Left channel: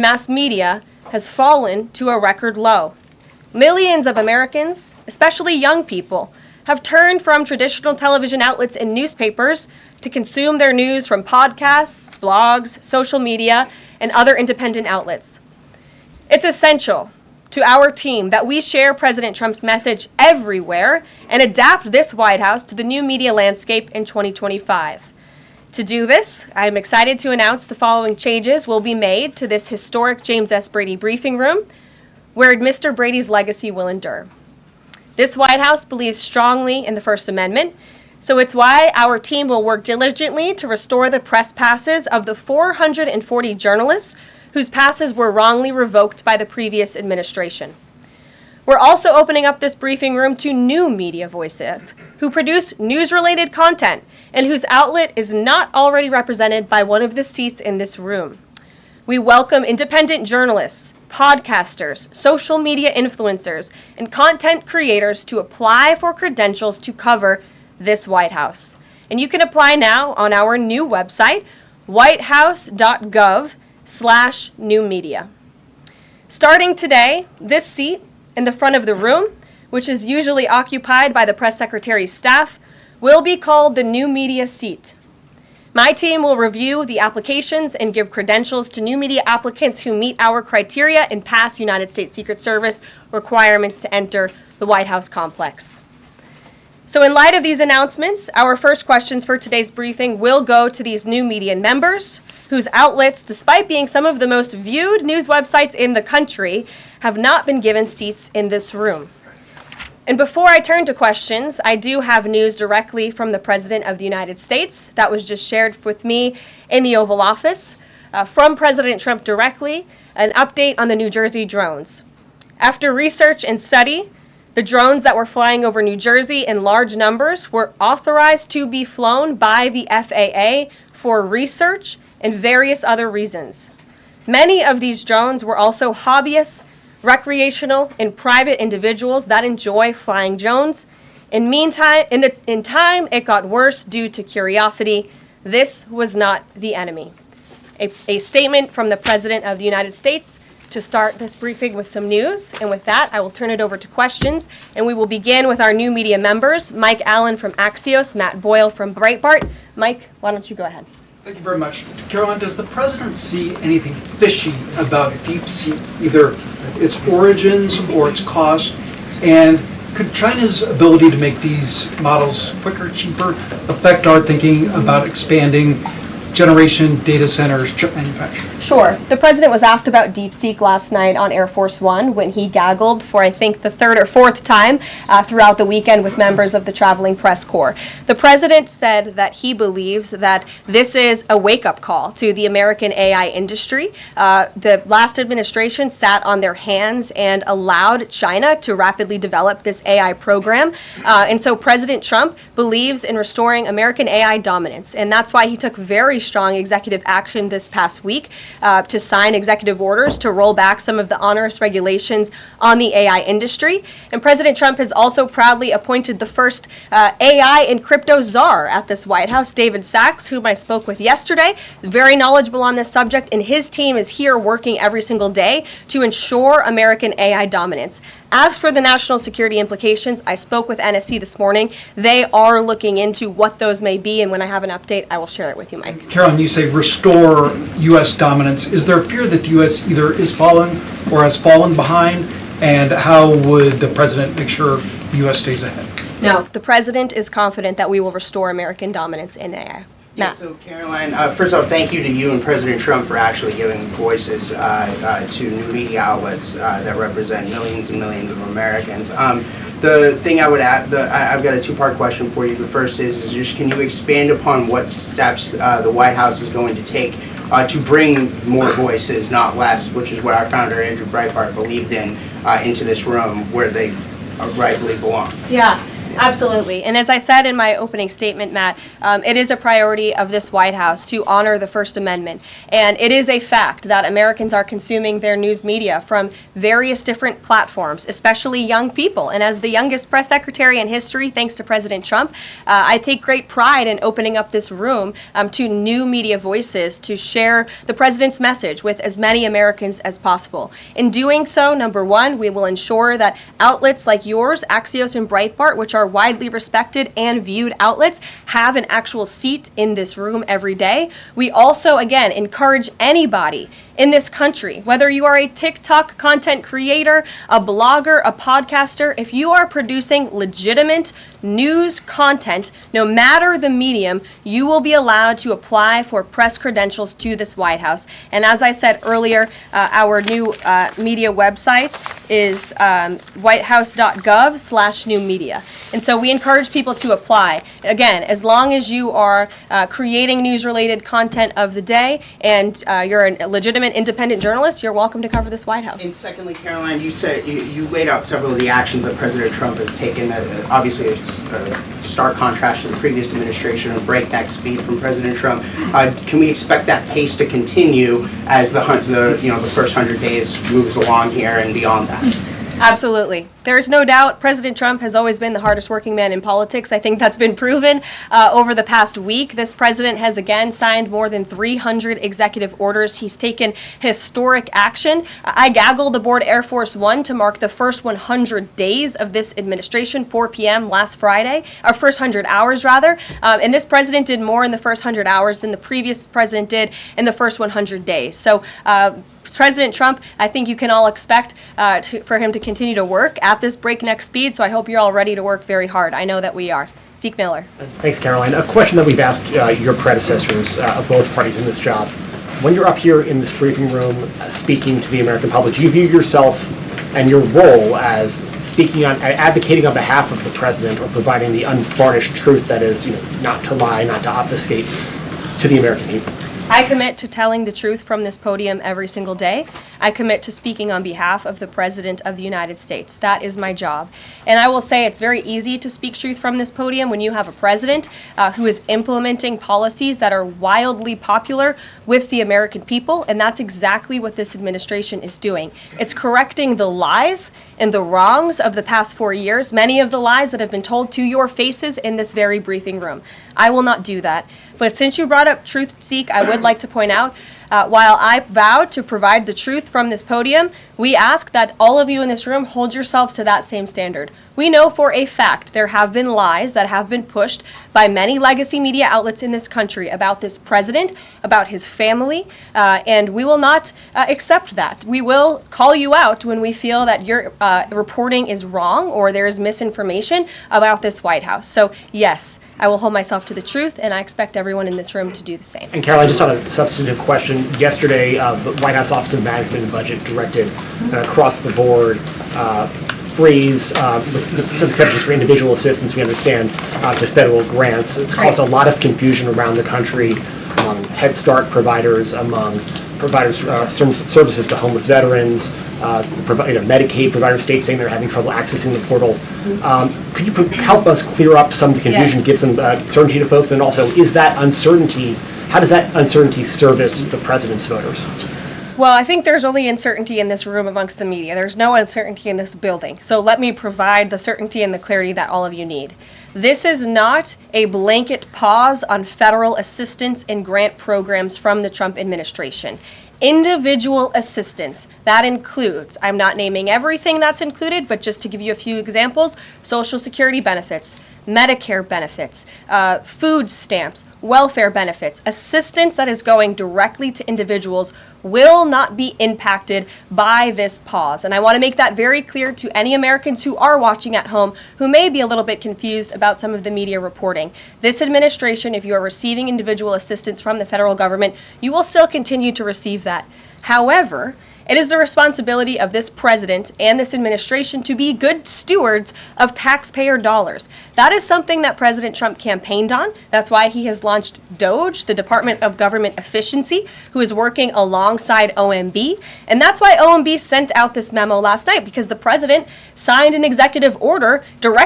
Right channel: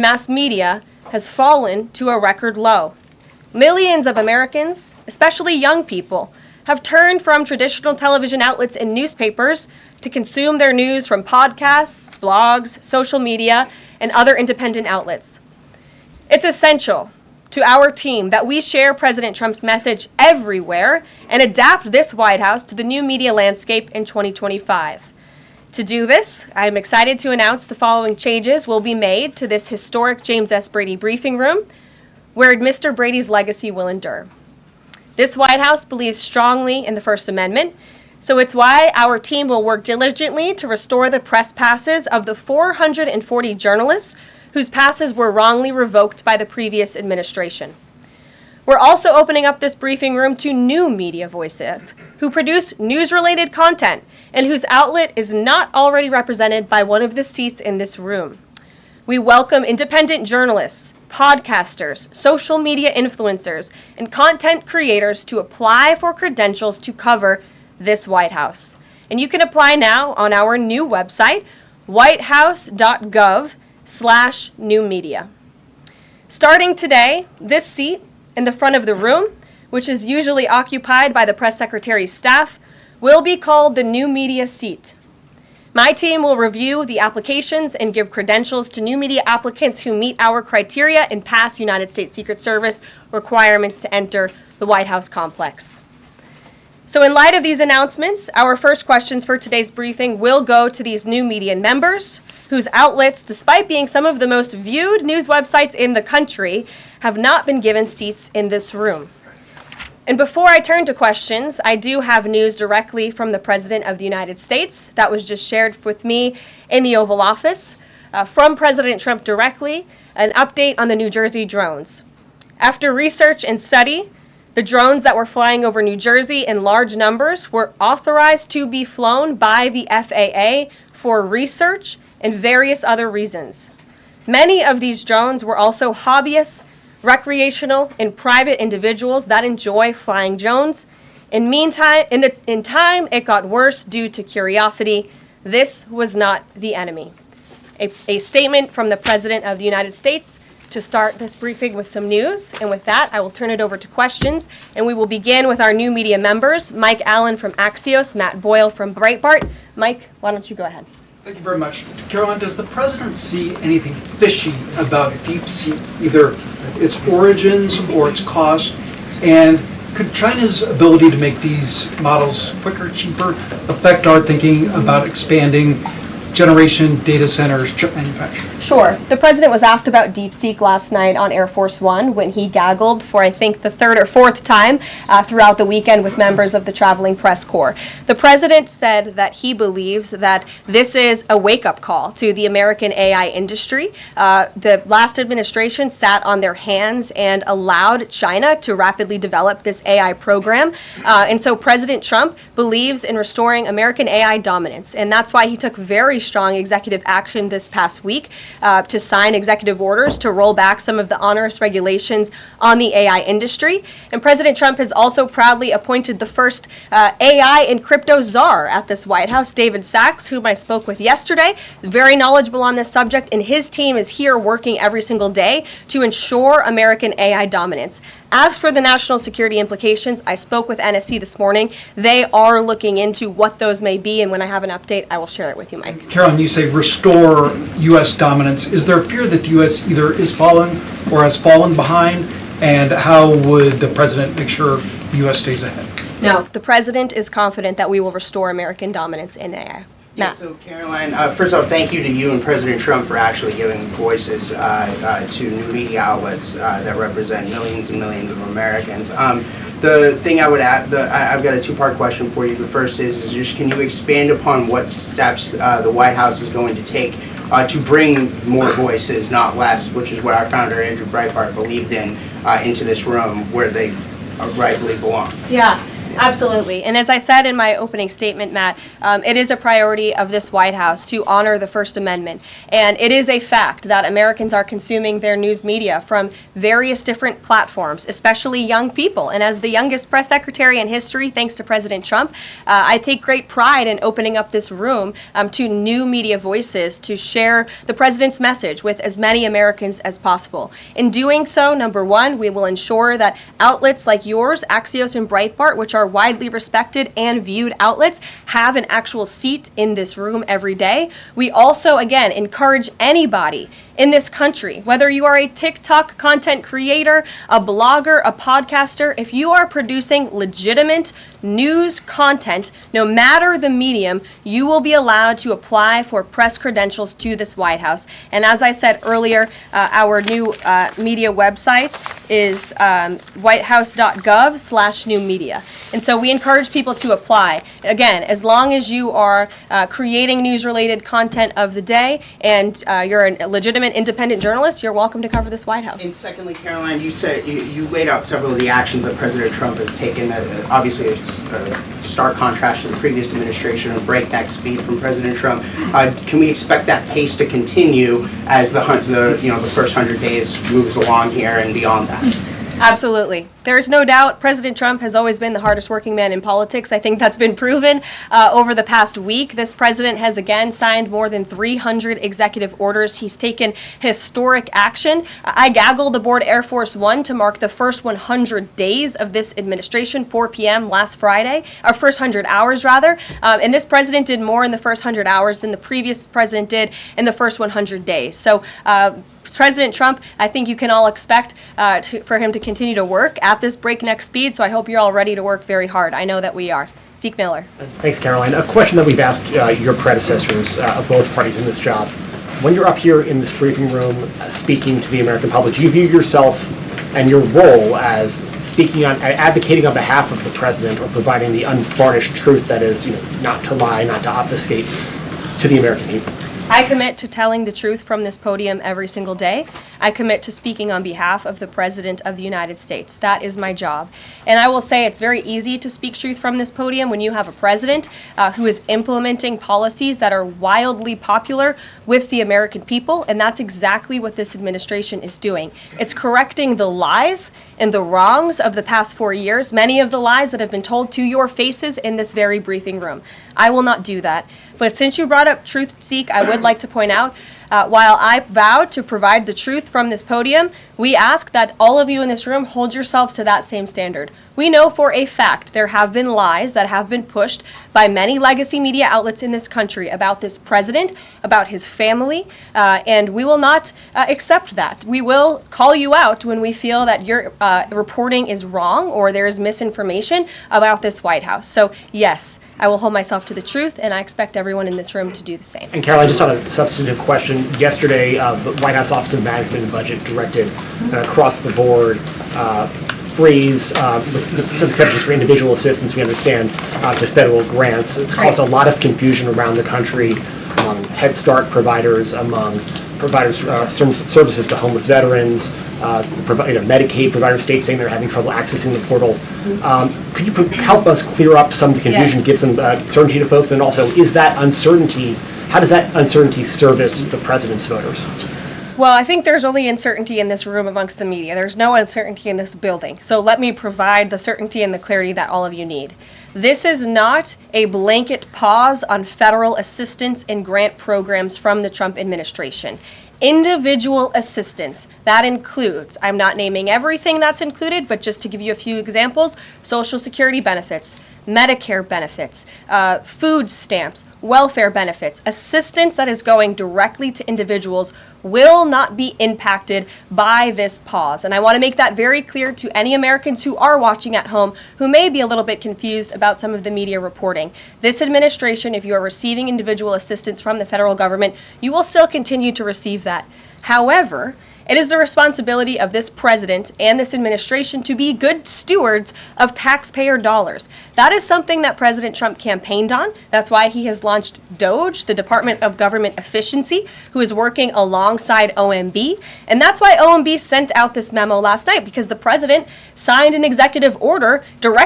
Mass media has fallen to a record low. Millions of Americans, especially young people, have turned from traditional television outlets and newspapers to consume their news from podcasts, blogs, social media, and other independent outlets. It's essential to our team that we share President Trump's message everywhere and adapt this White House to the new media landscape in 2025. To do this, I am excited to announce the following changes will be made to this historic James S. Brady briefing room, where Mr. Brady's legacy will endure. This White House believes strongly in the First Amendment, so it's why our team will work diligently to restore the press passes of the 440 journalists whose passes were wrongly revoked by the previous administration. We're also opening up this briefing room to new media voices who produce news-related content and whose outlet is not already represented by one of the seats in this room. We welcome independent journalists, podcasters, social media influencers, and content creators to apply for credentials to cover this White House. And you can apply now on our new website, whitehouse.gov/new media. Starting today, this seat in the front of the room, which is usually occupied by the press secretary's staff, will be called the new media seat. My team will review the applications and give credentials to new media applicants who meet our criteria and pass United States Secret Service requirements to enter the White House complex. So in light of these announcements, our first questions for today's briefing will go to these new media members whose outlets, despite being some of the most viewed news websites in the country, have not been given seats in this room. And before I turn to questions, I do have news directly from the President of the United States that was just shared with me in the Oval Office from President Trump directly, an update on the New Jersey drones. After research and study, the drones that were flying over New Jersey in large numbers were authorized to be flown by the FAA for research and various other reasons. Many of these drones were also hobbyists, recreational, and private individuals that enjoy flying drones. In time, it got worse due to curiosity. This was not the enemy. A statement from the President of the United States to start this briefing with some news. And with that, I will turn it over to questions. And we will begin with our new media members, Mike Allen from Axios, Matt Boyle from Breitbart. Mike, why don't you go ahead? Thank you very much. Caroline, does the President see anything fishy about DeepSeek, either its origins or its cost? And could China's ability to make these models quicker, cheaper, affect our thinking about expanding generation data centers, chip manufacturing? Sure. The President was asked about DeepSeek last night on Air Force One when he gaggled for, I think, the third or fourth time throughout the weekend with members of the traveling press corps. The President said that he believes that this is a wake-up call to the American AI industry. The last administration sat on their hands and allowed China to rapidly develop this AI program. And so President Trump believes in restoring American AI dominance. And that's why he took very strong executive action this past week to sign executive orders to roll back some of the onerous regulations on the AI industry. And President Trump has also proudly appointed the first AI and crypto czar at this White House, David Sachs, whom I spoke with yesterday, very knowledgeable on this subject, and his team is here working every single day to ensure American AI dominance. As for the national security implications, I spoke with NSC this morning. They are looking into what those may be, and when I have an update, I will share it with you, Mike. Caroline, you say restore U.S. dominance. Is there a fear that the U.S. either is falling or has fallen behind? And how would the President make sure the U.S. stays ahead? No, the President is confident that we will restore American dominance in AI. Yeah, so Caroline, first off, thank you to you and President Trump for actually giving voices to new media outlets that represent millions and millions of Americans. The thing I would add, I've got a two-part question for you. The first is just can you expand upon what steps the White House is going to take to bring more voices, not less, which is what our founder, Andrew Breitbart, believed in, into this room where they rightfully belong? Yeah. Absolutely. And as I said in my opening statement, Matt, it is a priority of this White House to honor the First Amendment. And it is a fact that Americans are consuming their news media from various different platforms, especially young people. And as the youngest press secretary in history, thanks to President Trump, I take great pride in opening up this room to new media voices to share the president's message with as many Americans as possible. In doing so, number one, we will ensure that outlets like yours, Axios and Breitbart, which are widely respected and viewed outlets, have an actual seat in this room every day. We also, again, encourage anybody in this country, whether you are a TikTok content creator, a blogger, a podcaster, if you are producing legitimate news content, no matter the medium, you will be allowed to apply for press credentials to this White House. And as I said earlier, our new media website is whitehouse.gov/new media. And so we encourage people to apply. Again, as long as you are creating news-related content of the day and you're a legitimate independent journalist, you're welcome to cover this White House. And secondly, Caroline, you said you laid out several of the actions that President Trump has taken. Obviously, it's a stark contrast to the previous administration, a breakneck speed from President Trump. Can we expect that pace to continue as the first 100 days moves along here and beyond that? Absolutely. There's no doubt President Trump has always been the hardest working man in politics. I think that's been proven over the past week. This president has again signed more than 300 executive orders. He's taken historic action. I gaggled aboard Air Force One to mark the first 100 days of this administration, 4 p.m. last Friday, or first 100 hours rather. And this president did more in the first 100 hours than the previous president did in the first 100 days. So President Trump, I think you can all expect for him to continue to work at this breakneck speed, so I hope you're all ready to work very hard. I know that we are. Zeke Miller. Thanks, Caroline. A question that we've asked your predecessors of both parties in this job. When you're up here in this briefing room speaking to the American public, do you view yourself and your role as speaking on, advocating on behalf of the president or providing the unvarnished truth that is, not to lie, not to obfuscate to the American people? I commit to telling the truth from this podium every single day. I commit to speaking on behalf of the President of the United States. That is my job. And I will say it's very easy to speak truth from this podium when you have a president who is implementing policies that are wildly popular with the American people, and that's exactly what this administration is doing. It's correcting the lies and the wrongs of the past 4 years, many of the lies that have been told to your faces in this very briefing room. I will not do that. But since you brought up truth, Zeke, I would like to point out, while I vowed to provide the truth from this podium, we ask that all of you in this room hold yourselves to that same standard. We know for a fact there have been lies that have been pushed by many legacy media outlets in this country about this president, about his family, and we will not accept that. We will call you out when we feel that your reporting is wrong or there is misinformation about this White House. So yes, I will hold myself to the truth, and I expect everyone in this room to do the same. And Caroline, just on a substantive question, yesterday the White House Office of Management and Budget directed across the board freeze with some exceptions for individual assistance, we understand, to federal grants. It's caused a lot of confusion around the country among Head Start providers, among providers services to homeless veterans, Medicaid providers, states saying they're having trouble accessing the portal. Could you help us clear up some of the confusion, Yes. give some certainty to folks, and also is that uncertainty, how does that uncertainty service the president's voters? Well, I think there's only uncertainty in this room amongst the media. There's no uncertainty in this building. So let me provide the certainty and the clarity that all of you need. This is not a blanket pause on federal assistance and grant programs from the Trump administration. Individual assistance, that includes, I'm not naming everything that's included, but just to give you a few examples, Social Security benefits, Medicare benefits, food stamps, welfare benefits, assistance that is going directly to individuals will not be impacted by this pause. And I want to make that very clear to any Americans who are watching at home who may be a little bit confused about some of the media reporting. This administration, if you are receiving individual assistance from the federal government, you will still continue to receive that. However, it is the responsibility of this president and this administration to be good stewards of taxpayer dollars. That is something that President Trump campaigned on. That's why he has launched DOGE, the Department of Government Efficiency, who is working alongside OMB. And that's why OMB sent out this memo last night, because the president signed an executive order directing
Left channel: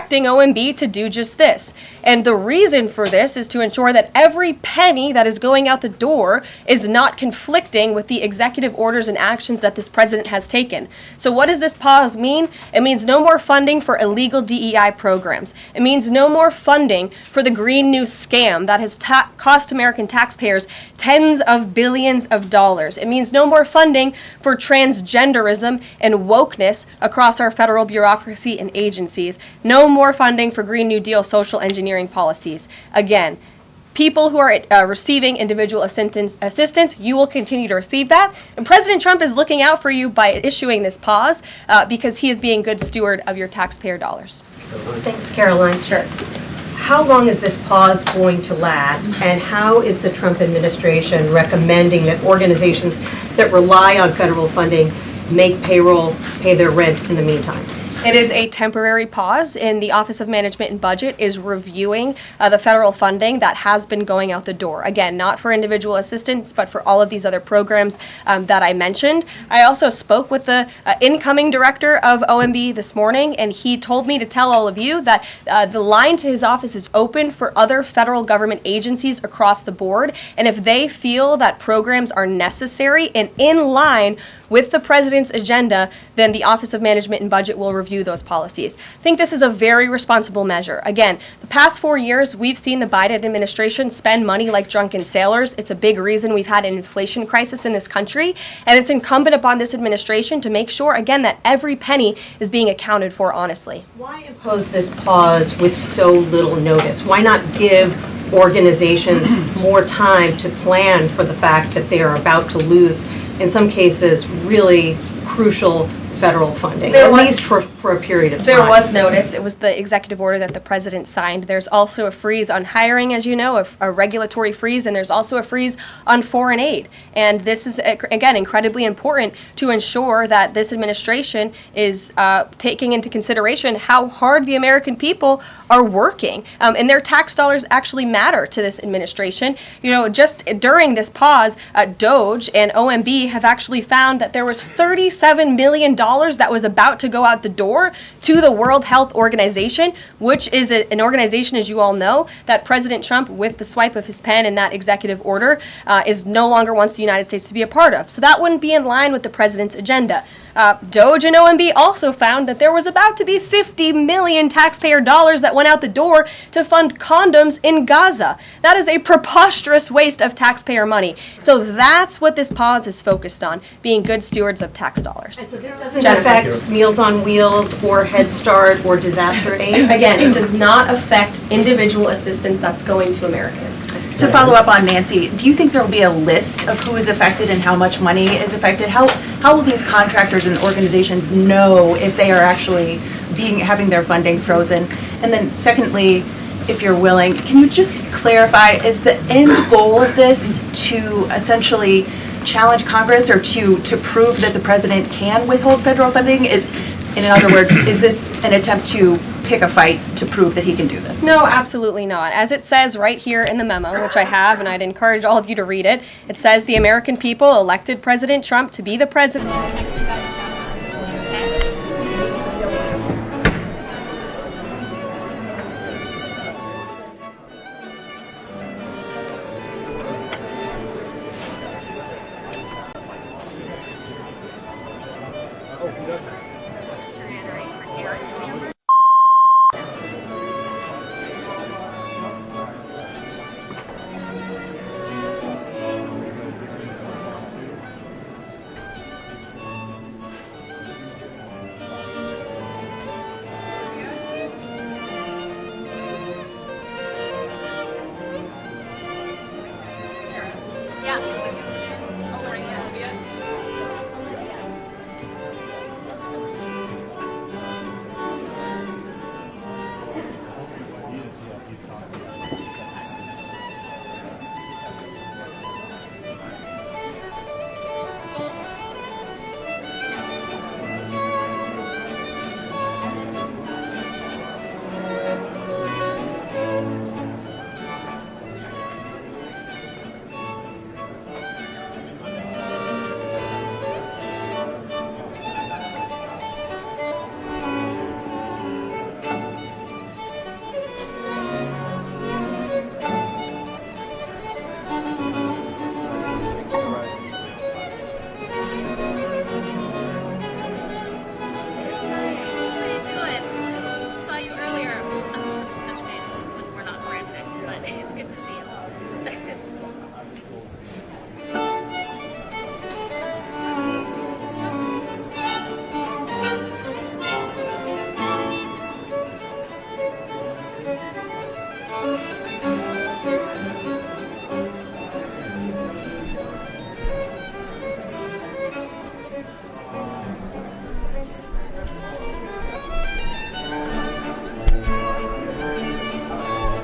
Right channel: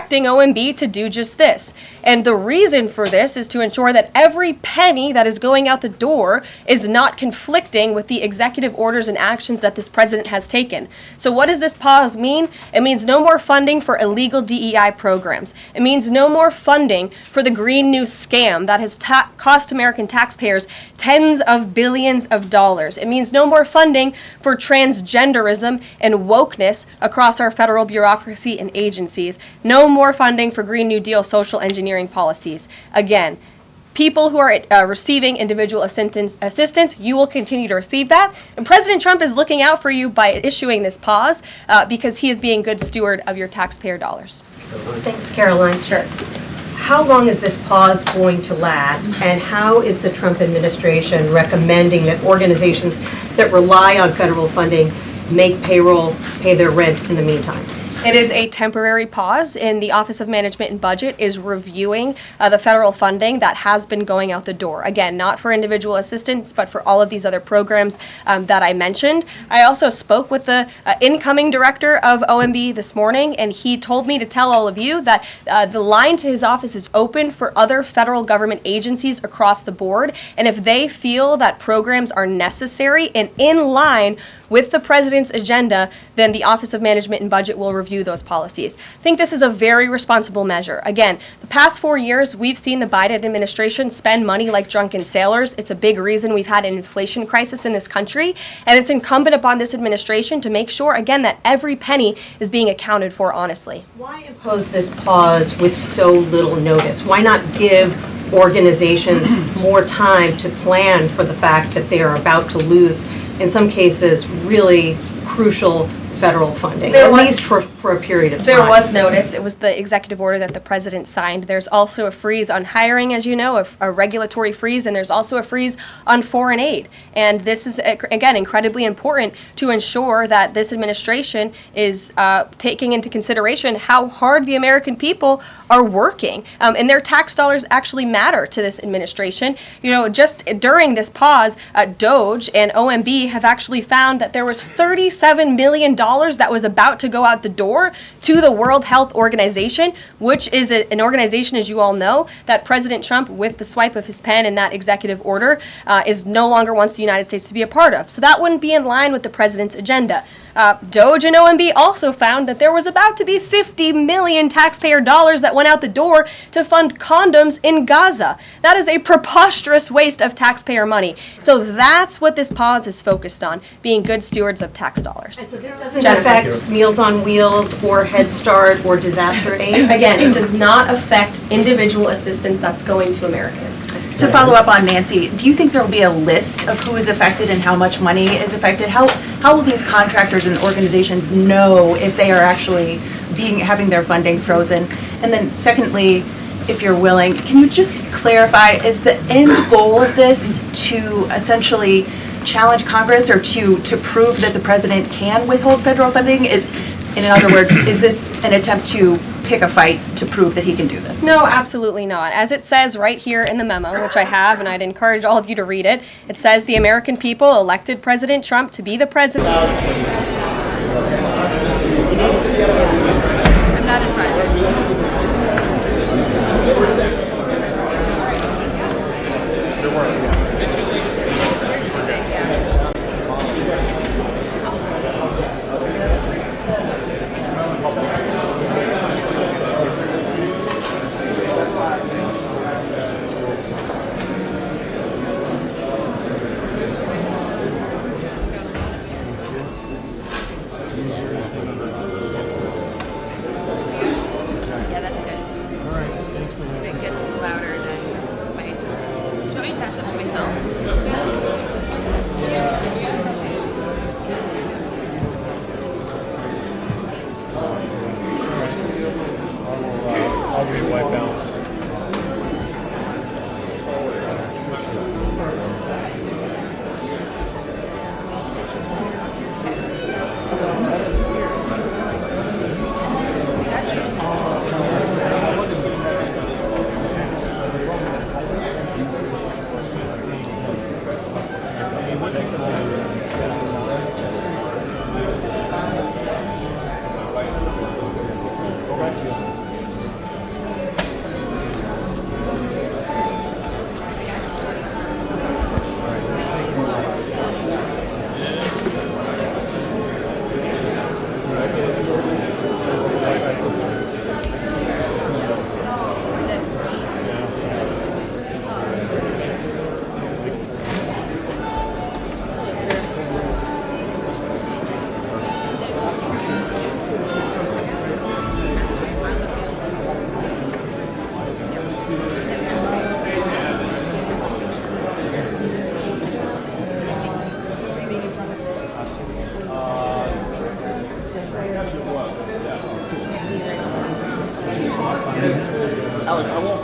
directing OMB to do just this. And the reason for this is to ensure that every penny that is going out the door is not conflicting with the executive orders and actions that this president has taken. So what does this pause mean? It means no more funding for illegal DEI programs. It means no more funding for the Green New scam that has cost American taxpayers tens of billions of dollars. It means no more funding for transgenderism and wokeness across our federal bureaucracy and agencies. No more funding for Green New Deal social engineering policies. Again, people who are receiving individual assistance, you will continue to receive that. And President Trump is looking out for you by issuing this pause because he is being good steward of your taxpayer dollars. Thanks, Caroline. Sure. How long is this pause going to last, and how is the Trump administration recommending that organizations that rely on federal funding make payroll, pay their rent in the meantime? It is a temporary pause, and the Office of Management and Budget is reviewing the federal funding that has been going out the door. Again, not for individual assistance, but for all of these other programs that I mentioned. I also spoke with the incoming director of OMB this morning, and he told me to tell all of you that the line to his office is open for other federal government agencies across the board, and if they feel that programs are necessary and in line with the president's agenda, then the Office of Management and Budget will review those policies. I think this is a very responsible measure. Again, the past 4 years, we've seen the Biden administration spend money like drunken sailors. It's a big reason we've had an inflation crisis in this country, and it's incumbent upon this administration to make sure, again, that every penny is being accounted for honestly. Why impose this pause with so little notice? Why not give organizations more time to plan for the fact that they are about to lose, in some cases, really crucial federal funding, at least for a period of time? There was notice. It was the executive order that the president signed. There's also a freeze on hiring, as you know, a regulatory freeze, and there's also a freeze on foreign aid. And this is, again, incredibly important to ensure that this administration is taking into consideration how hard the American people are working. And their tax dollars actually matter to this administration. You know, just during this pause, DOJ and OMB have actually found that there was $37 million that was about to go out the door to the World Health Organization, which is an organization, as you all know, that President Trump, with the swipe of his pen in that executive order, is no longer wants the United States to be a part of. So that wouldn't be in line with the president's agenda. DOJ and OMB also found that there was about to be 50 million taxpayer dollars that went out the door to fund condoms in Gaza. That is a preposterous waste of taxpayer money. So that's what this pause is focused on, being good stewards of tax dollars. And so this doesn't affect Meals on Wheels or Head Start or disaster aid? Again, it does not affect individual assistance that's going to Americans. To follow up on Nancy, do you think there will be a list of who is affected and how much money is affected? How will these contractors and organizations know if they are actually having their funding frozen? And then secondly, if you're willing, can you just clarify, is the end goal of this to essentially challenge Congress or to prove that the president can withhold federal funding? In other words, is this an attempt to pick a fight to prove that he can do this? No, absolutely not. As it says right here in the memo, which I have, and I'd encourage all of you to read it, it says the American people elected President Trump to be the president.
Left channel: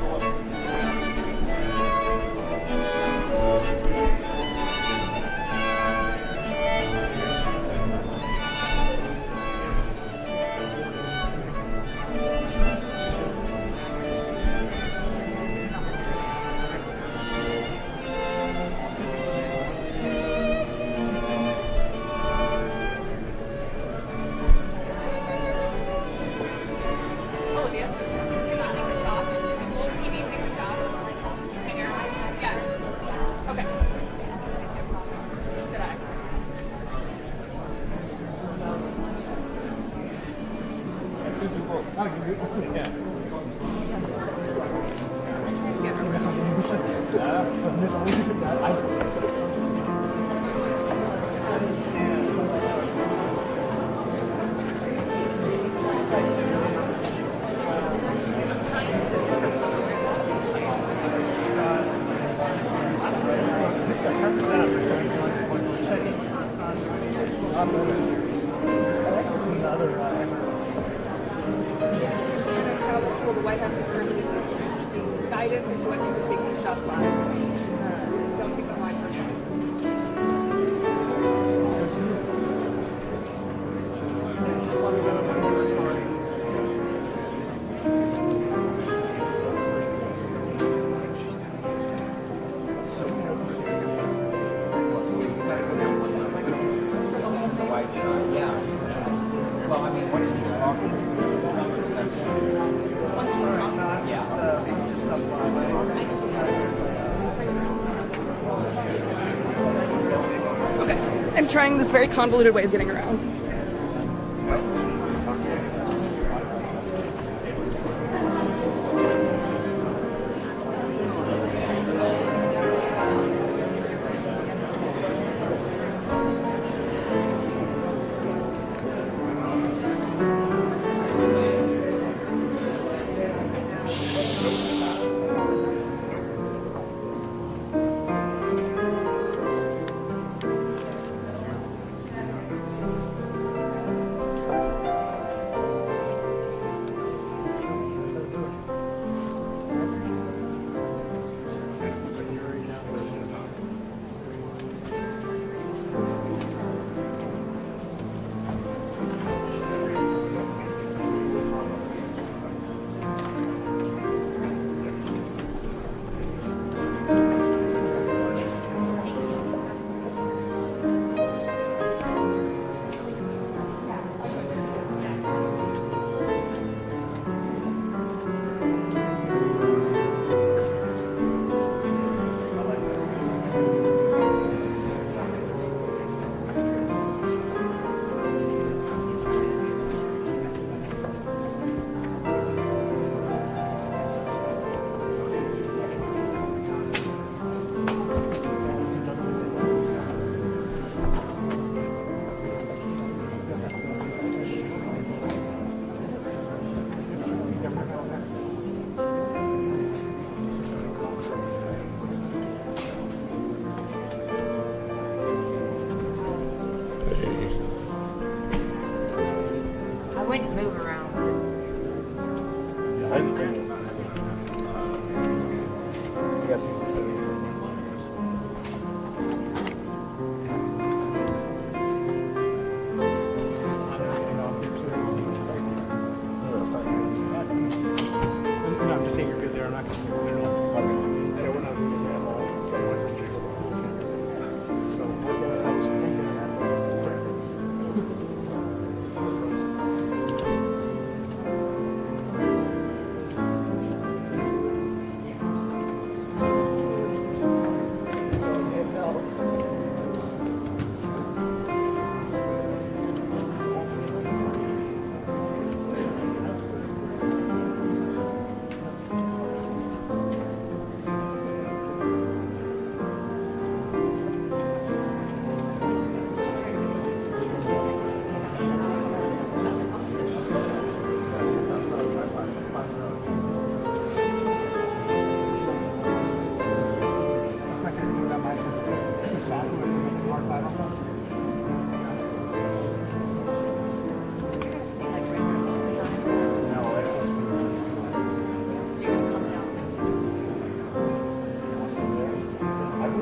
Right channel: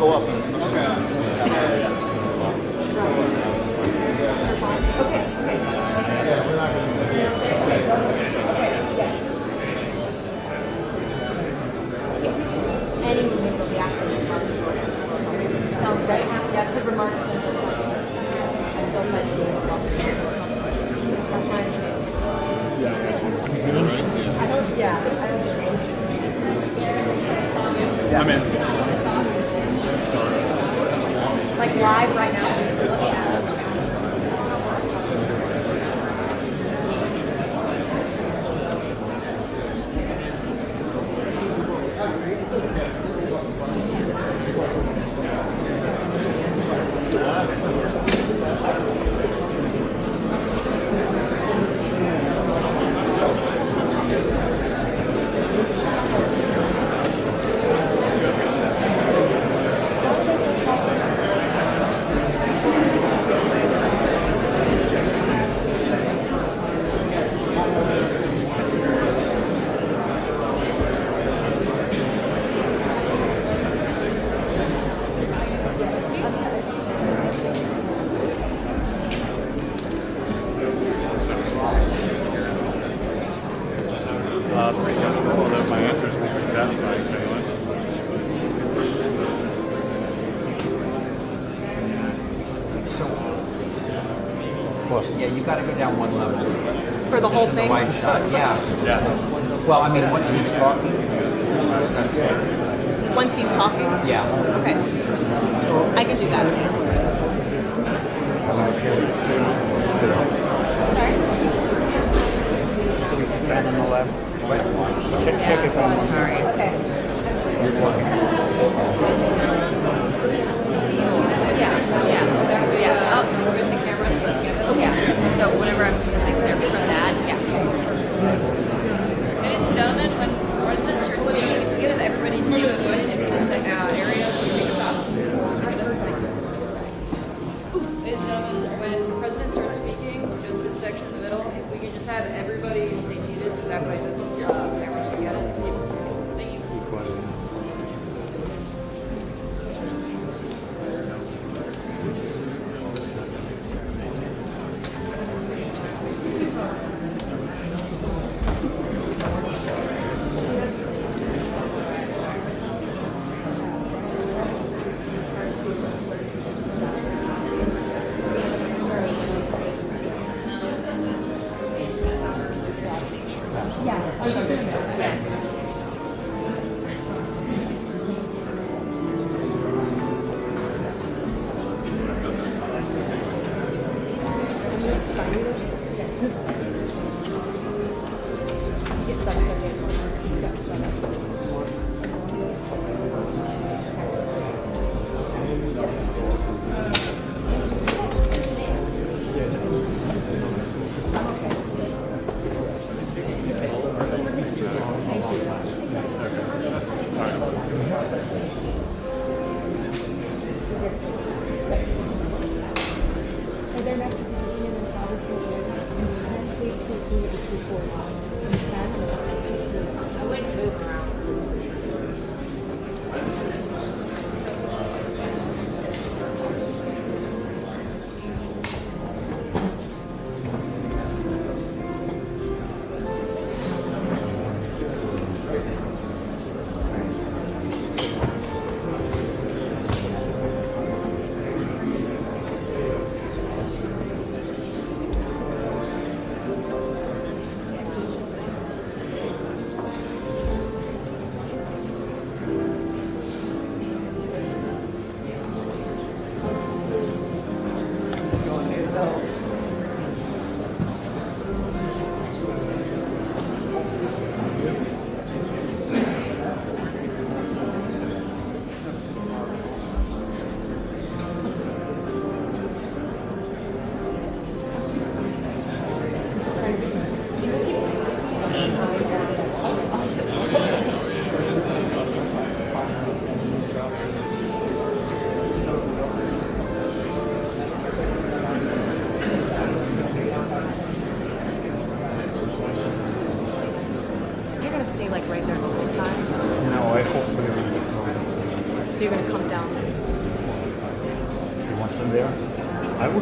go up. I'm in. Like live right now. Although my answers will be satisfying to anyone. Well, yeah, you gotta go down one level. For the whole The thing? wide shot, yeah. Yeah. Well, I mean, once he's talking, Once he's talking? yeah. Okay. I can do that. I'm trying this very convoluted way of getting around. Down on the left. Check it out. Yeah. I'll with the camera so let's get it. Yeah. So whenever I'm like there for that, yeah. Ladies and gentlemen, when residents are speaking, if you get it, everybody stay put in this area. Ladies and gentlemen, when residents are speaking, just this section in the middle, if we could just have everybody stay seated so that way the cameras can get it. Thank you.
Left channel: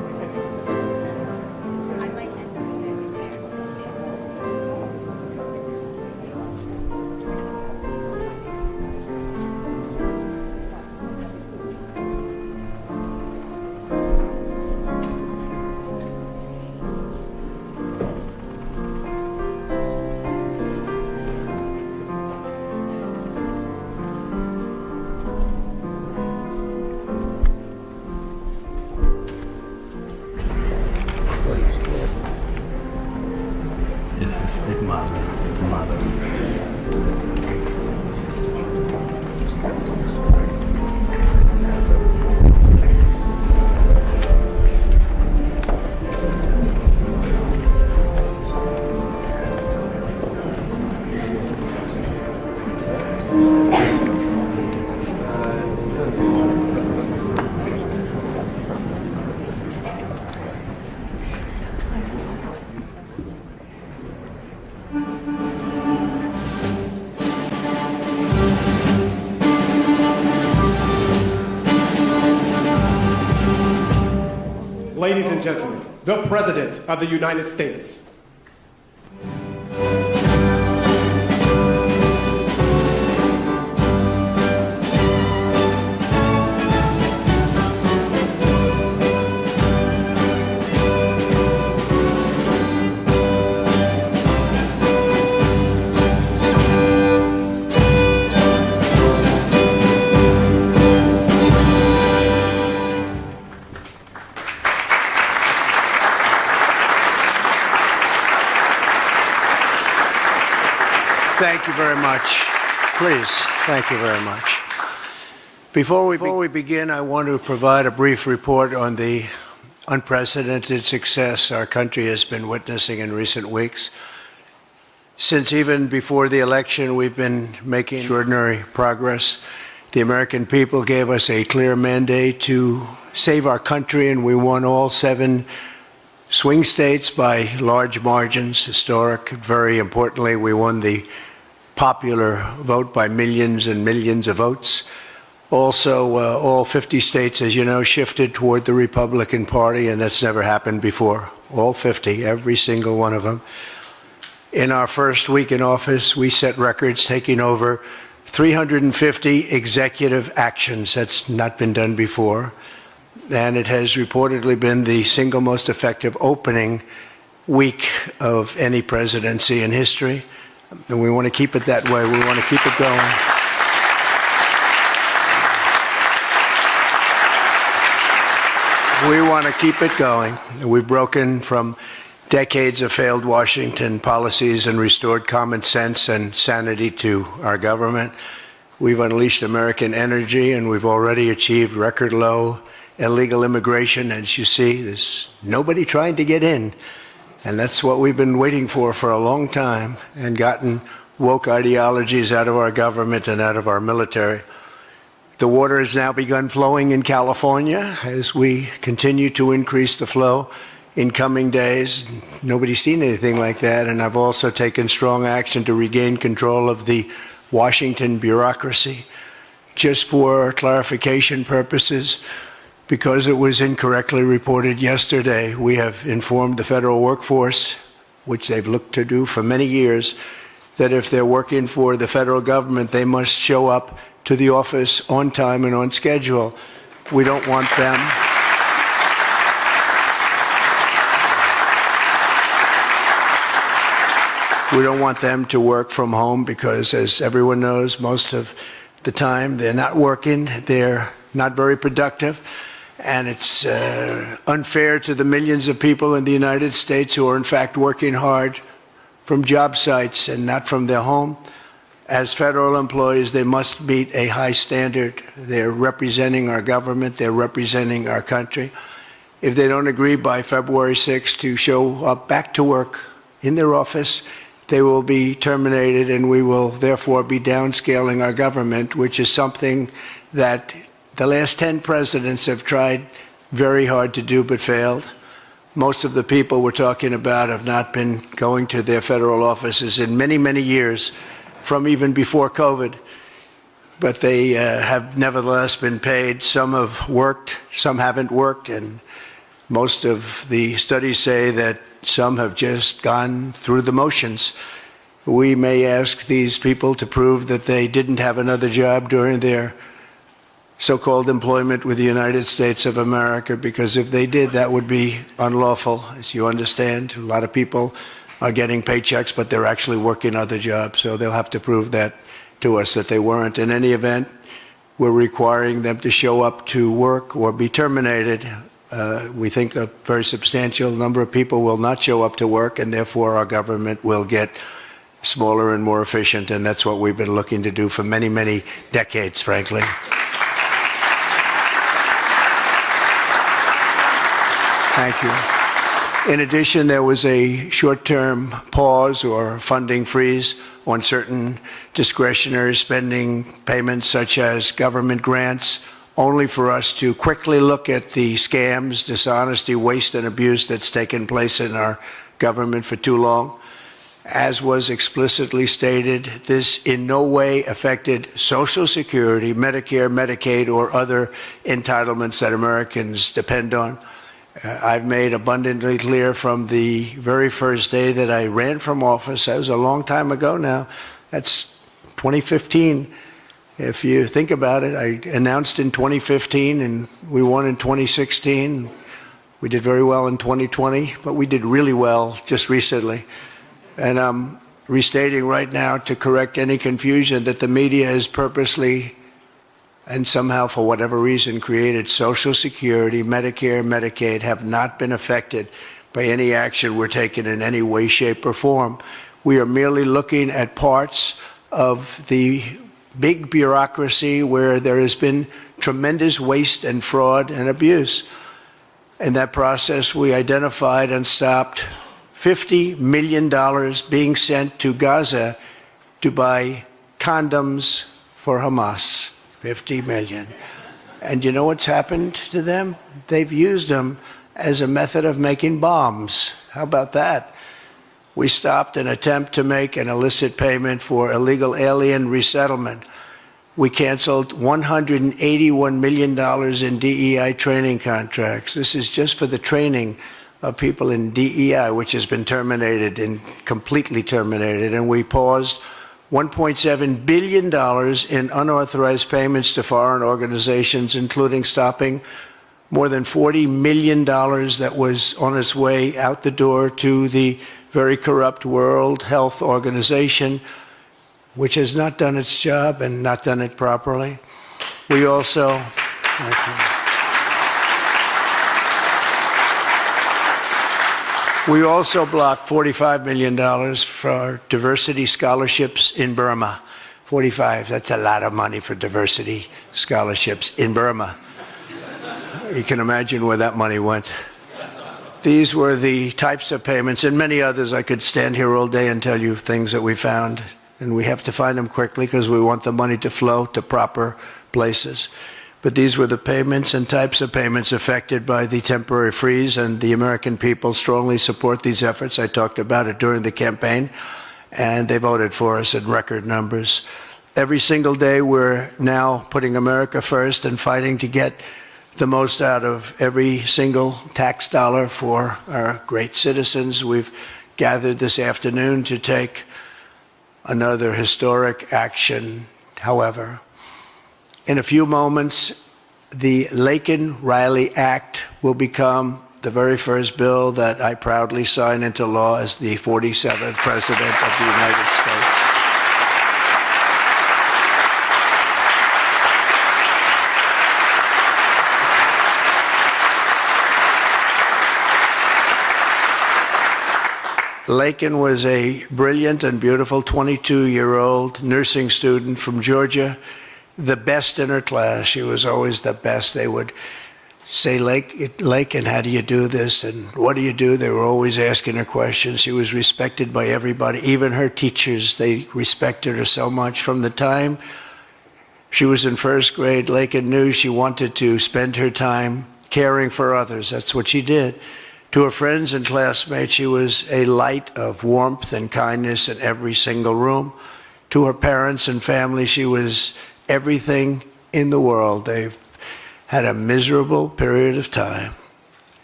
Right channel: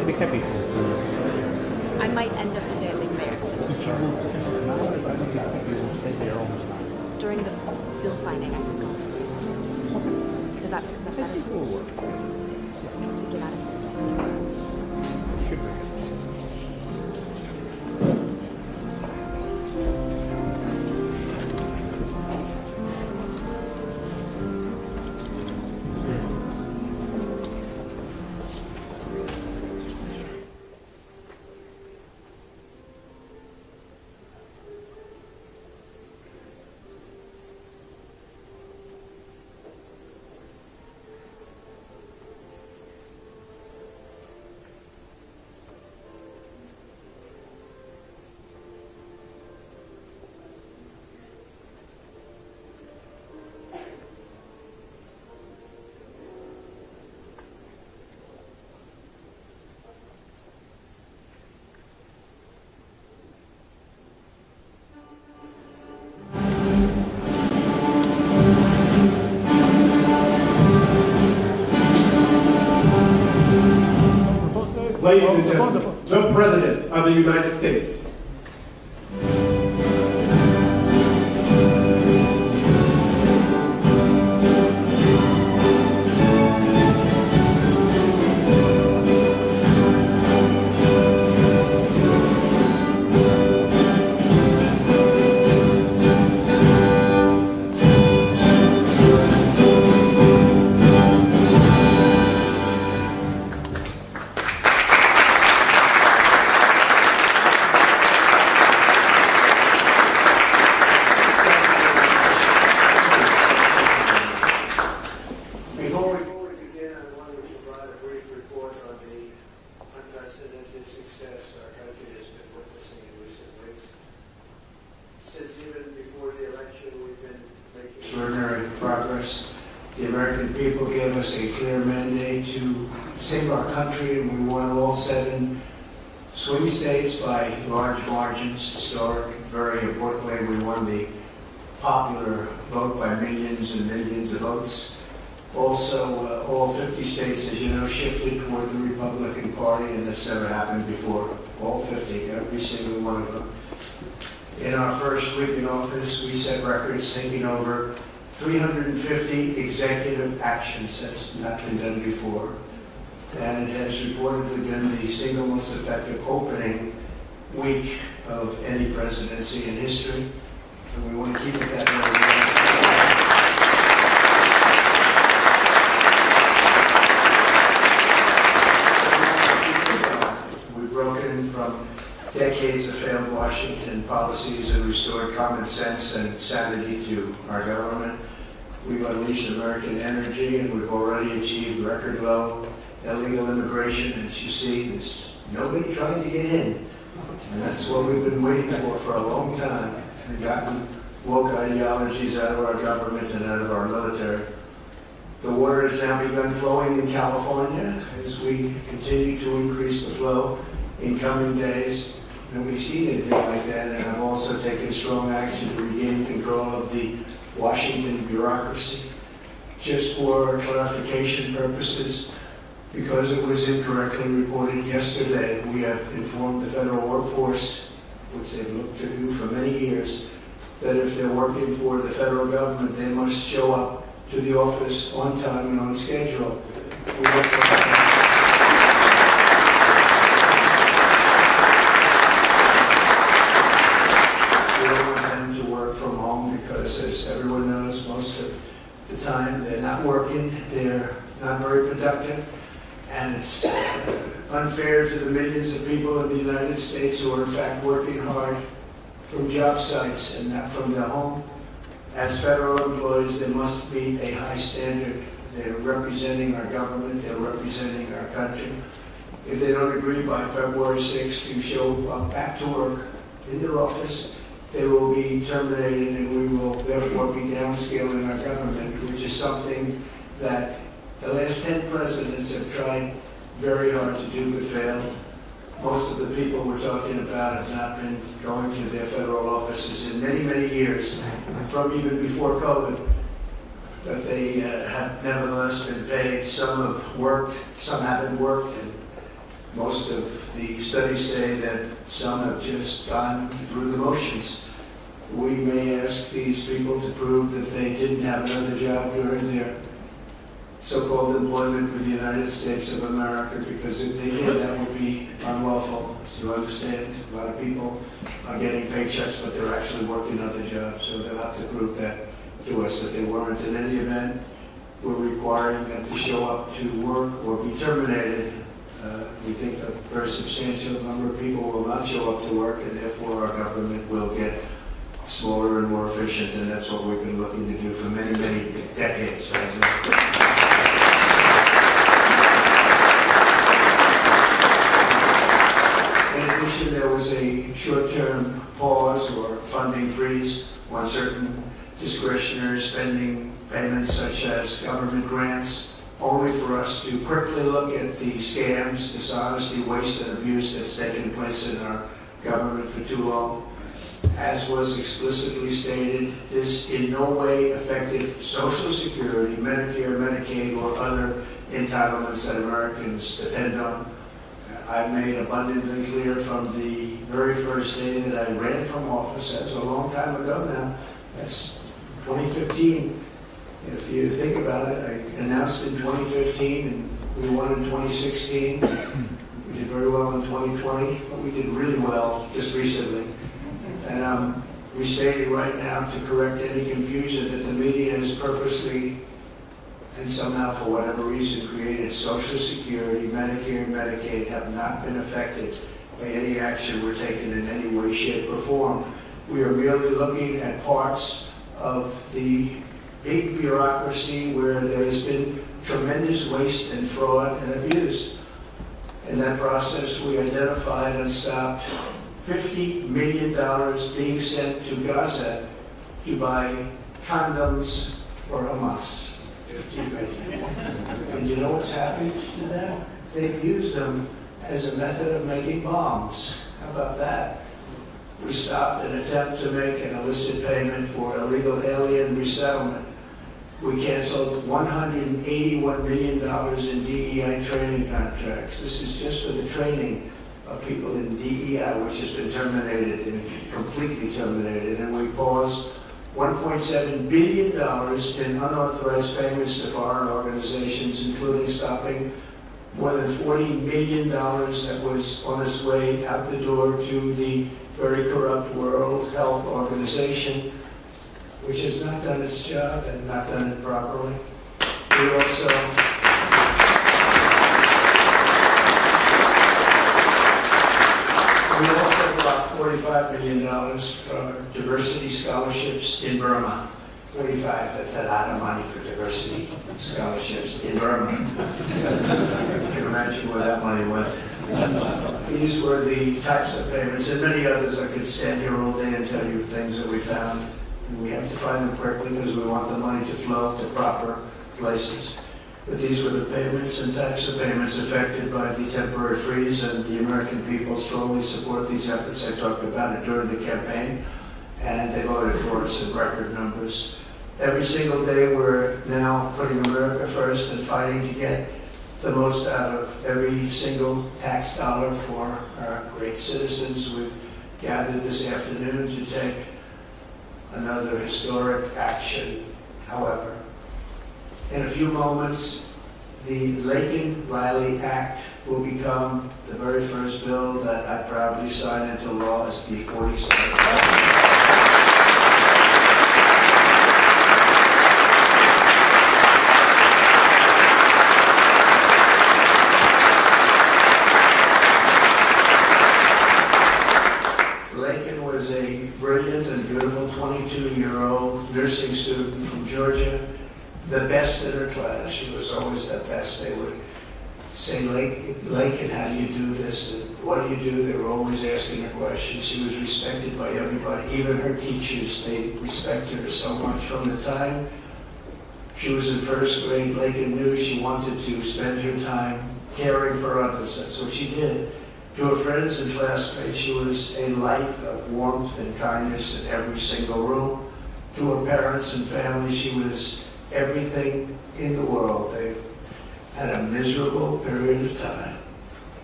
I might end up standing there during the bill signing articles. Does that make sense? To get out of this. Ladies and gentlemen, the President of the United States. Before we begin, I want to provide a brief report on the unprecedented success our country has been witnessing in recent weeks. Since even before the election, we've been making extraordinary progress. The American people gave us a clear mandate to save our country, and we won all 7 swing states by large margins, historic. Very importantly, we won the popular vote by millions and millions of votes. Also, all 50 states, as you know, shifted toward the Republican Party, and that's never happened before. All 50, every single one of them. In our first week in office, we set records, taking over 350 executive actions. That's not been done before. And it has reportedly been the single most effective opening week of any presidency in history. And we want to keep it that way. We want to keep it going. We want to keep it going. We've broken from decades of failed Washington policies and restored common sense and sanity to our government. We've unleashed American energy, and we've already achieved record low illegal immigration. As you see, there's nobody trying to get in. And that's what we've been waiting for a long time, and gotten woke ideologies out of our government and out of our military. The water has now begun flowing in California as we continue to increase the flow in coming days. Nobody's seen anything like that, and I've also taken strong action to regain control of the Washington bureaucracy. Just for clarification purposes, because it was incorrectly reported yesterday, we have informed the federal workforce, which they've looked to do for many years, that if they're working for the federal government, they must show up to the office on time and on schedule. We don't want them. We don't want them to work from home because, as everyone knows, most of the time they're not working, they're not very productive, and it's unfair to the millions of people in the United States who are in fact working hard from job sites and not from their home. As federal employees, they must meet a high standard. They're representing our government, they're representing our country. If they don't agree by February 6th to show up back to work in their office, they will be terminated, and we will therefore be downscaling our government, which is something that the last 10 presidents have tried very hard to do but failed. Most of the people we're talking about have not been going to their federal offices in many, many years, from even before COVID, but they have nevertheless been paid. Some have worked, some haven't worked, and Most of the studies say that some have just gone through the motions. We may ask these people to prove that they didn't have another job during their so-called employment with the United States of America, because if they did, that would be unlawful, as you understand. A lot of people are getting paychecks, but they're actually working other jobs, so they'll have to prove that to us that they weren't. In any event, we're requiring them to show up to work or be terminated. We think a very substantial number of people will not show up to work, and therefore our government will get smaller and more efficient, and that's what we've been looking to do for many, many decades, frankly. In addition, there was a short-term pause or funding freeze on certain discretionary spending payments, such as government grants, only for us to quickly look at the scams, dishonesty, waste, and abuse that's taken place in our government for too long. As was explicitly stated, this in no way affected Social Security, Medicare, Medicaid, or other entitlements that Americans depend on. I've made abundantly clear from the very first day that I ran from office. That was a long time ago now. That's 2015. If you think about it, I announced in 2015 and we won in 2016. We did very well in 2020, but we did really well just recently. And I'm restating right now to correct any confusion that the media is purposely and somehow, for whatever reason, created Social Security, Medicare, Medicaid have not been affected by any action we're taking in any way, shape, or form. We are merely looking at parts of the big bureaucracy where there has been tremendous waste and fraud and abuse. In that process, we identified and stopped $50 million being sent to Gaza to buy condoms for Hamas. 50 million. And you know what's happened to them? They've used them as a method of making bombs. How about that? We stopped an attempt to make an illicit payment for illegal alien resettlement. We canceled $181 million in DEI training contracts. This is just for the training of people in DEI, which has been terminated and completely terminated. And we paused $1.7 billion in unauthorized payments to foreign organizations, including stopping more than $40 million that was on its way out the door to the very corrupt World Health Organization, which has not done its job and not done it properly. We also blocked $45 million for diversity scholarships in Burma. 45, that's a lot of money for diversity scholarships in Burma. You can imagine where that money went. These were the types of payments, and many others. I could stand here all day and tell you things that we found, and we have to find them quickly because we want the money to flow to proper places. But these were the payments and types of payments affected by the temporary freeze, and the American people strongly support these efforts. I talked about it during the campaign, and they voted for us in record numbers. Every single day, we're now putting America first and fighting to get the most out of every single tax dollar for our great citizens. We've gathered this afternoon to take another historic action. However, in a few moments, the Laken Riley Act will become the very first bill that I proudly sign into law as the 47th President of the United States. Laken was a brilliant and beautiful 22-year-old nursing student from Georgia, the best in her class. She was always the best. They would say, Laken, how do you do this? And what do you do? They were always asking her questions. She was respected by everybody, even her teachers. They respected her so much. From the time she was in first grade, Laken knew she wanted to spend her time caring for others. That's what she did. To her friends and classmates, she was a light of warmth and kindness in every single room. To her parents and family, she was everything in the world. They've had a miserable period of time.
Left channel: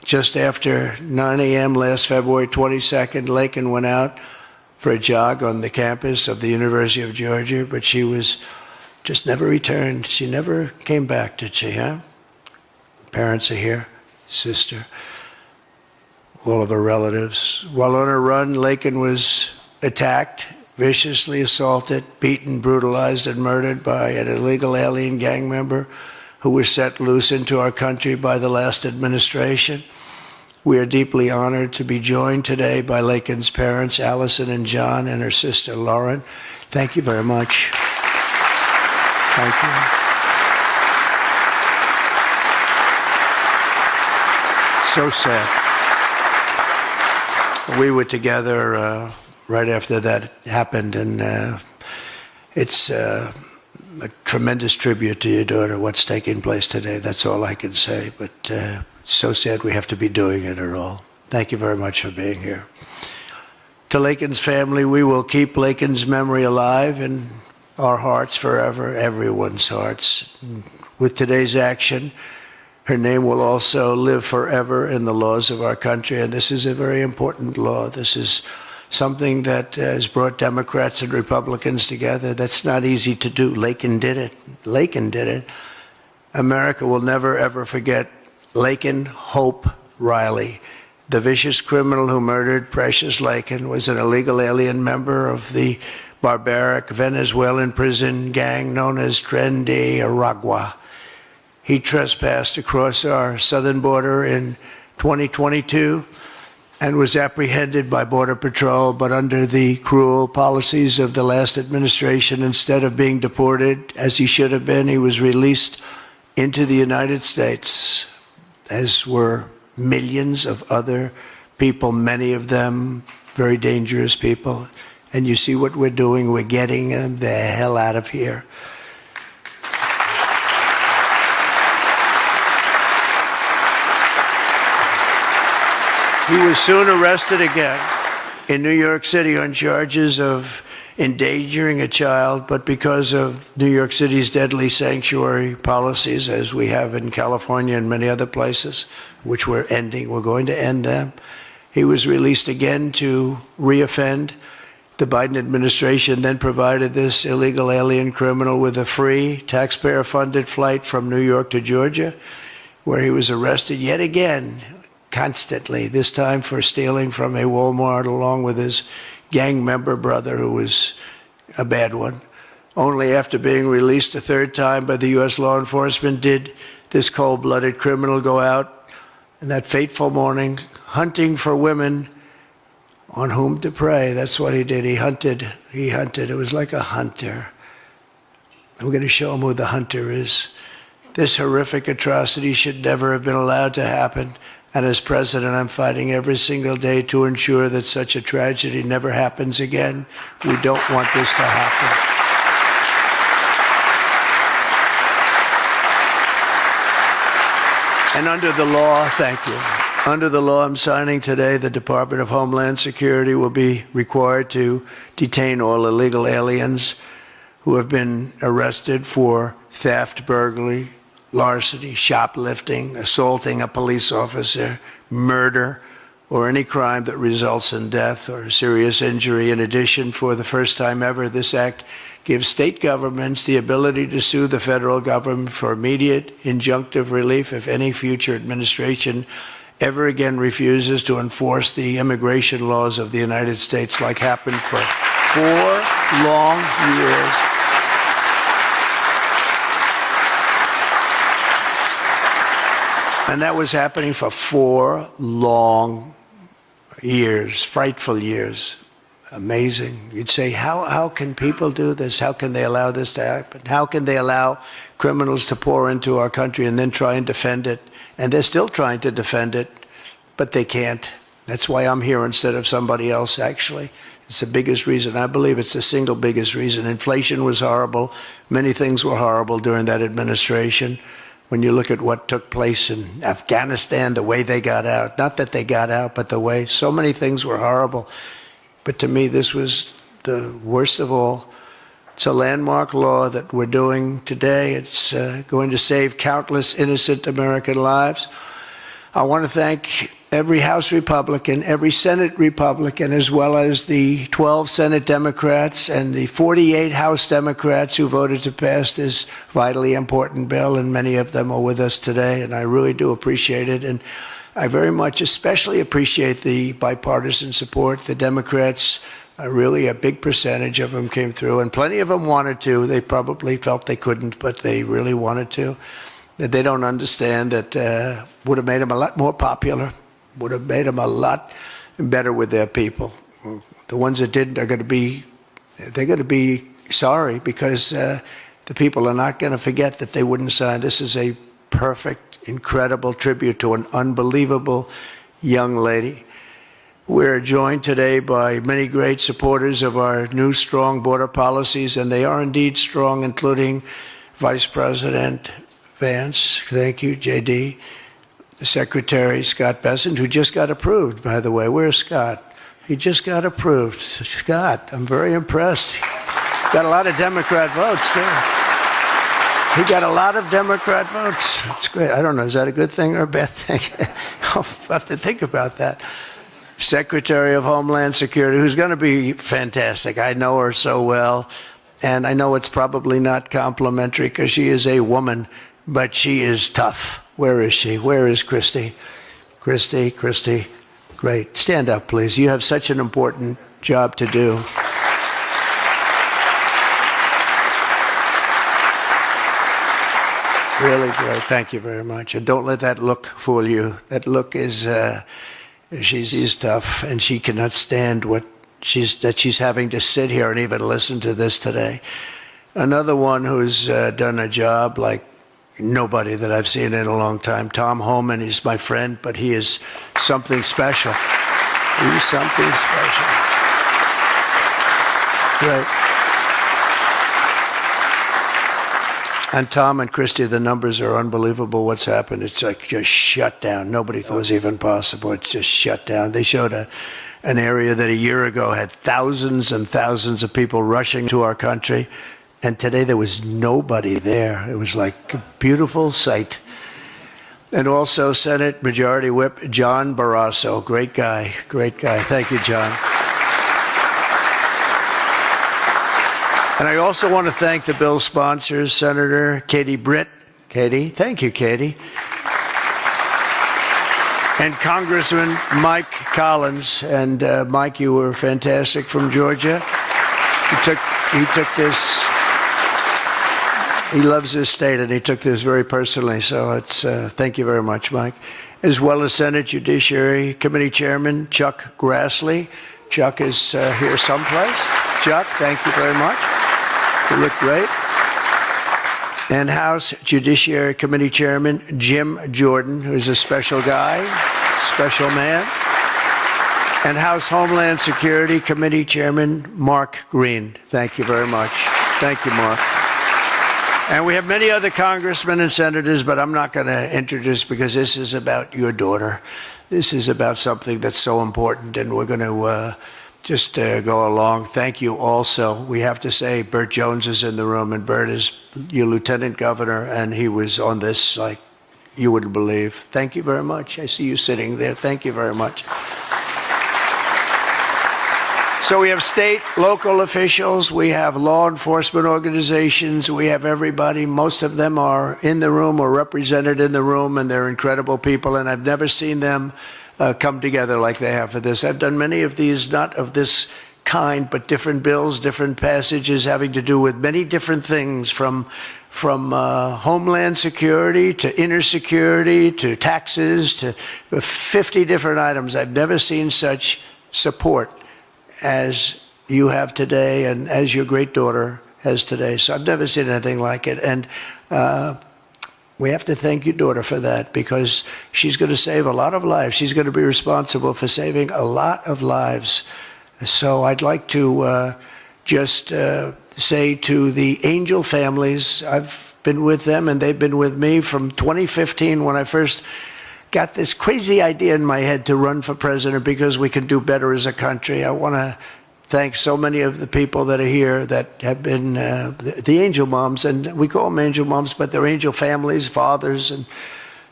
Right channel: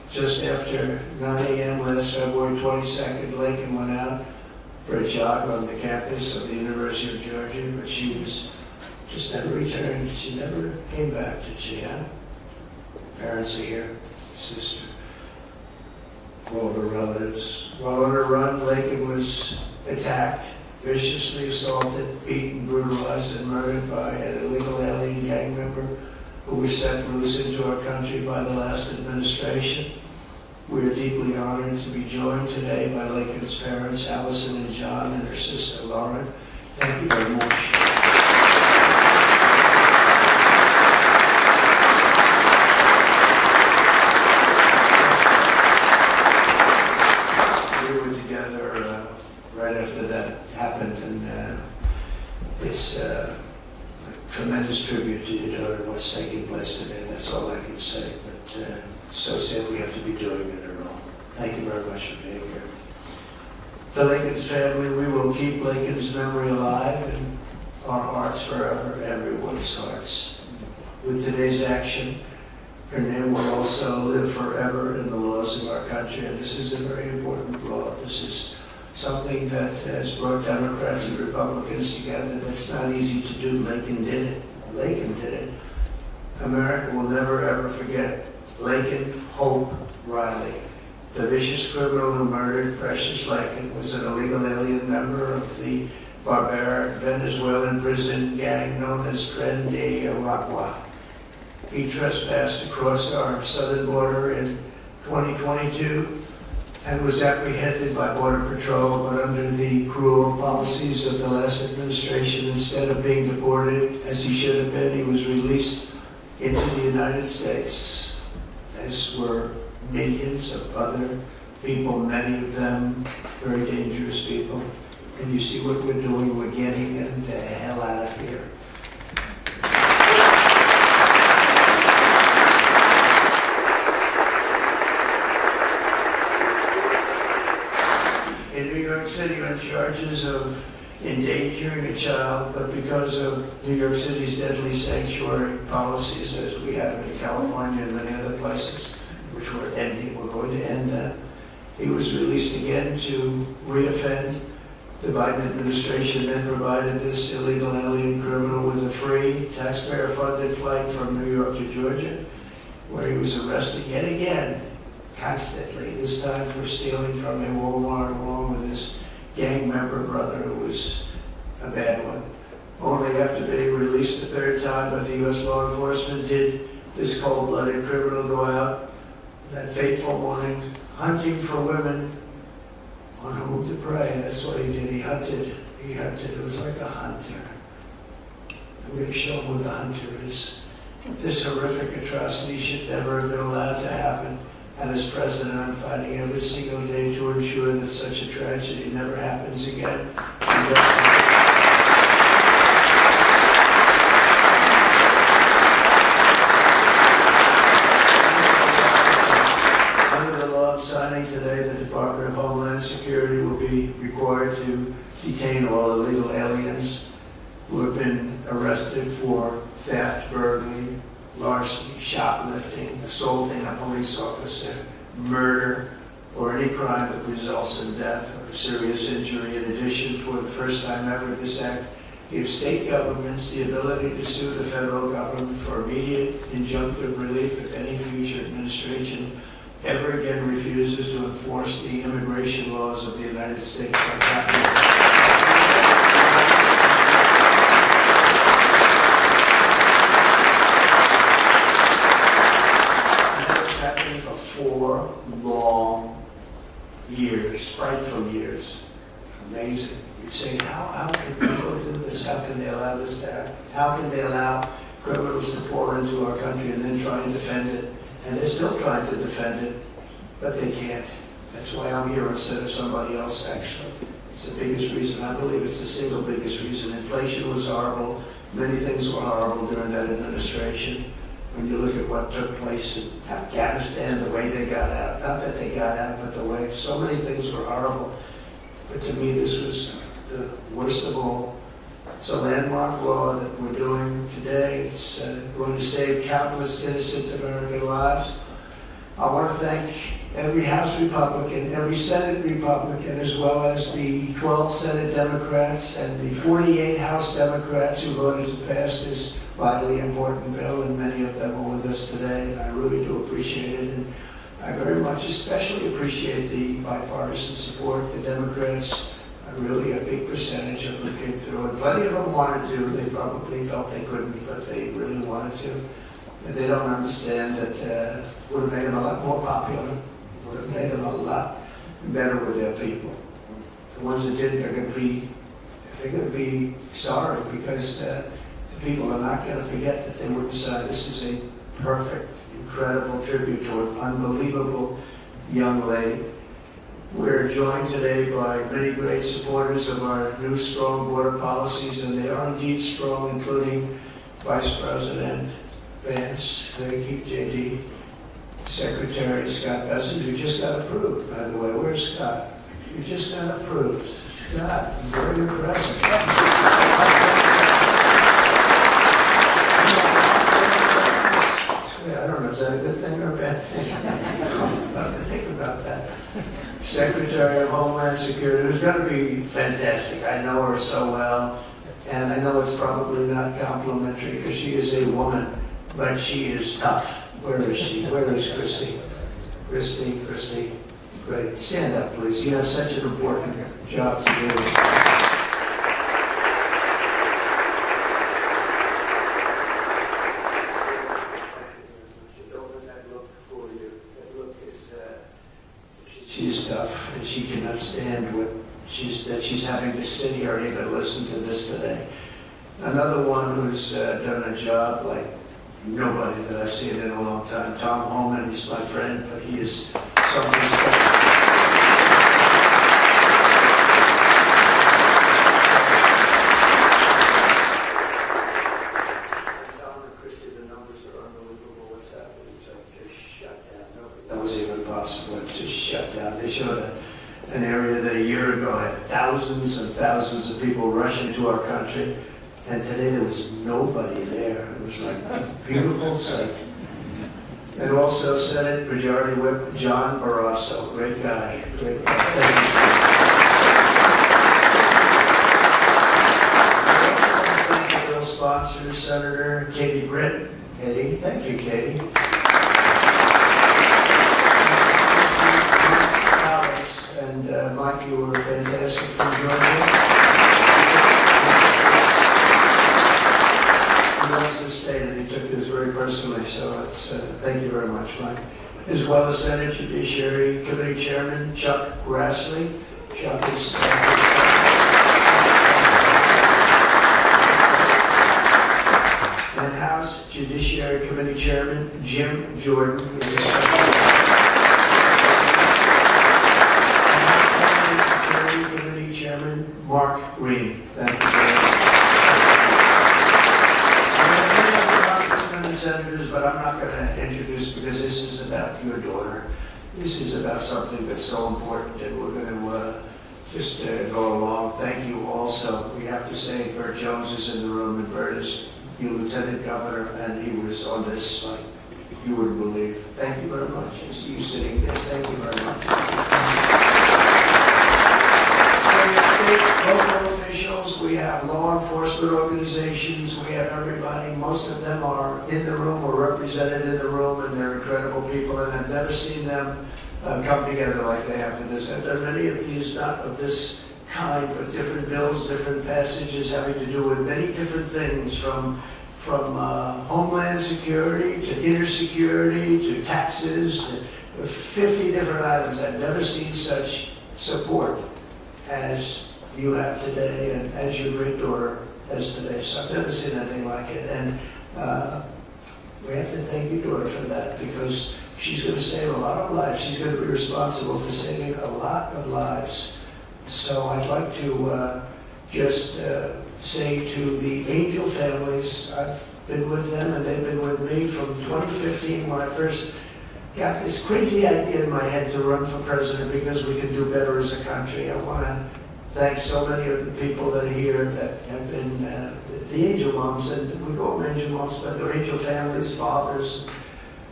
Just after 9 a.m. last February 22nd, Laken went out for a jog on the campus of the University of Georgia, but she was just never returned. She never came back, did she, huh? Parents are here, sister, all of her relatives. While on her run, Laken was attacked, viciously assaulted, beaten, brutalized, and murdered by an illegal alien gang member who was set loose into our country by the last administration. We are deeply honored to be joined today by Laken's parents, Allison and John, and her sister, Lauren. Thank you very much. Thank you. So sad. We were together right after that happened, and it's a tremendous tribute to your daughter, what's taking place today. That's all I can say, but so sad we have to be doing it at all. Thank you very much for being here. To Laken's family, we will keep Laken's memory alive in our hearts forever, everyone's hearts. With today's action, her name will also live forever in the laws of our country, and this is a very important law. This is something that has brought Democrats and Republicans together. That's not easy to do. Laken did it. Laken did it. America will never, ever forget Laken Hope Riley. The vicious criminal who murdered Precious Laken was an illegal alien member of the barbaric Venezuelan prison gang known as Tren de Aragua. He trespassed across our southern border in 2022 and was apprehended by Border Patrol, but under the cruel policies of the last administration, instead of being deported as he should have been, he was released into the United States, as were millions of other people, many of them very dangerous people. And you see what we're doing, we're getting them the hell out of here. He was soon arrested again in New York City on charges of endangering a child, but because of New York City's deadly sanctuary policies, as we have in California and many other places, which we're ending, we're going to end them, he was released again to reoffend. The Biden administration then provided this illegal alien criminal with a free, taxpayer-funded flight from New York to Georgia, where he was arrested yet again, constantly, this time for stealing from a Walmart along with his gang member brother, who was a bad one. Only after being released a third time by the U.S. law enforcement did this cold-blooded criminal go out in that fateful morning hunting for women on whom to prey. That's what he did. He hunted. It was like a hunter. We're going to show him who the hunter is. This horrific atrocity should never have been allowed to happen. And as president, I'm fighting every single day to ensure that such a tragedy never happens again. We don't want this to happen. And under the law, thank you. Under the law I'm signing today, the Department of Homeland Security will be required to detain all illegal aliens who have been arrested for theft, burglary, larceny, shoplifting, assaulting a police officer, murder, or any crime that results in death or serious injury. In addition, for the first time ever, this act gives state governments the ability to sue the federal government for immediate injunctive relief if any future administration ever again refuses to enforce the immigration laws of the United States, like happened for 4 long years. And that was happening for 4 long years, frightful years. Amazing. You'd say, how can people do this? How can they allow this to happen? How can they allow criminals to pour into our country and then try and defend it? And they're still trying to defend it, but they can't. That's why I'm here instead of somebody else, actually. It's the biggest reason. I believe it's the single biggest reason. Inflation was horrible. Many things were horrible during that administration. When you look at what took place in Afghanistan, the way they got out, not that they got out, but the way, so many things were horrible. But to me, this was the worst of all. It's a landmark law that we're doing today. It's going to save countless innocent American lives. I want to thank every House Republican, every Senate Republican, as well as the 12 Senate Democrats and the 48 House Democrats who voted to pass this vitally important bill, and many of them are with us today, and I really do appreciate it. And I very much especially appreciate the bipartisan support. The Democrats, really a big percentage of them came through, and plenty of them wanted to. They probably felt they couldn't, but they really wanted to. That they don't understand that would have made them a lot more popular, would have made them a lot better with their people. The ones that didn't are going to be sorry, because the people are not going to forget that they wouldn't sign. This is a perfect, incredible tribute to an unbelievable young lady. We're joined today by many great supporters of our new strong border policies, and they are indeed strong, including Vice President Vance, thank you, JD, Secretary Scott Bessent, who just got approved, by the way. Where's Scott? He just got approved. Scott, I'm very impressed. Got a lot of Democrat votes. Yeah. He got a lot of Democrat votes. That's great. I don't know, is that a good thing or a bad thing? I'll have to think about that. Secretary of Homeland Security, who's going to be fantastic. I know her so well, and I know it's probably not complimentary because she is a woman, but she is tough. Where is she? Where is Christy? Christy, great. Stand up, please. You have such an important job to do. Really great. Thank you very much. And don't let that look fool you. That look is, she's tough, and she cannot stand that she's having to sit here and even listen to this today. Another one who's done a job like nobody that I've seen in a long time, Tom Homan. He's my friend, but he is something special. He's something special. Yeah. And Tom and Christy, the numbers are unbelievable. What's happened? It's like just shut down. Nobody thought it was even possible. It's just shut down. They showed an area that a year ago had thousands and thousands of people rushing to our country. And today there was nobody there. It was like a beautiful sight. And also Senate Majority Whip John Barrasso. Great guy. Thank you, John. And I also want to thank the bill sponsors, Senator Katie Britt. Katie, thank you, Katie. And Congressman Mike Collins. And Mike, you were fantastic from Georgia. He took this. He loves his state, and he took this very personally, so it's, thank you very much, Mike. As well as Senate Judiciary Committee Chairman Chuck Grassley. Chuck is here someplace. Chuck, thank you very much. You look great. And House Judiciary Committee Chairman Jim Jordan, who's a special guy, special man. And House Homeland Security Committee Chairman Mark Green. Thank you very much. Thank you, Mark. And we have many other congressmen and senators, but I'm not going to introduce because this is about your daughter. This is about something that's so important, and we're going to just go along. Thank you also. We have to say Burt Jones is in the room, and Burt is your lieutenant governor, and he was on this like you wouldn't believe. Thank you very much. I see you sitting there. Thank you very much. So we have state, local officials, we have law enforcement organizations, we have everybody. Most of them are in the room or represented in the room, and they're incredible people, and I've never seen them come together like they have for this. I've done many of these, not of this kind, but different bills, different passages having to do with many different things, from homeland security to inner security to taxes to 50 different items. I've never seen such support as you have today and as your great daughter has today. So I've never seen anything like it. And we have to thank your daughter for that, because she's going to save a lot of lives. She's going to be responsible for saving a lot of lives. So I'd like to just say to the Angel families, I've been with them and they've been with me from 2015 when I first got this crazy idea in my head to run for president because we could do better as a country. I want to thank so many of the people that are here that have been the angel moms, and we call them angel moms, but they're angel families, fathers, and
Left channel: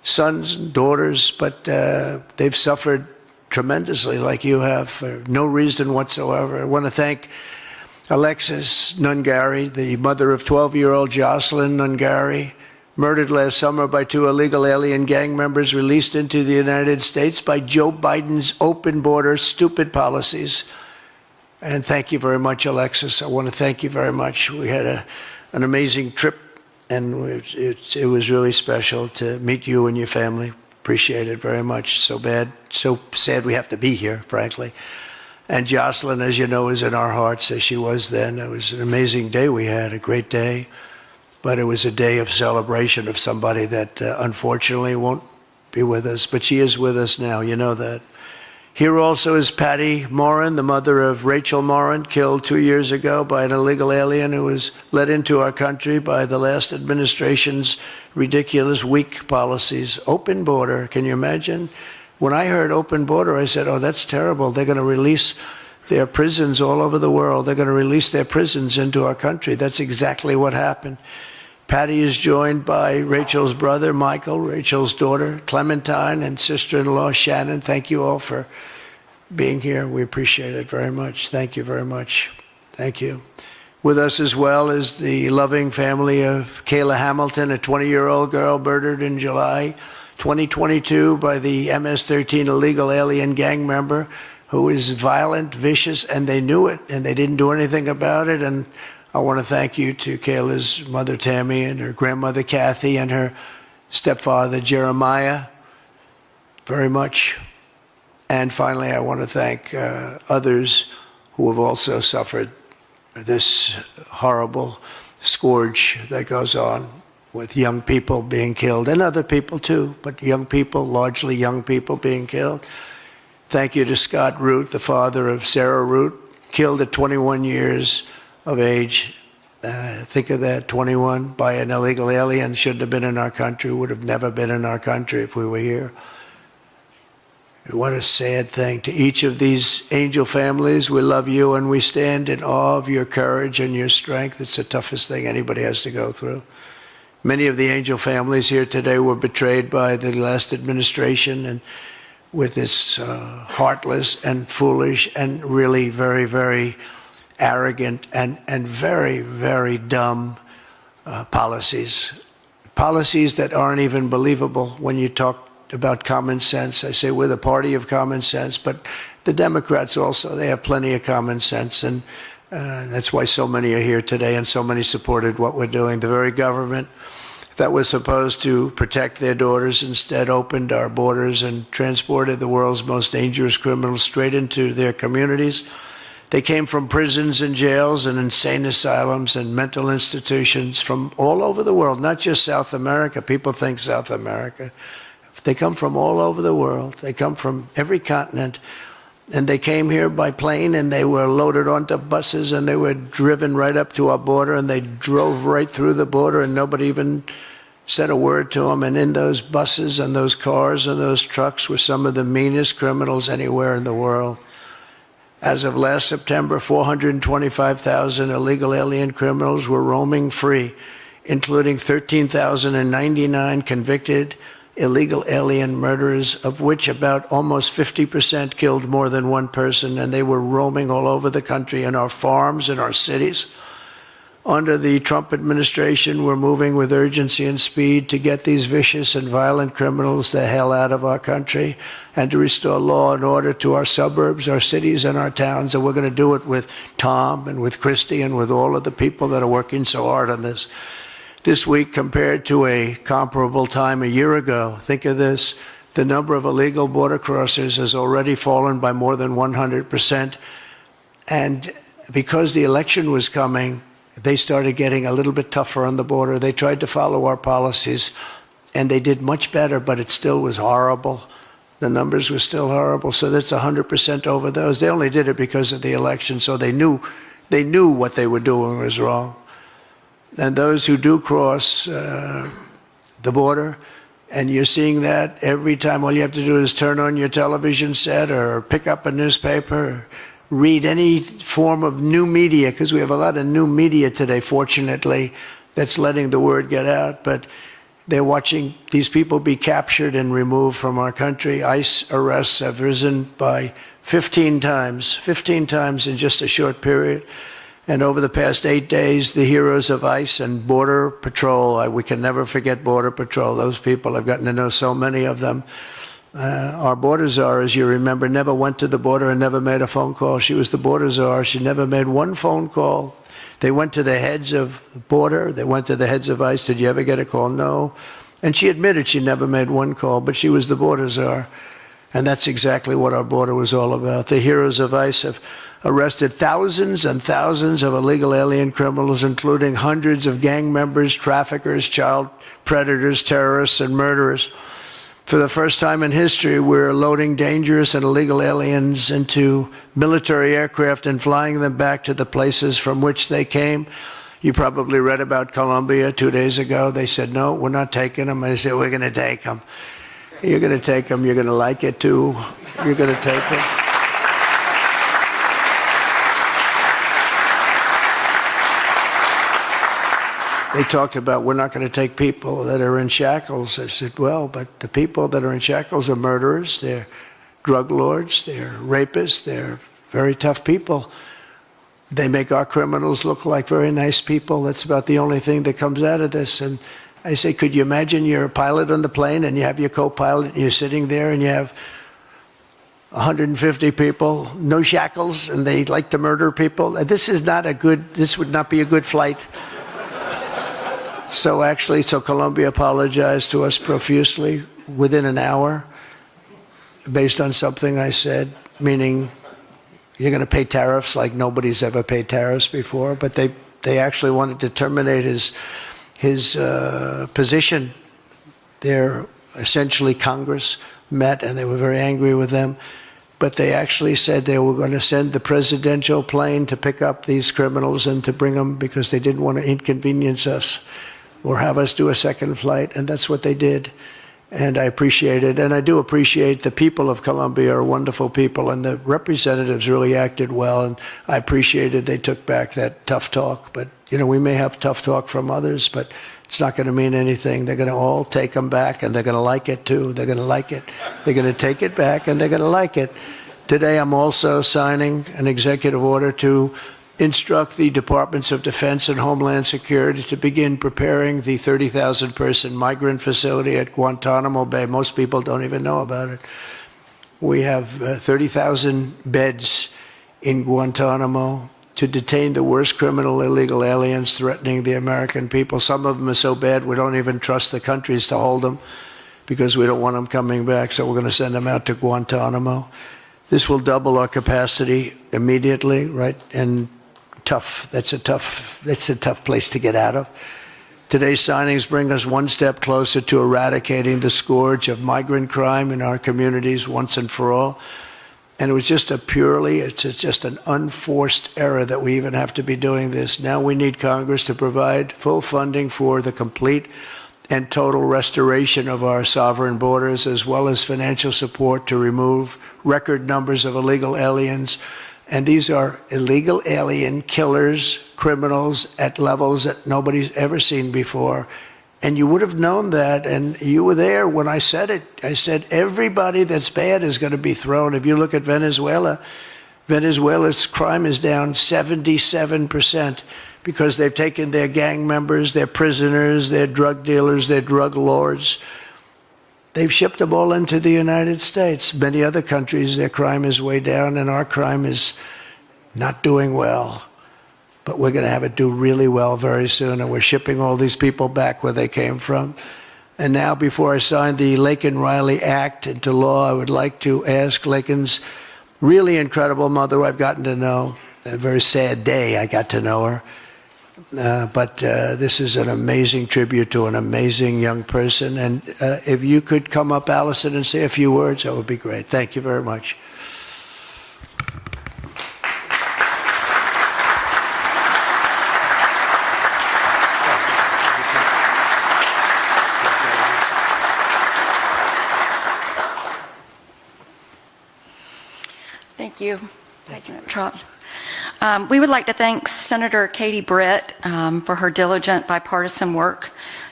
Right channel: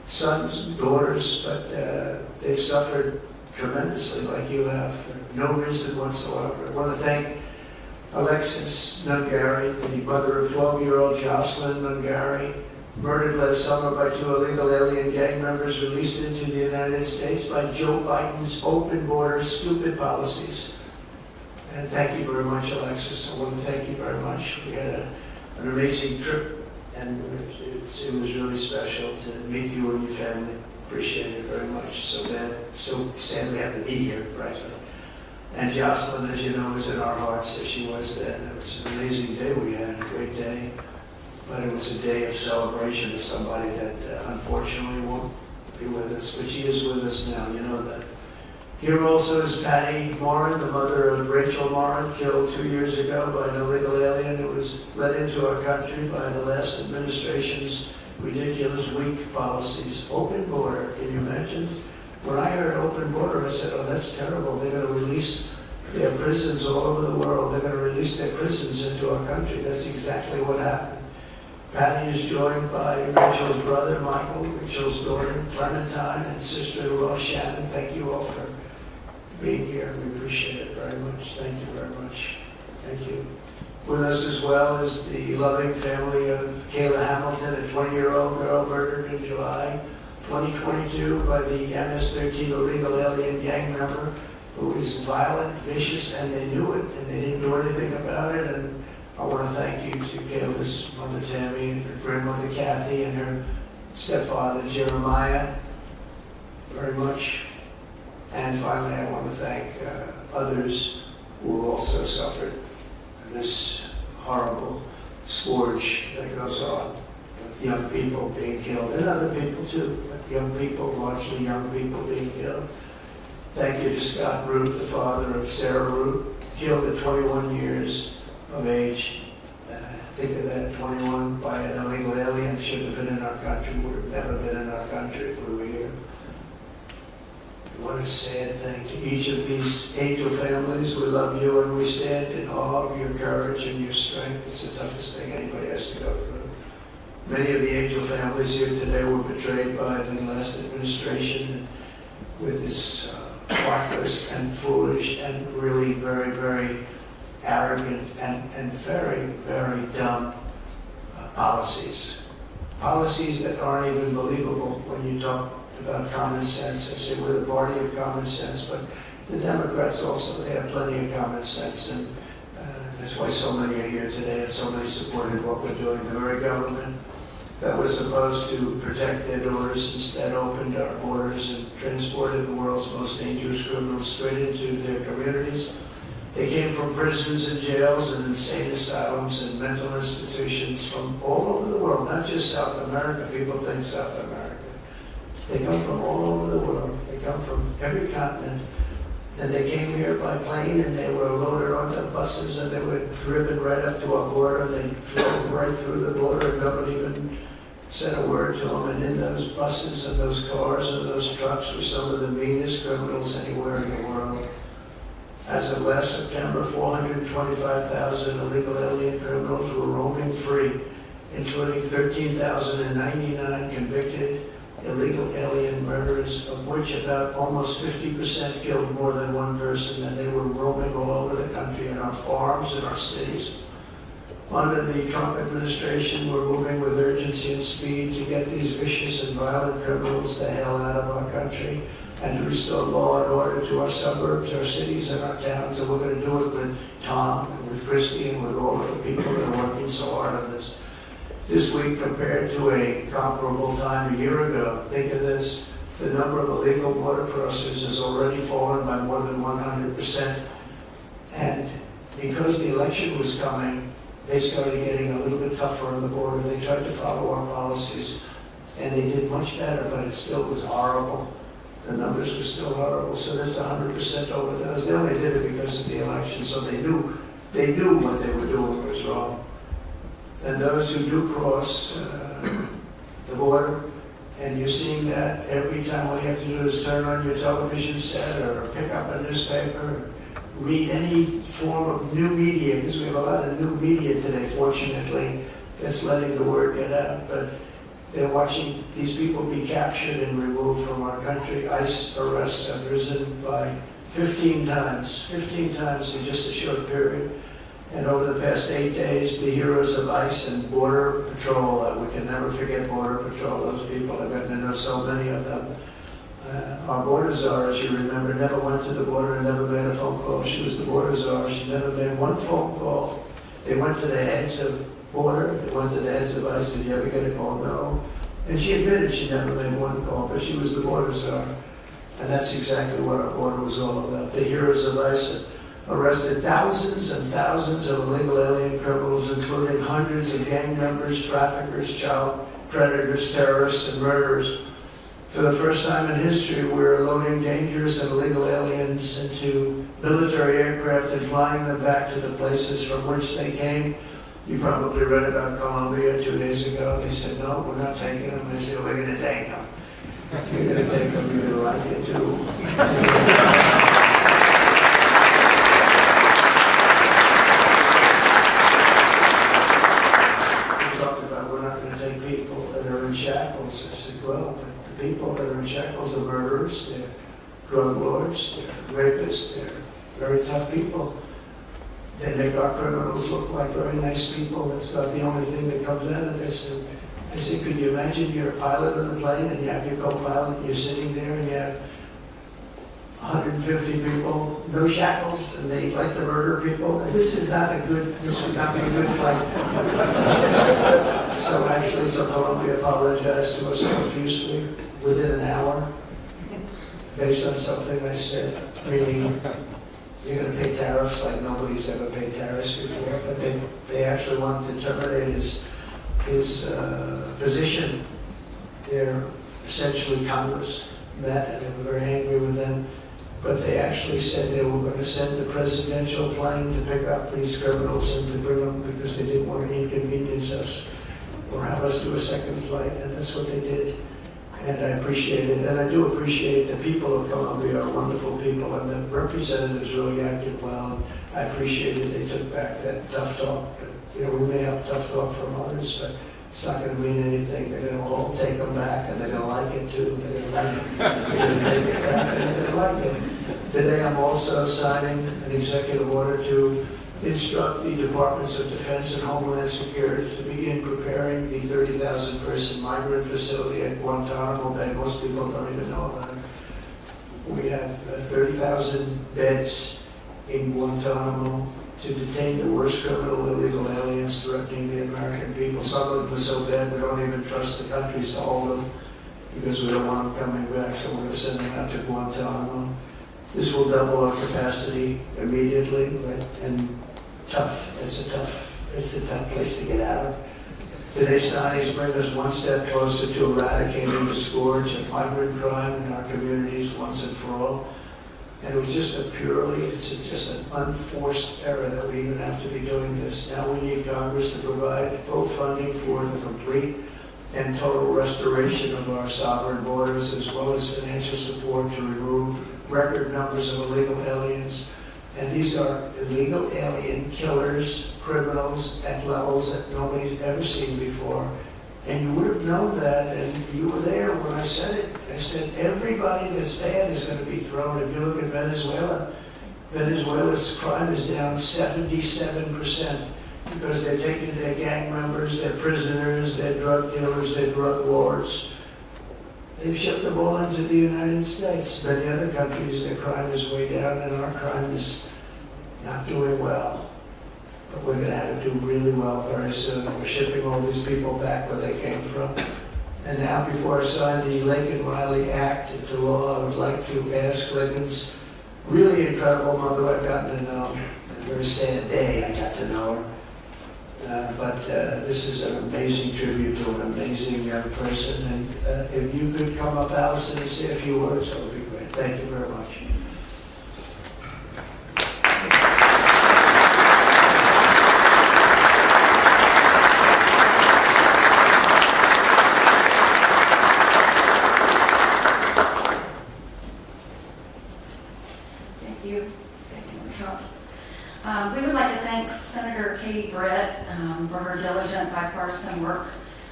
sons and daughters, but they've suffered tremendously like you have for no reason whatsoever. I want to thank Alexis Nungari, the mother of 12-year-old Jocelyn Nungari, murdered last summer by 2 illegal alien gang members released into the United States by Joe Biden's open border stupid policies. And thank you very much, Alexis. I want to thank you very much. We had an amazing trip, and it was really special to meet you and your family. Appreciate it very much. So sad we have to be here, frankly. And Jocelyn, as you know, is in our hearts as she was then. It was an amazing day we had, a great day. But it was a day of celebration of somebody that unfortunately won't be with us. But she is with us now, you know that. Here also is Patty Morin, the mother of Rachel Morin, killed 2 years ago by an illegal alien who was let into our country by the last administration's ridiculous, weak policies. Open border, can you imagine? When I heard open border, I said, oh, that's terrible. They're going to release their prisons all over the world. They're going to release their prisons into our country. That's exactly what happened. Patty is joined by Rachel's brother, Michael, Rachel's daughter, Clementine, and sister-in-law, Shannon. Thank you all for being here. We appreciate it very much. Thank you very much. Thank you. With us as well is the loving family of Kayla Hamilton, a 20-year-old girl murdered in July 2022 by the MS-13 illegal alien gang member who is violent, vicious, and they knew it, and they didn't do anything about it. And I want to thank you to Kayla's mother, Tammy, and her grandmother, Kathy, and her stepfather, Jeremiah, very much. And finally, I want to thank others who have also suffered this horrible scourge that goes on with young people being killed, and other people too, but young people, largely young people being killed. Thank you to Scott Root, the father of Sarah Root, killed at 21 years of age. Think of that, 21 by an illegal alien, shouldn't have been in our country, would have never been in our country if we were here. What a sad thing. To each of these angel families, we love you and we stand in awe of your courage and your strength. It's the toughest thing anybody has to go through. Many of the angel families here today were betrayed by the last administration and with its heartless and foolish and really very, very arrogant and very, very dumb policies. Policies that aren't even believable when you talk about common sense. I say we're the party of common sense, but the Democrats also, they have plenty of common sense, and that's why so many are here today and so many supported what we're doing. The very government that was supposed to protect their daughters instead opened our borders and transported the world's most dangerous criminals straight into their communities. They came from prisons and jails and insane asylums and mental institutions from all over the world, not just South America. People think South America. They come from all over the world. They come from every continent. And they came here by plane, and they were loaded onto buses, and they were driven right up to our border, and they drove right through the border, and nobody even said a word to them. And in those buses and those cars and those trucks were some of the meanest criminals anywhere in the world. As of last September, 425,000 illegal alien criminals were roaming free, including 13,099 convicted illegal alien murderers, of which about almost 50% killed more than one person, and they were roaming all over the country in our farms, in our cities. Under the Trump administration, we're moving with urgency and speed to get these vicious and violent criminals the hell out of our country and to restore law and order to our suburbs, our cities, and our towns. And we're going to do it with Tom and with Christy and with all of the people that are working so hard on this. This week, compared to a comparable time a year ago, think of this, the number of illegal border crossers has already fallen by more than 100%. And because the election was coming, they started getting a little bit tougher on the border. They tried to follow our policies, and they did much better, but it still was horrible. The numbers were still horrible, so that's 100% over those. They only did it because of the election, so they knew what they were doing was wrong. And those who do cross the border, and you're seeing that every time, all you have to do is turn on your television set or pick up a newspaper, or read any form of new media, because we have a lot of new media today, fortunately, that's letting the word get out. But They're watching these people be captured and removed from our country. ICE arrests have risen by 15 times in just a short period. And over the past 8 days, the heroes of ICE and Border Patrol, we can never forget Border Patrol. Those people, I've gotten to know so many of them. Our border czar, as you remember, never went to the border and never made a phone call. She was the border czar. She never made one phone call. They went to the heads of border. They went to the heads of ICE. Did you ever get a call? No. And she admitted she never made one call, but she was the border czar. And that's exactly what our border was all about. The heroes of ICE have arrested thousands and thousands of illegal alien criminals, including hundreds of gang members, traffickers, child predators, terrorists, and murderers. For the first time in history, we're loading dangerous and illegal aliens into military aircraft and flying them back to the places from which they came. You probably read about Colombia 2 days ago. They said, no, we're not taking them. I said, we're going to take them. You're going to take them. You're going to like it, too. You're going to take them. They talked about, we're not going to take people that are in shackles. I said, well, but the people that are in shackles are murderers, they're drug lords, they're rapists, they're very tough people. They make our criminals look like very nice people. That's about the only thing that comes out of this. And I say, could you imagine you're a pilot on the plane and you have your co-pilot and you're sitting there and you have 150 people, no shackles, and they like to murder people? This would not be a good flight. So Colombia apologized to us profusely within an hour based on something I said, meaning you're going to pay tariffs like nobody's ever paid tariffs before, but they actually wanted to terminate his position. They're essentially Congress met and they were very angry with them, but they actually said they were going to send the presidential plane to pick up these criminals and to bring them because they didn't want to inconvenience us or have us do a second flight, and that's what they did. And I appreciate it, and I do appreciate the people of Colombia are wonderful people, and the representatives really acted well, and I appreciated they took back that tough talk. But, you know, we may have tough talk from others, but it's not going to mean anything. They're going to all take them back, and they're going to like it, too. They're going to like it. They're going to take it back, and they're going to like it. Today, I'm also signing an executive order to instruct the Departments of Defense and Homeland Security to begin preparing the 30,000-person migrant facility at Guantanamo Bay. Most people don't even know about it. We have 30,000 beds in Guantanamo to detain the worst criminal illegal aliens threatening the American people. Some of them are so bad we don't even trust the countries to hold them because we don't want them coming back, so we're going to send them out to Guantanamo. This will double our capacity immediately, right? And tough. That's a tough place to get out of. Today's signings bring us one step closer to eradicating the scourge of migrant crime in our communities once and for all. And it was just it's just an unforced error that we even have to be doing this. Now we need Congress to provide full funding for the complete and total restoration of our sovereign borders, as well as financial support to remove record numbers of illegal aliens. And these are illegal alien killers, criminals at levels that nobody's ever seen before. And you would have known that, and you were there when I said it. I said everybody that's bad is going to be thrown. If you look at Venezuela, Venezuela's crime is down 77% because they've taken their gang members, their prisoners, their drug dealers, their drug lords. They've shipped them all into the United States. Many other countries, their crime is way down, and our crime is not doing well. But we're going to have it do really well very soon, and we're shipping all these people back where they came from. And now, before I sign the Laken Riley Act into law, I would like to ask Laken's really incredible mother, who I've gotten to know. A very sad day I got to know her. But this is an amazing tribute to an amazing young person. And if you could come up, Allison, and say a few words, that would be great. Thank you very much. Thank you, President Trump. We would like to thank Senator Katie Britt for her diligent bipartisan work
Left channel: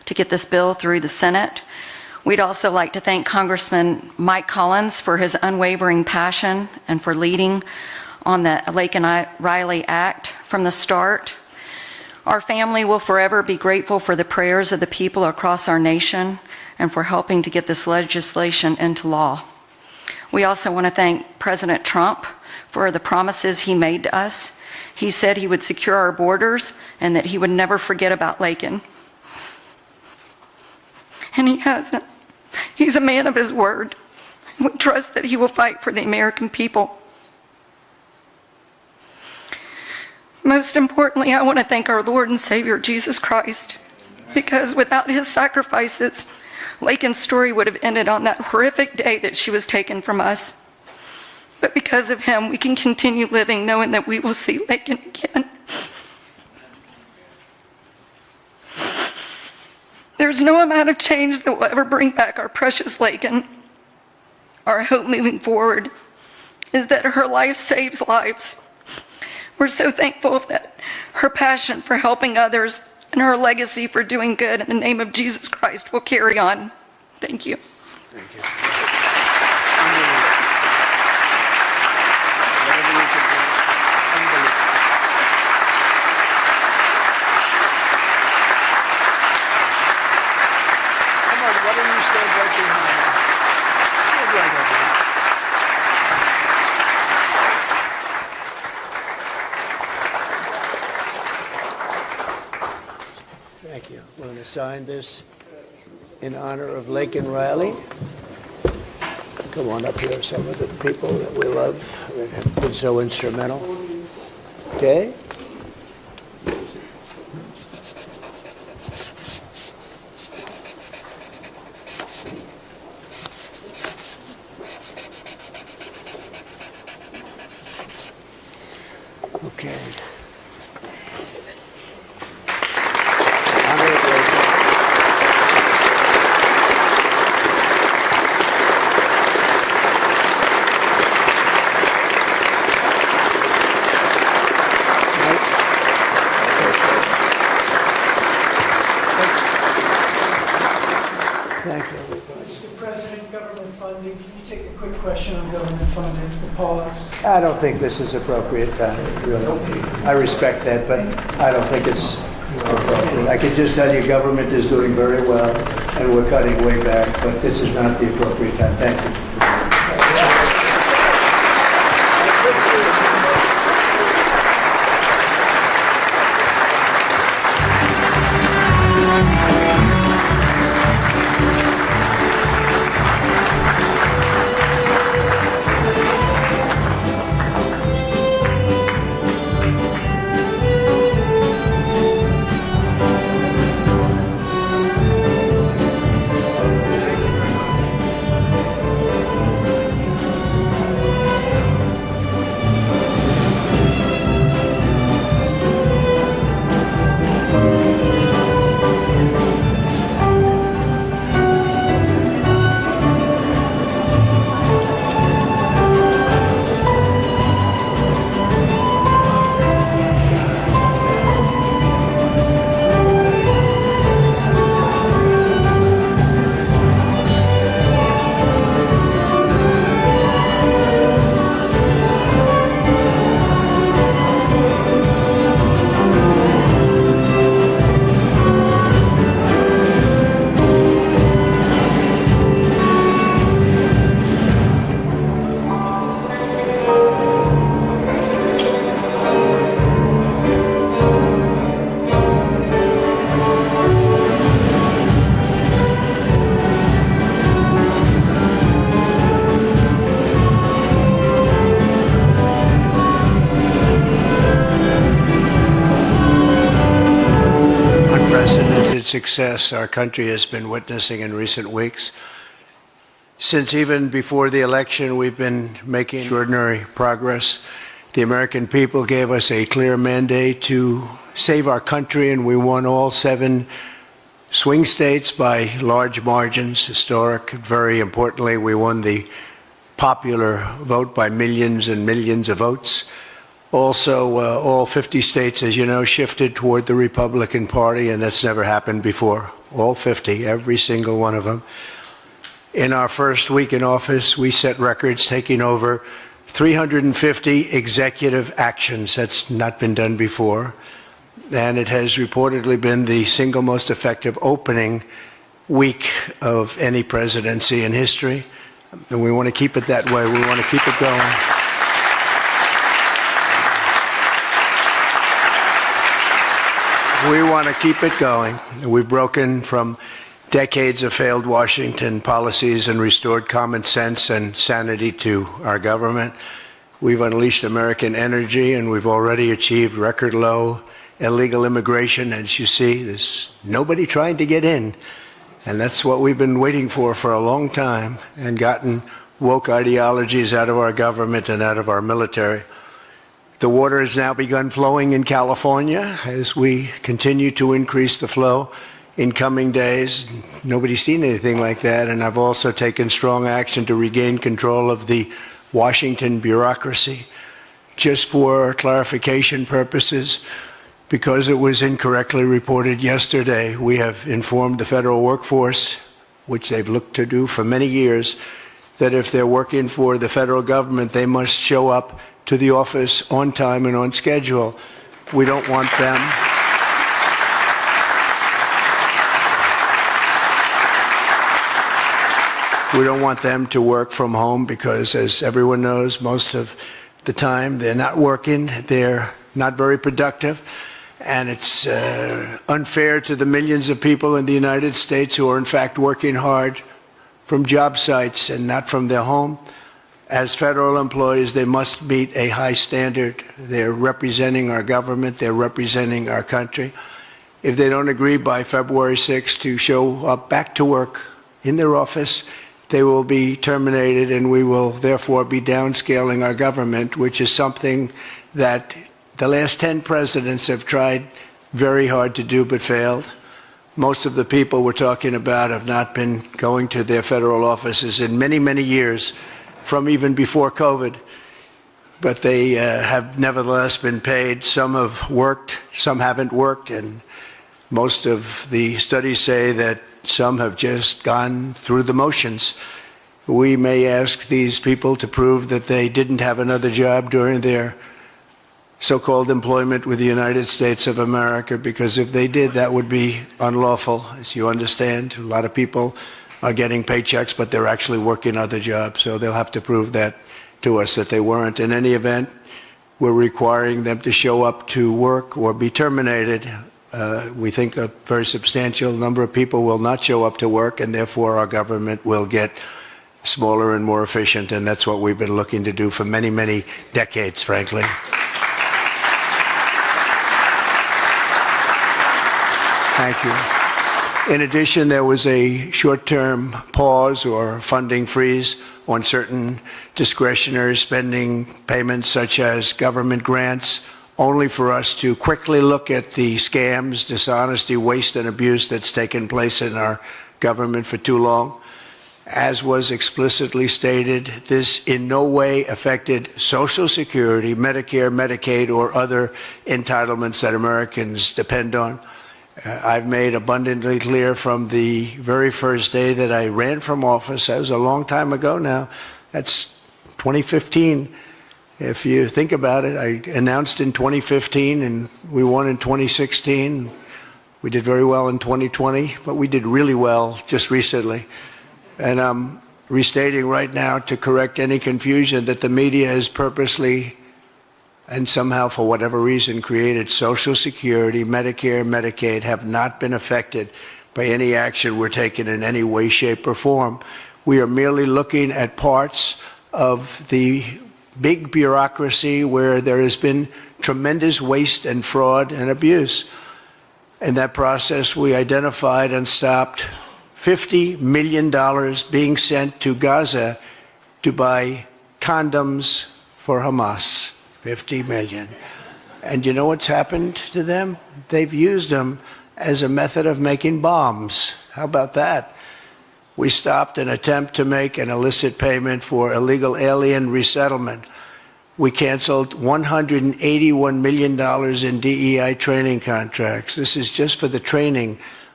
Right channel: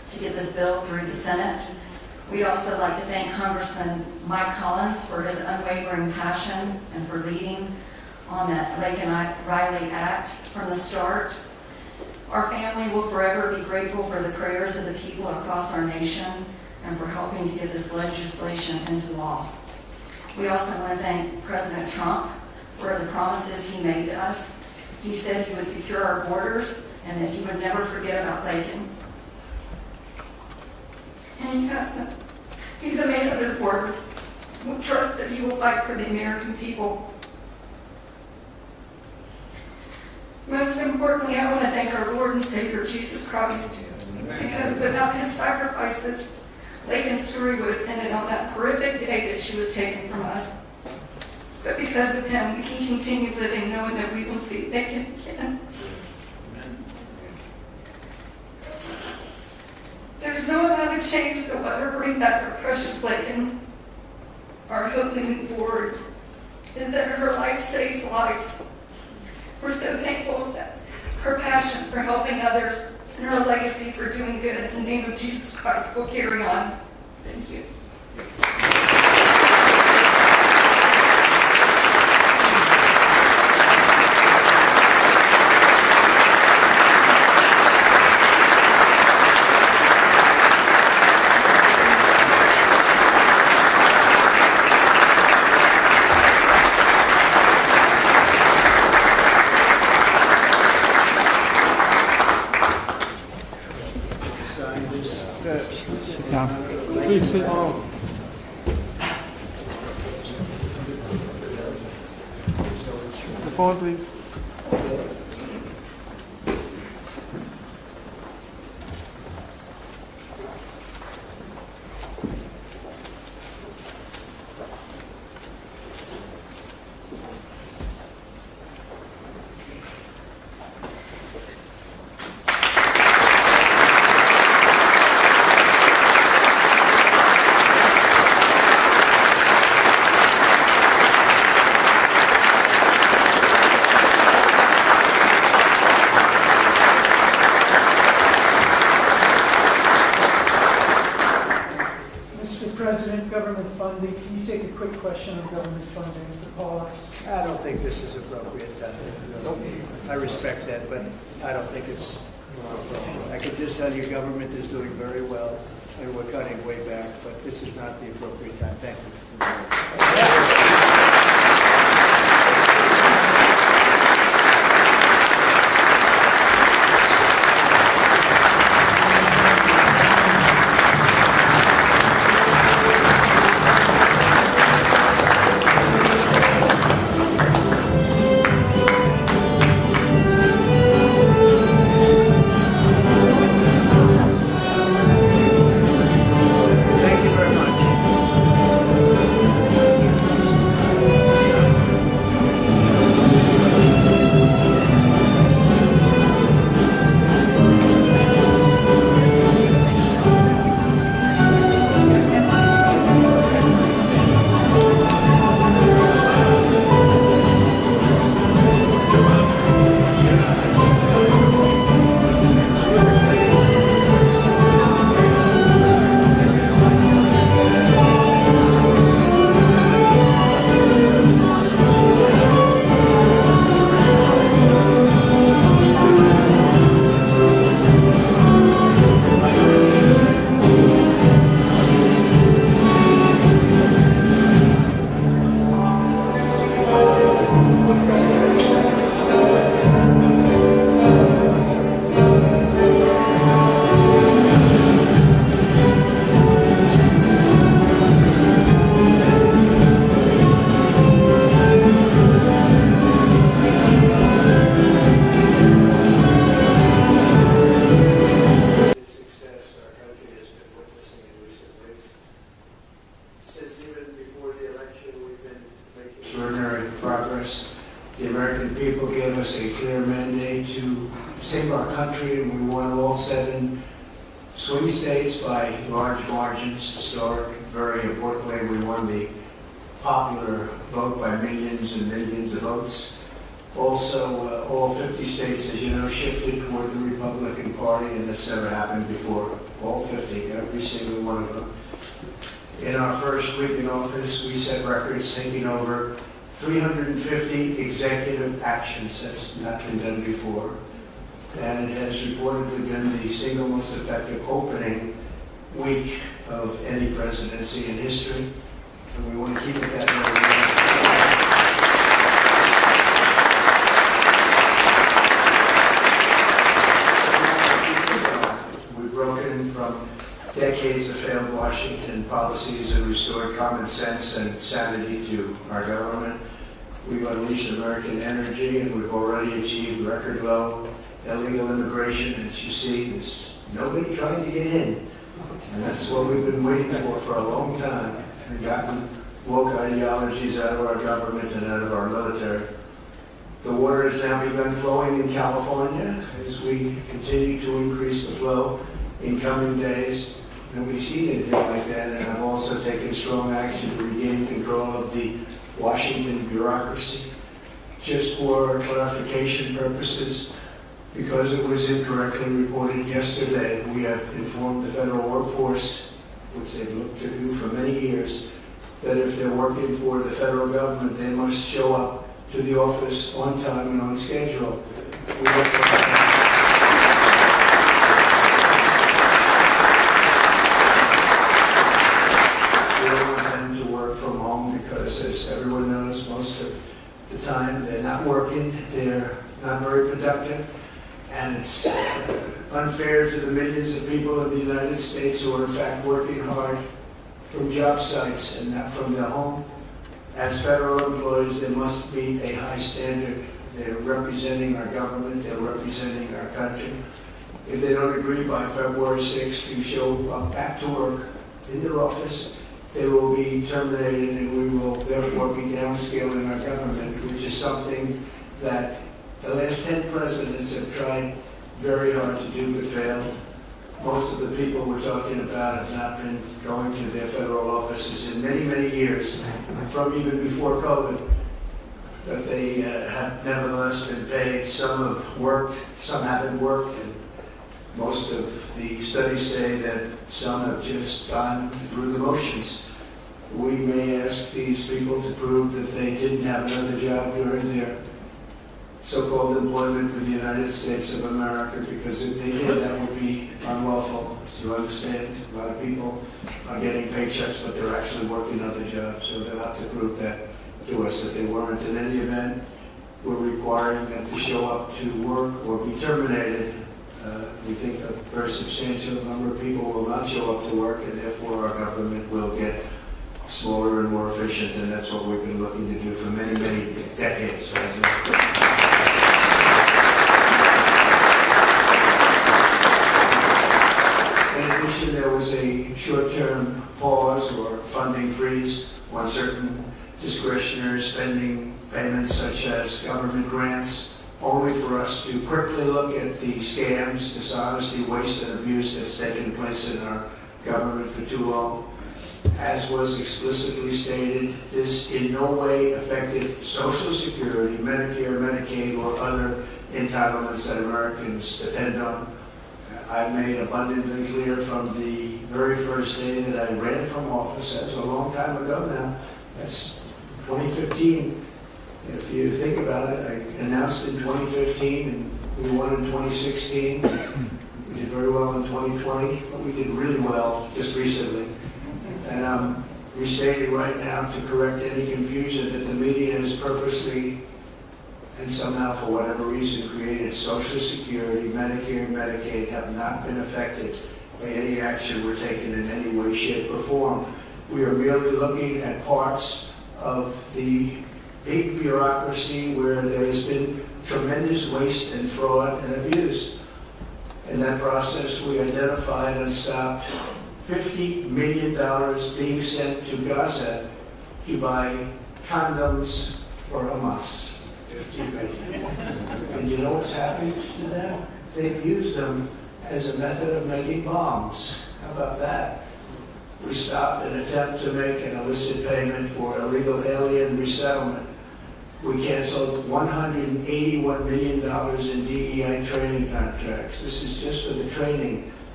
to get this bill through the Senate. We'd also like to thank Congressman Mike Collins for his unwavering passion and for leading on the Laken Riley Act from the start. Our family will forever be grateful for the prayers of the people across our nation and for helping to get this legislation into law. We also want to thank President Trump for the promises he made to us. He said he would secure our borders and that he would never forget about Laken. And he hasn't. He's a man of his word. We trust that he will fight for the American people. Most importantly, I want to thank our Lord and Savior, Jesus Christ, because without his sacrifices, Laken's story would have ended on that horrific day that she was taken from us. But because of him, we can continue living knowing that we will see Laken again. There's no amount of change that will ever bring back our precious Laken. Our hope moving forward is that her life saves lives. We're so thankful that her passion for helping others and her legacy for doing good in the name of Jesus Christ will carry on. Thank you. Sign this in honor of Laken Riley. Come on up here, some of the people that we love that have been so instrumental. Okay? Okay. Mr. President, government funding, can you take a quick question on government funding, the pause? I don't think this is appropriate time, really. I respect that, but I don't think it's appropriate. I can just tell you government is doing very well, and we're cutting way back, but this is not the appropriate time. Thank you. Success our country has been witnessing in recent weeks. Since even before the election, we've been making extraordinary progress. The American people gave us a clear mandate to save our country, and we won all 7 swing states by large margins, historic. Very importantly, we won the popular vote by millions and millions of votes. Also, all 50 states, as you know, shifted toward the Republican Party, and that's never happened before. all 50, every single one of them. In our first week in office, we set records taking over 350 executive actions. That's not been done before. And it has reportedly been the single most effective opening week of any presidency in history. And we want to keep it that way. We want to keep it going. We want to keep it going. We've broken from decades of failed Washington policies and restored common sense and sanity to our government. We've unleashed American energy, and we've already achieved record low illegal immigration. As you see, there's nobody trying to get in. And that's what we've been waiting for a long time, and gotten woke ideologies out of our government and out of our military. The water has now begun flowing in California as we continue to increase the flow in coming days. Nobody's seen anything like that, and I've also taken strong action to regain control of the Washington bureaucracy. Just for clarification purposes, because it was incorrectly reported yesterday, we have informed the federal workforce, which they've looked to do for many years, that if they're working for the federal government, they must show up to the office on time and on schedule. We don't want them. We don't want them to work from home because, as everyone knows, most of the time they're not working, they're not very productive, and it's unfair to the millions of people in the United States who are in fact working hard from job sites and not from their home. As federal employees, they must meet a high standard. They're representing our government, they're representing our country. If they don't agree by February 6th to show up back to work in their office, they will be terminated, and we will therefore be downscaling our government, which is something that the last 10 presidents have tried very hard to do but failed. Most of the people we're talking about have not been going to their federal offices in many, many years, from even before COVID, but they have nevertheless been paid. Some have worked, some haven't worked, and most of the studies say that some have just gone through the motions. We may ask these people to prove that they didn't have another job during their so-called employment with the United States of America, because if they did, that would be unlawful. As you understand, a lot of people are getting paychecks, but they're actually working other jobs, so they'll have to prove that to us that they weren't. In any event, we're requiring them to show up to work or be terminated. We think a very substantial number of people will not show up to work, and therefore our government will get smaller and more efficient, and that's what we've been looking to do for many, many decades, frankly. In addition, there was a short-term pause or funding freeze on certain discretionary spending payments, such as government grants, only for us to quickly look at the scams, dishonesty, waste, and abuse that's taken place in our government for too long. As was explicitly stated, this in no way affected Social Security, Medicare, Medicaid, or other entitlements that Americans depend on. I've made abundantly clear from the very first day that I ran from office. That was a long time ago now. That's 2015. If you think about it, I announced in 2015 and we won in 2016. We did very well in 2020, but we did really well just recently. And I'm restating right now to correct any confusion that the media has purposely and somehow, for whatever reason, created Social Security, Medicare, Medicaid have not been affected by any action we're taking in any way, shape, or form. We are merely looking at parts of the big bureaucracy where there has been tremendous waste and fraud and abuse. In that process, we identified and stopped $50 million being sent to Gaza to buy condoms for Hamas. 50 million. And you know what's happened to them? They've used them as a method of making bombs. How about that? We stopped an attempt to make an illicit payment for illegal alien resettlement. We canceled $181 million in DEI training contracts. This is just for the training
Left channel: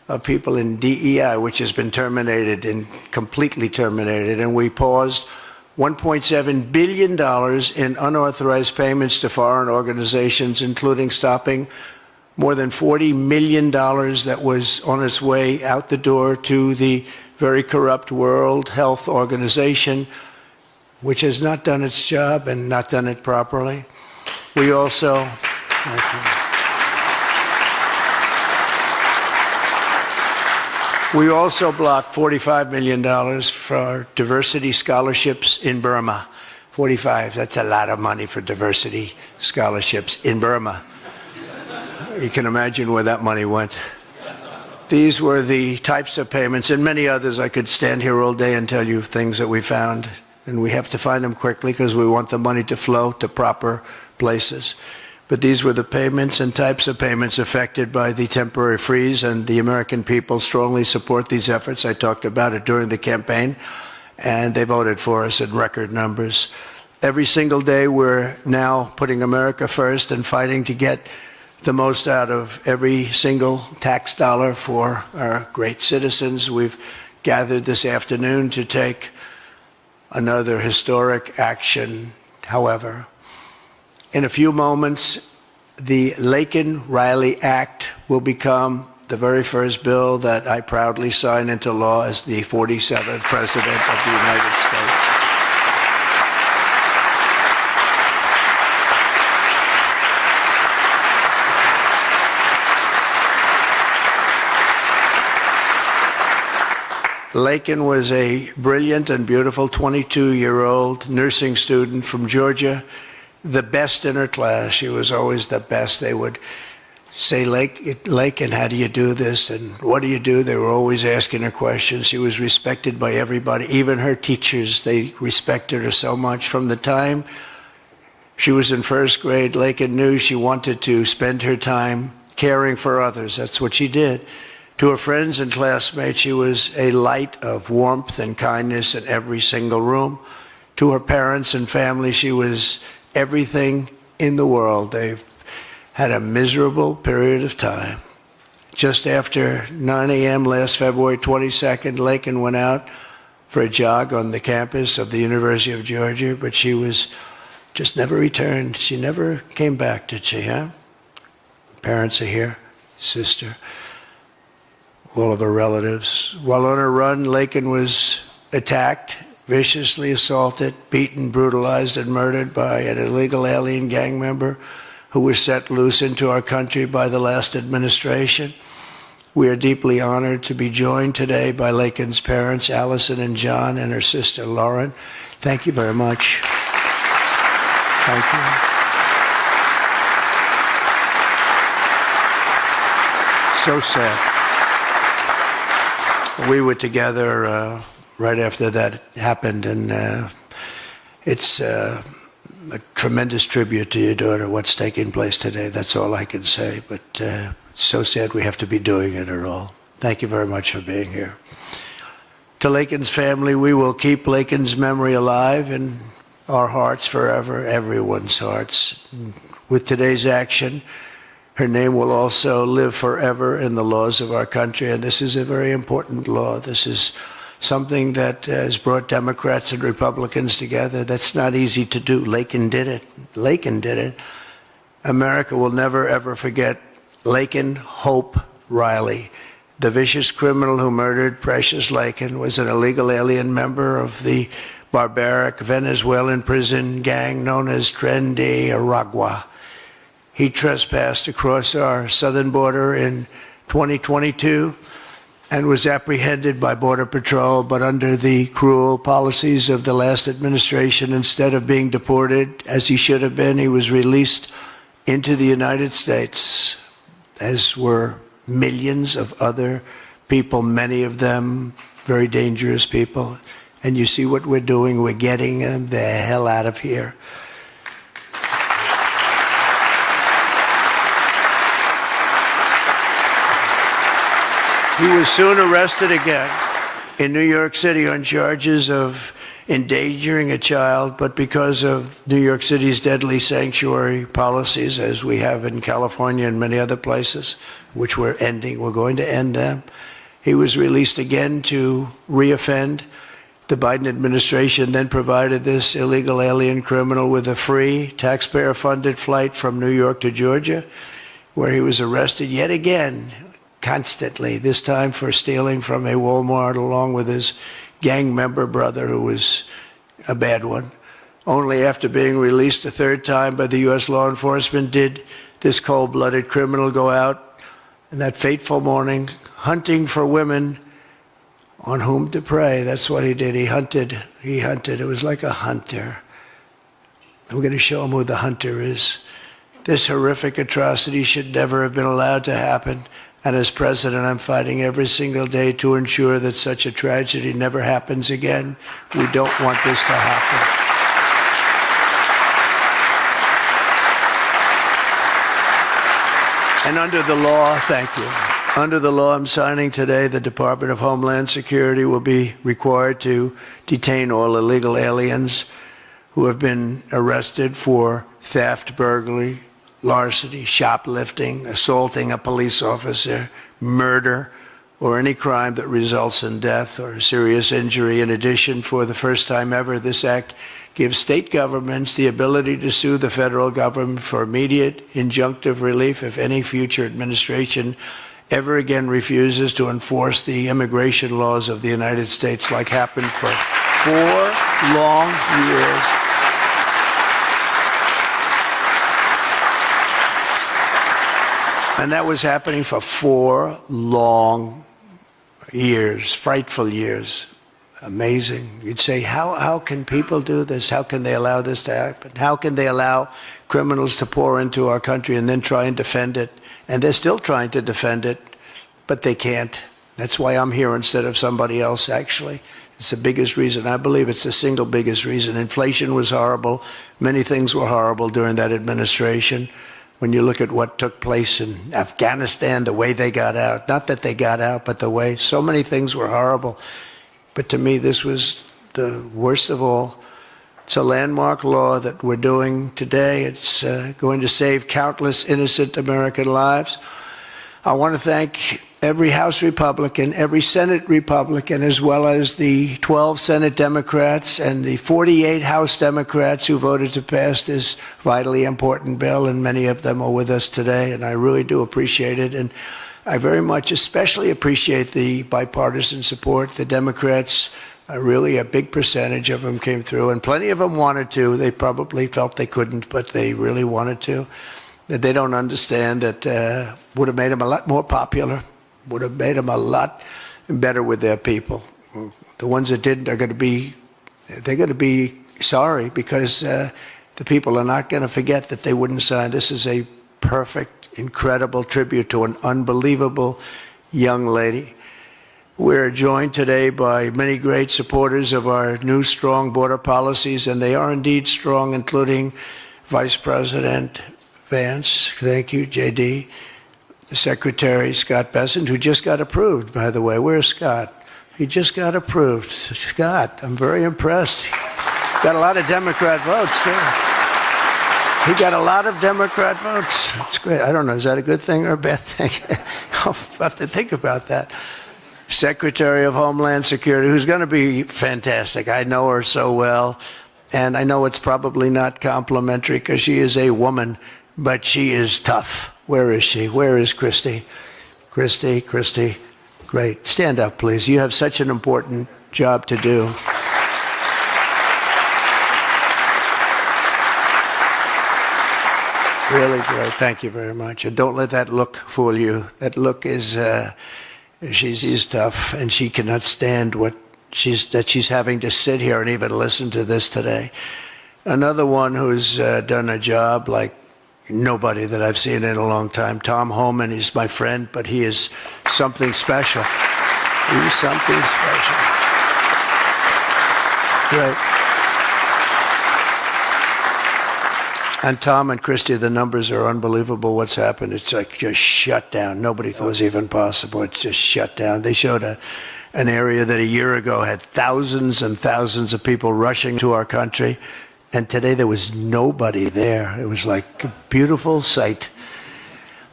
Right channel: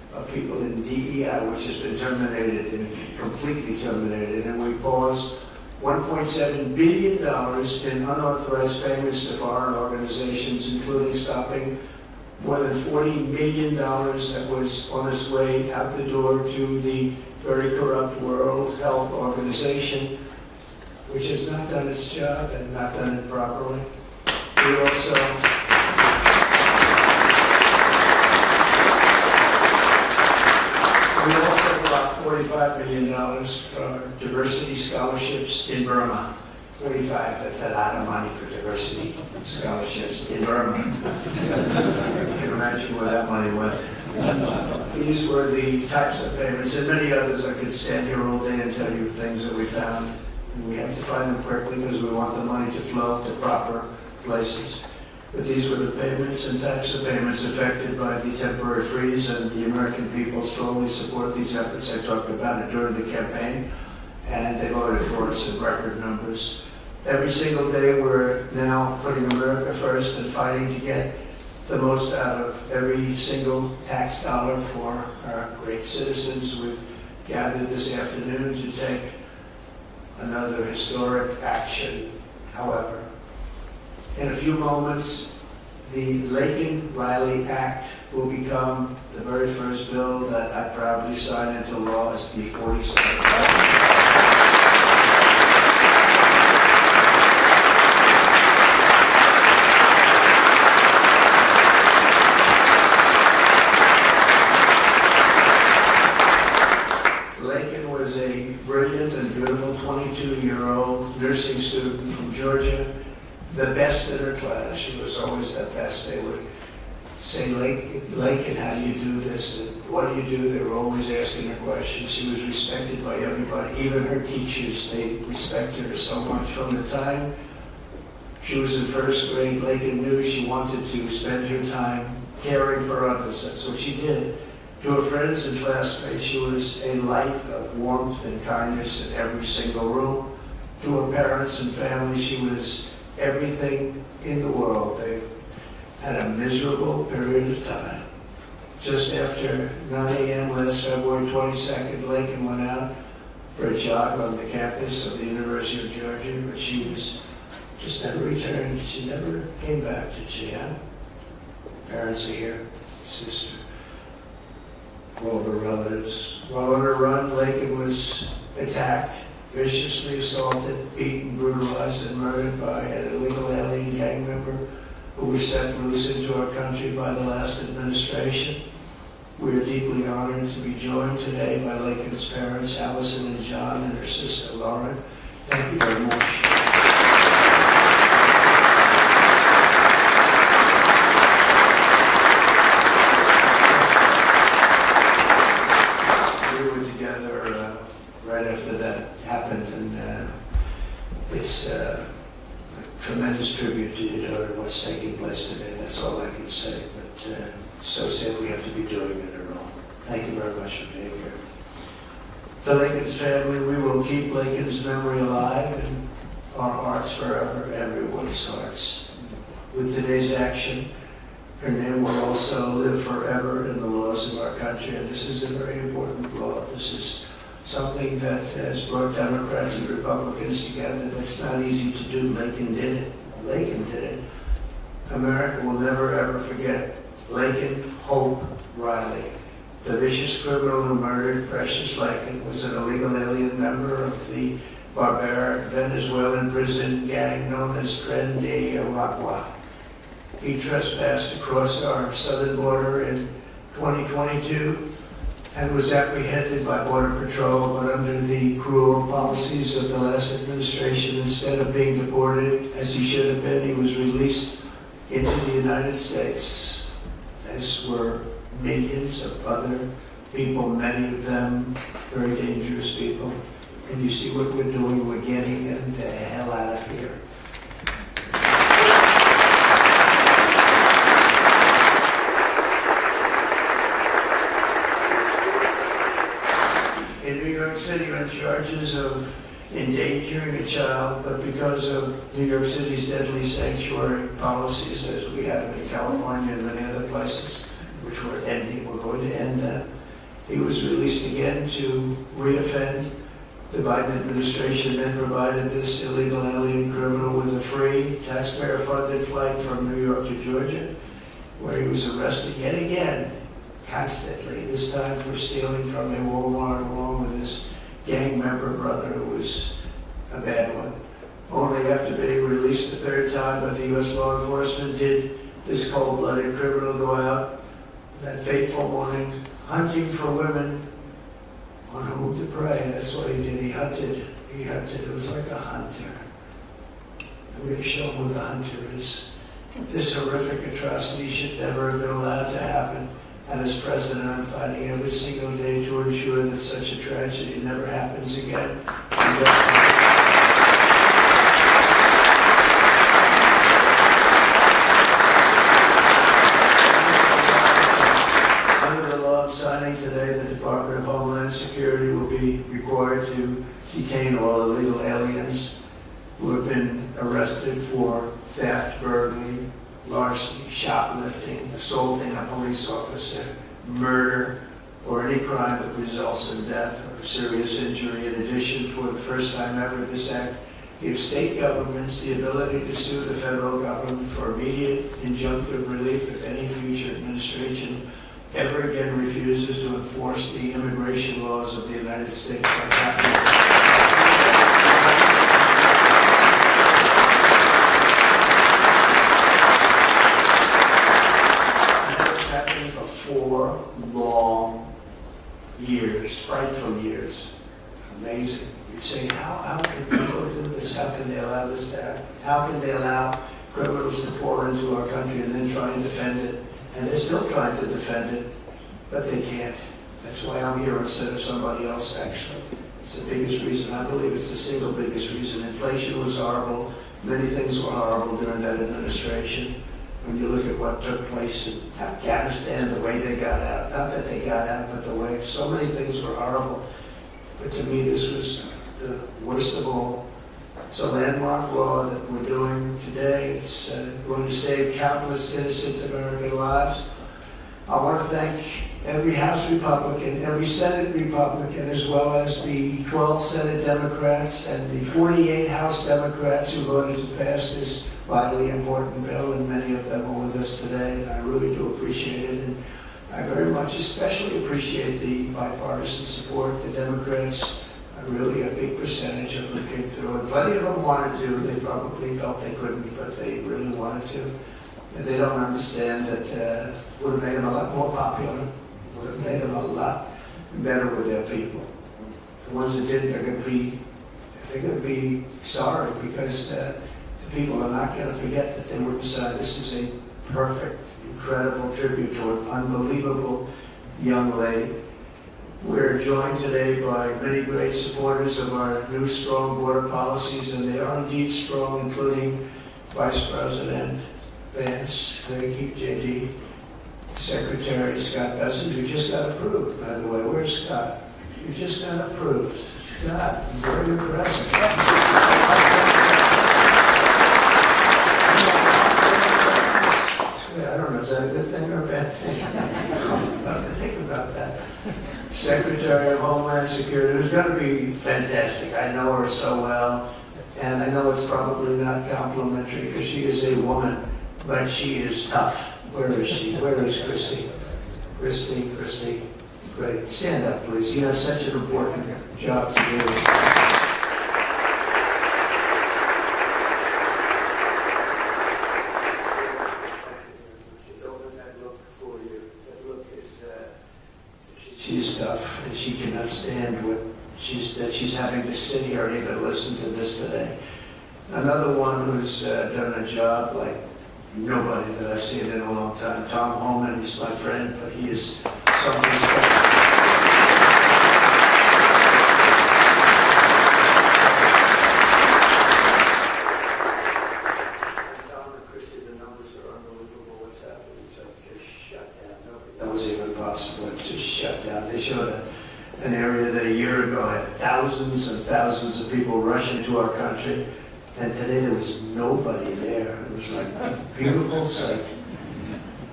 of people in DEI, which has been terminated and completely terminated, and we paused $1.7 billion in unauthorized payments to foreign organizations, including stopping more than $40 million that was on its way out the door to the very corrupt World Health Organization, which has not done its job and not done it properly. We also blocked $45 million for diversity scholarships in Burma. 45, that's a lot of money for diversity scholarships in Burma. You can imagine where that money went. These were the types of payments, and many others. I could stand here all day and tell you things that we found, and we have to find them quickly because we want the money to flow to proper places. But these were the payments and types of payments affected by the temporary freeze, and the American people strongly support these efforts. I talked about it during the campaign, and they voted for us in record numbers. Every single day we're now putting America first and fighting to get the most out of every single tax dollar for our great citizens. We've gathered this afternoon to take another historic action. However, in a few moments, the Laken Riley Act will become the very first bill that I proudly sign into law as the 47th President of the United States. Laken was a brilliant and beautiful 22-year-old nursing student from Georgia, the best in her class. She was always the best. They would say, Laken, how do you do this? And what do you do? They were always asking her questions. She was respected by everybody, even her teachers. They respected her so much. From the time she was in first grade, Laken knew she wanted to spend her time caring for others. That's what she did. To her friends and classmates, she was a light of warmth and kindness in every single room. To her parents and family, she was everything in the world. They've had a miserable period of time. Just after 9 a.m. last February 22nd, Laken went out for a jog on the campus of the University of Georgia, but she was just never returned. She never came back, did she, huh? Parents are here, sister, all of her relatives. While on her run, Laken was attacked, viciously assaulted, beaten, brutalized, and murdered by an illegal alien gang member who was set loose into our country by the last administration. We are deeply honored to be joined today by Laken's parents, Allison and John, and her sister, Lauren. Thank you very much. Thank you. So sad. We were together right after that happened, and it's a tremendous tribute to your daughter, what's taking place today. That's all I can say, but it's so sad we have to be doing it at all. Thank you very much for being here. To Laken's family, we will keep Laken's memory alive in our hearts forever, everyone's hearts. With today's action, her name will also live forever in the laws of our country, and this is a very important law. This is something that has brought Democrats and Republicans together. That's not easy to do. Laken did it. Laken did it. America will never, ever forget Laken Hope Riley. The vicious criminal who murdered Precious Laken was an illegal alien member of the barbaric Venezuelan prison gang known as Tren de Aragua. He trespassed across our southern border in 2022 and was apprehended by Border Patrol, but under the cruel policies of the last administration, instead of being deported as he should have been, he was released into the United States, as were millions of other people, many of them very dangerous people. And you see what we're doing, we're getting them the hell out of here. He was soon arrested again in New York City on charges of endangering a child, but because of New York City's deadly sanctuary policies, as we have in California and many other places, which we're ending. We're going to end them. He was released again to reoffend. The Biden administration then provided this illegal alien criminal with a free, taxpayer-funded flight from New York to Georgia, where he was arrested yet again, constantly, this time for stealing from a Walmart along with his gang member brother, who was a bad one. Only after being released a third time by the U.S. law enforcement did this cold-blooded criminal go out in that fateful morning, hunting for women on whom to prey. That's what he did. He hunted. It was like a hunter. We're going to show him who the hunter is. This horrific atrocity should never have been allowed to happen. And as president, I'm fighting every single day to ensure that such a tragedy never happens again. We don't want this to happen. And under the law, thank you. Under the law I'm signing today, the Department of Homeland Security will be required to detain all illegal aliens who have been arrested for theft, burglary, larceny, shoplifting, assaulting a police officer, murder, or any crime that results in death or serious injury. In addition, for the first time ever, this act gives state governments the ability to sue the federal government for immediate injunctive relief if any future administration ever again refuses to enforce the immigration laws of the United States, like happened for 4 long years. And that was happening for 4 long years, frightful years. Amazing. You'd say, how can people do this? How can they allow this to happen? How can they allow criminals to pour into our country and then try and defend it? And they're still trying to defend it, but they can't. That's why I'm here instead of somebody else, actually. It's the biggest reason. I believe it's the single biggest reason. Inflation was horrible. Many things were horrible during that administration. When you look at what took place in Afghanistan, the way they got out, not that they got out, but the way, so many things were horrible. But to me, this was the worst of all. It's a landmark law that we're doing today. It's going to save countless innocent American lives. I want to thank every House Republican, every Senate Republican, as well as the 12 Senate Democrats and the 48 House Democrats who voted to pass this vitally important bill, and many of them are with us today, and I really do appreciate it. And I very much especially appreciate the bipartisan support. The Democrats, really a big percentage of them came through, and plenty of them wanted to. They probably felt they couldn't, but they really wanted to. That they don't understand that would have made them a lot more popular, would have made them a lot better with their people. The ones that didn't are going to be sorry, because the people are not going to forget that they wouldn't sign. This is a perfect, incredible tribute to an unbelievable young lady. We're joined today by many great supporters of our new strong border policies, and they are indeed strong, including Vice President Vance, thank you, JD, the Secretary Scott Bessent, who just got approved, by the way. Where's Scott? He just got approved. Scott, I'm very impressed. Got a lot of Democrat votes, too. He got a lot of Democrat votes. That's great. I don't know, is that a good thing or a bad thing? I'll have to think about that. Secretary of Homeland Security, who's going to be fantastic. I know her so well, and I know it's probably not complimentary because she is a woman, but she is tough. Where is she? Where is Christy? Christy, great. Stand up, please. You have such an important job to do. Really great. Thank you very much. And don't let that look fool you. That look is, she's tough, and she cannot stand that she's having to sit here and even listen to this today. Another one who's done a job like nobody that I've seen in a long time, Tom Homan. He's my friend, but he is something special. He's something special. Yeah. And Tom and Christy, the numbers are unbelievable. What's happened? It's like just shut down. Nobody thought it was even possible. It's just shut down. They showed an area that a year ago had thousands and thousands of people rushing to our country, and today there was nobody there. It was like a beautiful sight.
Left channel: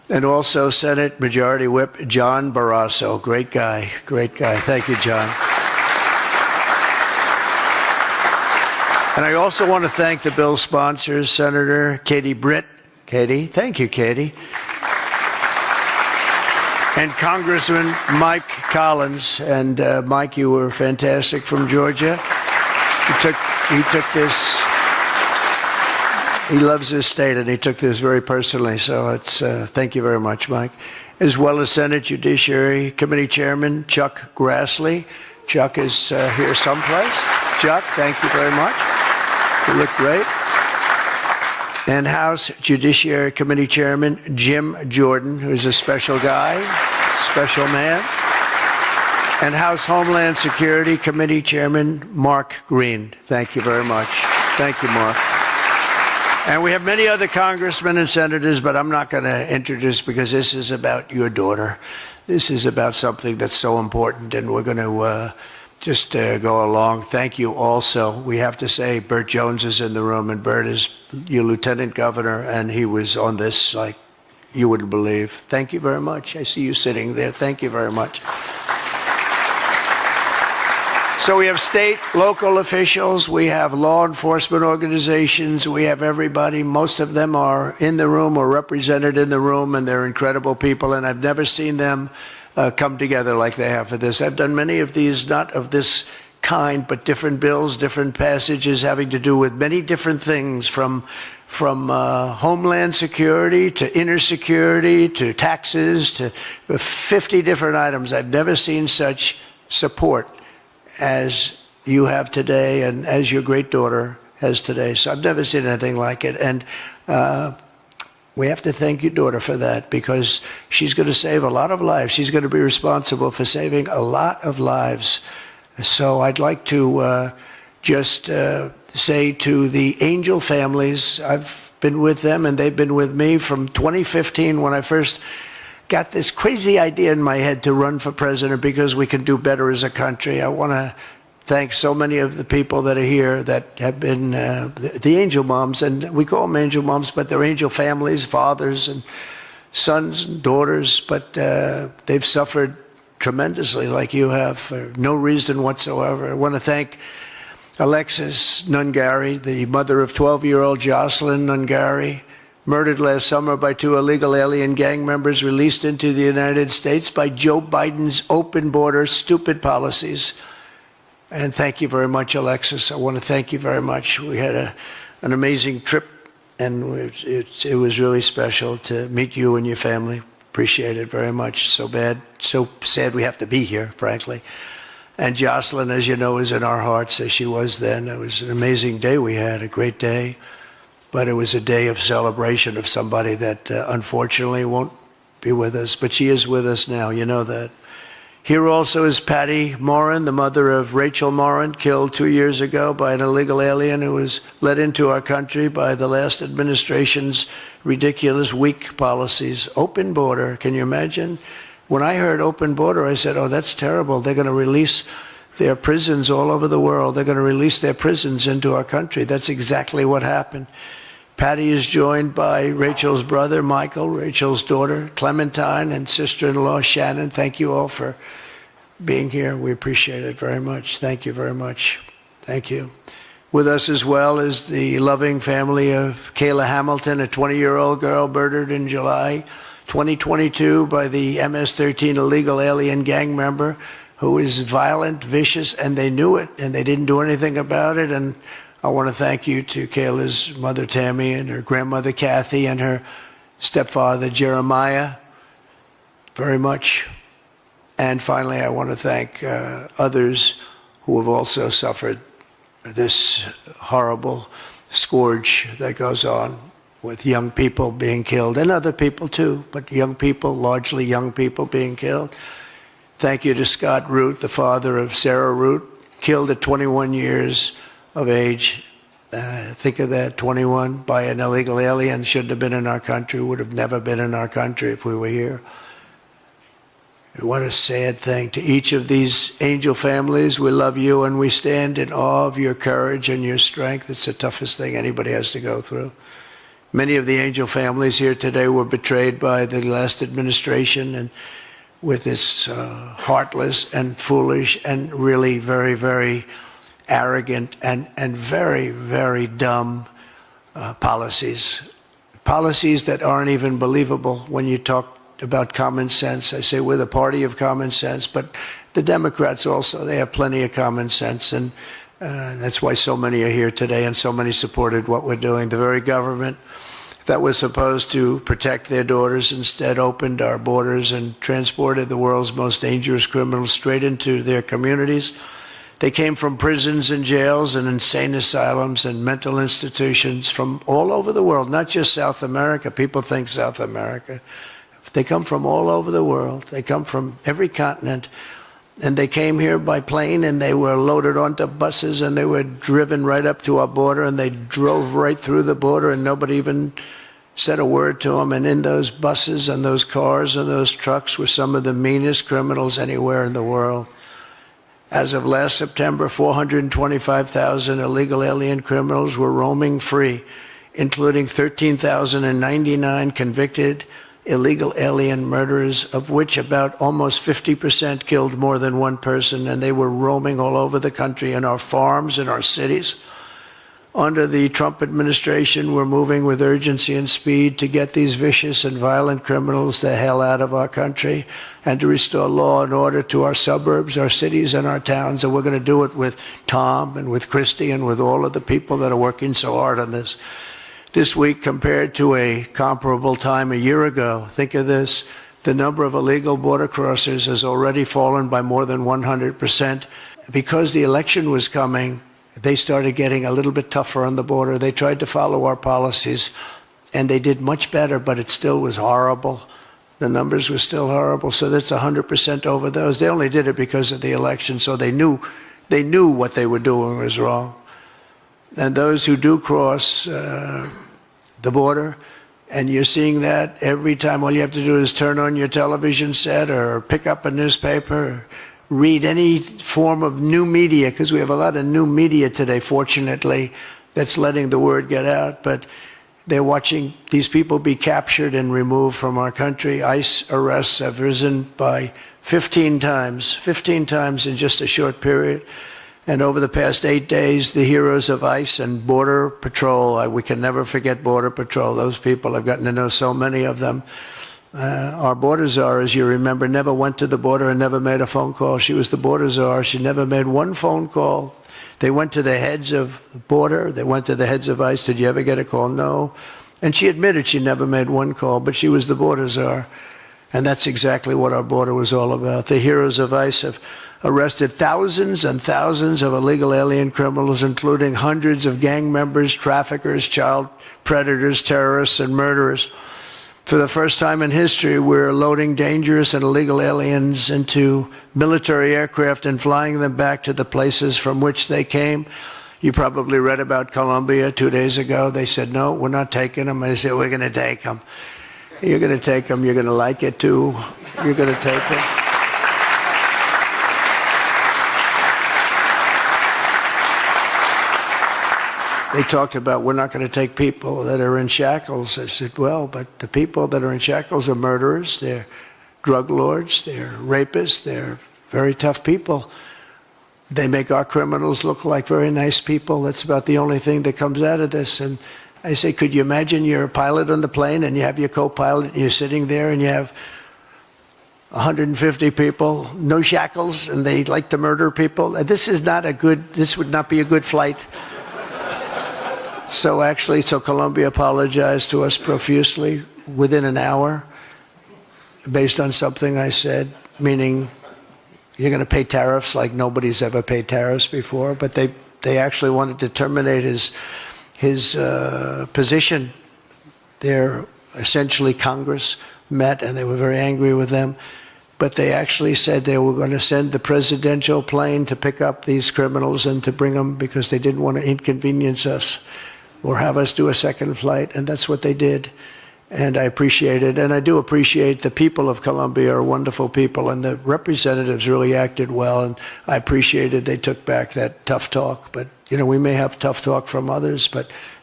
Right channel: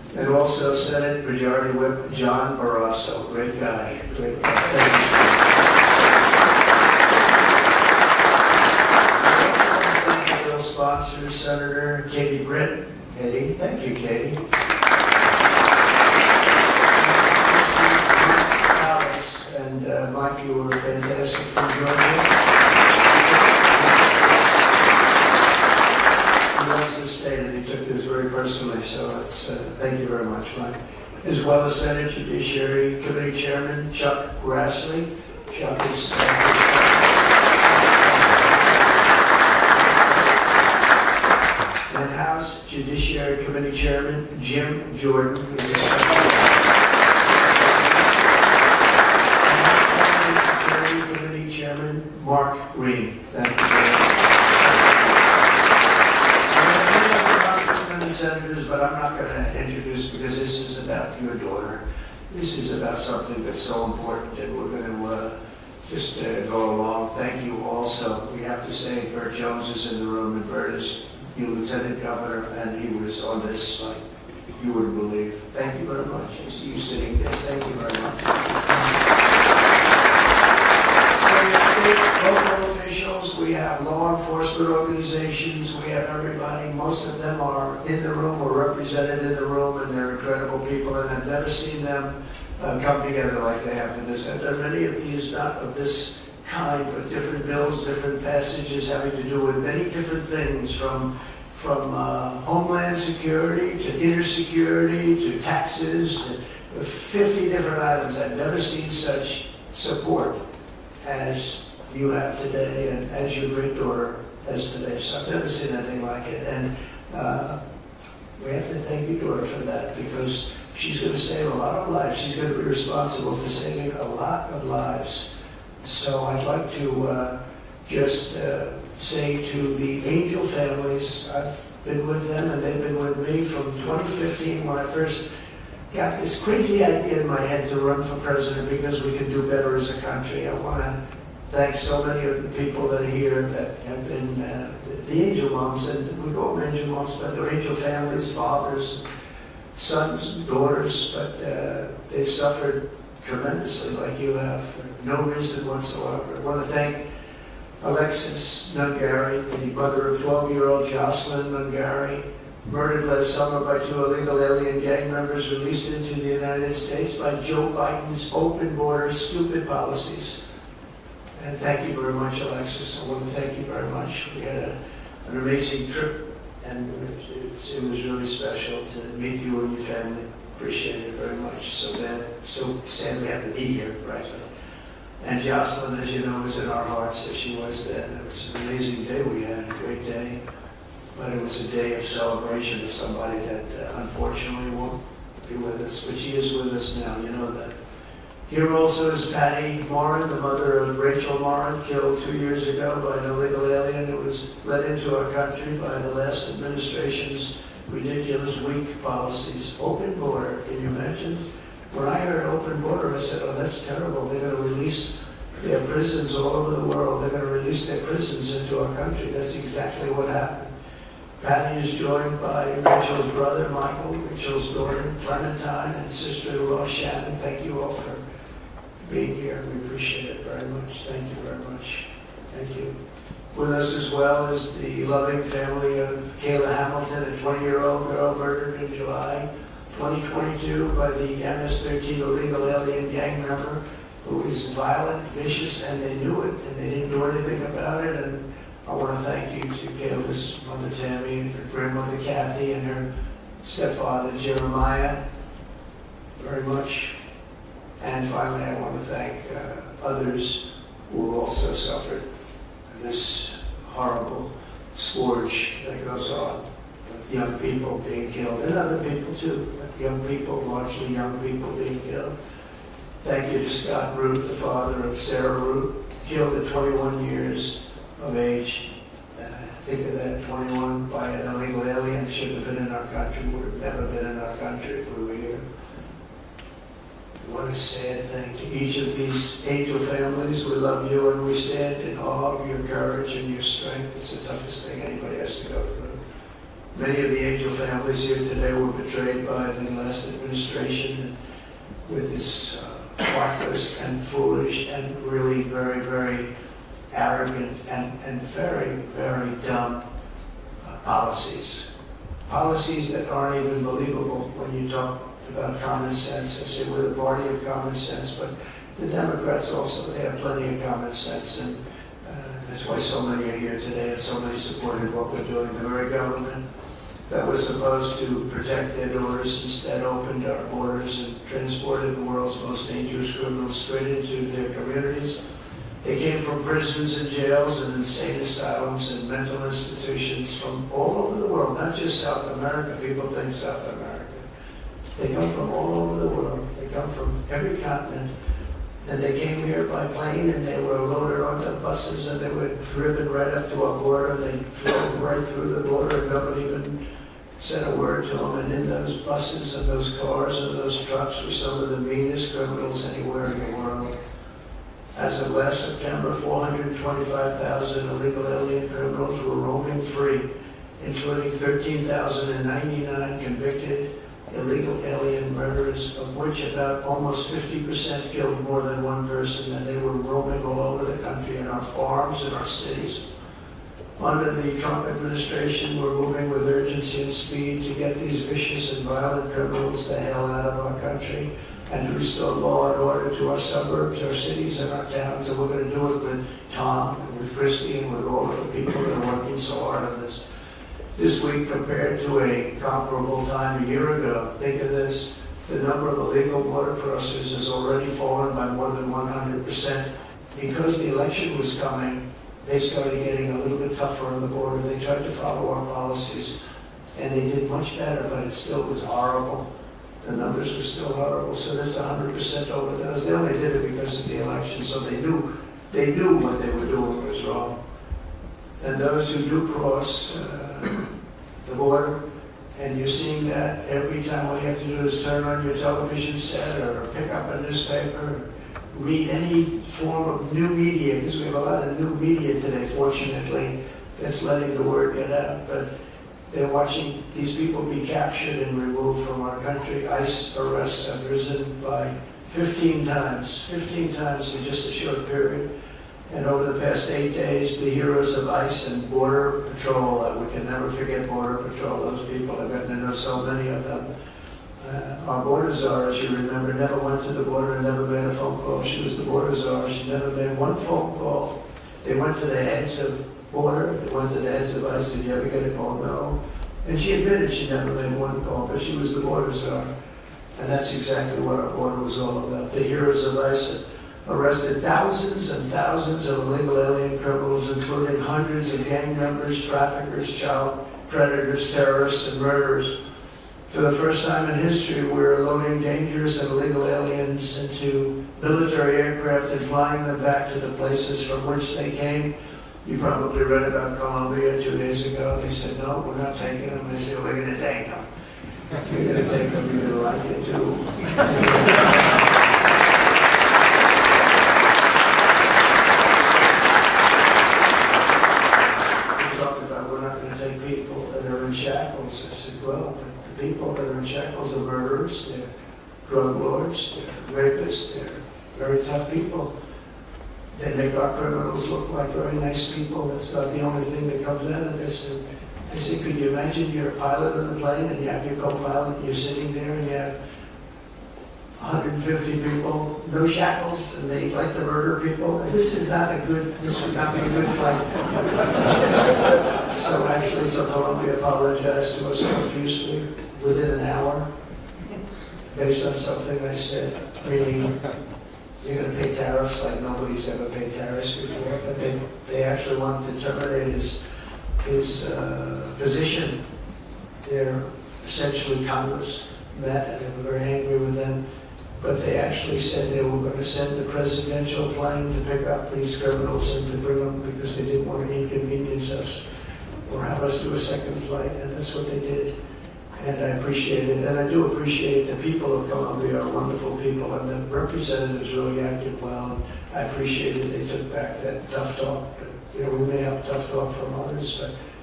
And also Senate Majority Whip John Barrasso. Great guy, great guy. Thank you, John. And I also want to thank the bill sponsors, Senator Katie Britt. Katie, thank you, Katie. And Congressman Mike Collins. And Mike, you were fantastic from Georgia. He took this. He loves this state, and he took this very personally. So it's thank you very much, Mike. As well as Senate Judiciary Committee Chairman Chuck Grassley. Chuck is here someplace. Chuck, thank you very much. You look great. And House Judiciary Committee Chairman Jim Jordan, who's a special guy, special man. And House Homeland Security Committee Chairman Mark Green. Thank you very much. Thank you, Mark. And we have many other congressmen and senators, but I'm not going to introduce because this is about your daughter. This is about something that's so important, and we're going to just go along. Thank you also. We have to say Burt Jones is in the room, and Burt is your lieutenant governor, and he was on this like you wouldn't believe. Thank you very much. I see you sitting there. Thank you very much. So we have state, local officials, we have law enforcement organizations, we have everybody. Most of them are in the room or represented in the room, and they're incredible people, and I've never seen them come together like they have for this. I've done many of these, not of this kind, but different bills, different passages having to do with many different things, from homeland security to inner security to taxes to 50 different items. I've never seen such support as you have today and as your great daughter has today. So I've never seen anything like it. And we have to thank your daughter for that, because she's going to save a lot of lives. She's going to be responsible for saving a lot of lives. So I'd like to just say to the Angel families, I've been with them and they've been with me from 2015 when I first got this crazy idea in my head to run for president because we could do better as a country. I want to thank so many of the people that are here that have been the angel moms, and we call them angel moms, but they're angel families, fathers and sons and daughters, but they've suffered tremendously like you have for no reason whatsoever. I want to thank Alexis Nungari, the mother of 12-year-old Jocelyn Nungari, murdered last summer by 2 illegal alien gang members released into the United States by Joe Biden's open border stupid policies. And thank you very much, Alexis. I want to thank you very much. We had an amazing trip, and it was really special to meet you and your family. Appreciate it very much. So sad we have to be here, frankly. And Jocelyn, as you know, is in our hearts as she was then. It was an amazing day we had, a great day. But it was a day of celebration of somebody that unfortunately won't be with us. But she is with us now, you know that. Here also is Patty Morin, the mother of Rachel Morin, killed 2 years ago by an illegal alien who was let into our country by the last administration's ridiculous, weak policies. Open border, can you imagine? When I heard open border, I said, oh, that's terrible. They're going to release their prisons all over the world. They're going to release their prisons into our country. That's exactly what happened. Patty is joined by Rachel's brother, Michael, Rachel's daughter, Clementine, and sister-in-law, Shannon. Thank you all for being here. We appreciate it very much. Thank you very much. Thank you. With us as well is the loving family of Kayla Hamilton, a 20-year-old girl murdered in July 2022 by the MS-13 illegal alien gang member who is violent, vicious, and they knew it, and they didn't do anything about it. And I want to thank you to Kayla's mother, Tammy, and her grandmother, Kathy, and her stepfather, Jeremiah, very much. And finally, I want to thank others who have also suffered this horrible scourge that goes on with young people being killed, and other people too, but young people, largely young people being killed. Thank you to Scott Root, the father of Sarah Root, killed at 21 years of age. Think of that, 21 by an illegal alien, shouldn't have been in our country, would have never been in our country if we were here. What a sad thing. To each of these angel families, we love you and we stand in awe of your courage and your strength. It's the toughest thing anybody has to go through. Many of the angel families here today were betrayed by the last administration and with its heartless and foolish and really very, very arrogant and very, very dumb policies. Policies that aren't even believable when you talk about common sense. I say we're the party of common sense, but the Democrats also, they have plenty of common sense, and that's why so many are here today and so many supported what we're doing. The very government that was supposed to protect their daughters instead opened our borders and transported the world's most dangerous criminals straight into their communities. They came from prisons and jails and insane asylums and mental institutions from all over the world, not just South America. People think South America. They come from all over the world. They come from every continent. And they came here by plane, and they were loaded onto buses, and they were driven right up to our border, and they drove right through the border, and nobody even said a word to them. And in those buses and those cars and those trucks were some of the meanest criminals anywhere in the world. As of last September, 425,000 illegal alien criminals were roaming free, including 13,099 convicted illegal alien murderers, of which about almost 50% killed more than one person, and they were roaming all over the country in our farms, in our cities. Under the Trump administration, we're moving with urgency and speed to get these vicious and violent criminals the hell out of our country and to restore law and order to our suburbs, our cities, and our towns. And we're going to do it with Tom and with Christy and with all of the people that are working so hard on this. This week, compared to a comparable time a year ago, think of this, the number of illegal border crossers has already fallen by more than 100%. Because the election was coming, they started getting a little bit tougher on the border. They tried to follow our policies, and they did much better, but it still was horrible. The numbers were still horrible, so that's 100% over those. They only did it because of the election, so they knew what they were doing was wrong. And those who do cross the border, and you're seeing that every time, all you have to do is turn on your television set or pick up a newspaper, or read any form of new media, because we have a lot of new media today, fortunately, that's letting the word get out. But they're watching these people be captured and removed from our country. ICE arrests have risen by 15 times in just a short period. And over the past 8 days, the heroes of ICE and Border Patrol, we can never forget Border Patrol. Those people, I've gotten to know so many of them. Our border czar, as you remember, never went to the border and never made a phone call. She was the border czar. She never made one phone call. They went to the heads of border. They went to the heads of ICE. Did you ever get a call? No. And she admitted she never made one call, but she was the border czar. And that's exactly what our border was all about. The heroes of ICE have arrested thousands and thousands of illegal alien criminals, including hundreds of gang members, traffickers, child predators, terrorists, and murderers. For the first time in history, we're loading dangerous and illegal aliens into military aircraft and flying them back to the places from which they came. You probably read about Colombia 2 days ago. They said, no, we're not taking them. I said, we're going to take them. You're going to take them. You're going to like it, too. You're going to take them. They talked about, we're not going to take people that are in shackles. I said, well, but the people that are in shackles are murderers, they're drug lords, they're rapists, they're very tough people. They make our criminals look like very nice people. That's about the only thing that comes out of this. And I say, could you imagine you're a pilot on the plane and you have your co-pilot and you're sitting there and you have 150 people, no shackles, and they like to murder people? This would not be a good flight. So Colombia apologized to us profusely within an hour based on something I said, meaning you're going to pay tariffs like nobody's ever paid tariffs before. But they actually wanted to terminate his position. They're essentially Congress met and they were very angry with them. But they actually said they were going to send the presidential plane to pick up these criminals and to bring them because they didn't want to inconvenience us or have us do a second flight, and that's what they did. And I appreciate it, and I do appreciate the people of Colombia are wonderful people, and the representatives really acted well, and I appreciated they took back that tough talk. But, we may have tough talk from others, but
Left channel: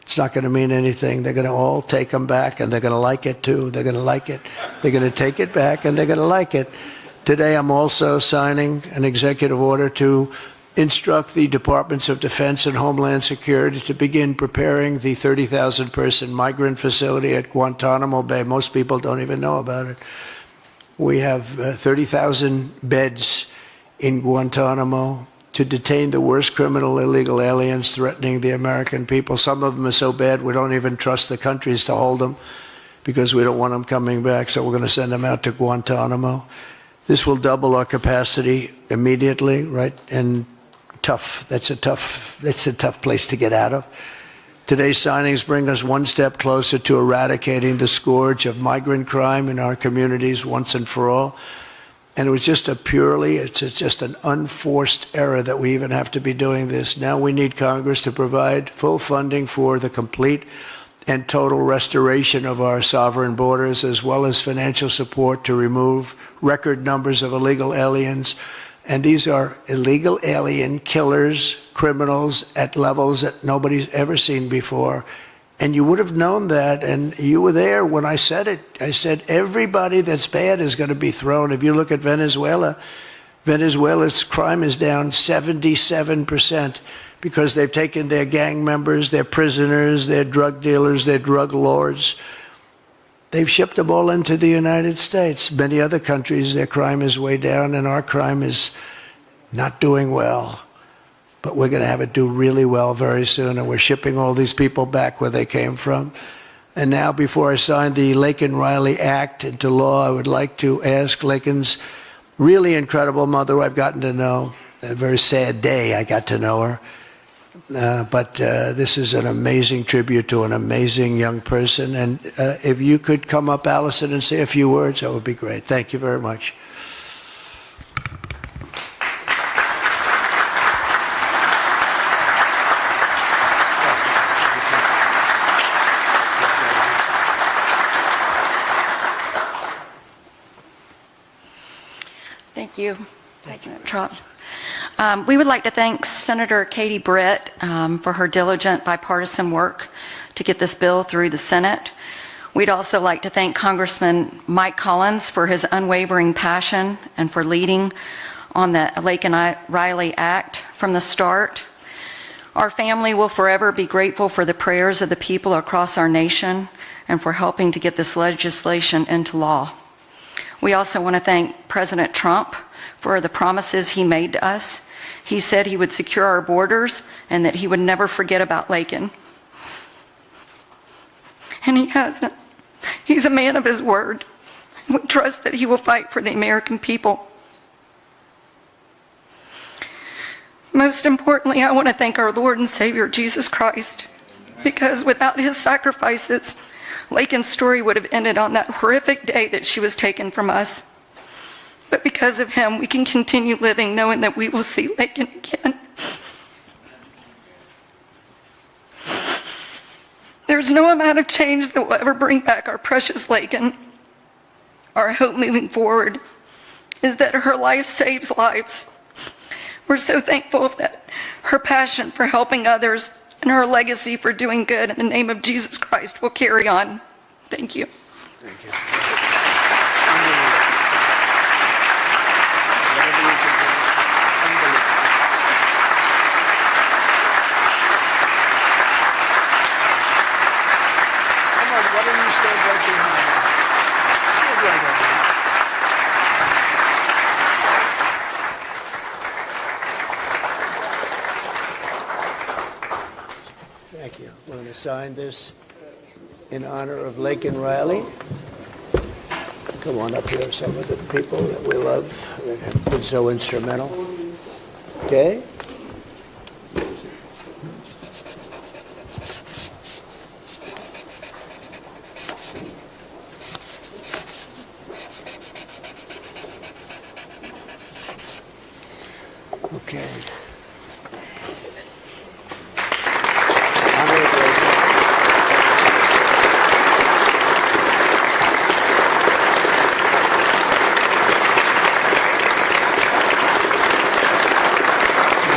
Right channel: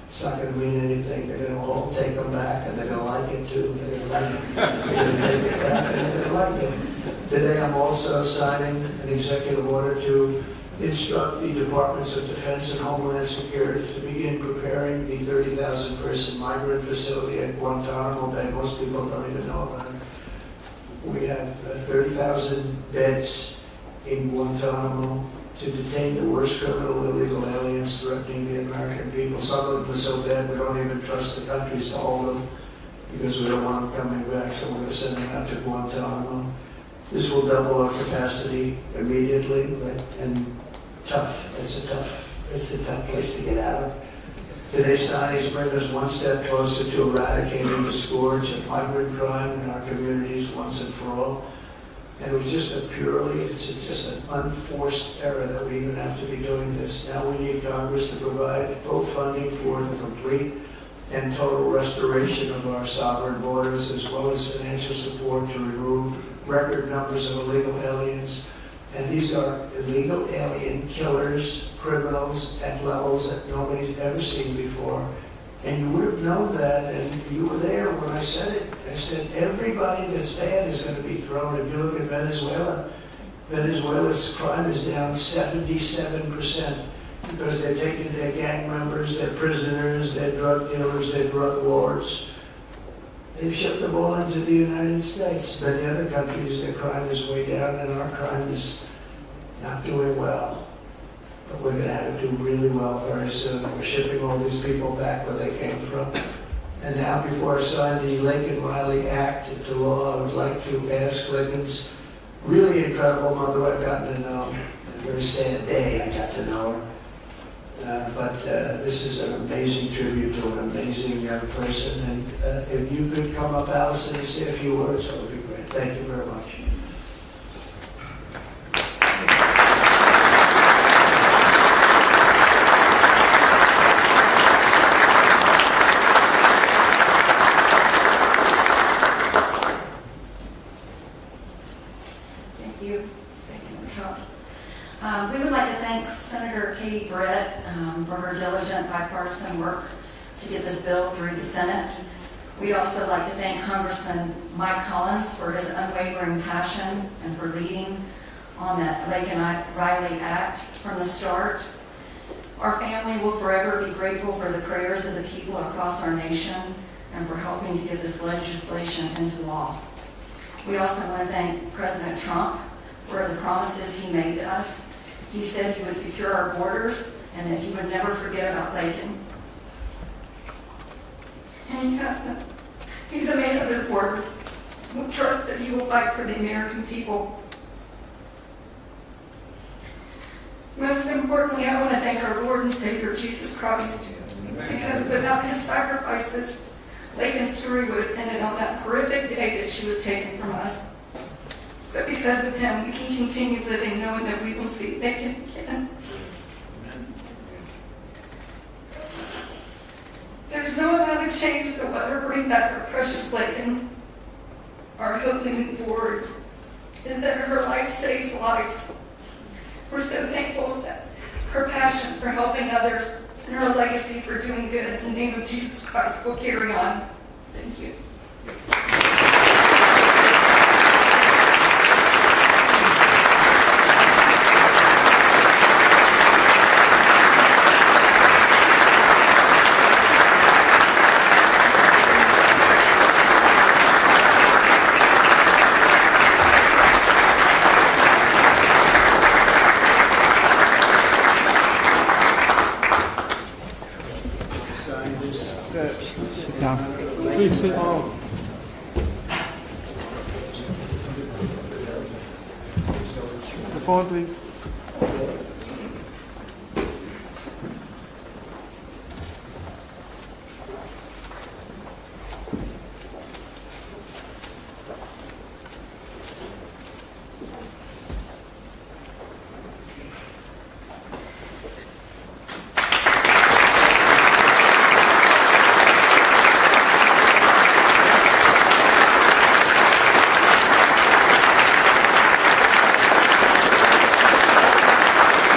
It's not going to mean anything. They're going to all take them back, and they're going to like it too. They're going to like it. They're going to take it back, and they're going to like it. Today, I'm also signing an executive order to instruct the Departments of Defense and Homeland Security to begin preparing the 30,000-person migrant facility at Guantanamo Bay. Most people don't even know about it. We have 30,000 beds in Guantanamo to detain the worst criminal illegal aliens threatening the American people. Some of them are so bad we don't even trust the countries to hold them because we don't want them coming back, so we're going to send them out to Guantanamo. This will double our capacity immediately, right? And tough. That's a tough place to get out of. Today's signings bring us one step closer to eradicating the scourge of migrant crime in our communities once and for all. And it was just it's just an unforced error that we even have to be doing this. Now we need Congress to provide full funding for the complete and total restoration of our sovereign borders, as well as financial support to remove record numbers of illegal aliens. And these are illegal alien killers, criminals at levels that nobody's ever seen before. And you would have known that, and you were there when I said it. I said everybody that's bad is going to be thrown. If you look at Venezuela, Venezuela's crime is down 77% because they've taken their gang members, their prisoners, their drug dealers, their drug lords. They've shipped them all into the United States. Many other countries, their crime is way down, and our crime is not doing well. But we're going to have it do really well very soon, and we're shipping all these people back where they came from. And now, before I sign the Laken Riley Act into law, I would like to ask Laken's really incredible mother, who I've gotten to know. A very sad day I got to know her. But this is an amazing tribute to an amazing young person. And if you could come up, Allison, and say a few words, that would be great. Thank you very much. Thank you. Thank you, Trump. We would like to thank Senator Katie Britt for her diligent bipartisan work to get this bill through the Senate. We'd also like to thank Congressman Mike Collins for his unwavering passion and for leading on the Laken Riley Act from the start. Our family will forever be grateful for the prayers of the people across our nation and for helping to get this legislation into law. We also want to thank President Trump for the promises he made to us. He said he would secure our borders and that he would never forget about Laken. And he hasn't. He's a man of his word. We trust that he will fight for the American people. Most importantly, I want to thank our Lord and Savior, Jesus Christ, because without his sacrifices, Laken's story would have ended on that horrific day that she was taken from us. But because of him, we can continue living knowing that we will see Laken again. There's no amount of change that will ever bring back our precious Laken. Our hope moving forward is that her life saves lives. We're so thankful that her passion for helping others and her legacy for doing good in the name of Jesus Christ will carry on. Thank you. Sign this in honor of Laken Riley. Come on up here, some of the people that we love that have been so instrumental. Okay? Okay.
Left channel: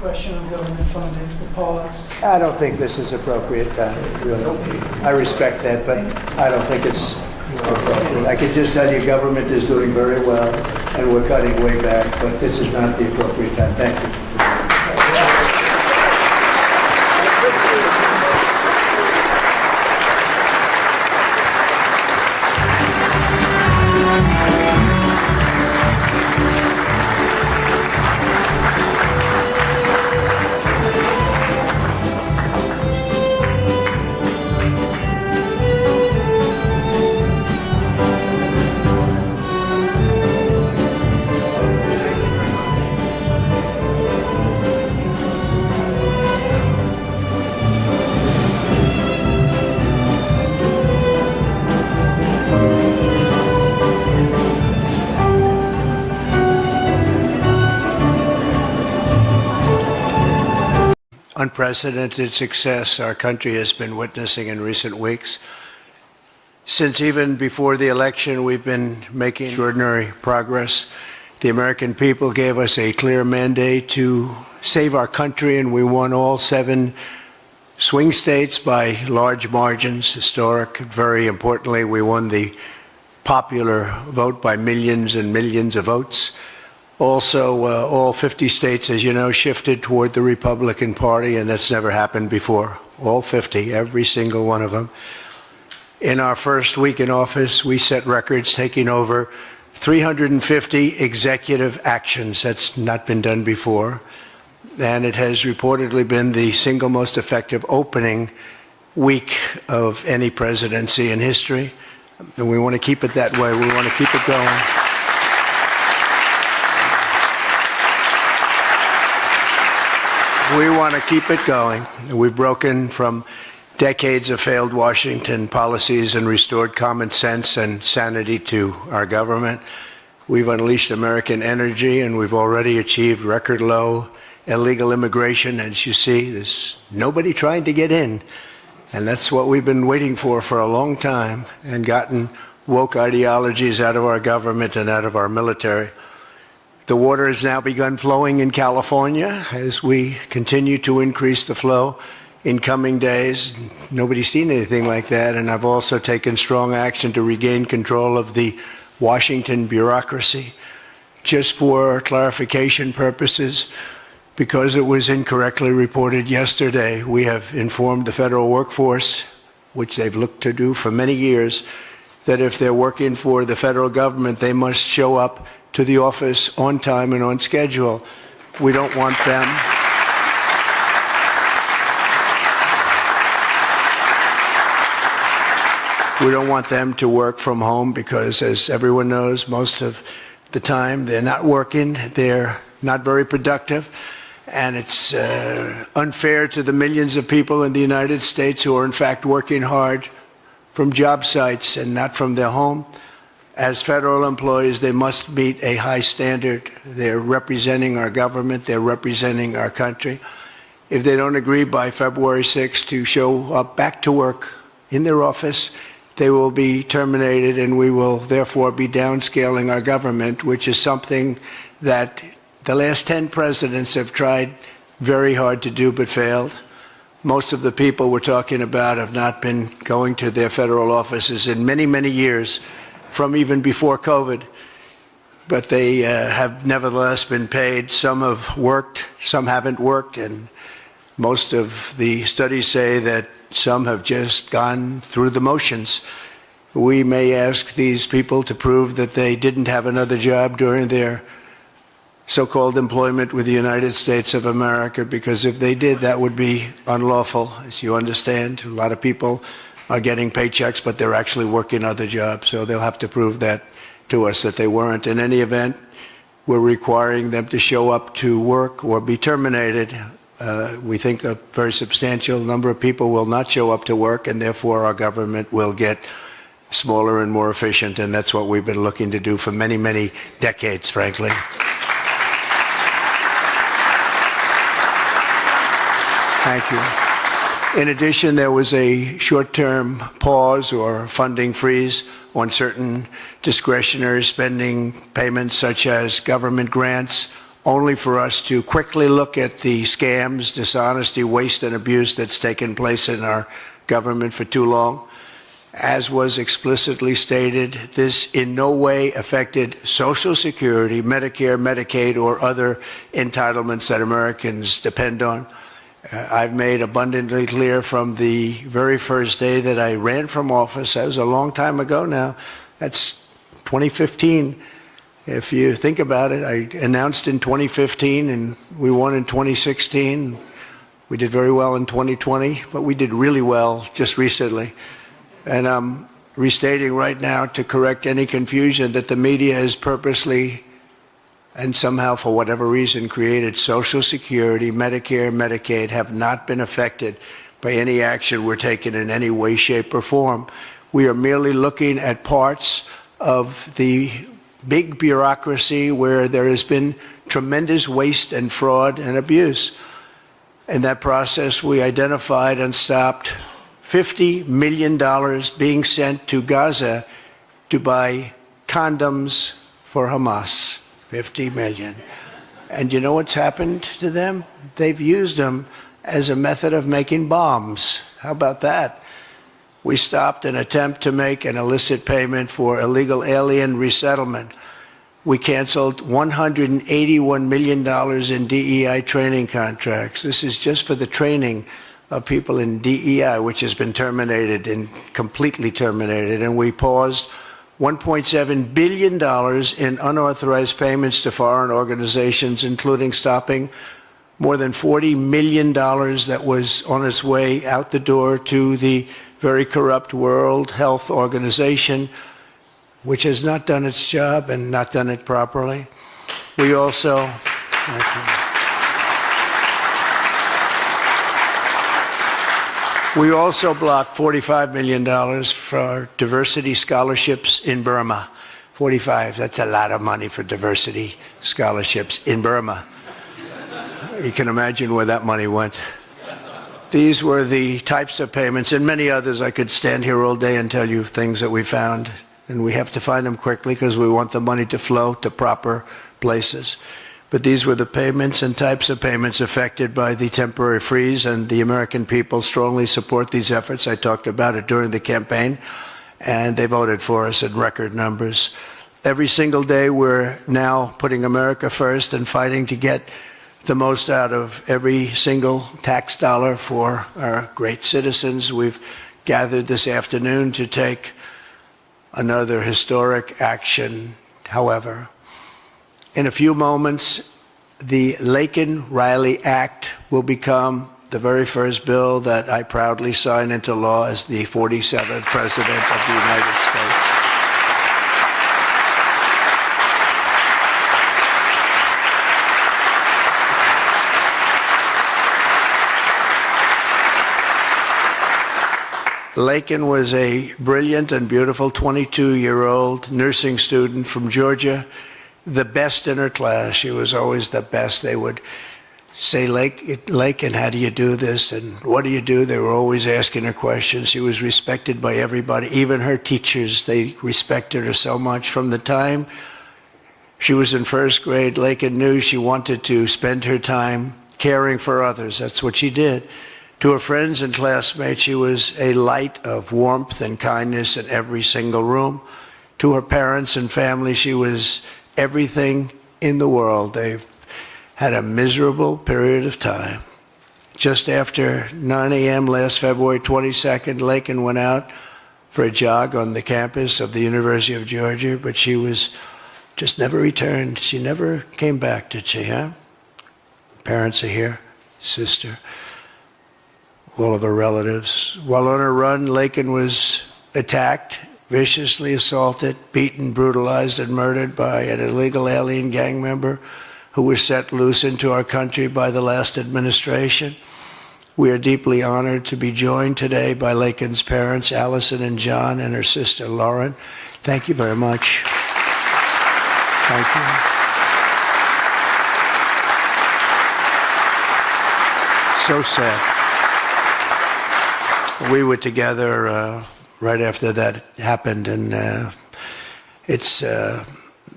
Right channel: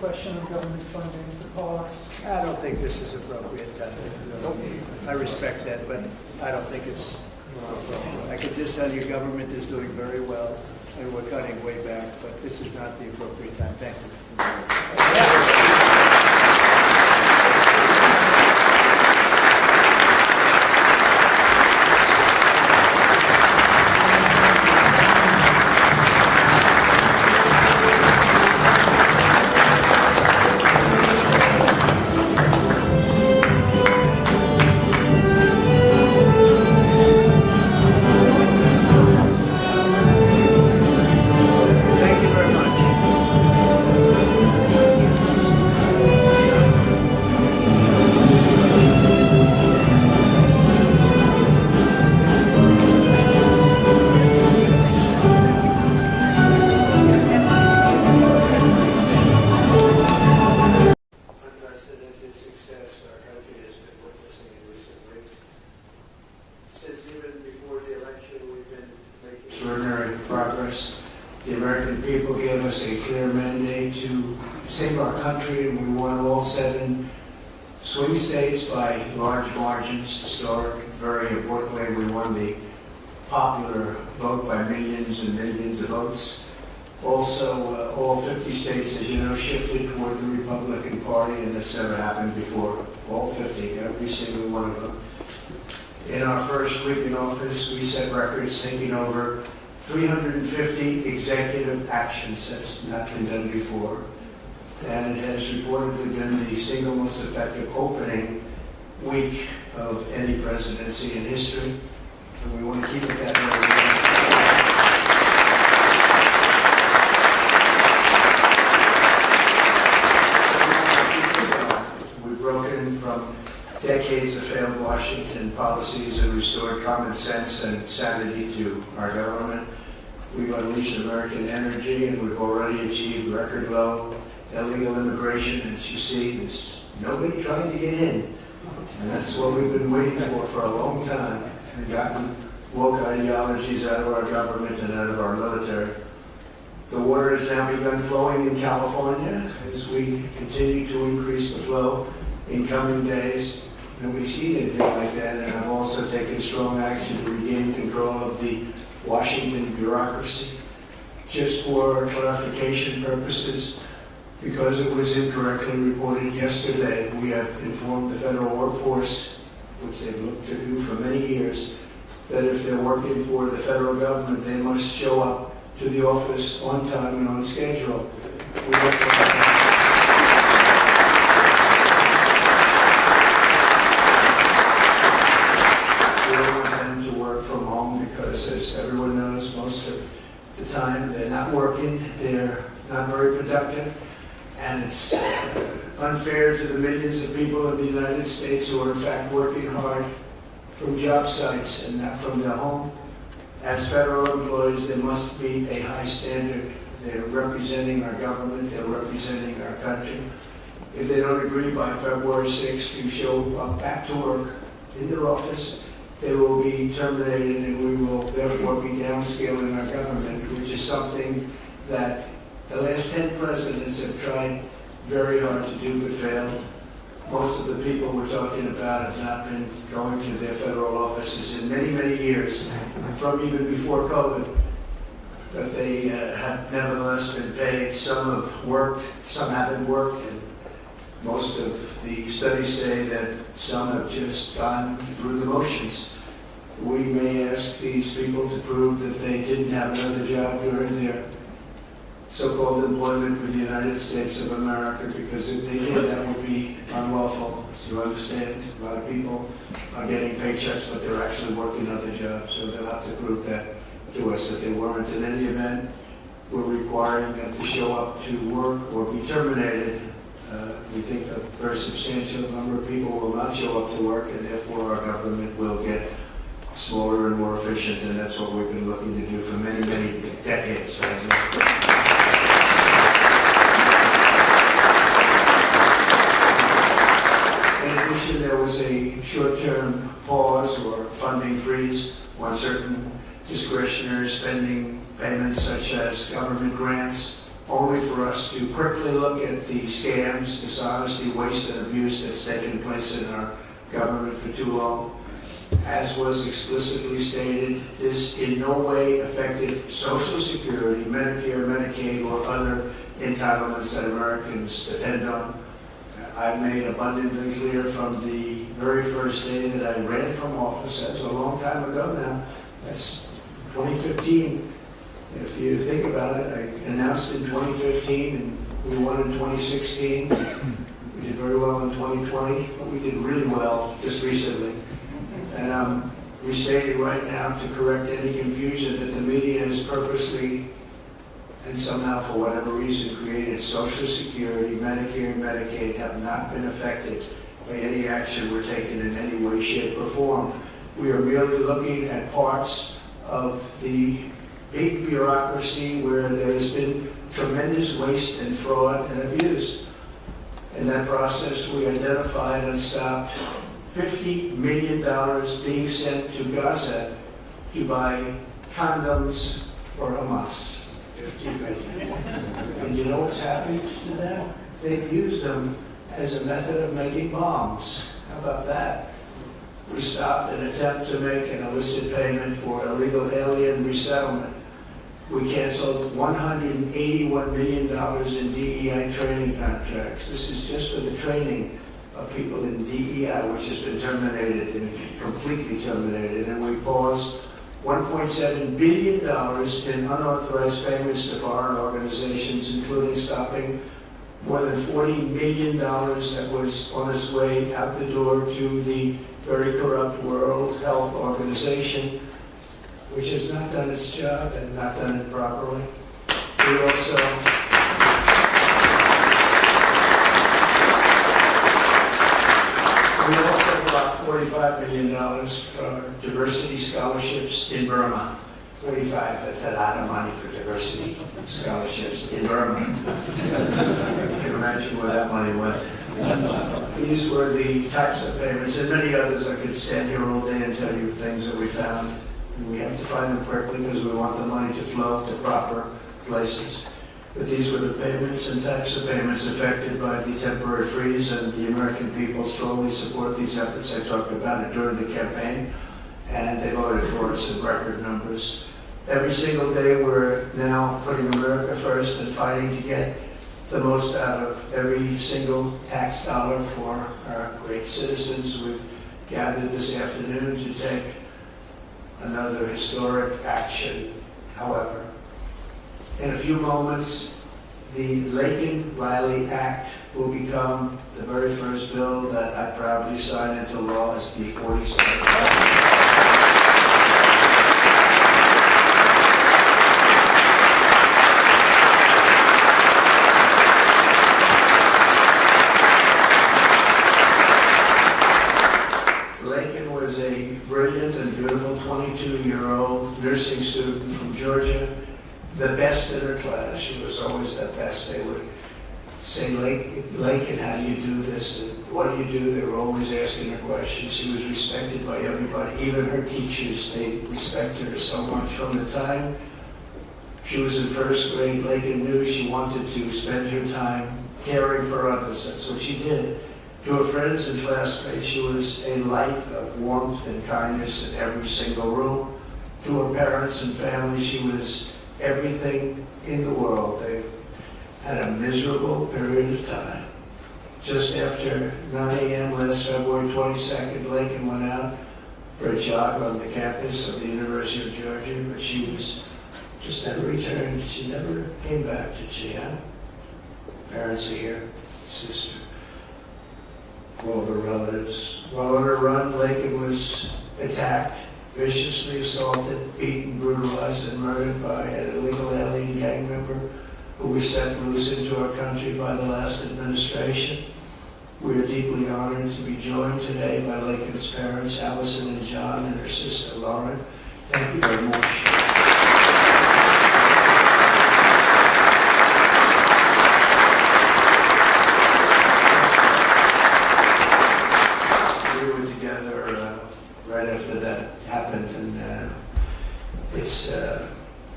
question on government funding, the pause. I don't think this is appropriate time, really. I respect that, but I don't think it's appropriate. I can just tell you government is doing very well, and we're cutting way back, but this is not the appropriate time. Thank you. Unprecedented success our country has been witnessing in recent weeks. Since even before the election, we've been making extraordinary progress. The American people gave us a clear mandate to save our country, and we won all 7 swing states by large margins, historic. Very importantly, we won the popular vote by millions and millions of votes. Also, all 50 states, as you know, shifted toward the Republican Party, and that's never happened before. All 50, every single one of them. In our first week in office, we set records, taking over 350 executive actions. That's not been done before. And it has reportedly been the single most effective opening week of any presidency in history. And we want to keep it that way. We want to keep it going. We want to keep it going. We've broken from decades of failed Washington policies and restored common sense and sanity to our government. We've unleashed American energy, and we've already achieved record low illegal immigration. As you see, there's nobody trying to get in. And that's what we've been waiting for a long time, and gotten woke ideologies out of our government and out of our military. The water has now begun flowing in California as we continue to increase the flow in coming days. Nobody's seen anything like that, and I've also taken strong action to regain control of the Washington bureaucracy. Just for clarification purposes, because it was incorrectly reported yesterday, we have informed the federal workforce, which they've looked to do for many years, that if they're working for the federal government, they must show up to the office on time and on schedule. We don't want them. We don't want them to work from home because, as everyone knows, most of the time they're not working, they're not very productive, and it's unfair to the millions of people in the United States who are in fact working hard from job sites and not from their home. As federal employees, they must meet a high standard. They're representing our government, they're representing our country. If they don't agree by February 6th to show up back to work in their office, they will be terminated, and we will therefore be downscaling our government, which is something that the last 10 presidents have tried very hard to do but failed. Most of the people we're talking about have not been going to their federal offices in many, many years, from even before COVID, but they have nevertheless been paid. Some have worked, some haven't worked, and most of the studies say that some have just gone through the motions. We may ask these people to prove that they didn't have another job during their so-called employment with the United States of America, because if they did, that would be unlawful. As you understand, a lot of people are getting paychecks, but they're actually working other jobs, so they'll have to prove that to us, that they weren't. In any event, we're requiring them to show up to work or be terminated. We think a very substantial number of people will not show up to work, and therefore our government will get smaller and more efficient, and that's what we've been looking to do for many, many decades, frankly. In addition, there was a short-term pause or funding freeze on certain discretionary spending payments, such as government grants, only for us to quickly look at the scams, dishonesty, waste, and abuse that's taken place in our government for too long. As was explicitly stated, this in no way affected Social Security, Medicare, Medicaid, or other entitlements that Americans depend on. I've made abundantly clear from the very first day that I ran from office, that was a long time ago now, that's 2015. If you think about it, I announced in 2015 and we won in 2016. We did very well in 2020, but we did really well just recently. And I'm restating right now to correct any confusion that the media has purposely and somehow for whatever reason created Social Security, Medicare, Medicaid have not been affected by any action we're taking in any way, shape, or form. We are merely looking at parts of the big bureaucracy where there has been tremendous waste and fraud and abuse. In that process, we identified and stopped $50 million being sent to Gaza to buy condoms for Hamas. 50 million. And you know what's happened to them? They've used them as a method of making bombs. How about that? We stopped an attempt to make an illicit payment for illegal alien resettlement. We canceled $181 million in DEI training contracts. This is just for the training of people in DEI, which has been terminated and completely terminated. And we paused $1.7 billion in unauthorized payments to foreign organizations, including stopping more than $40 million that was on its way out the door to the very corrupt World Health Organization, which has not done its job and not done it properly. We also blocked $45 million for diversity scholarships in Burma. 45, that's a lot of money for diversity scholarships in Burma. You can imagine where that money went. These were the types of payments, and many others. I could stand here all day and tell you things that we found, and we have to find them quickly because we want the money to flow to proper places. But these were the payments and types of payments affected by the temporary freeze, and the American people strongly support these efforts. I talked about it during the campaign, and they voted for us in record numbers. Every single day, we're now putting America first and fighting to get the most out of every single tax dollar for our great citizens. We've gathered this afternoon to take another historic action. However, in a few moments, the Laken Riley Act will become the very first bill that I proudly sign into law as the 47th President of the United States. Laken was a brilliant and beautiful 22-year-old nursing student from Georgia, the best in her class. She was always the best. They would say, Laken, how do you do this? And what do you do? They were always asking her questions. She was respected by everybody, even her teachers. They respected her so much. From the time she was in first grade, Laken knew she wanted to spend her time caring for others. That's what she did. To her friends and classmates, she was a light of warmth and kindness in every single room. To her parents and family, she was everything in the world. They've had a miserable period of time. Just after 9 a.m. last February 22nd, Laken went out for a jog on the campus of the University of Georgia, but she was just never returned. She never came back, did she, huh? Parents are here, sister, all of her relatives. While on her run, Laken was attacked, viciously assaulted, beaten, brutalized, and murdered by an illegal alien gang member who was set loose into our country by the last administration. We are deeply honored to be joined today by Laken's parents, Allison and John, and her sister, Lauren. Thank you very much. Thank you. So sad. We were together right after that happened, and it's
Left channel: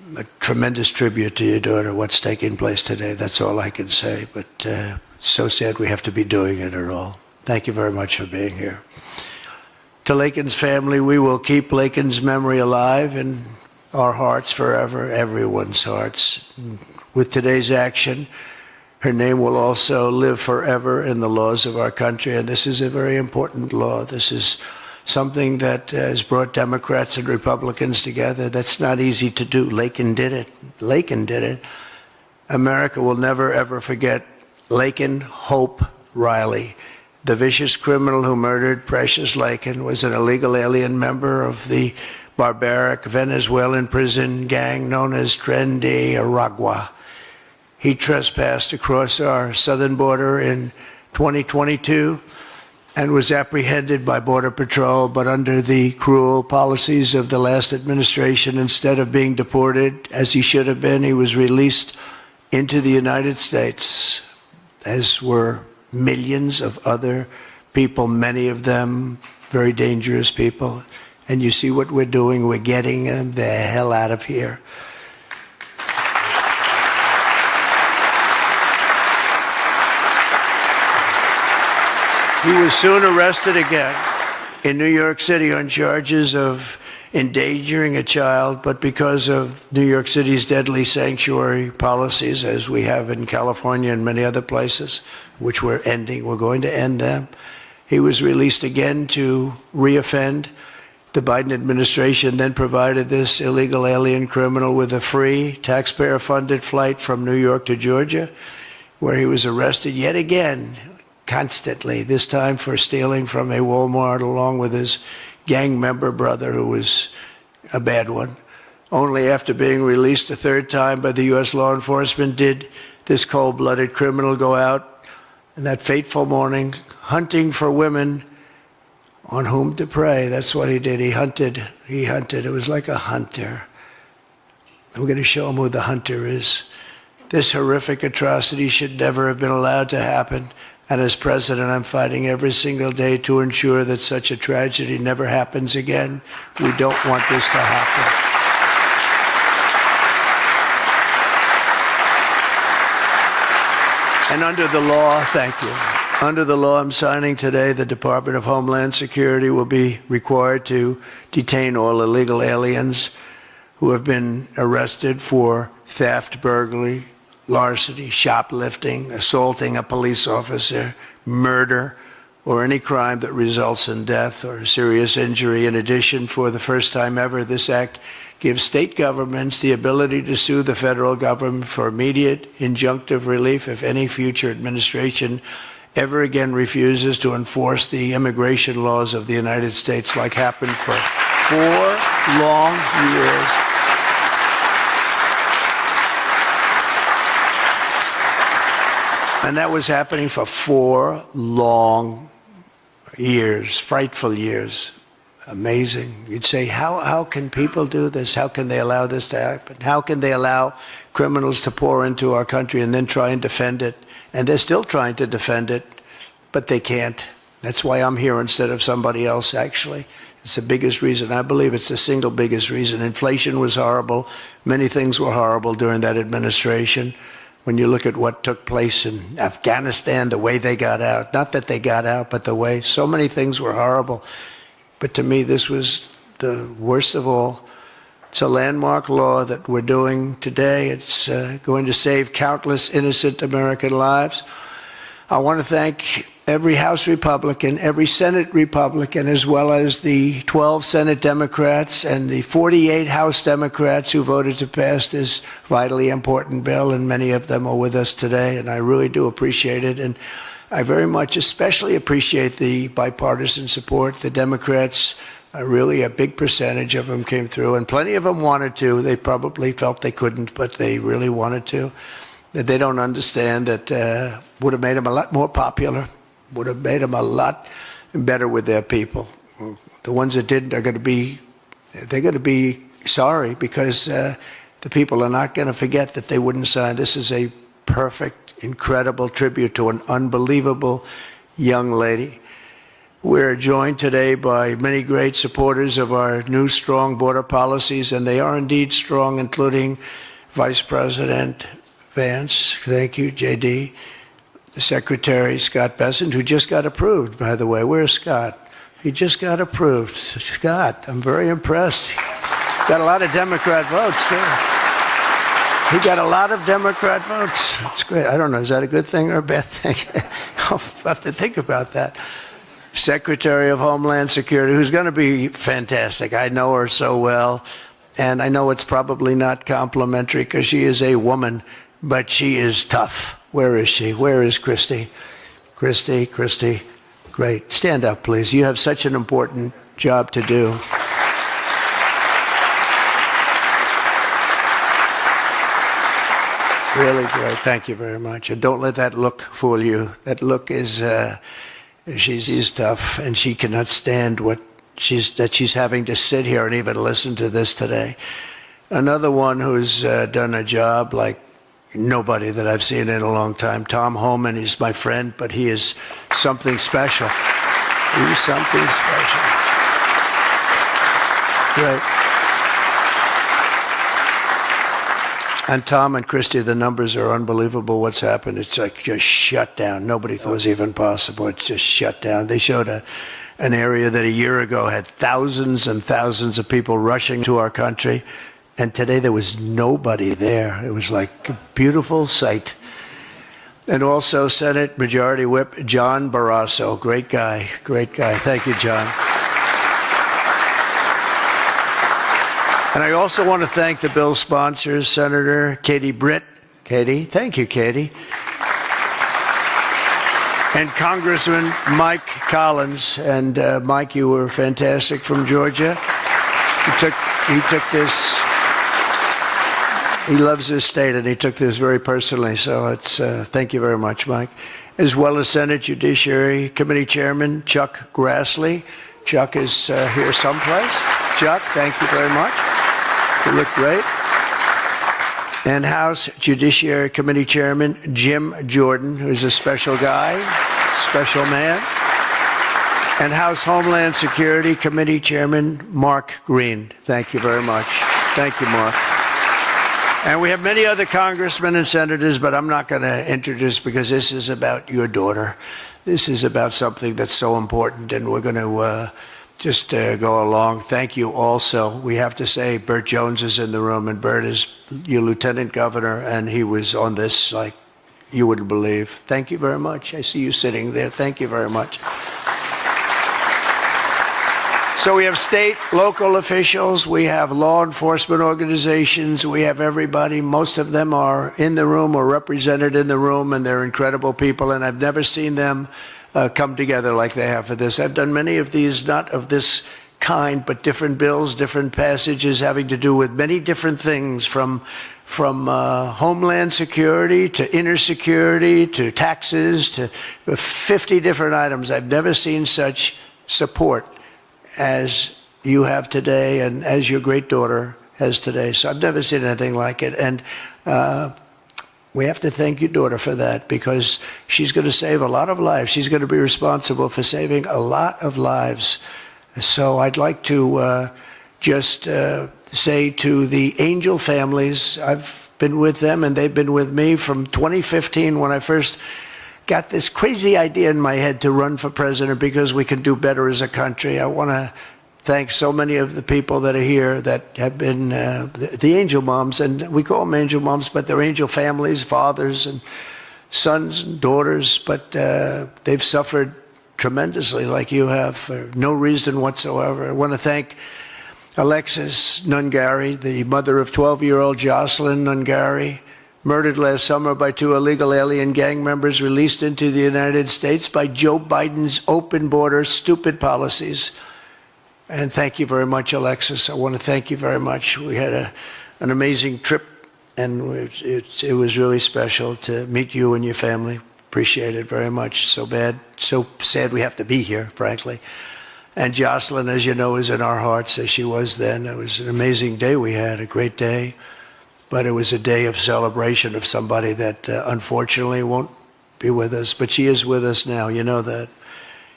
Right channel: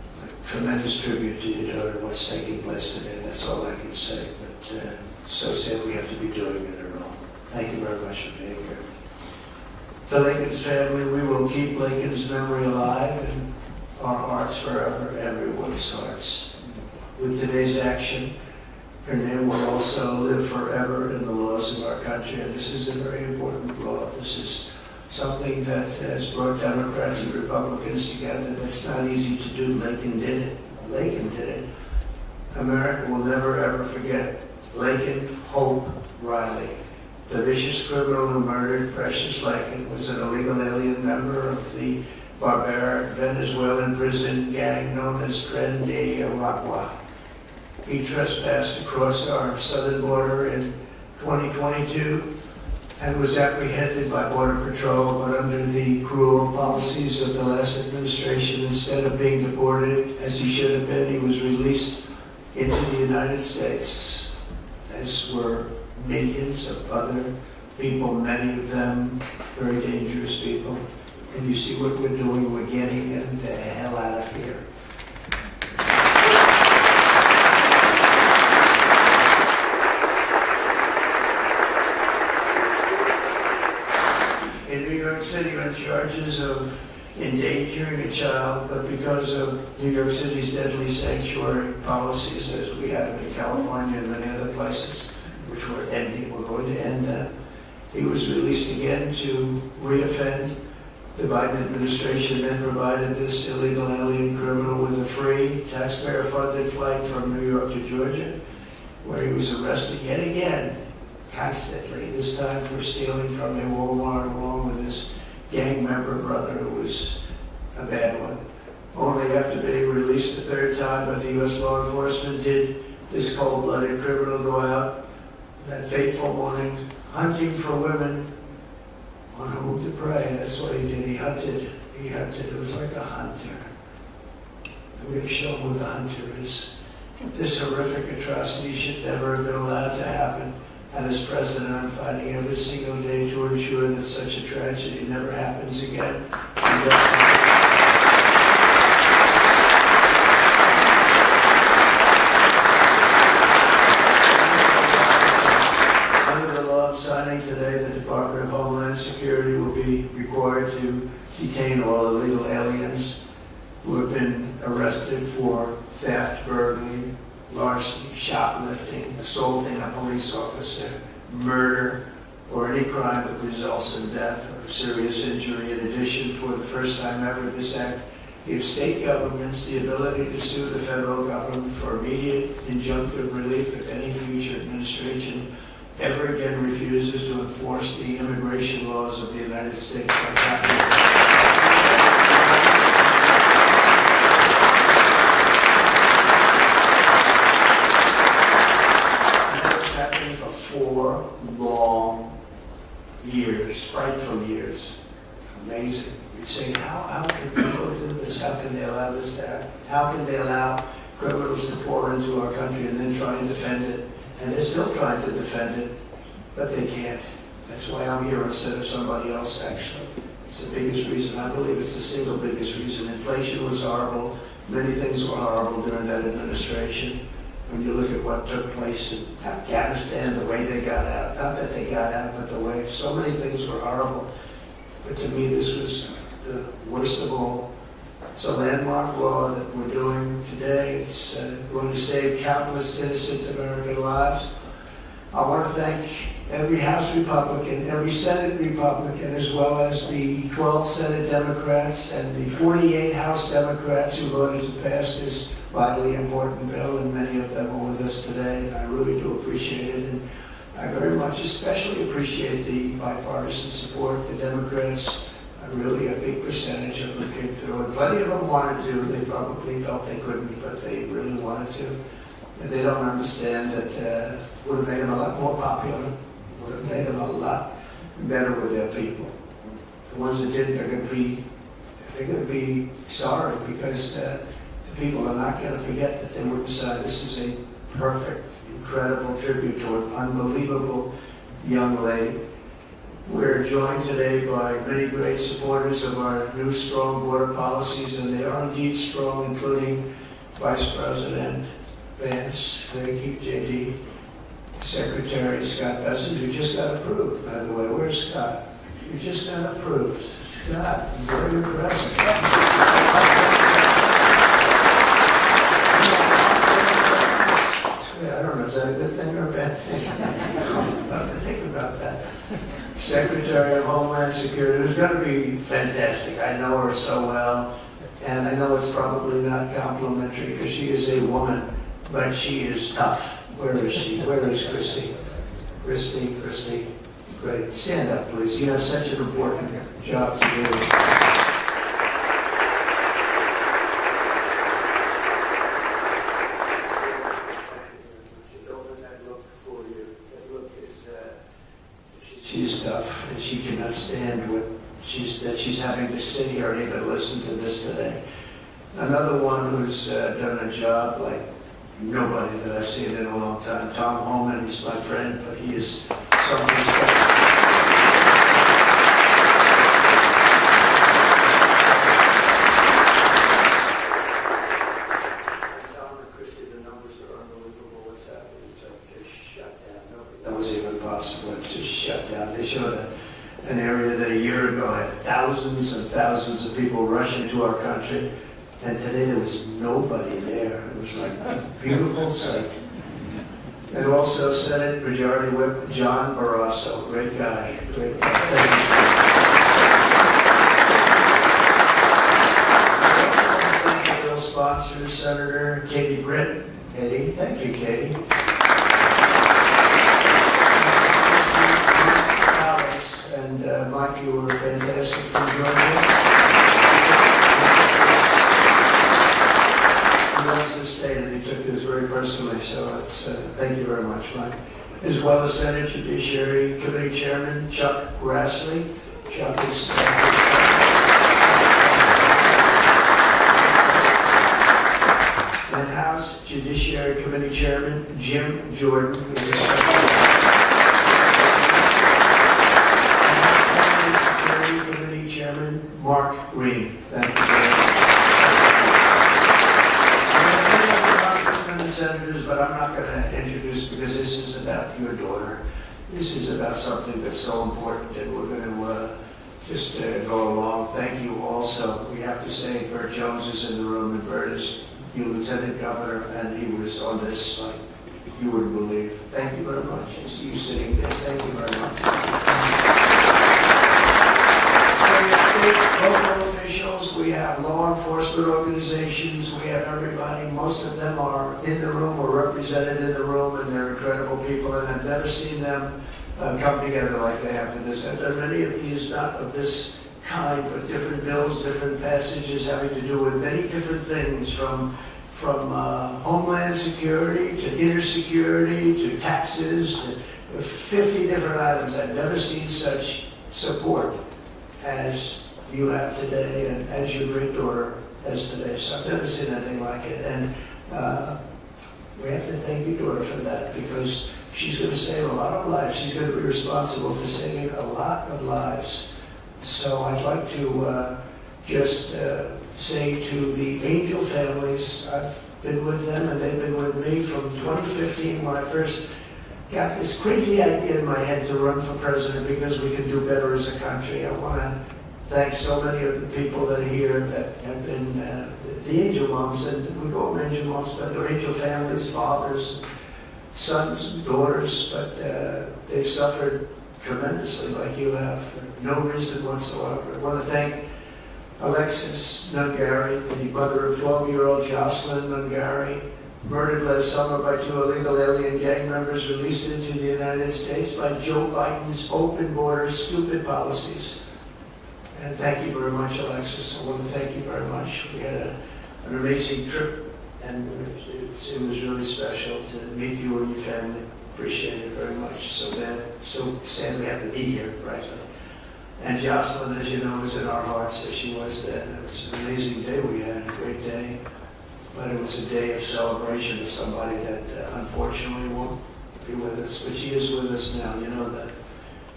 a tremendous tribute to your daughter, what's taking place today. That's all I can say, but it's so sad we have to be doing it at all. Thank you very much for being here. To Laken's family, we will keep Laken's memory alive in our hearts forever, everyone's hearts. With today's action, her name will also live forever in the laws of our country, and this is a very important law. This is something that has brought Democrats and Republicans together. That's not easy to do. Laken did it. Laken did it. America will never, ever forget Laken Hope Riley. The vicious criminal who murdered Precious Laken was an illegal alien member of the barbaric Venezuelan prison gang known as Tren de Aragua. He trespassed across our southern border in 2022 and was apprehended by Border Patrol, but under the cruel policies of the last administration, instead of being deported as he should have been, he was released into the United States, as were millions of other people, many of them very dangerous people. And you see what we're doing, we're getting them the hell out of here. He was soon arrested again in New York City on charges of endangering a child, but because of New York City's deadly sanctuary policies, as we have in California and many other places, which we're going to end them, he was released again to reoffend. The Biden administration then provided this illegal alien criminal with a free, taxpayer-funded flight from New York to Georgia, where he was arrested yet again, constantly, this time for stealing from a Walmart along with his gang member brother, who was a bad one. Only after being released a third time by the U.S. law enforcement did this cold-blooded criminal go out in that fateful morning hunting for women on whom to prey. That's what he did. He hunted. It was like a hunter. We're going to show him who the hunter is. This horrific atrocity should never have been allowed to happen. And as president, I'm fighting every single day to ensure that such a tragedy never happens again. We don't want this to happen. And under the law, thank you. Under the law I'm signing today, the Department of Homeland Security will be required to detain all illegal aliens who have been arrested for theft, burglary, larceny, shoplifting, assaulting a police officer, murder, or any crime that results in death or serious injury. In addition, for the first time ever, this act gives state governments the ability to sue the federal government for immediate injunctive relief if any future administration ever again refuses to enforce the immigration laws of the United States, like happened for 4 long years. And that was happening for 4 long years, frightful years. Amazing. You'd say, how can people do this? How can they allow this to happen? How can they allow criminals to pour into our country and then try and defend it? And they're still trying to defend it, but they can't. That's why I'm here instead of somebody else, actually. It's the biggest reason. I believe it's the single biggest reason. Inflation was horrible. Many things were horrible during that administration. When you look at what took place in Afghanistan, the way they got out, not that they got out, but the way, so many things were horrible. But to me, this was the worst of all. It's a landmark law that we're doing today. It's going to save countless innocent American lives. I want to thank every House Republican, every Senate Republican, as well as the 12 Senate Democrats and the 48 House Democrats who voted to pass this vitally important bill, and many of them are with us today, and I really do appreciate it. And I very much especially appreciate the bipartisan support. The Democrats, really a big percentage of them came through, and plenty of them wanted to. They probably felt they couldn't, but they really wanted to. That they don't understand that would have made them a lot more popular, would have made them a lot better with their people. The ones that didn't are going to be, they're going to be sorry, because the people are not going to forget that they wouldn't sign. This is a perfect, incredible tribute to an unbelievable young lady. We're joined today by many great supporters of our new strong border policies, and they are indeed strong, including Vice President Vance, thank you, JD, Secretary Scott Bessent, who just got approved, by the way. Where's Scott? He just got approved. Scott, I'm very impressed. Got a lot of Democrat votes. Yeah. He got a lot of Democrat votes. It's great. I don't know, is that a good thing or a bad thing? I'll have to think about that. Secretary of Homeland Security, who's going to be fantastic. I know her so well, and I know it's probably not complimentary because she is a woman, but she is tough. Where is she? Where is Christy? Christy, great. Stand up, please. You have such an important job to do. Really great. Thank you very much. And don't let that look fool you. That look is, she's tough, and she cannot stand that she's having to sit here and even listen to this today. Another one who's done a job like nobody that I've seen in a long time, Tom Homan. He's my friend, but he is something special. He's something special. Yeah. And Tom and Christy, the numbers are unbelievable. What's happened? It's like just shut down. Nobody thought it was even possible. It's just shut down. They showed an area that a year ago had thousands and thousands of people rushing to our country. And today there was nobody there. It was like a beautiful sight. And also Senate Majority Whip John Barrasso. Great guy. Great guy. Thank you, John. And I also want to thank the bill sponsors, Senator Katie Britt. Katie, thank you, Katie. And Congressman Mike Collins. And Mike, you were fantastic from Georgia. He took this. He loves his state, and he took this very personally. So it's thank you very much, Mike. As well as Senate Judiciary Committee Chairman Chuck Grassley. Chuck is here someplace. Chuck, thank you very much. You look great. And House Judiciary Committee Chairman Jim Jordan, who's a special guy, special man. And House Homeland Security Committee Chairman Mark Green. Thank you very much. Thank you, Mark. And we have many other congressmen and senators, but I'm not going to introduce because this is about your daughter. This is about something that's so important, and we're going to just go along. Thank you also. We have to say Burt Jones is in the room, and Burt is your lieutenant governor, and he was on this like you wouldn't believe. Thank you very much. I see you sitting there. Thank you very much. So we have state, local officials, we have law enforcement organizations, we have everybody. Most of them are in the room or represented in the room, and they're incredible people, and I've never seen them come together like they have for this. I've done many of these, not of this kind, but different bills, different passages having to do with many different things, from homeland security to inner security to taxes to 50 different items. I've never seen such support as you have today and as your great daughter has today. So I've never seen anything like it. And we have to thank your daughter for that, because she's going to save a lot of lives. She's going to be responsible for saving a lot of lives. So I'd like to just say to the Angel families, I've been with them and they've been with me from 2015 when I first got this crazy idea in my head to run for president because we could do better as a country. I want to thank so many of the people that are here that have been the angel moms, and we call them angel moms, but they're angel families, fathers and sons and daughters, but they've suffered tremendously like you have for no reason whatsoever. I want to thank Alexis Nungari, the mother of 12-year-old Jocelyn Nungari, murdered last summer by 2 illegal alien gang members released into the United States by Joe Biden's open border, stupid policies. And thank you very much, Alexis. I want to thank you very much. We had an amazing trip, and it was really special to meet you and your family. Appreciate it very much. So sad we have to be here, frankly. And Jocelyn, as you know, is in our hearts as she was then. It was an amazing day we had, a great day. But it was a day of celebration of somebody that unfortunately won't be with us. But she is with us now, you know that.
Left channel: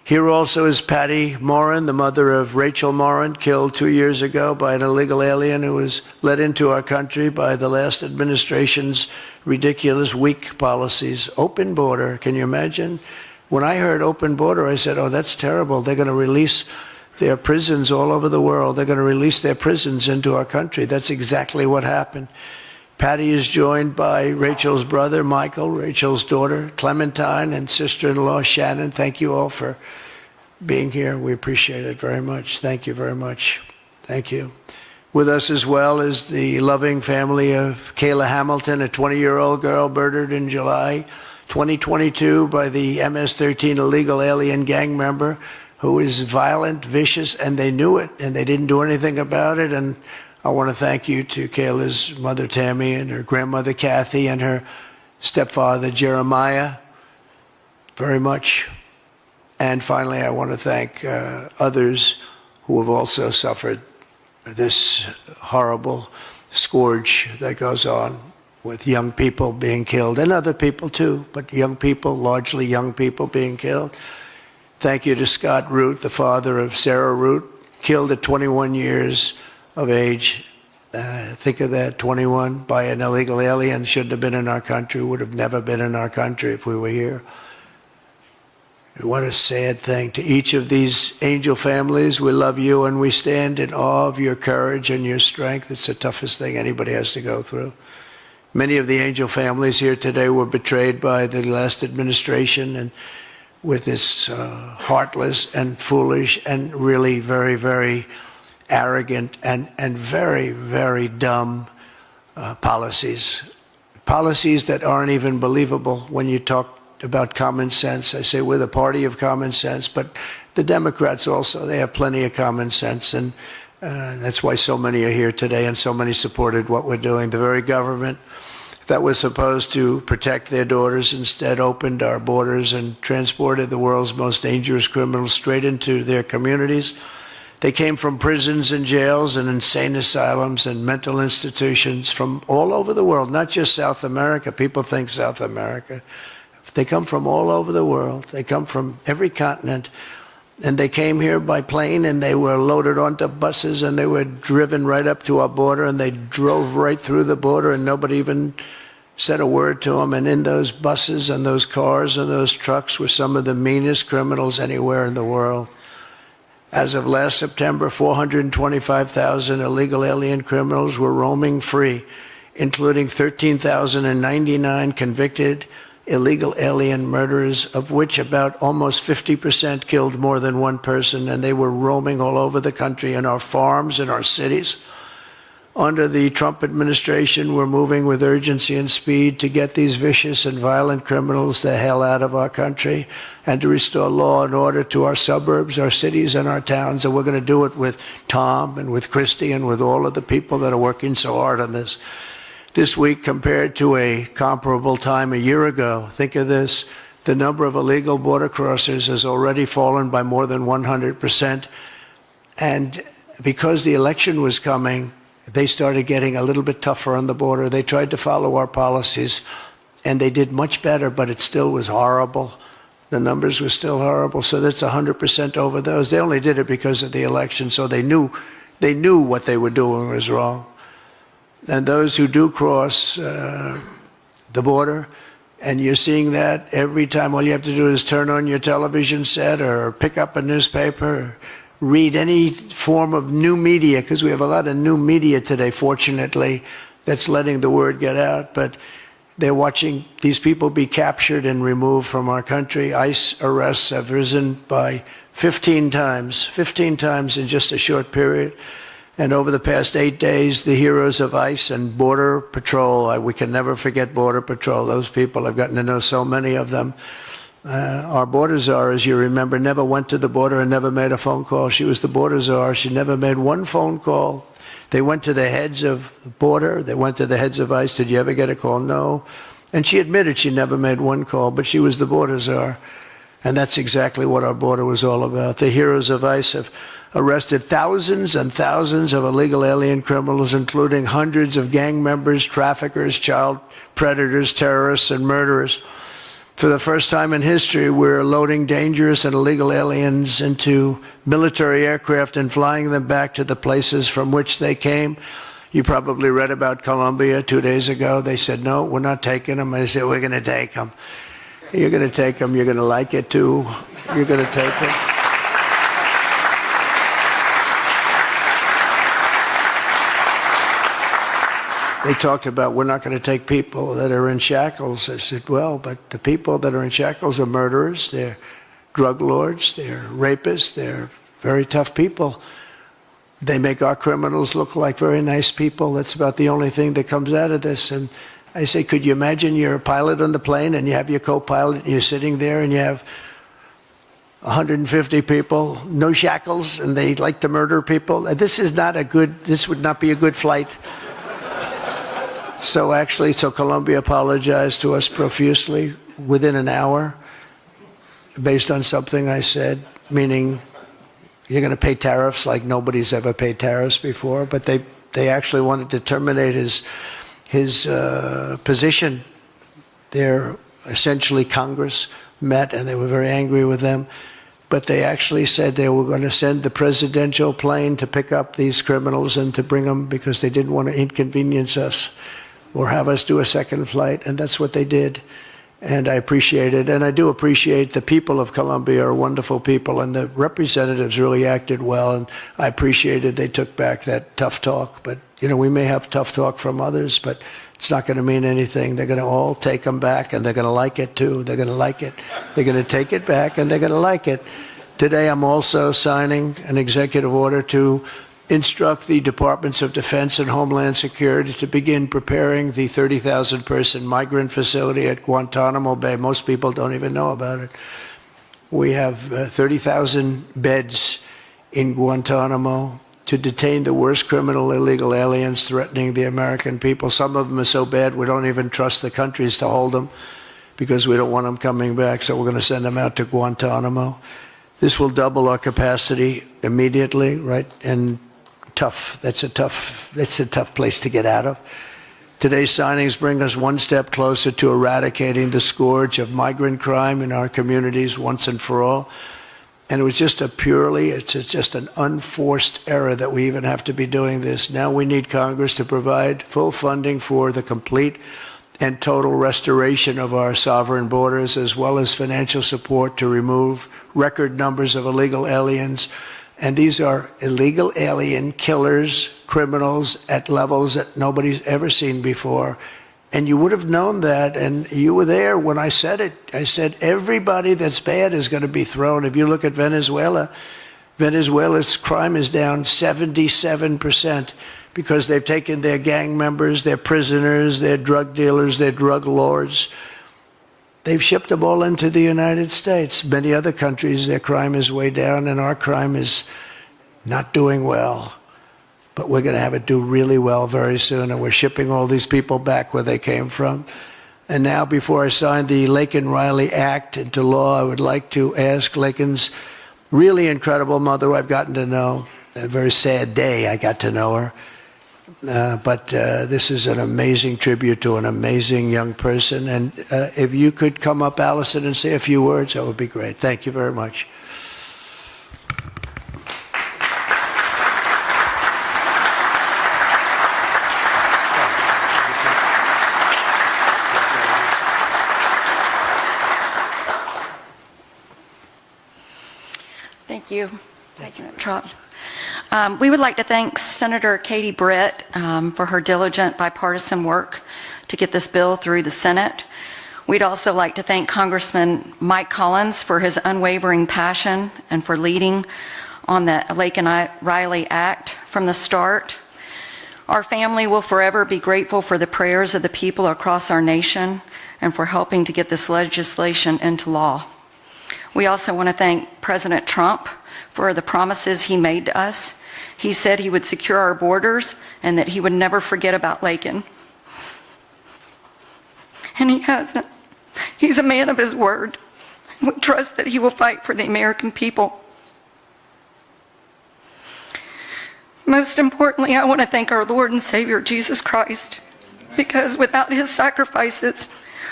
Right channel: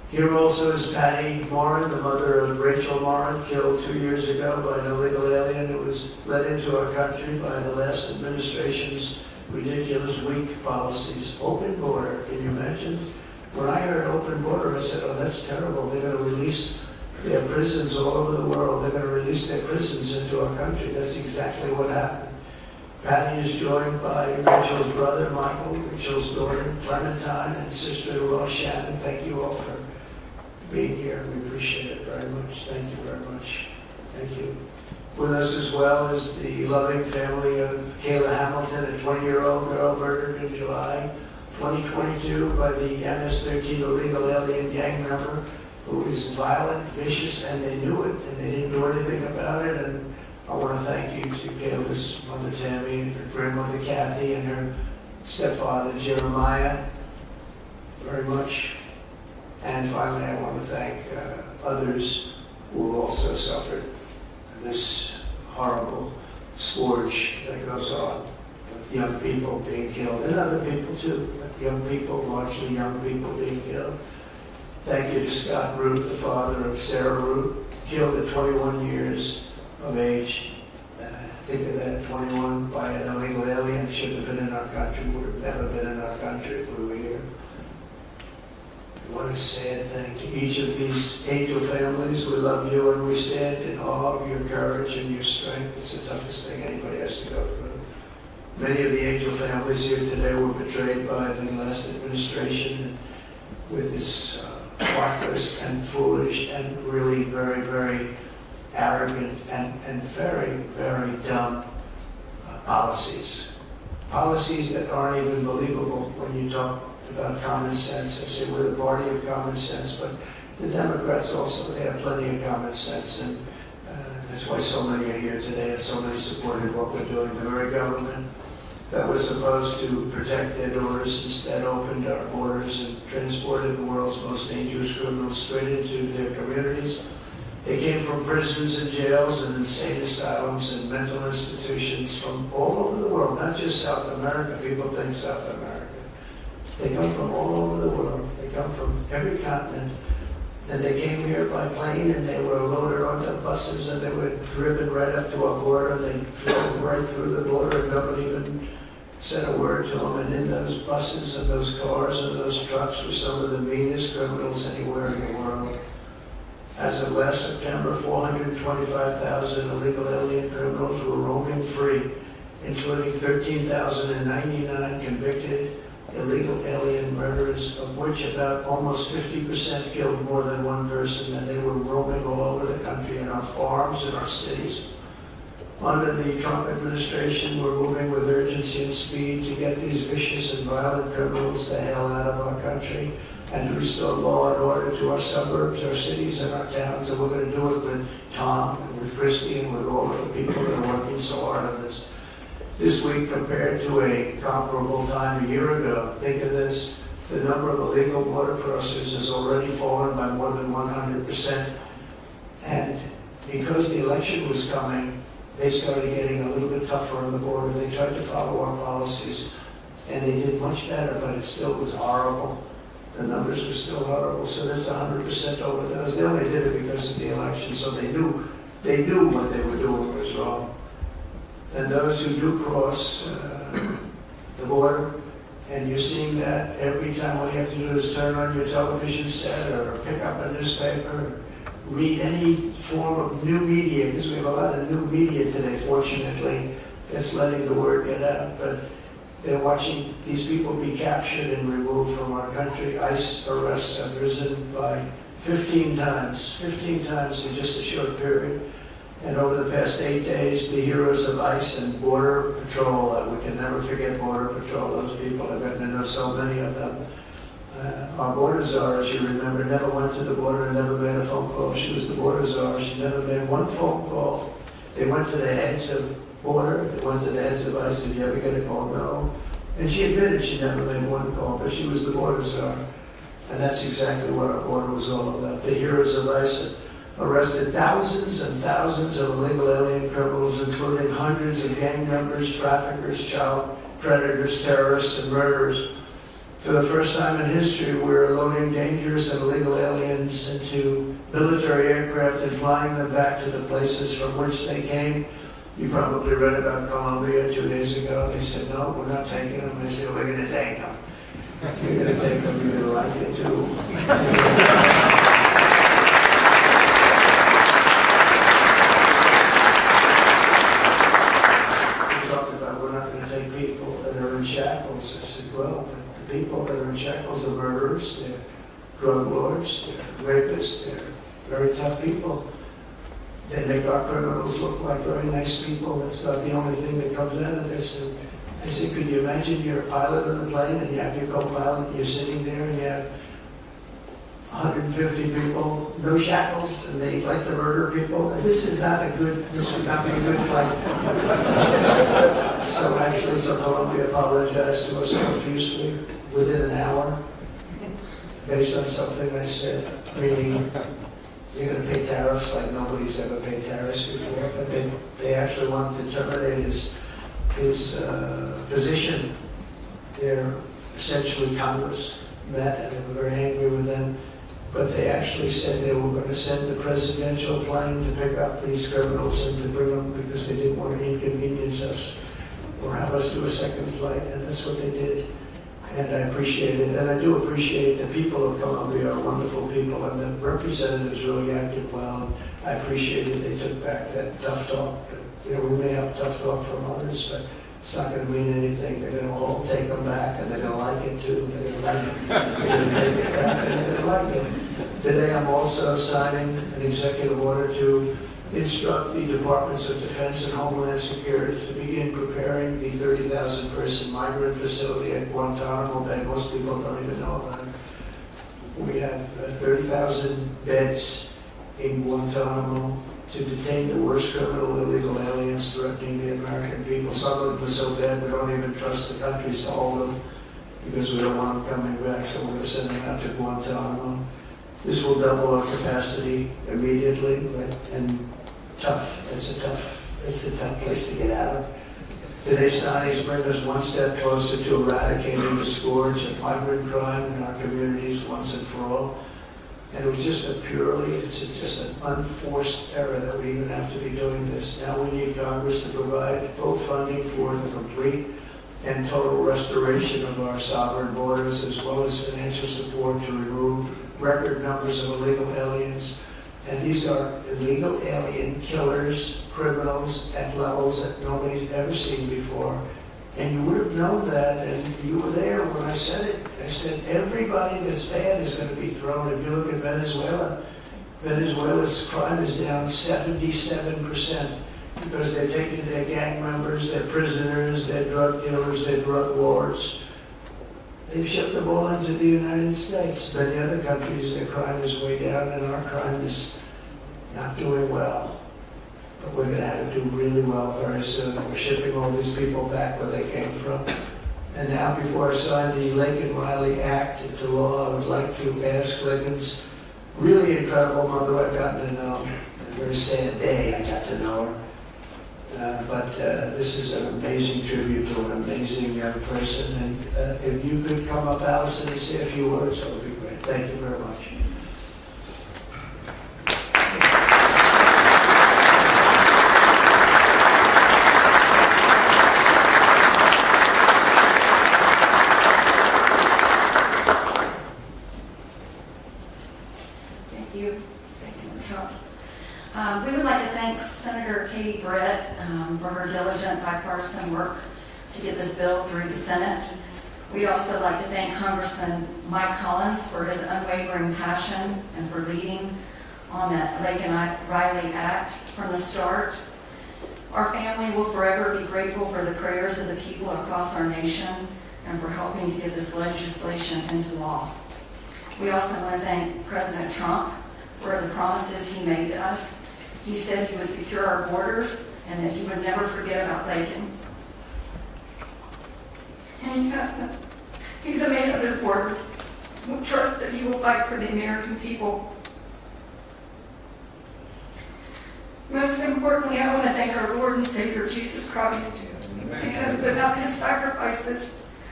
Here also is Patty Morin, the mother of Rachel Morin, killed 2 years ago by an illegal alien who was let into our country by the last administration's ridiculous, weak policies. Open border, can you imagine? When I heard open border, I said, oh, that's terrible. They're going to release their prisons all over the world. They're going to release their prisons into our country. That's exactly what happened. Patty is joined by Rachel's brother, Michael, Rachel's daughter, Clementine, and sister-in-law, Shannon. Thank you all for being here. We appreciate it very much. Thank you very much. Thank you. With us as well is the loving family of Kayla Hamilton, a 20-year-old girl murdered in July 2022 by the MS-13 illegal alien gang member who is violent, vicious, and they knew it, and they didn't do anything about it. And I want to thank you to Kayla's mother, Tammy, and her grandmother, Kathy, and her stepfather, Jeremiah, very much. And finally, I want to thank others who have also suffered this horrible scourge that goes on with young people being killed, and other people too, but young people, largely young people being killed. Thank you to Scott Root, the father of Sarah Root, killed at 21 years of age. Think of that, 21 by an illegal alien, shouldn't have been in our country, would have never been in our country if we were here. What a sad thing. To each of these angel families, we love you and we stand in awe of your courage and your strength. It's the toughest thing anybody has to go through. Many of the angel families here today were betrayed by the last administration and with this heartless and foolish and really very, very arrogant and very, very dumb policies. Policies that aren't even believable when you talk about common sense. I say we're the party of common sense, but the Democrats also, they have plenty of common sense, and that's why so many are here today and so many supported what we're doing. The very government that was supposed to protect their daughters instead opened our borders and transported the world's most dangerous criminals straight into their communities. They came from prisons and jails and insane asylums and mental institutions from all over the world, not just South America. People think South America. They come from all over the world. They come from every continent. And they came here by plane, and they were loaded onto buses, and they were driven right up to our border, and they drove right through the border, and nobody even said a word to them. And in those buses and those cars and those trucks were some of the meanest criminals anywhere in the world. As of last September, 425,000 illegal alien criminals were roaming free, including 13,099 convicted illegal alien murderers, of which about almost 50% killed more than one person, and they were roaming all over the country in our farms, in our cities. Under the Trump administration, we're moving with urgency and speed to get these vicious and violent criminals the hell out of our country and to restore law and order to our suburbs, our cities, and our towns. And we're going to do it with Tom and with Christy and with all of the people that are working so hard on this. This week, compared to a comparable time a year ago, think of this, the number of illegal border crossers has already fallen by more than 100%. And because the election was coming, they started getting a little bit tougher on the border. They tried to follow our policies, and they did much better, but it still was horrible. The numbers were still horrible, so that's 100% over those. They only did it because of the election, so they knew what they were doing was wrong. And those who do cross the border, and you're seeing that every time, all you have to do is turn on your television set or pick up a newspaper, or read any form of new media, because we have a lot of new media today, fortunately, that's letting the word get out. But they're watching these people be captured and removed from our country. ICE arrests have risen by 15 times in just a short period. And over the past 8 days, the heroes of ICE and Border Patrol, we can never forget Border Patrol. Those people, I've gotten to know so many of them. Our border czar, as you remember, never went to the border and never made a phone call. She was the border czar. She never made one phone call. They went to the heads of border. They went to the heads of ICE. Did you ever get a call? No. And she admitted she never made one call, but she was the border czar. And that's exactly what our border was all about. The heroes of ICE have arrested thousands and thousands of illegal alien criminals, including hundreds of gang members, traffickers, child predators, terrorists, and murderers. For the first time in history, we're loading dangerous and illegal aliens into military aircraft and flying them back to the places from which they came. You probably read about Colombia 2 days ago. They said, no, we're not taking them. I said, we're going to take them. You're going to take them. You're going to like it, too. You're going to take them. They talked about, we're not going to take people that are in shackles. I said, well, but the people that are in shackles are murderers, they're drug lords, they're rapists, they're very tough people. They make our criminals look like very nice people. That's about the only thing that comes out of this. And I say, could you imagine you're a pilot on the plane and you have your co-pilot and you're sitting there and you have 150 people, no shackles, and they like to murder people? This would not be a good flight. So Colombia apologized to us profusely within an hour based on something I said, meaning you're going to pay tariffs like nobody's ever paid tariffs before, but they actually wanted to terminate his position. They're essentially Congress met and they were very angry with them, but they actually said they were going to send the presidential plane to pick up these criminals and to bring them because they didn't want to inconvenience us or have us do a second flight, and that's what they did. And I appreciate it, and I do appreciate the people of Colombia are wonderful people, and the representatives really acted well, and I appreciated they took back that tough talk. But, you know, we may have tough talk from others, but it's not going to mean anything. They're going to all take them back, and they're going to like it, too. They're going to like it. They're going to take it back, and they're going to like it. Today, I'm also signing an executive order to instruct the Departments of Defense and Homeland Security to begin preparing the 30,000-person migrant facility at Guantanamo Bay. Most people don't even know about it. We have 30,000 beds in Guantanamo to detain the worst criminal illegal aliens threatening the American people. Some of them are so bad we don't even trust the countries to hold them because we don't want them coming back, so we're going to send them out to Guantanamo. This will double our capacity immediately, right? And tough. That's a tough place to get out of. Today's signings bring us one step closer to eradicating the scourge of migrant crime in our communities once and for all. And it was just it's just an unforced error that we even have to be doing this. Now we need Congress to provide full funding for the complete and total restoration of our sovereign borders, as well as financial support to remove record numbers of illegal aliens. And these are illegal alien killers, criminals at levels that nobody's ever seen before. And you would have known that, and you were there when I said it. I said everybody that's bad is going to be thrown. If you look at Venezuela, Venezuela's crime is down 77% because they've taken their gang members, their prisoners, their drug dealers, their drug lords. They've shipped them all into the United States. Many other countries, their crime is way down, and our crime is not doing well. But we're going to have it do really well very soon, and we're shipping all these people back where they came from. And now, before I sign the Laken Riley Act into law, I would like to ask Laken's really incredible mother, who I've gotten to know. A very sad day I got to know her. But this is an amazing tribute to an amazing young person. And if you could come up, Allison, and say a few words, that would be great. Thank you very much. Thank you. Thank you, Trump. We would like to thank Senator Katie Britt for her diligent bipartisan work to get this bill through the Senate. We'd also like to thank Congressman Mike Collins for his unwavering passion and for leading on the Laken Riley Act from the start. Our family will forever be grateful for the prayers of the people across our nation and for helping to get this legislation into law. We also want to thank President Trump for the promises he made to us. He said he would secure our borders and that he would never forget about Laken. And he hasn't. He's a man of his word. We trust that he will fight for the American people. Most importantly, I want to thank our Lord and Savior, Jesus Christ, because without his sacrifices,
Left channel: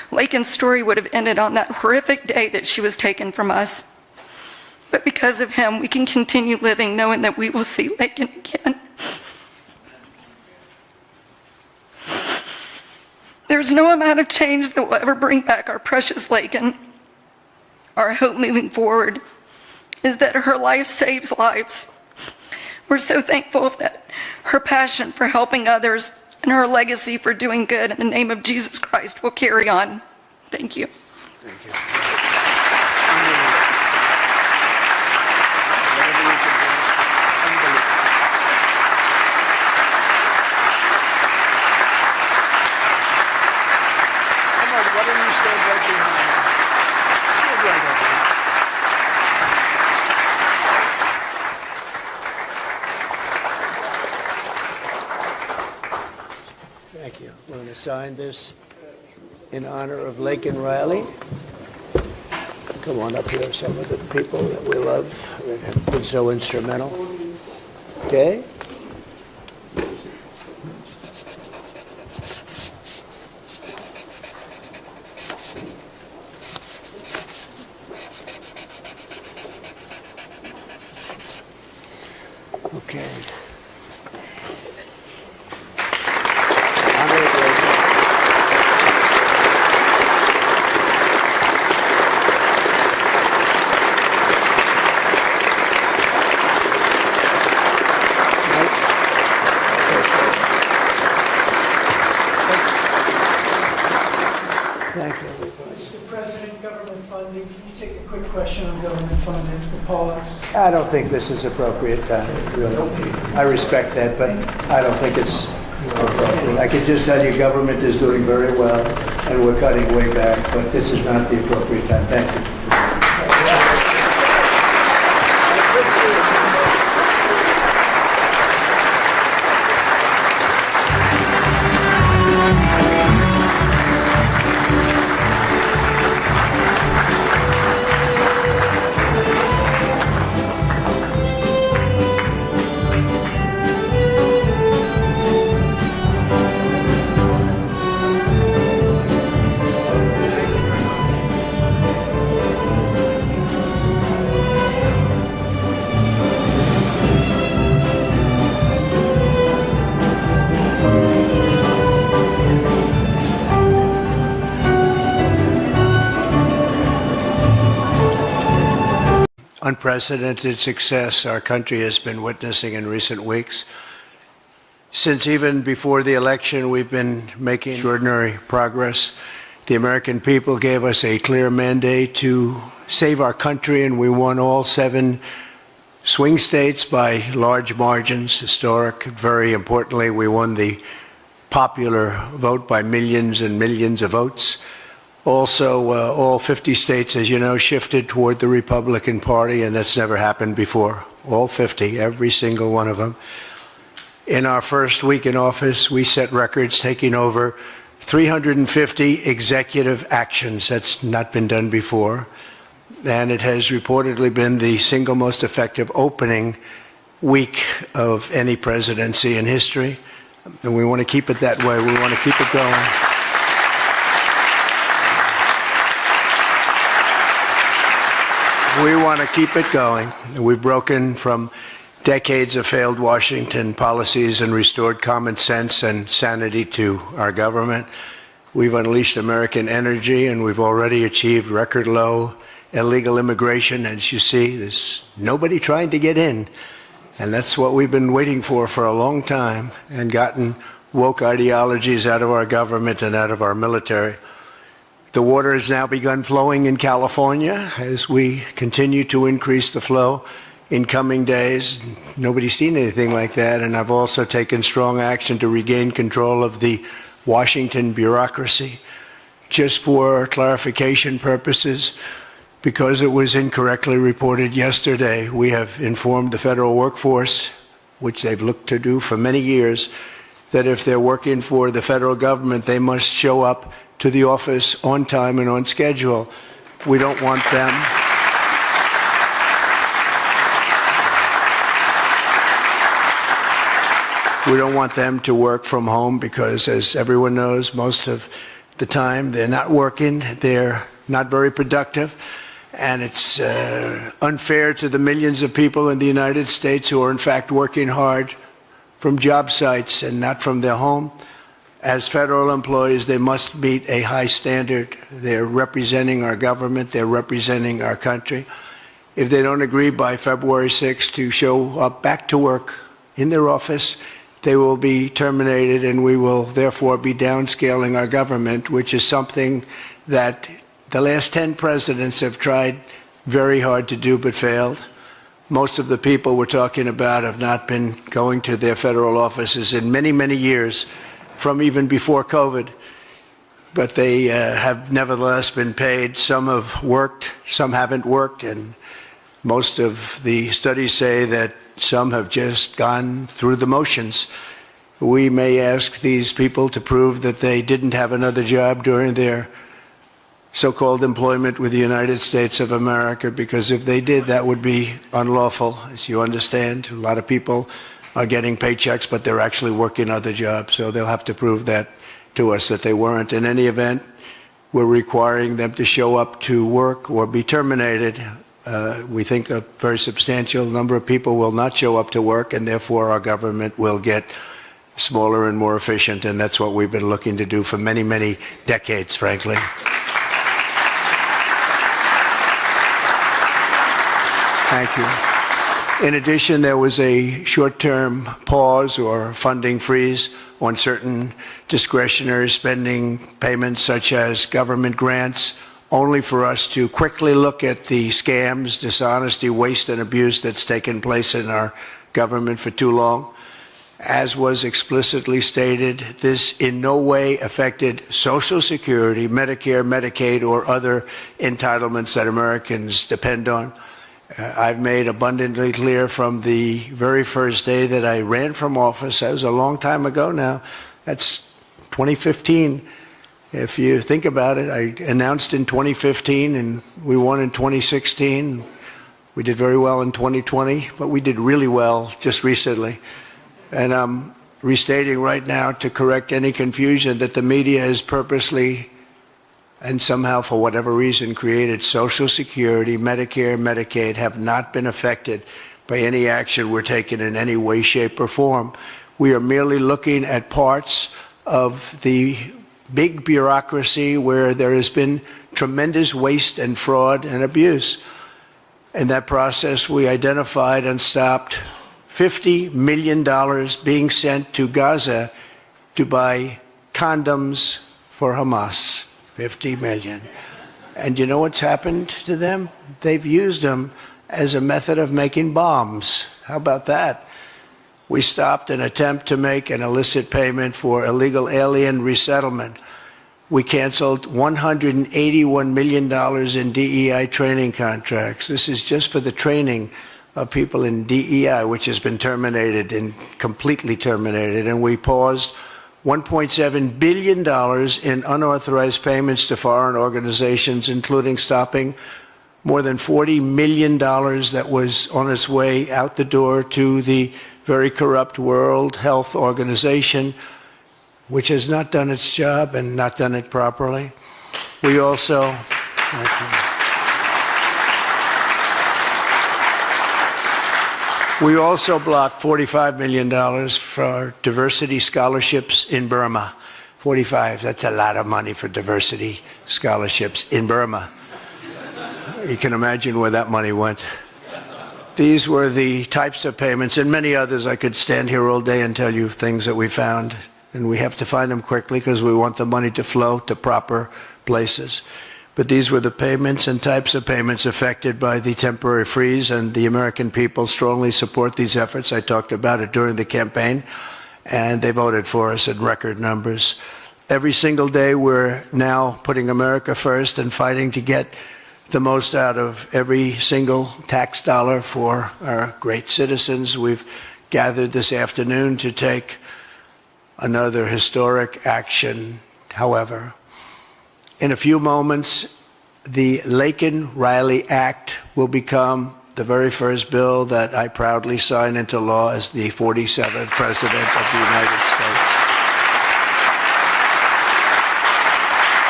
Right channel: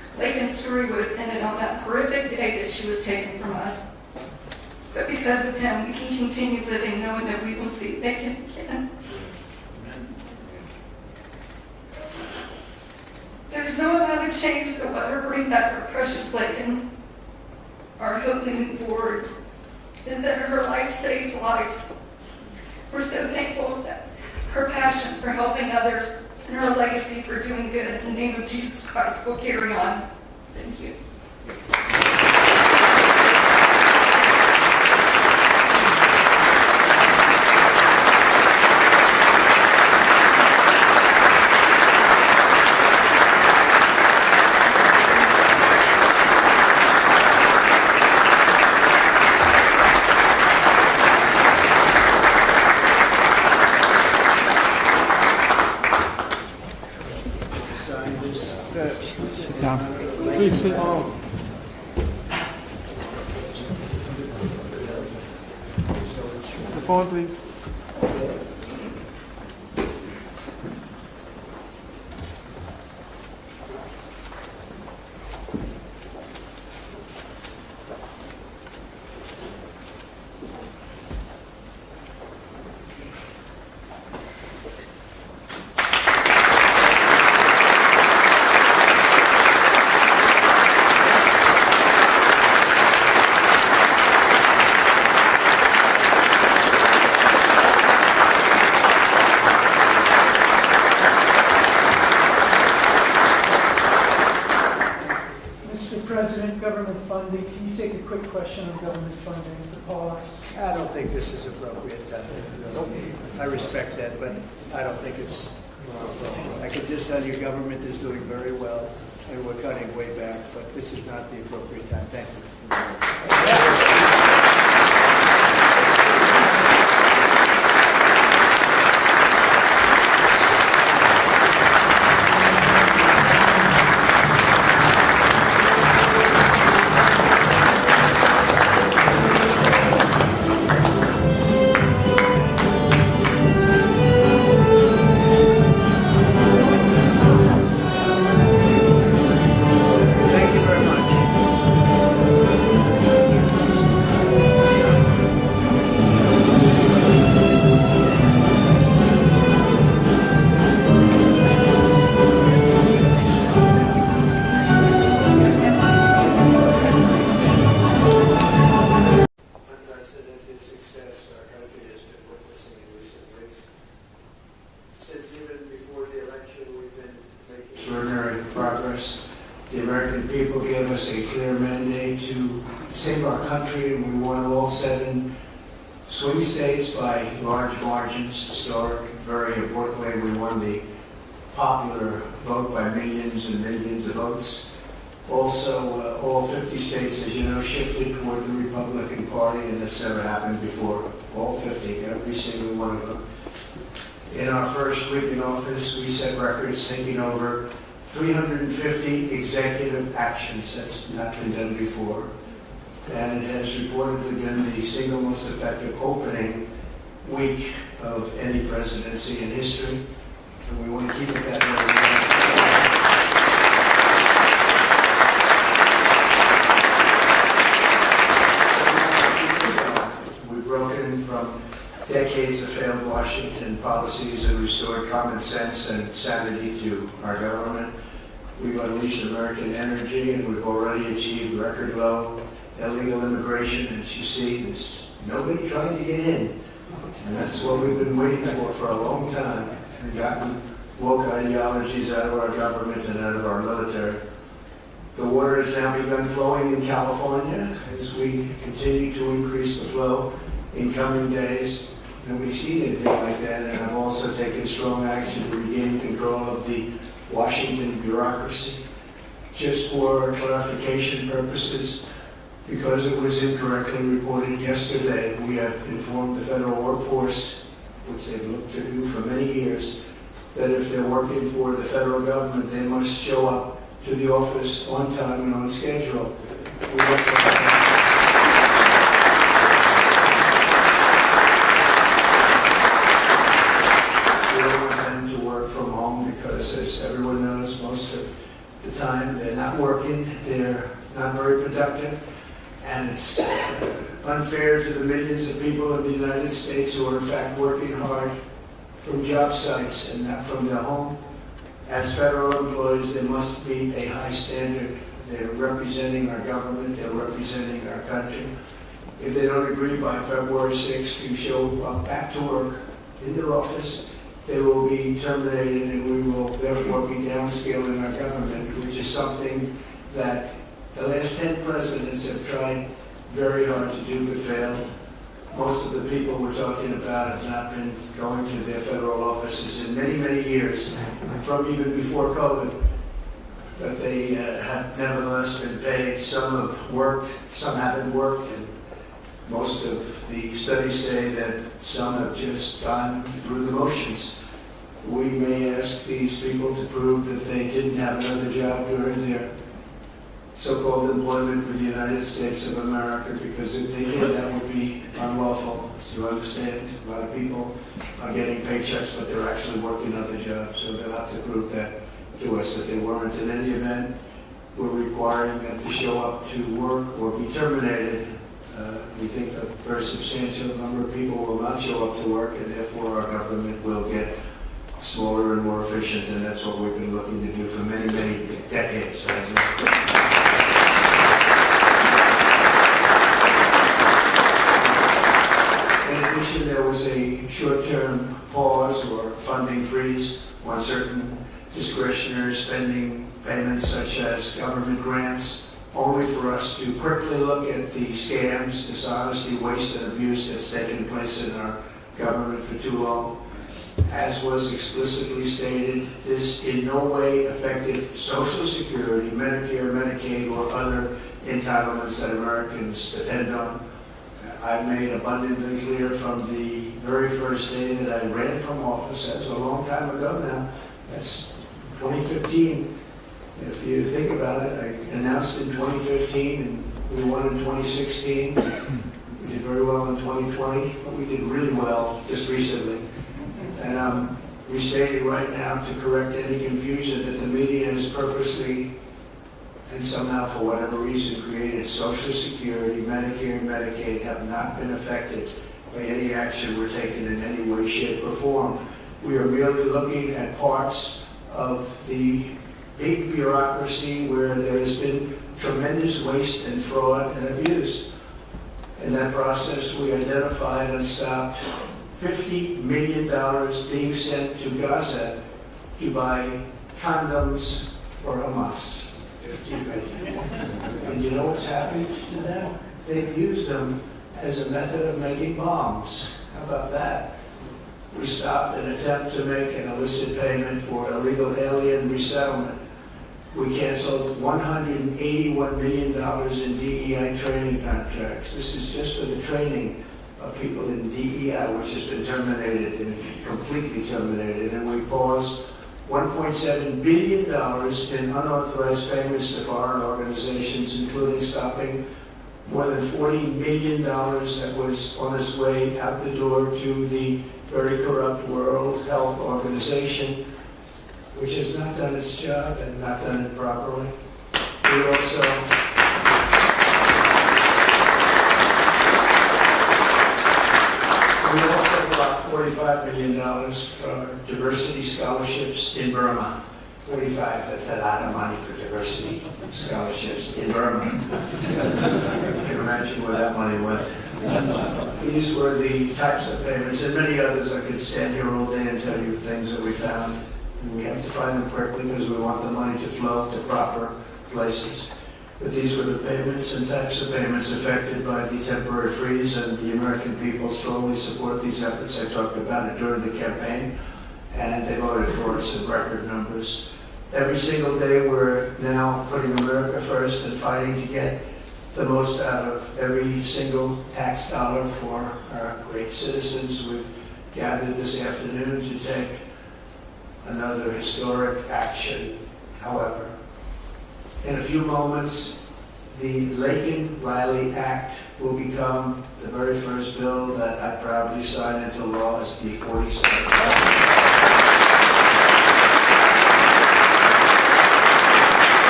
Laken's story would have ended on that horrific day that she was taken from us. But because of him, we can continue living knowing that we will see Laken again. There's no amount of change that will ever bring back our precious Laken. Our hope moving forward is that her life saves lives. We're so thankful that her passion for helping others and her legacy for doing good in the name of Jesus Christ will carry on. Thank you. Sign this in honor of Laken Riley. Come on up here, some of the people that we love that have been so instrumental. Okay? Okay. Mr. President, government funding, can you take a quick question on government funding, the pause? I don't think this is appropriate time, really. I respect that, but I don't think it's appropriate. I can just tell you government is doing very well, and we're cutting way back, but this is not the appropriate time. Thank you. Unprecedented success our country has been witnessing in recent weeks. Since even before the election, we've been making extraordinary progress. The American people gave us a clear mandate to save our country, and we won all 7 swing states by large margins, historic. Very importantly, we won the popular vote by millions and millions of votes. Also, all 50 states, as you know, shifted toward the Republican Party, and that's never happened before. All 50, every single one of them. In our first week in office, we set records, taking over 350 executive actions. That's not been done before. And it has reportedly been the single most effective opening week of any presidency in history. And we want to keep it that way. We want to keep it going. We want to keep it going. We've broken from decades of failed Washington policies and restored common sense and sanity to our government. We've unleashed American energy, and we've already achieved record low illegal immigration. As you see, there's nobody trying to get in. And that's what we've been waiting for a long time, and gotten woke ideologies out of our government and out of our military. The water has now begun flowing in California as we continue to increase the flow in coming days. Nobody's seen anything like that, and I've also taken strong action to regain control of the Washington bureaucracy. Just for clarification purposes, because it was incorrectly reported yesterday, we have informed the federal workforce, which they've looked to do for many years, that if they're working for the federal government, they must show up to the office on time and on schedule. We don't want them. We don't want them to work from home because, as everyone knows, most of the time. They're not working. They're not very productive. And it's unfair to the millions of people in the United States who are in fact working hard from job sites and not from their home. As federal employees, they must meet a high standard. They're representing our government. They're representing our country. If they don't agree by February 6th to show up back to work in their office, they will be terminated, and we will therefore be downscaling our government, which is something that the last 10 presidents have tried very hard to do but failed. Most of the people we're talking about have not been going to their federal offices in many, many years, from even before COVID. But they have nevertheless been paid. Some have worked, some haven't worked, and most of the studies say that some have just gone through the motions. We may ask these people to prove that they didn't have another job during their so-called employment with the United States of America, because if they did, that would be unlawful, as you understand. A lot of people are getting paychecks, but they're actually working other jobs, so they'll have to prove that to us that they weren't. In any event, we're requiring them to show up to work or be terminated. We think a very substantial number of people will not show up to work, and therefore our government will get smaller and more efficient, and that's what we've been looking to do for many, many decades, frankly. Thank you. In addition, there was a short-term pause or funding freeze on certain discretionary spending payments, such as government grants, only for us to quickly look at the scams, dishonesty, waste, and abuse that's taken place in our government for too long. As was explicitly stated, this in no way affected Social Security, Medicare, Medicaid, or other entitlements that Americans depend on. I've made abundantly clear from the very first day that I ran from office, that was a long time ago now, that's 2015. If you think about it, I announced in 2015 and we won in 2016. We did very well in 2020, but we did really well just recently. And I'm restating right now to correct any confusion that the media has purposely and somehow for whatever reason created Social Security, Medicare, Medicaid have not been affected by any action we're taking in any way, shape, or form. We are merely looking at parts of the big bureaucracy where there has been tremendous waste and fraud and abuse. In that process, we identified and stopped $50 million being sent to Gaza to buy condoms for Hamas. 50 million. And you know what's happened to them? They've used them as a method of making bombs. How about that? We stopped an attempt to make an illicit payment for illegal alien resettlement. We canceled $181 million in DEI training contracts. This is just for the training of people in DEI, which has been terminated and completely terminated. And we paused $1.7 billion in unauthorized payments to foreign organizations, including stopping more than $40 million that was on its way out the door to the very corrupt World Health Organization, which has not done its job and not done it properly. We also blocked $45 million for diversity scholarships in Burma. 45, that's a lot of money for diversity scholarships in Burma. You can imagine where that money went. These were the types of payments, and many others. I could stand here all day and tell you things that we found, and we have to find them quickly because we want the money to flow to proper places. But these were the payments and types of payments affected by the temporary freeze, and the American people strongly support these efforts. I talked about it during the campaign, and they voted for us in record numbers. Every single day, we're now putting America first and fighting to get the most out of every single tax dollar for our great citizens. We've gathered this afternoon to take another historic action. However, in a few moments, the Laken Riley Act will become the very first bill that I proudly sign into law as the 47th President of the United States.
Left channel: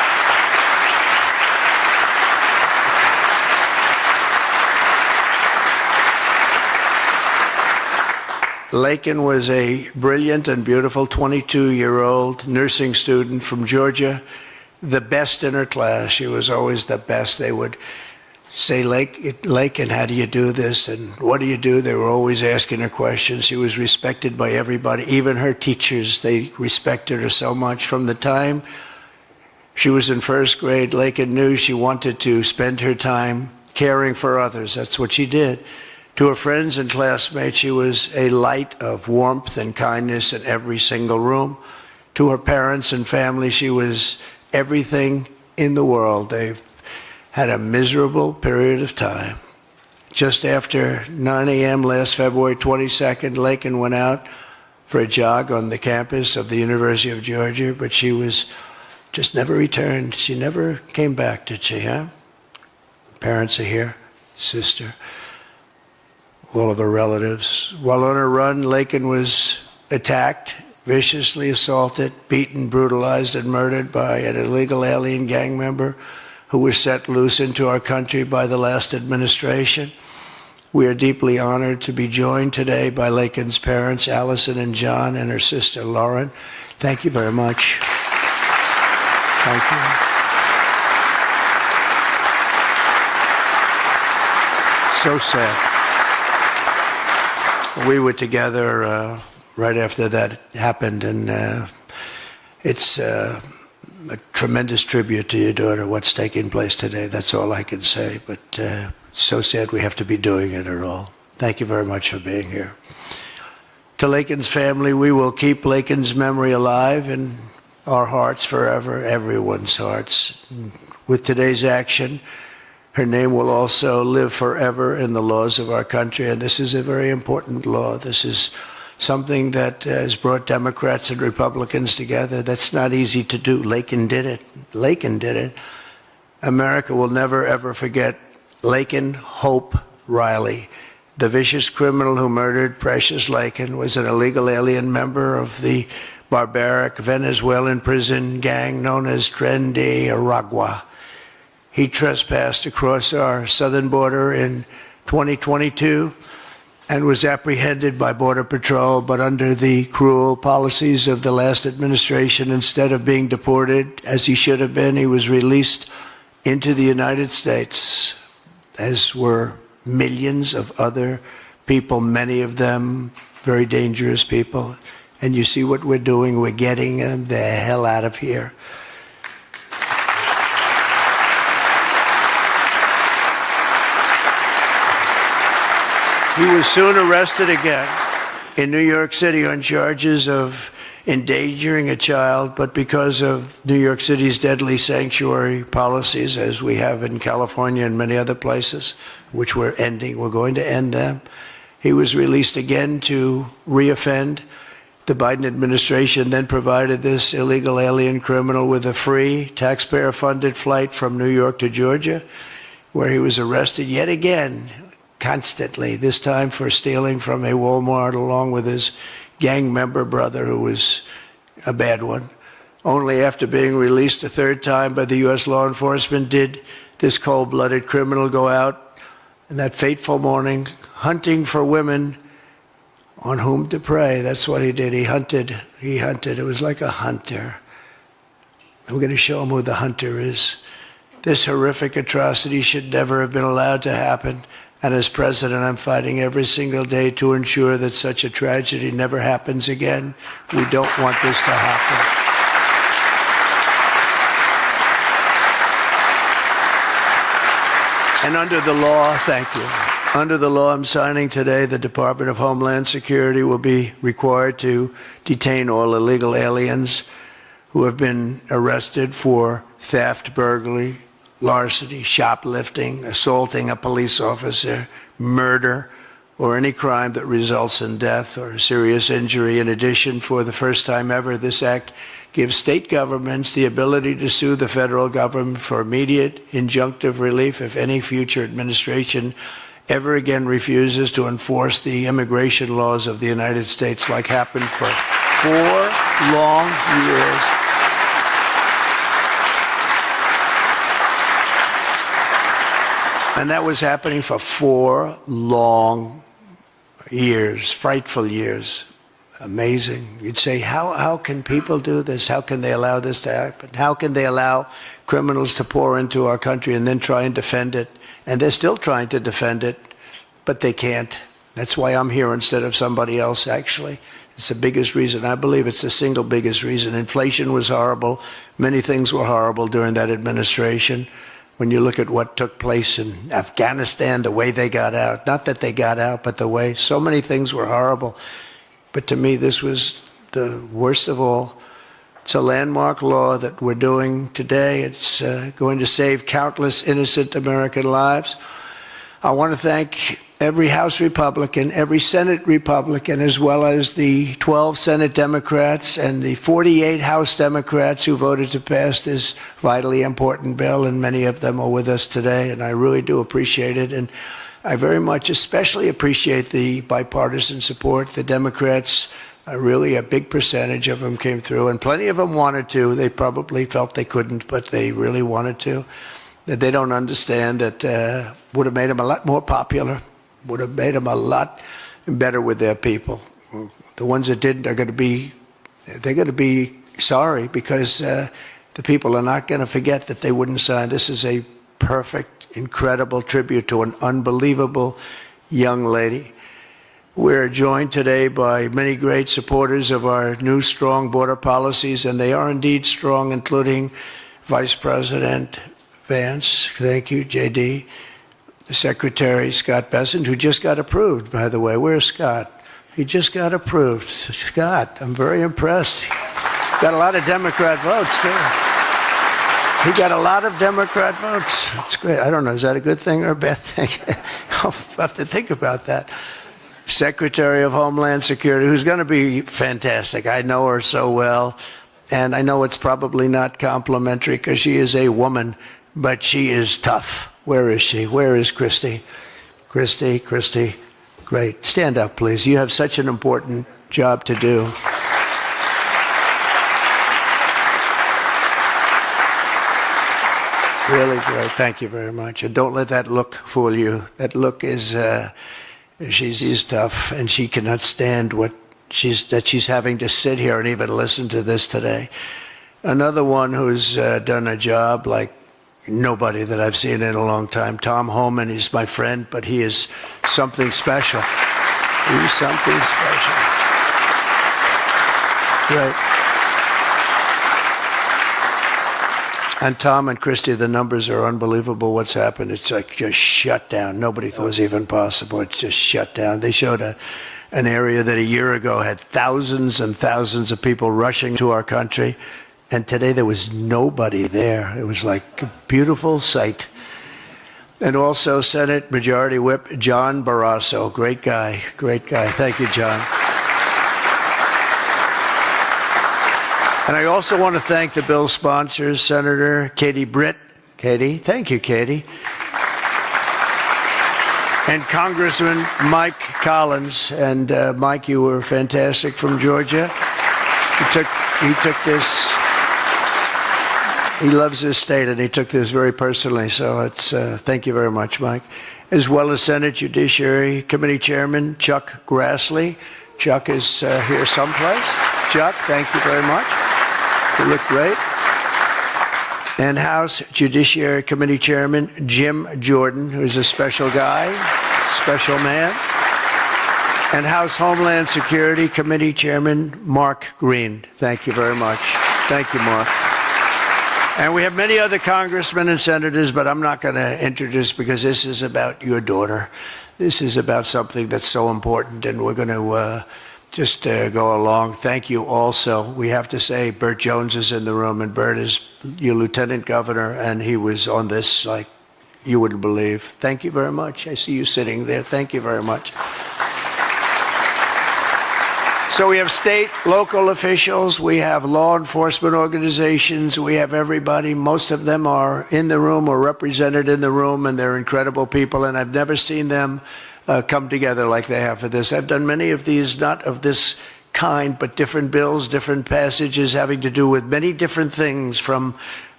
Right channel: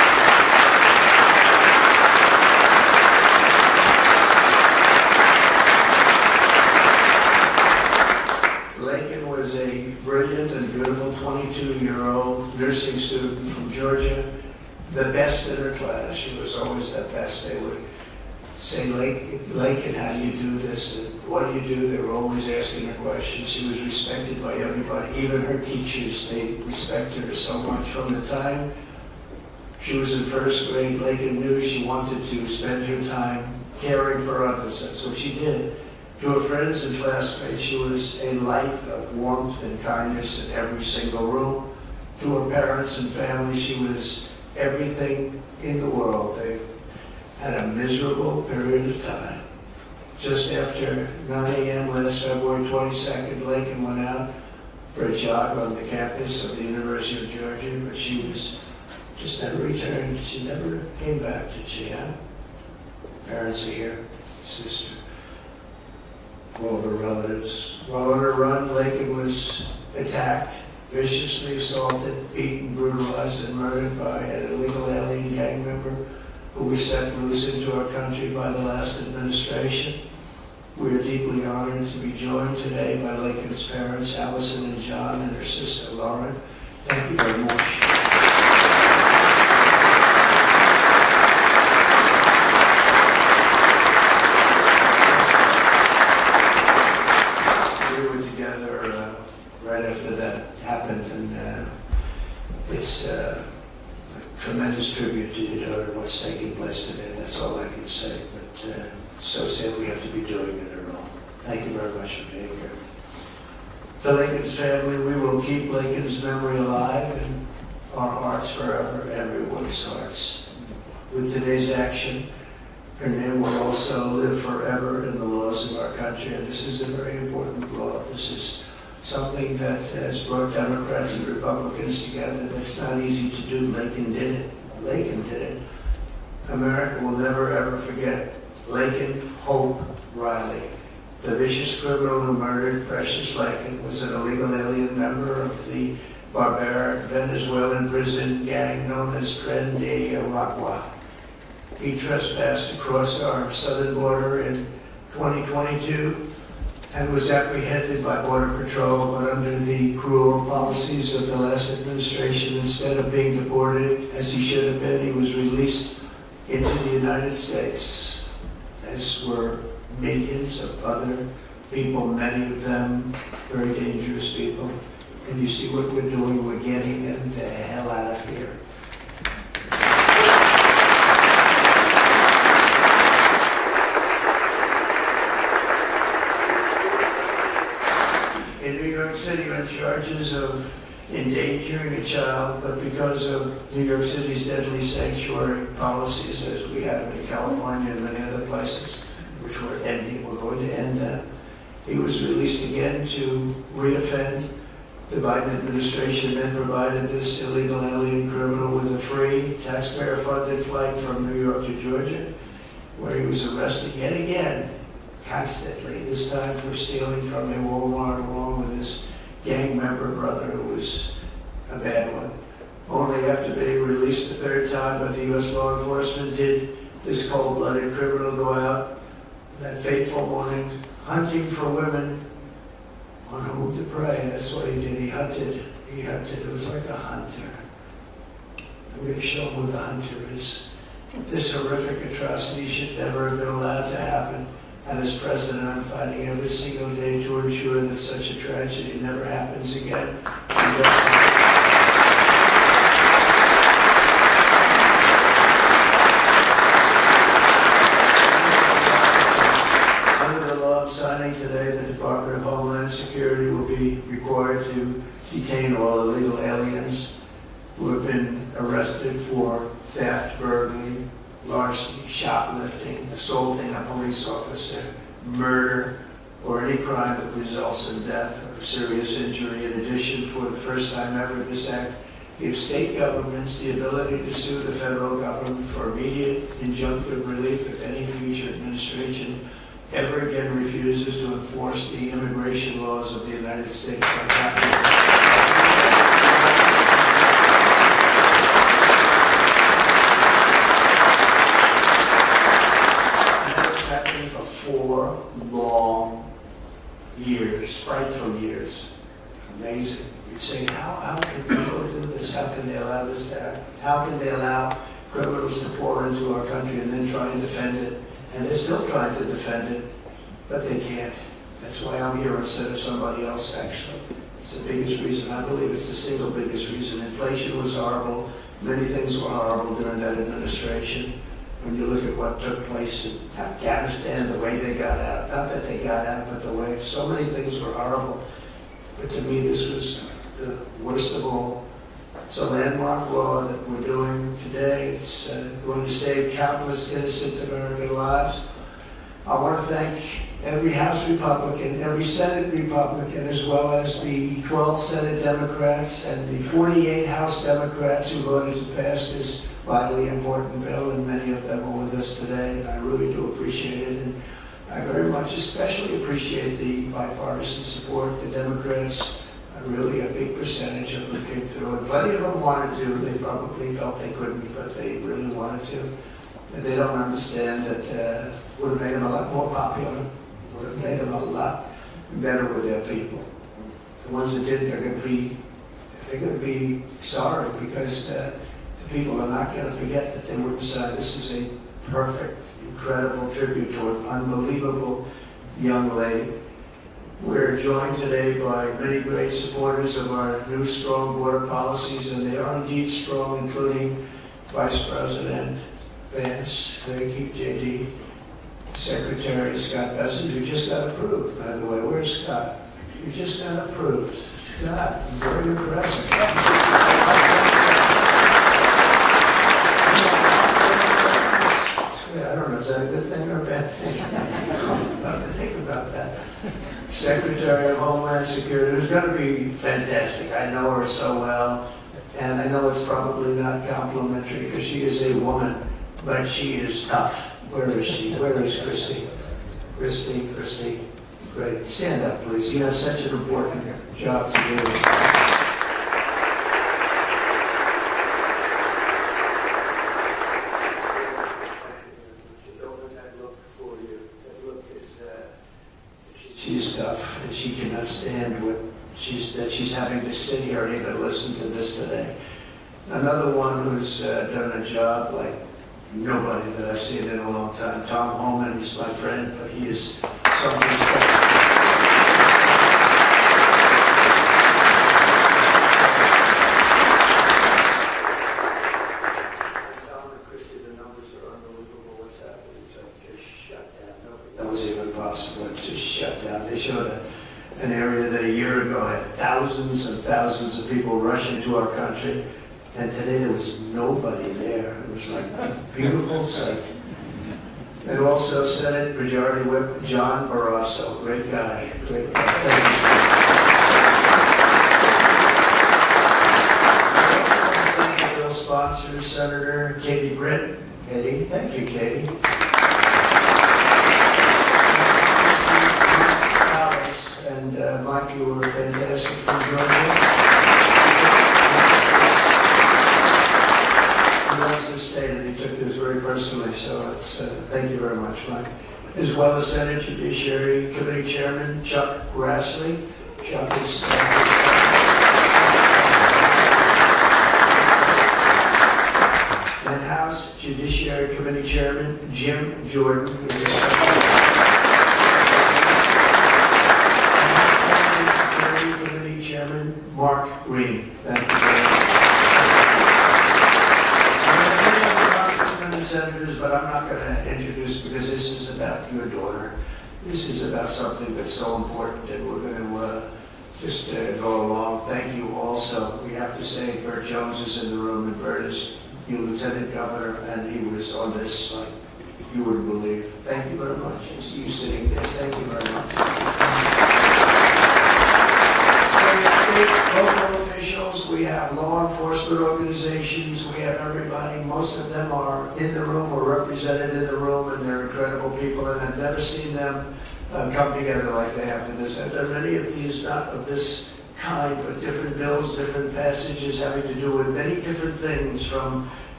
Laken was a brilliant and beautiful 22-year-old nursing student from Georgia, the best in her class. She was always the best. They would say, Laken, how do you do this? And what do you do? They were always asking her questions. She was respected by everybody, even her teachers. They respected her so much. From the time she was in first grade, Laken knew she wanted to spend her time caring for others. That's what she did. To her friends and classmates, she was a light of warmth and kindness in every single room. To her parents and family, she was everything in the world. They had a miserable period of time. Just after 9 a.m. last February 22nd, Laken went out for a jog on the campus of the University of Georgia, but she was just never returned. She never came back, did she, huh? Parents are here, sister, all of her relatives. While on her run, Laken was attacked, viciously assaulted, beaten, brutalized, and murdered by an illegal alien gang member who was set loose into our country by the last administration. We are deeply honored to be joined today by Laken's parents, Allison and John, and her sister, Lauren. Thank you very much. Thank you. So sad. We were together right after that happened, and it's a tremendous tribute to your daughter, what's taking place today. That's all I can say, but so sad we have to be doing it at all. Thank you very much for being here. To Laken's family, we will keep Laken's memory alive in our hearts forever, everyone's hearts. With today's action, her name will also live forever in the laws of our country, and this is a very important law. This is something that has brought Democrats and Republicans together. That's not easy to do. Laken did it. Laken did it. America will never, ever forget Laken Hope Riley. The vicious criminal who murdered Precious Laken was an illegal alien member of the barbaric Venezuelan prison gang known as Tren de Aragua. He trespassed across our southern border in 2022 and was apprehended by Border Patrol, but under the cruel policies of the last administration, instead of being deported as he should have been, he was released into the United States, as were millions of other people, many of them very dangerous people. And you see what we're doing, we're getting them the hell out of here. He was soon arrested again in New York City on charges of endangering a child, but because of New York City's deadly sanctuary policies, as we have in California and many other places, which we're ending, we're going to end them, he was released again to reoffend. The Biden administration then provided this illegal alien criminal with a free, taxpayer-funded flight from New York to Georgia, where he was arrested yet again, constantly, this time for stealing from a Walmart along with his gang member brother, who was a bad one. Only after being released a third time by the U.S. law enforcement did this cold-blooded criminal go out in that fateful morning hunting for women on whom to prey. That's what he did. He hunted. It was like a hunter. And we're going to show him who the hunter is. This horrific atrocity should never have been allowed to happen. And as president, I'm fighting every single day to ensure that such a tragedy never happens again. We don't want this to happen. And under the law, thank you. Under the law I'm signing today, the Department of Homeland Security will be required to detain all illegal aliens who have been arrested for theft, burglary, larceny, shoplifting, assaulting a police officer, murder, or any crime that results in death or serious injury. In addition, for the first time ever, this act gives state governments the ability to sue the federal government for immediate injunctive relief if any future administration ever again refuses to enforce the immigration laws of the United States, like happened for 4 long years. And that was happening for 4 long years, frightful years. Amazing. You'd say, how can people do this? How can they allow this to happen? How can they allow criminals to pour into our country and then try and defend it? And they're still trying to defend it, but they can't. That's why I'm here instead of somebody else, actually. It's the biggest reason. I believe it's the single biggest reason. Inflation was horrible. Many things were horrible during that administration. When you look at what took place in Afghanistan, the way they got out, not that they got out, but the way, so many things were horrible. But to me, this was the worst of all. It's a landmark law that we're doing today. It's going to save countless innocent American lives. I want to thank every House Republican, every Senate Republican, as well as the 12 Senate Democrats and the 48 House Democrats who voted to pass this vitally important bill, and many of them are with us today, and I really do appreciate it. And I very much especially appreciate the bipartisan support. The Democrats, really a big percentage of them came through, and plenty of them wanted to. They probably felt they couldn't, but they really wanted to. That they don't understand that would have made them a lot more popular, would have made them a lot better with their people. The ones that didn't are going to be sorry, because the people are not going to forget that they wouldn't sign. This is a perfect, incredible tribute to an unbelievable young lady. We're joined today by many great supporters of our new strong border policies, and they are indeed strong, including Vice President Vance, thank you, JD, the Secretary Scott Bessent, who just got approved, by the way. Where's Scott? He just got approved. Scott, I'm very impressed. Got a lot of Democrat votes. He got a lot of Democrat votes. That's great. I don't know, is that a good thing or a bad thing? I'll have to think about that. Secretary of Homeland Security, who's going to be fantastic. I know her so well, and I know it's probably not complimentary because she is a woman, but she is tough. Where is she? Where is Christy? Christy, great. Stand up, please. You have such an important job to do. Really great. Thank you very much. And don't let that look fool you. That look is, she's tough, and she cannot stand that she's having to sit here and even listen to this today. Another one who's done a job like nobody that I've seen in a long time, Tom Homan. He's my friend, but he is something special. He is something special. Yeah. And Tom and Christy, the numbers are unbelievable. What's happened? It's like just shut down. Nobody thought it was even possible. It's just shut down. They showed an area that a year ago had thousands and thousands of people rushing to our country. And today there was nobody there. It was like a beautiful sight. And also Senate Majority Whip John Barrasso. Great guy. Thank you, John. And I also want to thank the bill sponsors, Senator Katie Britt. Katie, thank you, Katie. And Congressman Mike Collins. And Mike, you were fantastic from Georgia. He took this. He loves his state, and he took this very personally, so it's thank you very much, Mike. As well as Senate Judiciary Committee Chairman Chuck Grassley. Chuck is here someplace. Chuck, thank you very much. You look great. And House Judiciary Committee Chairman Jim Jordan, who's a special guy, special man. And House Homeland Security Committee Chairman Mark Green. Thank you very much. Thank you, Mark. And we have many other congressmen and senators, but I'm not going to introduce because this is about your daughter. This is about something that's so important, and we're going to just go along. Thank you also. We have to say Burt Jones is in the room, and Burt is your lieutenant governor, and he was on this like you wouldn't believe. Thank you very much. I see you sitting there. Thank you very much. So we have state, local officials, we have law enforcement organizations, we have everybody. Most of them are in the room or represented in the room, and they're incredible people, and I've never seen them come together like they have for this. I've done many of these, not of this kind, but different bills, different passages having to do with many different things, from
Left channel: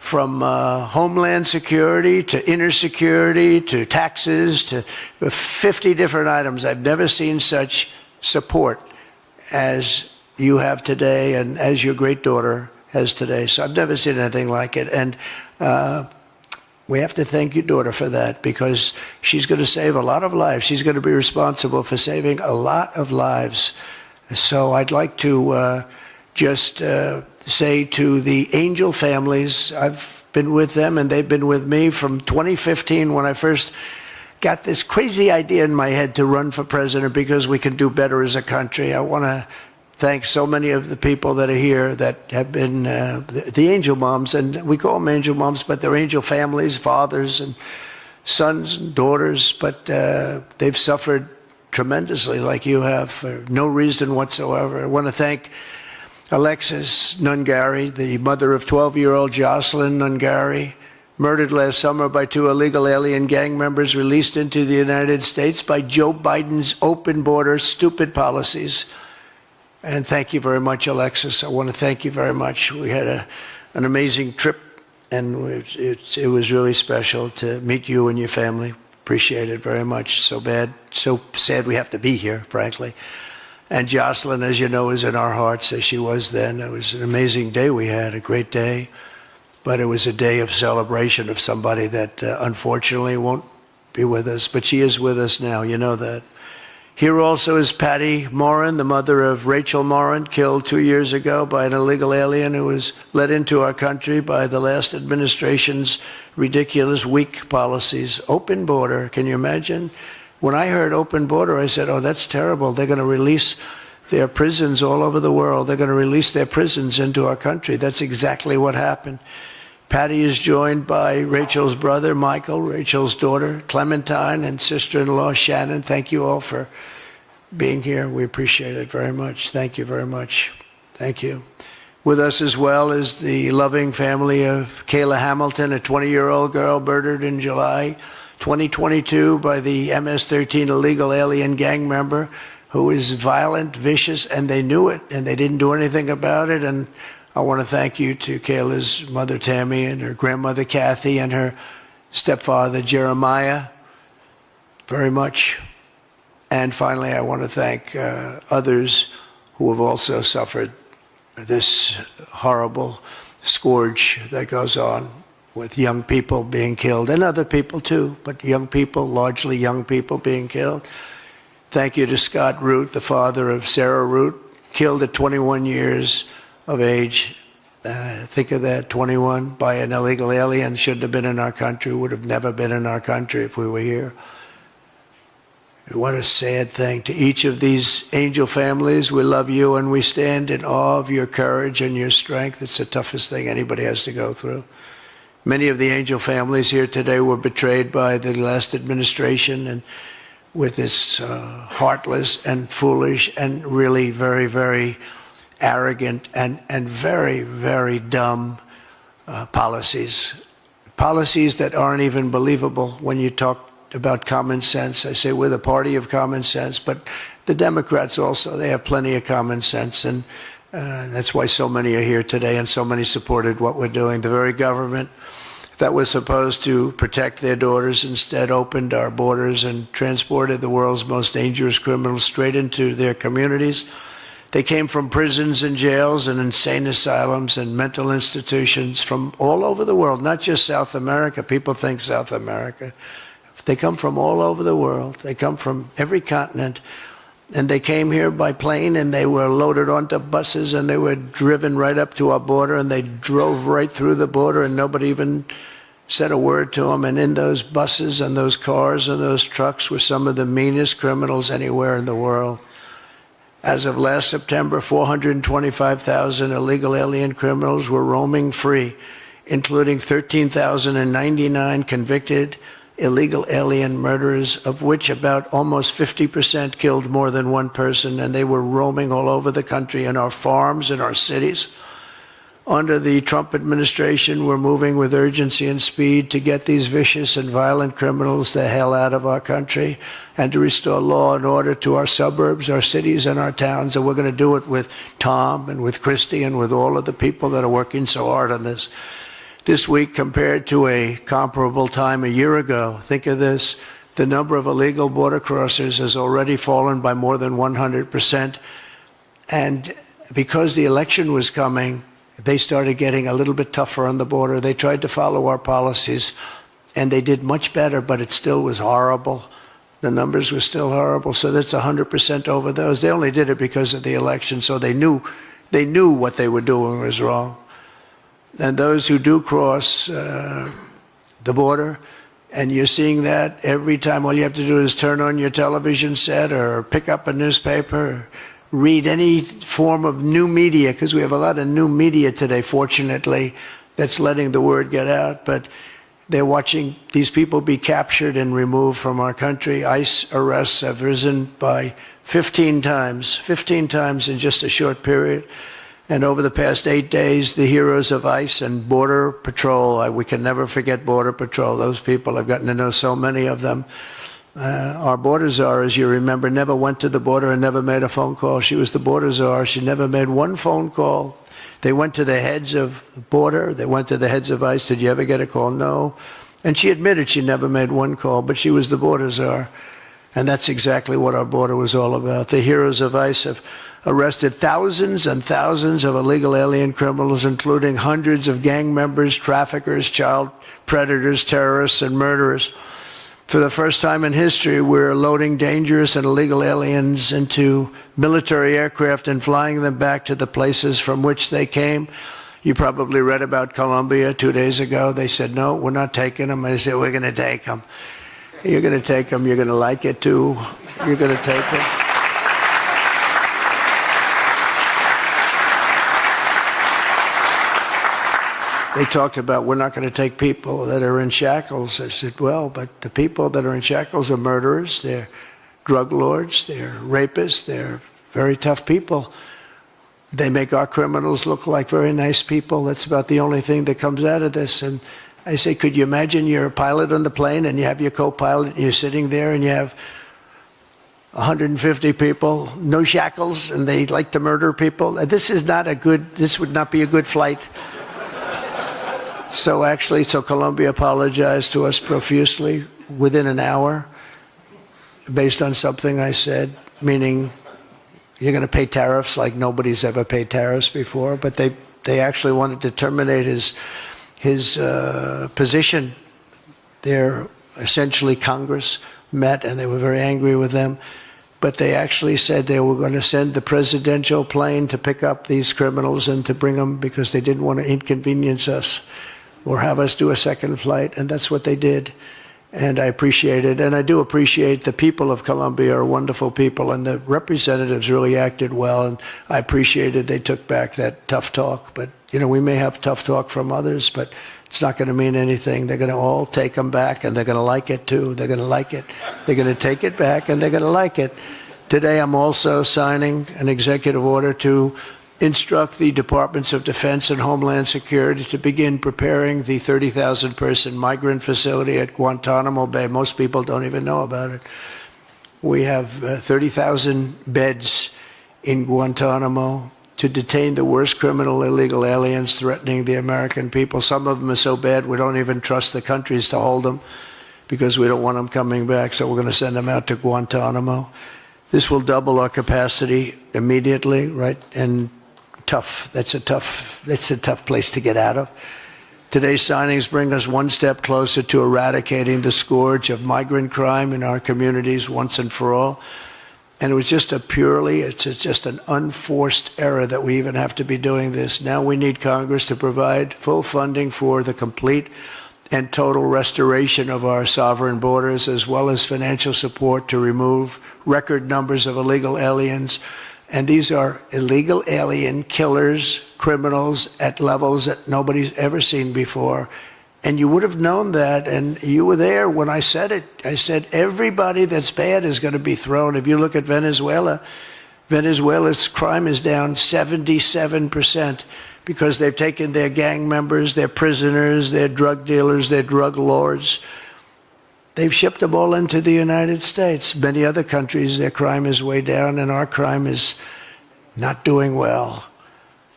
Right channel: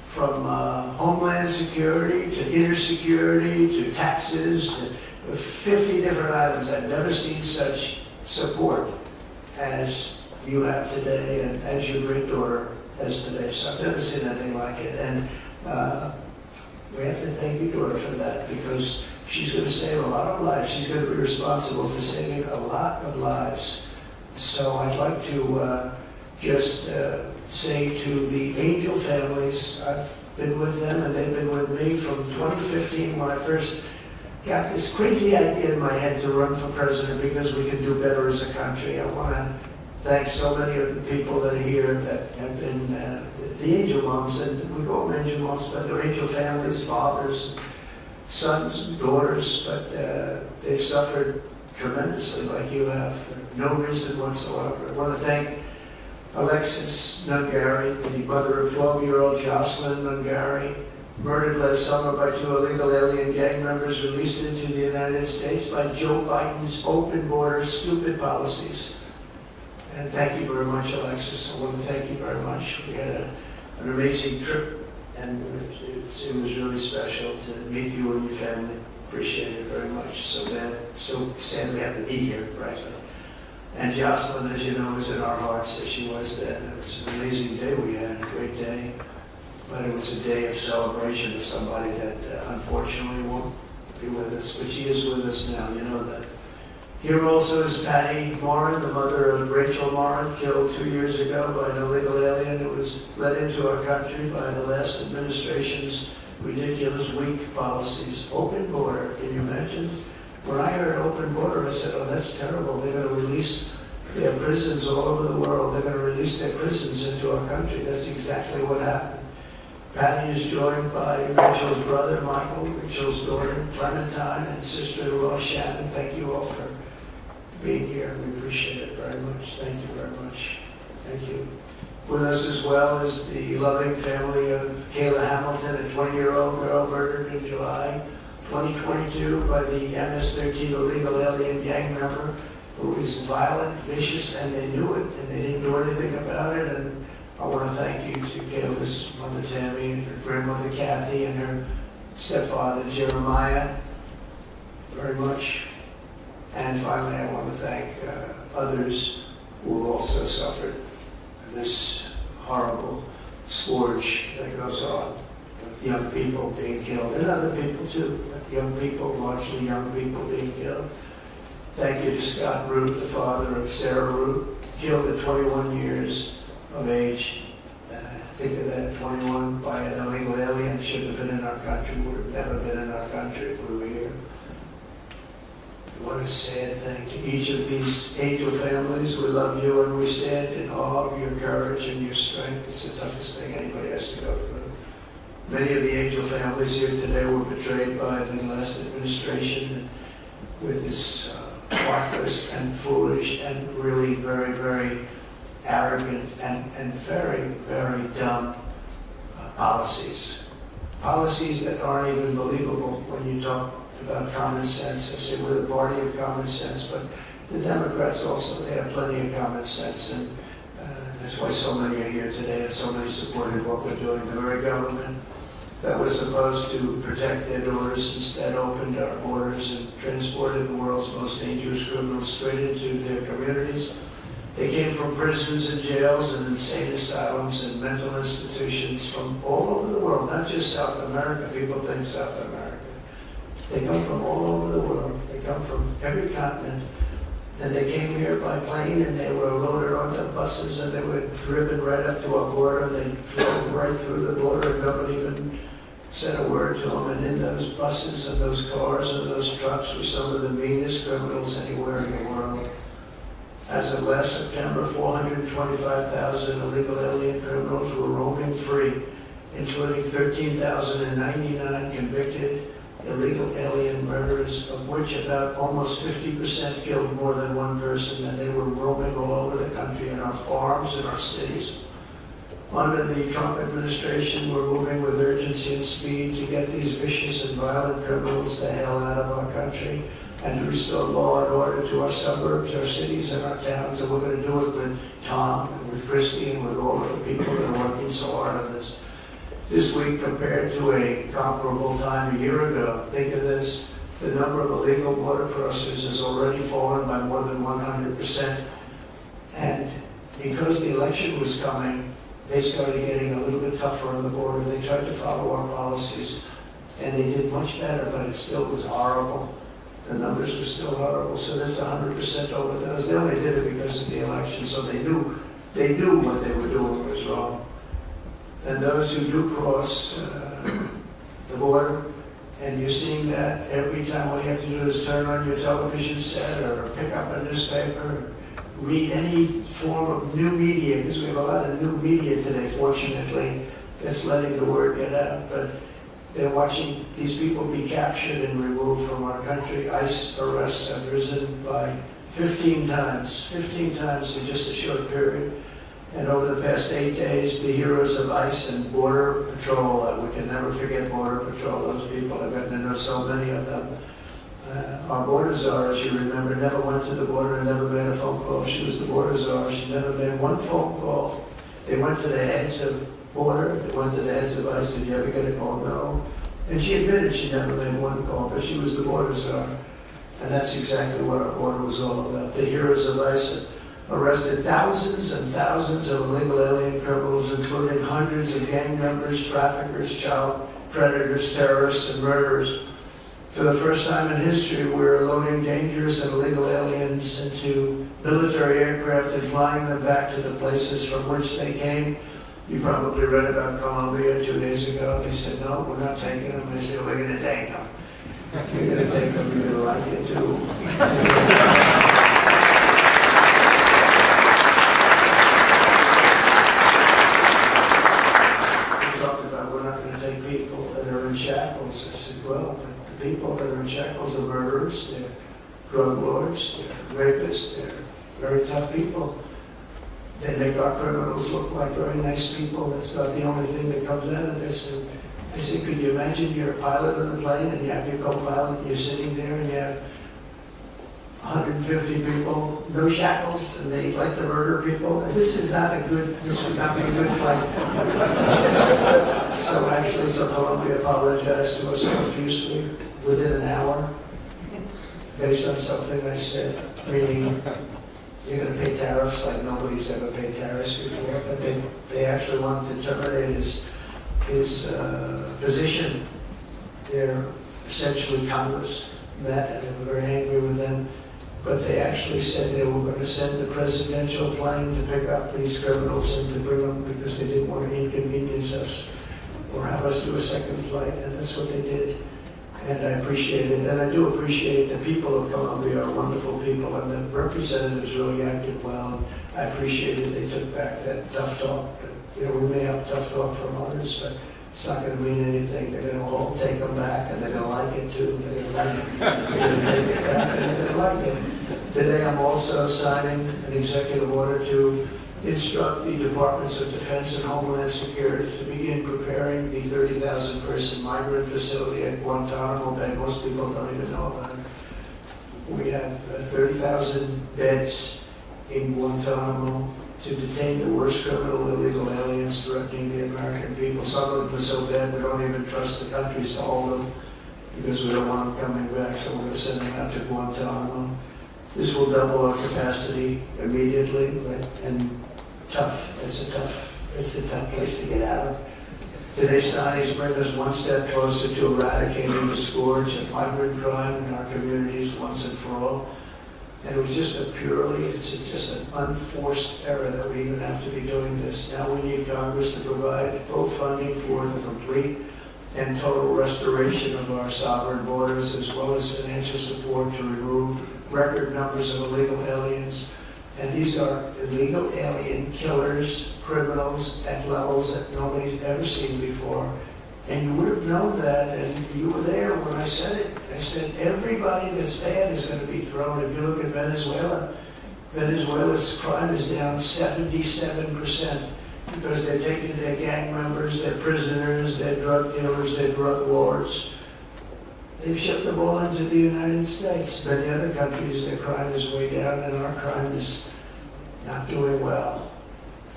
from Homeland Security to inner security to taxes to 50 different items. I've never seen such support as you have today and as your great daughter has today. So I've never seen anything like it. And we have to thank your daughter for that, because she's going to save a lot of lives. She's going to be responsible for saving a lot of lives. So I'd like to just say to the Angel families, I've been with them and they've been with me from 2015 when I first got this crazy idea in my head to run for president because we could do better as a country. I want to thank so many of the people that are here that have been the angel moms, and we call them angel moms, but they're angel families, fathers and sons and daughters, but they've suffered tremendously like you have for no reason whatsoever. I want to thank Alexis Nungari, the mother of 12-year-old Jocelyn Nungari, murdered last summer by 2 illegal alien gang members released into the United States by Joe Biden's open border stupid policies. And thank you very much, Alexis. I want to thank you very much. We had an amazing trip, and it was really special to meet you and your family. Appreciate it very much. So sad we have to be here, frankly. And Jocelyn, as you know, is in our hearts as she was then. It was an amazing day we had, a great day. But it was a day of celebration of somebody that unfortunately won't be with us. But she is with us now, you know that. Here also is Patty Morin, the mother of Rachel Morin, killed 2 years ago by an illegal alien who was let into our country by the last administration's ridiculous, weak policies. Open border, can you imagine? When I heard open border, I said, oh, that's terrible. They're going to release their prisons all over the world. They're going to release their prisons into our country. That's exactly what happened. Patty is joined by Rachel's brother, Michael, Rachel's daughter, Clementine, and sister-in-law, Shannon. Thank you all for being here. We appreciate it very much. Thank you very much. Thank you. With us as well is the loving family of Kayla Hamilton, a 20-year-old girl murdered in July 2022 by the MS-13 illegal alien gang member who is violent, vicious, and they knew it, and they didn't do anything about it. And I want to thank you to Kayla's mother, Tammy, and her grandmother, Kathy, and her stepfather, Jeremiah, very much. And finally, I want to thank others who have also suffered this horrible scourge that goes on with young people being killed, and other people too, but young people, largely young people being killed. Thank you to Scott Root, the father of Sarah Root, killed at 21 years of age. Think of that, 21 by an illegal alien, shouldn't have been in our country, would have never been in our country if we were here. What a sad thing. To each of these angel families, we love you and we stand in awe of your courage and your strength. It's the toughest thing anybody has to go through. Many of the angel families here today were betrayed by the last administration and with its heartless and foolish and really very, very arrogant and very, very dumb policies. Policies that aren't even believable when you talk about common sense. I say we're the party of common sense, but the Democrats also, they have plenty of common sense, and that's why so many are here today and so many supported what we're doing. The very government that was supposed to protect their daughters instead opened our borders and transported the world's most dangerous criminals straight into their communities. They came from prisons and jails and insane asylums and mental institutions from all over the world, not just South America. People think South America. They come from all over the world. They come from every continent. And they came here by plane, and they were loaded onto buses, and they were driven right up to our border, and they drove right through the border, and nobody even said a word to them. And in those buses and those cars and those trucks were some of the meanest criminals anywhere in the world. As of last September, 425,000 illegal alien criminals were roaming free, including 13,099 convicted illegal alien murderers, of which about almost 50% killed more than one person, and they were roaming all over the country in our farms, in our cities. Under the Trump administration, we're moving with urgency and speed to get these vicious and violent criminals the hell out of our country and to restore law and order to our suburbs, our cities, and our towns. And we're going to do it with Tom and with Christy and with all of the people that are working so hard on this. this week compared to a comparable time a year ago. Think of this. The number of illegal border crossers has already fallen by more than 100%. And because the election was coming, they started getting a little bit tougher on the border. They tried to follow our policies, and they did much better, but it still was horrible. The numbers were still horrible, so that's 100% over those. They only did it because of the election, so they knew what they were doing was wrong. And those who do cross the border, and you're seeing that every time, all you have to do is turn on your television set or pick up a newspaper, or read any form of new media, because we have a lot of new media today, fortunately, that's letting the word get out. But they're watching these people be captured and removed from our country. ICE arrests have risen by 15 times in just a short period. And over the past 8 days, the heroes of ICE and Border Patrol, we can never forget Border Patrol. Those people, I've gotten to know so many of them. Our border czar, as you remember, never went to the border and never made a phone call. She was the border czar. She never made one phone call. They went to the heads of border. They went to the heads of ICE. Did you ever get a call? No. And she admitted she never made one call, but she was the border czar. And that's exactly what our border was all about. The heroes of ICE have arrested thousands and thousands of illegal alien criminals, including hundreds of gang members, traffickers, child predators, terrorists, and murderers. For the first time in history, we're loading dangerous and illegal aliens into military aircraft and flying them back to the places from which they came. You probably read about Colombia 2 days ago. They said, no, we're not taking them. I said, we're going to take them. You're going to take them. You're going to like it, too. You're going to take them. They talked about, we're not going to take people that are in shackles. I said, well, but the people that are in shackles are murderers, they're drug lords, they're rapists, they're very tough people. They make our criminals look like very nice people. That's about the only thing that comes out of this. And I say, could you imagine you're a pilot on the plane and you have your co-pilot and you're sitting there and you have 150 people, no shackles, and they like to murder people? This would not be a good flight. So Colombia apologized to us profusely within an hour based on something I said, meaning you're going to pay tariffs like nobody's ever paid tariffs before. But they actually wanted to terminate his position. They're essentially Congress met and they were very angry with them. But they actually said they were going to send the presidential plane to pick up these criminals and to bring them because they didn't want to inconvenience us or have us do a second flight, and that's what they did. And I appreciate it, and I do appreciate the people of Colombia are wonderful people, and the representatives really acted well, and I appreciated they took back that tough talk. But, you know, we may have tough talk from others, but it's not going to mean anything. They're going to all take them back, and they're going to like it, too. They're going to like it. They're going to take it back, and they're going to like it. Today, I'm also signing an executive order to instruct the Departments of Defense and Homeland Security to begin preparing the 30,000-person migrant facility at Guantanamo Bay. Most people don't even know about it. We have 30,000 beds in Guantanamo to detain the worst criminal illegal aliens threatening the American people. Some of them are so bad we don't even trust the countries to hold them because we don't want them coming back, so we're going to send them out to Guantanamo. This will double our capacity immediately, right? And tough. That's a tough place to get out of. Today's signings bring us one step closer to eradicating the scourge of migrant crime in our communities once and for all. And it was just it's just an unforced error that we even have to be doing this. Now we need Congress to provide full funding for the complete and total restoration of our sovereign borders, as well as financial support to remove record numbers of illegal aliens. And these are illegal alien killers, criminals at levels that nobody's ever seen before. And you would have known that, and you were there when I said it. I said everybody that's bad is going to be thrown. If you look at Venezuela, Venezuela's crime is down 77% because they've taken their gang members, their prisoners, their drug dealers, their drug lords. They've shipped them all into the United States. Many other countries, their crime is way down, and our crime is not doing well.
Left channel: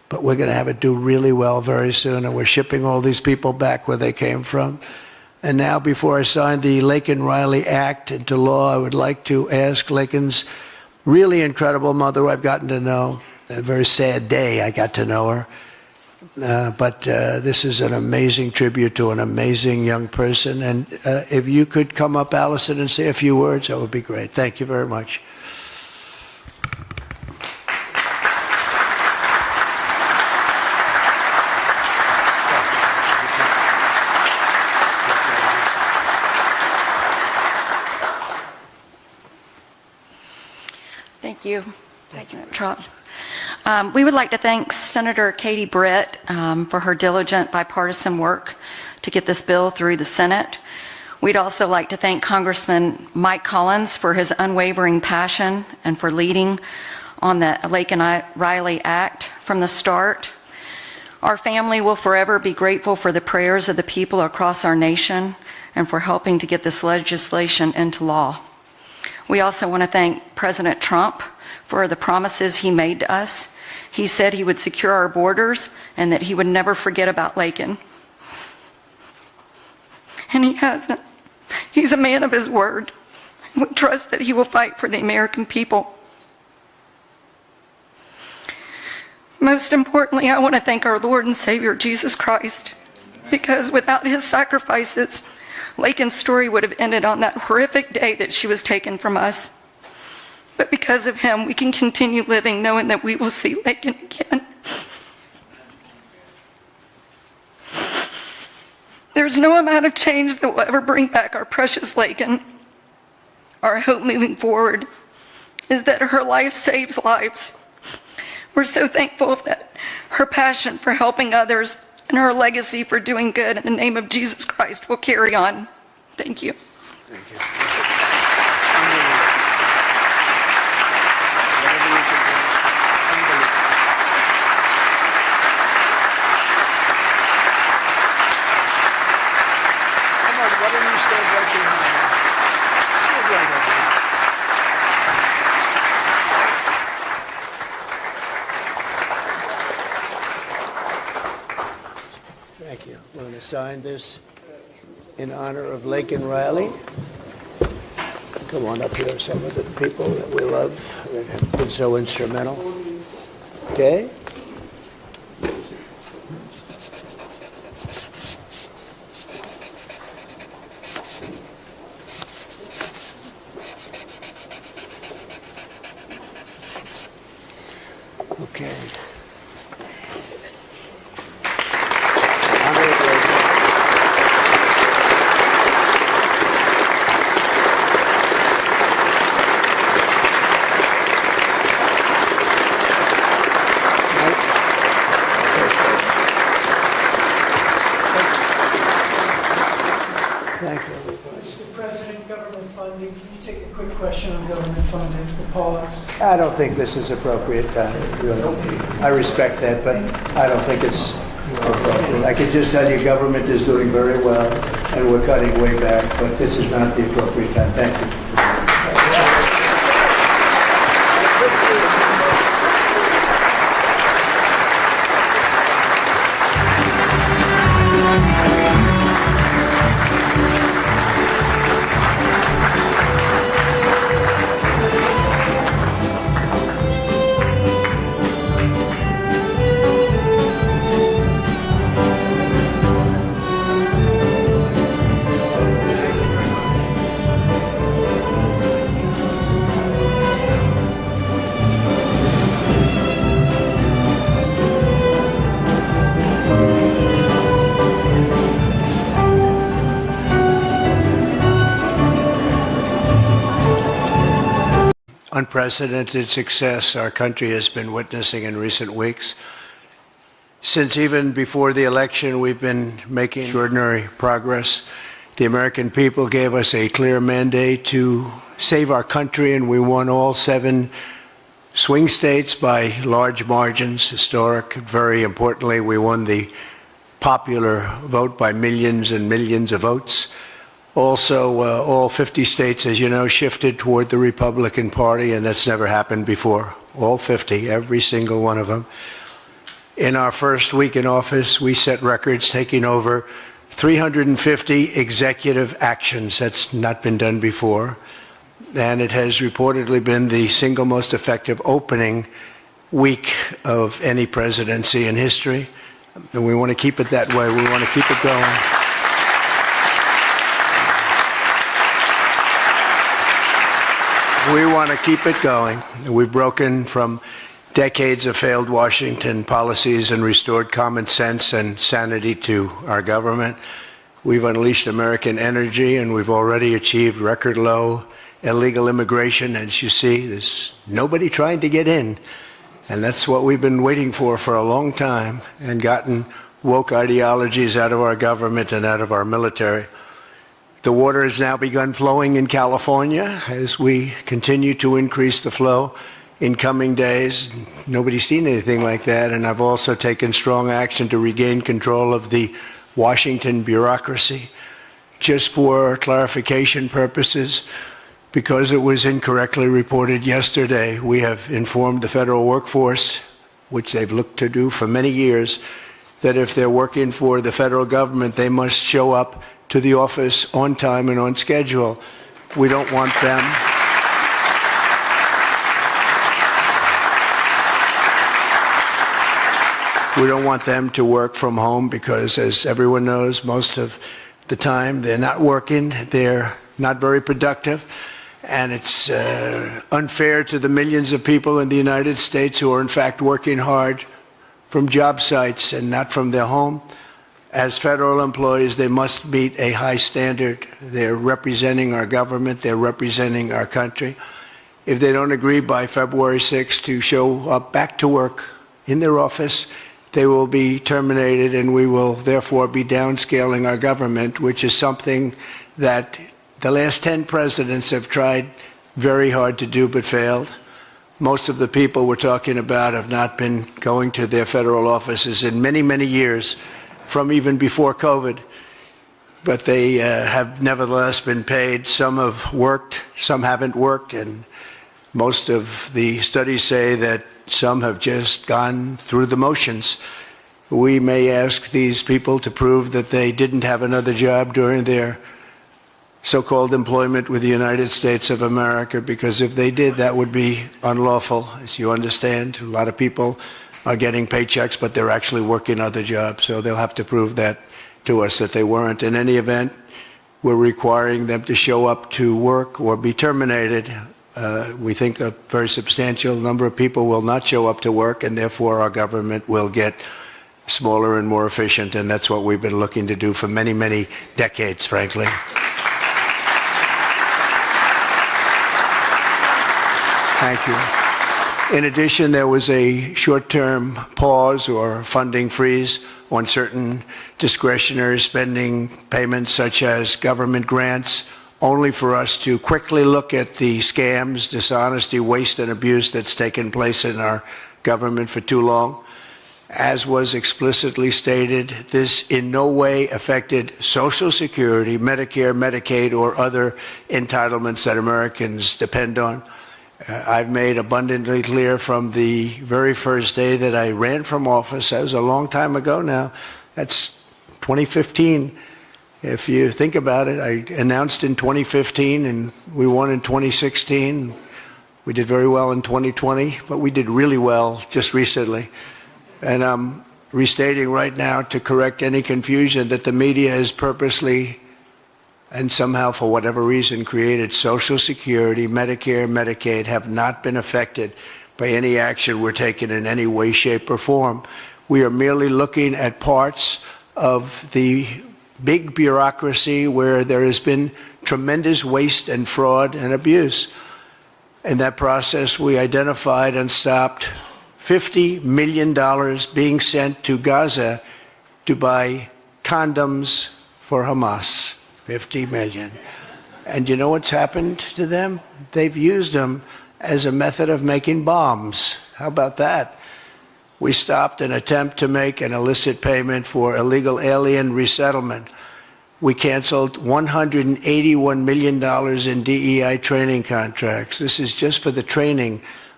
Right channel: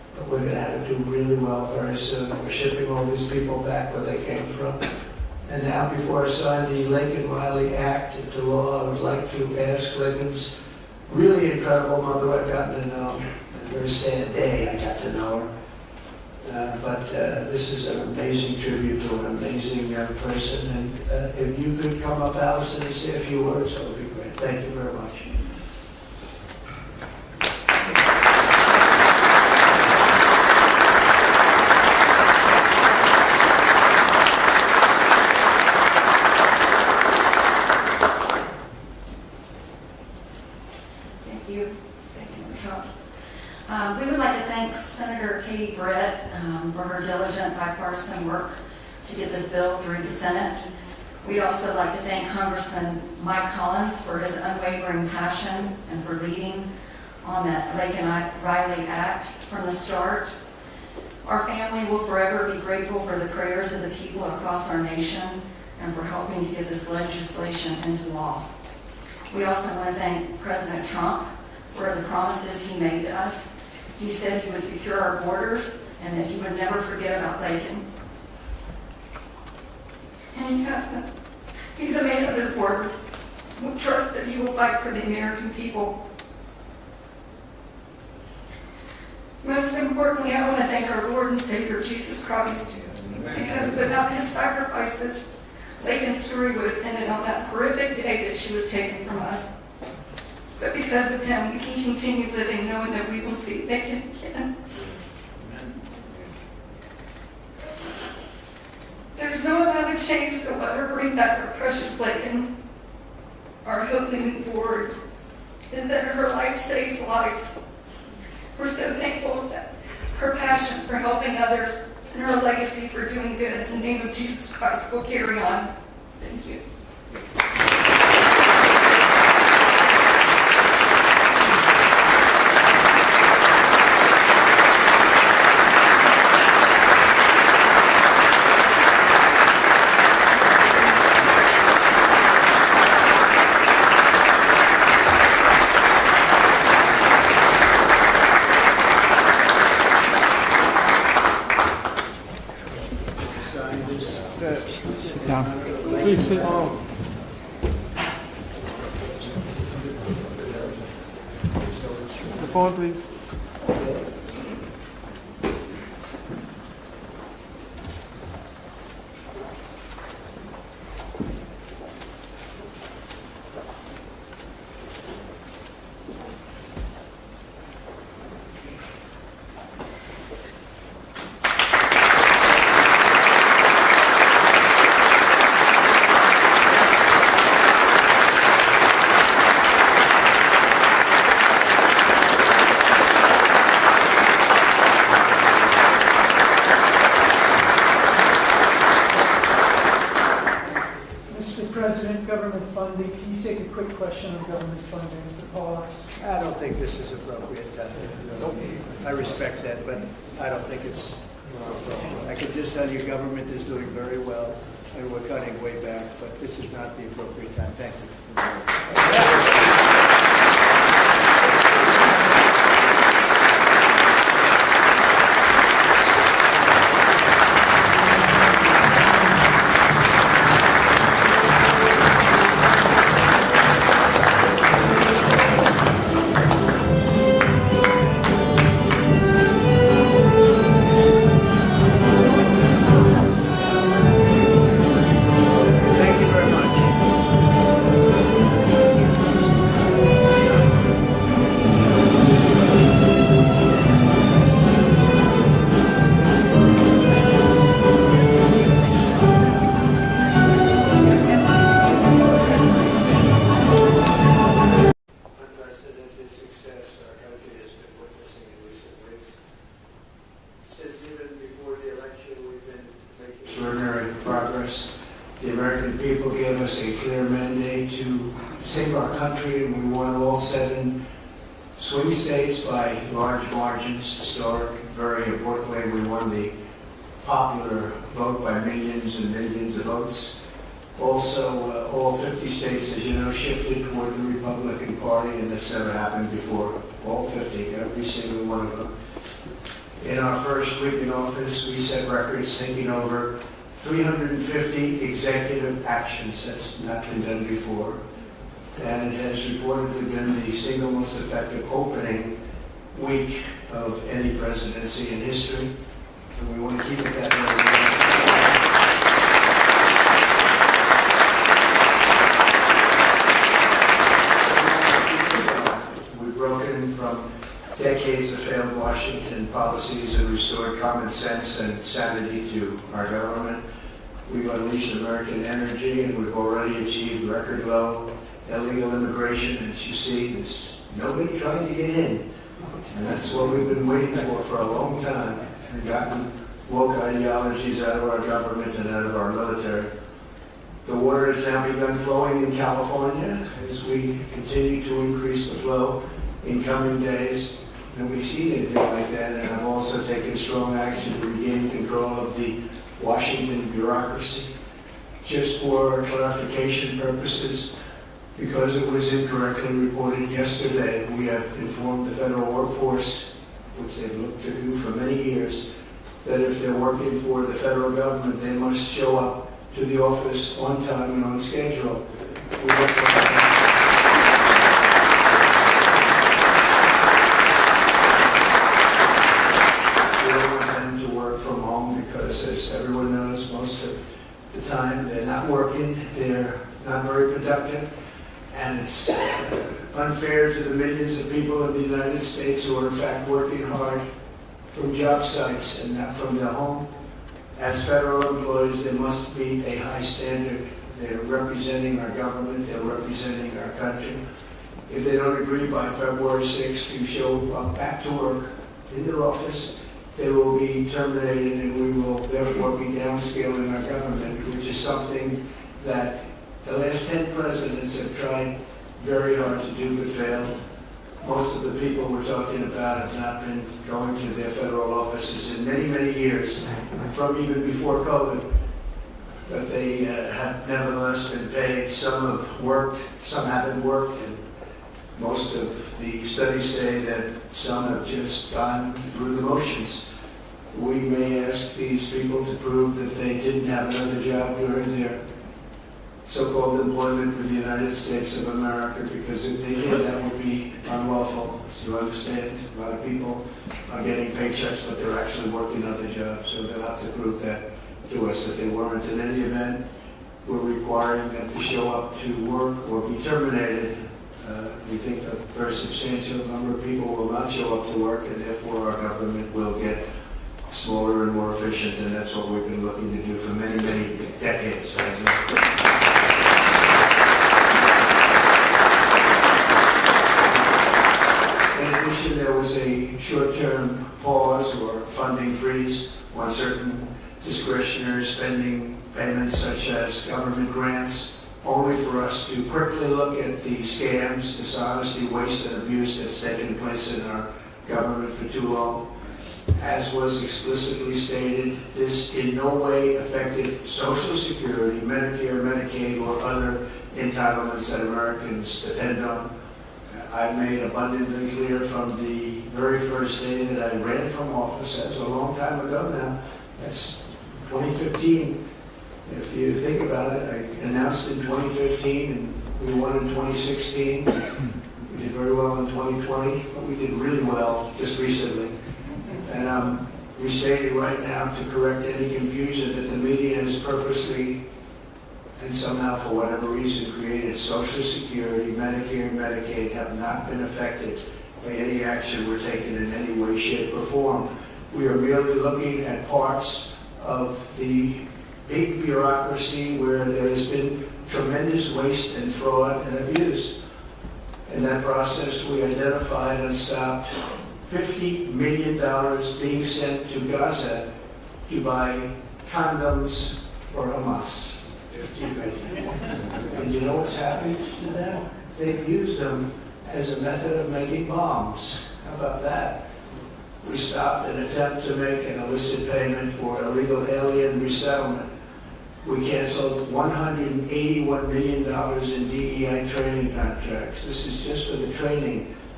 but we're going to have it do really well very soon, and we're shipping all these people back where they came from. And now, before I sign the Laken Riley Act into law, I would like to ask Laken's really incredible mother, who I've gotten to know. A very sad day I got to know her. But this is an amazing tribute to an amazing young person. And if you could come up, Allison, and say a few words, that would be great. Thank you very much. Thank you. Thank you, Trump. We would like to thank Senator Katie Britt for her diligent bipartisan work to get this bill through the Senate. We'd also like to thank Congressman Mike Collins for his unwavering passion and for leading on the Laken Riley Act from the start. Our family will forever be grateful for the prayers of the people across our nation and for helping to get this legislation into law. We also want to thank President Trump for the promises he made to us. He said he would secure our borders and that he would never forget about Laken. And he hasn't. He's a man of his word. We trust that he will fight for the American people. Most importantly, I want to thank our Lord and Savior, Jesus Christ, because without his sacrifices, Laken's story would have ended on that horrific day that she was taken from us. But because of him, we can continue living knowing that we will see Laken again. There's no amount of change that will ever bring back our precious Laken. Our hope moving forward is that her life saves lives. We're so thankful that her passion for helping others and her legacy for doing good in the name of Jesus Christ will carry on. Thank you. Sign this in honor of Laken Riley. Come on up here, some of the people that we love that have been so instrumental. Okay? Okay. Mr. President, government funding, can you take a quick question on government funding, the pause? I don't think this is appropriate time, really. I respect that, but I don't think it's appropriate. I can just tell you government is doing very well, and we're cutting way back, but this is not the appropriate time. Thank you. Unprecedented success our country has been witnessing in recent weeks. Since even before the election, we've been making extraordinary progress. The American people gave us a clear mandate to save our country, and we won all 7 swing states by large margins, historic. Very importantly, we won the popular vote by millions and millions of votes. Also, all 50 states, as you know, shifted toward the Republican Party, and that's never happened before. All 50, every single one of them. In our first week in office, we set records taking over 350 executive actions. That's not been done before. And it has reportedly been the single most effective opening week of any presidency in history. And we want to keep it that way. We want to keep it going. We want to keep it going. We've broken from decades of failed Washington policies and restored common sense and sanity to our government. We've unleashed American energy, and we've already achieved record low illegal immigration. As you see, there's nobody trying to get in. And that's what we've been waiting for a long time, and gotten woke ideologies out of our government and out of our military. The water has now begun flowing in California as we continue to increase the flow in coming days. Nobody's seen anything like that, and I've also taken strong action to regain control of the Washington bureaucracy. Just for clarification purposes, because it was incorrectly reported yesterday, we have informed the federal workforce, which they've looked to do for many years, that if they're working for the federal government, they must show up to the office on time and on schedule. We don't want them. We don't want them to work from home because, as everyone knows, most of the time they're not working, they're not very productive, and it's unfair to the millions of people in the United States who are in fact working hard from job sites and not from their home. As federal employees, they must meet a high standard. They're representing our government, they're representing our country. If they don't agree by February 6th to show up back to work in their office, they will be terminated, and we will therefore be downscaling our government, which is something that the last 10 presidents have tried very hard to do but failed. Most of the people we're talking about have not been going to their federal offices in many, many years, from even before COVID, but they have nevertheless been paid. Some have worked, some haven't worked, and most of the studies say that some have just gone through the motions. We may ask these people to prove that they didn't have another job during their so-called employment with the United States of America, because if they did, that would be unlawful. As you understand, a lot of people are getting paychecks, but they're actually working other jobs, so they'll have to prove that to us that they weren't. In any event, we're requiring them to show up to work or be terminated. We think a very substantial number of people will not show up to work, and therefore our government will get smaller and more efficient, and that's what we've been looking to do for many, many decades, frankly. In addition, there was a short-term pause or funding freeze on certain discretionary spending payments, such as government grants, only for us to quickly look at the scams, dishonesty, waste, and abuse that's taken place in our government for too long. As was explicitly stated, this in no way affected Social Security, Medicare, Medicaid, or other entitlements that Americans depend on. I've made abundantly clear from the very first day that I ran from office, that was a long time ago now, that's 2015. If you think about it, I announced in 2015 and we won in 2016. We did very well in 2020, but we did really well just recently. And I'm restating right now to correct any confusion that the media has purposely and somehow, for whatever reason, created. Social Security, Medicare, Medicaid have not been affected by any action we're taking in any way, shape, or form. We are merely looking at parts of the big bureaucracy where there has been tremendous waste and fraud and abuse. In that process, we identified and stopped $50 million being sent to Gaza to buy condoms for Hamas. 50 million. And you know what's happened to them? They've used them as a method of making bombs. How about that? We stopped an attempt to make an illicit payment for illegal alien resettlement. We canceled $181 million in DEI training contracts. This is just for the training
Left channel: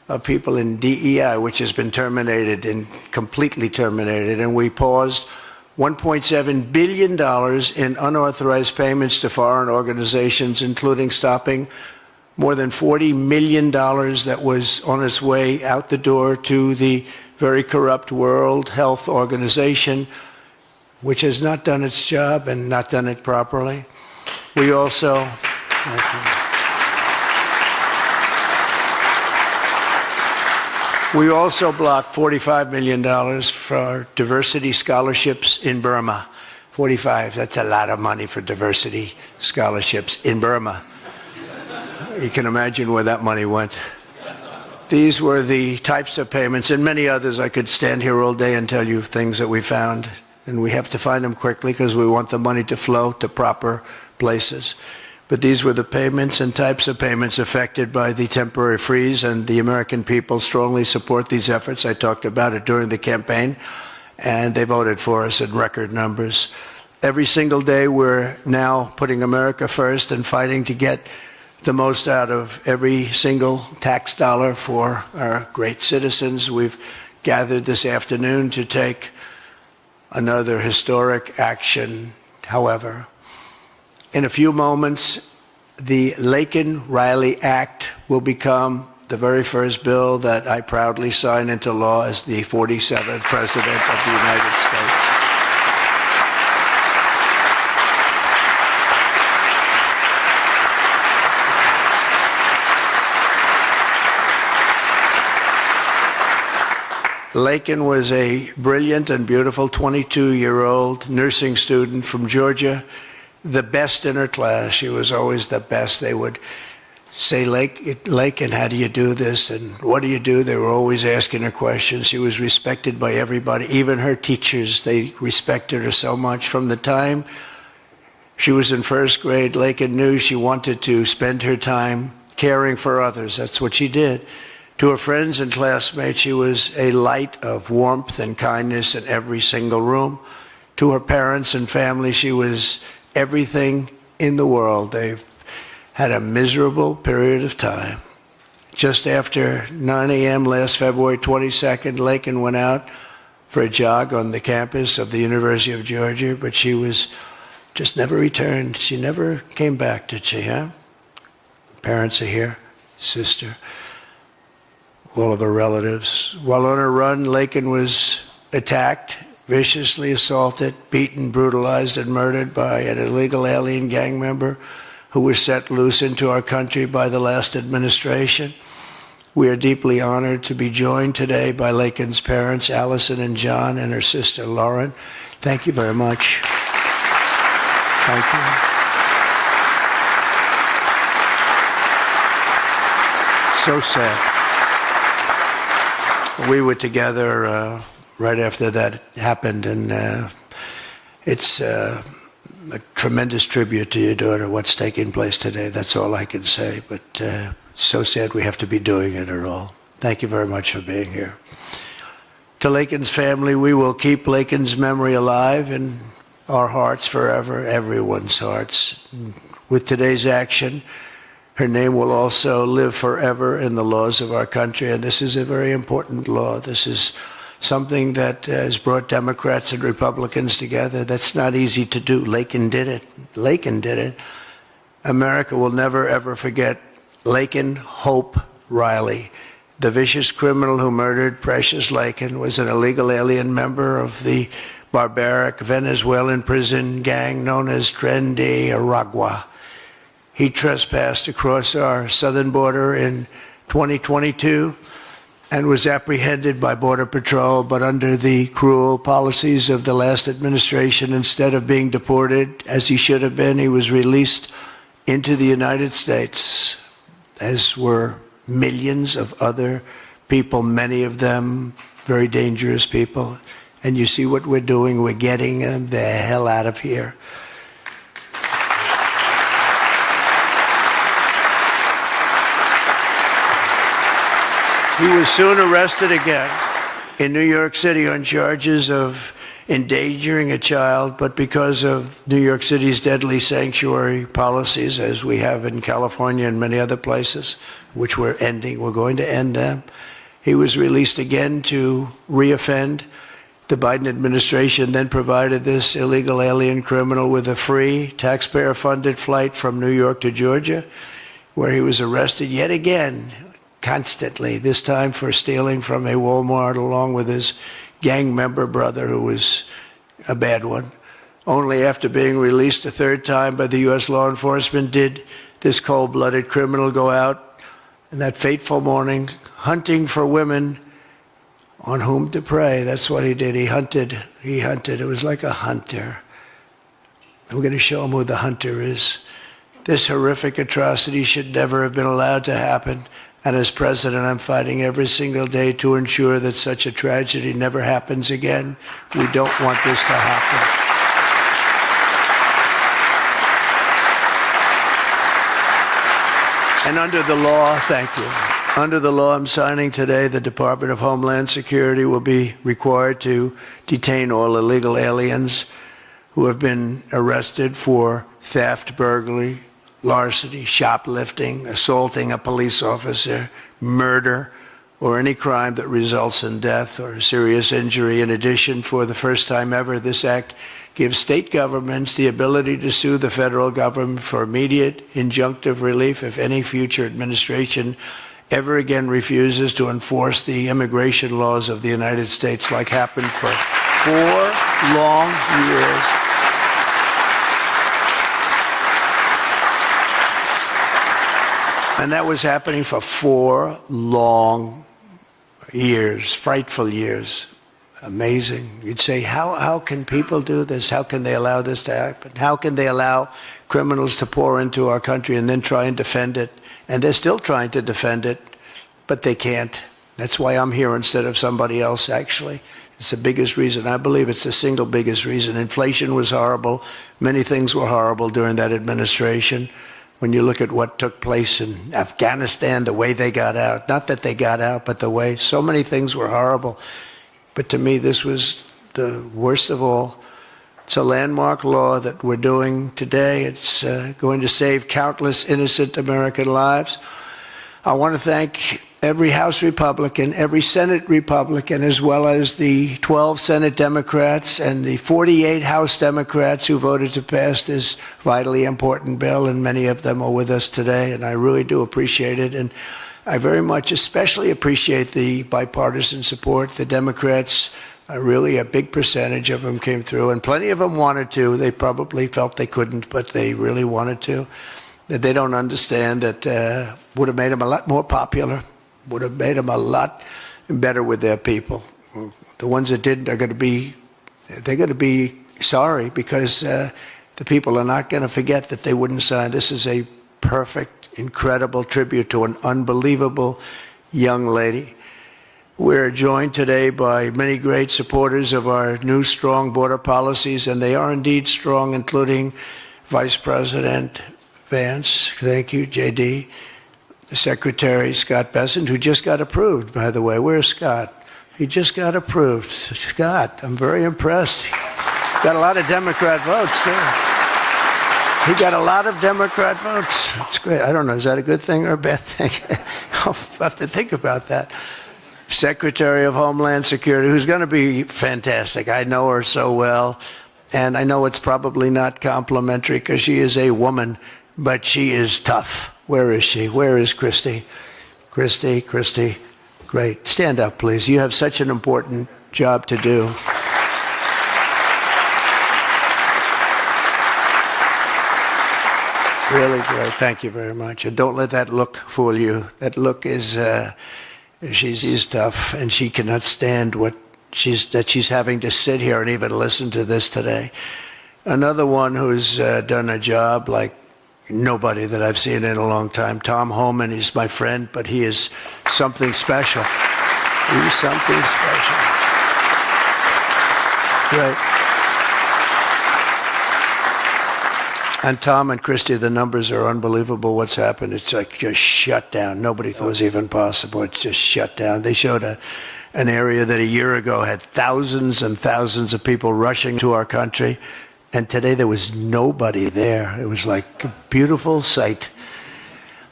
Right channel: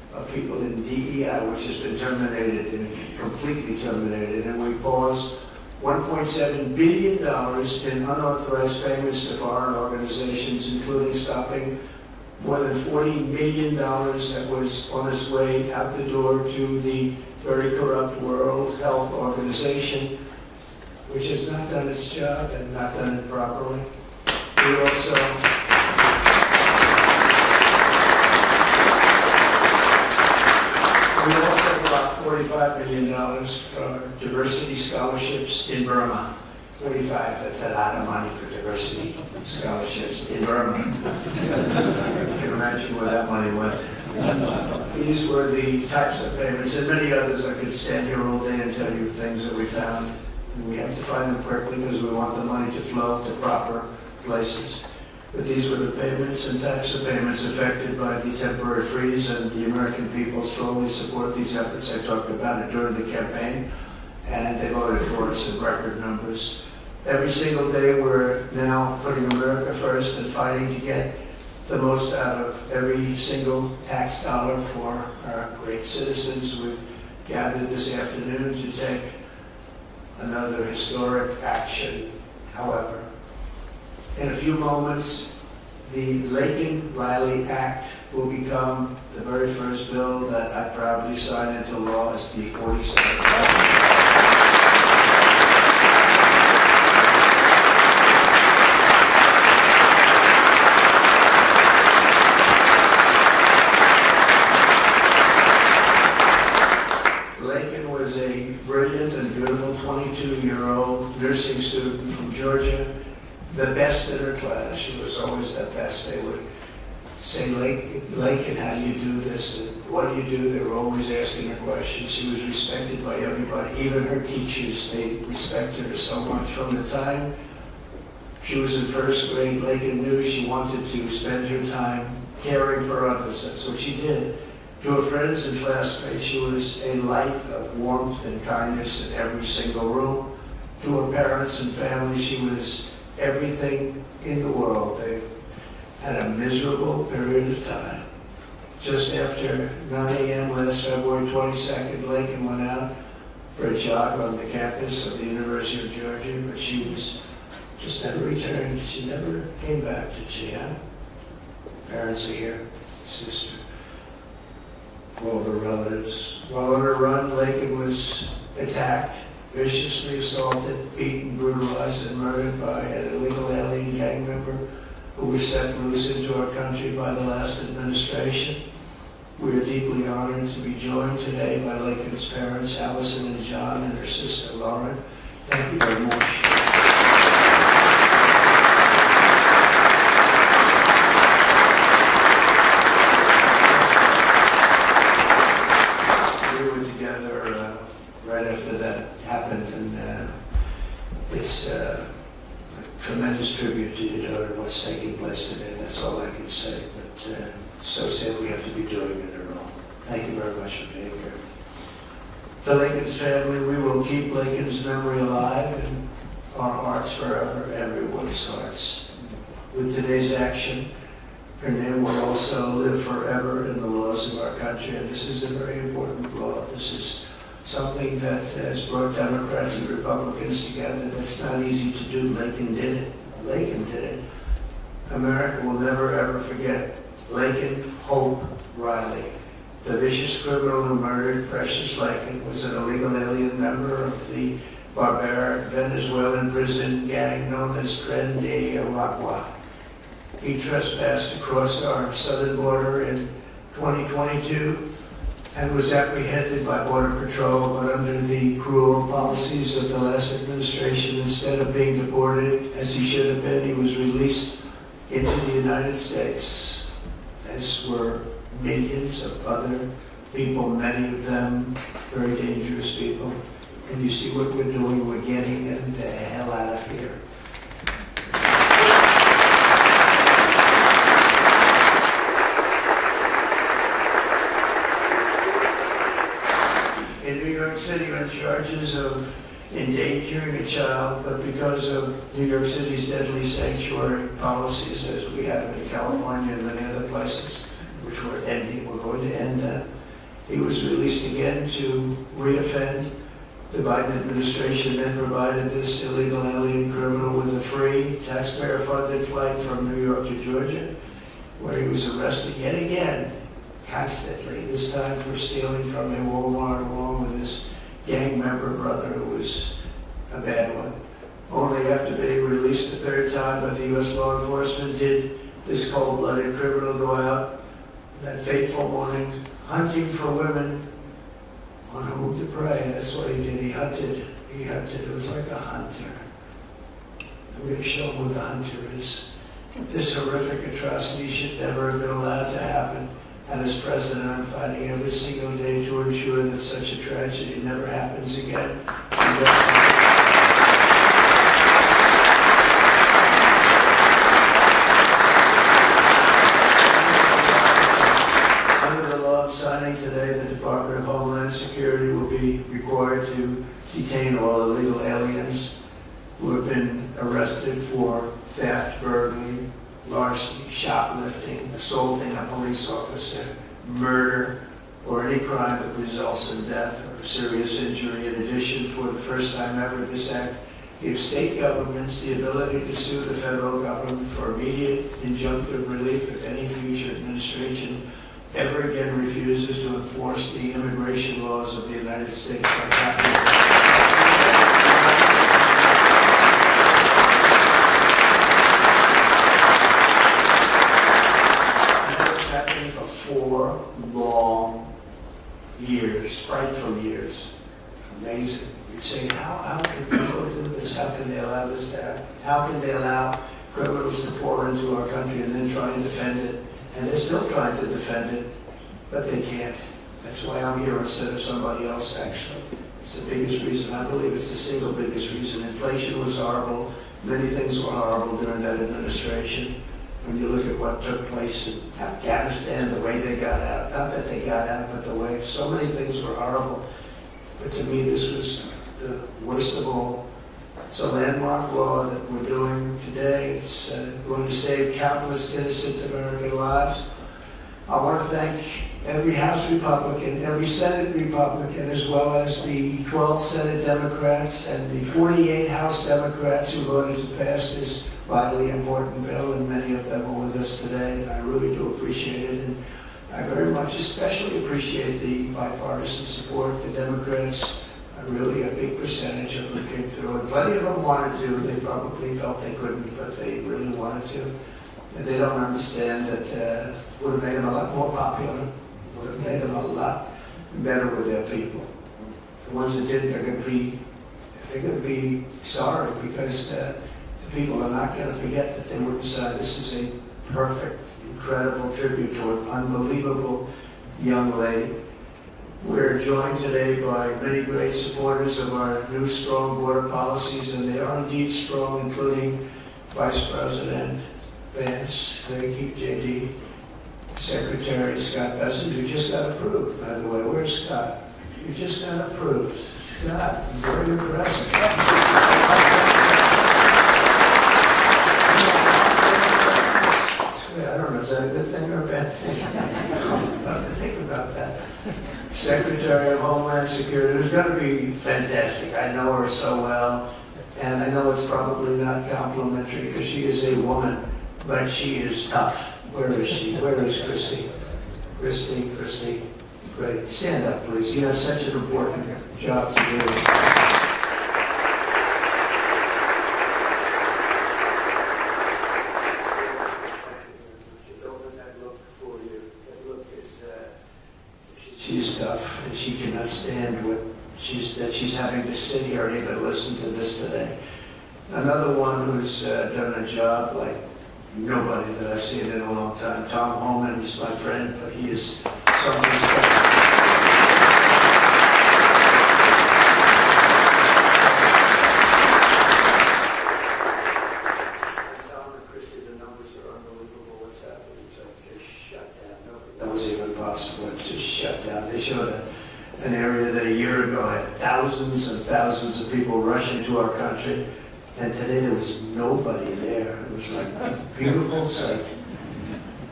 of people in DEI, which has been terminated and completely terminated, and we paused $1.7 billion in unauthorized payments to foreign organizations, including stopping more than $40 million that was on its way out the door to the very corrupt World Health Organization, which has not done its job and not done it properly. We also blocked $45 million for diversity scholarships in Burma. 45, that's a lot of money for diversity scholarships in Burma. You can imagine where that money went. These were the types of payments, and many others. I could stand here all day and tell you things that we found, and we have to find them quickly because we want the money to flow to proper places. But these were the payments and types of payments affected by the temporary freeze, and the American people strongly support these efforts. I talked about it during the campaign, and they voted for us in record numbers. Every single day, we're now putting America first and fighting to get the most out of every single tax dollar for our great citizens. We've gathered this afternoon to take another historic action. However, in a few moments, the Laken Riley Act will become the very first bill that I proudly sign into law as the 47th President of the United States. Laken was a brilliant and beautiful 22-year-old nursing student from Georgia, the best in her class. She was always the best. They would say, Laken, how do you do this? And what do you do? They were always asking her questions. She was respected by everybody, even her teachers. They respected her so much. From the time she was in first grade, Laken knew she wanted to spend her time caring for others. That's what she did. To her friends and classmates, she was a light of warmth and kindness in every single room. To her parents and family, she was everything in the world. They've had a miserable period of time. Just after 9 a.m. last February 22nd, Laken went out for a jog on the campus of the University of Georgia, but she was just never returned. She never came back, did she, huh? Parents are here, sister, all of her relatives. While on her run, Laken was attacked, viciously assaulted, beaten, brutalized, and murdered by an illegal alien gang member who was set loose into our country by the last administration. We are deeply honored to be joined today by Laken's parents, Allison and John, and her sister, Lauren. Thank you very much. So sad. We were together right after that happened, and it's a tremendous tribute to your daughter, what's taking place today. That's all I can say, but it's so sad we have to be doing it at all. Thank you very much for being here. To Laken's family, we will keep Laken's memory alive in our hearts forever, everyone's hearts. With today's action, her name will also live forever in the laws of our country, and this is a very important law. This is something that has brought Democrats and Republicans together. That's not easy to do. Laken did it. Laken did it. America will never, ever forget Laken Hope Riley. The vicious criminal who murdered Precious Laken was an illegal alien member of the barbaric Venezuelan prison gang known as Tren de Aragua. He trespassed across our southern border in 2022 and was apprehended by Border Patrol, but under the cruel policies of the last administration, instead of being deported as he should have been, he was released into the United States, as were millions of other people, many of them very dangerous people. And you see what we're doing, we're getting them the hell out of here. He was soon arrested again in New York City on charges of endangering a child, but because of New York City's deadly sanctuary policies, as we have in California and many other places, which we're ending. We're going to end them. He was released again to reoffend. The Biden administration then provided this illegal alien criminal with a free, taxpayer-funded flight from New York to Georgia, where he was arrested yet again, constantly, this time for stealing from a Walmart along with his gang member brother, who was a bad one. Only after being released a third time by the U.S. law enforcement did this cold-blooded criminal go out in that fateful morning hunting for women on whom to prey. That's what he did. He hunted. It was like a hunter. We're going to show him who the hunter is. This horrific atrocity should never have been allowed to happen. And as president, I'm fighting every single day to ensure that such a tragedy never happens again. We don't want this to happen. And under the law, thank you. Under the law I'm signing today, the Department of Homeland Security will be required to detain all illegal aliens who have been arrested for theft, burglary, larceny, shoplifting, assaulting a police officer, murder, or any crime that results in death or serious injury. In addition, for the first time ever, this act gives state governments the ability to sue the federal government for immediate injunctive relief if any future administration ever again refuses to enforce the immigration laws of the United States, like happened for 4 long years. And that was happening for 4 long years, frightful years. Amazing. You'd say, how can people do this? How can they allow this to happen? How can they allow criminals to pour into our country and then try and defend it? And they're still trying to defend it, but they can't. That's why I'm here instead of somebody else, actually. It's the biggest reason. I believe it's the single biggest reason. Inflation was horrible. Many things were horrible during that administration. When you look at what took place in Afghanistan, the way they got out, not that they got out, but the way, so many things were horrible. But to me, this was the worst of all. It's a landmark law that we're doing today. It's going to save countless innocent American lives. I want to thank every House Republican, every Senate Republican, as well as the 12 Senate Democrats and the 48 House Democrats who voted to pass this vitally important bill, and many of them are with us today, and I really do appreciate it. And I very much especially appreciate the bipartisan support. The Democrats, really a big percentage of them came through, and plenty of them wanted to. They probably felt they couldn't, but they really wanted to. They don't understand that would have made them a lot more popular, would have made them a lot better with their people. The ones that didn't are going to be sorry, because the people are not going to forget that they wouldn't sign. This is a perfect, incredible tribute to an unbelievable young lady. We're joined today by many great supporters of our new strong border policies, and they are indeed strong, including Vice President Vance, thank you, JD, Secretary Scott Bessent, who just got approved, by the way. Where's Scott? He just got approved. Scott, I'm very impressed. Got a lot of Democrat votes. Yeah. He got a lot of Democrat votes. That's great. I don't know, is that a good thing or a bad thing? I'll have to think about that. Secretary of Homeland Security, who's going to be fantastic. I know her so well, and I know it's probably not complimentary because she is a woman, but she is tough. Where is she? Where is Christy? Christy, great. Stand up, please. You have such an important job to do. Really great. Thank you very much. And don't let that look fool you. That look is, she's tough, and she cannot stand that she's having to sit here and even listen to this today. Another one who's done a job like nobody that I've seen in a long time. Tom Homan is my friend, but he is something special. He is something special. Yeah. And Tom and Christy, the numbers are unbelievable. What's happened? It's like just shut down. Nobody thought it was even possible. It's just shut down. They showed an area that a year ago had thousands and thousands of people rushing to our country. And today there was nobody there. It was like a beautiful sight.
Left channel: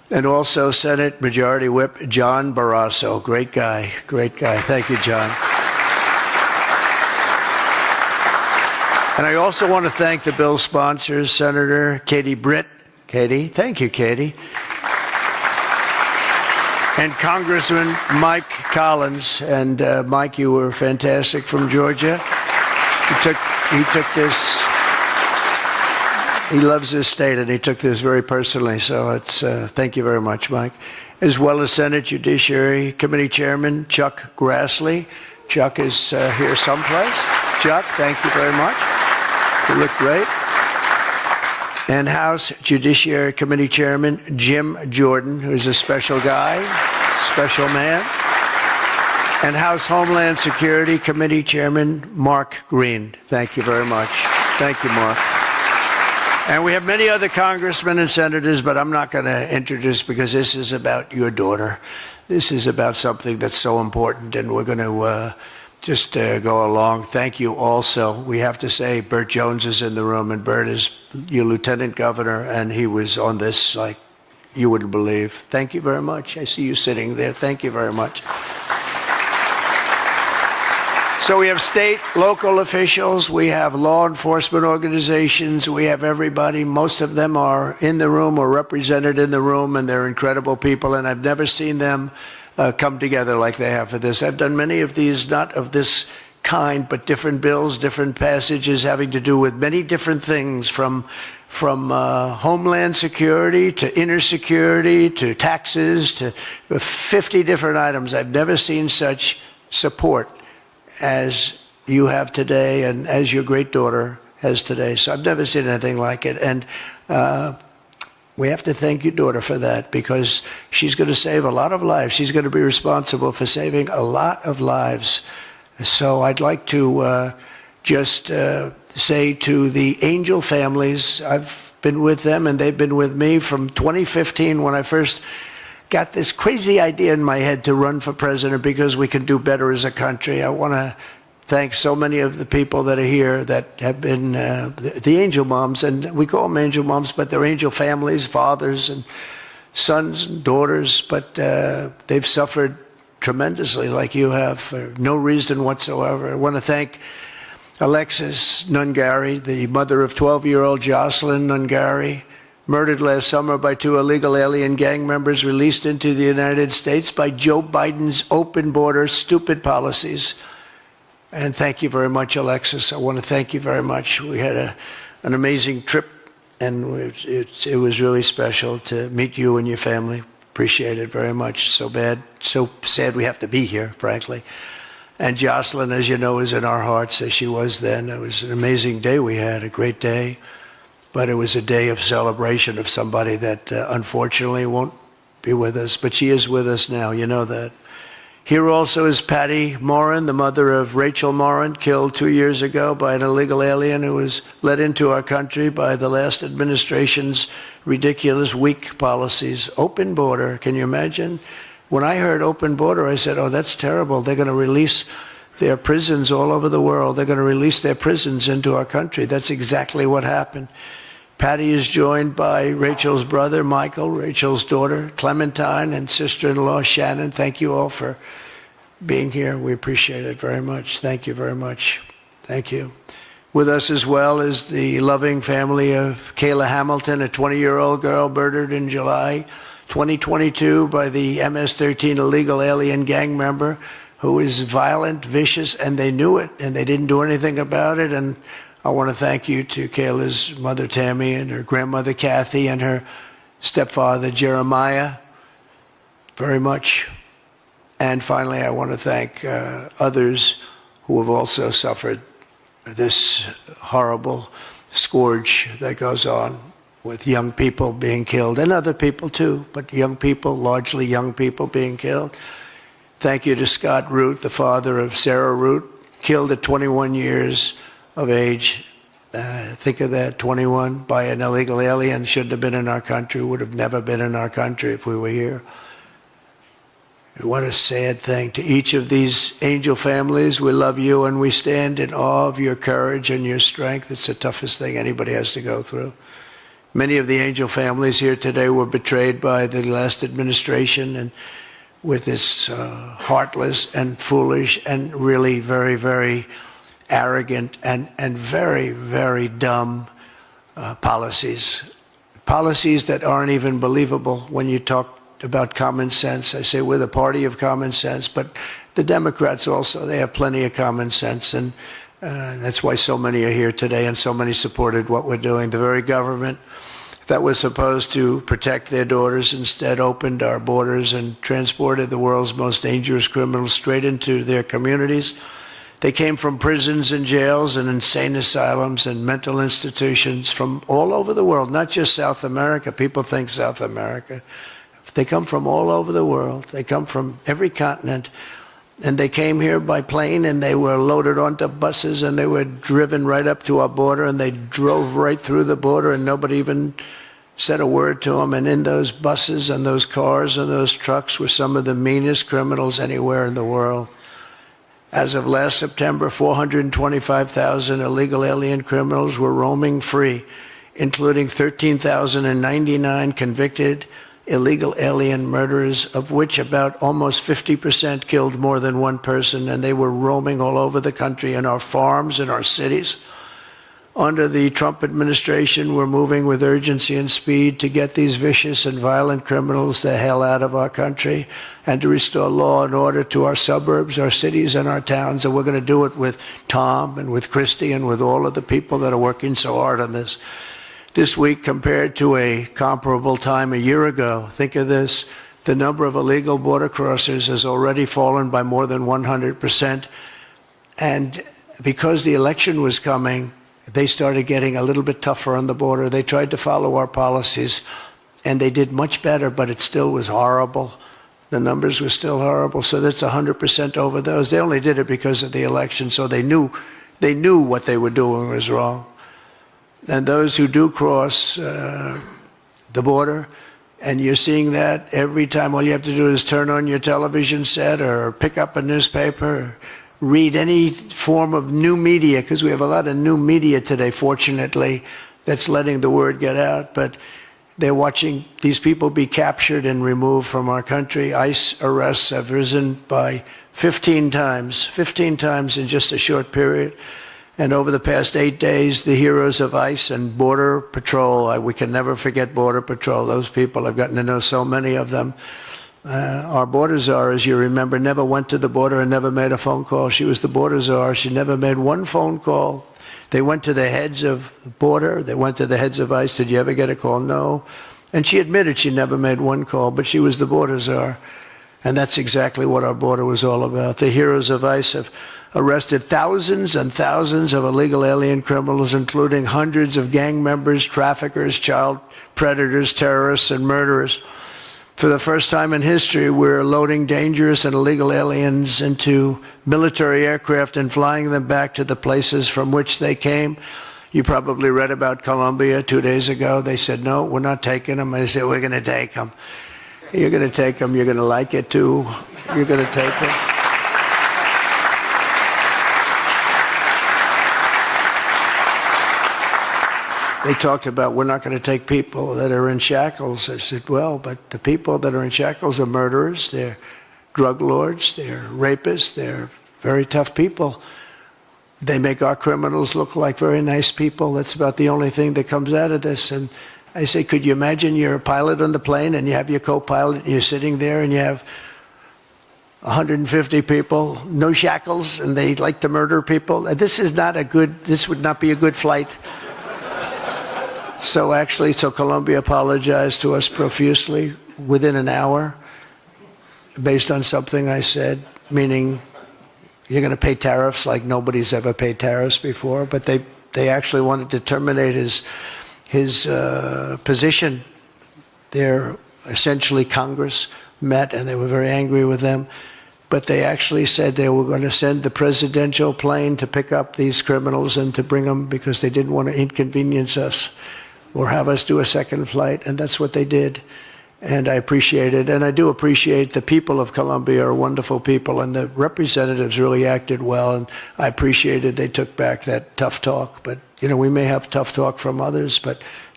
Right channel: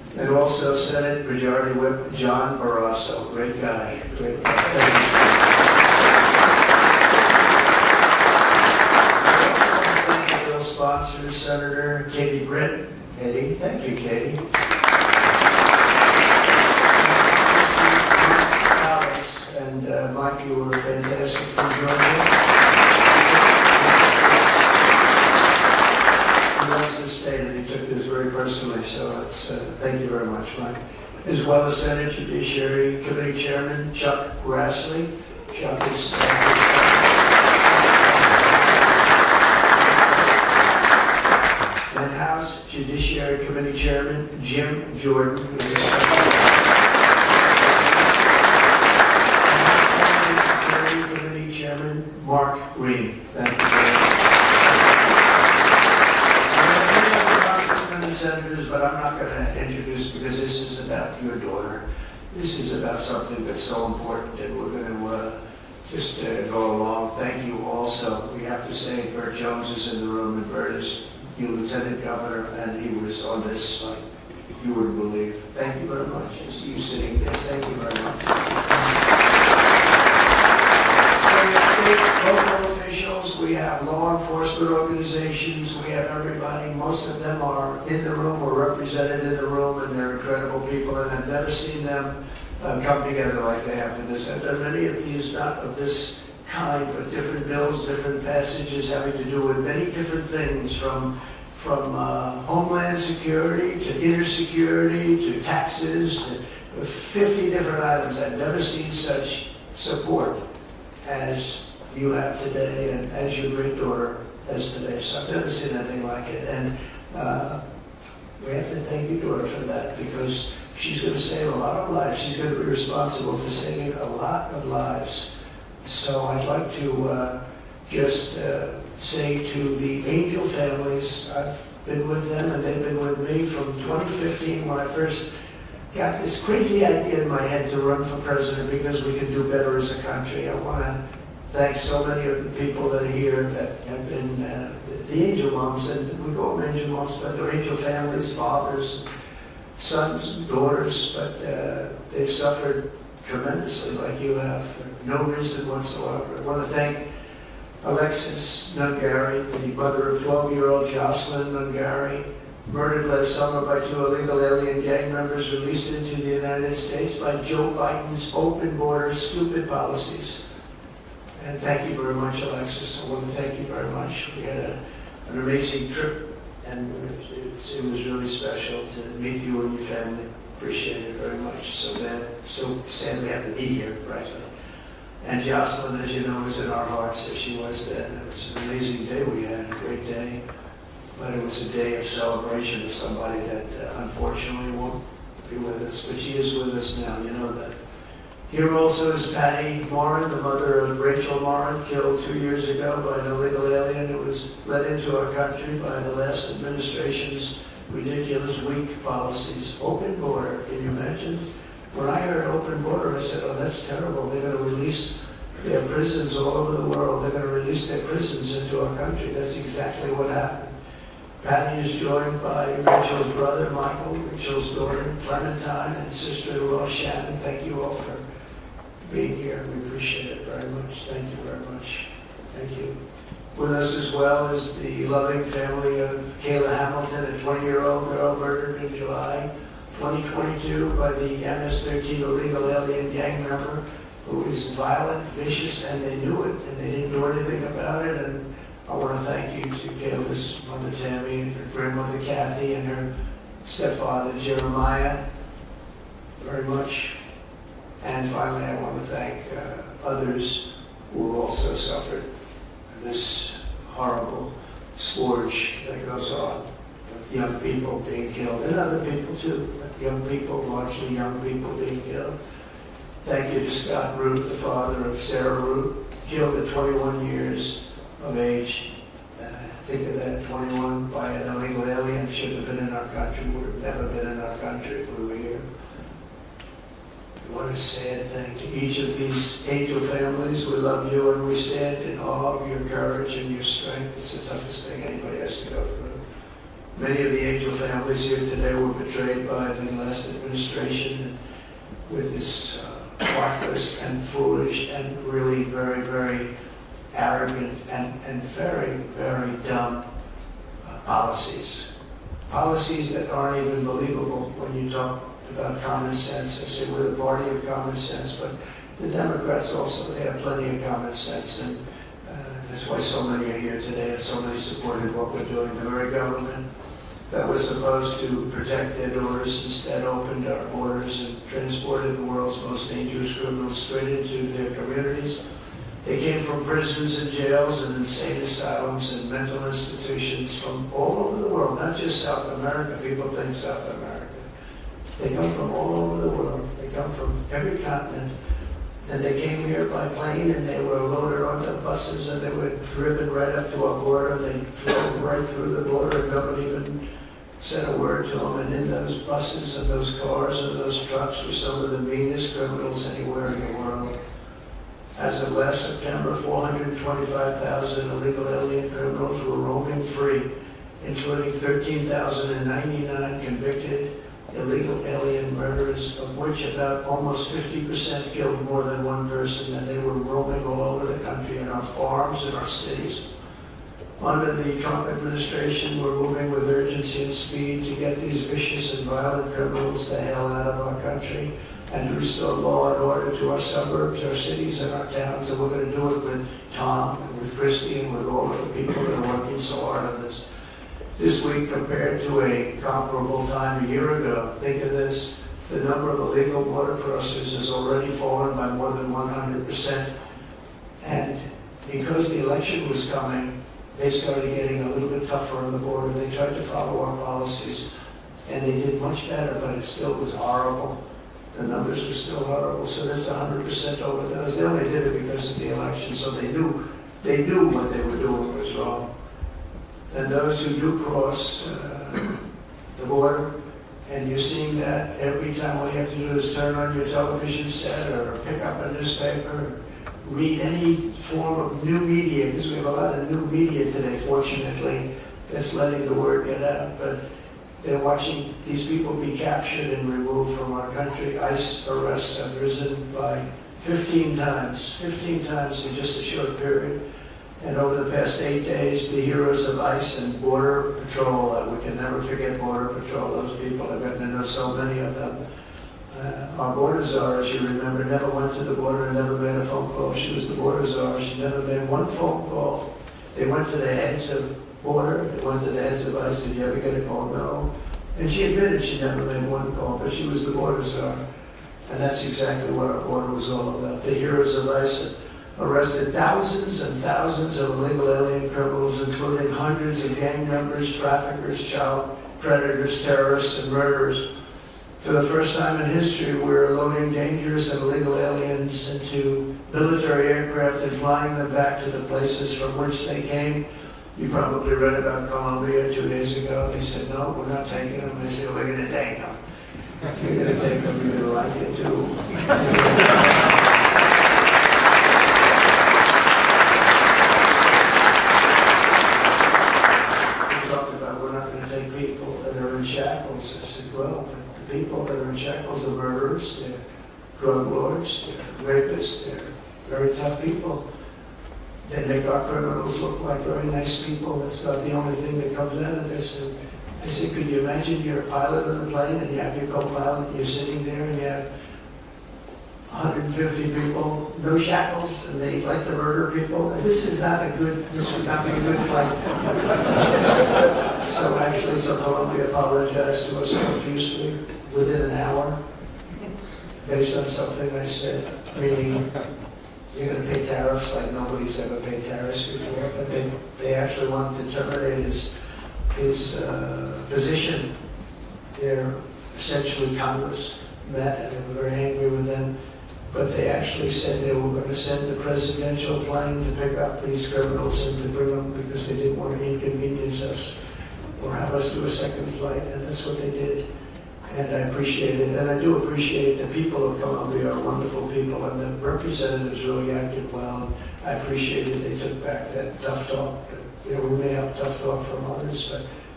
And also Senate Majority Whip John Barrasso. Great guy, great guy. Thank you, John. And I also want to thank the bill sponsors, Senator Katie Britt. Katie, thank you, Katie. And Congressman Mike Collins. And Mike, you were fantastic from Georgia. He took this. He loves his state, and he took this very personally. So it's thank you very much, Mike. As well as Senate Judiciary Committee Chairman Chuck Grassley. Chuck is here someplace. Chuck, thank you very much. You look great. And House Judiciary Committee Chairman Jim Jordan, who's a special guy, special man. And House Homeland Security Committee Chairman Mark Green. Thank you very much. Thank you, Mark. And we have many other congressmen and senators, but I'm not going to introduce because this is about your daughter. This is about something that's so important, and we're going to just go along. Thank you also. We have to say Burt Jones is in the room, and Burt is your lieutenant governor, and he was on this like you wouldn't believe. Thank you very much. I see you sitting there. Thank you very much. So we have state, local officials, we have law enforcement organizations, we have everybody. Most of them are in the room or represented in the room, and they're incredible people, and I've never seen them come together like they have for this. I've done many of these, not of this kind, but different bills, different passages having to do with many different things, from homeland security to inner security to taxes to 50 different items. I've never seen such support as you have today and as your great daughter has today. So I've never seen anything like it. And we have to thank your daughter for that, because she's going to save a lot of lives. She's going to be responsible for saving a lot of lives. So I'd like to just say to the Angel families, I've been with them and they've been with me from 2015 when I first got this crazy idea in my head to run for president because we could do better as a country. I want to thank so many of the people that are here that have been the angel moms, and we call them angel moms, but they're angel families, fathers and sons and daughters, but they've suffered tremendously like you have for no reason whatsoever. I want to thank Alexis Nungari, the mother of 12-year-old Jocelyn Nungari, murdered last summer by 2 illegal alien gang members released into the United States by Joe Biden's open border stupid policies. And thank you very much, Alexis. I want to thank you very much. We had an amazing trip, and it was really special to meet you and your family. Appreciate it very much. So sad we have to be here, frankly. And Jocelyn, as you know, is in our hearts as she was then. It was an amazing day we had, a great day. But it was a day of celebration of somebody that unfortunately won't be with us. But she is with us now, you know that. Here also is Patty Morin, the mother of Rachel Morin, killed 2 years ago by an illegal alien who was let into our country by the last administration's ridiculous, weak policies. Open border, can you imagine? When I heard open border, I said, oh, that's terrible. They're going to release their prisons all over the world. They're going to release their prisons into our country. That's exactly what happened. Patty is joined by Rachel's brother, Michael, Rachel's daughter, Clementine, and sister-in-law, Shannon. Thank you all for being here. We appreciate it very much. Thank you very much. Thank you. With us as well is the loving family of Kayla Hamilton, a 20-year-old girl murdered in July 2022 by the MS-13 illegal alien gang member who is violent, vicious, and they knew it, and they didn't do anything about it. And I want to thank you to Kayla's mother, Tammy, and her grandmother, Kathy, and her stepfather, Jeremiah, very much. And finally, I want to thank others who have also suffered this horrible scourge that goes on with young people being killed, and other people too, but young people, largely young people being killed. Thank you to Scott Root, the father of Sarah Root, killed at 21 years of age. Think of that, 21 by an illegal alien, shouldn't have been in our country, would have never been in our country if we were here. What a sad thing. To each of these angel families, we love you and we stand in awe of your courage and your strength. It's the toughest thing anybody has to go through. Many of the angel families here today were betrayed by the last administration and with this heartless and foolish and really very, very arrogant and very, very dumb policies. Policies that aren't even believable when you talk about common sense. I say we're the party of common sense, but the Democrats also, they have plenty of common sense, and that's why so many are here today and so many supported what we're doing. The very government that was supposed to protect their daughters instead opened our borders and transported the world's most dangerous criminals straight into their communities. They came from prisons and jails and insane asylums and mental institutions from all over the world, not just South America. People think South America. They come from all over the world. They come from every continent. And they came here by plane, and they were loaded onto buses, and they were driven right up to our border, and they drove right through the border, and nobody even said a word to them. And in those buses and those cars and those trucks were some of the meanest criminals anywhere in the world. As of last September, 425,000 illegal alien criminals were roaming free, including 13,099 convicted illegal alien murderers, of which about almost 50% killed more than one person, and they were roaming all over the country in our farms, in our cities. Under the Trump administration, we're moving with urgency and speed to get these vicious and violent criminals the hell out of our country and to restore law and order to our suburbs, our cities, and our towns. And we're going to do it with Tom and with Christy and with all of the people that are working so hard on this. This week, compared to a comparable time a year ago, think of this, the number of illegal border crossers has already fallen by more than 100%. And because the election was coming, they started getting a little bit tougher on the border. They tried to follow our policies, and they did much better, but it still was horrible. The numbers were still horrible, so that's 100% over those. They only did it because of the election, so they knew what they were doing was wrong. And those who do cross the border, and you're seeing that every time, all you have to do is turn on your television set or pick up a newspaper, or read any form of new media, because we have a lot of new media today, fortunately, that's letting the word get out. But they're watching these people be captured and removed from our country. ICE arrests have risen by 15 times in just a short period. And over the past 8 days, the heroes of ICE and Border Patrol, we can never forget Border Patrol. Those people, I've gotten to know so many of them. Our border czar, as you remember, never went to the border and never made a phone call. She was the border czar. She never made one phone call. They went to the heads of border. They went to the heads of ICE. Did you ever get a call? No. And she admitted she never made one call, but she was the border czar. And that's exactly what our border was all about. The heroes of ICE have arrested thousands and thousands of illegal alien criminals, including hundreds of gang members, traffickers, child predators, terrorists, and murderers. For the first time in history, we're loading dangerous and illegal aliens into military aircraft and flying them back to the places from which they came. You probably read about Colombia 2 days ago. They said, no, we're not taking them. I said, we're going to take them. You're going to take them. You're going to like it, too. You're going to take them. They talked about, we're not going to take people that are in shackles. I said, well, but the people that are in shackles are murderers, they're drug lords, they're rapists, they're very tough people. They make our criminals look like very nice people. That's about the only thing that comes out of this. And I say, could you imagine you're a pilot on the plane and you have your co-pilot and you're sitting there and you have 150 people, no shackles, and they like to murder people? This would not be a good flight. So Colombia apologized to us profusely within an hour based on something I said, meaning you're going to pay tariffs like nobody's ever paid tariffs before. But they actually wanted to terminate his position. They're essentially Congress met and they were very angry with them. But they actually said they were going to send the presidential plane to pick up these criminals and to bring them because they didn't want to inconvenience us or have us do a second flight, and that's what they did. And I appreciate it, and I do appreciate the people of Colombia are wonderful people, and the representatives really acted well, and I appreciated they took back that tough talk. But, we may have tough talk from others, but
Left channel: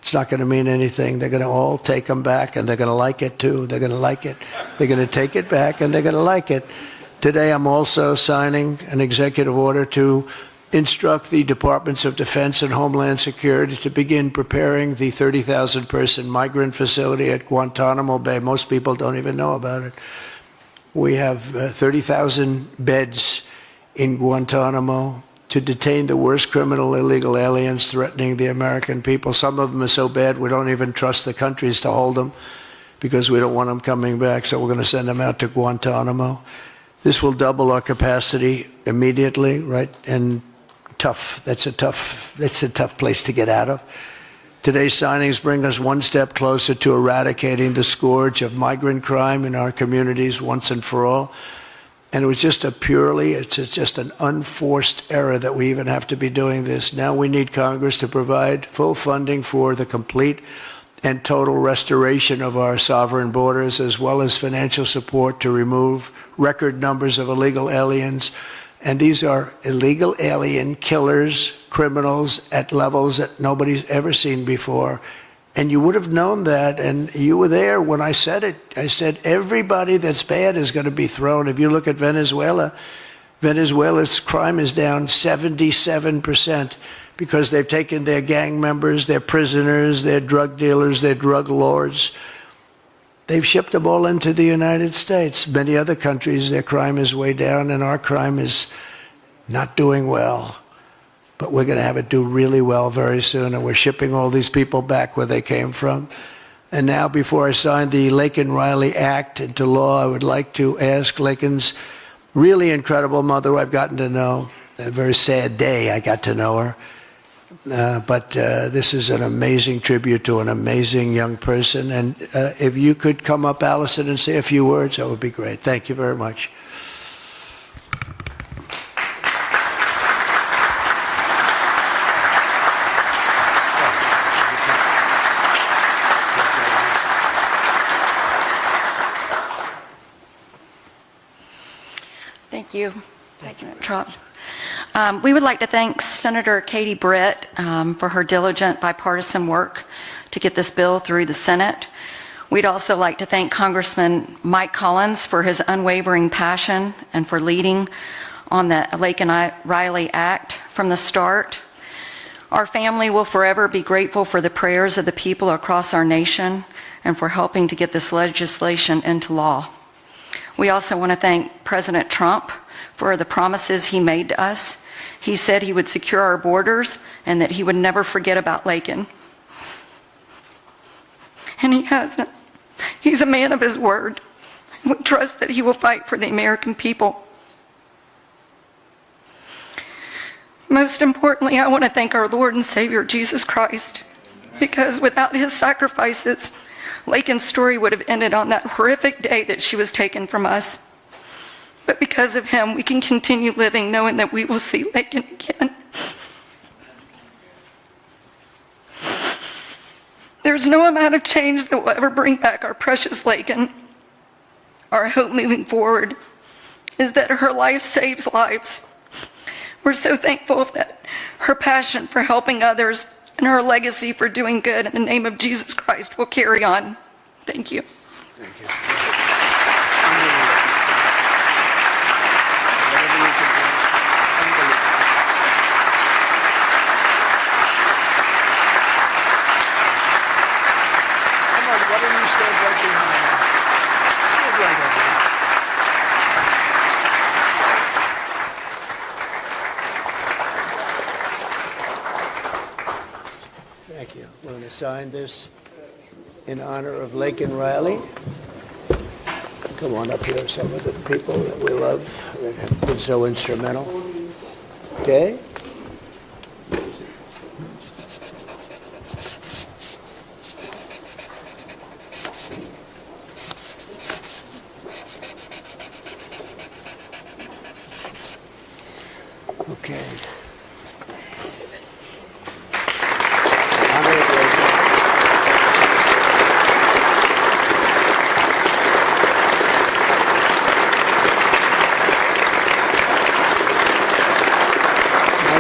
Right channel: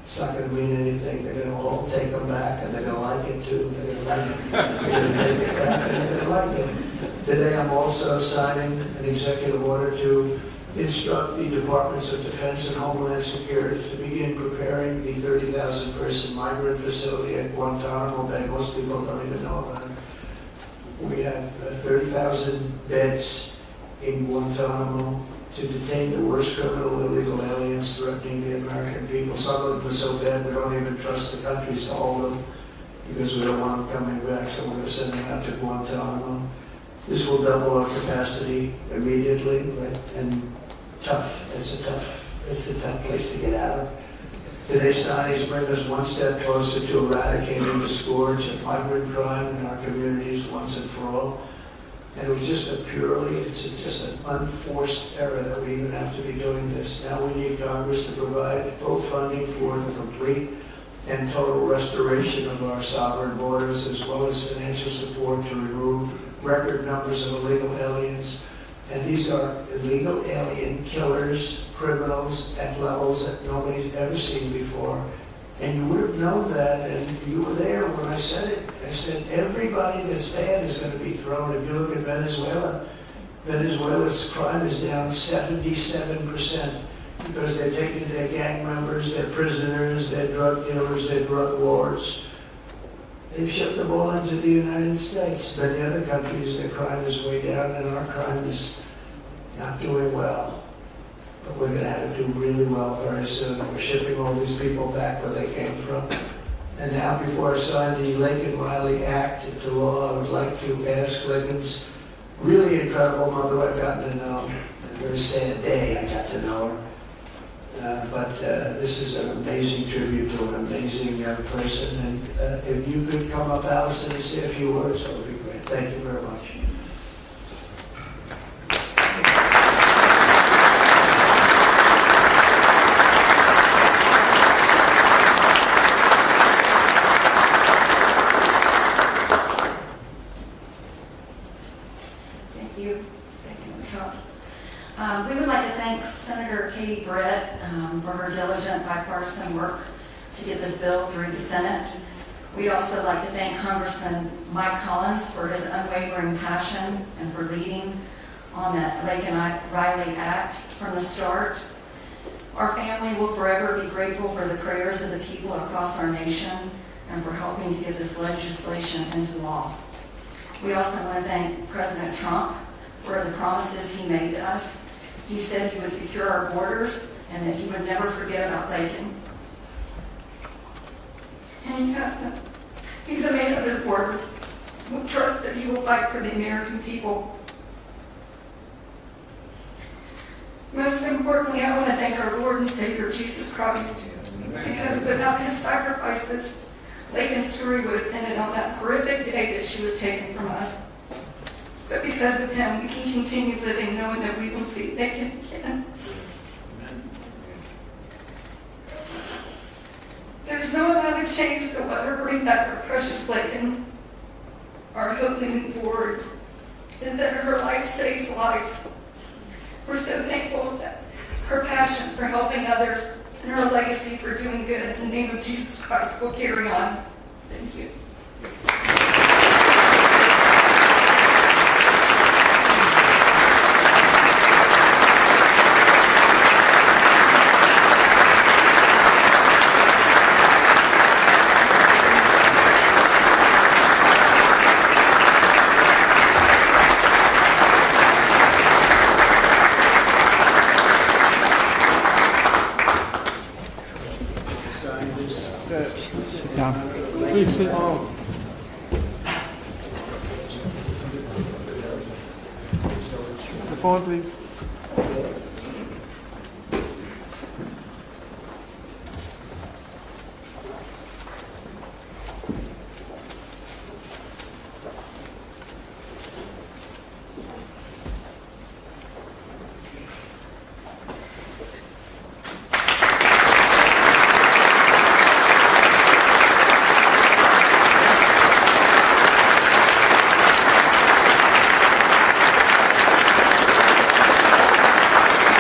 It's not going to mean anything. They're going to all take them back, and they're going to like it too. They're going to like it. They're going to take it back, and they're going to like it. Today, I'm also signing an executive order to instruct the Departments of Defense and Homeland Security to begin preparing the 30,000-person migrant facility at Guantanamo Bay. Most people don't even know about it. We have 30,000 beds in Guantanamo to detain the worst criminal illegal aliens threatening the American people. Some of them are so bad we don't even trust the countries to hold them because we don't want them coming back, so we're going to send them out to Guantanamo. This will double our capacity immediately, right? And that's a tough place to get out of. Today's signings bring us one step closer to eradicating the scourge of migrant crime in our communities once and for all. And it was just it's just an unforced error that we even have to be doing this. Now we need Congress to provide full funding for the complete and total restoration of our sovereign borders, as well as financial support to remove record numbers of illegal aliens. And these are illegal alien killers, criminals at levels that nobody's ever seen before. And you would have known that, and you were there when I said it. I said everybody that's bad is going to be thrown. If you look at Venezuela, Venezuela's crime is down 77% because they've taken their gang members, their prisoners, their drug dealers, their drug lords. They've shipped them all into the United States. Many other countries, their crime is way down, and our crime is not doing well. But we're going to have it do really well very soon, and we're shipping all these people back where they came from. And now, before I sign the Laken Riley Act into law, I would like to ask Laken's really incredible mother, who I've gotten to know. A very sad day I got to know her. But this is an amazing tribute to an amazing young person. And if you could come up, Allison, and say a few words, that would be great. Thank you very much. Thank you. Thank you, Trump. We would like to thank Senator Katie Britt for her diligent bipartisan work to get this bill through the Senate. We'd also like to thank Congressman Mike Collins for his unwavering passion and for leading on the Laken Riley Act from the start. Our family will forever be grateful for the prayers of the people across our nation and for helping to get this legislation into law. We also want to thank President Trump for the promises he made to us. He said he would secure our borders and that he would never forget about Laken. And he hasn't. He's a man of his word. We trust that he will fight for the American people. Most importantly, I want to thank our Lord and Savior, Jesus Christ, because without his sacrifices, Laken's story would have ended on that horrific day that she was taken from us. But because of him, we can continue living knowing that we will see Laken again. There's no amount of change that will ever bring back our precious Laken. Our hope moving forward is that her life saves lives. We're so thankful that her passion for helping others and her legacy for doing good in the name of Jesus Christ will carry on. Thank you. Sign this in honor of Laken Riley. Come on up here, some of the people that we love that have been so instrumental. Okay? Okay.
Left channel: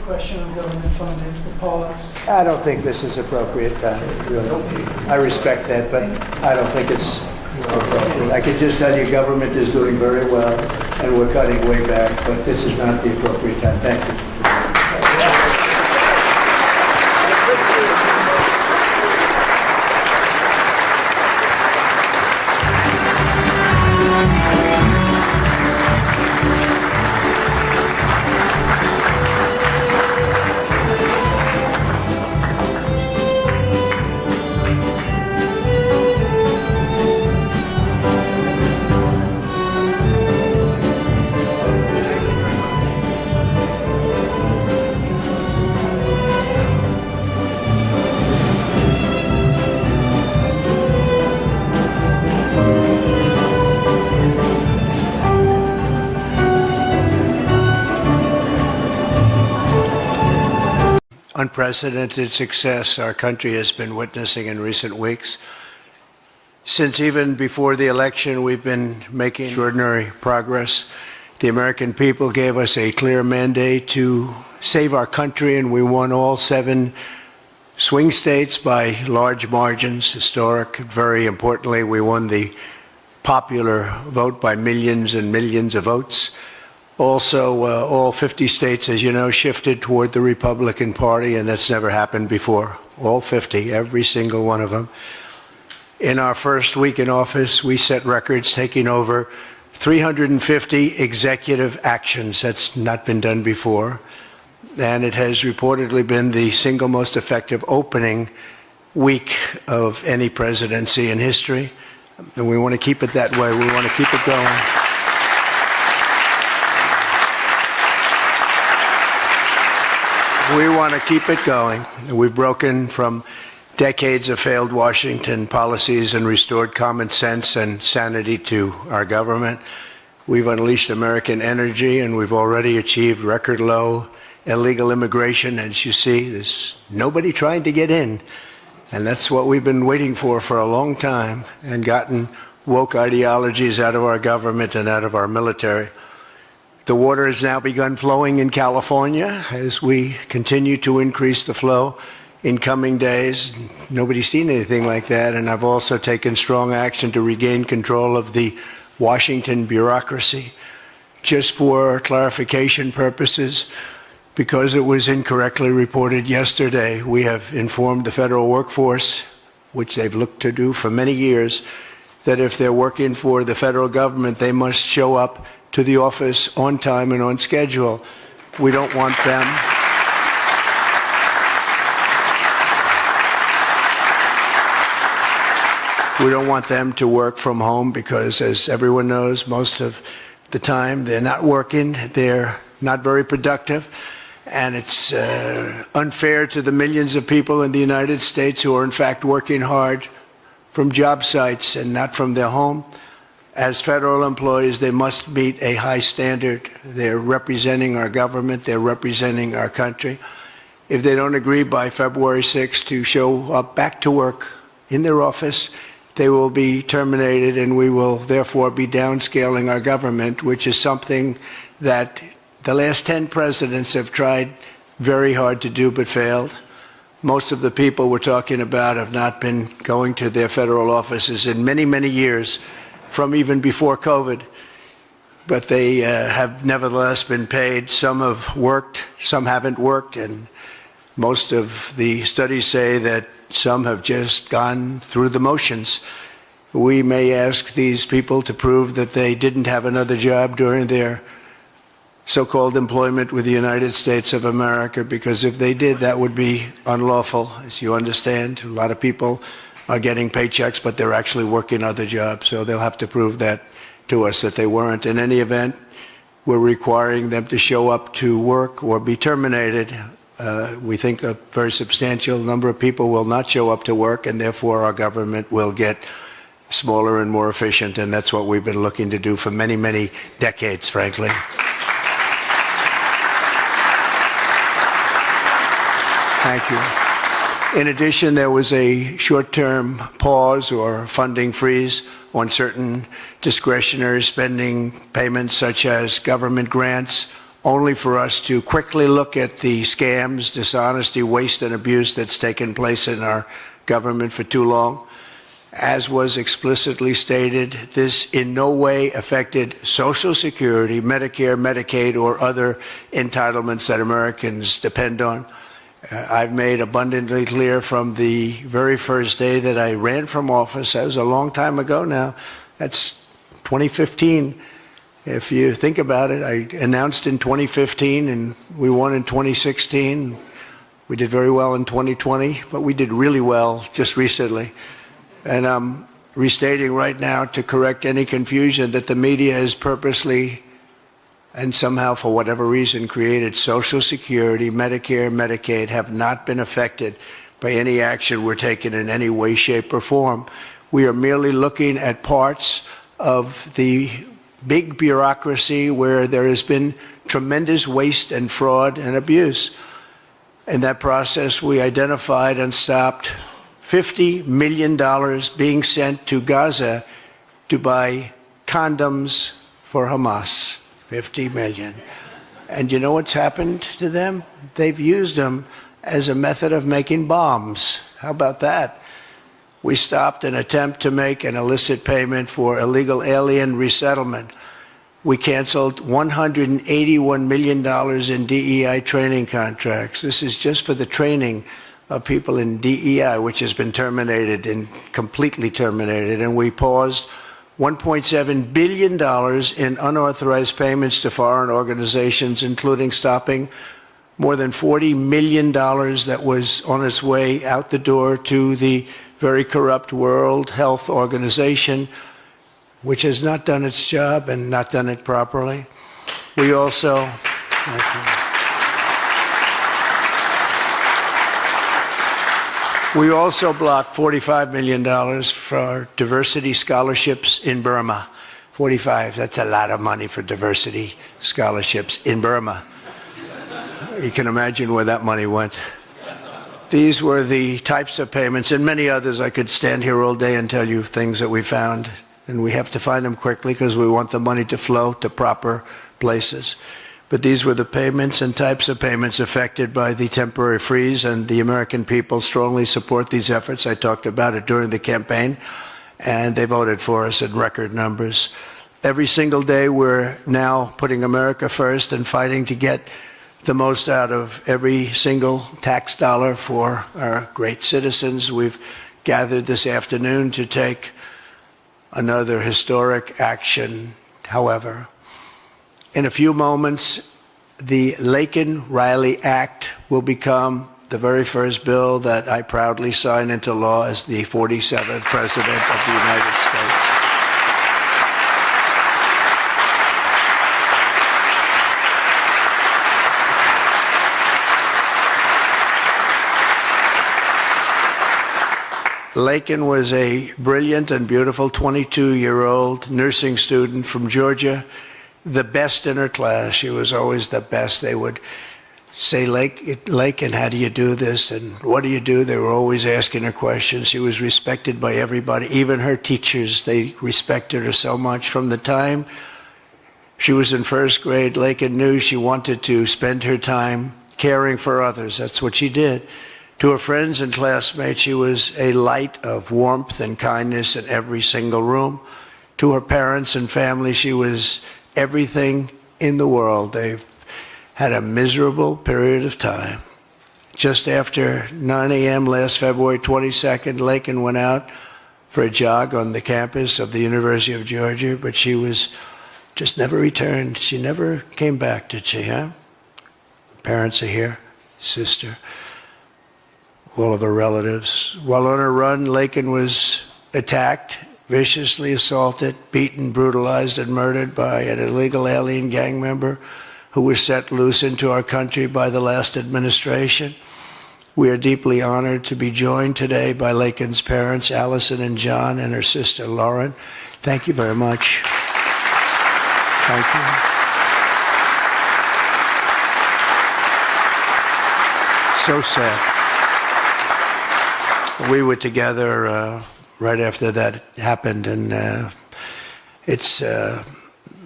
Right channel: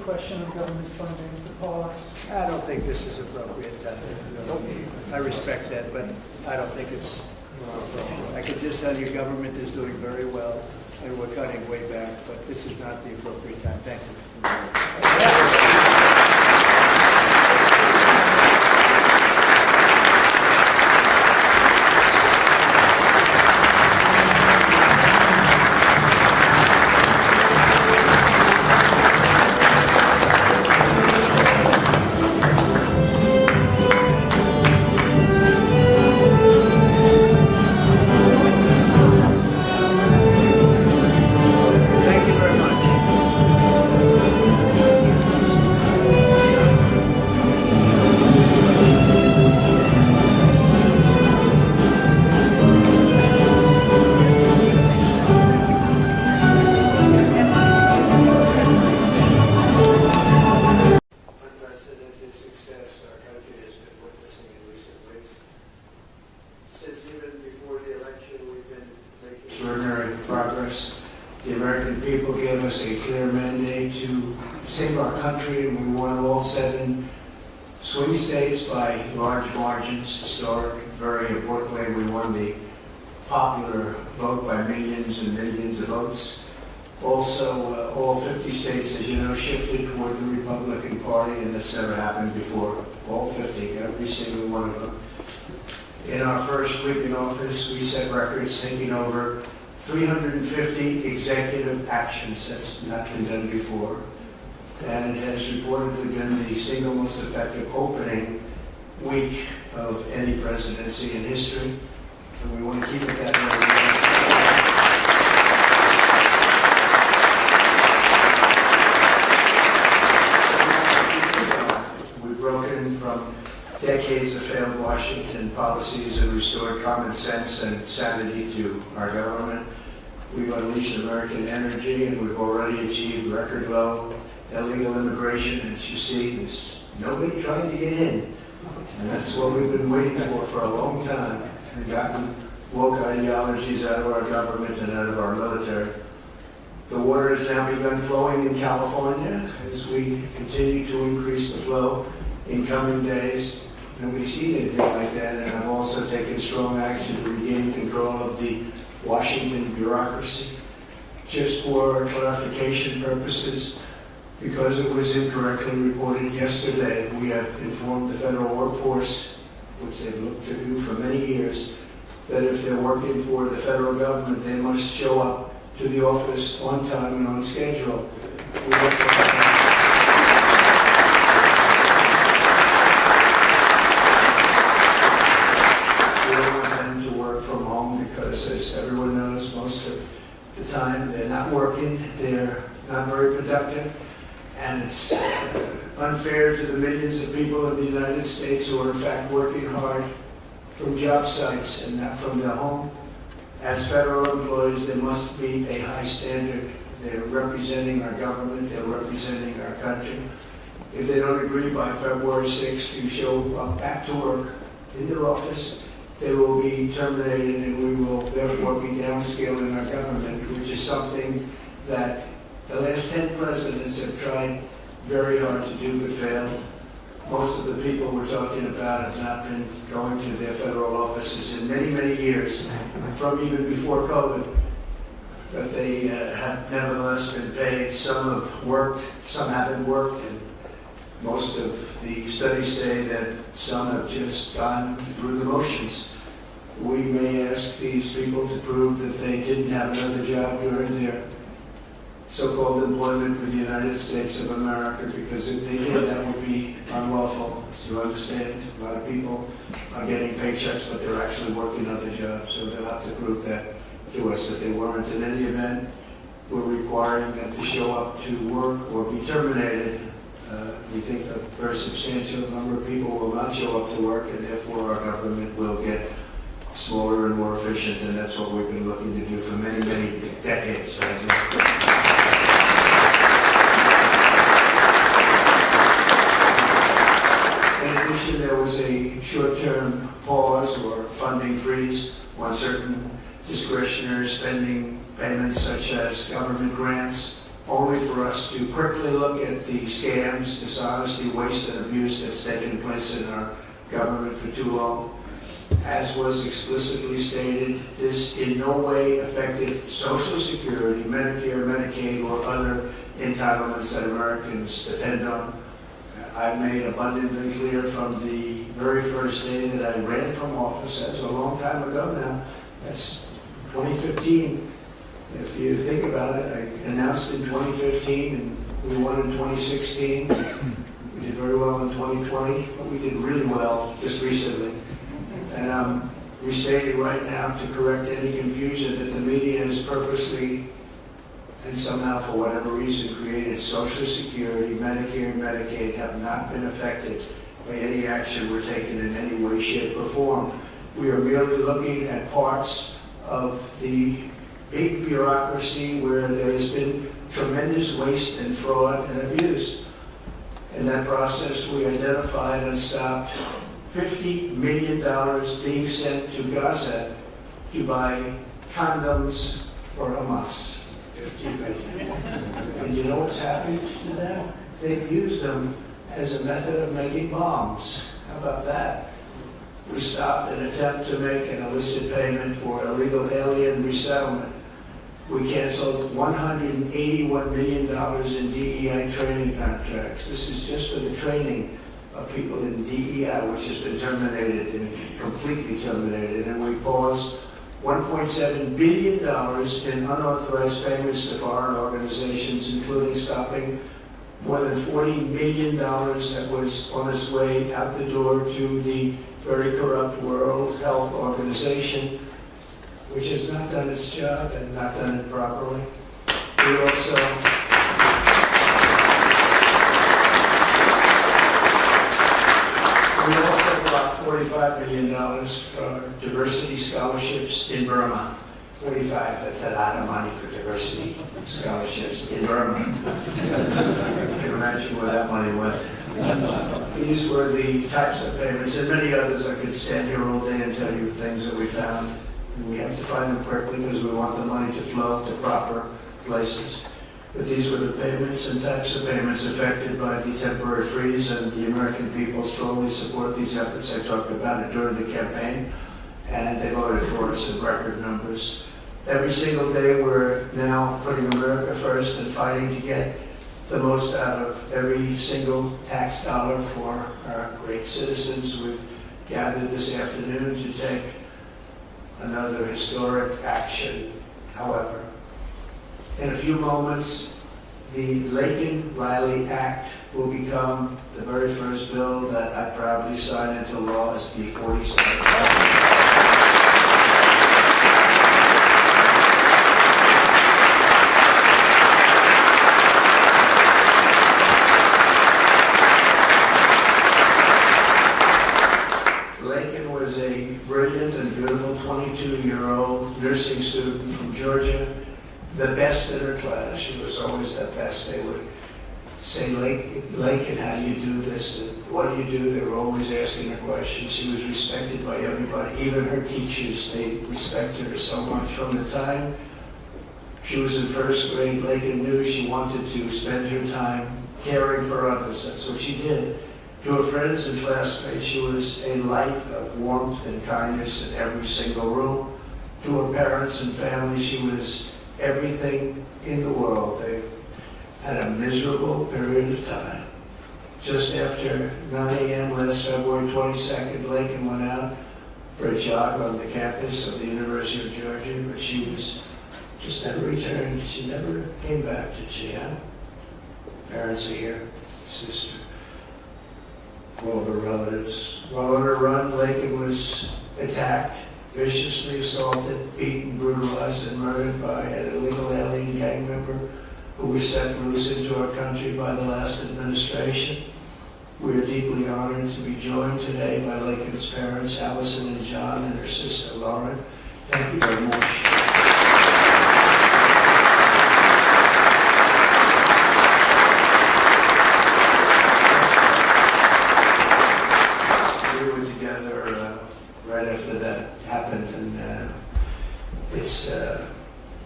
quick question on government funding, the pause. I don't think this is appropriate. Really. I respect that, but I don't think it's appropriate. I can just tell you government is doing very well, and we're cutting way back, but this is not the appropriate time. Thank you. Unprecedented success our country has been witnessing in recent weeks. Since even before the election, we've been making extraordinary progress. The American people gave us a clear mandate to save our country, and we won all 7 swing states by large margins, historic. Very importantly, we won the popular vote by millions and millions of votes. Also, all 50 states, as you know, shifted toward the Republican Party, and that's never happened before. All 50, every single one of them. In our first week in office, we set records, taking over 350 executive actions. That's not been done before. And it has reportedly been the single most effective opening week of any presidency in history. And we want to keep it that way. We want to keep it going. We want to keep it going. We've broken from decades of failed Washington policies and restored common sense and sanity to our government. We've unleashed American energy, and we've already achieved record low illegal immigration. As you see, there's nobody trying to get in. And that's what we've been waiting for a long time, and gotten woke ideologies out of our government and out of our military. The water has now begun flowing in California as we continue to increase the flow in coming days. Nobody's seen anything like that, and I've also taken strong action to regain control of the Washington bureaucracy. Just for clarification purposes, because it was incorrectly reported yesterday, we have informed the federal workforce, which they've looked to do for many years, that if they're working for the federal government, they must show up to the office on time and on schedule. We don't want them. We don't want them to work from home because, as everyone knows, most of the time they're not working, they're not very productive, and it's unfair to the millions of people in the United States who are in fact working hard from job sites and not from their home. As federal employees, they must meet a high standard. They're representing our government, they're representing our country. If they don't agree by February 6th to show up back to work in their office, they will be terminated, and we will therefore be downscaling our government, which is something that the last 10 presidents have tried very hard to do but failed. Most of the people we're talking about have not been going to their federal offices in many, many years, from even before COVID, but they have nevertheless been paid. Some have worked, some haven't worked, and most of the studies say that some have just gone through the motions. We may ask these people to prove that they didn't have another job during their so-called employment with the United States of America, because if they did, that would be unlawful. As you understand, a lot of people are getting paychecks, but they're actually working other jobs, so they'll have to prove that to us that they weren't. In any event, we're requiring them to show up to work or be terminated. We think a very substantial number of people will not show up to work, and therefore our government will get smaller and more efficient, and that's what we've been looking to do for many, many decades, frankly. In addition, there was a short-term pause or funding freeze on certain discretionary spending payments, such as government grants, only for us to quickly look at the scams, dishonesty, waste, and abuse that's taken place in our government for too long. As was explicitly stated, this in no way affected Social Security, Medicare, Medicaid, or other entitlements that Americans depend on. I've made abundantly clear from the very first day that I ran from office, that was a long time ago now, that's 2015. If you think about it, I announced in 2015 and we won in 2016. We did very well in 2020, but we did really well just recently. And I'm restating right now to correct any confusion that the media has purposely and somehow for whatever reason created Social Security, Medicare, Medicaid have not been affected by any action we're taking in any way, shape, or form. We are merely looking at parts of the big bureaucracy where there has been tremendous waste and fraud and abuse. In that process, we identified and stopped $50 million being sent to Gaza to buy condoms for Hamas. 50 million. And you know what's happened to them? They've used them as a method of making bombs. How about that? We stopped an attempt to make an illicit payment for illegal alien resettlement. We canceled $181 million in DEI training contracts. This is just for the training of people in DEI, which has been terminated and completely terminated. And we paused $1.7 billion in unauthorized payments to foreign organizations, including stopping more than $40 million that was on its way out the door to the very corrupt World Health Organization, which has not done its job and not done it properly. We also blocked $45 million for diversity scholarships in Burma. 45, that's a lot of money for diversity scholarships in Burma. You can imagine where that money went. These were the types of payments and many others. I could stand here all day and tell you things that we found, and we have to find them quickly because we want the money to flow to proper places. But these were the payments and types of payments affected by the temporary freeze, and the American people strongly support these efforts. I talked about it during the campaign, and they voted for us in record numbers. Every single day, we're now putting America first and fighting to get the most out of every single tax dollar for our great citizens. We've gathered this afternoon to take another historic action. However, in a few moments, the Laken Riley Act will become the very first bill that I proudly sign into law as the 47th President of the United States. Laken was a brilliant and beautiful 22-year-old nursing student from Georgia, the best in her class. She was always the best. They would say, Laken, how do you do this? And what do you do? They were always asking her questions. She was respected by everybody, even her teachers. They respected her so much. From the time she was in first grade, Laken knew she wanted to spend her time caring for others. That's what she did. To her friends and classmates, she was a light of warmth and kindness in every single room. To her parents and family, she was everything in the world. They've had a miserable period of time. Just after 9 a.m. last February 22nd, Laken went out for a jog on the campus of the University of Georgia, but she was just never returned. She never came back, did she, huh? Parents are here, sister, all of her relatives. While on her run, Laken was attacked, viciously assaulted, beaten, brutalized, and murdered by an illegal alien gang member who was set loose into our country by the last administration. We are deeply honored to be joined today by Laken's parents, Allison and John, and her sister, Lauren. Thank you very much. Thank you. So sad. We were together right after that happened, and it's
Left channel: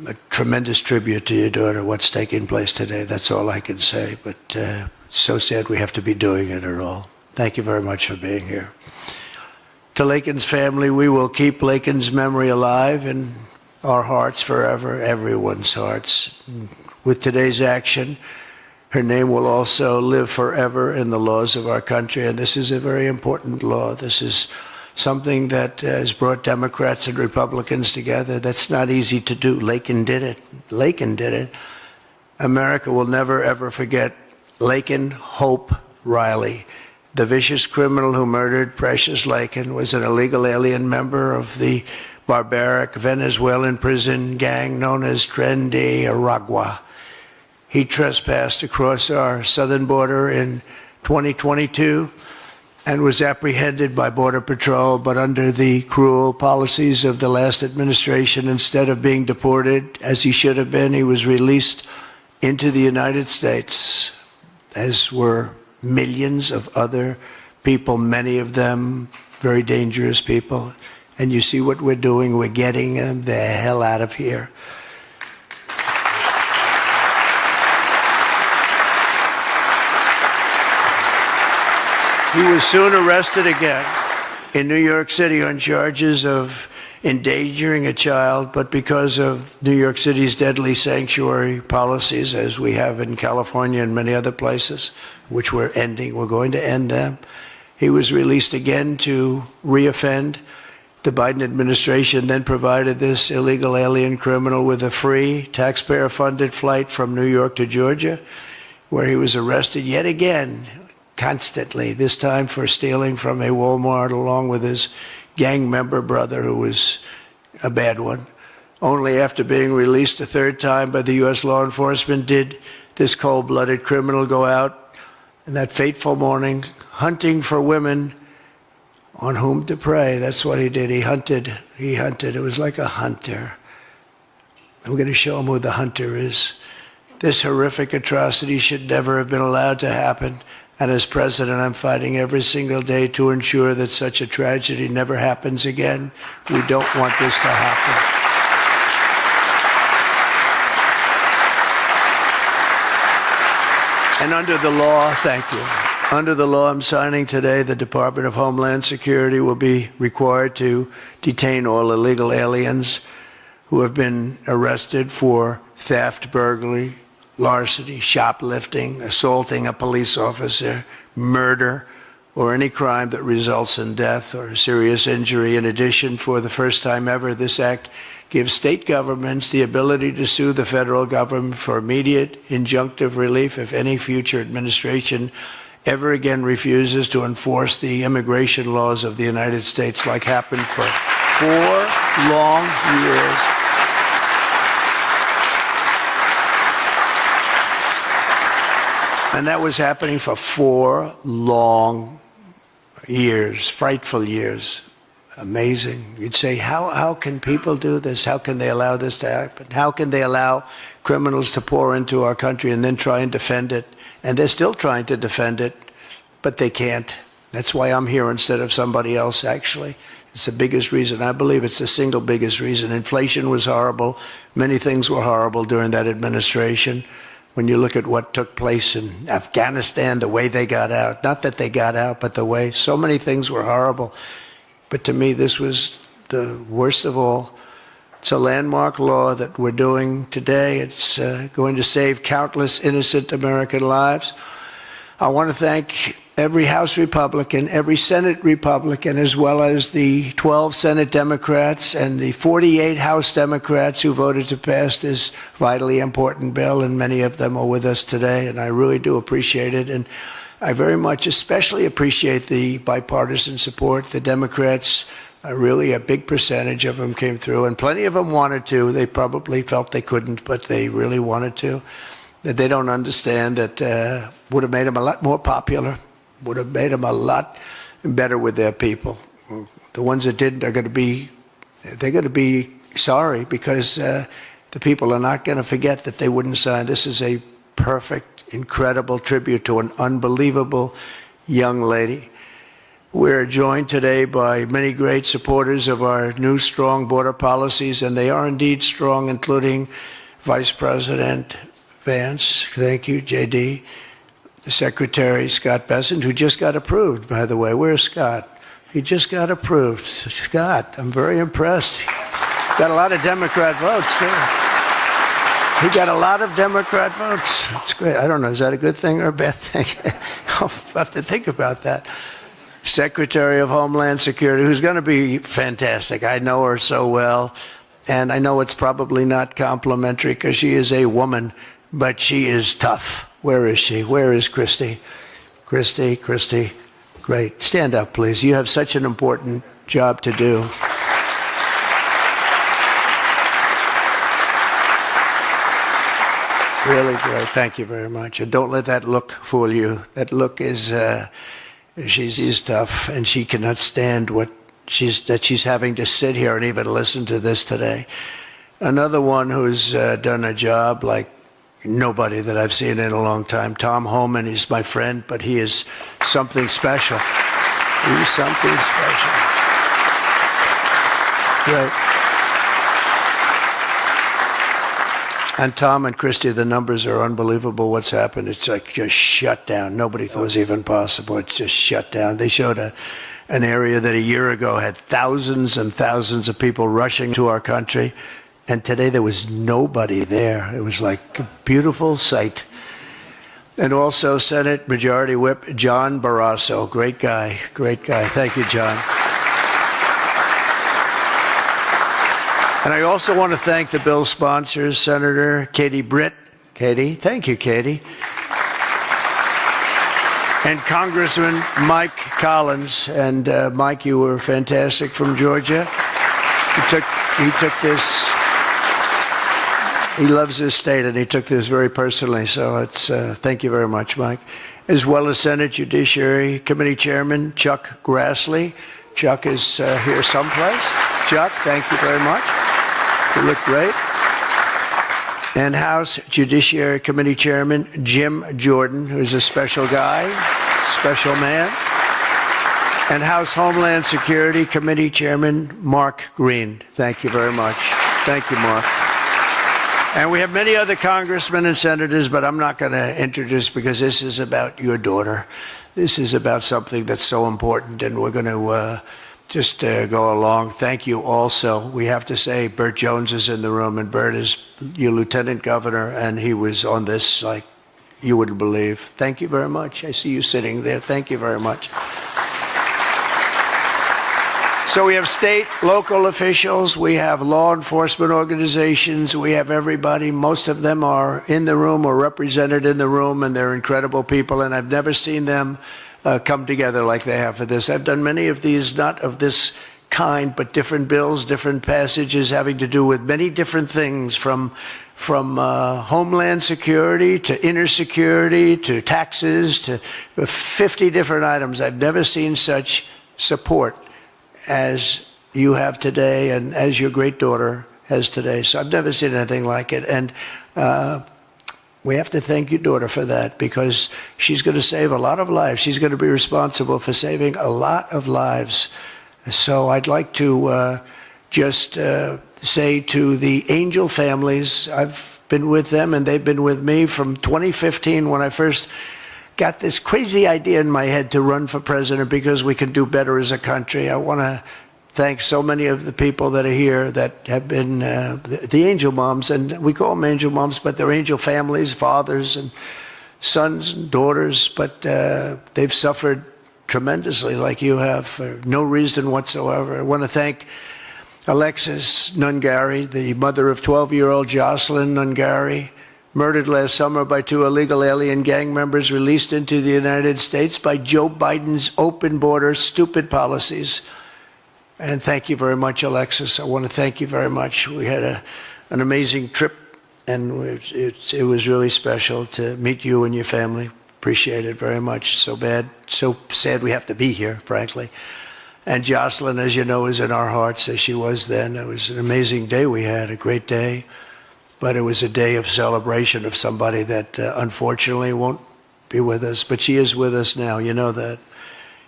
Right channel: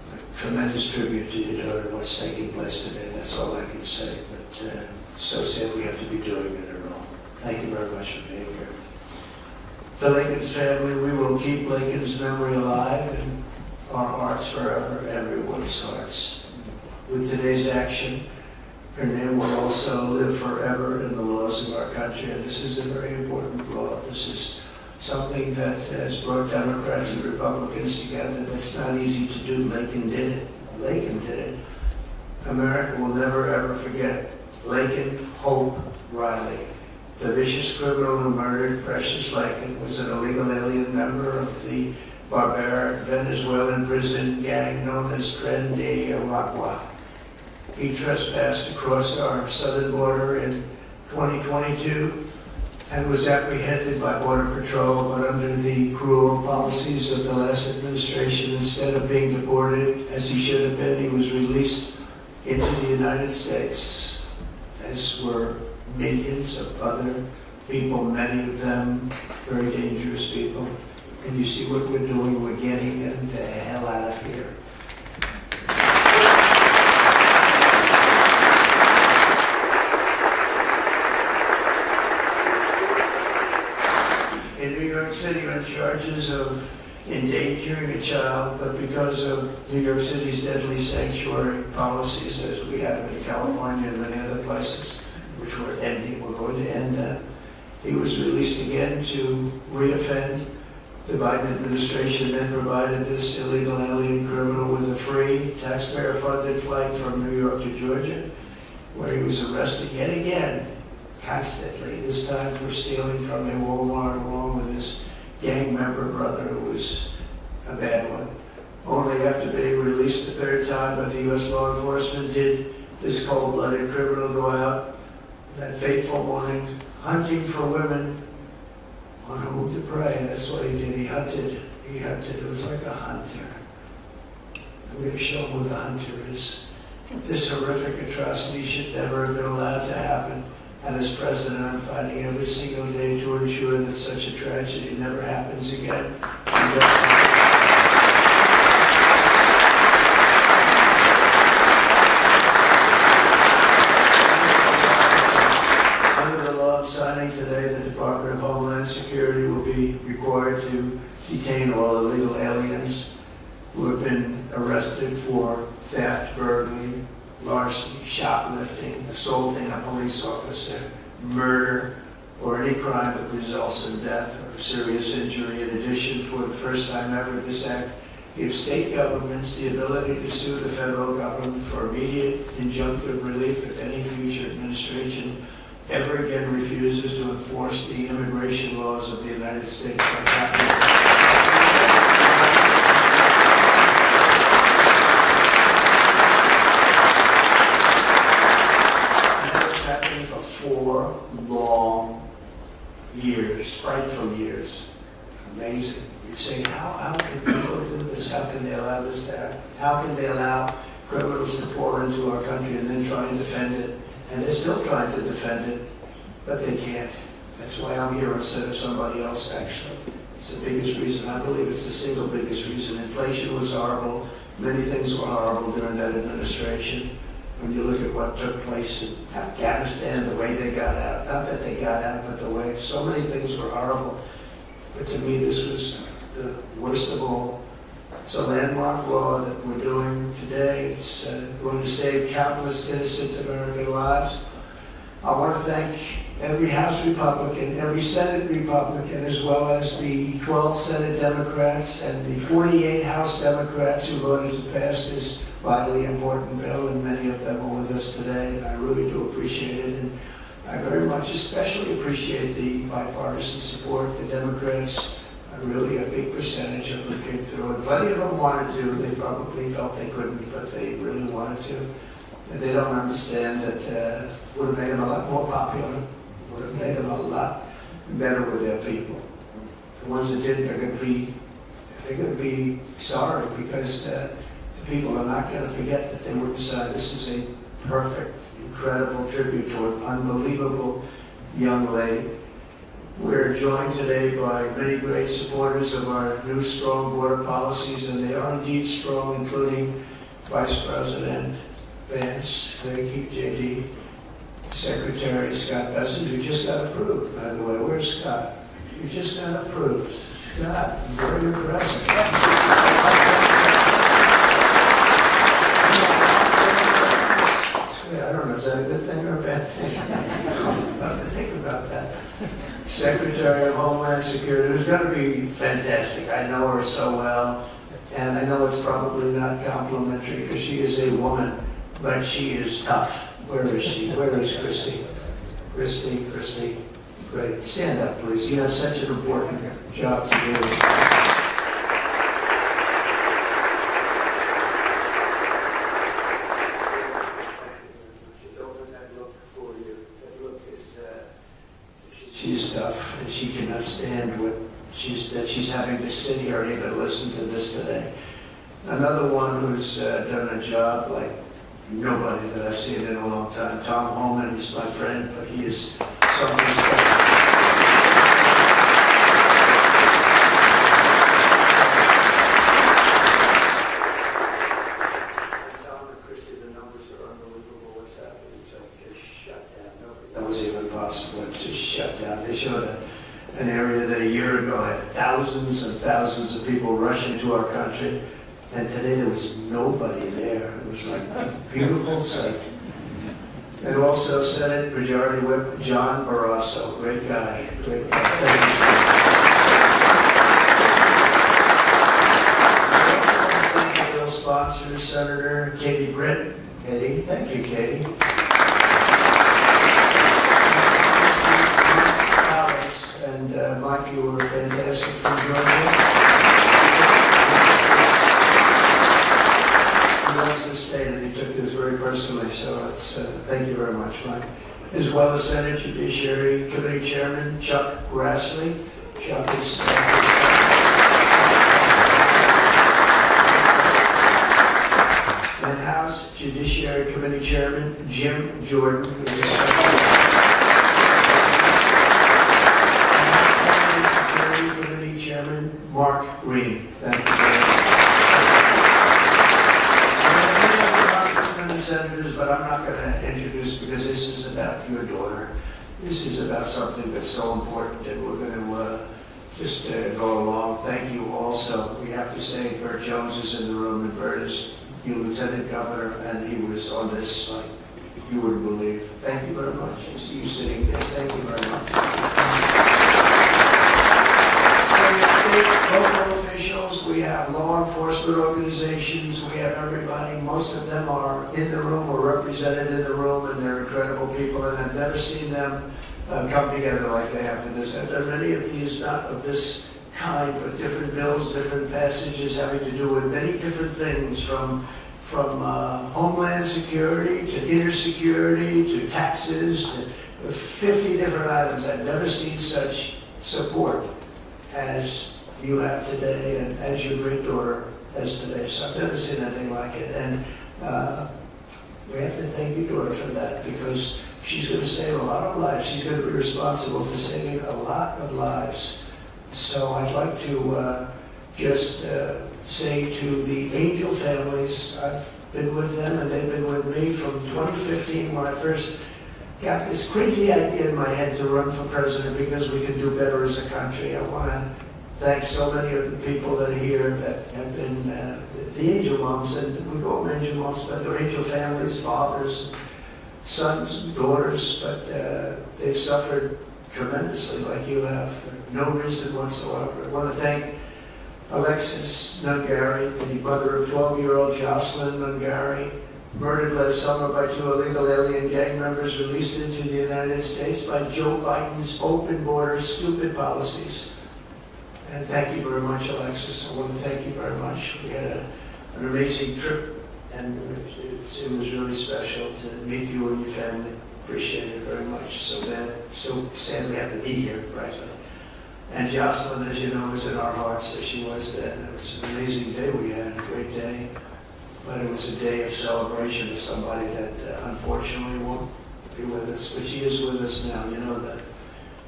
a tremendous tribute to your daughter, what's taking place today. That's all I can say, but it's so sad we have to be doing it at all. Thank you very much for being here. To Laken's family, we will keep Laken's memory alive in our hearts forever, everyone's hearts. With today's action, her name will also live forever in the laws of our country, and this is a very important law. This is something that has brought Democrats and Republicans together. That's not easy to do. Laken did it. Laken did it. America will never, ever forget Laken Hope Riley. The vicious criminal who murdered Precious Laken was an illegal alien member of the barbaric Venezuelan prison gang known as Tren de Aragua. He trespassed across our southern border in 2022 and was apprehended by Border Patrol, but under the cruel policies of the last administration, instead of being deported as he should have been, he was released into the United States, as were millions of other people, many of them very dangerous people. And you see what we're doing, we're getting them the hell out of here. He was soon arrested again in New York City on charges of endangering a child, but because of New York City's deadly sanctuary policies, as we have in California and many other places, which we're ending, we're going to end them, he was released again to reoffend. The Biden administration then provided this illegal alien criminal with a free, taxpayer-funded flight from New York to Georgia, where he was arrested yet again, constantly, this time for stealing from a Walmart along with his gang member brother, who was a bad one. Only after being released a third time by the U.S. law enforcement did this cold-blooded criminal go out in that fateful morning hunting for women on whom to prey. That's what he did. He hunted. It was like a hunter. And we're going to show him who the hunter is. This horrific atrocity should never have been allowed to happen. And as president, I'm fighting every single day to ensure that such a tragedy never happens again. We don't want this to happen. And under the law, thank you. Under the law I'm signing today, the Department of Homeland Security will be required to detain all illegal aliens who have been arrested for theft, burglary, larceny, shoplifting, assaulting a police officer, murder, or any crime that results in death or serious injury. In addition, for the first time ever, this act gives state governments the ability to sue the federal government for immediate injunctive relief if any future administration ever again refuses to enforce the immigration laws of the United States, like happened for 4 long years. And that was happening for 4 long years, frightful years. Amazing. You'd say, how can people do this? How can they allow this to happen? How can they allow criminals to pour into our country and then try and defend it? And they're still trying to defend it, but they can't. That's why I'm here instead of somebody else, actually. It's the biggest reason. I believe it's the single biggest reason. Inflation was horrible. Many things were horrible during that administration. When you look at what took place in Afghanistan, the way they got out, not that they got out, but the way, so many things were horrible. But to me, this was the worst of all. It's a landmark law that we're doing today. It's going to save countless innocent American lives. I want to thank every House Republican, every Senate Republican, as well as the 12 Senate Democrats and the 48 House Democrats who voted to pass this vitally important bill, and many of them are with us today, and I really do appreciate it. And I very much especially appreciate the bipartisan support. The Democrats, really a big percentage of them came through, and plenty of them wanted to. They probably felt they couldn't, but they really wanted to. That they don't understand that would have made them a lot more popular, would have made them a lot better with their people. The ones that didn't are going to be sorry, because the people are not going to forget that they wouldn't sign. This is a perfect, incredible tribute to an unbelievable young lady. We're joined today by many great supporters of our new strong border policies, and they are indeed strong, including Vice President Vance, thank you, JD, Secretary Scott Bessent, who just got approved, by the way. Where's Scott? He just got approved. Scott, I'm very impressed. Got a lot of Democrat votes. He got a lot of Democrat votes. That's great. I don't know, is that a good thing or a bad thing? I'll have to think about that. Secretary of Homeland Security, who's going to be fantastic. I know her so well, and I know it's probably not complimentary because she is a woman, but she is tough. Where is she? Where is Christy? Christy, great. Stand up, please. You have such an important job to do. Really great. Thank you very much. And don't let that look fool you. That look is, she's tough, and she cannot stand that she's having to sit here and even listen to this today. Another one who's done a job like nobody that I've seen in a long time, Tom Homan. He's my friend, but he is something special. He is something special. Yeah. And Tom and Christy, the numbers are unbelievable. What's happened? It's like just shut down. Nobody thought it was even possible. It's just shut down. They showed an area that a year ago had thousands and thousands of people rushing to our country. And today there was nobody there. It was like a beautiful sight. And also Senate Majority Whip John Barrasso. Great guy. Great guy. Thank you, John. And I also want to thank the bill sponsors, Senator Katie Britt. Katie, thank you, Katie. And Congressman Mike Collins. And Mike, you were fantastic from Georgia. He took this. He loves this state, and he took this very personally. So it's thank you very much, Mike. As well as Senate Judiciary Committee Chairman Chuck Grassley. Chuck is here someplace. Chuck, thank you very much. You look great. And House Judiciary Committee Chairman Jim Jordan, who's a special guy, special man. And House Homeland Security Committee Chairman Mark Green. Thank you very much. Thank you, Mark. And we have many other congressmen and senators, but I'm not going to introduce because this is about your daughter. This is about something that's so important, and we're going to just go along. Thank you also. We have to say Burt Jones is in the room, and Burt is your lieutenant governor, and he was on this like you wouldn't believe. Thank you very much. I see you sitting there. Thank you very much. So we have state, local officials, we have law enforcement organizations, we have everybody. Most of them are in the room or represented in the room, and they're incredible people, and I've never seen them come together like they have for this. I've done many of these, not of this kind, but different bills, different passages having to do with many different things, from homeland security to inner security to taxes to 50 different items. I've never seen such support as you have today and as your great daughter has today. So I've never seen anything like it. And we have to thank your daughter for that, because she's going to save a lot of lives. She's going to be responsible for saving a lot of lives. So I'd like to just say to the Angel families, I've been with them and they've been with me from 2015 when I first got this crazy idea in my head to run for president because we could do better as a country. I want to thank so many of the people that are here that have been the Angel moms, and we call them Angel moms, but they're Angel families, fathers and sons and daughters, but they've suffered tremendously like you have for no reason whatsoever. I want to thank Alexis Nungari, the mother of 12-year-old Jocelyn Nungari, murdered last summer by 2 illegal alien gang members released into the United States by Joe Biden's open border, stupid policies. And thank you very much, Alexis. I want to thank you very much. We had an amazing trip, and it was really special to meet you and your family. Appreciate it very much. So sad we have to be here, frankly. And Jocelyn, as you know, is in our hearts as she was then. It was an amazing day we had, a great day. But it was a day of celebration of somebody that unfortunately won't be with us. But she is with us now, you know that.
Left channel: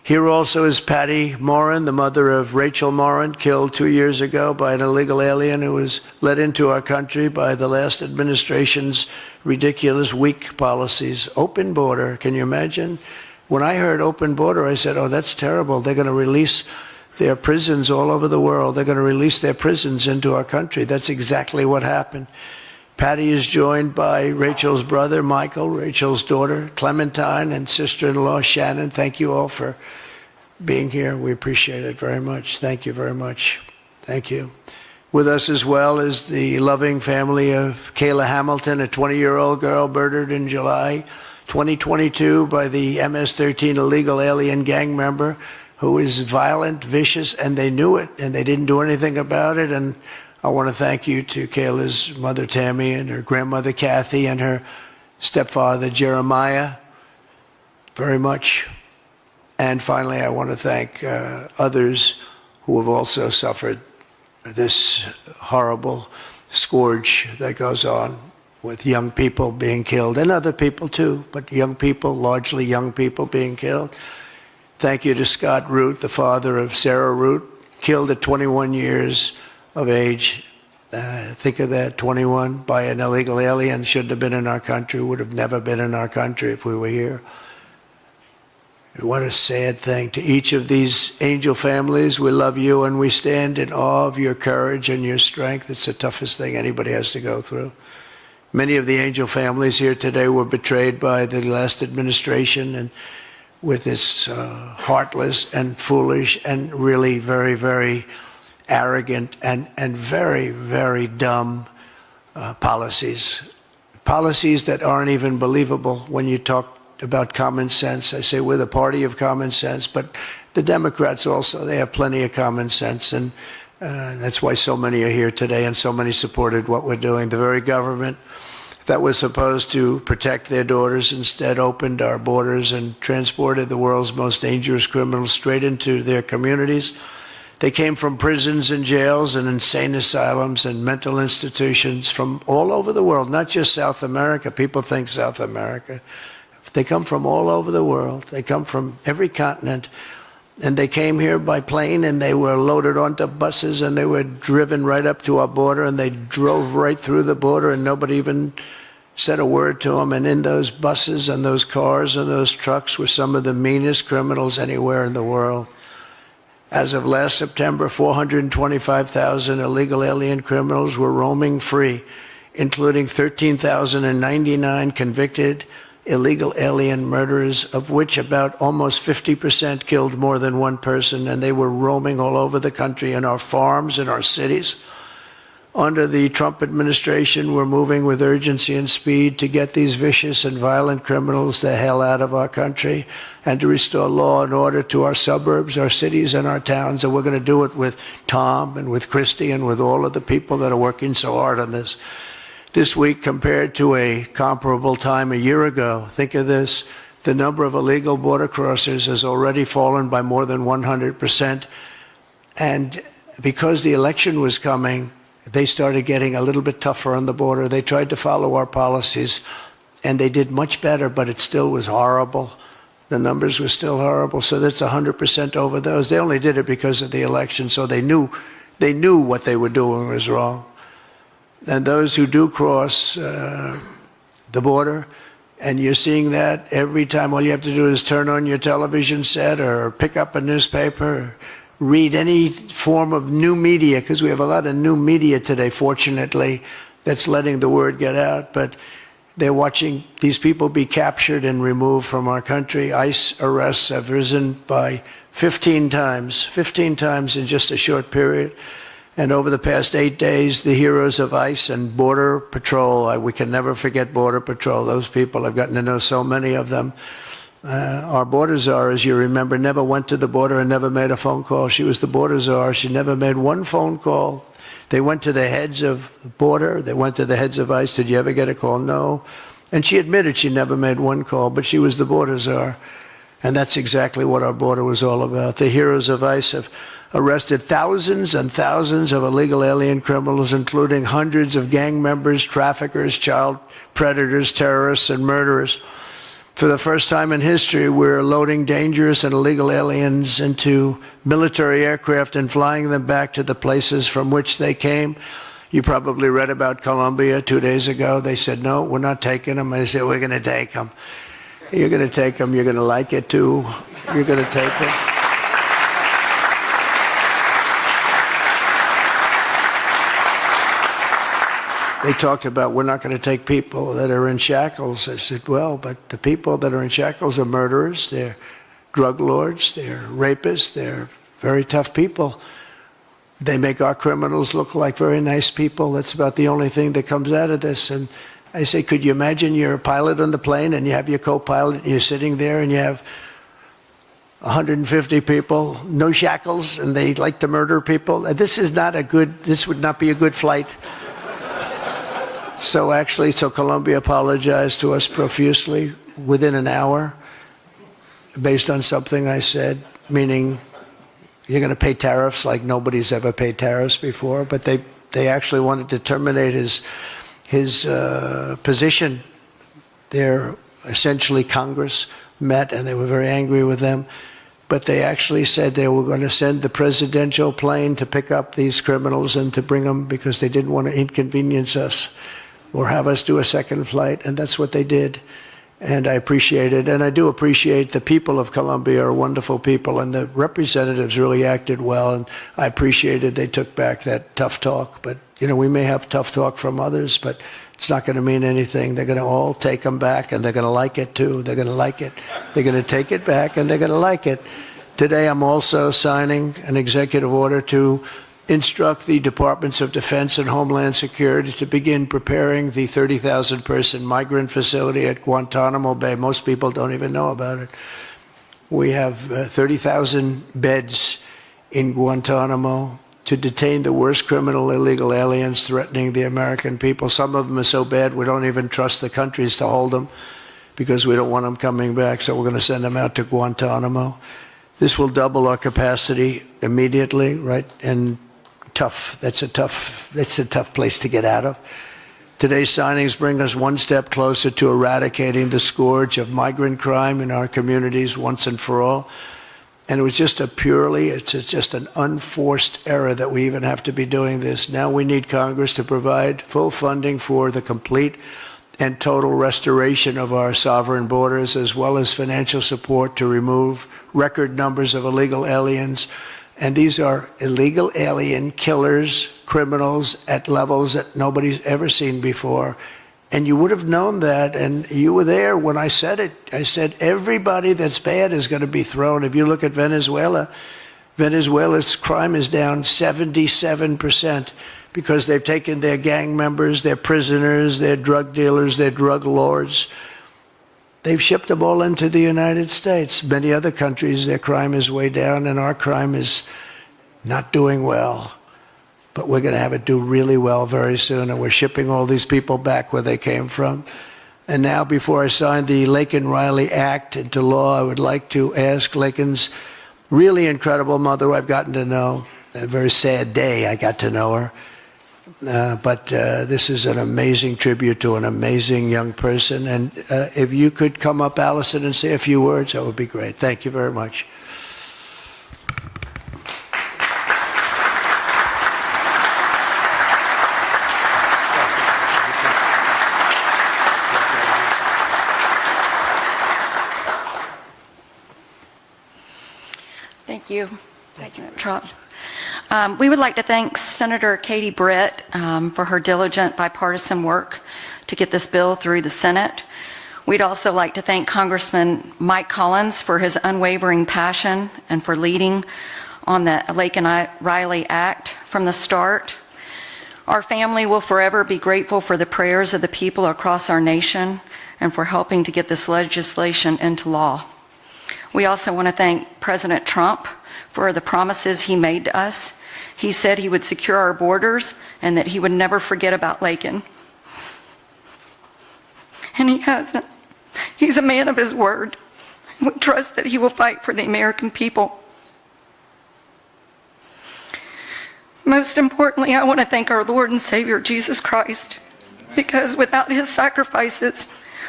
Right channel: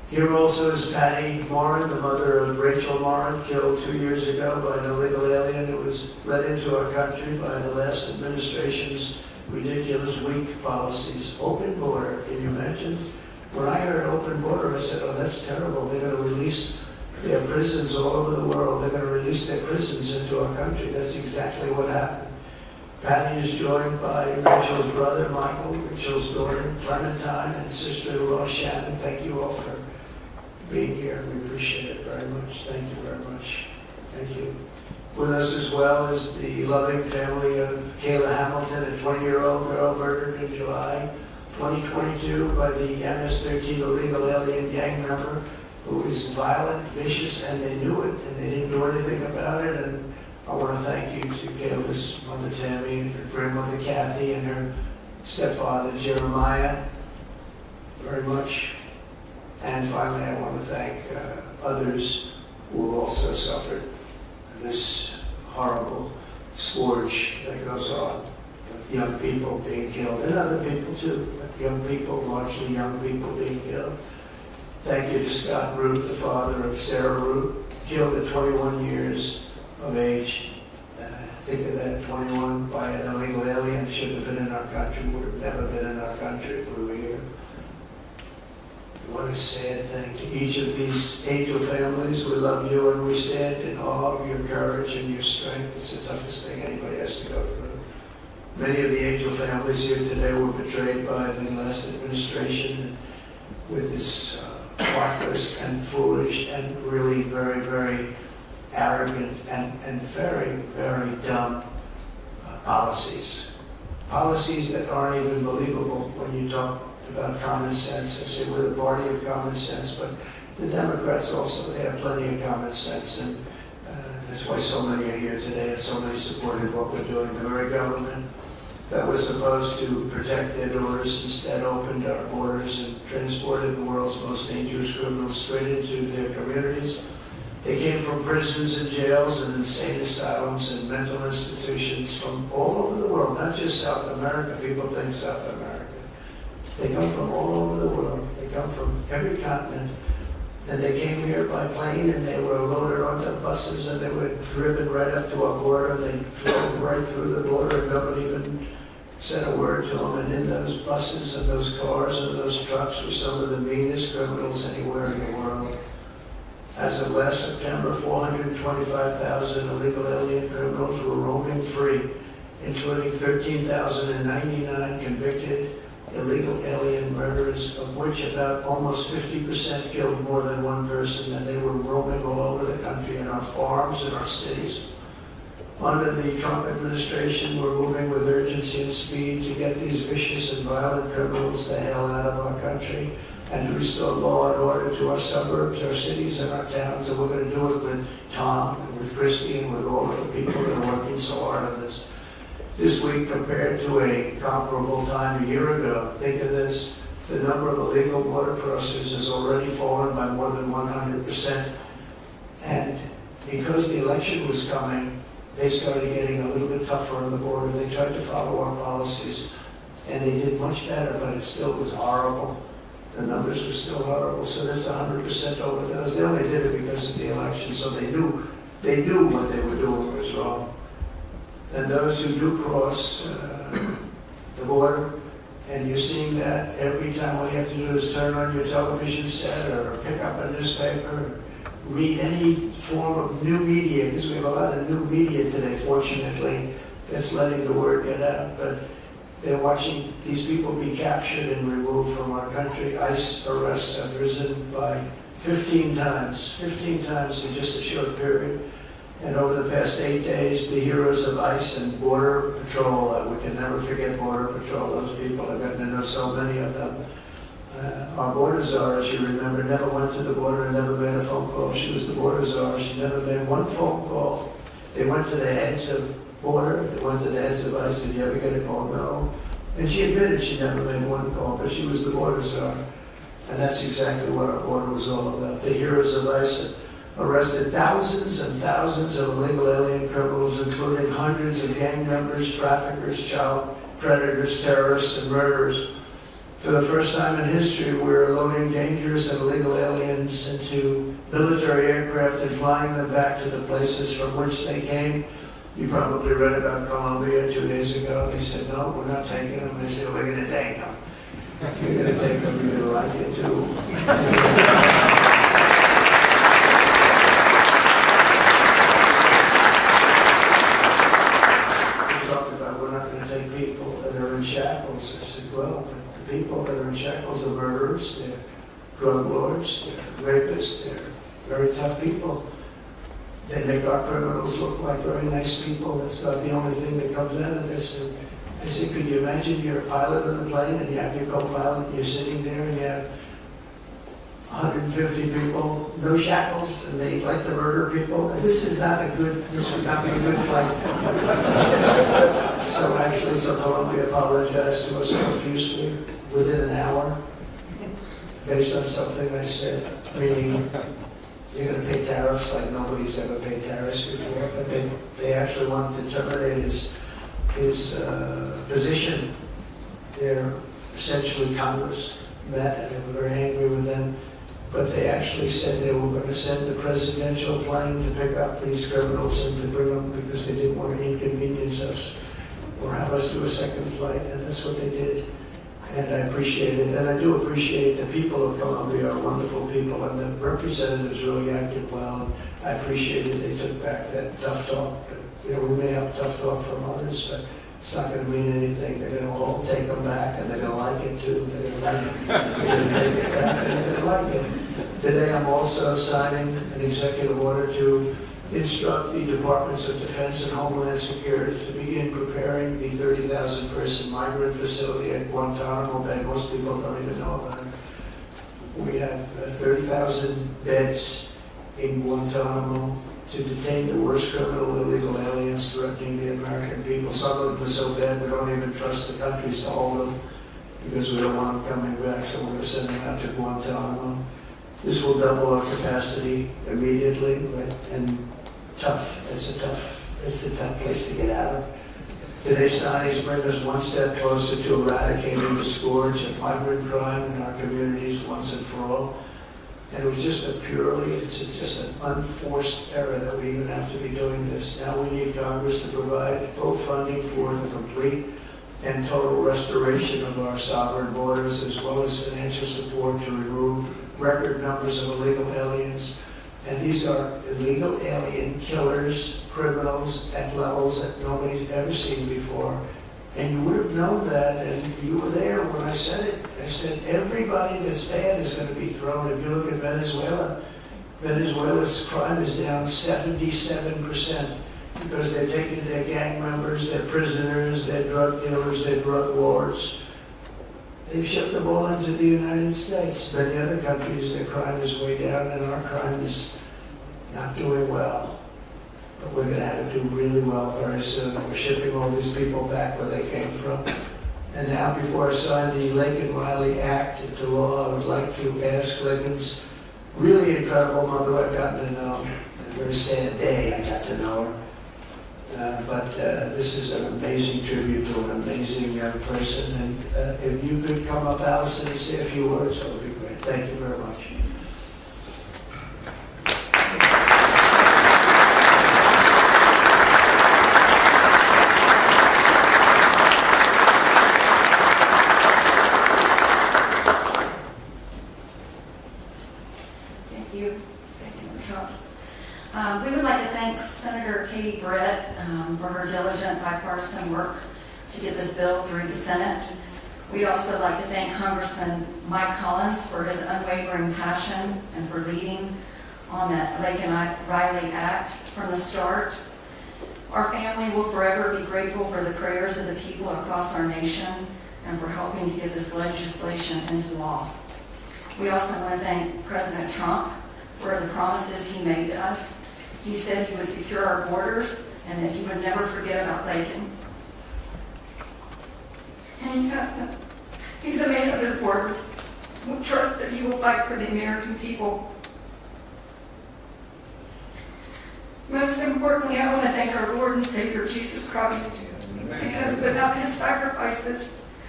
Here also is Patty Morin, the mother of Rachel Morin, killed 2 years ago by an illegal alien who was let into our country by the last administration's ridiculous, weak policies. Open border, can you imagine? When I heard open border, I said, oh, that's terrible. They're going to release their prisons all over the world. They're going to release their prisons into our country. That's exactly what happened. Patty is joined by Rachel's brother, Michael, Rachel's daughter, Clementine, and sister-in-law, Shannon. Thank you all for being here. We appreciate it very much. Thank you very much. Thank you. With us as well is the loving family of Kayla Hamilton, a 20-year-old girl murdered in July 2022 by the MS-13 illegal alien gang member who is violent, vicious, and they knew it, and they didn't do anything about it. And I want to thank you to Kayla's mother, Tammy, and her grandmother, Kathy, and her stepfather, Jeremiah, very much. And finally, I want to thank others who have also suffered this horrible scourge that goes on with young people being killed, and other people too, but young people, largely young people being killed. Thank you to Scott Root, the father of Sarah Root, killed at 21 years of age. Think of that, 21 by an illegal alien, shouldn't have been in our country, would have never been in our country if we were here. What a sad thing. To each of these angel families, we love you and we stand in awe of your courage and your strength. It's the toughest thing anybody has to go through. Many of the angel families here today were betrayed by the last administration and with its heartless and foolish and really very, very arrogant and very, very dumb policies. Policies that aren't even believable when you talk about common sense. I say we're the party of common sense, but the Democrats also, they have plenty of common sense, and that's why so many are here today and so many supported what we're doing. The very government that was supposed to protect their daughters instead opened our borders and transported the world's most dangerous criminals straight into their communities. They came from prisons and jails and insane asylums and mental institutions from all over the world, not just South America. People think South America. They come from all over the world. They come from every continent. And they came here by plane, and they were loaded onto buses, and they were driven right up to our border, and they drove right through the border, and nobody even said a word to them. And in those buses and those cars and those trucks were some of the meanest criminals anywhere in the world. As of last September, 425,000 illegal alien criminals were roaming free, including 13,099 convicted illegal alien murderers, of which about almost 50% killed more than one person, and they were roaming all over the country in our farms, in our cities. Under the Trump administration, we're moving with urgency and speed to get these vicious and violent criminals the hell out of our country and to restore law and order to our suburbs, our cities, and our towns. And we're going to do it with Tom and with Christy and with all of the people that are working so hard on this. This week, compared to a comparable time a year ago, think of this, the number of illegal border crossers has already fallen by more than 100%. And because the election was coming, they started getting a little bit tougher on the border. They tried to follow our policies, and they did much better, but it still was horrible. The numbers were still horrible, so that's 100% over those. They only did it because of the election, so they knew what they were doing was wrong. And those who do cross the border, and you're seeing that every time, all you have to do is turn on your television set or pick up a newspaper, or read any form of new media, because we have a lot of new media today, fortunately, that's letting the word get out. But they're watching these people be captured and removed from our country. ICE arrests have risen by 15 times in just a short period. And over the past 8 days, the heroes of ICE and Border Patrol, we can never forget Border Patrol. Those people, I've gotten to know so many of them. Our border czar, as you remember, never went to the border and never made a phone call. She was the border czar. She never made one phone call. They went to the heads of border. They went to the heads of ICE. Did you ever get a call? No. And she admitted she never made one call, but she was the border czar. And that's exactly what our border was all about. The heroes of ICE have arrested thousands and thousands of illegal alien criminals, including hundreds of gang members, traffickers, child predators, terrorists, and murderers. For the first time in history, we're loading dangerous and illegal aliens into military aircraft and flying them back to the places from which they came. You probably read about Colombia 2 days ago. They said, no, we're not taking them. I said, we're going to take them. You're going to take them. You're going to like it, too. You're going to take them. They talked about, we're not going to take people that are in shackles. I said, well, but the people that are in shackles are murderers, they're drug lords, they're rapists, they're very tough people. They make our criminals look like very nice people. That's about the only thing that comes out of this. And I say, could you imagine you're a pilot on the plane and you have your co-pilot and you're sitting there and you have 150 people, no shackles, and they like to murder people? This would not be a good flight. So Colombia apologized to us profusely within an hour based on something I said, meaning you're going to pay tariffs like nobody's ever paid tariffs before, but they actually wanted to terminate his position. They're essentially Congress met and they were very angry with them, but they actually said they were going to send the presidential plane to pick up these criminals and to bring them because they didn't want to inconvenience us or have us do a second flight, and that's what they did. And I appreciate it, and I do appreciate the people of Colombia are wonderful people, and the representatives really acted well, and I appreciated they took back that tough talk. But, you know, we may have tough talk from others, but it's not going to mean anything. They're going to all take them back, and they're going to like it, too. They're going to like it. They're going to take it back, and they're going to like it. Today, I'm also signing an executive order to instruct the Departments of Defense and Homeland Security to begin preparing the 30,000-person migrant facility at Guantanamo Bay. Most people don't even know about it. We have 30,000 beds in Guantanamo to detain the worst criminal illegal aliens threatening the American people. Some of them are so bad we don't even trust the countries to hold them because we don't want them coming back, so we're going to send them out to Guantanamo. This will double our capacity immediately, right? And tough. That's a tough place to get out of. Today's signings bring us one step closer to eradicating the scourge of migrant crime in our communities once and for all. And it was just just an unforced error that we even have to be doing this. Now we need Congress to provide full funding for the complete and total restoration of our sovereign borders, as well as financial support to remove record numbers of illegal aliens. And these are illegal alien killers, criminals at levels that nobody's ever seen before. And you would have known that, and you were there when I said it. I said everybody that's bad is going to be thrown. If you look at Venezuela, Venezuela's crime is down 77% because they've taken their gang members, their prisoners, their drug dealers, their drug lords. They've shipped them all into the United States. Many other countries, their crime is way down, and our crime is not doing well. But we're going to have it do really well very soon, and we're shipping all these people back where they came from. And now, before I sign the Laken Riley Act into law, I would like to ask Laken's really incredible mother, who I've gotten to know. A very sad day I got to know her. But this is an amazing tribute to an amazing young person. And if you could come up, Allison, and say a few words, that would be great. Thank you very much. Thank you. Thank you, Trump. We would like to thank Senator Katie Britt for her diligent bipartisan work to get this bill through the Senate. We'd also like to thank Congressman Mike Collins for his unwavering passion and for leading on the Laken Riley Act from the start. Our family will forever be grateful for the prayers of the people across our nation and for helping to get this legislation into law. We also want to thank President Trump for the promises he made to us. He said he would secure our borders and that he would never forget about Laken. And he hasn't. He's a man of his word. We trust that he will fight for the American people. Most importantly, I want to thank our Lord and Savior, Jesus Christ, because without his sacrifices,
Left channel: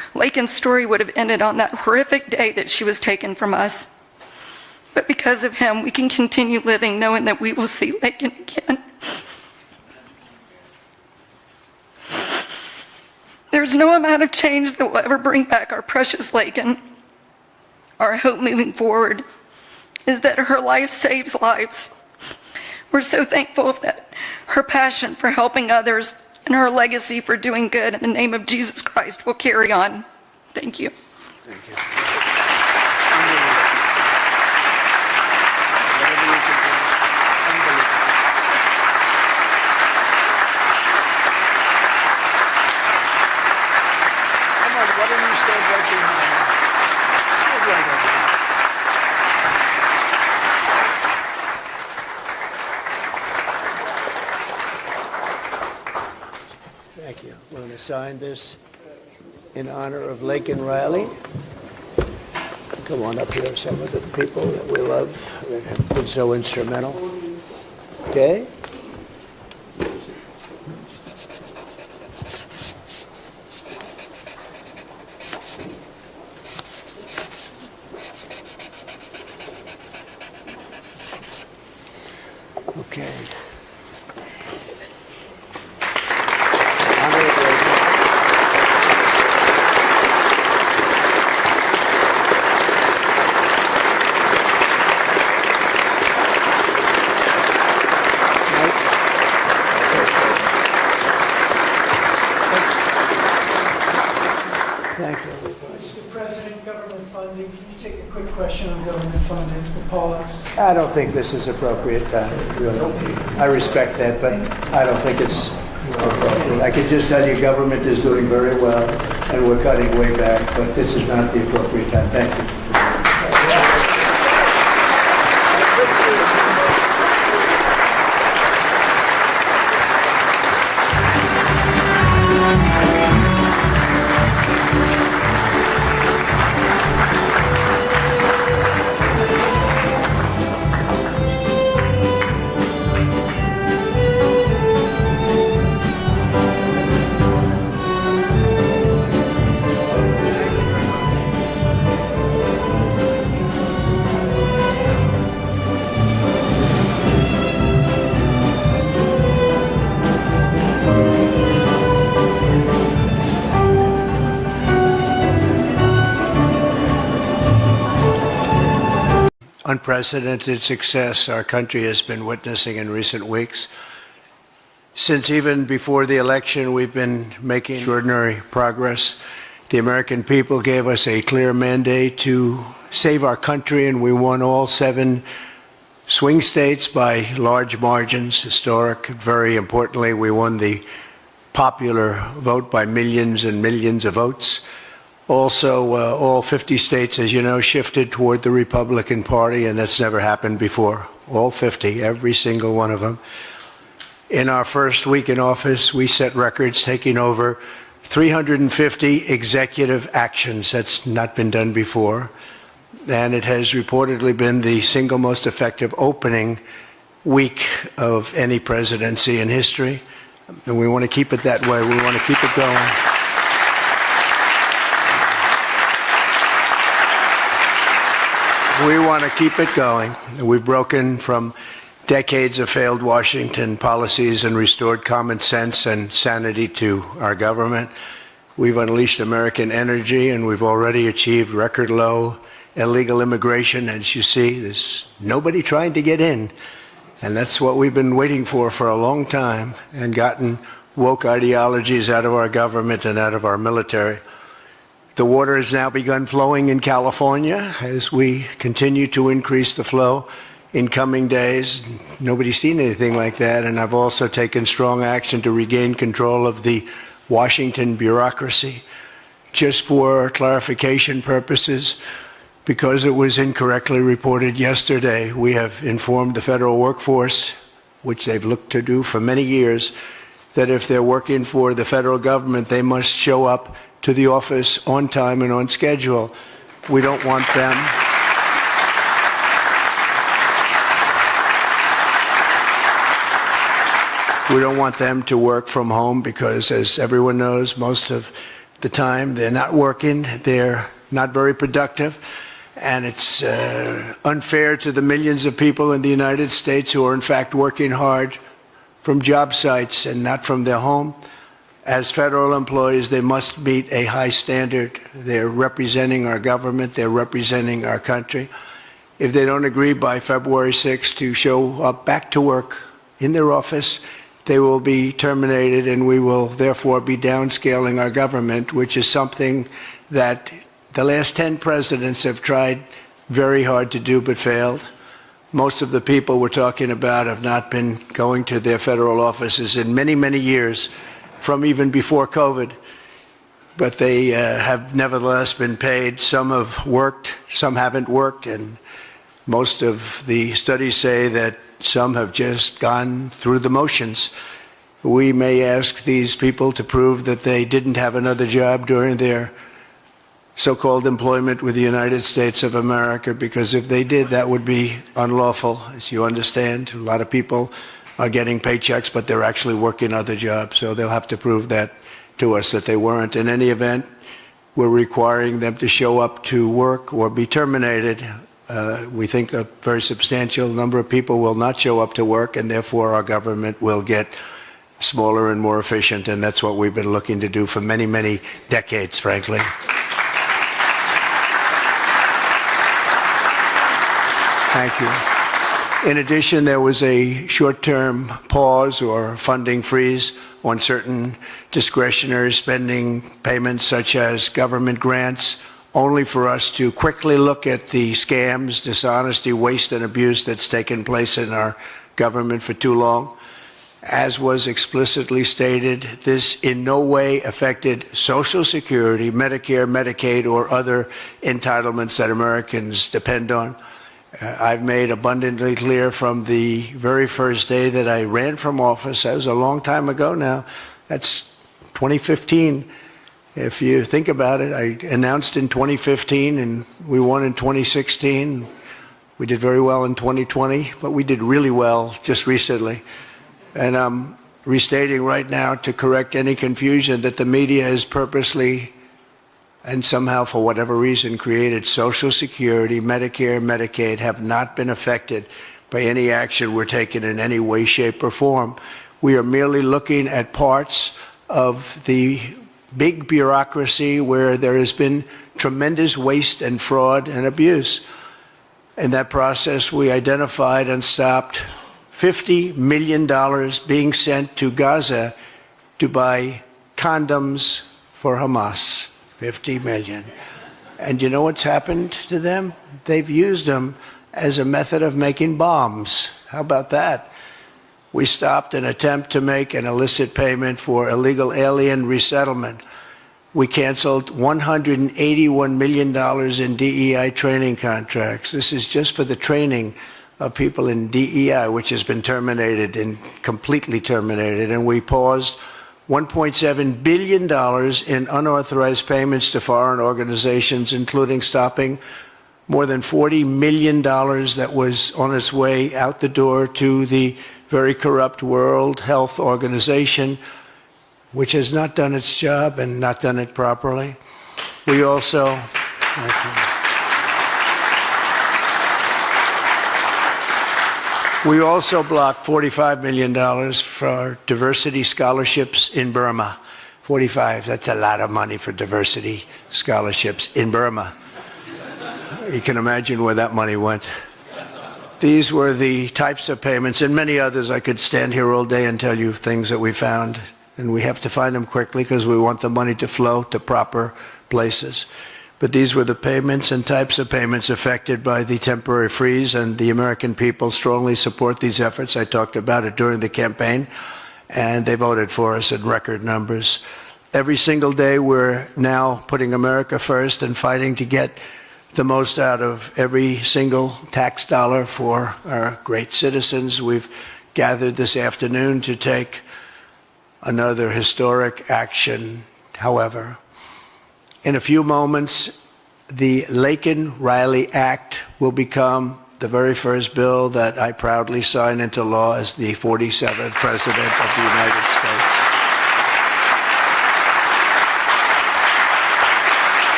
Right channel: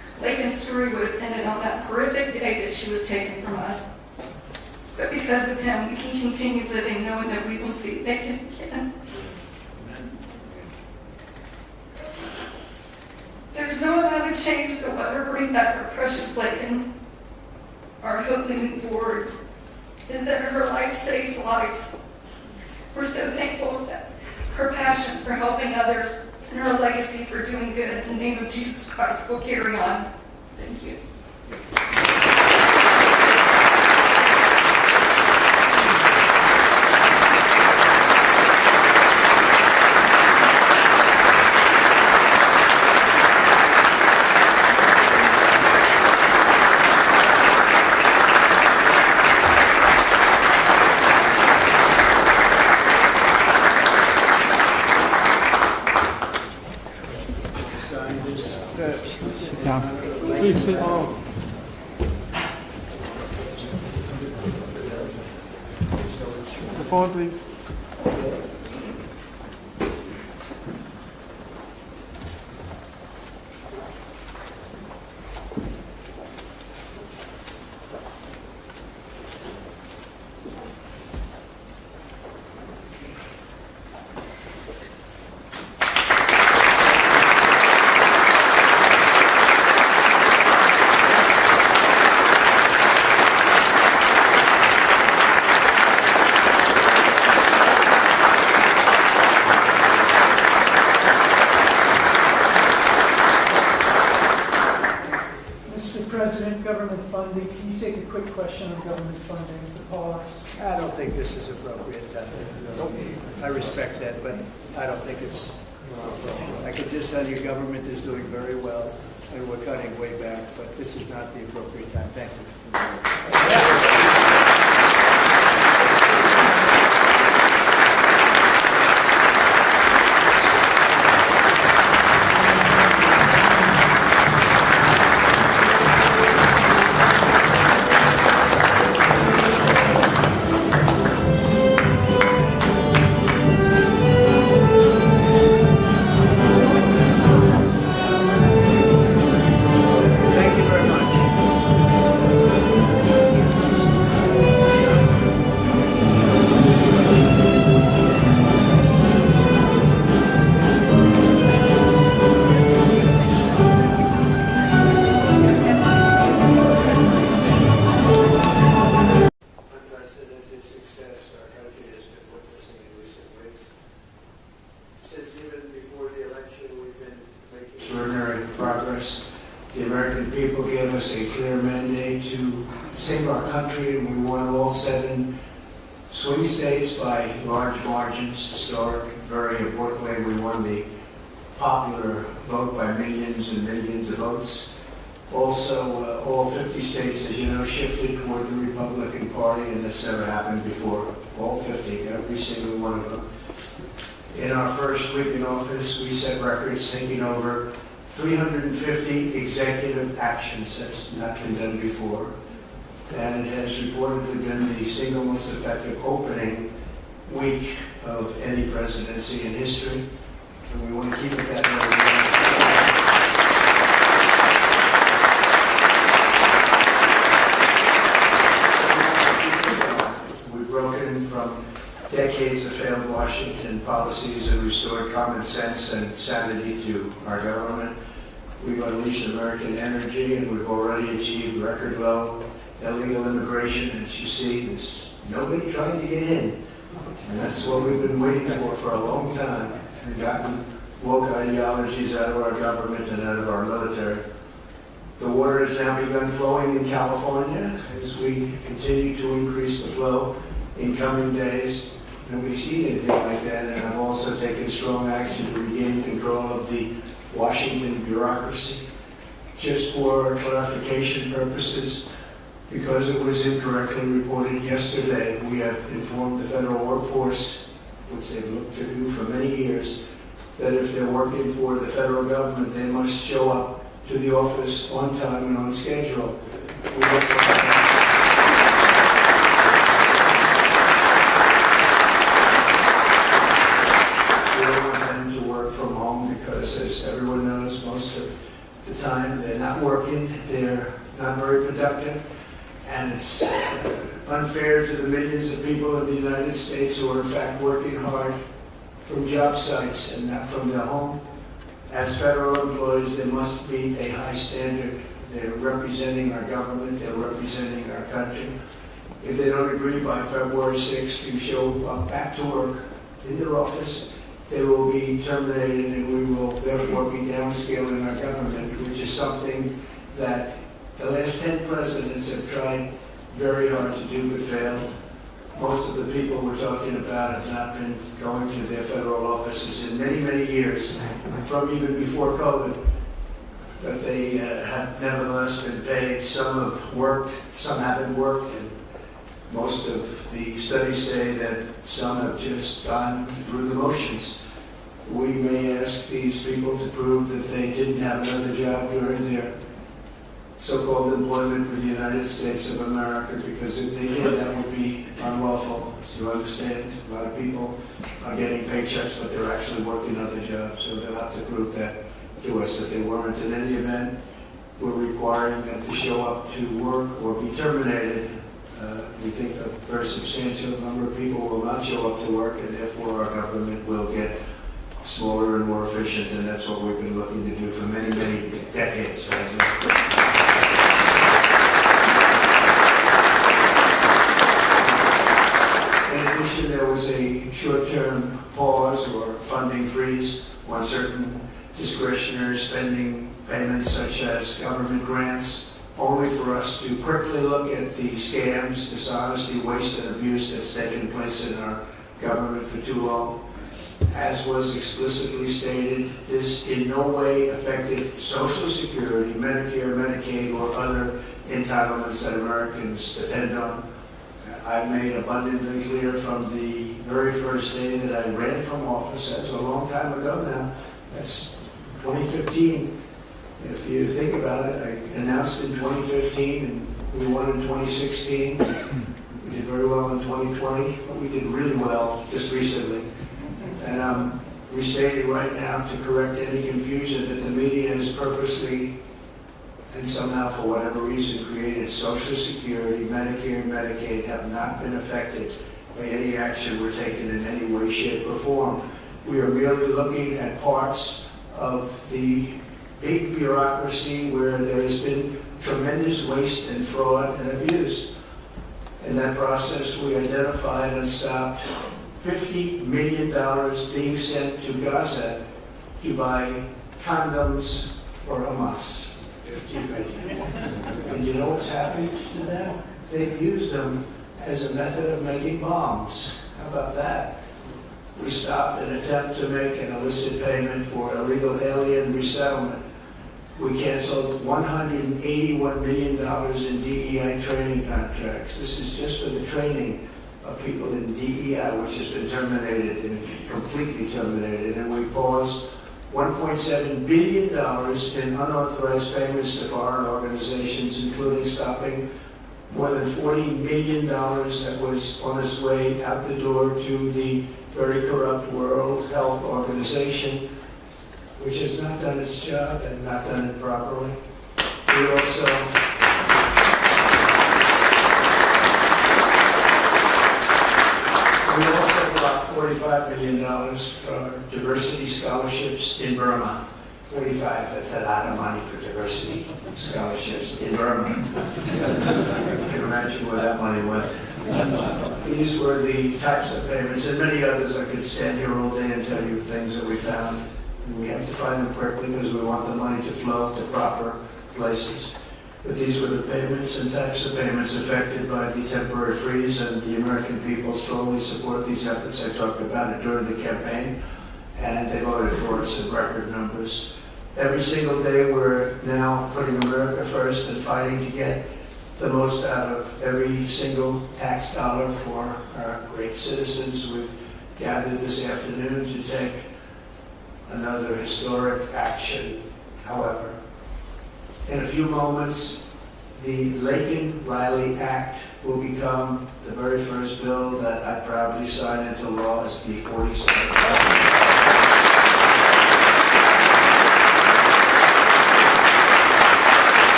Laken's story would have ended on that horrific day that she was taken from us. But because of him, we can continue living knowing that we will see Laken again. There's no amount of change that will ever bring back our precious Laken. Our hope moving forward is that her life saves lives. We're so thankful that her passion for helping others and her legacy for doing good in the name of Jesus Christ will carry on. Thank you. Sign this in honor of Laken Riley. Come on up here, some of the people that we love that have been so instrumental. Okay? Okay. Mr. President, government funding, can you take a quick question on government funding, the pause? I don't think this is appropriate time, really. I respect that, but I don't think it's appropriate. I can just tell you government is doing very well, and we're cutting way back, but this is not the appropriate time. Thank you. Unprecedented success our country has been witnessing in recent weeks. Since even before the election, we've been making extraordinary progress. The American people gave us a clear mandate to save our country, and we won all 7 swing states by large margins, historic. Very importantly, we won the popular vote by millions and millions of votes. Also, all 50 states, as you know, shifted toward the Republican Party, and that's never happened before. All 50, every single one of them. In our first week in office, we set records, taking over 350 executive actions. That's not been done before. And it has reportedly been the single most effective opening week of any presidency in history. And we want to keep it that way. We want to keep it going. We want to keep it going. We've broken from decades of failed Washington policies and restored common sense and sanity to our government. We've unleashed American energy, and we've already achieved record low illegal immigration. As you see, there's nobody trying to get in. And that's what we've been waiting for a long time, and gotten woke ideologies out of our government and out of our military. The water has now begun flowing in California as we continue to increase the flow in coming days. Nobody's seen anything like that, and I've also taken strong action to regain control of the Washington bureaucracy. Just for clarification purposes, because it was incorrectly reported yesterday, we have informed the federal workforce, which they've looked to do for many years, that if they're working for the federal government, they must show up to the office on time and on schedule. We don't want them. We don't want them to work from home because, as everyone knows, most of the time. They're not working. They're not very productive. And it's unfair to the millions of people in the United States who are in fact working hard from job sites and not from their home. As federal employees, they must meet a high standard. They're representing our government. They're representing our country. If they don't agree by February 6th to show up back to work in their office, they will be terminated, and we will therefore be downscaling our government, which is something that the last 10 presidents have tried very hard to do but failed. Most of the people we're talking about have not been going to their federal offices in many, many years, from even before COVID. But they have nevertheless been paid. Some have worked, some haven't worked, and most of the studies say that some have just gone through the motions. We may ask these people to prove that they didn't have another job during their so-called employment with the United States of America, because if they did, that would be unlawful, as you understand. A lot of people are getting paychecks, but they're actually working other jobs, so they'll have to prove that to us, that they weren't. In any event, we're requiring them to show up to work or be terminated. We think a very substantial number of people will not show up to work, and therefore our government will get smaller and more efficient, and that's what we've been looking to do for many, many decades, frankly. In addition, there was a short-term pause or funding freeze on certain discretionary spending payments, such as government grants, only for us to quickly look at the scams, dishonesty, waste, and abuse that's taken place in our government for too long. As was explicitly stated, this in no way affected Social Security, Medicare, Medicaid, or other entitlements that Americans depend on. I've made abundantly clear from the very first day that I ran from office. That was a long time ago now. That's 2015. If you think about it, I announced in 2015 and we won in 2016. We did very well in 2020, but we did really well just recently. And I'm restating right now to correct any confusion that the media has purposely and somehow, for whatever reason, created Social Security, Medicare, Medicaid have not been affected by any action we're taking in any way, shape, or form. We are merely looking at parts of the big bureaucracy where there has been tremendous waste and fraud and abuse. In that process, we identified and stopped $50 million being sent to Gaza to buy condoms for Hamas. 50 million. And you know what's happened to them? They've used them as a method of making bombs. How about that? We stopped an attempt to make an illicit payment for illegal alien resettlement. We canceled $181 million in DEI training contracts. This is just for the training of people in DEI, which has been terminated and completely terminated. And we paused $1.7 billion in unauthorized payments to foreign organizations, including stopping more than $40 million that was on its way out the door to the very corrupt World Health Organization, which has not done its job and not done it properly. We also blocked $45 million for diversity scholarships in Burma. 45, that's a lot of money for diversity scholarships in Burma. You can imagine where that money went. These were the types of payments, and many others. I could stand here all day and tell you things that we found, and we have to find them quickly because we want the money to flow to proper places. But these were the payments and types of payments affected by the temporary freeze, and the American people strongly support these efforts. I talked about it during the campaign, and they voted for us in record numbers. Every single day, we're now putting America first and fighting to get the most out of every single tax dollar for our great citizens. We've gathered this afternoon to take another historic action. However, in a few moments, the Laken Riley Act will become the very first bill that I proudly sign into law as the 47th President of the United States.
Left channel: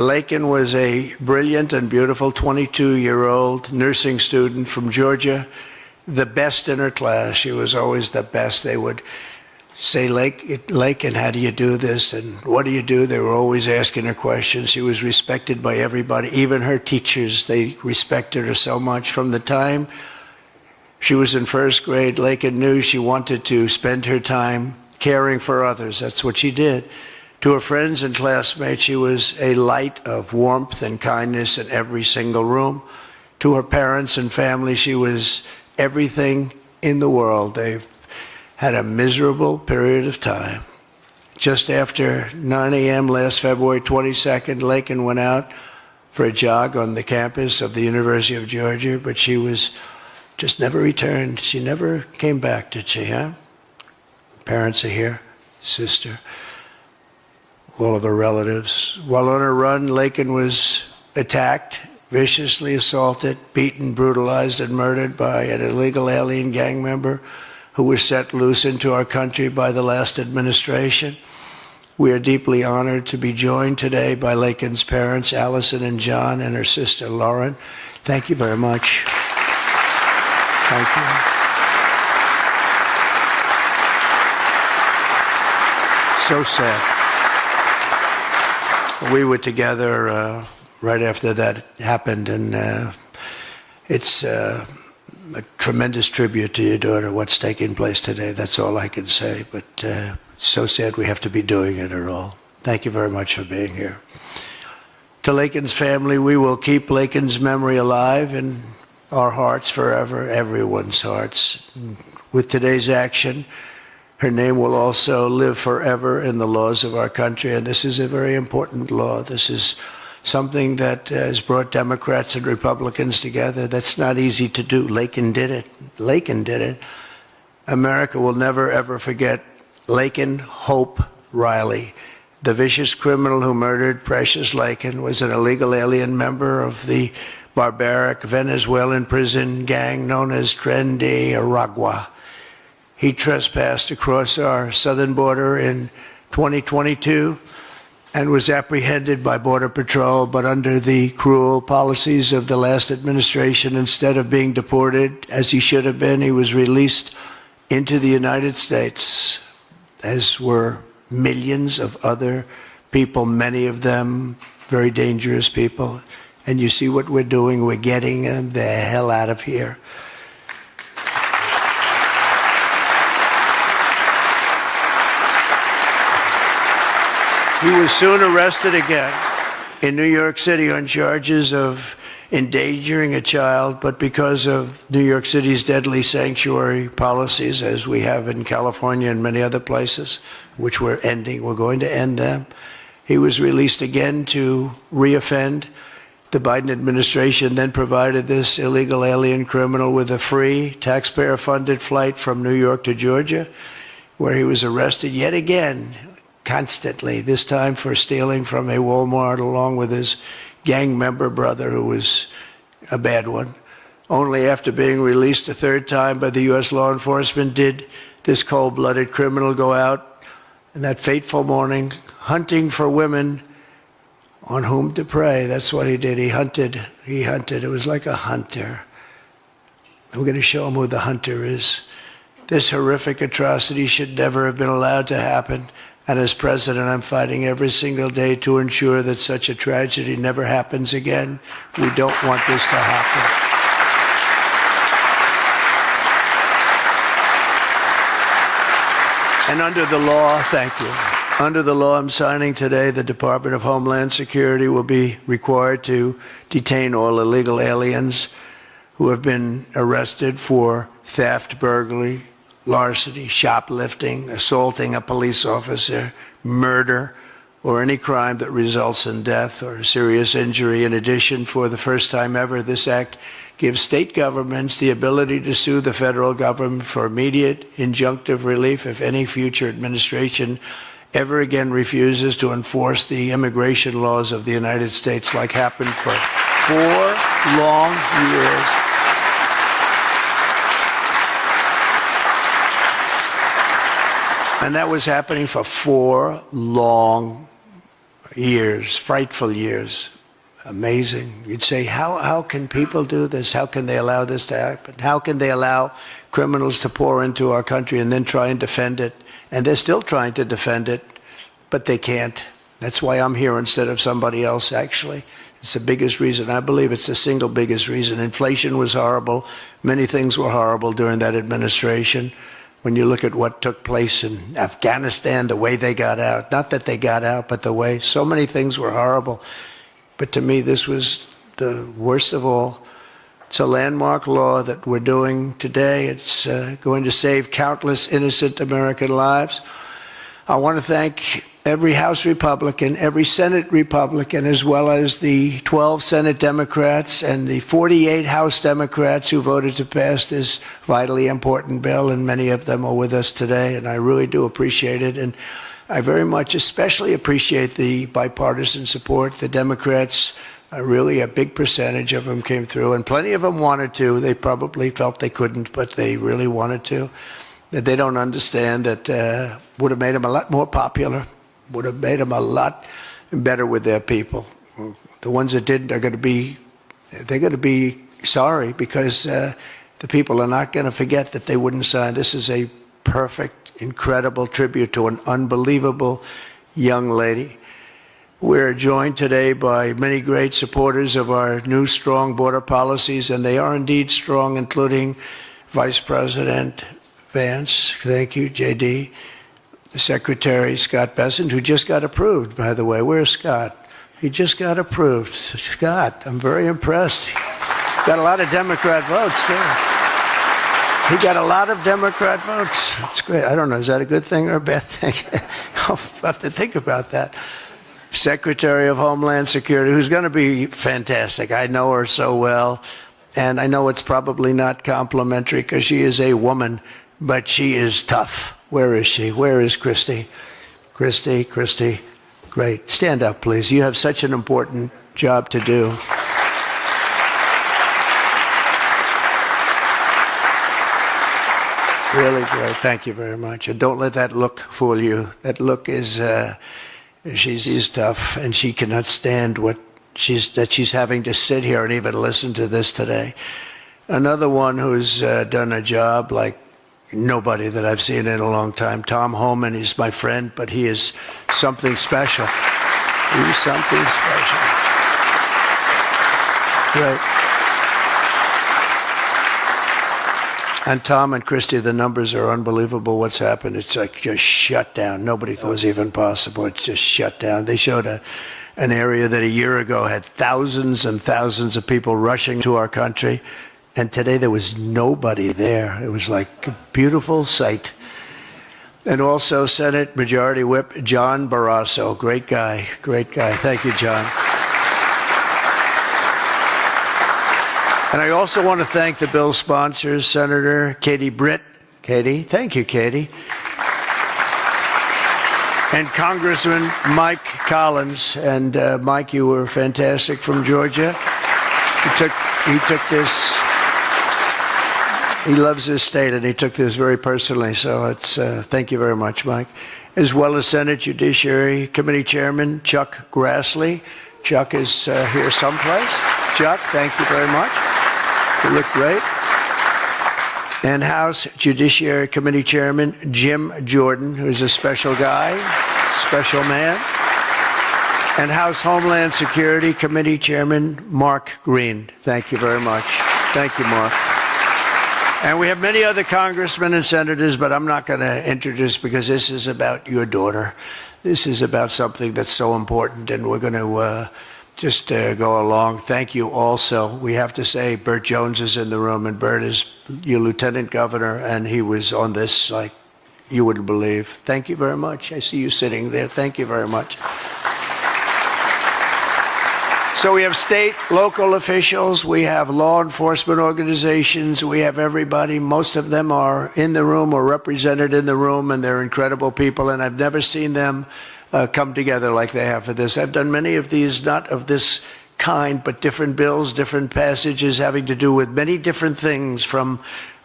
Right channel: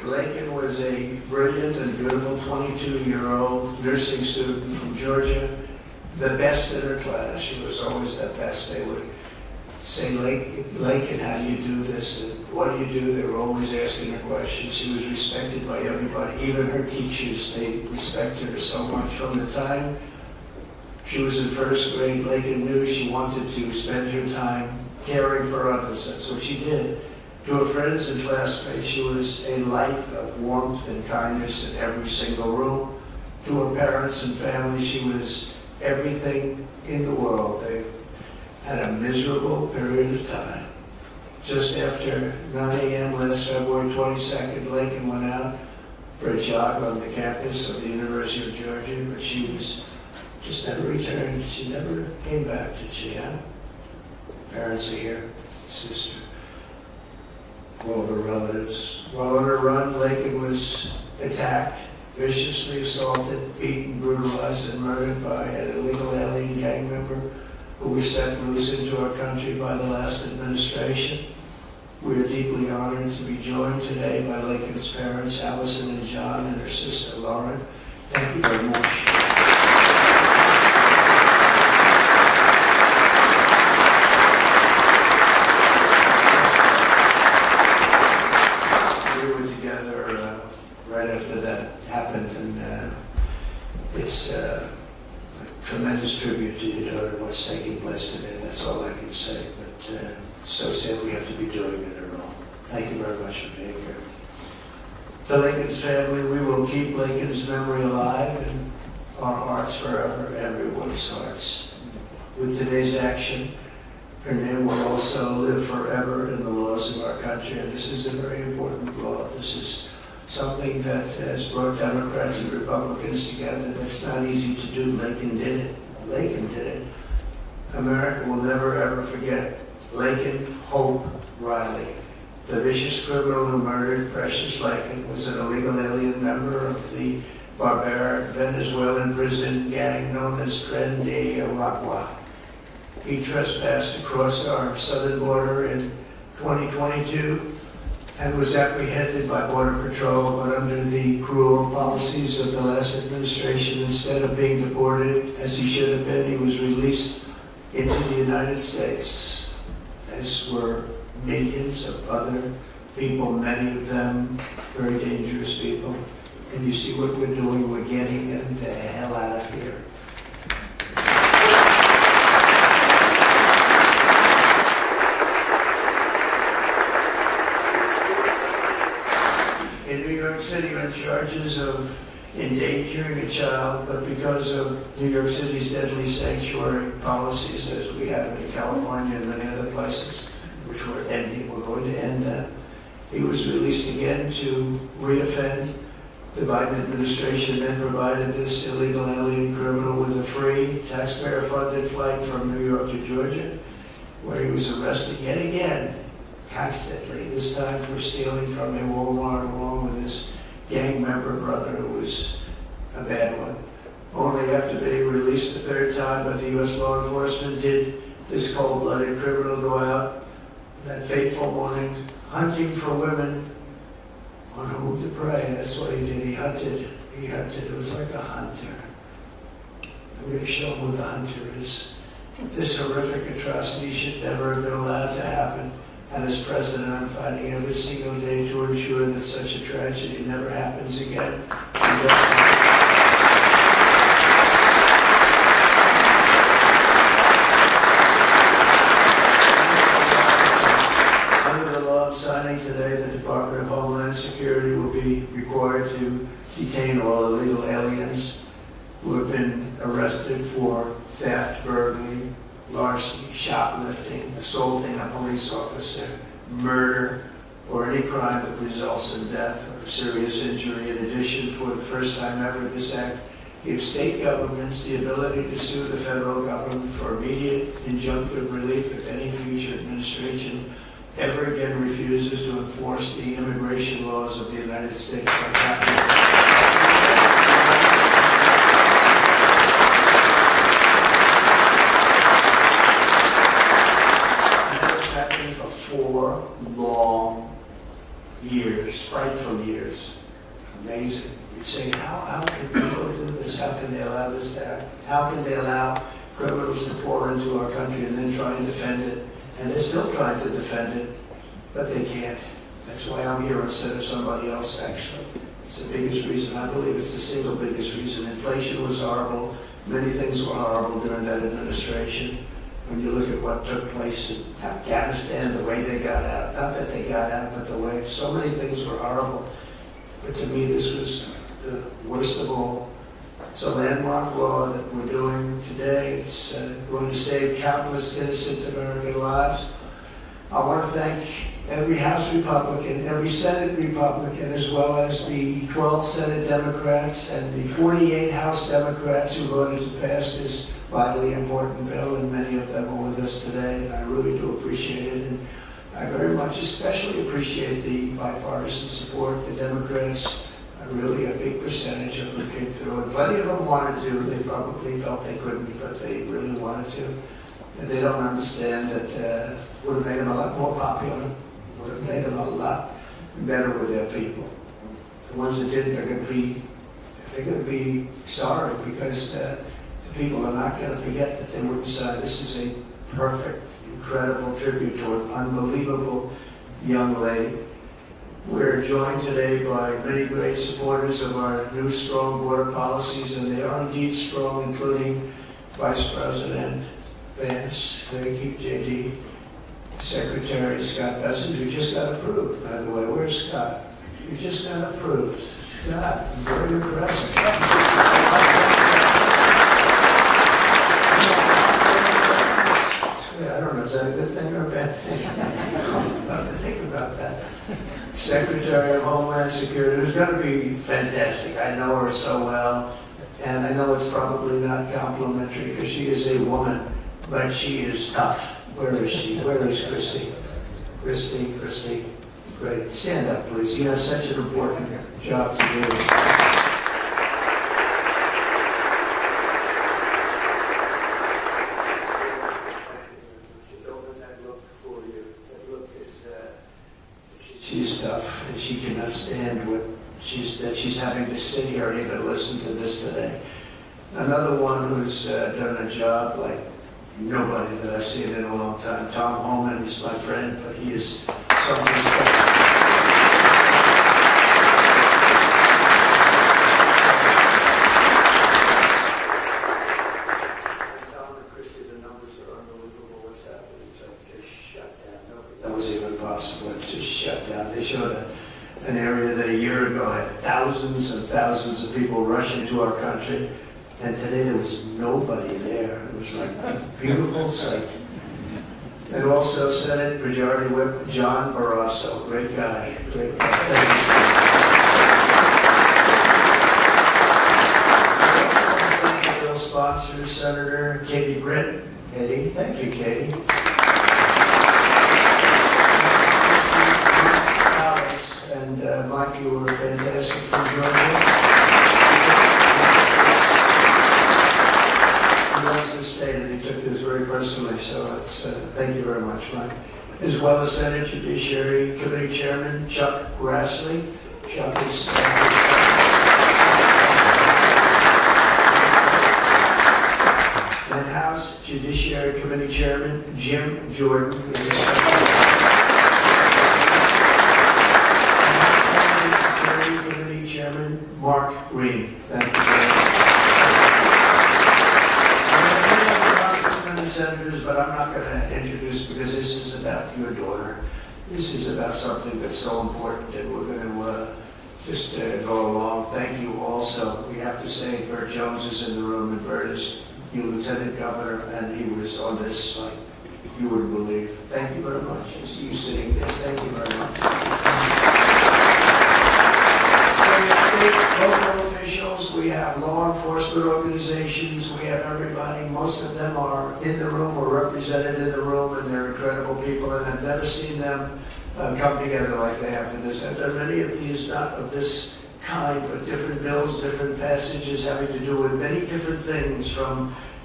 Laken was a brilliant and beautiful 22-year-old nursing student from Georgia, the best in her class. She was always the best. They would say, Laken, how do you do this? And what do you do? They were always asking her questions. She was respected by everybody, even her teachers. They respected her so much. From the time she was in first grade, Laken knew she wanted to spend her time caring for others. That's what she did. To her friends and classmates, she was a light of warmth and kindness in every single room. To her parents and family, she was everything in the world. They had a miserable period of time. Just after 9 a.m. last February 22nd, Laken went out for a jog on the campus of the University of Georgia, but she was just never returned. She never came back, did she, huh? Parents are here, sister, all of her relatives. While on her run, Laken was attacked, viciously assaulted, beaten, brutalized, and murdered by an illegal alien gang member who was set loose into our country by the last administration. We are deeply honored to be joined today by Laken's parents, Allison and John, and her sister, Lauren. Thank you very much. Thank you. So sad. We were together right after that happened, and it's a tremendous tribute to your daughter, what's taking place today. That's all I can say, but so sad we have to be doing it at all. Thank you very much for being here. To Laken's family, we will keep Laken's memory alive in our hearts forever, everyone's hearts. With today's action, her name will also live forever in the laws of our country, and this is a very important law. This is something that has brought Democrats and Republicans together. That's not easy to do. Laken did it. Laken did it. America will never, ever forget Laken Hope Riley. The vicious criminal who murdered Precious Laken was an illegal alien member of the barbaric Venezuelan prison gang known as Tren de Aragua. He trespassed across our southern border in 2022 and was apprehended by Border Patrol, but under the cruel policies of the last administration, instead of being deported as he should have been, he was released into the United States, as were millions of other people, many of them very dangerous people. And you see what we're doing, we're getting them the hell out of here. He was soon arrested again in New York City on charges of endangering a child, but because of New York City's deadly sanctuary policies, as we have in California and many other places, which we're ending, we're going to end them, he was released again to reoffend. The Biden administration then provided this illegal alien criminal with a free, taxpayer-funded flight from New York to Georgia, where he was arrested yet again, constantly, this time for stealing from a Walmart along with his gang member brother, who was a bad one. Only after being released a third time by the U.S. law enforcement did this cold-blooded criminal go out in that fateful morning hunting for women on whom to prey. That's what he did. He hunted. It was like a hunter. We're going to show him who the hunter is. This horrific atrocity should never have been allowed to happen. And as president, I'm fighting every single day to ensure that such a tragedy never happens again. We don't want this to happen. And under the law, thank you. Under the law I'm signing today, the Department of Homeland Security will be required to detain all illegal aliens who have been arrested for theft, burglary, larceny, shoplifting, assaulting a police officer, murder, or any crime that results in death or serious injury. In addition, for the first time ever, this act gives state governments the ability to sue the federal government for immediate injunctive relief if any future administration ever again refuses to enforce the immigration laws of the United States, like happened for 4 long years. And that was happening for 4 long years, frightful years. Amazing. You'd say, how can people do this? How can they allow this to happen? How can they allow criminals to pour into our country and then try and defend it? And they're still trying to defend it, but they can't. That's why I'm here instead of somebody else, actually. It's the biggest reason. I believe it's the single biggest reason. Inflation was horrible. Many things were horrible during that administration. When you look at what took place in Afghanistan, the way they got out, not that they got out, but the way, so many things were horrible. But to me, this was the worst of all. It's a landmark law that we're doing today. It's going to save countless innocent American lives. I want to thank every House Republican, every Senate Republican, as well as the 12 Senate Democrats and the 48 House Democrats who voted to pass this vitally important bill, and many of them are with us today, and I really do appreciate it. And I very much especially appreciate the bipartisan support. The Democrats, really a big percentage of them came through, and plenty of them wanted to. They probably felt they couldn't, but they really wanted to. That they don't understand that would have made them a lot more popular, would have made them a lot better with their people. The ones that didn't are going to be sorry, because the people are not going to forget that they wouldn't sign. This is a perfect, incredible tribute to an unbelievable young lady. We're joined today by many great supporters of our new strong border policies, and they are indeed strong, including Vice President Vance, thank you, JD, Secretary Scott Bessent, who just got approved, by the way. Where's Scott? He just got approved. Scott, I'm very impressed. Got a lot of Democrat votes. Yeah. He got a lot of Democrat votes. That's great. I don't know, is that a good thing or a bad thing? I'll have to think about that. Secretary of Homeland Security, who's going to be fantastic. I know her so well, and I know it's probably not complimentary because she is a woman, but she is tough. Where is she? Where is Christy? Christy, great. Stand up, please. You have such an important job to do. Really great. Thank you very much. And don't let that look fool you. That look is, she's tough, and she cannot stand that she's having to sit here and even listen to this today. Another one who's done a job like nobody that I've seen in a long time, Tom Homan. He's my friend, but he is something special. He's something special. Yeah. And Tom and Christy, the numbers are unbelievable. What's happened? It's like just shut down. Nobody thought it was even possible. It's just shut down. They showed an area that a year ago had thousands and thousands of people rushing to our country. And today there was nobody there. It was like a beautiful sight. And also Senate Majority Whip John Barrasso. Great guy. Thank you, John. And I also want to thank the bill sponsors, Senator Katie Britt. Katie, thank you, Katie. And Congressman Mike Collins. And Mike, you were fantastic from Georgia. He took this. He loves his state, and he took this very personally, so it's thank you very much, Mike. As well as Senate Judiciary Committee Chairman Chuck Grassley. Chuck is here someplace. Chuck, thank you very much. You look great. And House Judiciary Committee Chairman Jim Jordan, who's a special guy, special man. And House Homeland Security Committee Chairman Mark Green. Thank you very much. Thank you, Mark. And we have many other congressmen and senators, but I'm not going to introduce because this is about your daughter. This is about something that's so important, and we're going to just go along. Thank you also. We have to say Burt Jones is in the room, and Burt is your lieutenant governor, and he was on this like you wouldn't believe. Thank you very much. I see you sitting there. Thank you very much. So we have state, local officials, we have law enforcement organizations, we have everybody. Most of them are in the room or represented in the room, and they're incredible people, and I've never seen them come together like they have for this. I've done many of these, not of this kind, but different bills, different passages having to do with many different things, from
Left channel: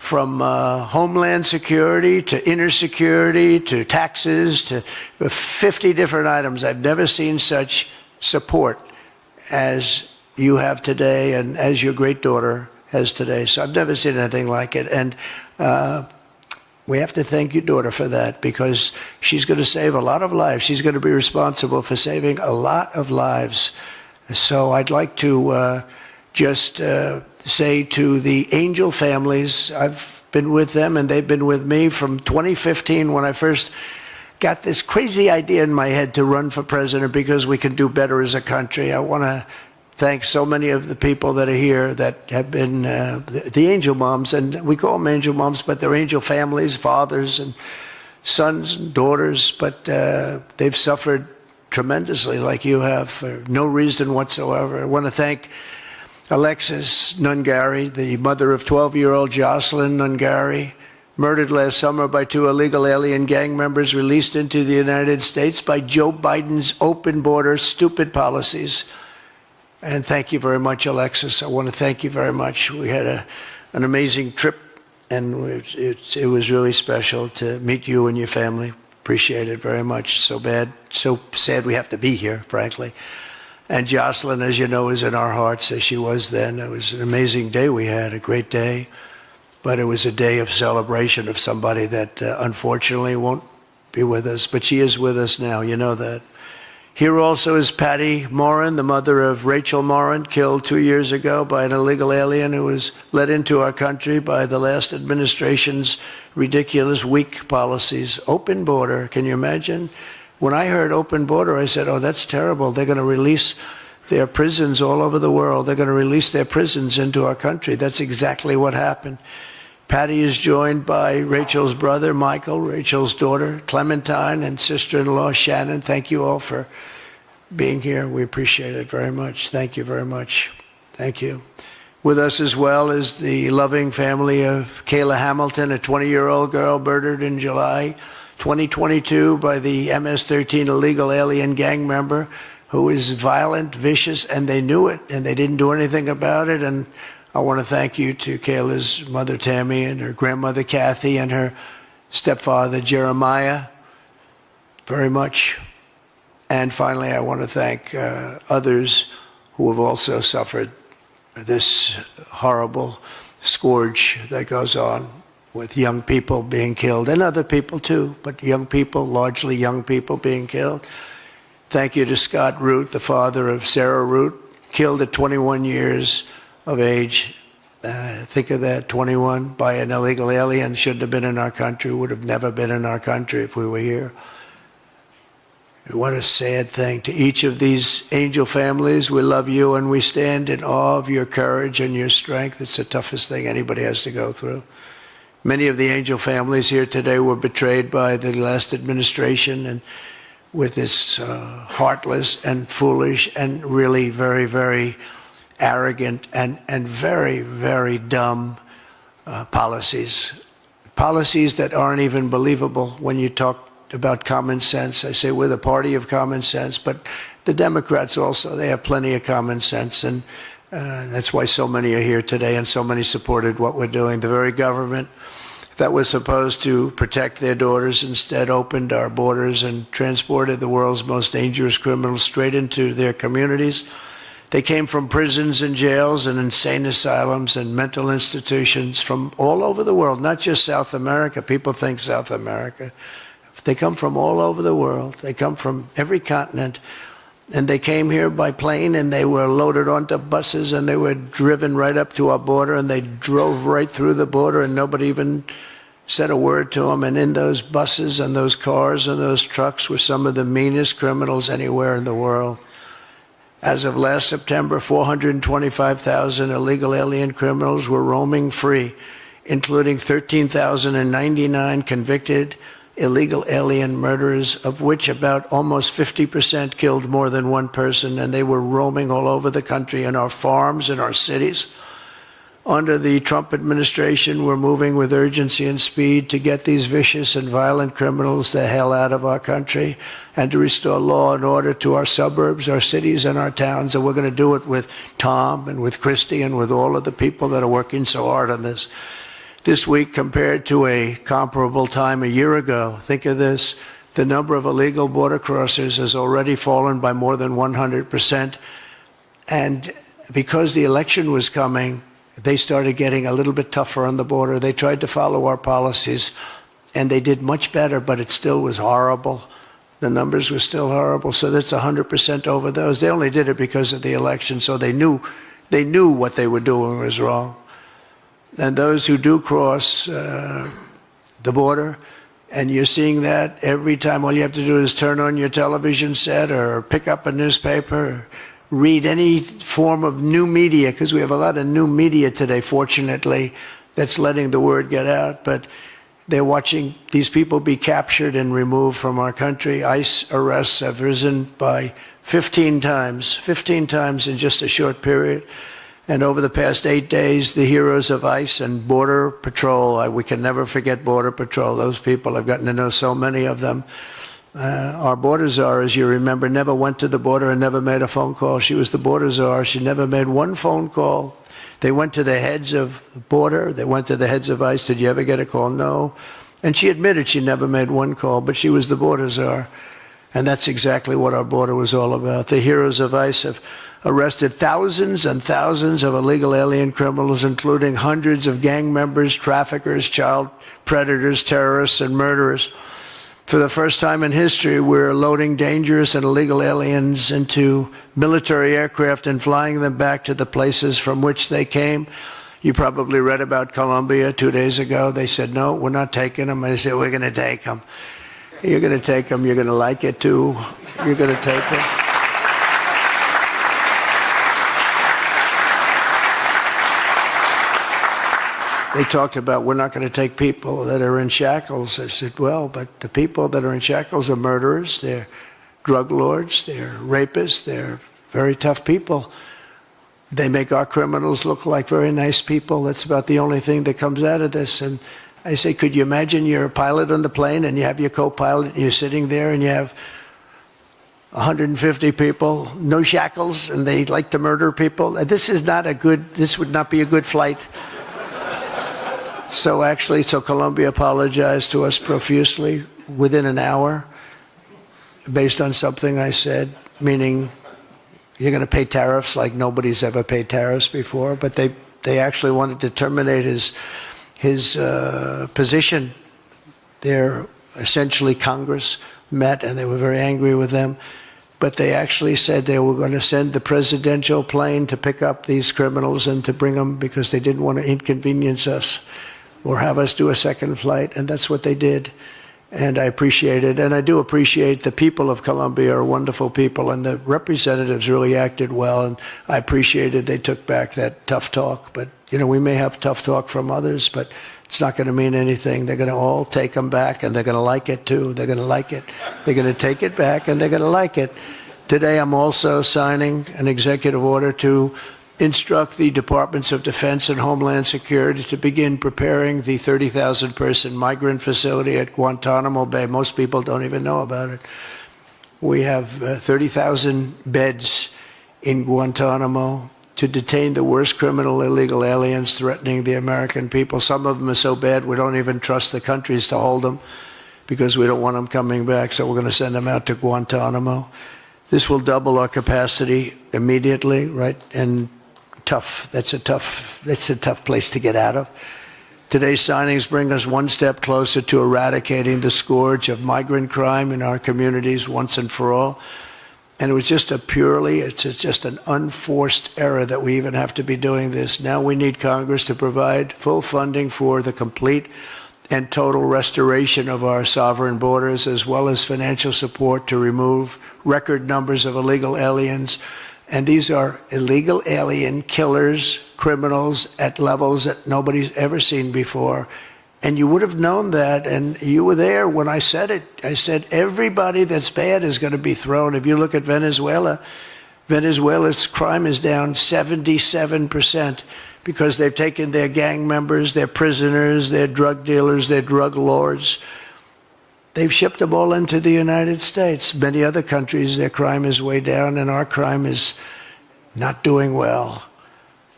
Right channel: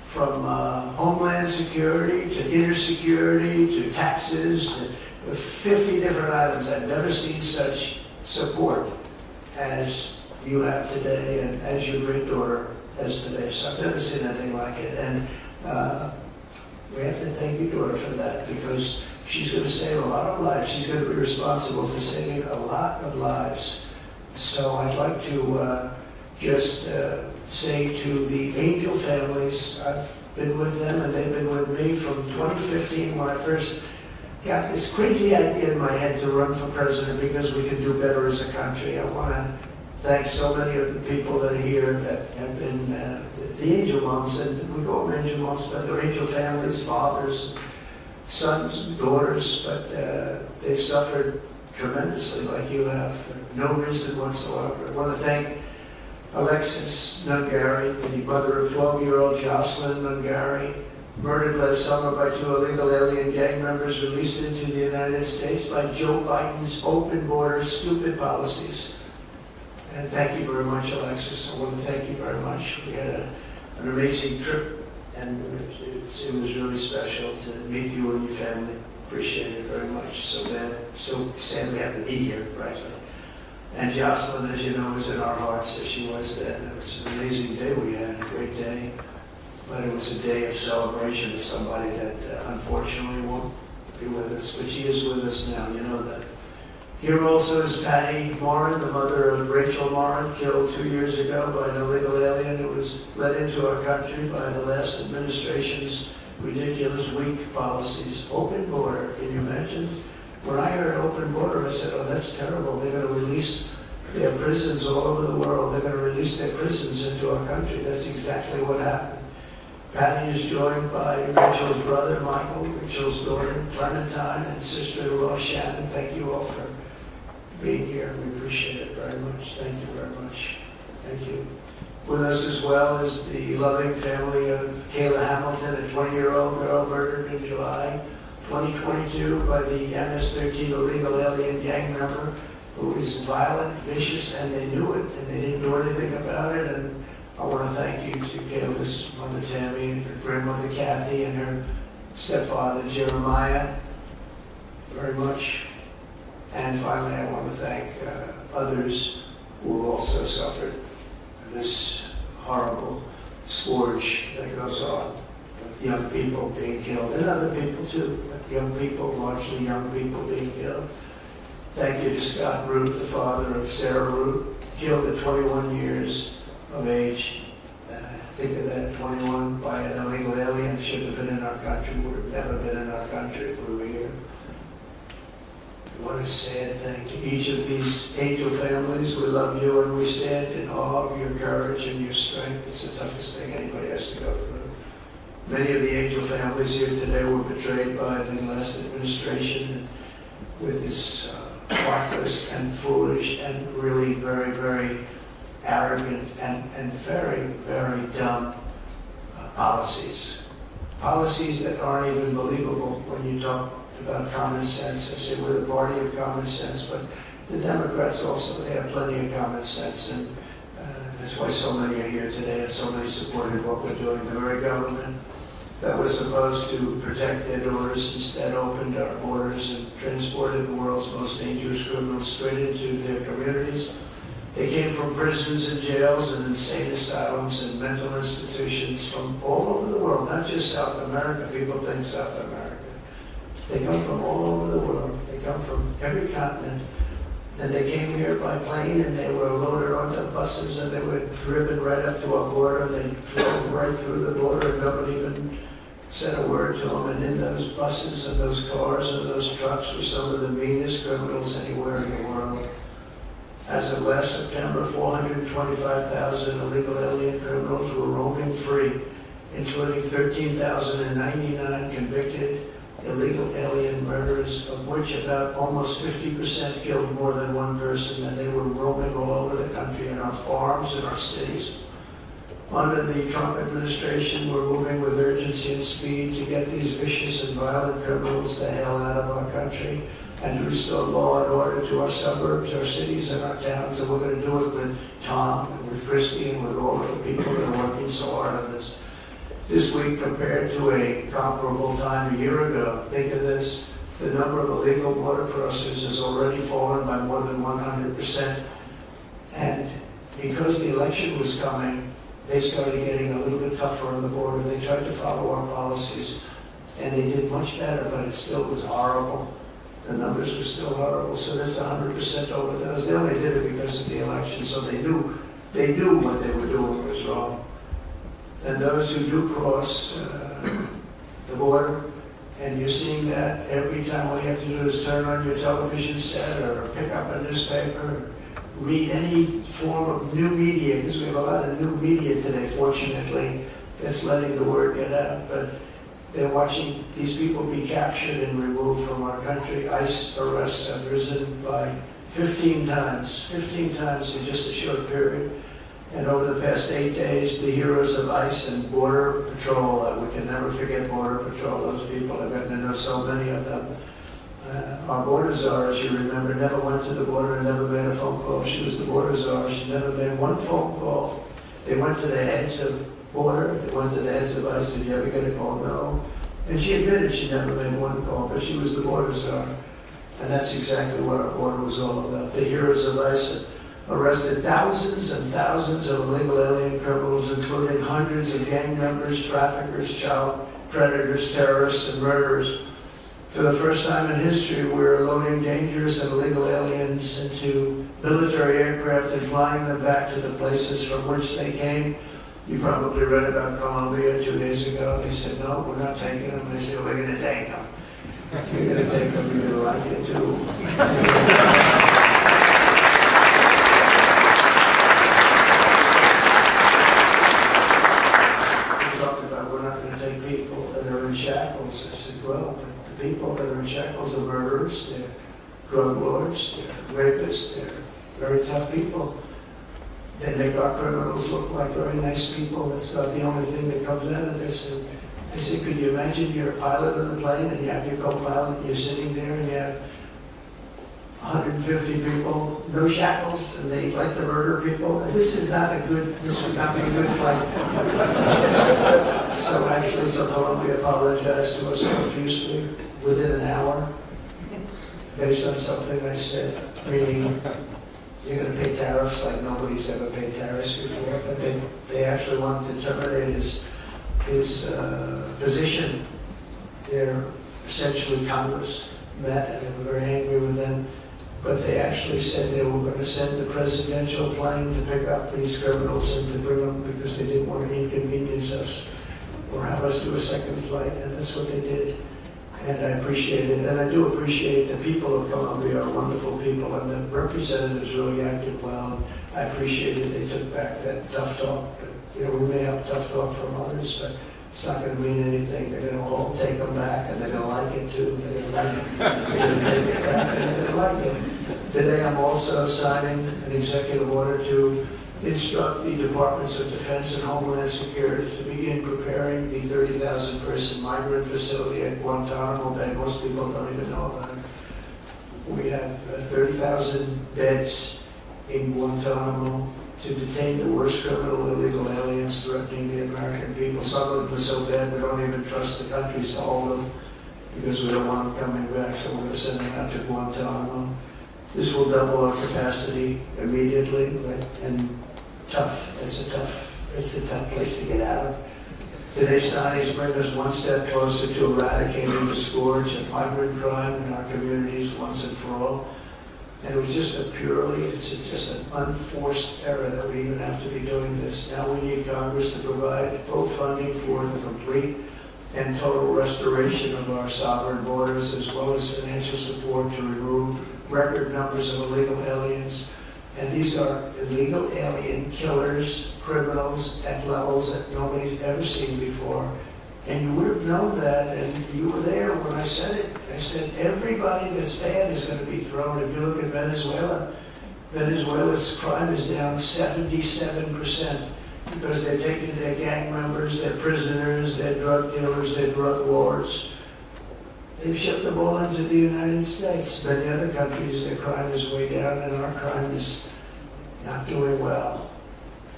from Homeland Security to inner security to taxes to 50 different items. I've never seen such support as you have today and as your great daughter has today. So I've never seen anything like it. And we have to thank your daughter for that, because she's going to save a lot of lives. She's going to be responsible for saving a lot of lives. So I'd like to just say to the Angel families, I've been with them and they've been with me from 2015 when I first got this crazy idea in my head to run for president because we could do better as a country. I want to thank so many of the people that are here that have been the angel moms, and we call them angel moms, but they're angel families, fathers and sons and daughters, but they've suffered tremendously like you have for no reason whatsoever. I want to thank Alexis Nungari, the mother of 12-year-old Jocelyn Nungari, murdered last summer by 2 illegal alien gang members released into the United States by Joe Biden's open border stupid policies. And thank you very much, Alexis. I want to thank you very much. We had an amazing trip, and it was really special to meet you and your family. Appreciate it very much. So sad we have to be here, frankly. And Jocelyn, as you know, is in our hearts as she was then. It was an amazing day we had, a great day. But it was a day of celebration of somebody that unfortunately won't be with us. But she is with us now, you know that. Here also is Patty Morin, the mother of Rachel Morin, killed 2 years ago by an illegal alien who was let into our country by the last administration's ridiculous, weak policies. Open border, can you imagine? When I heard open border, I said, oh, that's terrible. They're going to release their prisons all over the world. They're going to release their prisons into our country. That's exactly what happened. Patty is joined by Rachel's brother, Michael, Rachel's daughter, Clementine, and sister-in-law, Shannon. Thank you all for being here. We appreciate it very much. Thank you very much. Thank you. With us as well is the loving family of Kayla Hamilton, a 20-year-old girl murdered in July 2022 by the MS-13 illegal alien gang member who is violent, vicious, and they knew it, and they didn't do anything about it. And I want to thank you to Kayla's mother, Tammy, and her grandmother, Kathy, and her stepfather, Jeremiah, very much. And finally, I want to thank others who have also suffered this horrible scourge that goes on with young people being killed, and other people too, but young people, largely young people being killed. Thank you to Scott Root, the father of Sarah Root, killed at 21 years of age. Think of that, 21 by an illegal alien, shouldn't have been in our country, would have never been in our country if we were here. What a sad thing. To each of these angel families, we love you and we stand in awe of your courage and your strength. It's the toughest thing anybody has to go through. Many of the angel families here today were betrayed by the last administration and with its heartless and foolish and really very, very arrogant and very, very dumb policies. Policies that aren't even believable when you talk about common sense. I say we're the party of common sense, but the Democrats also, they have plenty of common sense, and that's why so many are here today and so many supported what we're doing. The very government that was supposed to protect their daughters instead opened our borders and transported the world's most dangerous criminals straight into their communities. They came from prisons and jails and insane asylums and mental institutions from all over the world, not just South America. People think South America. They come from all over the world. They come from every continent. And they came here by plane, and they were loaded onto buses, and they were driven right up to our border, and they drove right through the border, and nobody even said a word to them. And in those buses and those cars and those trucks were some of the meanest criminals anywhere in the world. As of last September, 425,000 illegal alien criminals were roaming free, including 13,099 convicted illegal alien murderers, of which about almost 50% killed more than one person, and they were roaming all over the country in our farms, in our cities. Under the Trump administration, we're moving with urgency and speed to get these vicious and violent criminals the hell out of our country and to restore law and order to our suburbs, our cities, and our towns. And we're going to do it with Tom and with Christy and with all of the people that are working so hard on this. this week compared to a comparable time a year ago. Think of this. The number of illegal border crossers has already fallen by more than 100%. And because the election was coming, they started getting a little bit tougher on the border. They tried to follow our policies, and they did much better, but it still was horrible. The numbers were still horrible, so that's 100% over those. They only did it because of the election, so they knew what they were doing was wrong. And those who do cross the border, and you're seeing that every time, all you have to do is turn on your television set or pick up a newspaper, or read any form of new media, because we have a lot of new media today, fortunately, that's letting the word get out. But they're watching these people be captured and removed from our country. ICE arrests have risen by 15 times in just a short period. And over the past 8 days, the heroes of ICE and Border Patrol, we can never forget Border Patrol. Those people, I've gotten to know so many of them. Our border czar, as you remember, never went to the border and never made a phone call. She was the border czar. She never made one phone call. They went to the heads of border. They went to the heads of ICE. Did you ever get a call? No. And she admitted she never made one call, but she was the border czar. And that's exactly what our border was all about. The heroes of ICE have arrested thousands and thousands of illegal alien criminals, including hundreds of gang members, traffickers, child predators, terrorists, and murderers. For the first time in history, we're loading dangerous and illegal aliens into military aircraft and flying them back to the places from which they came. You probably read about Colombia 2 days ago. They said, no, we're not taking them. I said, we're going to take them. You're going to take them. You're going to like it, too. You're going to take them. They talked about, we're not going to take people that are in shackles. I said, well, but the people that are in shackles are murderers, they're drug lords, they're rapists, they're very tough people. They make our criminals look like very nice people. That's about the only thing that comes out of this. And I say, could you imagine you're a pilot on the plane and you have your co-pilot and you're sitting there and you have 150 people, no shackles, and they like to murder people? This would not be a good flight. So Colombia apologized to us profusely within an hour based on something I said, meaning you're going to pay tariffs like nobody's ever paid tariffs before. But they actually wanted to terminate his position. Essentially Congress met and they were very angry with them. But they actually said they were going to send the presidential plane to pick up these criminals and to bring them because they didn't want to inconvenience us or have us do a second flight, and that's what they did. And I appreciate it, and I do appreciate the people of Colombia are wonderful people, and the representatives really acted well, and I appreciated they took back that tough talk. But, we may have tough talk from others, but it's not going to mean anything. They're going to all take them back, and they're going to like it, too. They're going to like it. They're going to take it back, and they're going to like it. Today, I'm also signing an executive order to instruct the Departments of Defense and Homeland Security to begin preparing the 30,000-person migrant facility at Guantanamo Bay. Most people don't even know about it. We have 30,000 beds in Guantanamo to detain the worst criminal illegal aliens threatening the American people. Some of them are so bad we don't even trust the countries to hold them because we don't want them coming back, so we're going to send them out to Guantanamo. This will double our capacity immediately, right? And that's a tough place to get out of. Today's signings bring us one step closer to eradicating the scourge of migrant crime in our communities once and for all. And it was just it's just an unforced error that we even have to be doing this. Now we need Congress to provide full funding for the complete and total restoration of our sovereign borders, as well as financial support to remove record numbers of illegal aliens. And these are illegal alien killers, criminals at levels that nobody's ever seen before. And you would have known that, and you were there when I said it. I said everybody that's bad is going to be thrown. If you look at Venezuela, Venezuela's crime is down 77% because they've taken their gang members, their prisoners, their drug dealers, their drug lords. They've shipped them all into the United States. Many other countries, their crime is way down, and our crime is not doing well.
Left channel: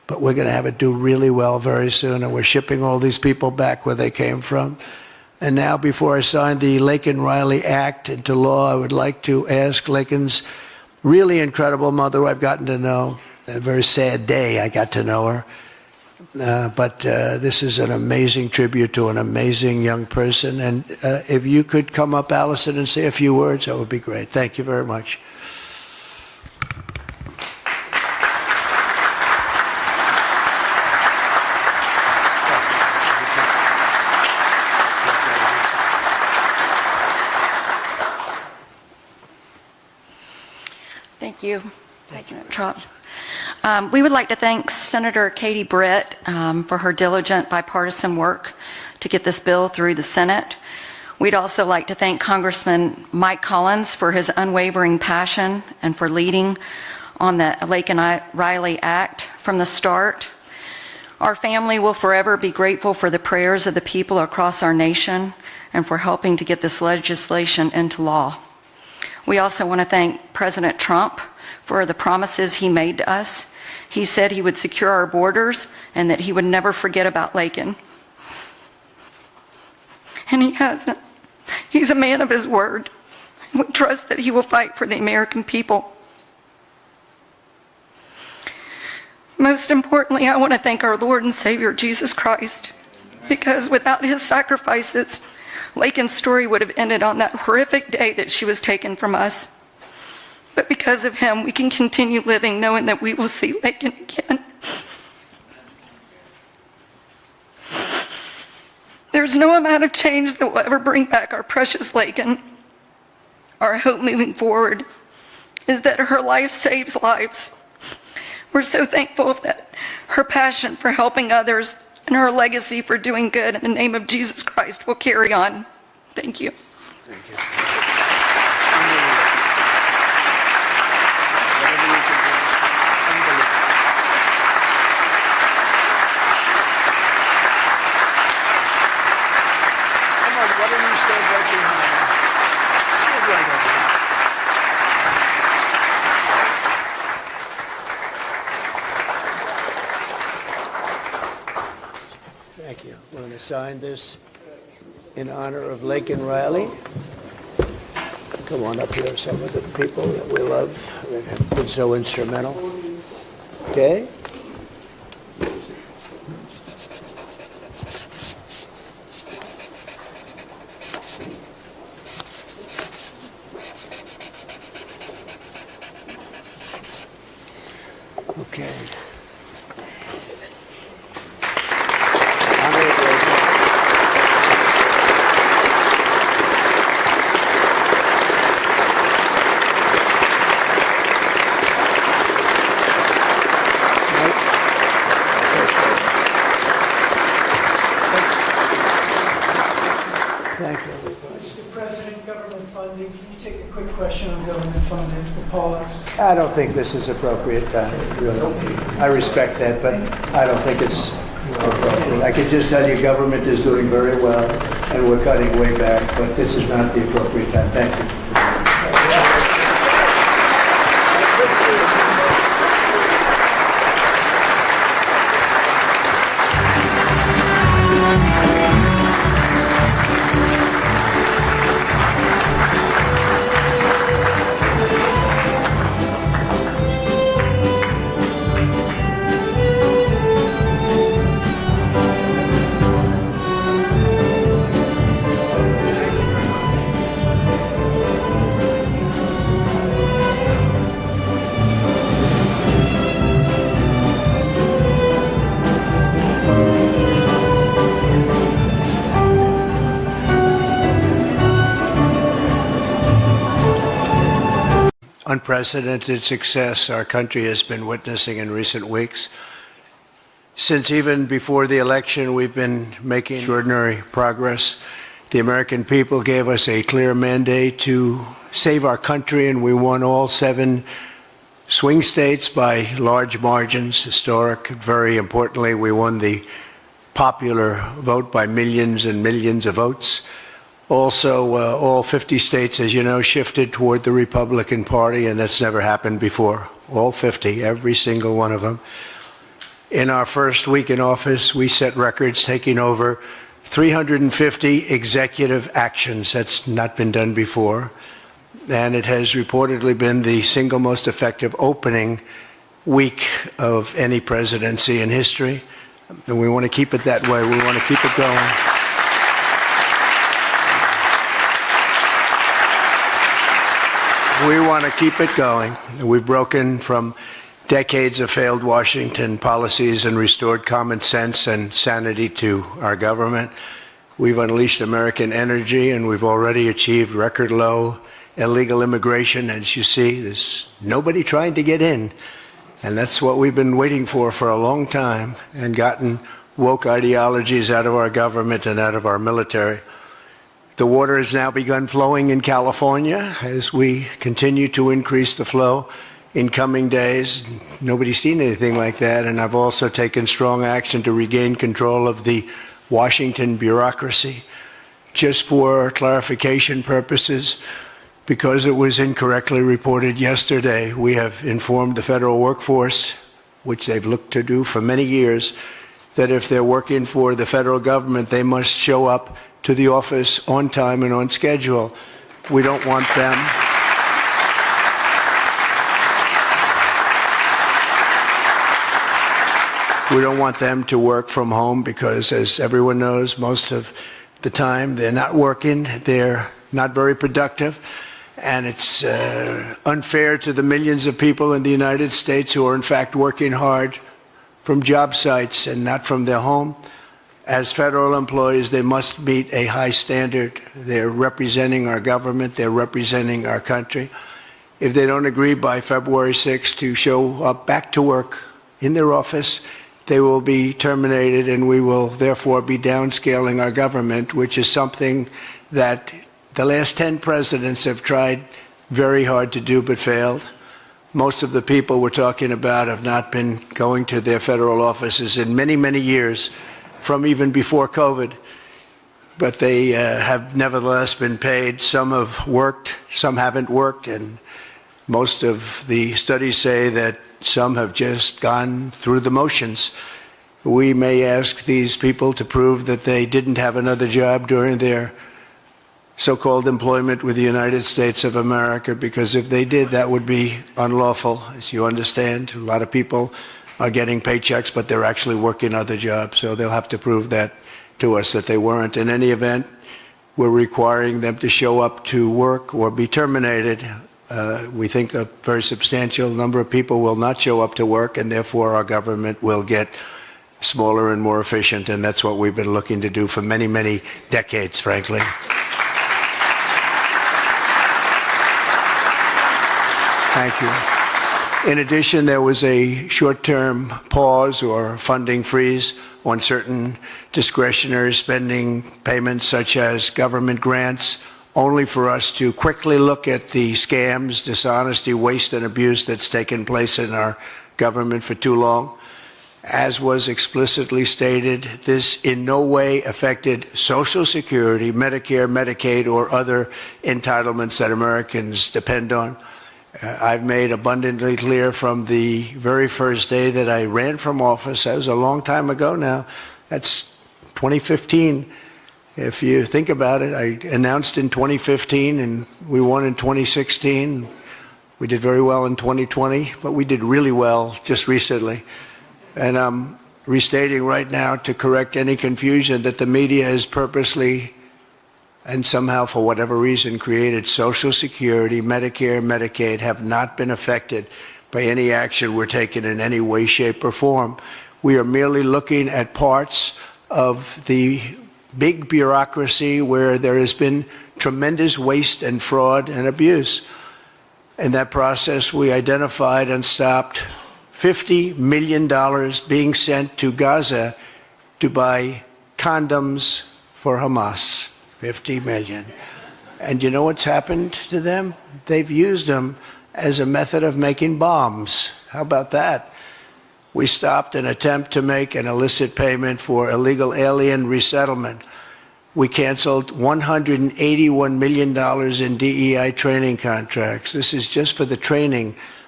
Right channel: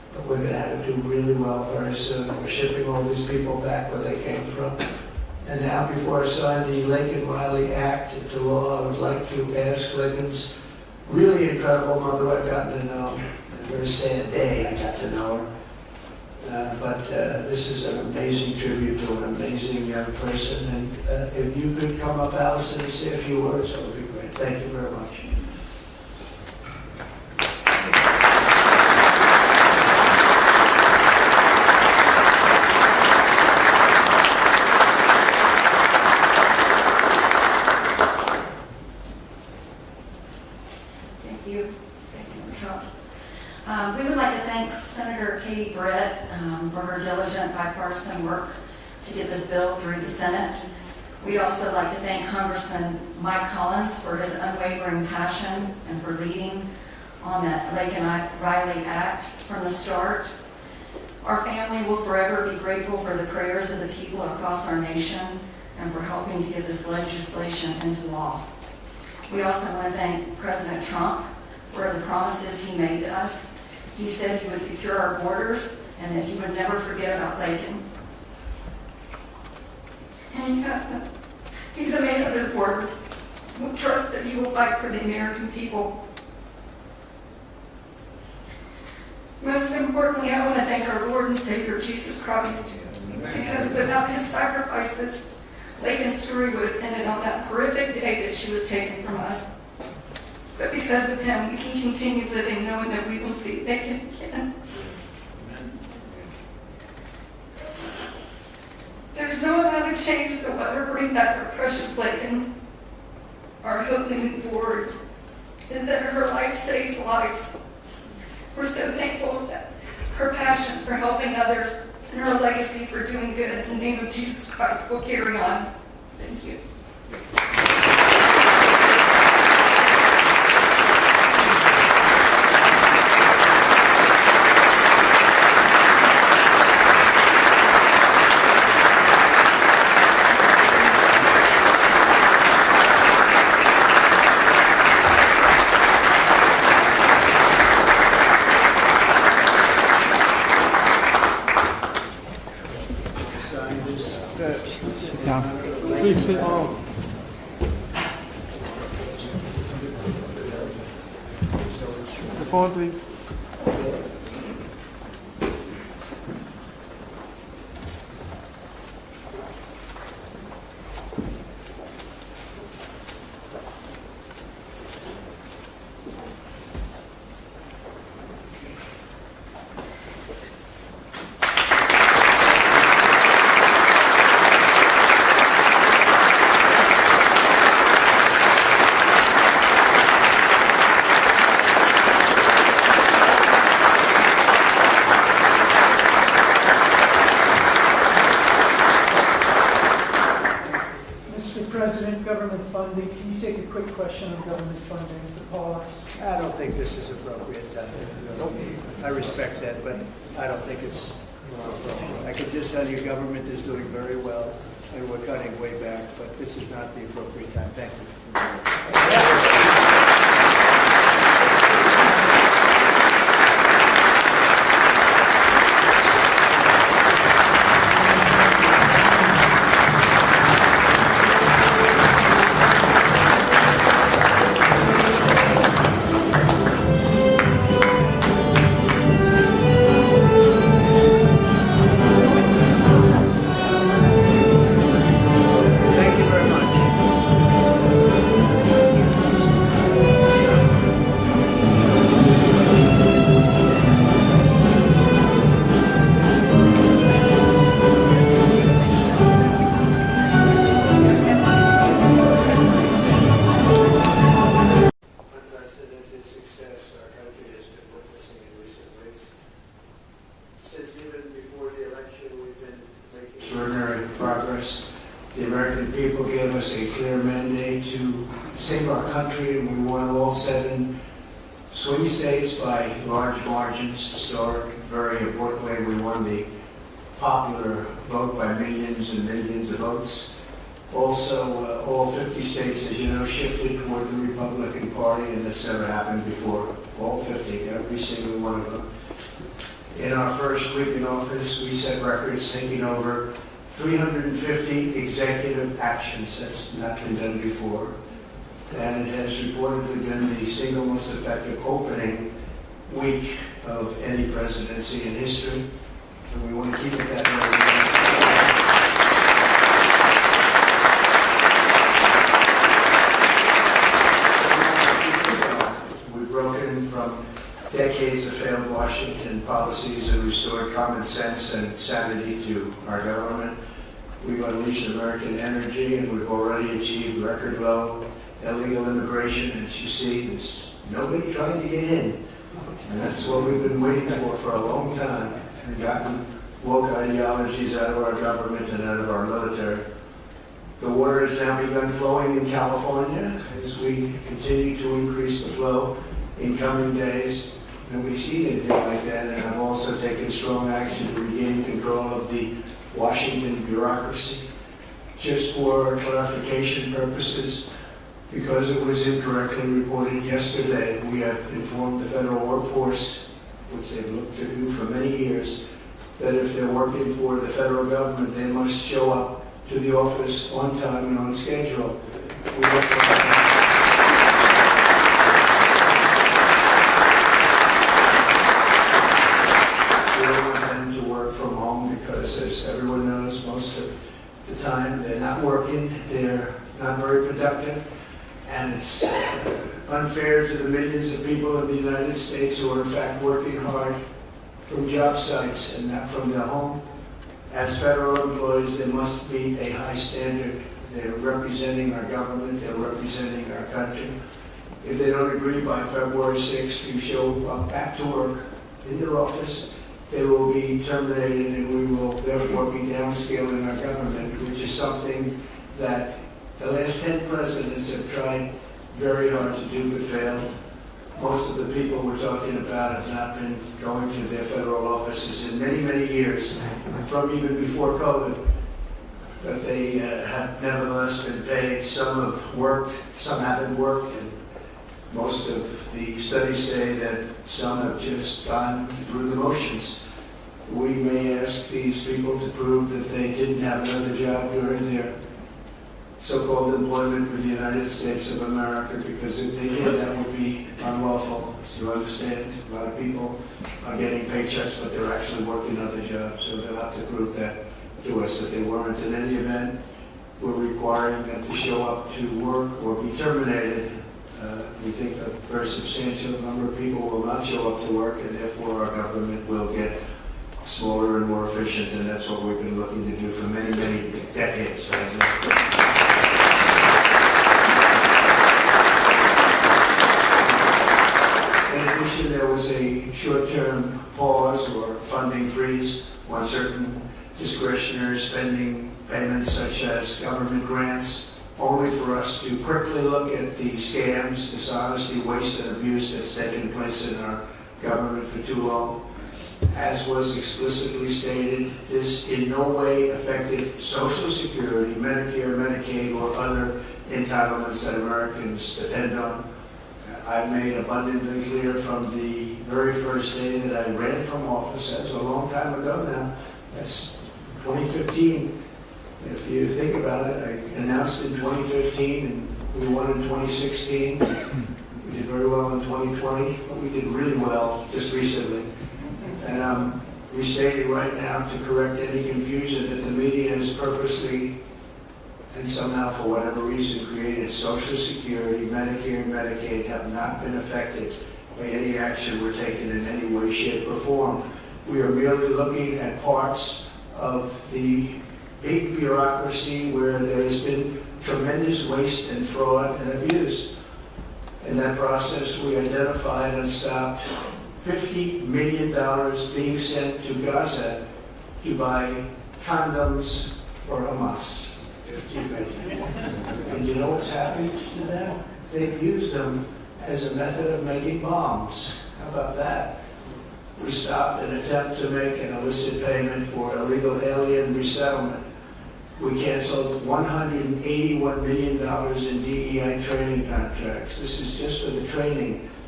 but we're going to have it do really well very soon, and we're shipping all these people back where they came from. And now, before I sign the Laken Riley Act into law, I would like to ask Laken's really incredible mother, who I've gotten to know. A very sad day I got to know her. But this is an amazing tribute to an amazing young person. And if you could come up, Allison, and say a few words, that would be great. Thank you very much. Thank you. Thank you, Trump. We would like to thank Senator Katie Britt for her diligent bipartisan work to get this bill through the Senate. We'd also like to thank Congressman Mike Collins for his unwavering passion and for leading on the Laken Riley Act from the start. Our family will forever be grateful for the prayers of the people across our nation and for helping to get this legislation into law. We also want to thank President Trump for the promises he made to us. He said he would secure our borders and that he would never forget about Laken. And he hasn't. He's a man of his word. We trust that he will fight for the American people. Most importantly, I want to thank our Lord and Savior, Jesus Christ, because without his sacrifices, Laken's story would have ended on that horrific day that she was taken from us. But because of him, we can continue living knowing that we will see Laken again. There's no amount of change that will ever bring back our precious Laken. Our hope moving forward is that her life saves lives. We're so thankful that her passion for helping others and her legacy for doing good in the name of Jesus Christ will carry on. Thank you. Sign this in honor of Laken Riley. Come on up here, some of the people that we love that have been so instrumental. Okay? Okay. Mr. President, government funding, can you take a quick question on government funding, the pause? I don't think this is appropriate time, really. I respect that, but I don't think it's appropriate. I can just tell you government is doing very well, and we're cutting way back, but this is not the appropriate time. Thank you. Unprecedented success our country has been witnessing in recent weeks. Since even before the election, we've been making extraordinary progress. The American people gave us a clear mandate to save our country, and we won all 7 swing states by large margins, historic. Very importantly, we won the popular vote by millions and millions of votes. Also, all 50 states, as you know, shifted toward the Republican Party, and that's never happened before. All 50, every single one of them. In our first week in office, we set records taking over 350 executive actions. That's not been done before. And it has reportedly been the single most effective opening week of any presidency in history. And we want to keep it that way. We want to keep it going. We want to keep it going. We've broken from decades of failed Washington policies and restored common sense and sanity to our government. We've unleashed American energy, and we've already achieved record low illegal immigration. As you see, there's nobody trying to get in. And that's what we've been waiting for a long time, and gotten woke ideologies out of our government and out of our military. The water has now begun flowing in California as we continue to increase the flow in coming days. Nobody's seen anything like that, and I've also taken strong action to regain control of the Washington bureaucracy. Just for clarification purposes, because it was incorrectly reported yesterday, we have informed the federal workforce, which they've looked to do for many years, that if they're working for the federal government, they must show up to the office on time and on schedule. We don't want them. We don't want them to work from home because, as everyone knows, most of the time they're not working, they're not very productive, and it's unfair to the millions of people in the United States who are in fact working hard from job sites and not from their home. As federal employees, they must meet a high standard. They're representing our government, they're representing our country. If they don't agree by February 6th to show up back to work in their office, they will be terminated, and we will therefore be downscaling our government, which is something that the last 10 presidents have tried very hard to do but failed. Most of the people we're talking about have not been going to their federal offices in many, many years, from even before COVID, but they have nevertheless been paid. Some have worked, some haven't worked, and most of the studies say that some have just gone through the motions. We may ask these people to prove that they didn't have another job during their so-called employment with the United States of America, because if they did, that would be unlawful. As you understand, a lot of people are getting paychecks, but they're actually working other jobs, so they'll have to prove that to us that they weren't. In any event, we're requiring them to show up to work or be terminated. We think a very substantial number of people will not show up to work, and therefore our government will get smaller and more efficient, and that's what we've been looking to do for many, many decades, frankly. In addition, there was a short-term pause or funding freeze on certain discretionary spending payments, such as government grants, only for us to quickly look at the scams, dishonesty, waste, and abuse that's taken place in our government for too long. As was explicitly stated, this in no way affected Social Security, Medicare, Medicaid, or other entitlements that Americans depend on. I've made abundantly clear from the very first day that I ran from office, that was a long time ago now, that's 2015. If you think about it, I announced in 2015 and we won in 2016. We did very well in 2020, but we did really well just recently. And I'm restating right now to correct any confusion that the media has purposely and somehow, for whatever reason, created Social Security, Medicare, Medicaid have not been affected by any action we're taking in any way, shape, or form. We are merely looking at parts of the big bureaucracy where there has been tremendous waste and fraud and abuse. In that process, we identified and stopped $50 million being sent to Gaza to buy condoms for Hamas. 50 million. And you know what's happened to them? They've used them as a method of making bombs. How about that? We stopped an attempt to make an illicit payment for illegal alien resettlement. We canceled $181 million in DEI training contracts. This is just for the training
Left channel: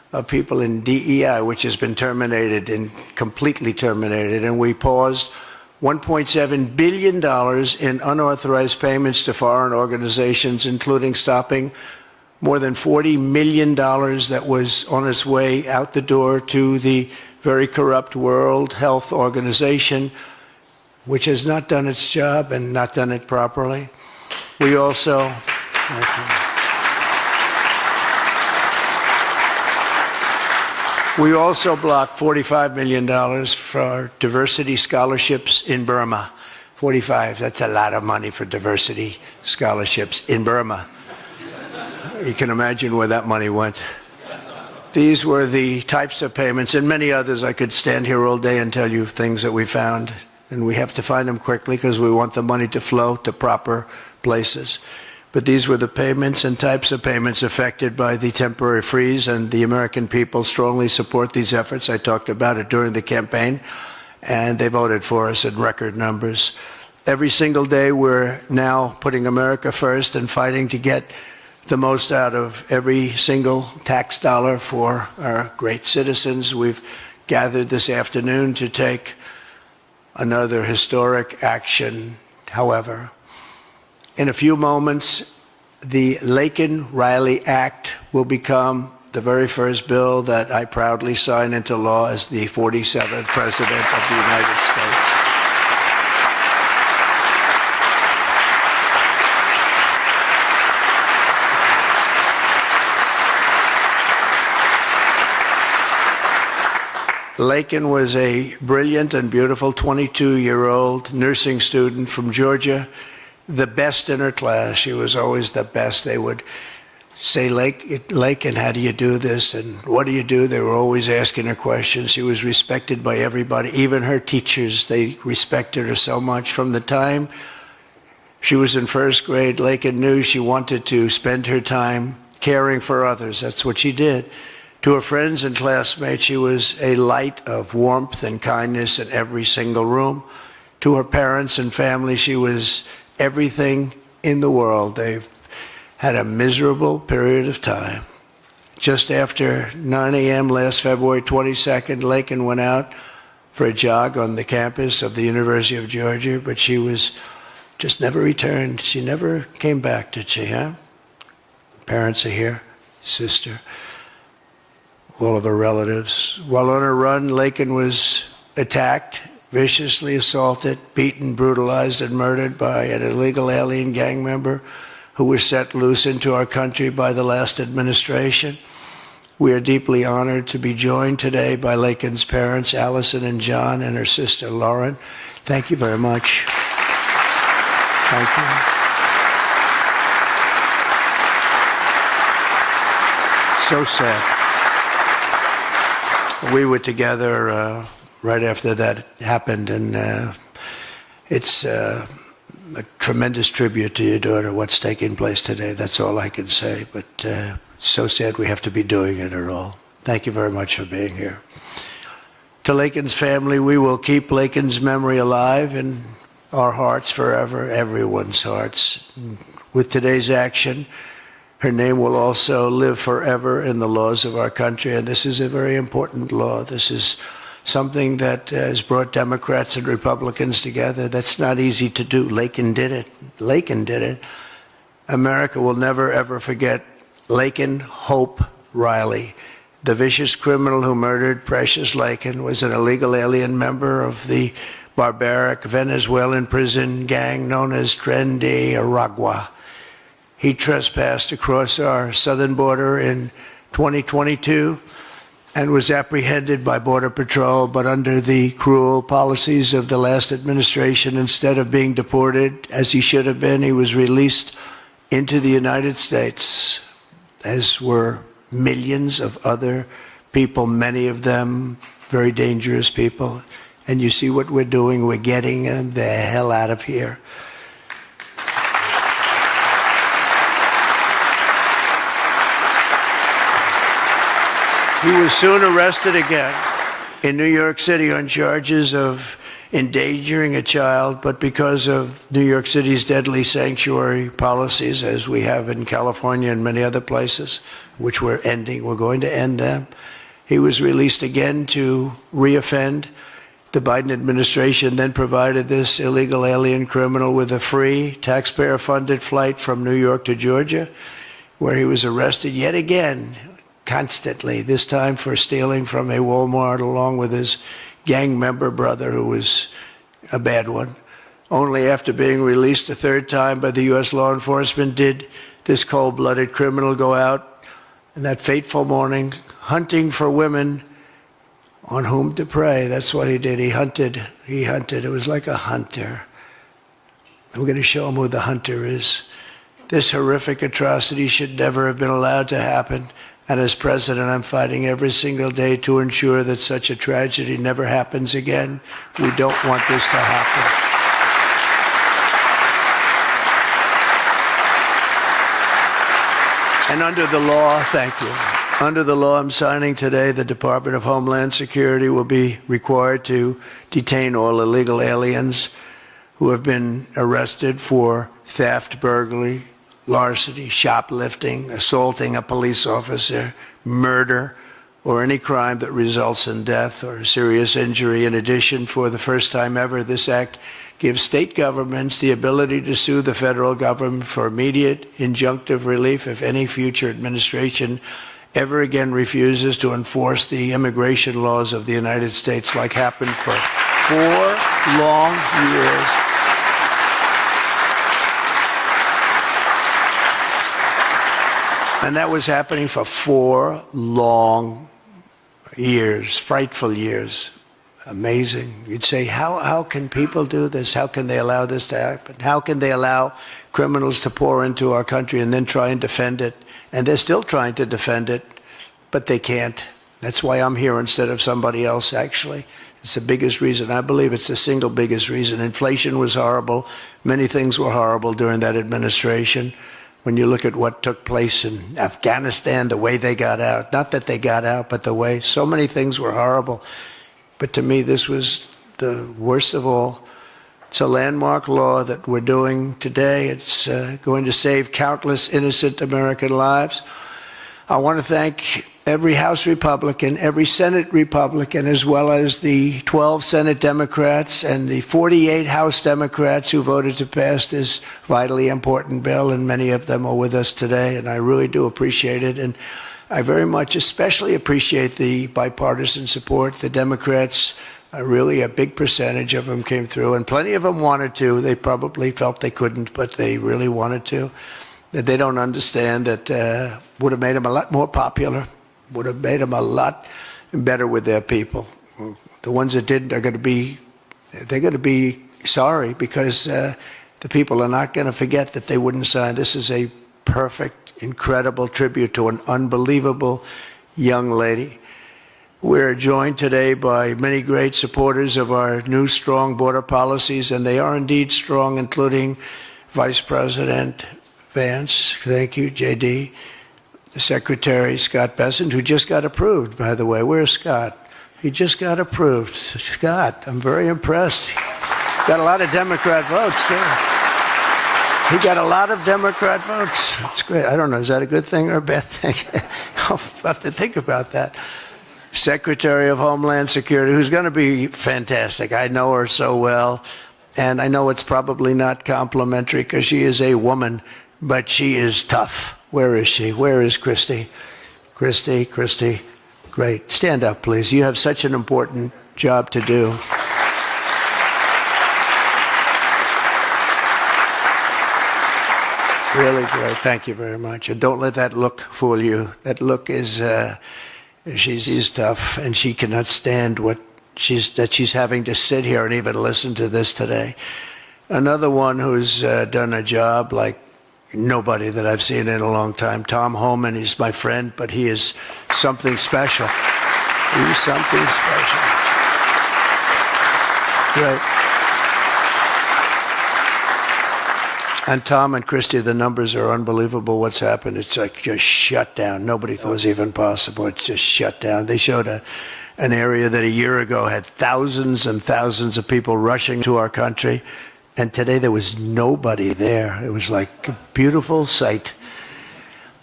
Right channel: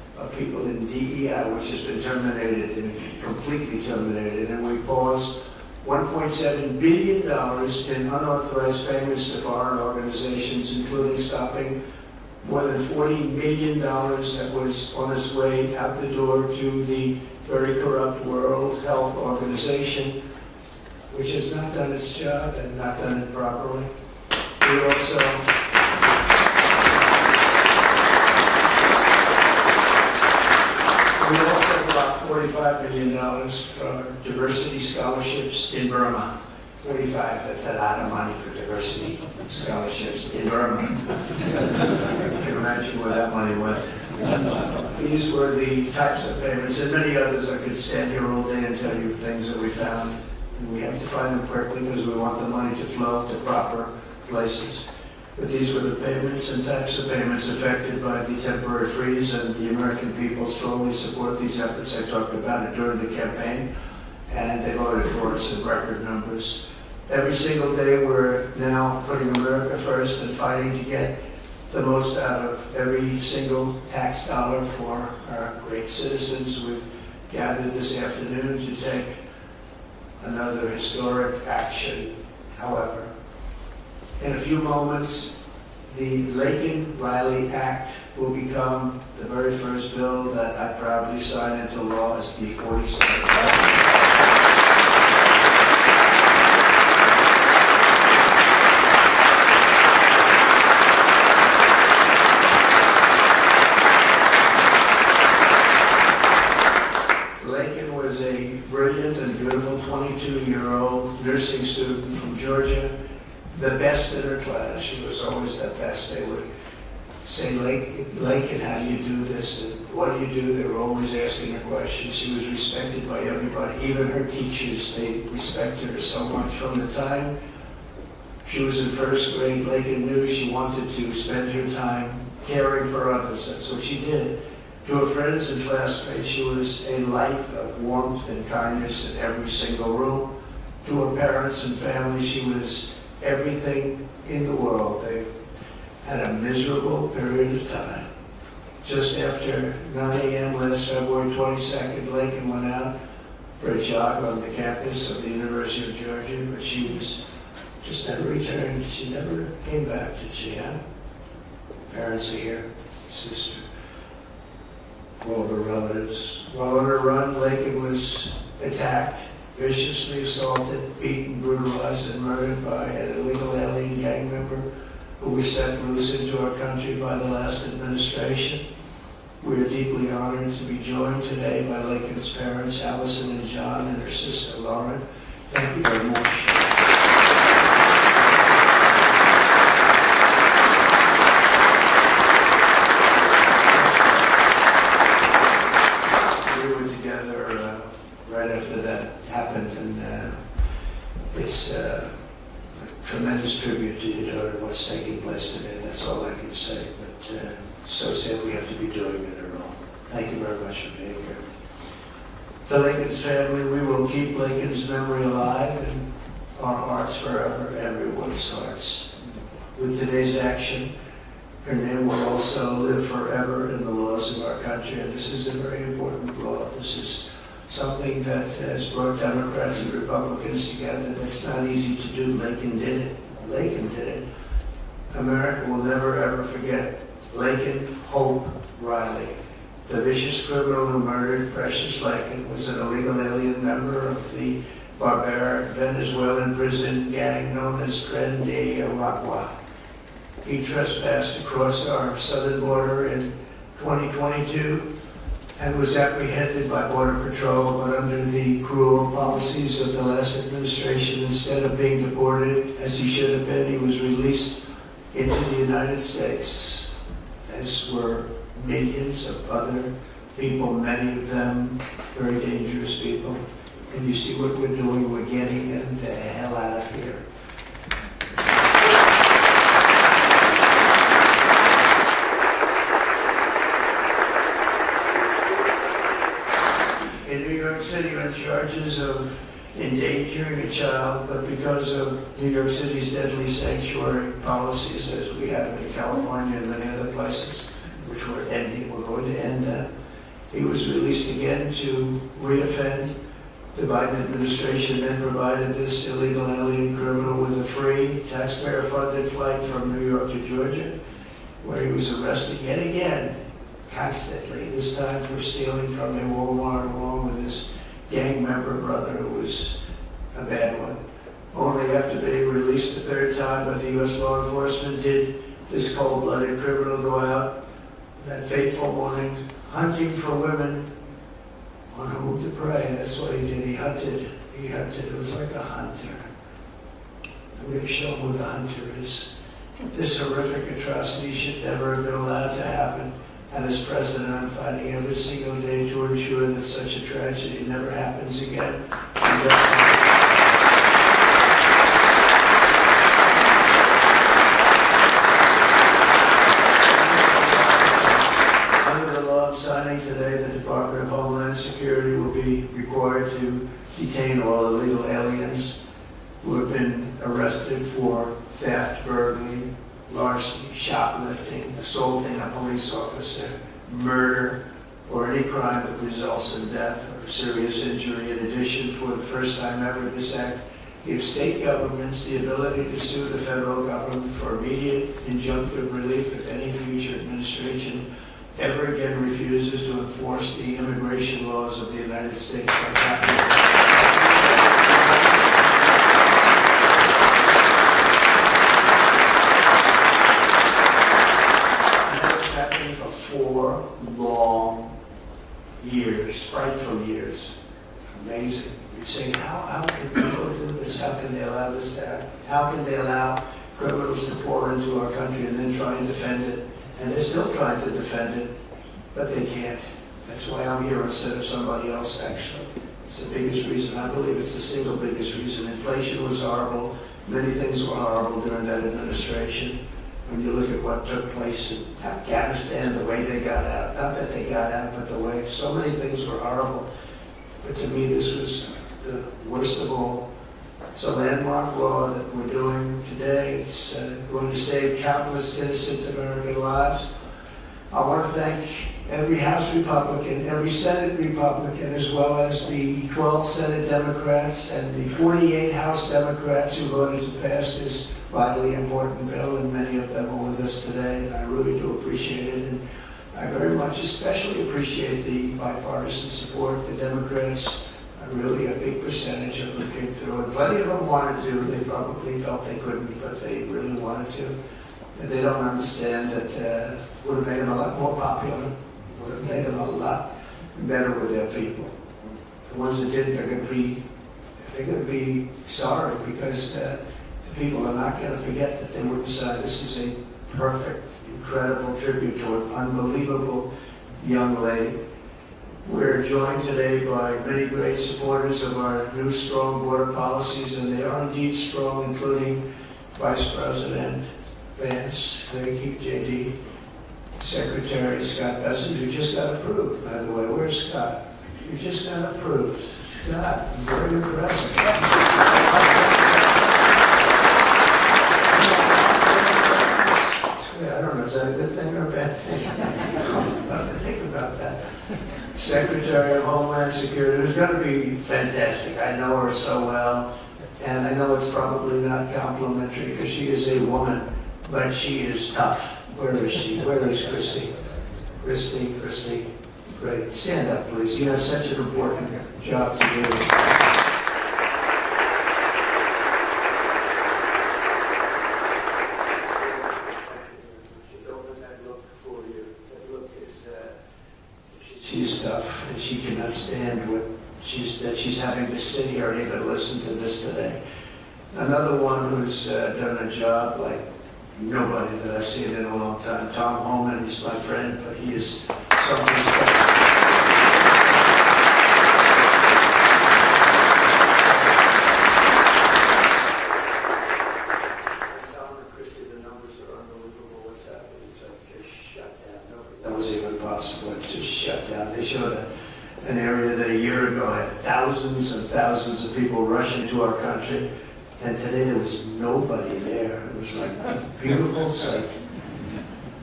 of people in DEI, which has been terminated and completely terminated, and we paused $1.7 billion in unauthorized payments to foreign organizations, including stopping more than $40 million that was on its way out the door to the very corrupt World Health Organization, which has not done its job and not done it properly. We also blocked $45 million for diversity scholarships in Burma. 45, that's a lot of money for diversity scholarships in Burma. You can imagine where that money went. These were the types of payments, and many others. I could stand here all day and tell you things that we found, and we have to find them quickly because we want the money to flow to proper places. But these were the payments and types of payments affected by the temporary freeze, and the American people strongly support these efforts. I talked about it during the campaign, and they voted for us in record numbers. Every single day we're now putting America first and fighting to get the most out of every single tax dollar for our great citizens. We've gathered this afternoon to take another historic action. However, in a few moments, the Laken Riley Act will become the very first bill that I proudly sign into law as the 47th President of the United States. Laken was a brilliant and beautiful 22-year-old nursing student from Georgia, the best in her class. She was always the best. They would say, Laken, how do you do this? And what do you do? They were always asking her questions. She was respected by everybody, even her teachers. They respected her so much. From the time she was in first grade, Laken knew she wanted to spend her time caring for others. That's what she did. To her friends and classmates, she was a light of warmth and kindness in every single room. To her parents and family, she was everything in the world. They've had a miserable period of time. Just after 9 a.m. last February 22nd, Laken went out for a jog on the campus of the University of Georgia, but she was just never returned. She never came back, did she, huh? Parents are here, sister, all of her relatives. While on her run, Laken was attacked, viciously assaulted, beaten, brutalized, and murdered by an illegal alien gang member who was set loose into our country by the last administration. We are deeply honored to be joined today by Laken's parents, Allison and John, and her sister, Lauren. Thank you very much. Thank you. So sad. We were together right after that happened, and it's a tremendous tribute to your daughter, what's taking place today. That's all I can say, but so sad we have to be doing it at all. Thank you very much for being here. To Laken's family, we will keep Laken's memory alive in our hearts forever, everyone's hearts. With today's action, her name will also live forever in the laws of our country, and this is a very important law. This is something that has brought Democrats and Republicans together. That's not easy to do. Laken did it. Laken did it. America will never, ever forget Laken Hope Riley. The vicious criminal who murdered Precious Laken was an illegal alien member of the barbaric Venezuelan prison gang known as Tren de Aragua. He trespassed across our southern border in 2022 and was apprehended by Border Patrol, but under the cruel policies of the last administration, instead of being deported as he should have been, he was released into the United States, as were millions of other people, many of them very dangerous people. And you see what we're doing, we're getting them the hell out of here. He was soon arrested again in New York City on charges of endangering a child, but because of New York City's deadly sanctuary policies, as we have in California and many other places, which we're ending. We're going to end them. He was released again to reoffend. The Biden administration then provided this illegal alien criminal with a free, taxpayer-funded flight from New York to Georgia, where he was arrested yet again, constantly, this time for stealing from a Walmart along with his gang member brother, who was a bad one. Only after being released a third time by the U.S. law enforcement did this cold-blooded criminal go out in that fateful morning hunting for women on whom to prey. That's what he did. He hunted. It was like a hunter. We're going to show him who the hunter is. This horrific atrocity should never have been allowed to happen. And as president, I'm fighting every single day to ensure that such a tragedy never happens again. We don't want this to happen. And under the law, thank you. Under the law I'm signing today, the Department of Homeland Security will be required to detain all illegal aliens who have been arrested for theft, burglary, larceny, shoplifting, assaulting a police officer, murder, or any crime that results in death or serious injury. In addition, for the first time ever, this act gives state governments the ability to sue the federal government for immediate injunctive relief if any future administration ever again refuses to enforce the immigration laws of the United States, like happened for 4 long years. And that was happening for 4 long years, frightful years. Amazing. You'd say, how can people do this? How can they allow this to happen? How can they allow criminals to pour into our country and then try and defend it? And they're still trying to defend it, but they can't. That's why I'm here instead of somebody else, actually. It's the biggest reason. I believe it's the single biggest reason. Inflation was horrible. Many things were horrible during that administration. When you look at what took place in Afghanistan, the way they got out, not that they got out, but the way, so many things were horrible. But to me, this was the worst of all. It's a landmark law that we're doing today. It's going to save countless innocent American lives. I want to thank every House Republican, every Senate Republican, as well as the 12 Senate Democrats and the 48 House Democrats who voted to pass this vitally important bill, and many of them are with us today, and I really do appreciate it. And I very much especially appreciate the bipartisan support. The Democrats, really a big percentage of them came through, and plenty of them wanted to. They probably felt they couldn't, but they really wanted to. That they don't understand that would have made them a lot more popular, would have made them a lot better with their people. The ones that didn't are going to be sorry, because the people are not going to forget that they wouldn't sign. This is a perfect, incredible tribute to an unbelievable young lady. We're joined today by many great supporters of our new strong border policies, and they are indeed strong, including Vice President Vance, thank you, JD, Secretary Scott Bessent, who just got approved, by the way. Where's Scott? He just got approved. Scott, I'm very impressed. Got a lot of Democrat votes. Yeah. He got a lot of Democrat votes. That's great. I don't know, is that a good thing or a bad thing? I'll have to think about that. Secretary of Homeland Security, who's going to be fantastic. I know her so well, and I know it's probably not complimentary because she is a woman, but she is tough. Where is she? Where is Christy? Christy, great. Stand up, please. You have such an important job to do. Really great. Thank you very much. And don't let that look fool you. That look is, she's tough, and she cannot stand that she's having to sit here and even listen to this today. Another one who's done a job like nobody that I've seen in a long time, Tom Homan. He's my friend, but he is something special. He's something special. Yeah. And Tom and Christy, the numbers are unbelievable. What's happened? It's like just shut down. Nobody thought it was even possible. It's just shut down. They showed an area that a year ago had thousands and thousands of people rushing to our country, and today there was nobody there. It was like a beautiful sight.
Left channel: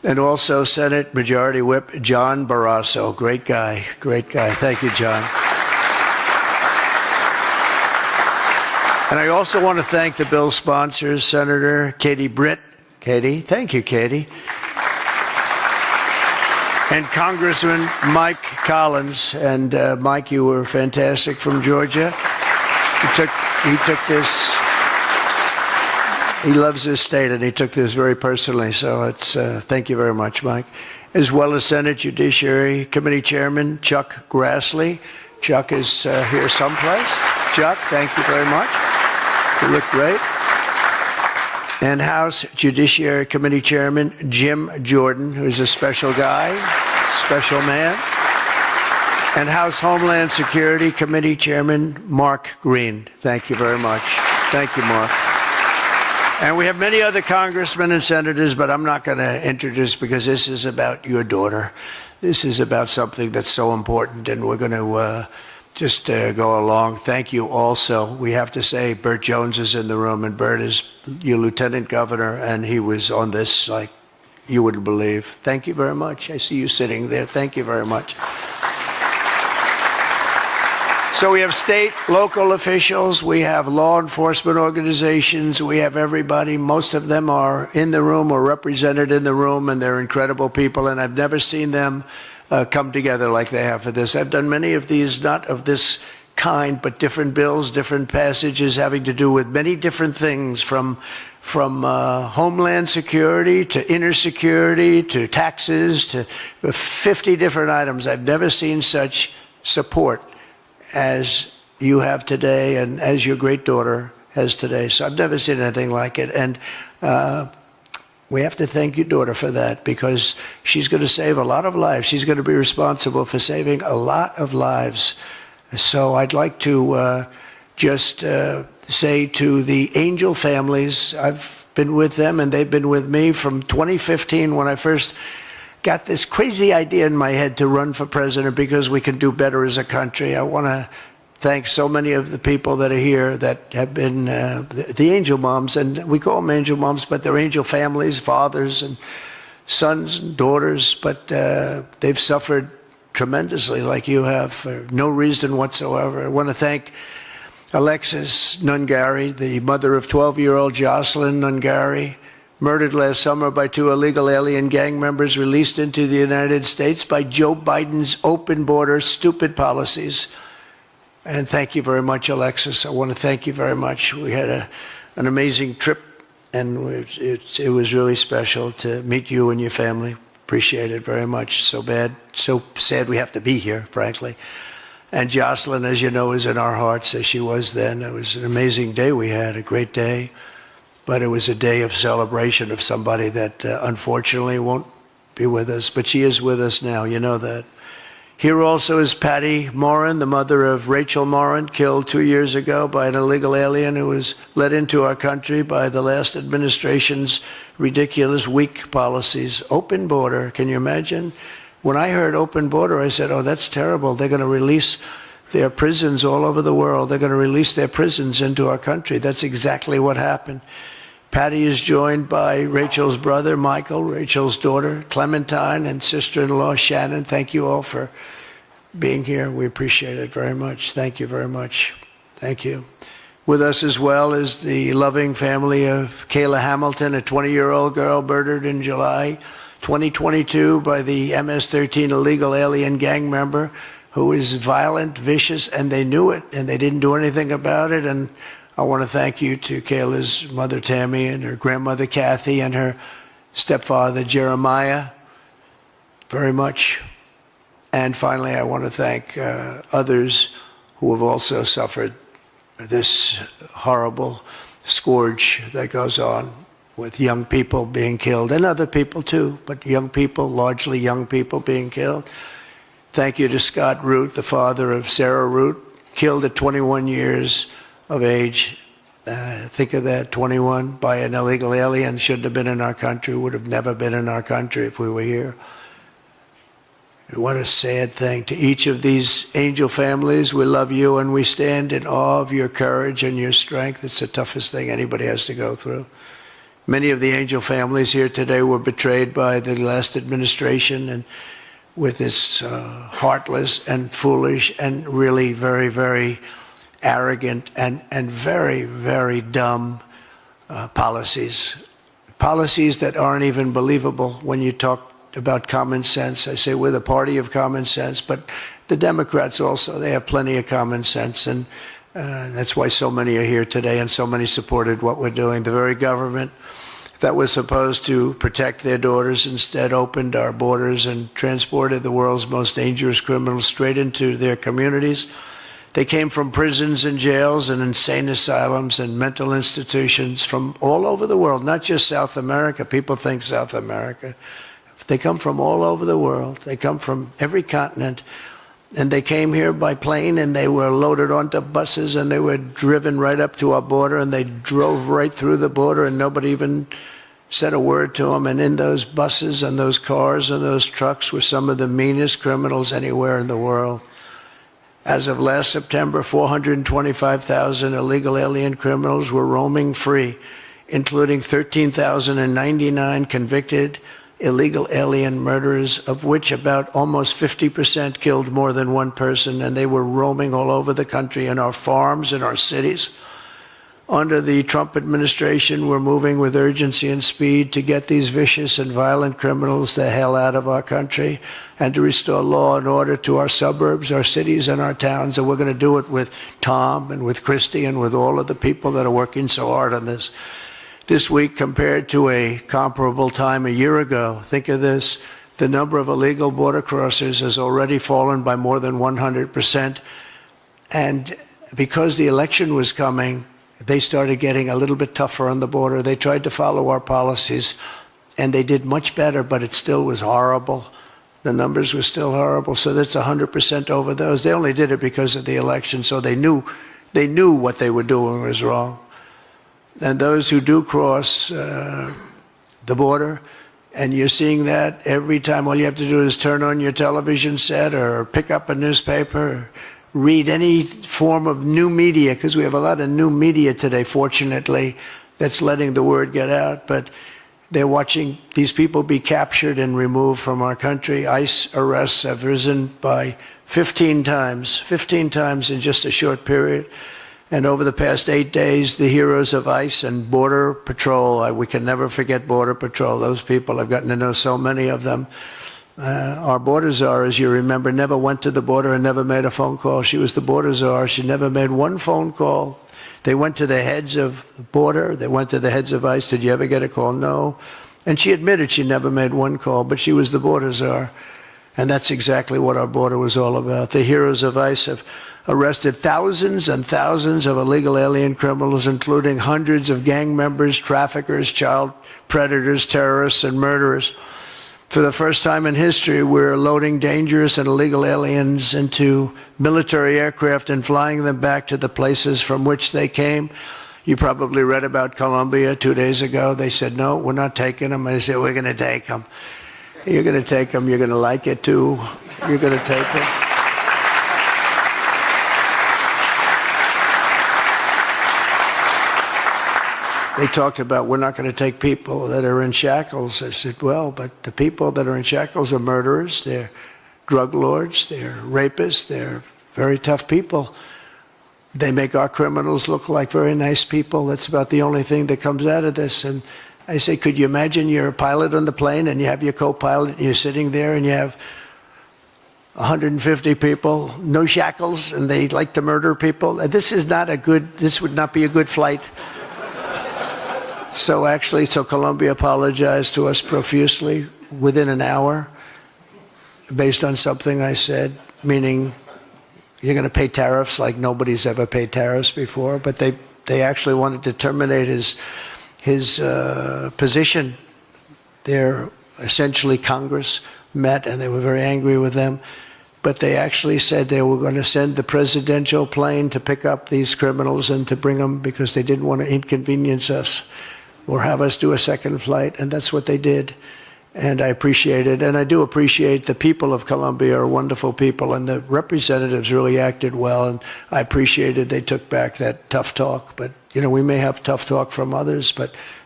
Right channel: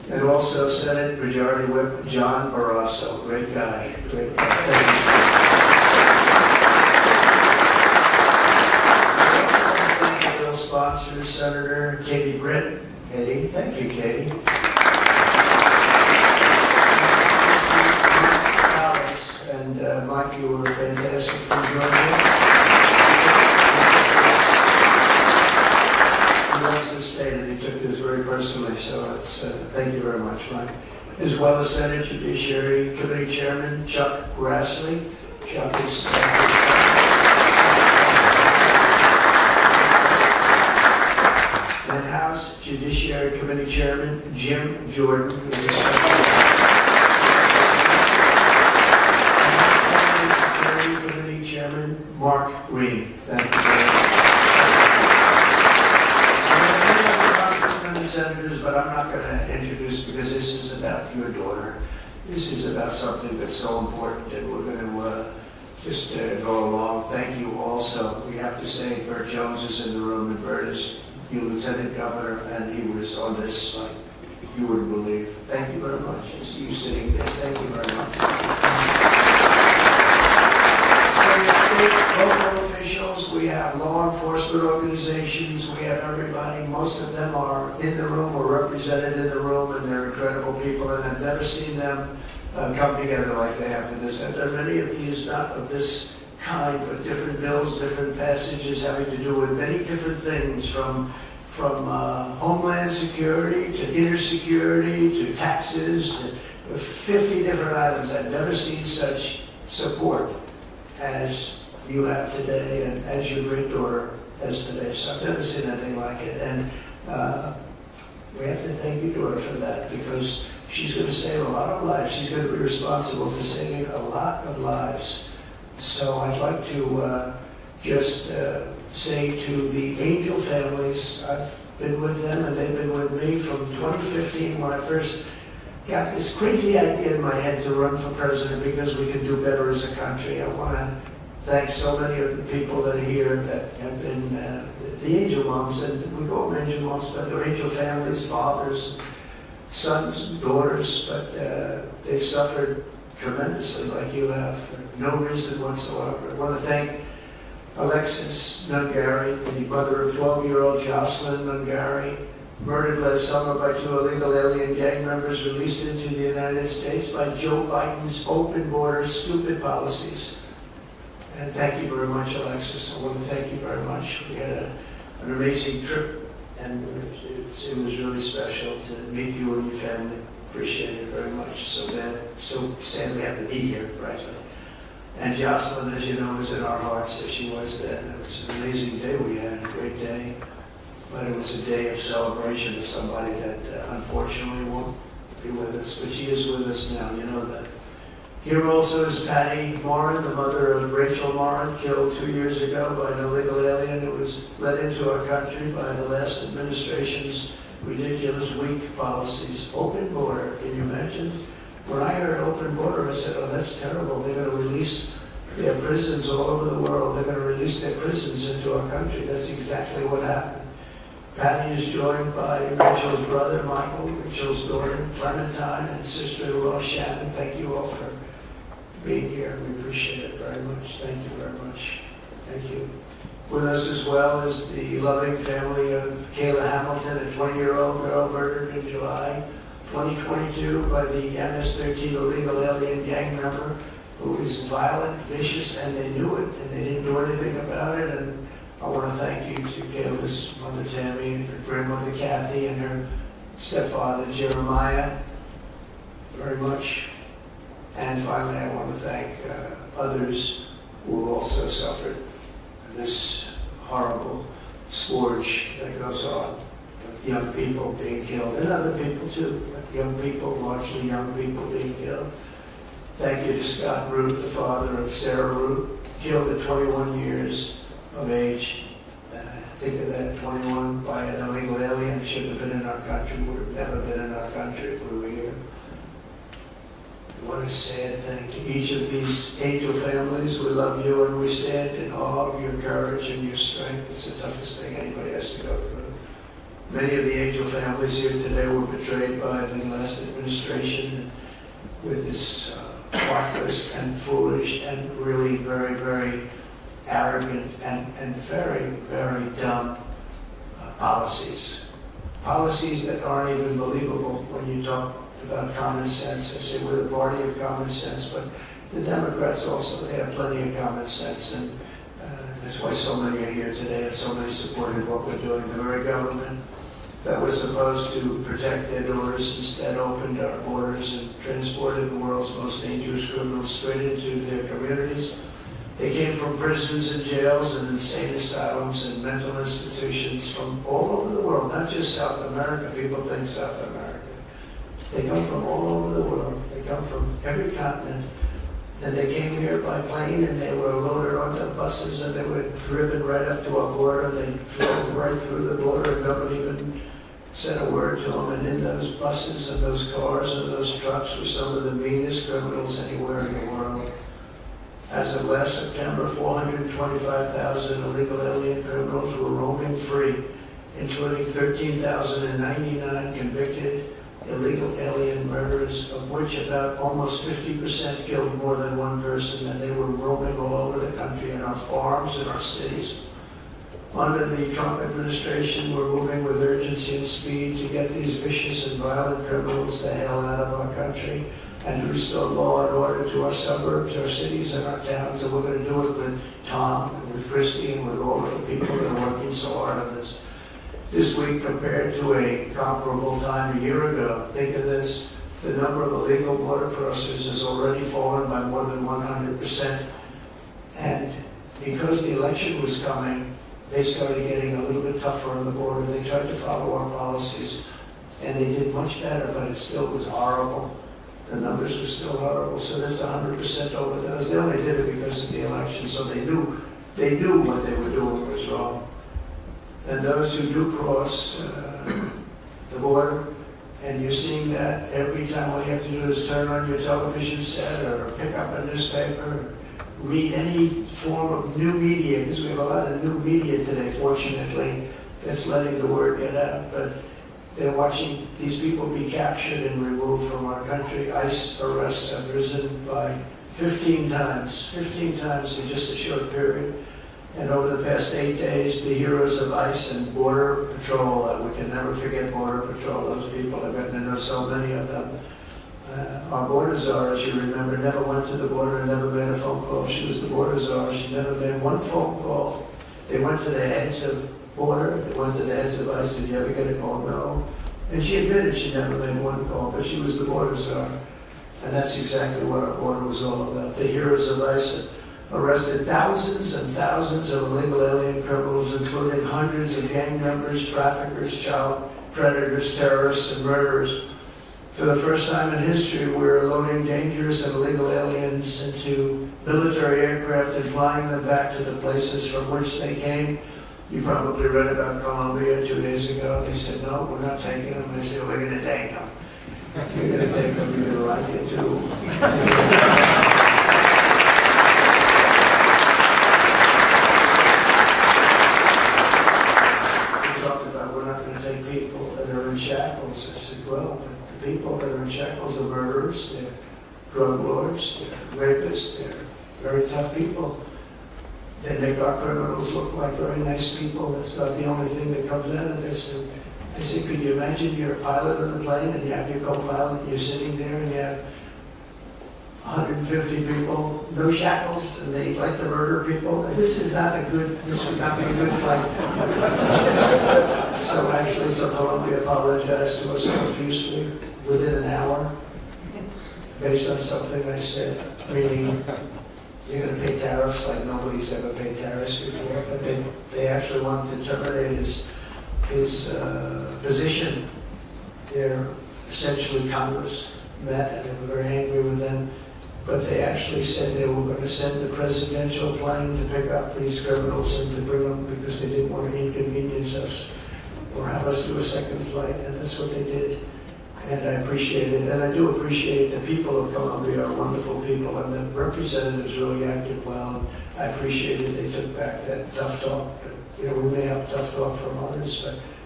And also Senate Majority Whip John Barrasso. Great guy, great guy. Thank you, John. And I also want to thank the bill sponsors, Senator Katie Britt. Katie, thank you, Katie. And Congressman Mike Collins. And Mike, you were fantastic from Georgia. He took this. He loves his state, and he took this very personally. So it's thank you very much, Mike. As well as Senate Judiciary Committee Chairman Chuck Grassley. Chuck is here someplace. Chuck, thank you very much. You look great. And House Judiciary Committee Chairman Jim Jordan, who's a special guy, special man. And House Homeland Security Committee Chairman Mark Green. Thank you very much. Thank you, Mark. And we have many other congressmen and senators, but I'm not going to introduce because this is about your daughter. This is about something that's so important, and we're going to just go along. Thank you also. We have to say Burt Jones is in the room, and Burt is your lieutenant governor, and he was on this like you wouldn't believe. Thank you very much. I see you sitting there. Thank you very much. So we have state, local officials, we have law enforcement organizations, we have everybody. Most of them are in the room or represented in the room, and they're incredible people, and I've never seen them come together like they have for this. I've done many of these, not of this kind, but different bills, different passages having to do with many different things, from homeland security to inner security to taxes to 50 different items. I've never seen such support as you have today and as your great daughter has today. So I've never seen anything like it. And we have to thank your daughter for that, because she's going to save a lot of lives. She's going to be responsible for saving a lot of lives. So I'd like to just say to the Angel families, I've been with them and they've been with me from 2015 when I first got this crazy idea in my head to run for president because we could do better as a country. I want to thank so many of the people that are here that have been the angel moms, and we call them angel moms, but they're angel families, fathers and sons and daughters, but they've suffered tremendously like you have for no reason whatsoever. I want to thank Alexis Nungari, the mother of 12-year-old Jocelyn Nungari, murdered last summer by 2 illegal alien gang members released into the United States by Joe Biden's open border stupid policies. And thank you very much, Alexis. I want to thank you very much. We had an amazing trip, and it was really special to meet you and your family. Appreciate it very much. So sad we have to be here, frankly. And Jocelyn, as you know, is in our hearts as she was then. It was an amazing day we had, a great day. But it was a day of celebration of somebody that unfortunately won't be with us. But she is with us now, you know that. Here also is Patty Morin, the mother of Rachel Morin, killed 2 years ago by an illegal alien who was let into our country by the last administration's ridiculous, weak policies. Open border, can you imagine? When I heard open border, I said, oh, that's terrible. They're going to release their prisons all over the world. They're going to release their prisons into our country. That's exactly what happened. Patty is joined by Rachel's brother, Michael, Rachel's daughter, Clementine, and sister-in-law, Shannon. Thank you all for being here. We appreciate it very much. Thank you very much. Thank you. With us as well is the loving family of Kayla Hamilton, a 20-year-old girl murdered in July 2022 by the MS-13 illegal alien gang member who is violent, vicious, and they knew it, and they didn't do anything about it. And I want to thank you to Kayla's mother, Tammy, and her grandmother, Kathy, and her stepfather, Jeremiah, very much. And finally, I want to thank others who have also suffered this horrible scourge that goes on with young people being killed, and other people too, but young people, largely young people being killed. Thank you to Scott Root, the father of Sarah Root, killed at 21 years of age. Think of that, 21 by an illegal alien, shouldn't have been in our country, would have never been in our country if we were here. And what a sad thing. To each of these angel families, we love you and we stand in awe of your courage and your strength. It's the toughest thing anybody has to go through. Many of the angel families here today were betrayed by the last administration and with its heartless and foolish and really very, very arrogant and very, very dumb policies. Policies that aren't even believable when you talk about common sense. I say we're the party of common sense, but the Democrats also, they have plenty of common sense, and that's why so many are here today and so many supported what we're doing. The very government that was supposed to protect their daughters instead opened our borders and transported the world's most dangerous criminals straight into their communities. They came from prisons and jails and insane asylums and mental institutions from all over the world, not just South America. People think South America. They come from all over the world. They come from every continent. And they came here by plane, and they were loaded onto buses, and they were driven right up to our border, and they drove right through the border, and nobody even said a word to them. And in those buses and those cars and those trucks were some of the meanest criminals anywhere in the world. As of last September, 425,000 illegal alien criminals were roaming free, including 13,099 convicted illegal alien murderers, of which about almost 50% killed more than one person, and they were roaming all over the country in our farms, in our cities. Under the Trump administration, we're moving with urgency and speed to get these vicious and violent criminals the hell out of our country and to restore law and order to our suburbs, our cities, and our towns. And we're going to do it with Tom and with Christy and with all of the people that are working so hard on this. This week, compared to a comparable time a year ago, think of this, the number of illegal border crossers has already fallen by more than 100%. And because the election was coming, they started getting a little bit tougher on the border. They tried to follow our policies, and they did much better, but it still was horrible. The numbers were still horrible, so that's 100% over those. They only did it because of the election, so they knew what they were doing was wrong. And those who do cross the border, and you're seeing that every time, all you have to do is turn on your television set or pick up a newspaper, read any form of new media, because we have a lot of new media today, fortunately, that's letting the word get out. But they're watching these people be captured and removed from our country. ICE arrests have risen by 15 times in just a short period. And over the past 8 days, the heroes of ICE and Border Patrol, we can never forget Border Patrol. Those people, I've gotten to know so many of them. Our border czar, as you remember, never went to the border and never made a phone call. She was the border czar. She never made one phone call. They went to the heads of border. They went to the heads of ICE. Did you ever get a call? No. And she admitted she never made one call, but she was the border czar. And that's exactly what our border was all about. The heroes of ICE have arrested thousands and thousands of illegal alien criminals, including hundreds of gang members, traffickers, child predators, terrorists, and murderers. For the first time in history, we're loading dangerous and illegal aliens into military aircraft and flying them back to the places from which they came. You probably read about Colombia 2 days ago. They said, no, we're not taking them. I said, we're going to take them. You're going to take them. You're going to like it, too. You're going to take them. They talked about we're not going to take people that are in shackles. I said, well, but the people that are in shackles are murderers, they're drug lords, they're rapists, they're very tough people. They make our criminals look like very nice people. That's about the only thing that comes out of this. And I say, could you imagine you're a pilot on the plane and you have your co-pilot and you're sitting there and you have 150 people, no shackles, and they like to murder people? This would not be a good flight. So Colombia apologized to us profusely within an hour based on something I said, meaning you're going to pay tariffs like nobody's ever paid tariffs before, but they actually wanted to terminate his position. They're essentially Congress met and they were very angry with them, but they actually said they were going to send the presidential plane to pick up these criminals and to bring them because they didn't want to inconvenience us or have us do a second flight, and that's what they did. And I appreciate it, and I do appreciate the people of Colombia are wonderful people, and the representatives really acted well, and I appreciated they took back that tough talk. But, we may have tough talk from others, but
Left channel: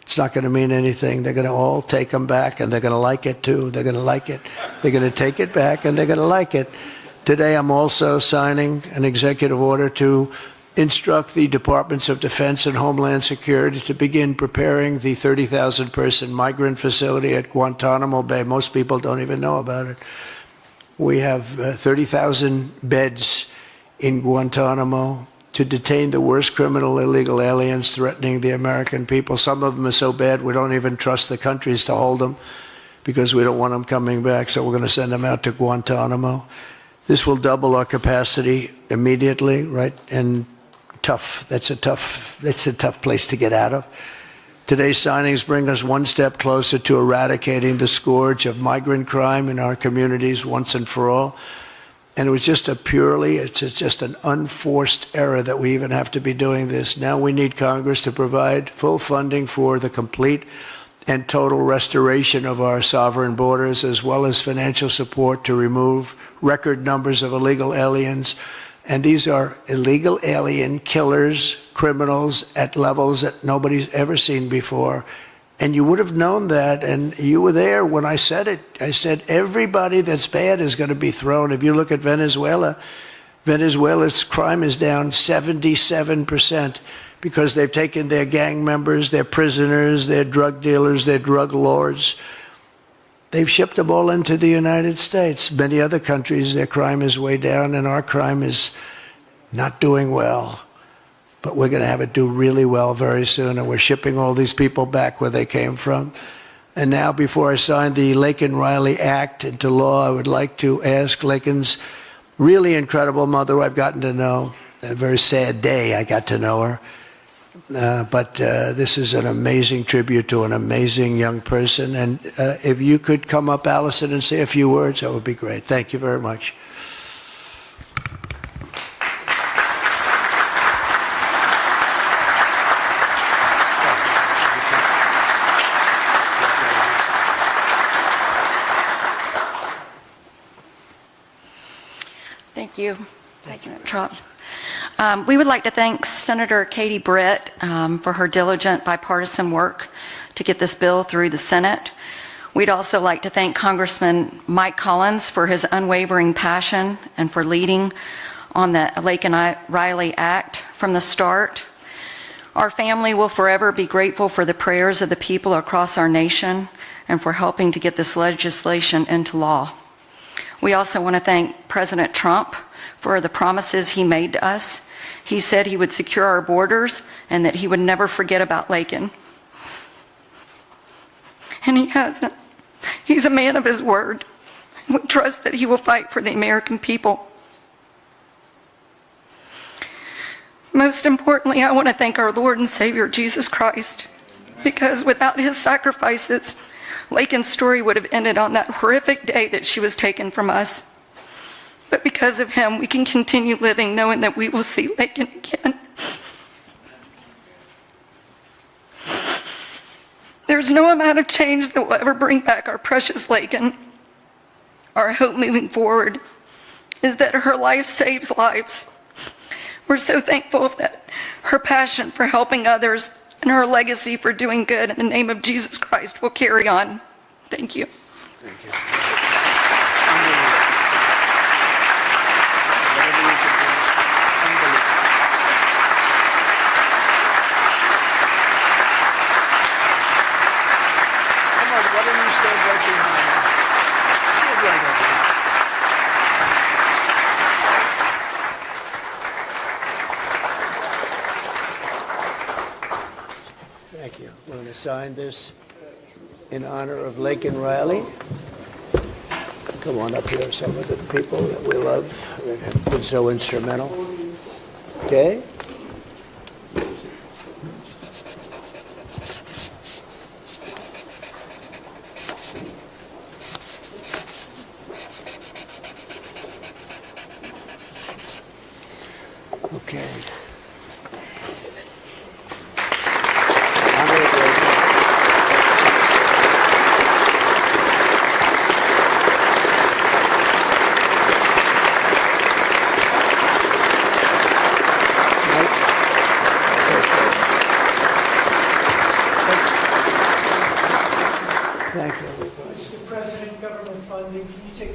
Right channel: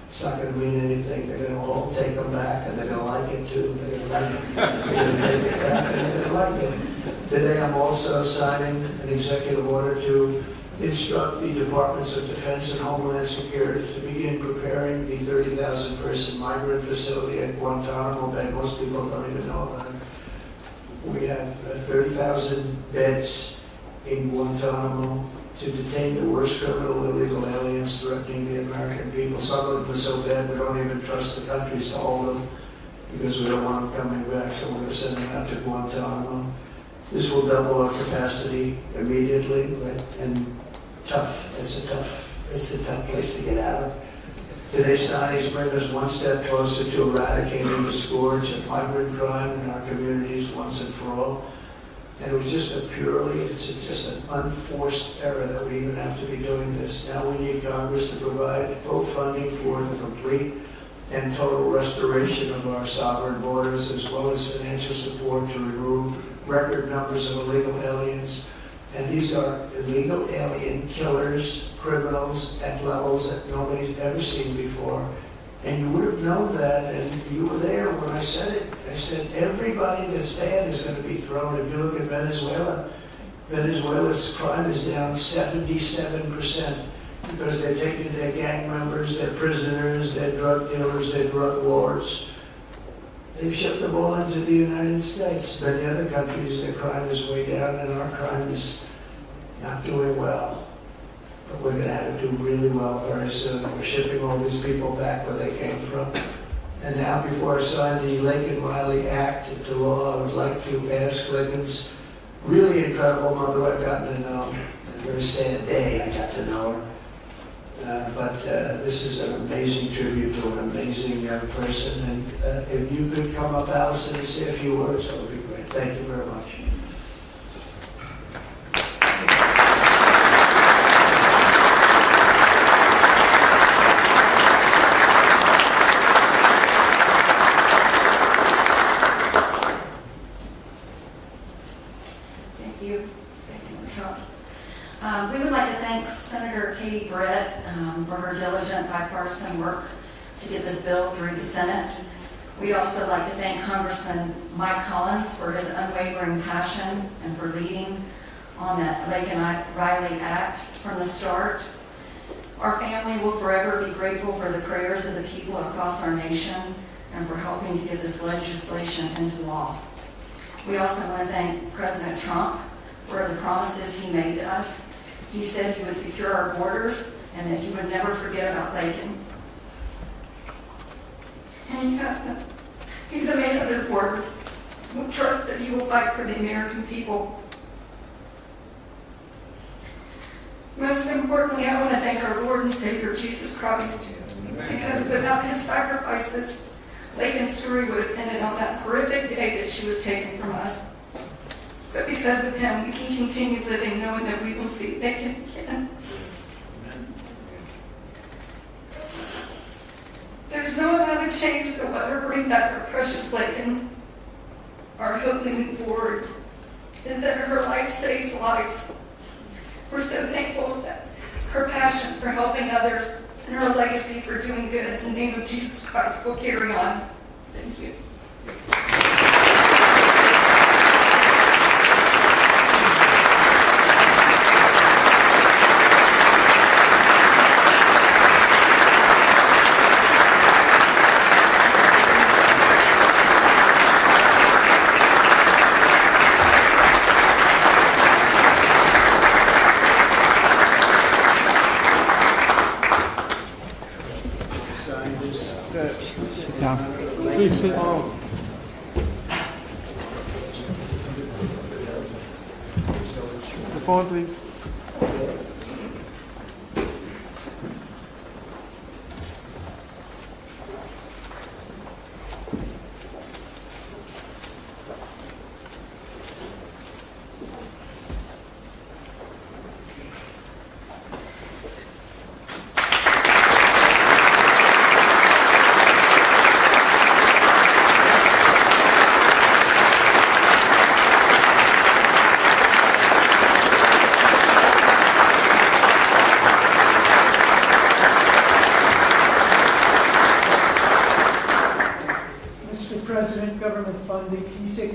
It's not going to mean anything. They're going to all take them back, and they're going to like it too. They're going to like it. They're going to take it back, and they're going to like it. Today, I'm also signing an executive order to instruct the Departments of Defense and Homeland Security to begin preparing the 30,000-person migrant facility at Guantanamo Bay. Most people don't even know about it. We have 30,000 beds in Guantanamo to detain the worst criminal illegal aliens threatening the American people. Some of them are so bad we don't even trust the countries to hold them because we don't want them coming back, so we're going to send them out to Guantanamo. This will double our capacity immediately, right? And that's a tough place to get out of. Today's signings bring us one step closer to eradicating the scourge of migrant crime in our communities once and for all. And it was just it's just an unforced error that we even have to be doing this. Now we need Congress to provide full funding for the complete and total restoration of our sovereign borders, as well as financial support to remove record numbers of illegal aliens. And these are illegal alien killers, criminals at levels that nobody's ever seen before. And you would have known that, and you were there when I said it. I said everybody that's bad is going to be thrown. If you look at Venezuela, Venezuela's crime is down 77% because they've taken their gang members, their prisoners, their drug dealers, their drug lords. They've shipped them all into the United States. Many other countries, their crime is way down, and our crime is not doing well. But we're going to have it do really well very soon, and we're shipping all these people back where they came from. And now, before I sign the Laken Riley Act into law, I would like to ask Laken's really incredible mother, who I've gotten to know. A very sad day I got to know her. But this is an amazing tribute to an amazing young person. And if you could come up, Allison, and say a few words, that would be great. Thank you very much. Thank you. Thank you, Trump. We would like to thank Senator Katie Britt for her diligent bipartisan work to get this bill through the Senate. We'd also like to thank Congressman Mike Collins for his unwavering passion and for leading on the Laken Riley Act from the start. Our family will forever be grateful for the prayers of the people across our nation and for helping to get this legislation into law. We also want to thank President Trump for the promises he made to us. He said he would secure our borders and that he would never forget about Laken. And he hasn't. He's a man of his word. We trust that he will fight for the American people. Most importantly, I want to thank our Lord and Savior, Jesus Christ, because without his sacrifices, Laken's story would have ended on that horrific day that she was taken from us. But because of him, we can continue living knowing that we will see Laken again. There's no amount of change that will ever bring back our precious Laken. Our hope moving forward is that her life saves lives. We're so thankful that her passion for helping others and her legacy for doing good in the name of Jesus Christ will carry on. Thank you. Sign this in honor of Laken Riley. Come on up here, some of the people that we love that have been so instrumental. Okay? Okay.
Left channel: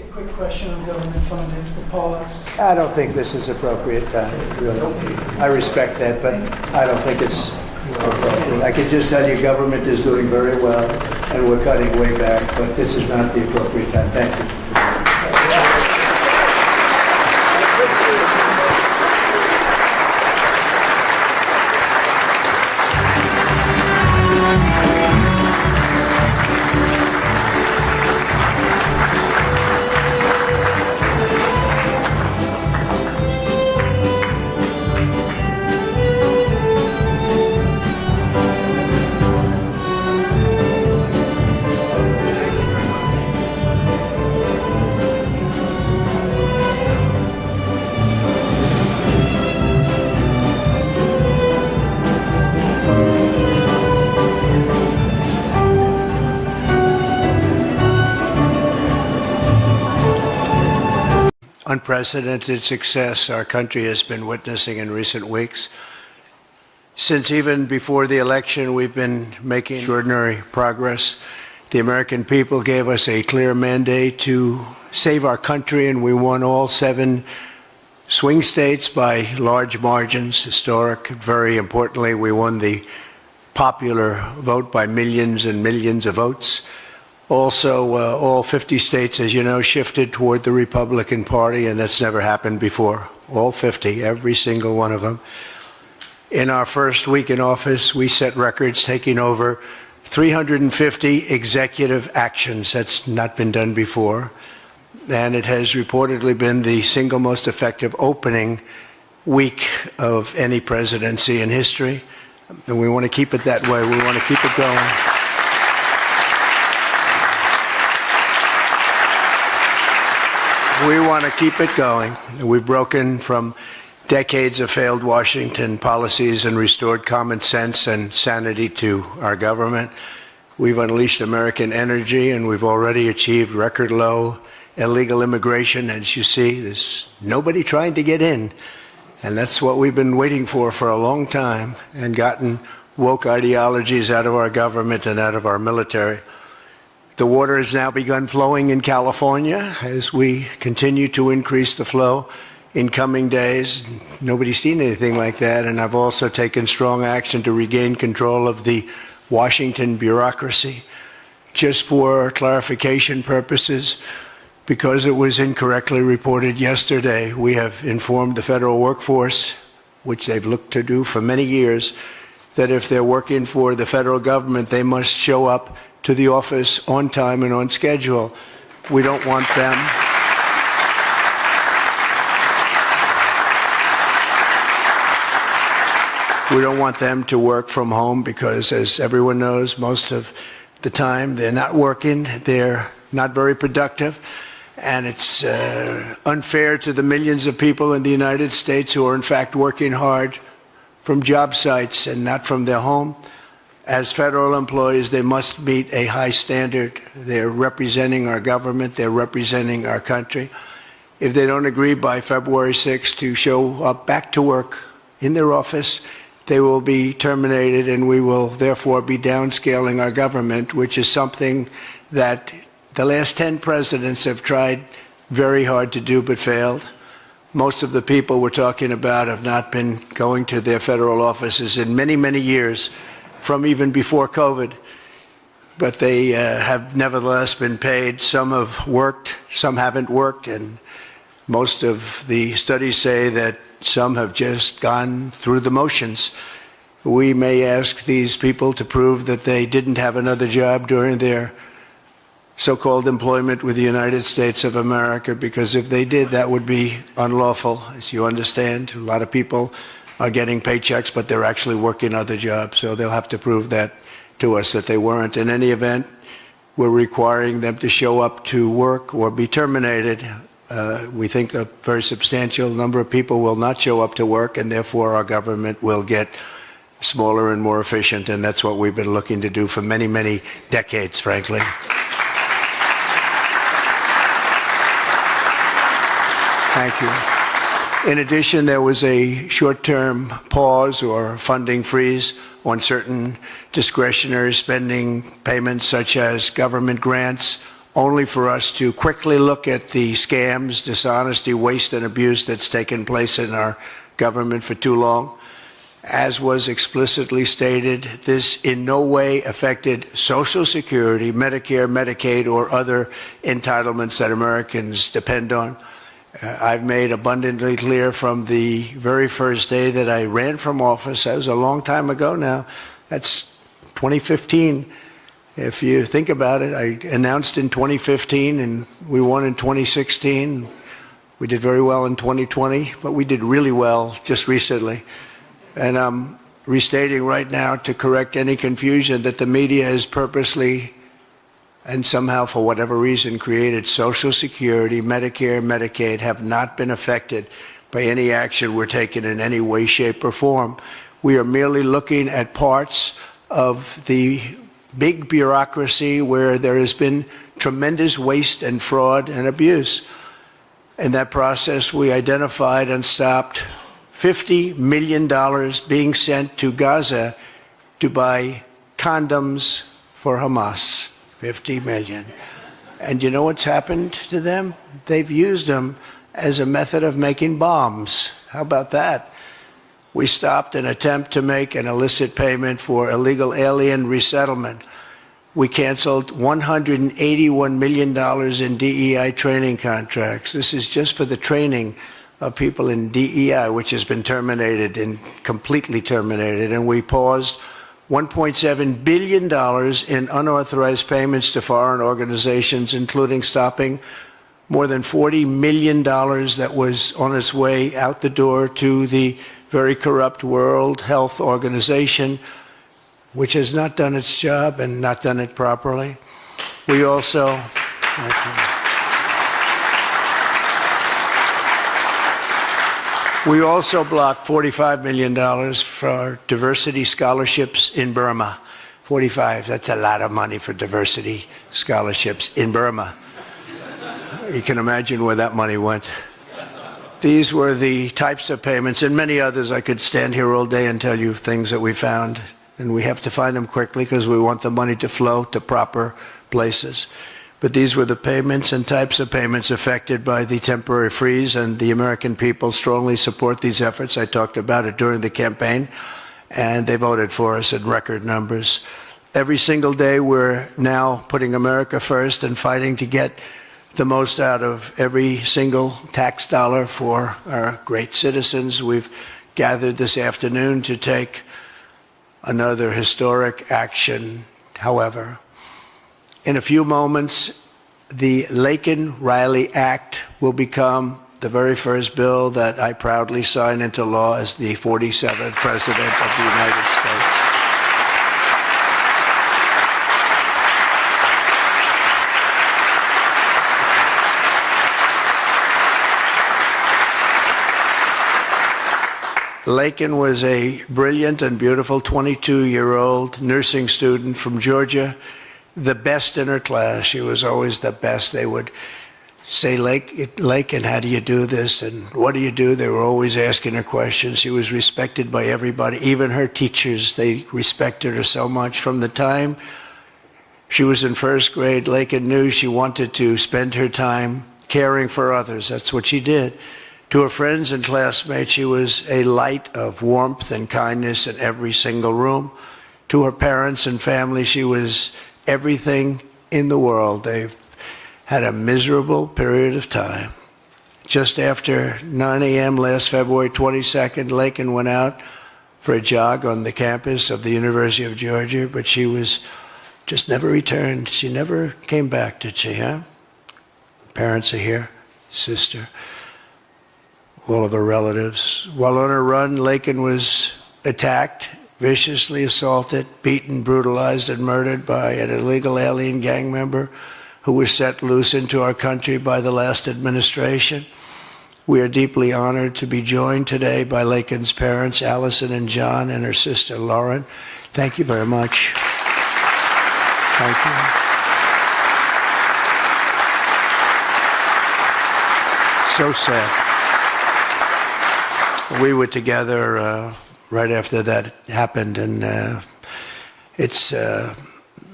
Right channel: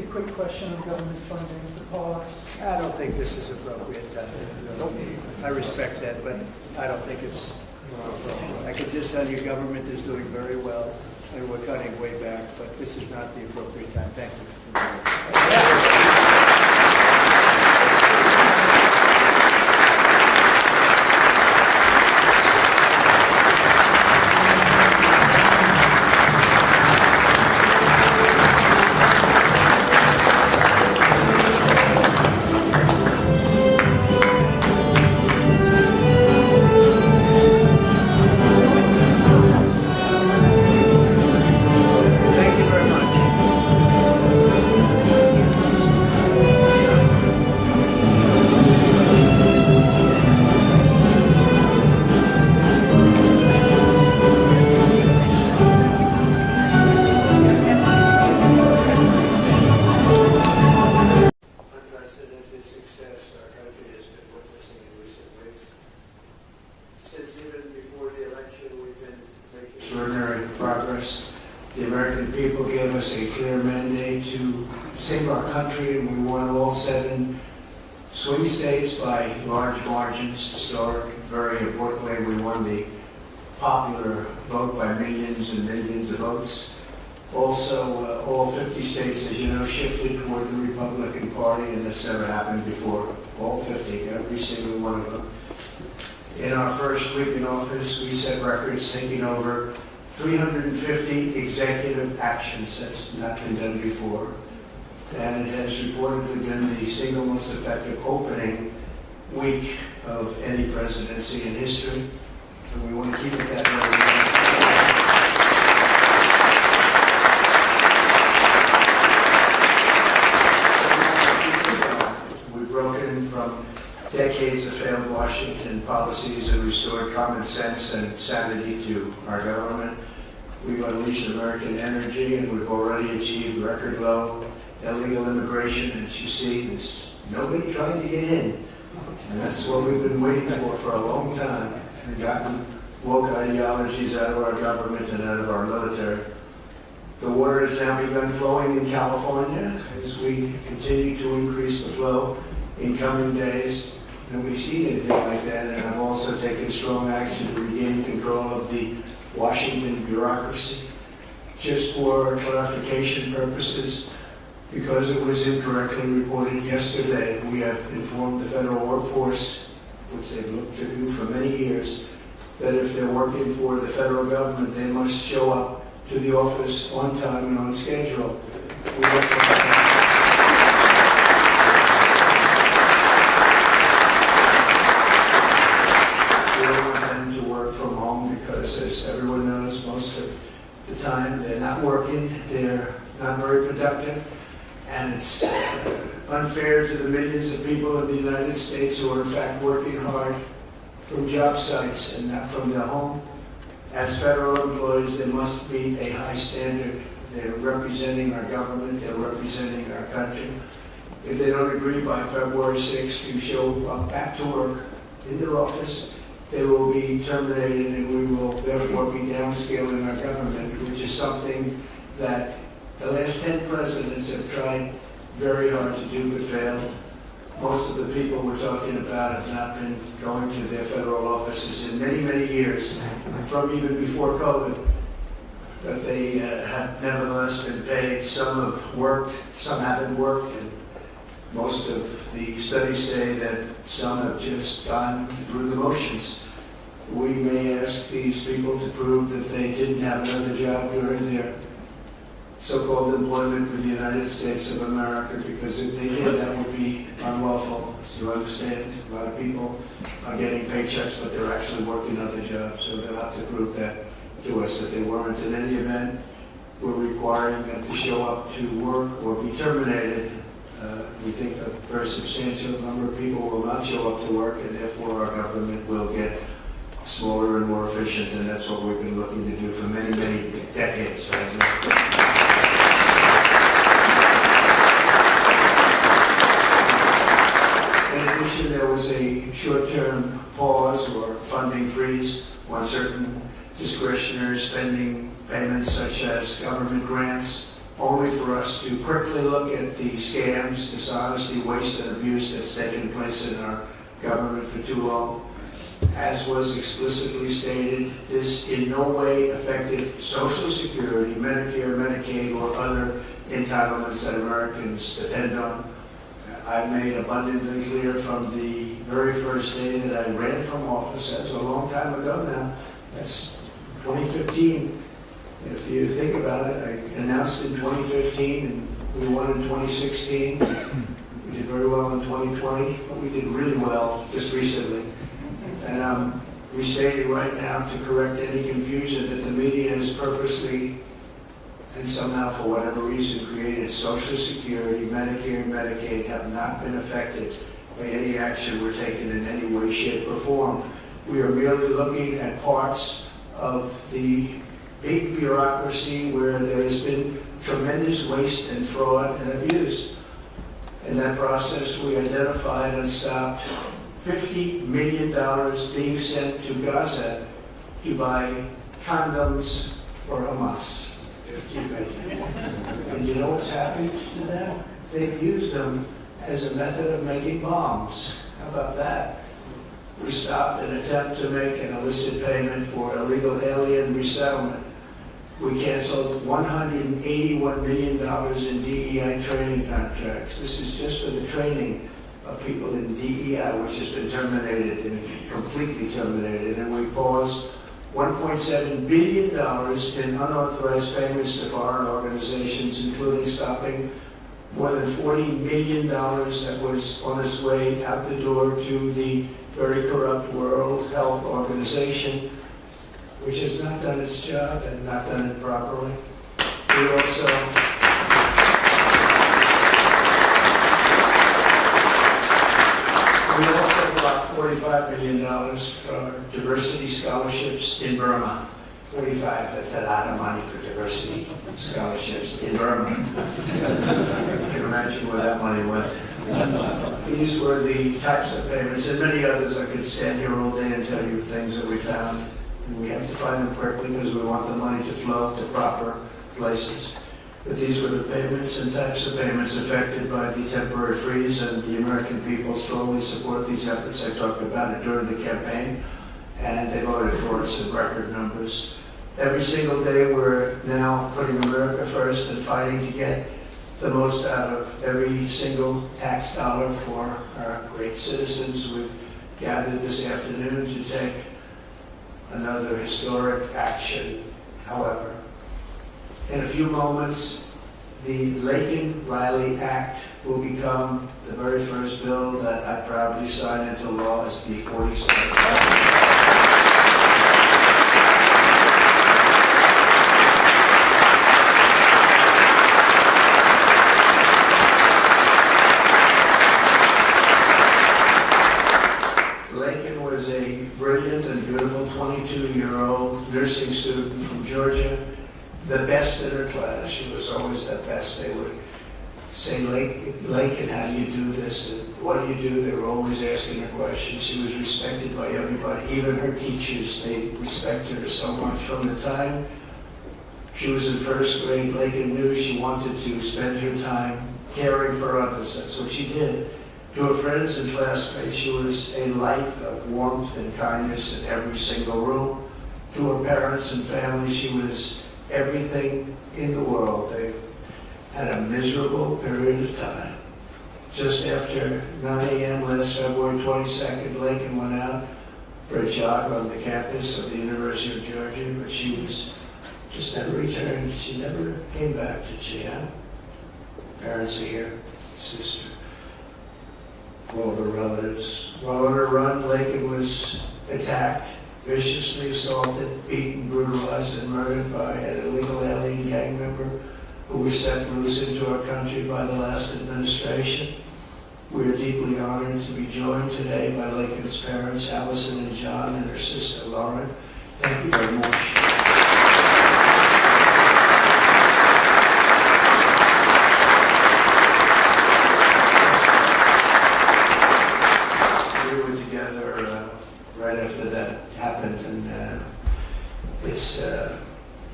a quick question on government funding, the pause. I don't think this is appropriate time, really. I respect that, but I don't think it's appropriate. I can just tell you government is doing very well, and we're cutting way back, but this is not the appropriate time. Thank you. Unprecedented success our country has been witnessing in recent weeks. Since even before the election, we've been making extraordinary progress. The American people gave us a clear mandate to save our country, and we won all 7 swing states by large margins, historic. Very importantly, we won the popular vote by millions and millions of votes. Also, all 50 states, as you know, shifted toward the Republican Party, and that's never happened before. All 50, every single one of them. In our first week in office, we set records, taking over 350 executive actions. That's not been done before. And it has reportedly been the single most effective opening week of any presidency in history. And we want to keep it that way. We want to keep it going. We want to keep it going. We've broken from decades of failed Washington policies and restored common sense and sanity to our government. We've unleashed American energy, and we've already achieved record low illegal immigration. As you see, there's nobody trying to get in. And that's what we've been waiting for a long time, and gotten woke ideologies out of our government and out of our military. The water has now begun flowing in California as we continue to increase the flow in coming days. Nobody's seen anything like that, and I've also taken strong action to regain control of the Washington bureaucracy. Just for clarification purposes, because it was incorrectly reported yesterday, we have informed the federal workforce, which they've looked to do for many years, that if they're working for the federal government, they must show up to the office on time and on schedule. We don't want them. We don't want them to work from home because, as everyone knows, most of the time they're not working, they're not very productive, and it's unfair to the millions of people in the United States who are in fact working hard from job sites and not from their home. As federal employees, they must meet a high standard. They're representing our government, they're representing our country. If they don't agree by February 6th to show up back to work in their office, they will be terminated, and we will therefore be downscaling our government, which is something that the last 10 presidents have tried very hard to do but failed. Most of the people we're talking about have not been going to their federal offices in many, many years, from even before COVID, but they have nevertheless been paid. Some have worked, some haven't worked, and most of the studies say that some have just gone through the motions. We may ask these people to prove that they didn't have another job during their so-called employment with the United States of America, because if they did, that would be unlawful. As you understand, a lot of people are getting paychecks, but they're actually working other jobs, so they'll have to prove that to us that they weren't. In any event, we're requiring them to show up to work or be terminated. We think a very substantial number of people will not show up to work, and therefore our government will get smaller and more efficient, and that's what we've been looking to do for many, many decades, frankly. In addition, there was a short-term pause or funding freeze on certain discretionary spending payments, such as government grants, only for us to quickly look at the scams, dishonesty, waste, and abuse that's taken place in our government for too long. As was explicitly stated, this in no way affected Social Security, Medicare, Medicaid, or other entitlements that Americans depend on. I've made abundantly clear from the very first day that I ran from office, that was a long time ago now, that's 2015. If you think about it, I announced in 2015 and we won in 2016. We did very well in 2020, but we did really well just recently. And I'm restating right now to correct any confusion that the media has purposely and somehow for whatever reason created Social Security, Medicare, Medicaid have not been affected by any action we're taking in any way, shape, or form. We are merely looking at parts of the big bureaucracy where there has been tremendous waste and fraud and abuse. In that process, we identified and stopped $50 million being sent to Gaza to buy condoms for Hamas. 50 million. And you know what's happened to them? They've used them as a method of making bombs. How about that? We stopped an attempt to make an illicit payment for illegal alien resettlement. We canceled $181 million in DEI training contracts. This is just for the training of people in DEI, which has been terminated and completely terminated. And we paused $1.7 billion in unauthorized payments to foreign organizations, including stopping more than $40 million that was on its way out the door to the very corrupt World Health Organization, which has not done its job and not done it properly. We also blocked $45 million for diversity scholarships in Burma. 45, that's a lot of money for diversity scholarships in Burma. You can imagine where that money went. These were the types of payments, and many others. I could stand here all day and tell you things that we found, and we have to find them quickly because we want the money to flow to proper places. But these were the payments and types of payments affected by the temporary freeze, and the American people strongly support these efforts. I talked about it during the campaign, and they voted for us in record numbers. Every single day, we're now putting America first and fighting to get the most out of every single tax dollar for our great citizens. We've gathered this afternoon to take another historic action. However, in a few moments, the Laken Riley Act will become the very first bill that I proudly sign into law as the 47th President of the United States. Laken was a brilliant and beautiful 22-year-old nursing student from Georgia, the best in her class. She was always the best. They would say, Laken, how do you do this? And what do you do? They were always asking her questions. She was respected by everybody, even her teachers. They respected her so much. From the time she was in first grade, Laken knew she wanted to spend her time caring for others. That's what she did. To her friends and classmates, she was a light of warmth and kindness in every single room. To her parents and family, she was everything in the world. They've had a miserable period of time. Just after 9 a.m. last February 22nd, Laken went out for a jog on the campus of the University of Georgia, but she was just never returned. She never came back, did she, huh? Parents are here, sister, all of her relatives. While on her run, Laken was attacked, viciously assaulted, beaten, brutalized, and murdered by an illegal alien gang member who was set loose into our country by the last administration. We are deeply honored to be joined today by Laken's parents, Allison and John, and her sister, Lauren. Thank you very much. Thank you. So sad. We were together right after that happened, and it's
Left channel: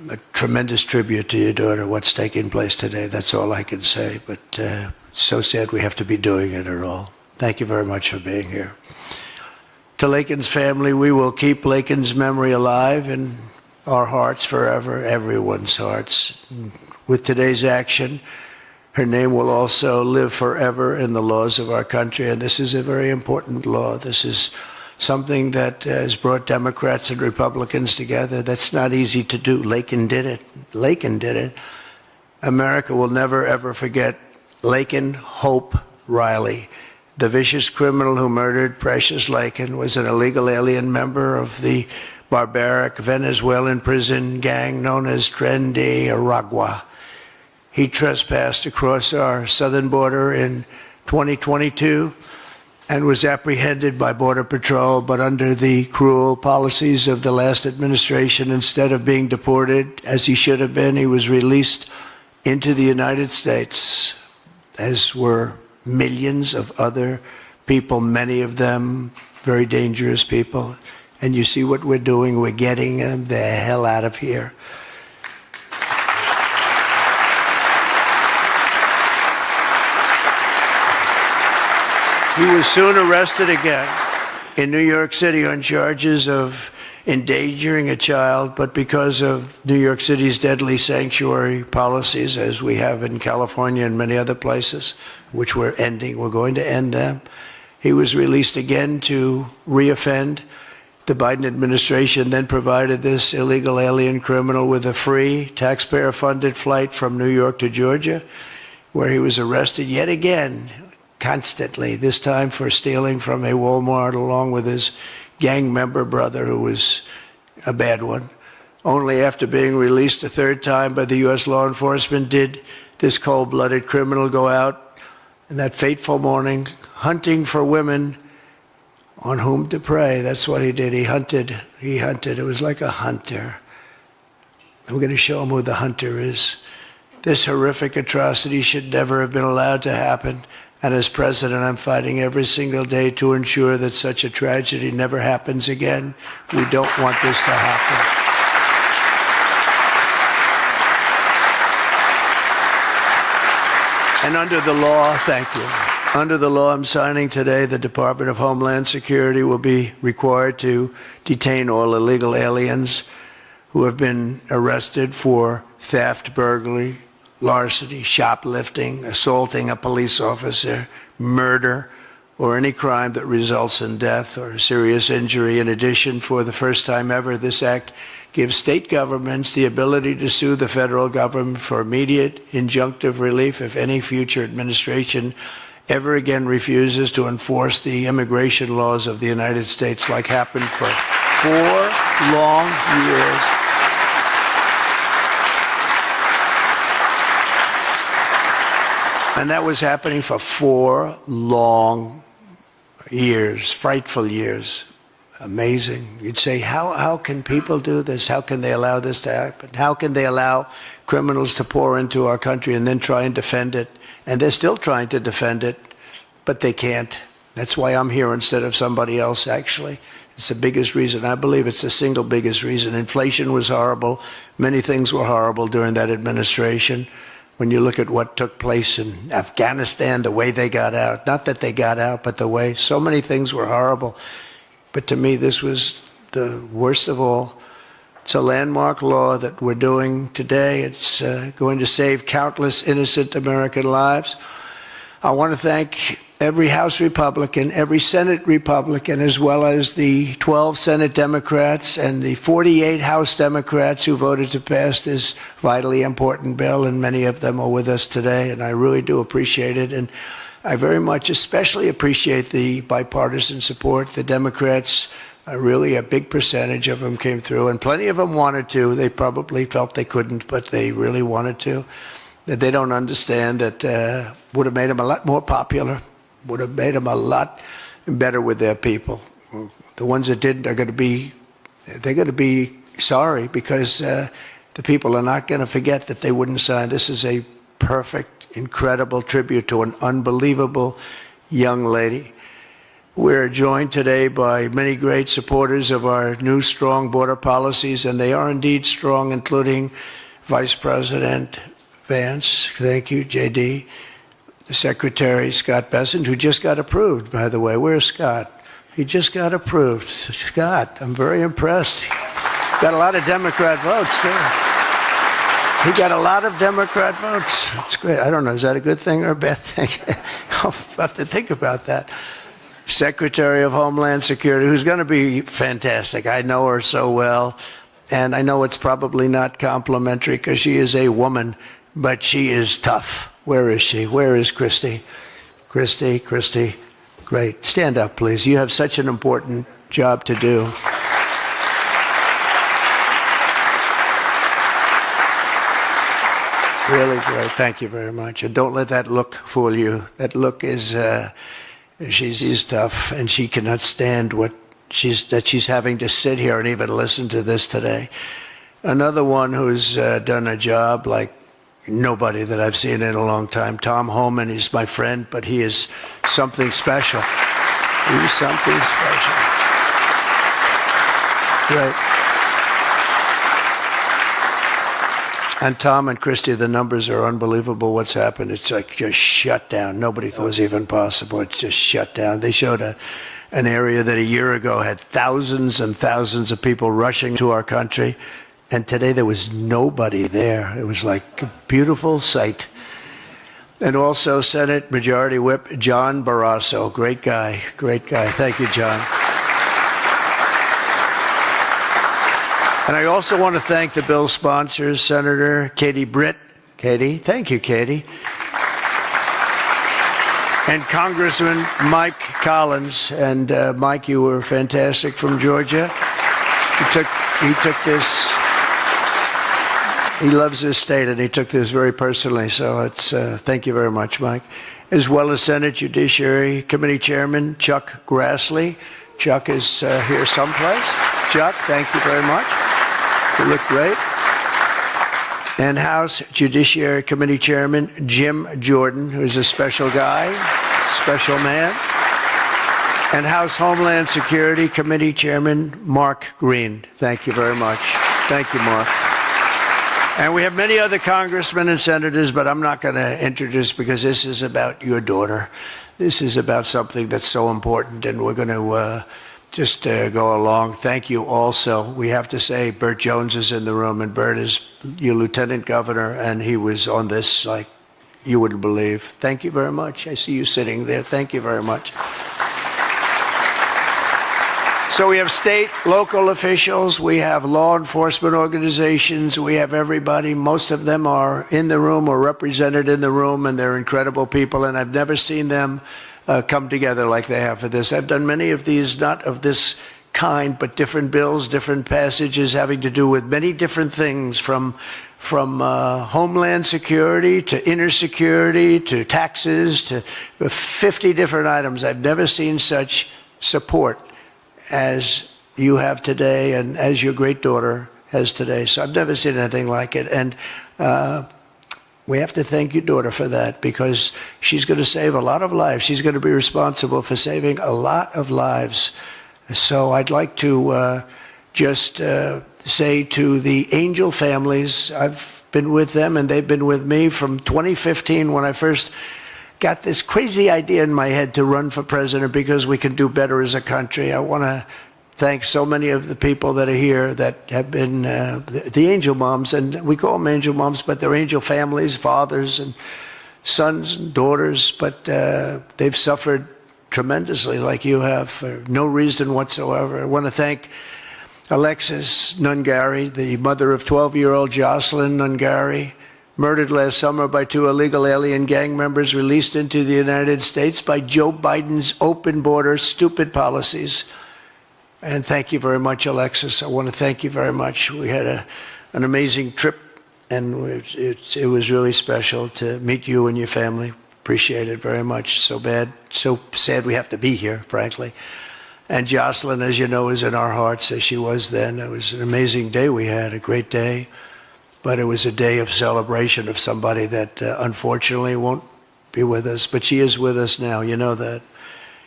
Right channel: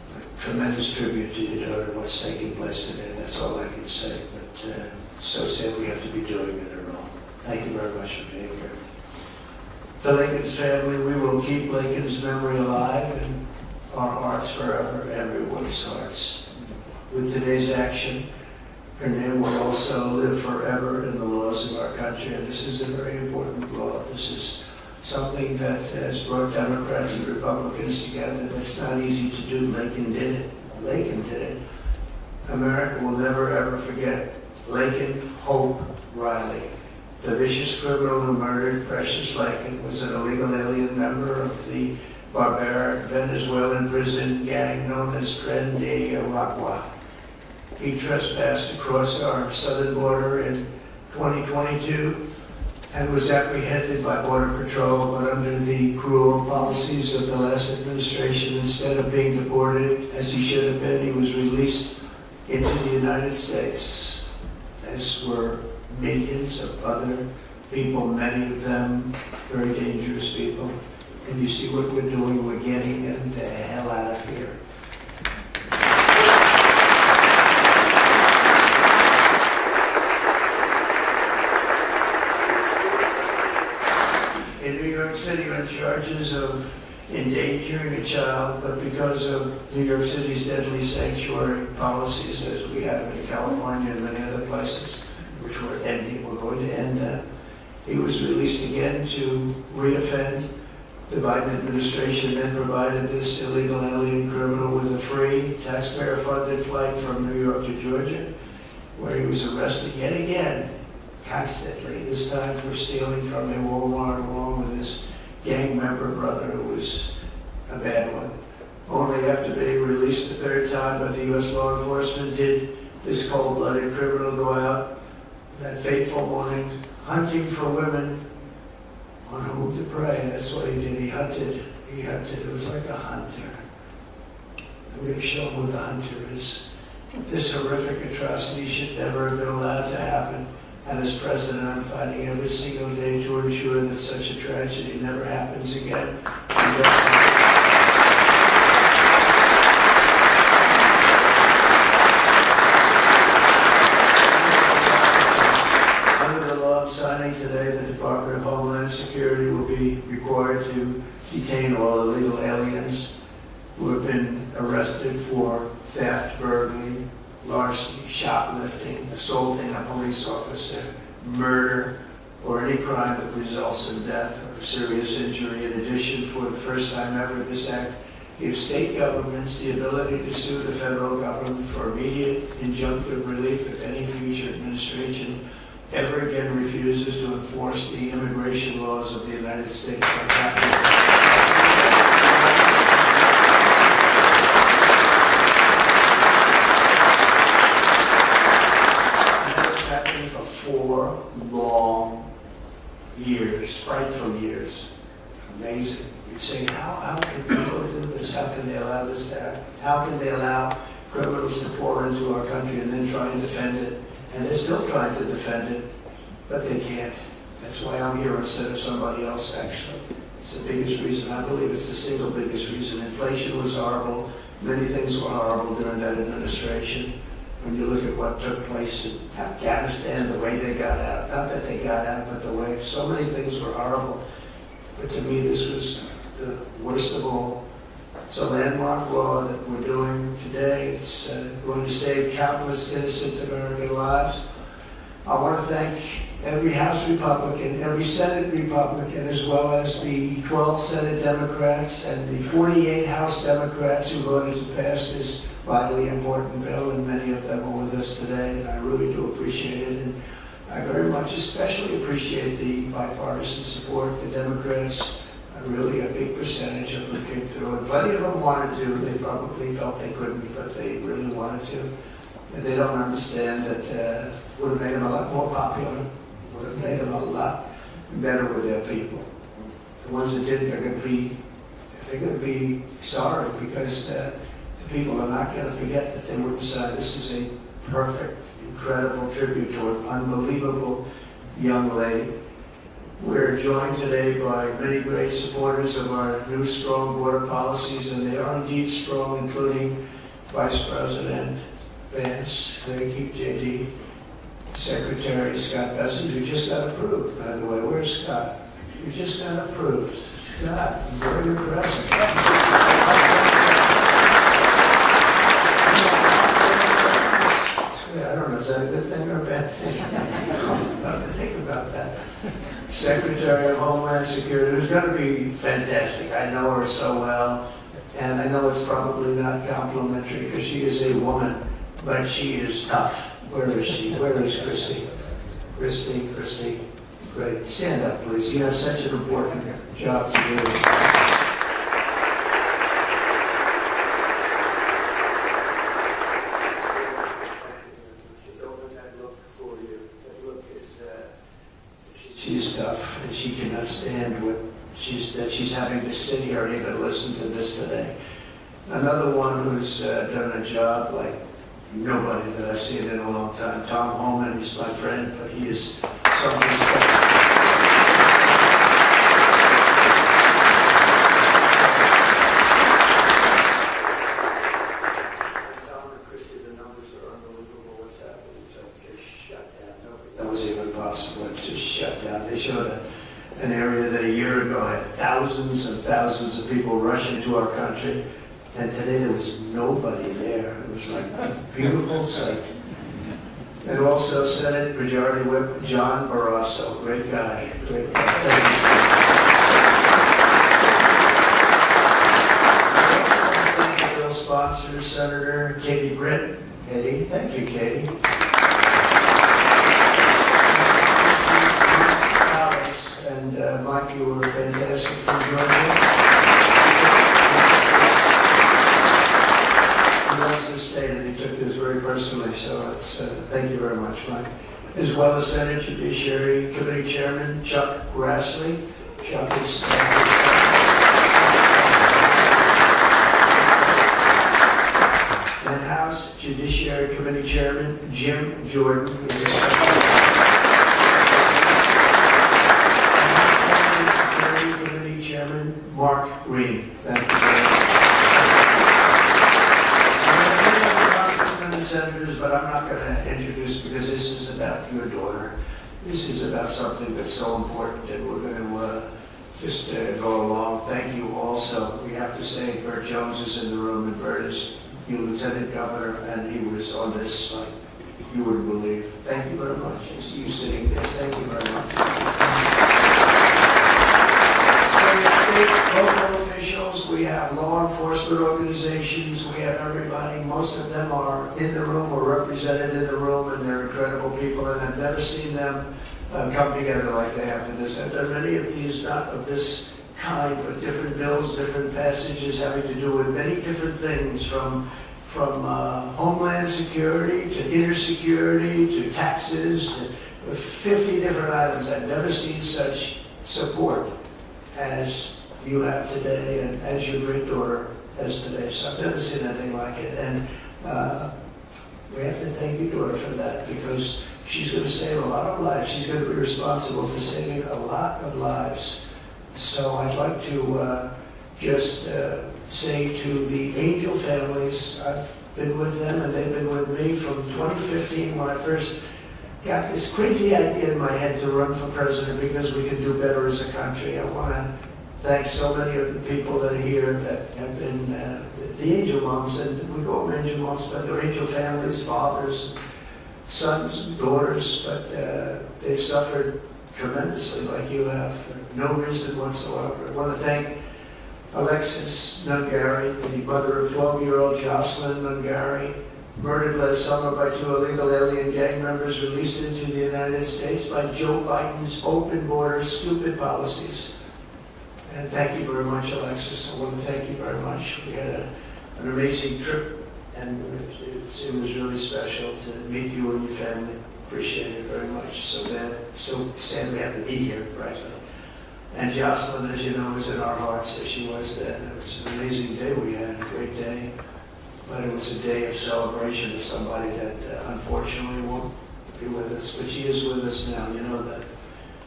a tremendous tribute to your daughter, what's taking place today. That's all I can say, but so sad we have to be doing it at all. Thank you very much for being here. To Laken's family, we will keep Laken's memory alive in our hearts forever, everyone's hearts. With today's action, her name will also live forever in the laws of our country, and this is a very important law. This is something that has brought Democrats and Republicans together. That's not easy to do. Laken did it. Laken did it. America will never, ever forget Laken Hope Riley. The vicious criminal who murdered Precious Laken was an illegal alien member of the barbaric Venezuelan prison gang known as Tren de Aragua. He trespassed across our southern border in 2022 and was apprehended by Border Patrol, but under the cruel policies of the last administration, instead of being deported, as he should have been, he was released into the United States, as were millions of other people, many of them very dangerous people. And you see what we're doing, we're getting them the hell out of here. He was soon arrested again in New York City on charges of endangering a child, but because of New York City's deadly sanctuary policies, as we have in California and many other places, which we're ending, we're going to end them, he was released again to reoffend. The Biden administration then provided this illegal alien criminal with a free, taxpayer-funded flight from New York to Georgia, where he was arrested yet again, constantly, this time for stealing from a Walmart along with his gang member brother, who was a bad one. Only after being released a third time by the U.S. law enforcement did this cold-blooded criminal go out in that fateful morning hunting for women on whom to prey. That's what he did. He hunted. It was like a hunter. And we're going to show him who the hunter is. This horrific atrocity should never have been allowed to happen. And as president, I'm fighting every single day to ensure that such a tragedy never happens again. We don't want this to happen. And under the law, thank you. Under the law I'm signing today, the Department of Homeland Security will be required to detain all illegal aliens who have been arrested for theft, burglary, larceny, shoplifting, assaulting a police officer, murder, or any crime that results in death or serious injury. In addition, for the first time ever, this act gives state governments the ability to sue the federal government for immediate injunctive relief if any future administration ever again refuses to enforce the immigration laws of the United States, like happened for 4 long years. And that was happening for 4 long years, frightful years. Amazing. You'd say, how can people do this? How can they allow this to happen? How can they allow criminals to pour into our country and then try and defend it? And they're still trying to defend it, but they can't. That's why I'm here instead of somebody else, actually. It's the biggest reason. I believe it's the single biggest reason. Inflation was horrible. Many things were horrible during that administration. When you look at what took place in Afghanistan, the way they got out, not that they got out, but the way, so many things were horrible. But to me, this was the worst of all. It's a landmark law that we're doing today. It's going to save countless innocent American lives. I want to thank every House Republican, every Senate Republican, as well as the 12 Senate Democrats and the 48 House Democrats who voted to pass this vitally important bill, and many of them are with us today, and I really do appreciate it. And I very much especially appreciate the bipartisan support. The Democrats, really a big percentage of them came through, and plenty of them wanted to. They probably felt they couldn't, but they really wanted to. That they don't understand that would have made them a lot more popular, would have made them a lot better with their people. The ones that didn't are going to be sorry, because the people are not going to forget that they wouldn't sign. This is a perfect, incredible tribute to an unbelievable young lady. We're joined today by many great supporters of our new strong border policies, and they are indeed strong, including Vice President Vance, thank you, JD, Secretary Scott Bessent, who just got approved, by the way. Where's Scott? He just got approved. Scott, I'm very impressed. Got a lot of Democrat votes, didn't he? He got a lot of Democrat votes. That's great. I don't know, is that a good thing or a bad thing? I'll have to think about that. Secretary of Homeland Security, who's going to be fantastic. I know her so well, and I know it's probably not complimentary because she is a woman, but she is tough. Where is she? Where is Christy? Christy, great. Stand up, please. You have such an important job to do. Really great. Thank you very much. And don't let that look fool you. That look is, she's tough, and she cannot stand what she's having to sit here and even listen to this today. Another one who's done a job like nobody that I've seen in a long time, Tom Homan. He's my friend, but he is something special. He's something special. Yeah. And Tom and Christy, the numbers are unbelievable. What's happened? It's like just shut down. Nobody thought it was even possible. It's just shut down. They showed an area that a year ago had thousands and thousands of people rushing to our country. And today there was nobody there. It was like a beautiful sight. And also Senate Majority Whip John Barrasso. Great guy. Great guy. Thank you, John. And I also want to thank the bill sponsors, Senator Katie Britt. Katie, thank you, Katie. And Congressman Mike Collins. And Mike, you were fantastic from Georgia. He took this, he loves this state, and he took this very personally. So it's, thank you very much, Mike. As well as Senate Judiciary Committee Chairman Chuck Grassley. Chuck is here someplace. Chuck, thank you very much. You look great. And House Judiciary Committee Chairman Jim Jordan, who's a special guy, special man. And House Homeland Security Committee Chairman Mark Green. Thank you very much. Thank you, Mark. And we have many other congressmen and senators, but I'm not going to introduce because this is about your daughter. This is about something that's so important, and we're going to just go along. Thank you also. We have to say Burt Jones is in the room, and Burt is your lieutenant governor, and he was on this like you wouldn't believe. Thank you very much. I see you sitting there. Thank you very much. So we have state, local officials, we have law enforcement organizations, we have everybody. Most of them are in the room or represented in the room, and they're incredible people, and I've never seen them come together like they have for this. I've done many of these, not of this kind, but different bills, different passages having to do with many different things, from homeland security to inner security to taxes to 50 different items. I've never seen such support as you have today and as your great daughter has today. So I've never seen anything like it. And we have to thank your daughter for that, because she's going to save a lot of lives. She's going to be responsible for saving a lot of lives. So I'd like to just say to the Angel families, I've been with them and they've been with me from 2015 when I first got this crazy idea in my head to run for president because we could do better as a country. I want to thank so many of the people that are here that have been the angel moms, and we call them angel moms, but they're angel families, fathers and sons and daughters, but they've suffered tremendously like you have for no reason whatsoever. I want to thank Alexis Nungari, the mother of 12-year-old Jocelyn Nungari, murdered last summer by 2 illegal alien gang members released into the United States by Joe Biden's open border stupid policies. And thank you very much, Alexis. I want to thank you very much. We had an amazing trip, and it was really special to meet you and your family. Appreciate it very much. So sad we have to be here, frankly. And Jocelyn, as you know, is in our hearts as she was then. It was an amazing day we had, a great day. But it was a day of celebration of somebody that unfortunately won't be with us. But she is with us now, you know that.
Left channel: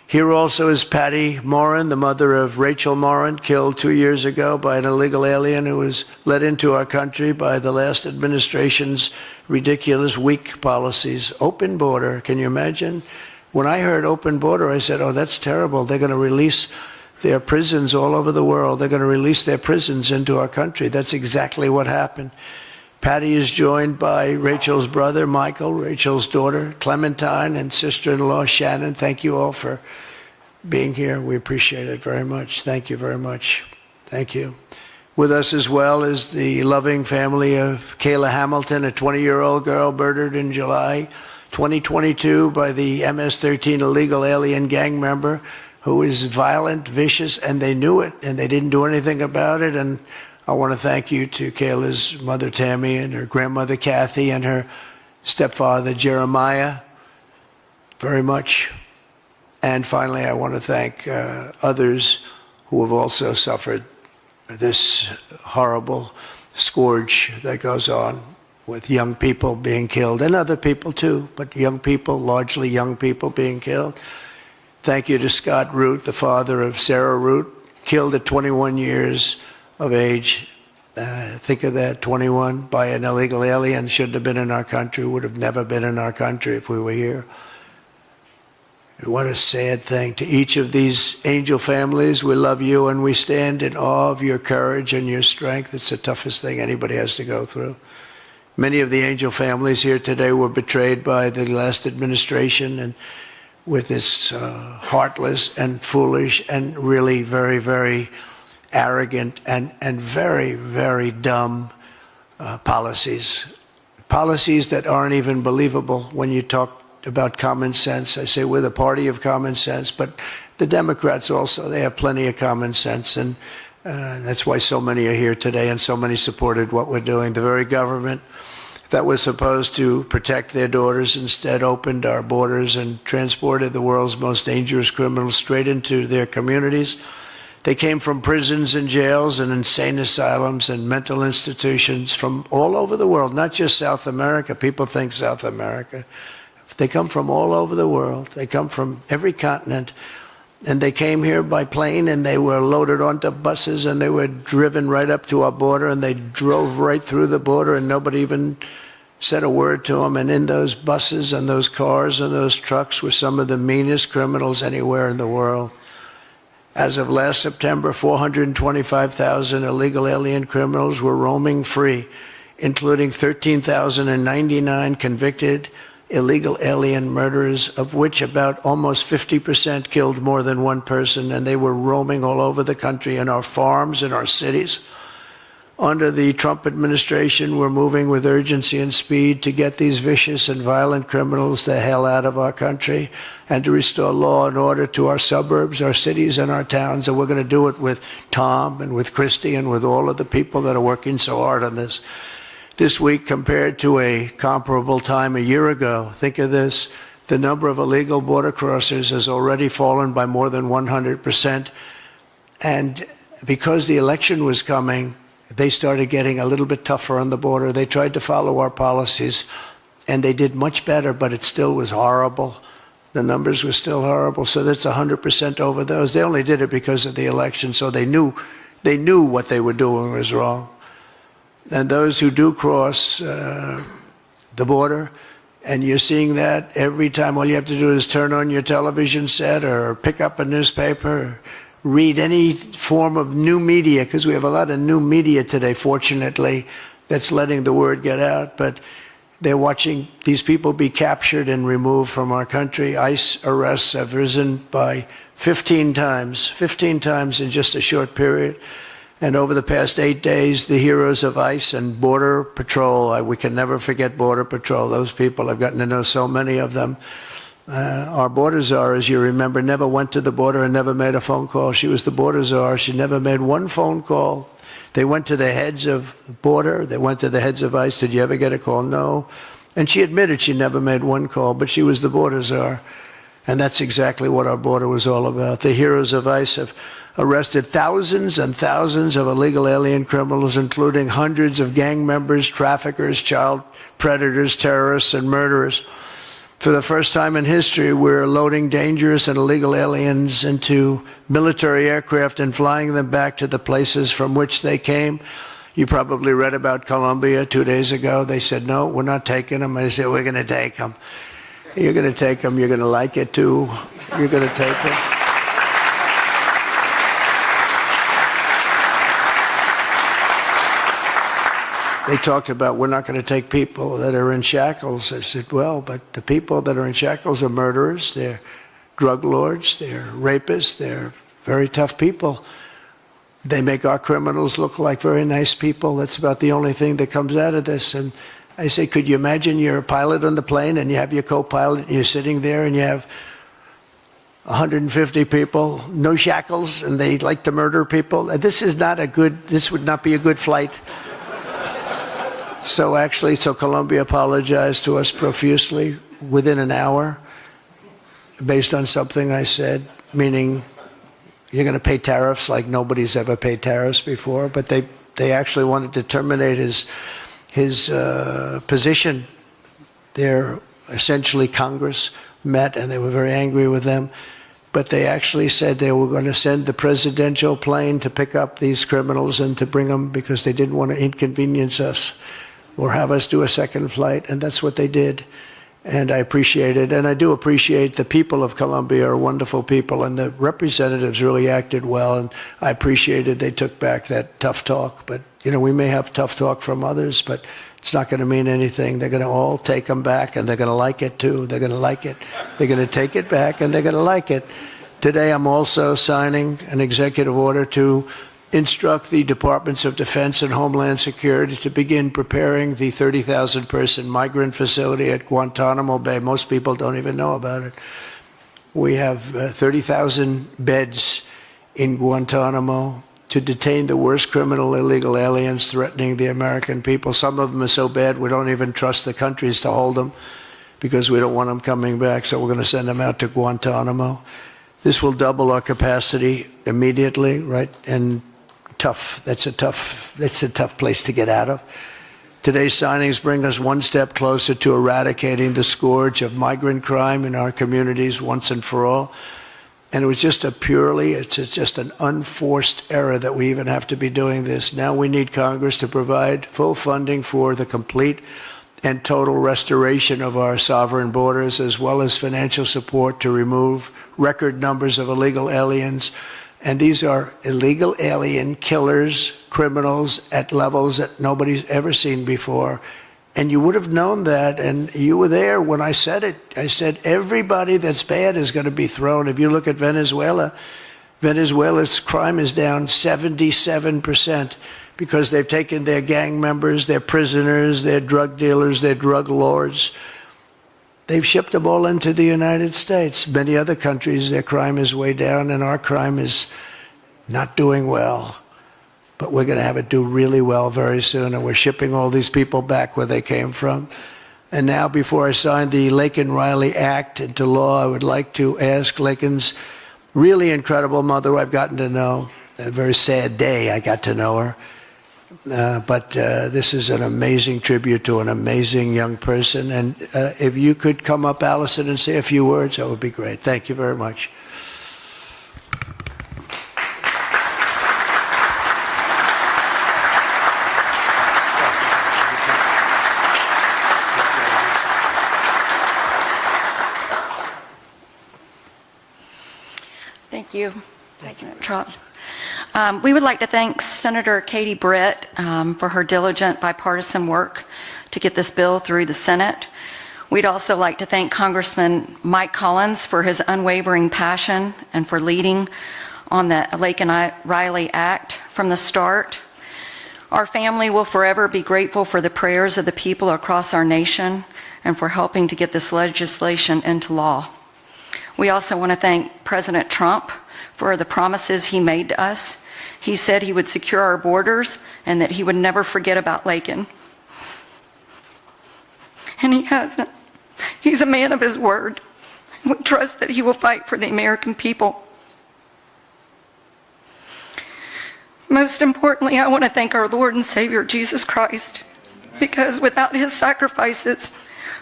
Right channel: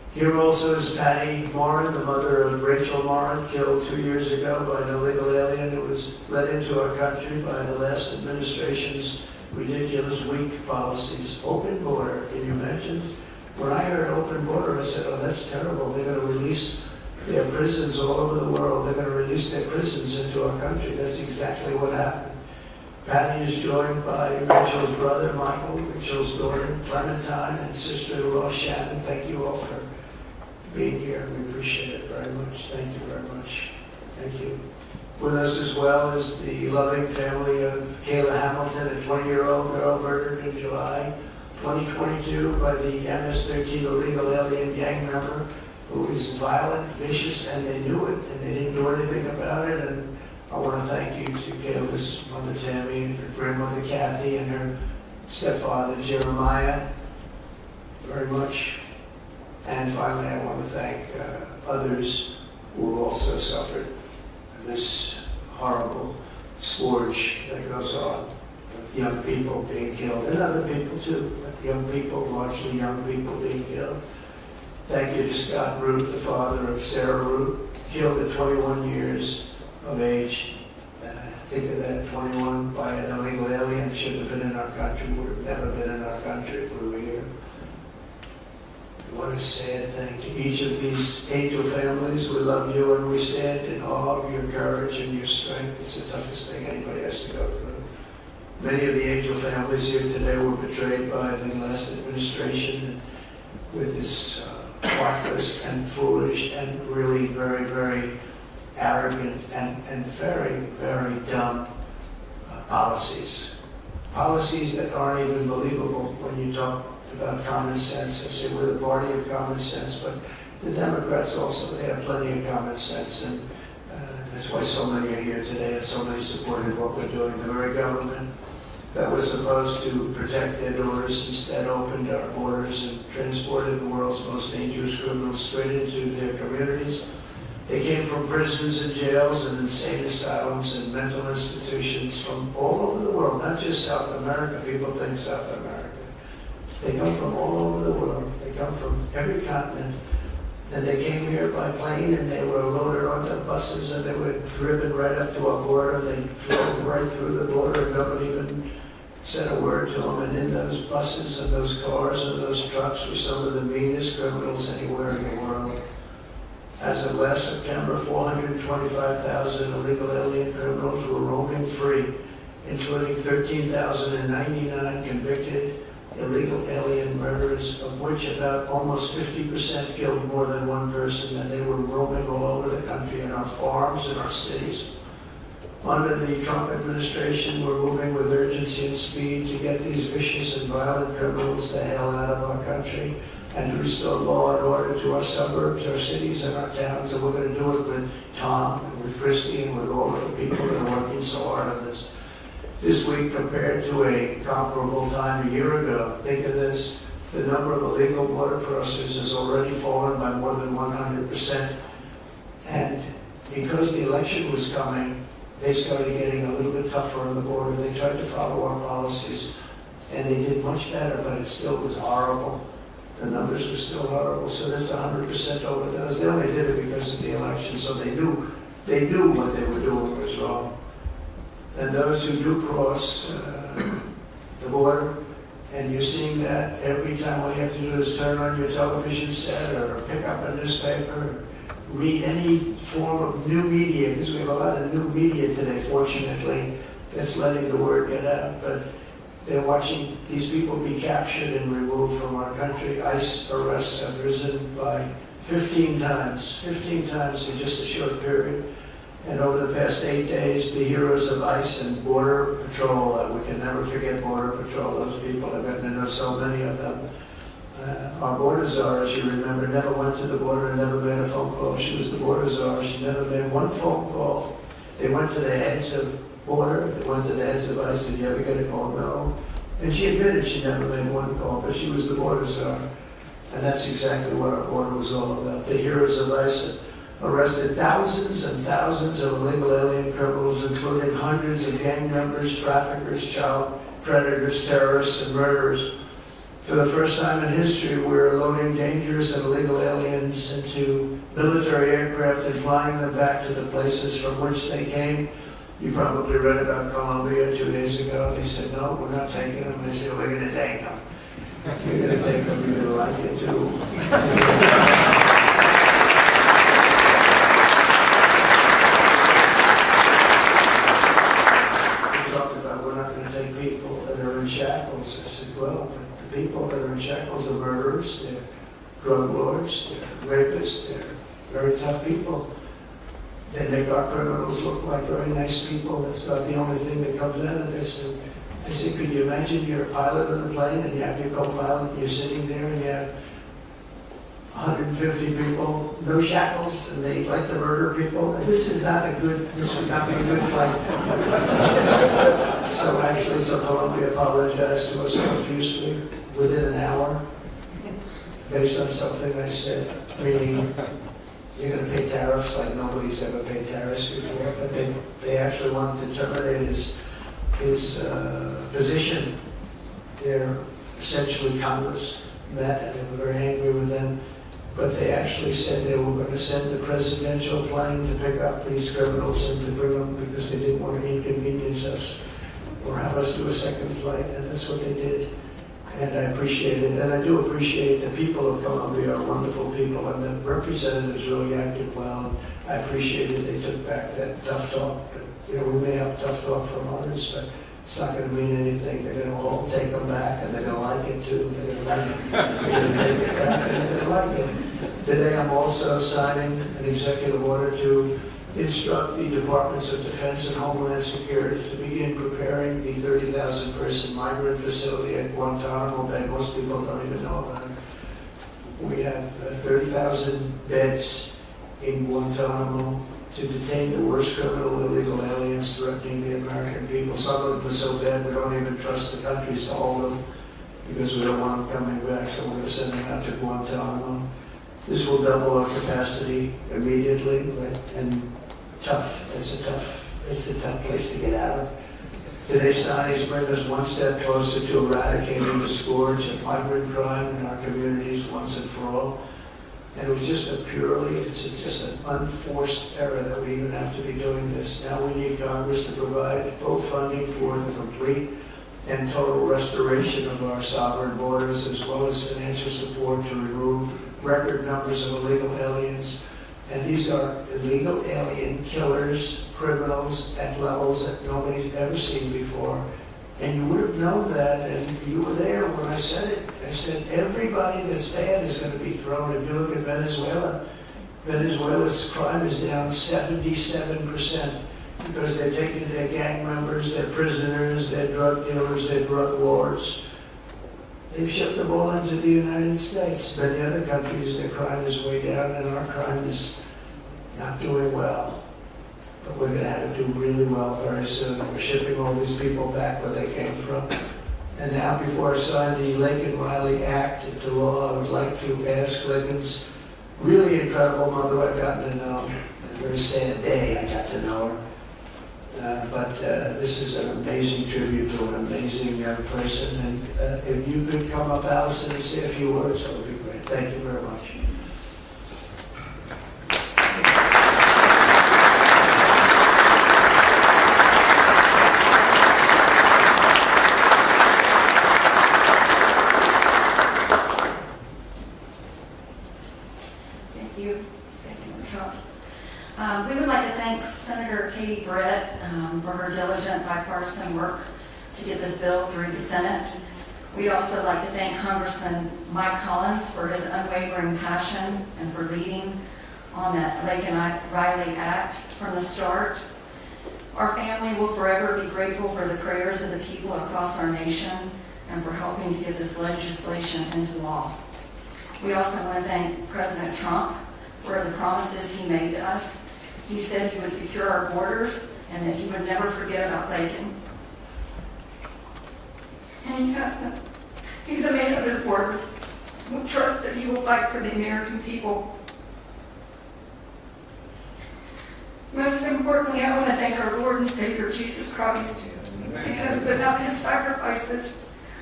Here also is Patty Morin, the mother of Rachel Morin, killed 2 years ago by an illegal alien who was let into our country by the last administration's ridiculous, weak policies. Open border, can you imagine? When I heard open border, I said, oh, that's terrible. They're going to release their prisons all over the world. They're going to release their prisons into our country. That's exactly what happened. Patty is joined by Rachel's brother, Michael, Rachel's daughter, Clementine, and sister-in-law, Shannon. Thank you all for being here. We appreciate it very much. Thank you very much. Thank you. With us as well is the loving family of Kayla Hamilton, a 20-year-old girl murdered in July 2022 by the MS-13 illegal alien gang member who is violent, vicious, and they knew it, and they didn't do anything about it. And I want to thank you to Kayla's mother, Tammy, and her grandmother, Kathy, and her stepfather, Jeremiah, very much. And finally, I want to thank others who have also suffered this horrible scourge that goes on with young people being killed, and other people too, but young people, largely young people being killed. Thank you to Scott Root, the father of Sarah Root, killed at 21 years of age. Think of that, 21, by an illegal alien. Shouldn't have been in our country, would have never been in our country if we were here. What a sad thing. To each of these angel families, we love you and we stand in awe of your courage and your strength. It's the toughest thing anybody has to go through. Many of the angel families here today were betrayed by the last administration, and with its heartless and foolish and really very, very arrogant and very, very dumb policies. Policies that aren't even believable when you talk about common sense. I say we're the party of common sense, but the Democrats also, they have plenty of common sense, and that's why so many are here today and so many supported what we're doing. The very government that was supposed to protect their daughters instead opened our borders and transported the world's most dangerous criminals straight into their communities. They came from prisons and jails and insane asylums and mental institutions from all over the world, not just South America. People think South America. They come from all over the world. They come from every continent. And they came here by plane, and they were loaded onto buses, and they were driven right up to our border, and they drove right through the border, and nobody even said a word to them. And in those buses and those cars and those trucks were some of the meanest criminals anywhere in the world. As of last September, 425,000 illegal alien criminals were roaming free, including 13,099 convicted illegal alien murderers, of which about almost 50% killed more than one person, and they were roaming all over the country in our farms, in our cities. Under the Trump administration, we're moving with urgency and speed to get these vicious and violent criminals the hell out of our country and to restore law and order to our suburbs, our cities, and our towns. And we're going to do it with Tom and with Christy and with all of the people that are working so hard on this. This week, compared to a comparable time a year ago, think of this, the number of illegal border crossers has already fallen by more than 100%. And because the election was coming, they started getting a little bit tougher on the border. They tried to follow our policies, and they did much better, but it still was horrible. The numbers were still horrible, so that's 100% over those. They only did it because of the election, so they knew what they were doing was wrong. And those who do cross the border, and you're seeing that every time, all you have to do is turn on your television set or pick up a newspaper, read any form of new media, because we have a lot of new media today, fortunately, that's letting the word get out. But they're watching these people be captured and removed from our country. ICE arrests have risen by 15 times in just a short period. And over the past 8 days, the heroes of ICE and Border Patrol, we can never forget Border Patrol. Those people, I've gotten to know so many of them. Our border czar, as you remember, never went to the border and never made a phone call. She was the border czar. She never made one phone call. They went to the heads of border. They went to the heads of ICE. Did you ever get a call? No. And she admitted she never made one call, but she was the border czar. And that's exactly what our border was all about. The heroes of ICE have arrested thousands and thousands of illegal alien criminals, including hundreds of gang members, traffickers, child predators, terrorists, and murderers. For the first time in history, we're loading dangerous and illegal aliens into military aircraft and flying them back to the places from which they came. You probably read about Colombia 2 days ago. They said, no, we're not taking them. I said, we're going to take them. You're going to take them. You're going to like it, too. You're going to take them. They talked about, we're not going to take people that are in shackles. I said, well, but the people that are in shackles are murderers, they're drug lords, they're rapists, they're very tough people. They make our criminals look like very nice people. That's about the only thing that comes out of this. And I say, could you imagine you're a pilot on the plane and you have your co-pilot and you're sitting there and you have 150 people, no shackles, and they like to murder people? This would not be a good flight. So Colombia apologized to us profusely within an hour based on something I said, meaning you're going to pay tariffs like nobody's ever paid tariffs before, but they actually wanted to terminate his position. They're essentially Congress met and they were very angry with them, but they actually said they were going to send the presidential plane to pick up these criminals and to bring them because they didn't want to inconvenience us or have us do a second flight, and that's what they did. And I appreciate it, and I do appreciate the people of Colombia are wonderful people, and the representatives really acted well, and I appreciated they took back that tough talk. But, you know, we may have tough talk from others, but it's not going to mean anything. They're going to all take them back, and they're going to like it, too. They're going to like it. They're going to take it back, and they're going to like it. Today, I'm also signing an executive order to instruct the Departments of Defense and Homeland Security to begin preparing the 30,000-person migrant facility at Guantanamo Bay. Most people don't even know about it. We have 30,000 beds in Guantanamo to detain the worst criminal illegal aliens threatening the American people. Some of them are so bad we don't even trust the countries to hold them because we don't want them coming back, so we're going to send them out to Guantanamo. This will double our capacity immediately, right? And that's a tough place to get out of. Today's signings bring us one step closer to eradicating the scourge of migrant crime in our communities once and for all. And it was just it's just an unforced error that we even have to be doing this. Now we need Congress to provide full funding for the complete and total restoration of our sovereign borders, as well as financial support to remove record numbers of illegal aliens. And these are illegal alien killers, criminals at levels that nobody's ever seen before. And you would have known that, and you were there when I said it. I said everybody that's bad is going to be thrown. If you look at Venezuela, Venezuela's crime is down 77% because they've taken their gang members, their prisoners, their drug dealers, their drug lords. They've shipped them all into the United States. Many other countries, their crime is way down, and our crime is not doing well. But we're going to have it do really well very soon, and we're shipping all these people back where they came from. And now, before I sign the Laken Riley Act into law, I would like to ask Laken's really incredible mother, who I've gotten to know. A very sad day I got to know her. But this is an amazing tribute to an amazing young person. And if you could come up, Allison, and say a few words, that would be great. Thank you very much. Thank you. Trump. We would like to thank Senator Katie Britt for her diligent bipartisan work to get this bill through the Senate. We'd also like to thank Congressman Mike Collins for his unwavering passion and for leading on the Laken Riley Act from the start. Our family will forever be grateful for the prayers of the people across our nation and for helping to get this legislation into law. We also want to thank President Trump for the promises he made to us. He said he would secure our borders and that he would never forget about Laken. And he hasn't. He's a man of his word. We trust that he will fight for the American people. Most importantly, I want to thank our Lord and Savior, Jesus Christ, because without his sacrifices,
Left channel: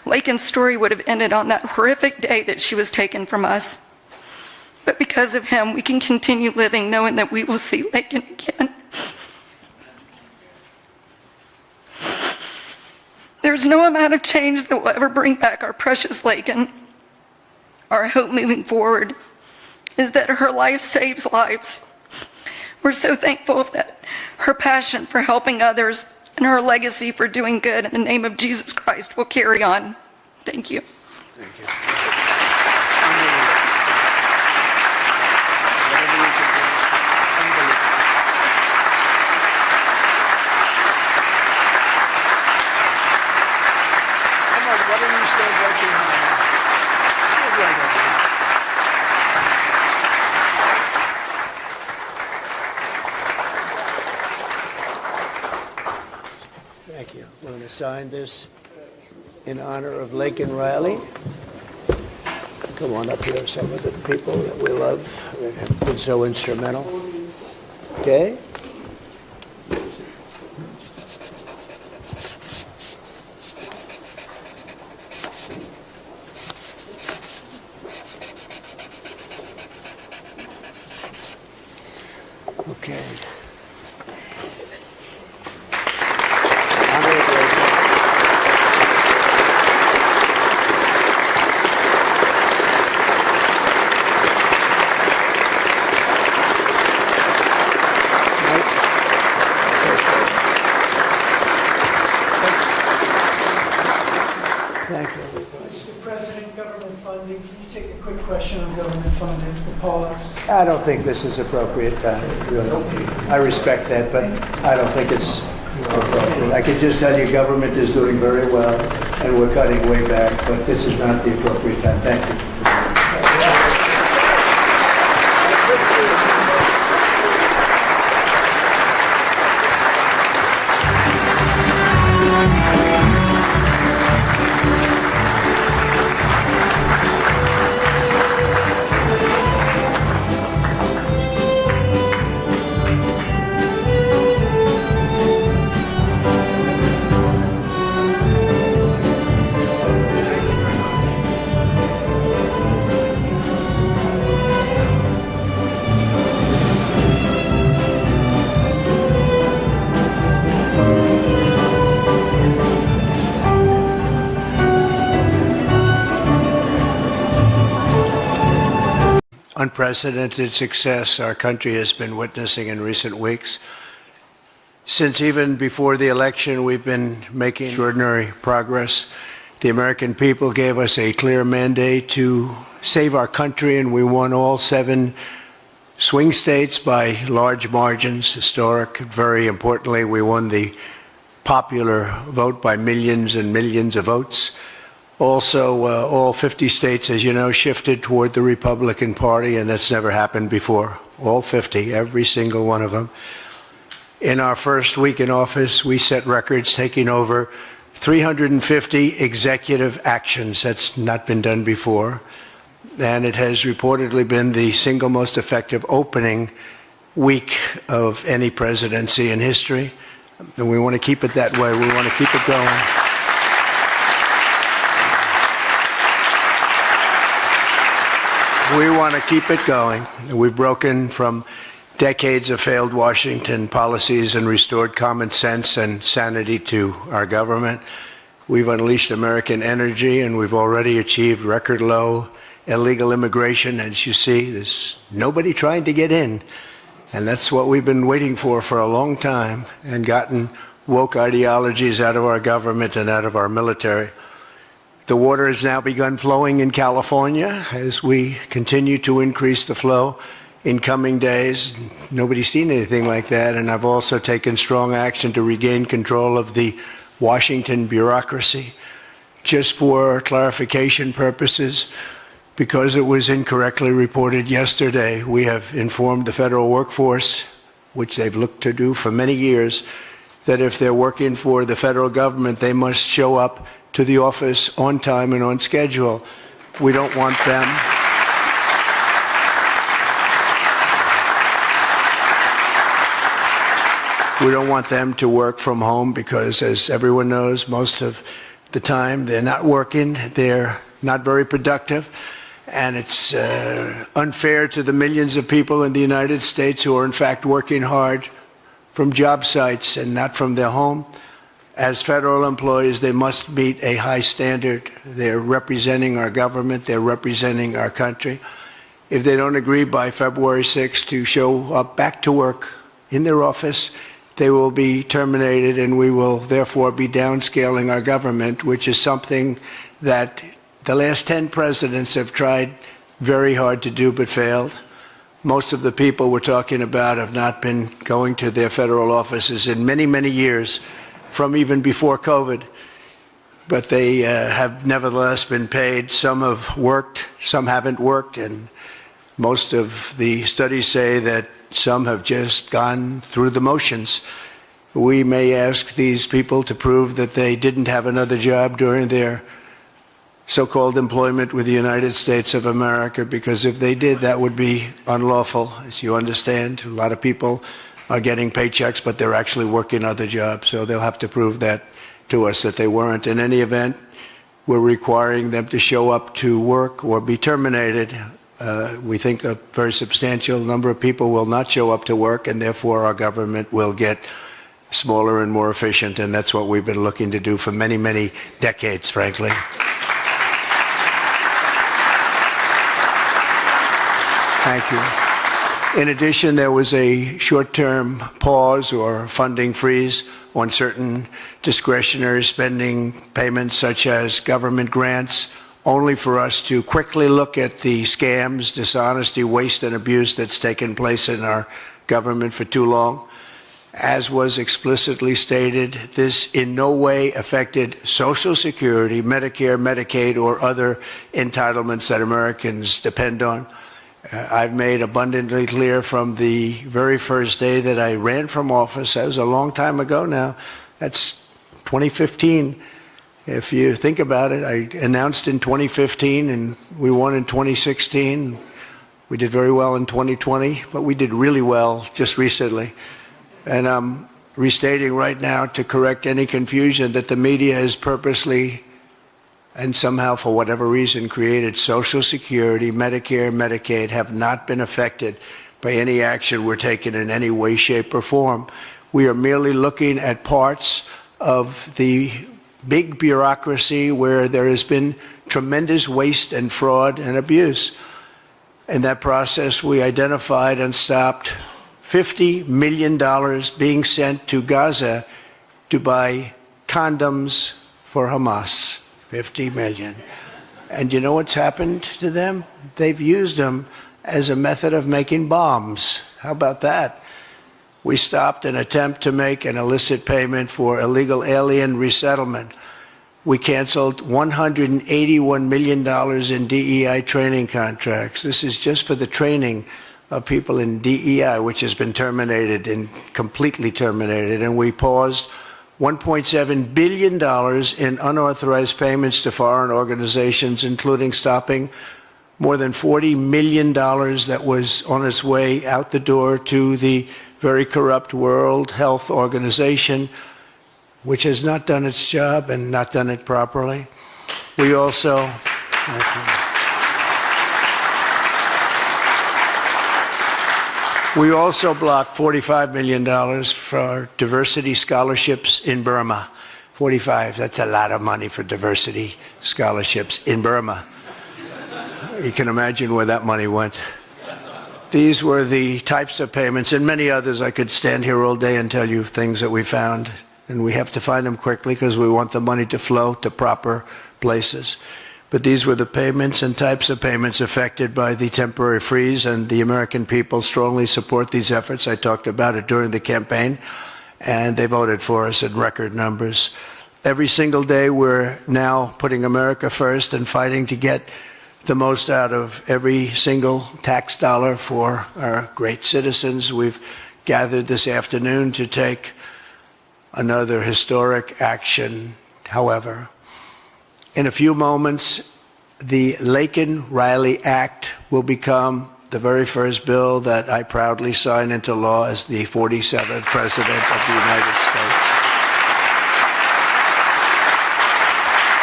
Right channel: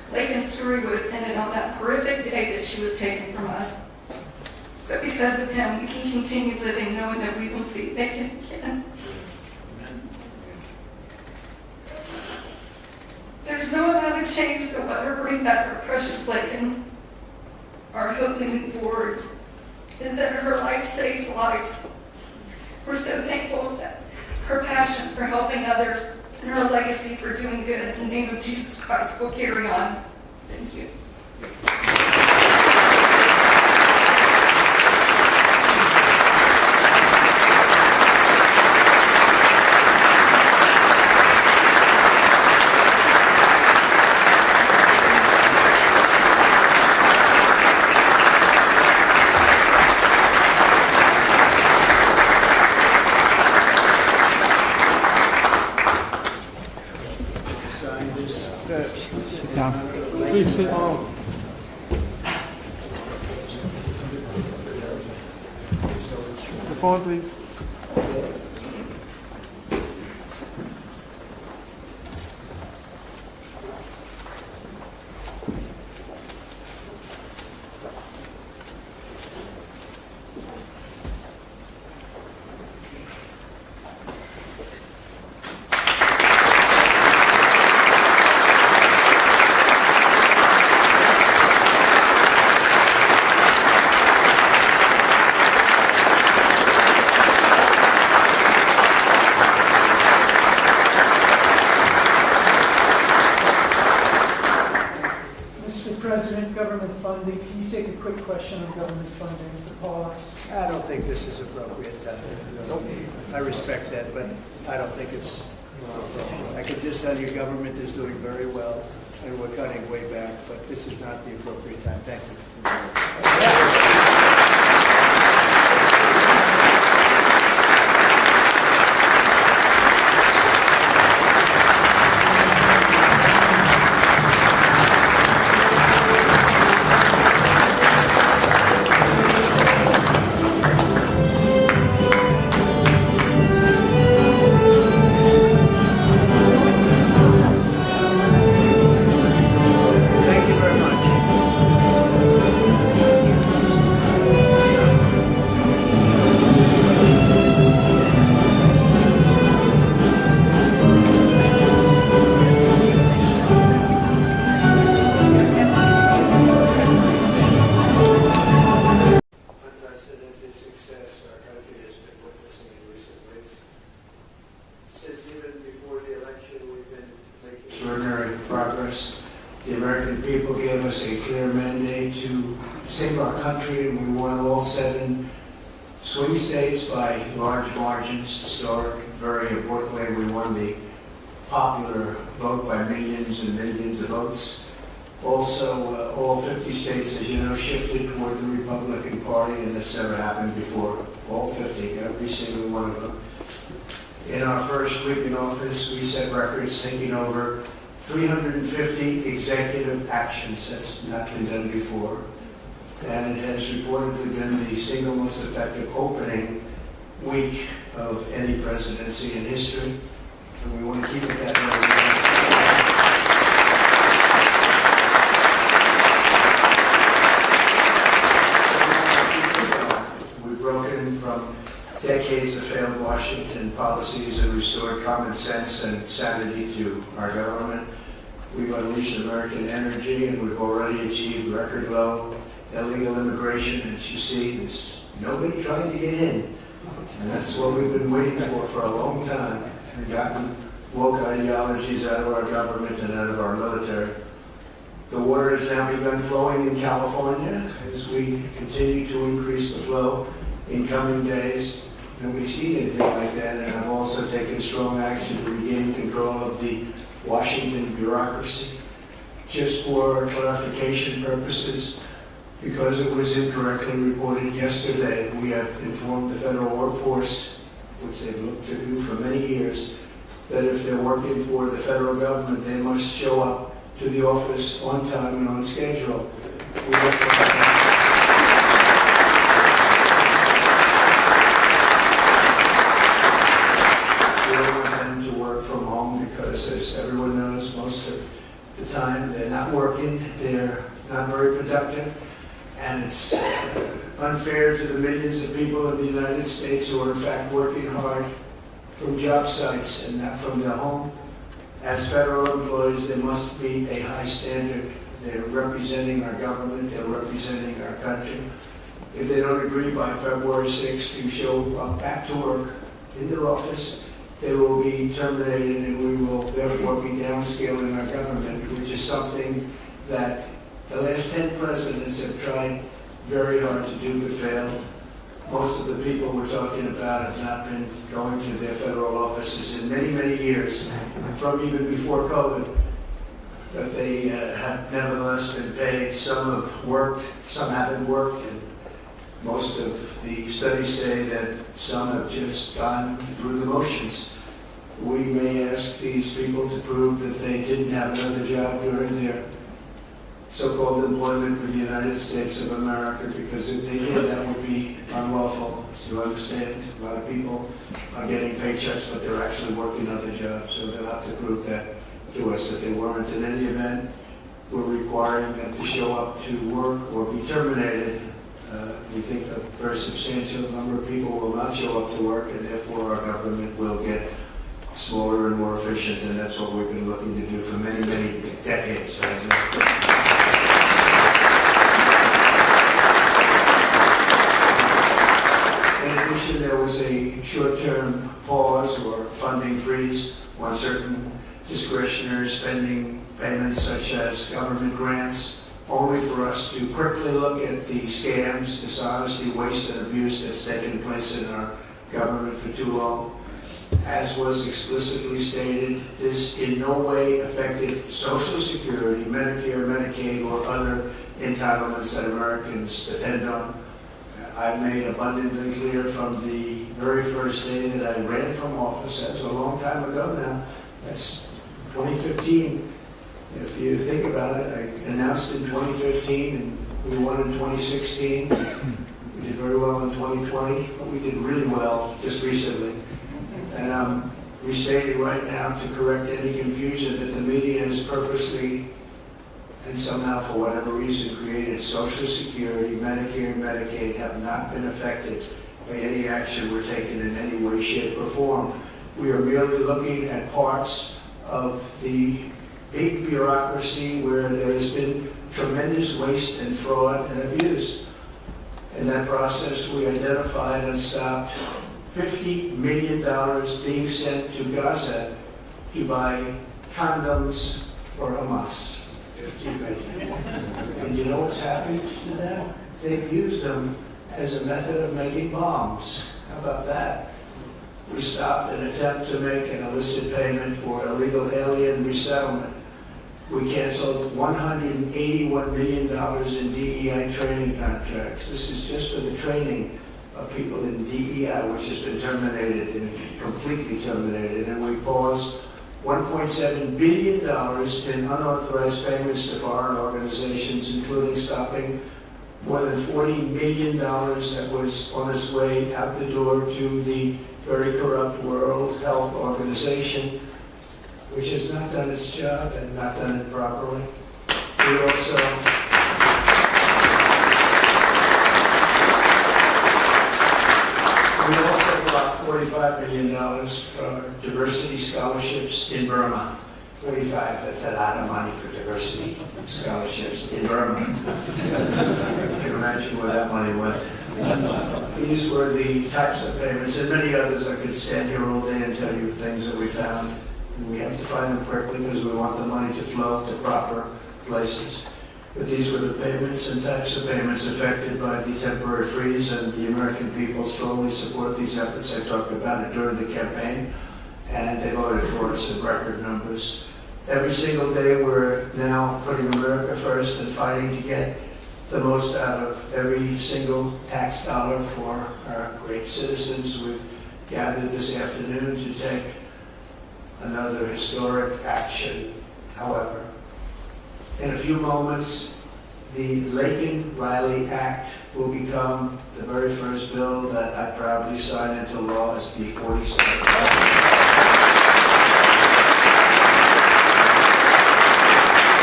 Laken's story would have ended on that horrific day that she was taken from us. But because of him, we can continue living knowing that we will see Laken again. There's no amount of change that will ever bring back our precious Laken. Our hope moving forward is that her life saves lives. We're so thankful that her passion for helping others and her legacy for doing good in the name of Jesus Christ will carry on. Thank you. Sign this in honor of Laken Riley. Come on up here, some of the people that we love that have been so instrumental. Okay? Okay. Mr. President, government funding, can you take a quick question on government funding, the pause? I don't think this is appropriate. I respect that, but I don't think it's appropriate. I can just tell you government is doing very well, and we're cutting way back, but this is not the appropriate time. Thank you. Unprecedented success our country has been witnessing in recent weeks. Since even before the election, we've been making extraordinary progress. The American people gave us a clear mandate to save our country, and we won all 7 swing states by large margins, historic. Very importantly, we won the popular vote by millions and millions of votes. Also, all 50 states, as you know, shifted toward the Republican Party, and that's never happened before. All 50, every single one of them. In our first week in office, we set records, taking over 350 executive actions. That's not been done before. And it has reportedly been the single most effective opening week of any presidency in history. And we want to keep it that way. We want to keep it going. We want to keep it going. We've broken from decades of failed Washington policies and restored common sense and sanity to our government. We've unleashed American energy, and we've already achieved record low illegal immigration. As you see, there's nobody trying to get in. And that's what we've been waiting for a long time, and gotten woke ideologies out of our government and out of our military. The water has now begun flowing in California as we continue to increase the flow in coming days. Nobody's seen anything like that, and I've also taken strong action to regain control of the Washington bureaucracy. Just for clarification purposes, because it was incorrectly reported yesterday, we have informed the federal workforce, which they've looked to do for many years, that if they're working for the federal government, they must show up to the office on time and on schedule. We don't want them. We don't want them to work from home because, as everyone knows, most of the time. They're not working. They're not very productive. And it's unfair to the millions of people in the United States who are in fact working hard from job sites and not from their home. As federal employees, they must meet a high standard. They're representing our government. They're representing our country. If they don't agree by February 6th to show up back to work in their office, they will be terminated, and we will therefore be downscaling our government, which is something that the last 10 presidents have tried very hard to do but failed. Most of the people we're talking about have not been going to their federal offices in many, many years, from even before COVID. But they have nevertheless been paid. Some have worked, some haven't worked, and most of the studies say that some have just gone through the motions. We may ask these people to prove that they didn't have another job during their so-called employment with the United States of America, because if they did, that would be unlawful, as you understand. A lot of people are getting paychecks, but they're actually working other jobs, so they'll have to prove that to us that they weren't. In any event, we're requiring them to show up to work or be terminated. We think a very substantial number of people will not show up to work, and therefore our government will get smaller and more efficient, and that's what we've been looking to do for many, many decades, frankly. In addition, there was a short-term pause or funding freeze on certain discretionary spending payments, such as government grants, only for us to quickly look at the scams, dishonesty, waste, and abuse that's taken place in our government for too long. As was explicitly stated, this in no way affected Social Security, Medicare, Medicaid, or other entitlements that Americans depend on. I've made abundantly clear from the very first day that I ran from office, that was a long time ago now, that's 2015. If you think about it, I announced in 2015 and we won in 2016. We did very well in 2020, but we did really well just recently. And I'm restating right now to correct any confusion that the media has purposely and somehow, for whatever reason, created. Social Security, Medicare, Medicaid have not been affected by any action we're taking in any way, shape, or form. We are merely looking at parts of the big bureaucracy where there has been tremendous waste and fraud and abuse. In that process, we identified and stopped $50 million being sent to Gaza to buy condoms for Hamas. 50 million. And you know what's happened to them? They've used them as a method of making bombs. How about that? We stopped an attempt to make an illicit payment for illegal alien resettlement. We canceled $181 million in DEI training contracts. This is just for the training of people in DEI, which has been terminated and completely terminated. And we paused $1.7 billion in unauthorized payments to foreign organizations, including stopping more than $40 million that was on its way out the door to the very corrupt World Health Organization, which has not done its job and not done it properly. We also blocked $45 million for diversity scholarships in Burma. 45, that's a lot of money for diversity scholarships in Burma. You can imagine where that money went. These were the types of payments, and many others. I could stand here all day and tell you things that we found, and we have to find them quickly because we want the money to flow to proper places. But these were the payments and types of payments affected by the temporary freeze, and the American people strongly support these efforts. I talked about it during the campaign, and they voted for us in record numbers. Every single day, we're now putting America first and fighting to get the most out of every single tax dollar for our great citizens. We've gathered this afternoon to take another historic action. However, in a few moments, the Laken Riley Act will become the very first bill that I proudly sign into law as the 47th President of the United States.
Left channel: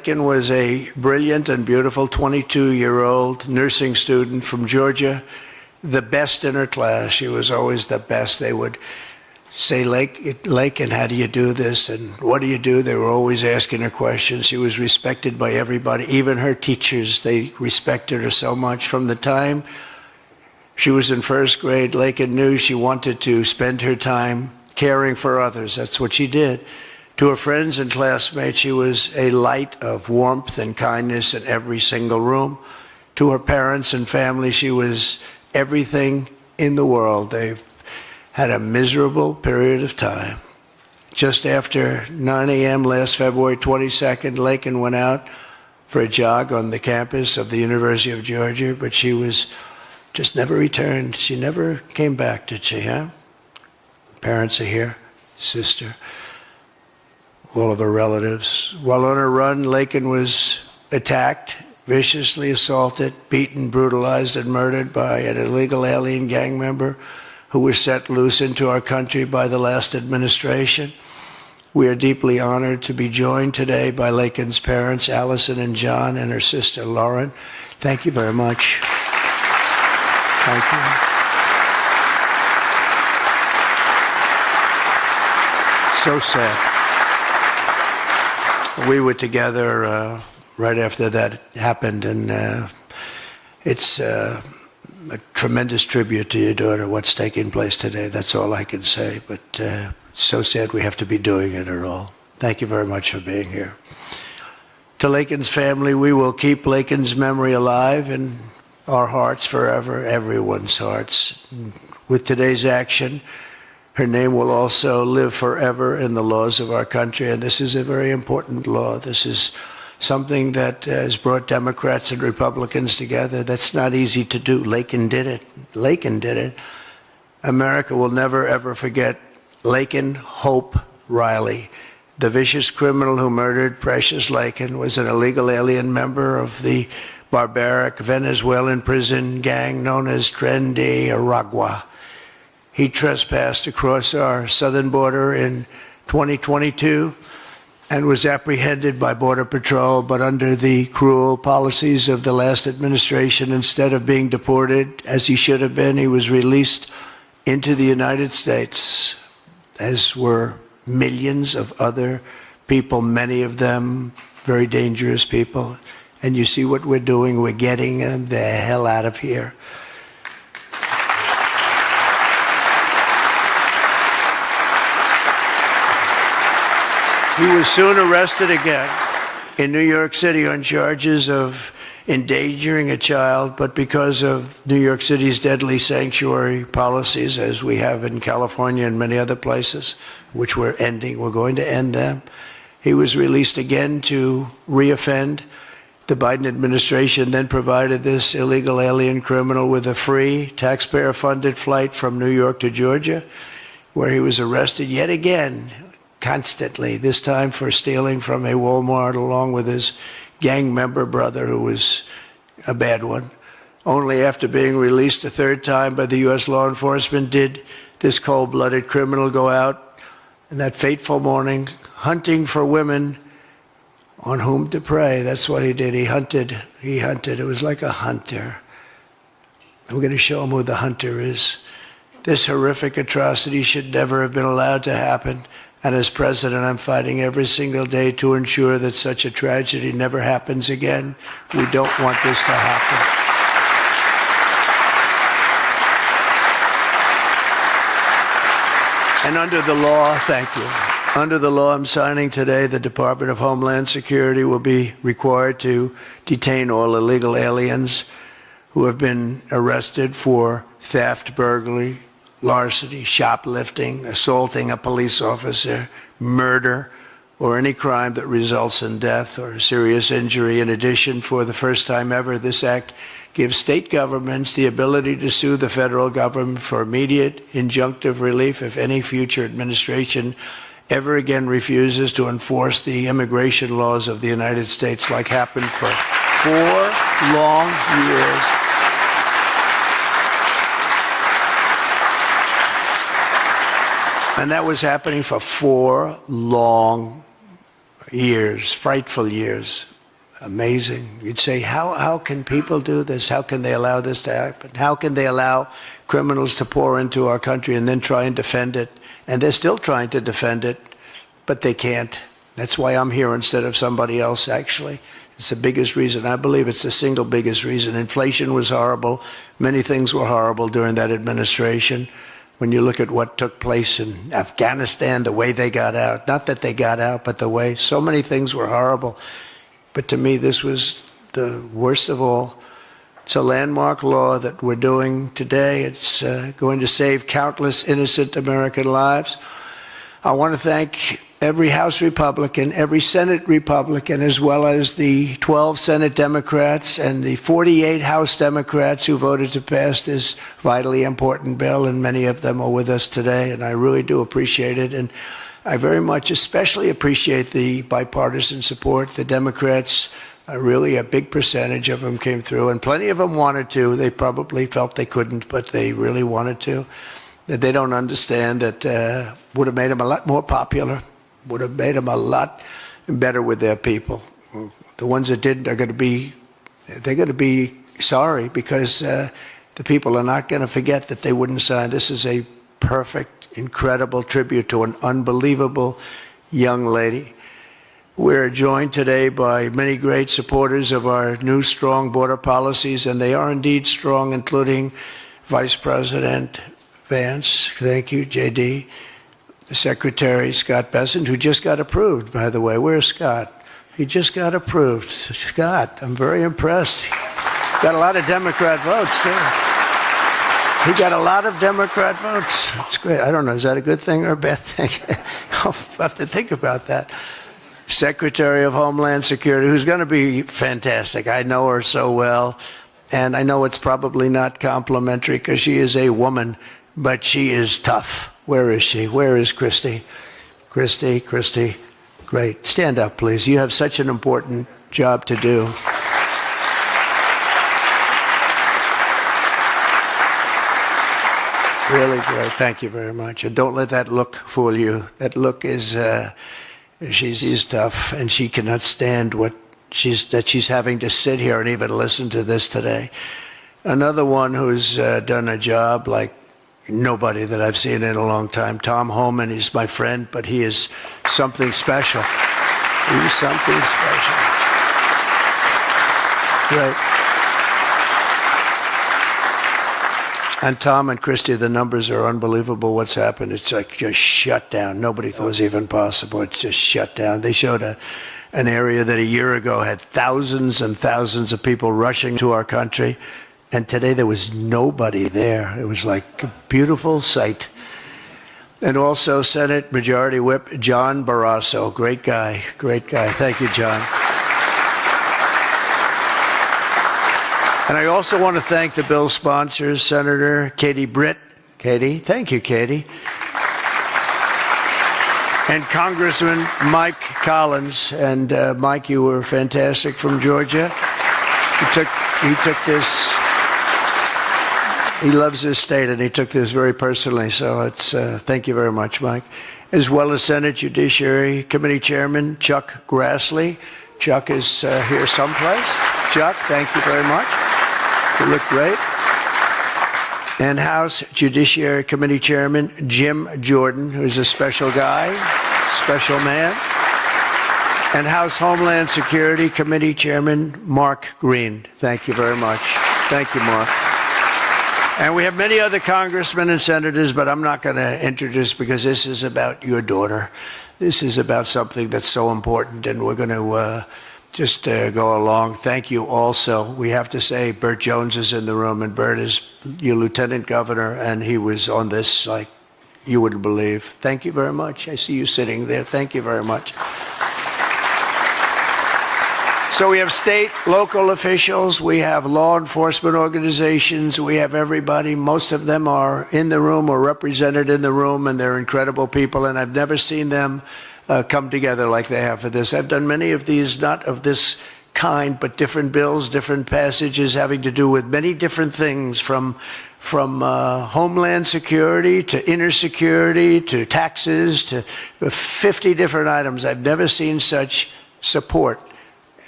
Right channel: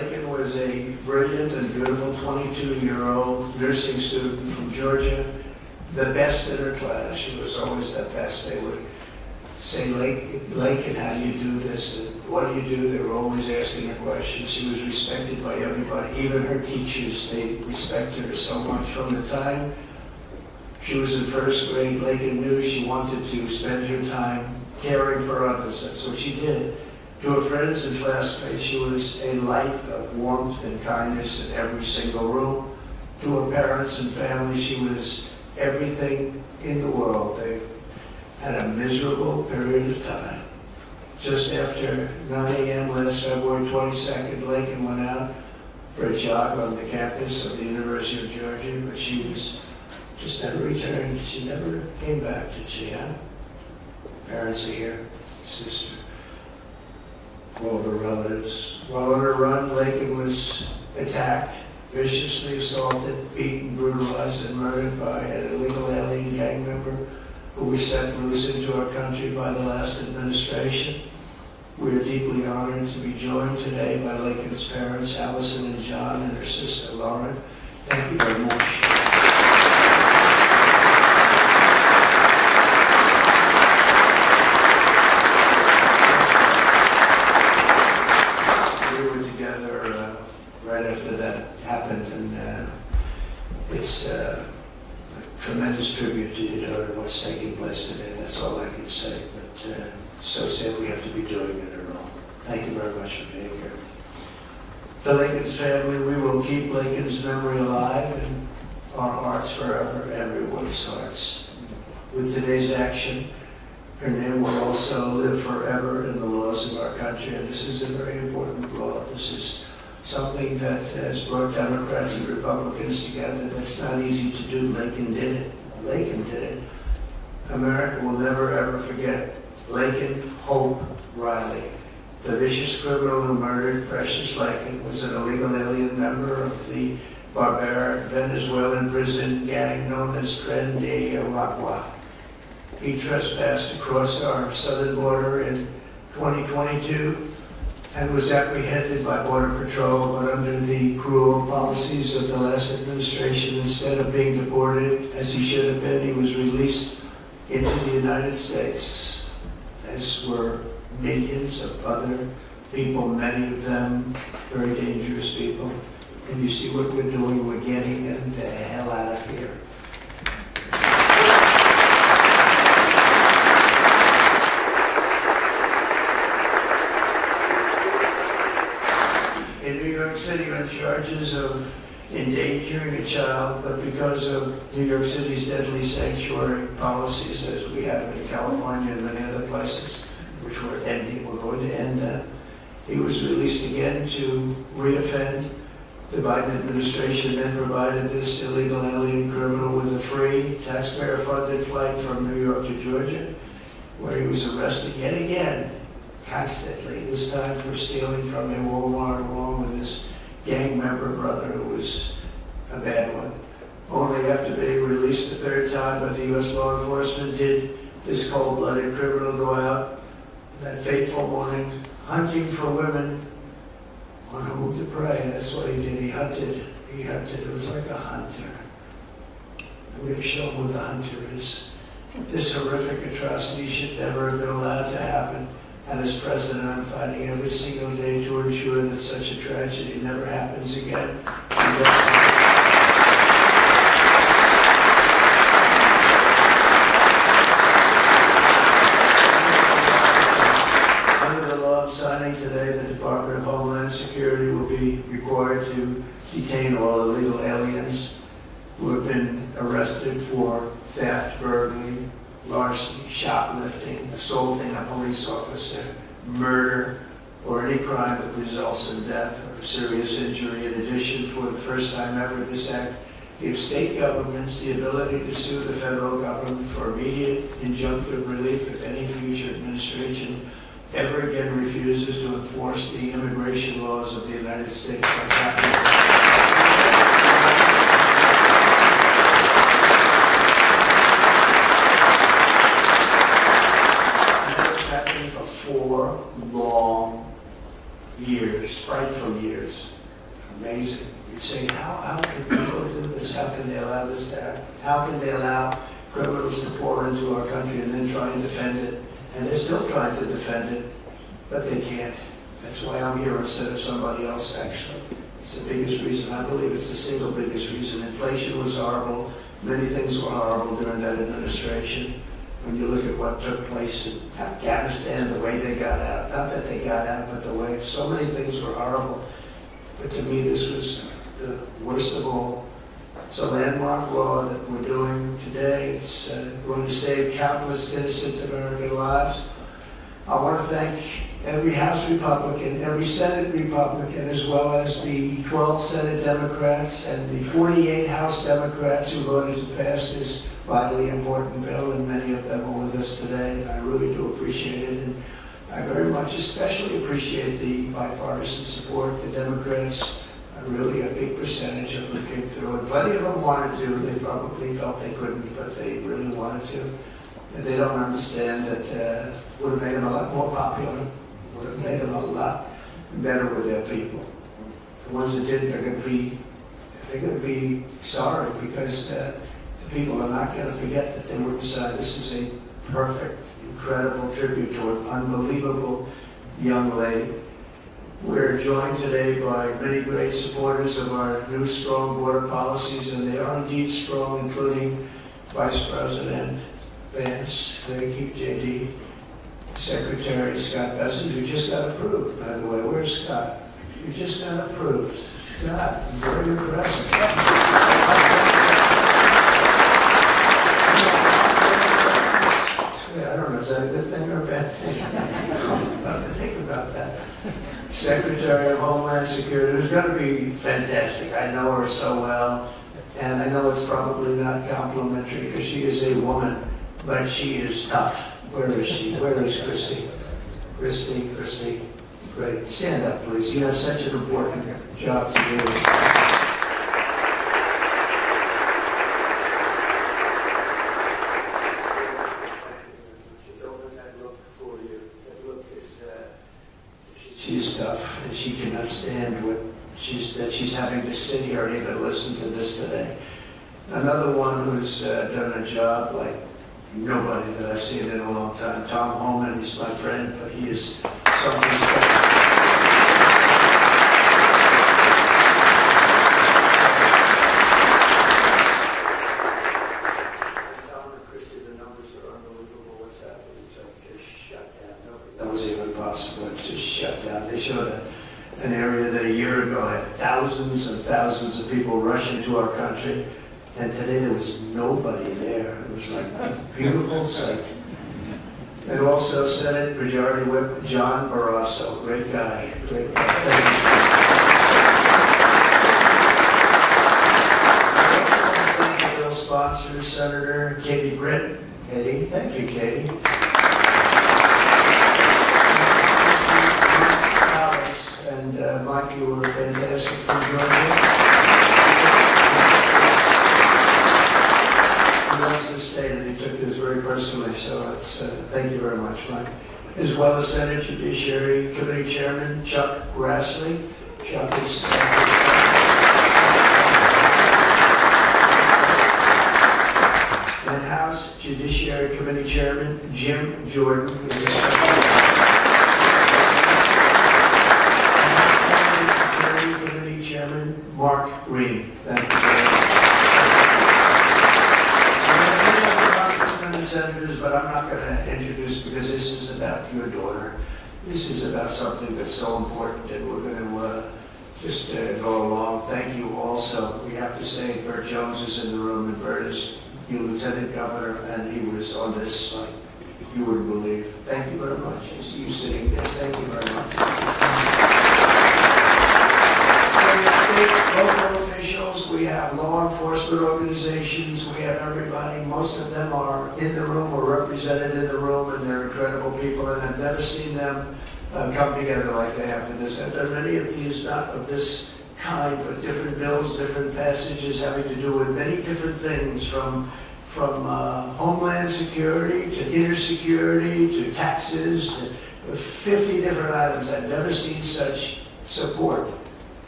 Laken was a brilliant and beautiful 22-year-old nursing student from Georgia, the best in her class. She was always the best. They would say, Laken, how do you do this? And what do you do? They were always asking her questions. She was respected by everybody, even her teachers. They respected her so much. From the time she was in first grade, Laken knew she wanted to spend her time caring for others. That's what she did. To her friends and classmates, she was a light of warmth and kindness in every single room. To her parents and family, she was everything in the world. They've had a miserable period of time. Just after 9 a.m. last February 22nd, Laken went out for a jog on the campus of the University of Georgia, but she was just never returned. She never came back, did she, huh? Parents are here, sister, all of her relatives. While on her run, Laken was attacked, viciously assaulted, beaten, brutalized, and murdered by an illegal alien gang member who was set loose into our country by the last administration. We are deeply honored to be joined today by Laken's parents, Allison and John, and her sister, Lauren. Thank you very much. Thank you. So sad. We were together right after that happened, and it's a tremendous tribute to your daughter, what's taking place today. That's all I can say, but it's so sad we have to be doing it at all. Thank you very much for being here. To Laken's family, we will keep Laken's memory alive in our hearts forever, everyone's hearts. With today's action, her name will also live forever in the laws of our country, and this is a very important law. This is something that has brought Democrats and Republicans together. That's not easy to do. Laken did it. Laken did it. America will never, ever forget Laken Hope Riley. The vicious criminal who murdered Precious Laken was an illegal alien member of the barbaric Venezuelan prison gang known as Tren de Aragua. He trespassed across our southern border in 2022 and was apprehended by Border Patrol, but under the cruel policies of the last administration, instead of being deported, as he should have been, he was released into the United States, as were millions of other people, many of them very dangerous people. And you see what we're doing, we're getting them the hell out of here. He was soon arrested again in New York City on charges of endangering a child, but because of New York City's deadly sanctuary policies, as we have in California and many other places, which we're ending, we're going to end them, he was released again to reoffend. The Biden administration then provided this illegal alien criminal with a free, taxpayer-funded flight from New York to Georgia, where he was arrested yet again, constantly, this time for stealing from a Walmart along with his gang member brother, who was a bad one. Only after being released a third time by the U.S. law enforcement did this cold-blooded criminal go out in that fateful morning hunting for women on whom to prey. That's what he did. He hunted. It was like a hunter. And we're going to show him who the hunter is. This horrific atrocity should never have been allowed to happen. And as president, I'm fighting every single day to ensure that such a tragedy never happens again. We don't want this to happen. And under the law, thank you. Under the law I'm signing today, the Department of Homeland Security will be required to detain all illegal aliens who have been arrested for theft, burglary, larceny, shoplifting, assaulting a police officer, murder, or any crime that results in death or serious injury. In addition, for the first time ever, this act gives state governments the ability to sue the federal government for immediate injunctive relief if any future administration ever again refuses to enforce the immigration laws of the United States, like happened for 4 long years. And that was happening for 4 long years, frightful years. amazing. You'd say, how can people do this? How can they allow this to happen? How can they allow criminals to pour into our country and then try and defend it? And they're still trying to defend it, but they can't. That's why I'm here instead of somebody else, actually. It's the biggest reason. I believe it's the single biggest reason. Inflation was horrible. Many things were horrible during that administration. When you look at what took place in Afghanistan, the way they got out, not that they got out, but the way, so many things were horrible. But to me, this was the worst of all. It's a landmark law that we're doing today. It's going to save countless innocent American lives. I want to thank every House Republican, every Senate Republican, as well as the 12 Senate Democrats and the 48 House Democrats who voted to pass this vitally important bill, and many of them are with us today, and I really do appreciate it. And I very much especially appreciate the bipartisan support. The Democrats, really a big percentage of them came through, and plenty of them wanted to. They probably felt they couldn't, but they really wanted to. That they don't understand that would have made them a lot more popular, would have made them a lot better with their people. The ones that didn't are going to be sorry, because the people are not going to forget that they wouldn't sign. This is a perfect, incredible tribute to an unbelievable young lady. We're joined today by many great supporters of our new strong border policies, and they are indeed strong, including Vice President Vance, thank you, JD, Secretary Scott Bessent, who just got approved, by the way. Where's Scott? He just got approved. Scott, I'm very impressed. Got a lot of Democrat votes. Yeah. He got a lot of Democrat votes. That's great. I don't know, is that a good thing or a bad thing? I'll have to think about that. Secretary of Homeland Security, who's going to be fantastic. I know her so well, and I know it's probably not complimentary because she is a woman, but she is tough. Where is she? Where is Christy? Christy, great. Stand up, please. You have such an important job to do. Really great. Thank you very much. And don't let that look fool you. That look is, she's tough, and she cannot stand that she's having to sit here and even listen to this today. Another one who's done a job like nobody that I've seen in a long time. Tom Homan is my friend, but he is something special. He is something special. Yeah. And Tom and Christy, the numbers are unbelievable. What's happened? It's like just shut down. Nobody thought it was even possible. It's just shut down. They showed an area that a year ago had thousands and thousands of people rushing to our country. And today there was nobody there. It was like a beautiful sight. And also Senate Majority Whip John Barrasso, great guy. Thank you, John. And I also want to thank the bill sponsors, Senator Katie Britt. Katie, thank you, Katie. And Congressman Mike Collins. And Mike, you were fantastic from Georgia. You took this. He loves his state, and he took this very personally, so it's thank you very much, Mike. As well as Senate Judiciary Committee Chairman Chuck Grassley. Chuck is here someplace. Chuck, thank you very much. You look great. And House Judiciary Committee Chairman Jim Jordan, who's a special guy, special man. And House Homeland Security Committee Chairman Mark Green. Thank you very much. Thank you, Mark. And we have many other congressmen and senators, but I'm not going to introduce because this is about your daughter. This is about something that's so important, and we're going to just go along. Thank you also. We have to say Burt Jones is in the room, and Burt is your lieutenant governor, and he was on this like you wouldn't believe. Thank you very much. I see you sitting there. Thank you very much. So we have state, local officials, we have law enforcement organizations, we have everybody. Most of them are in the room or represented in the room, and they're incredible people, and I've never seen them come together like they have for this. I've done many of these, not of this kind, but different bills, different passages having to do with many different things, from homeland security to inner security to taxes to 50 different items. I've never seen such support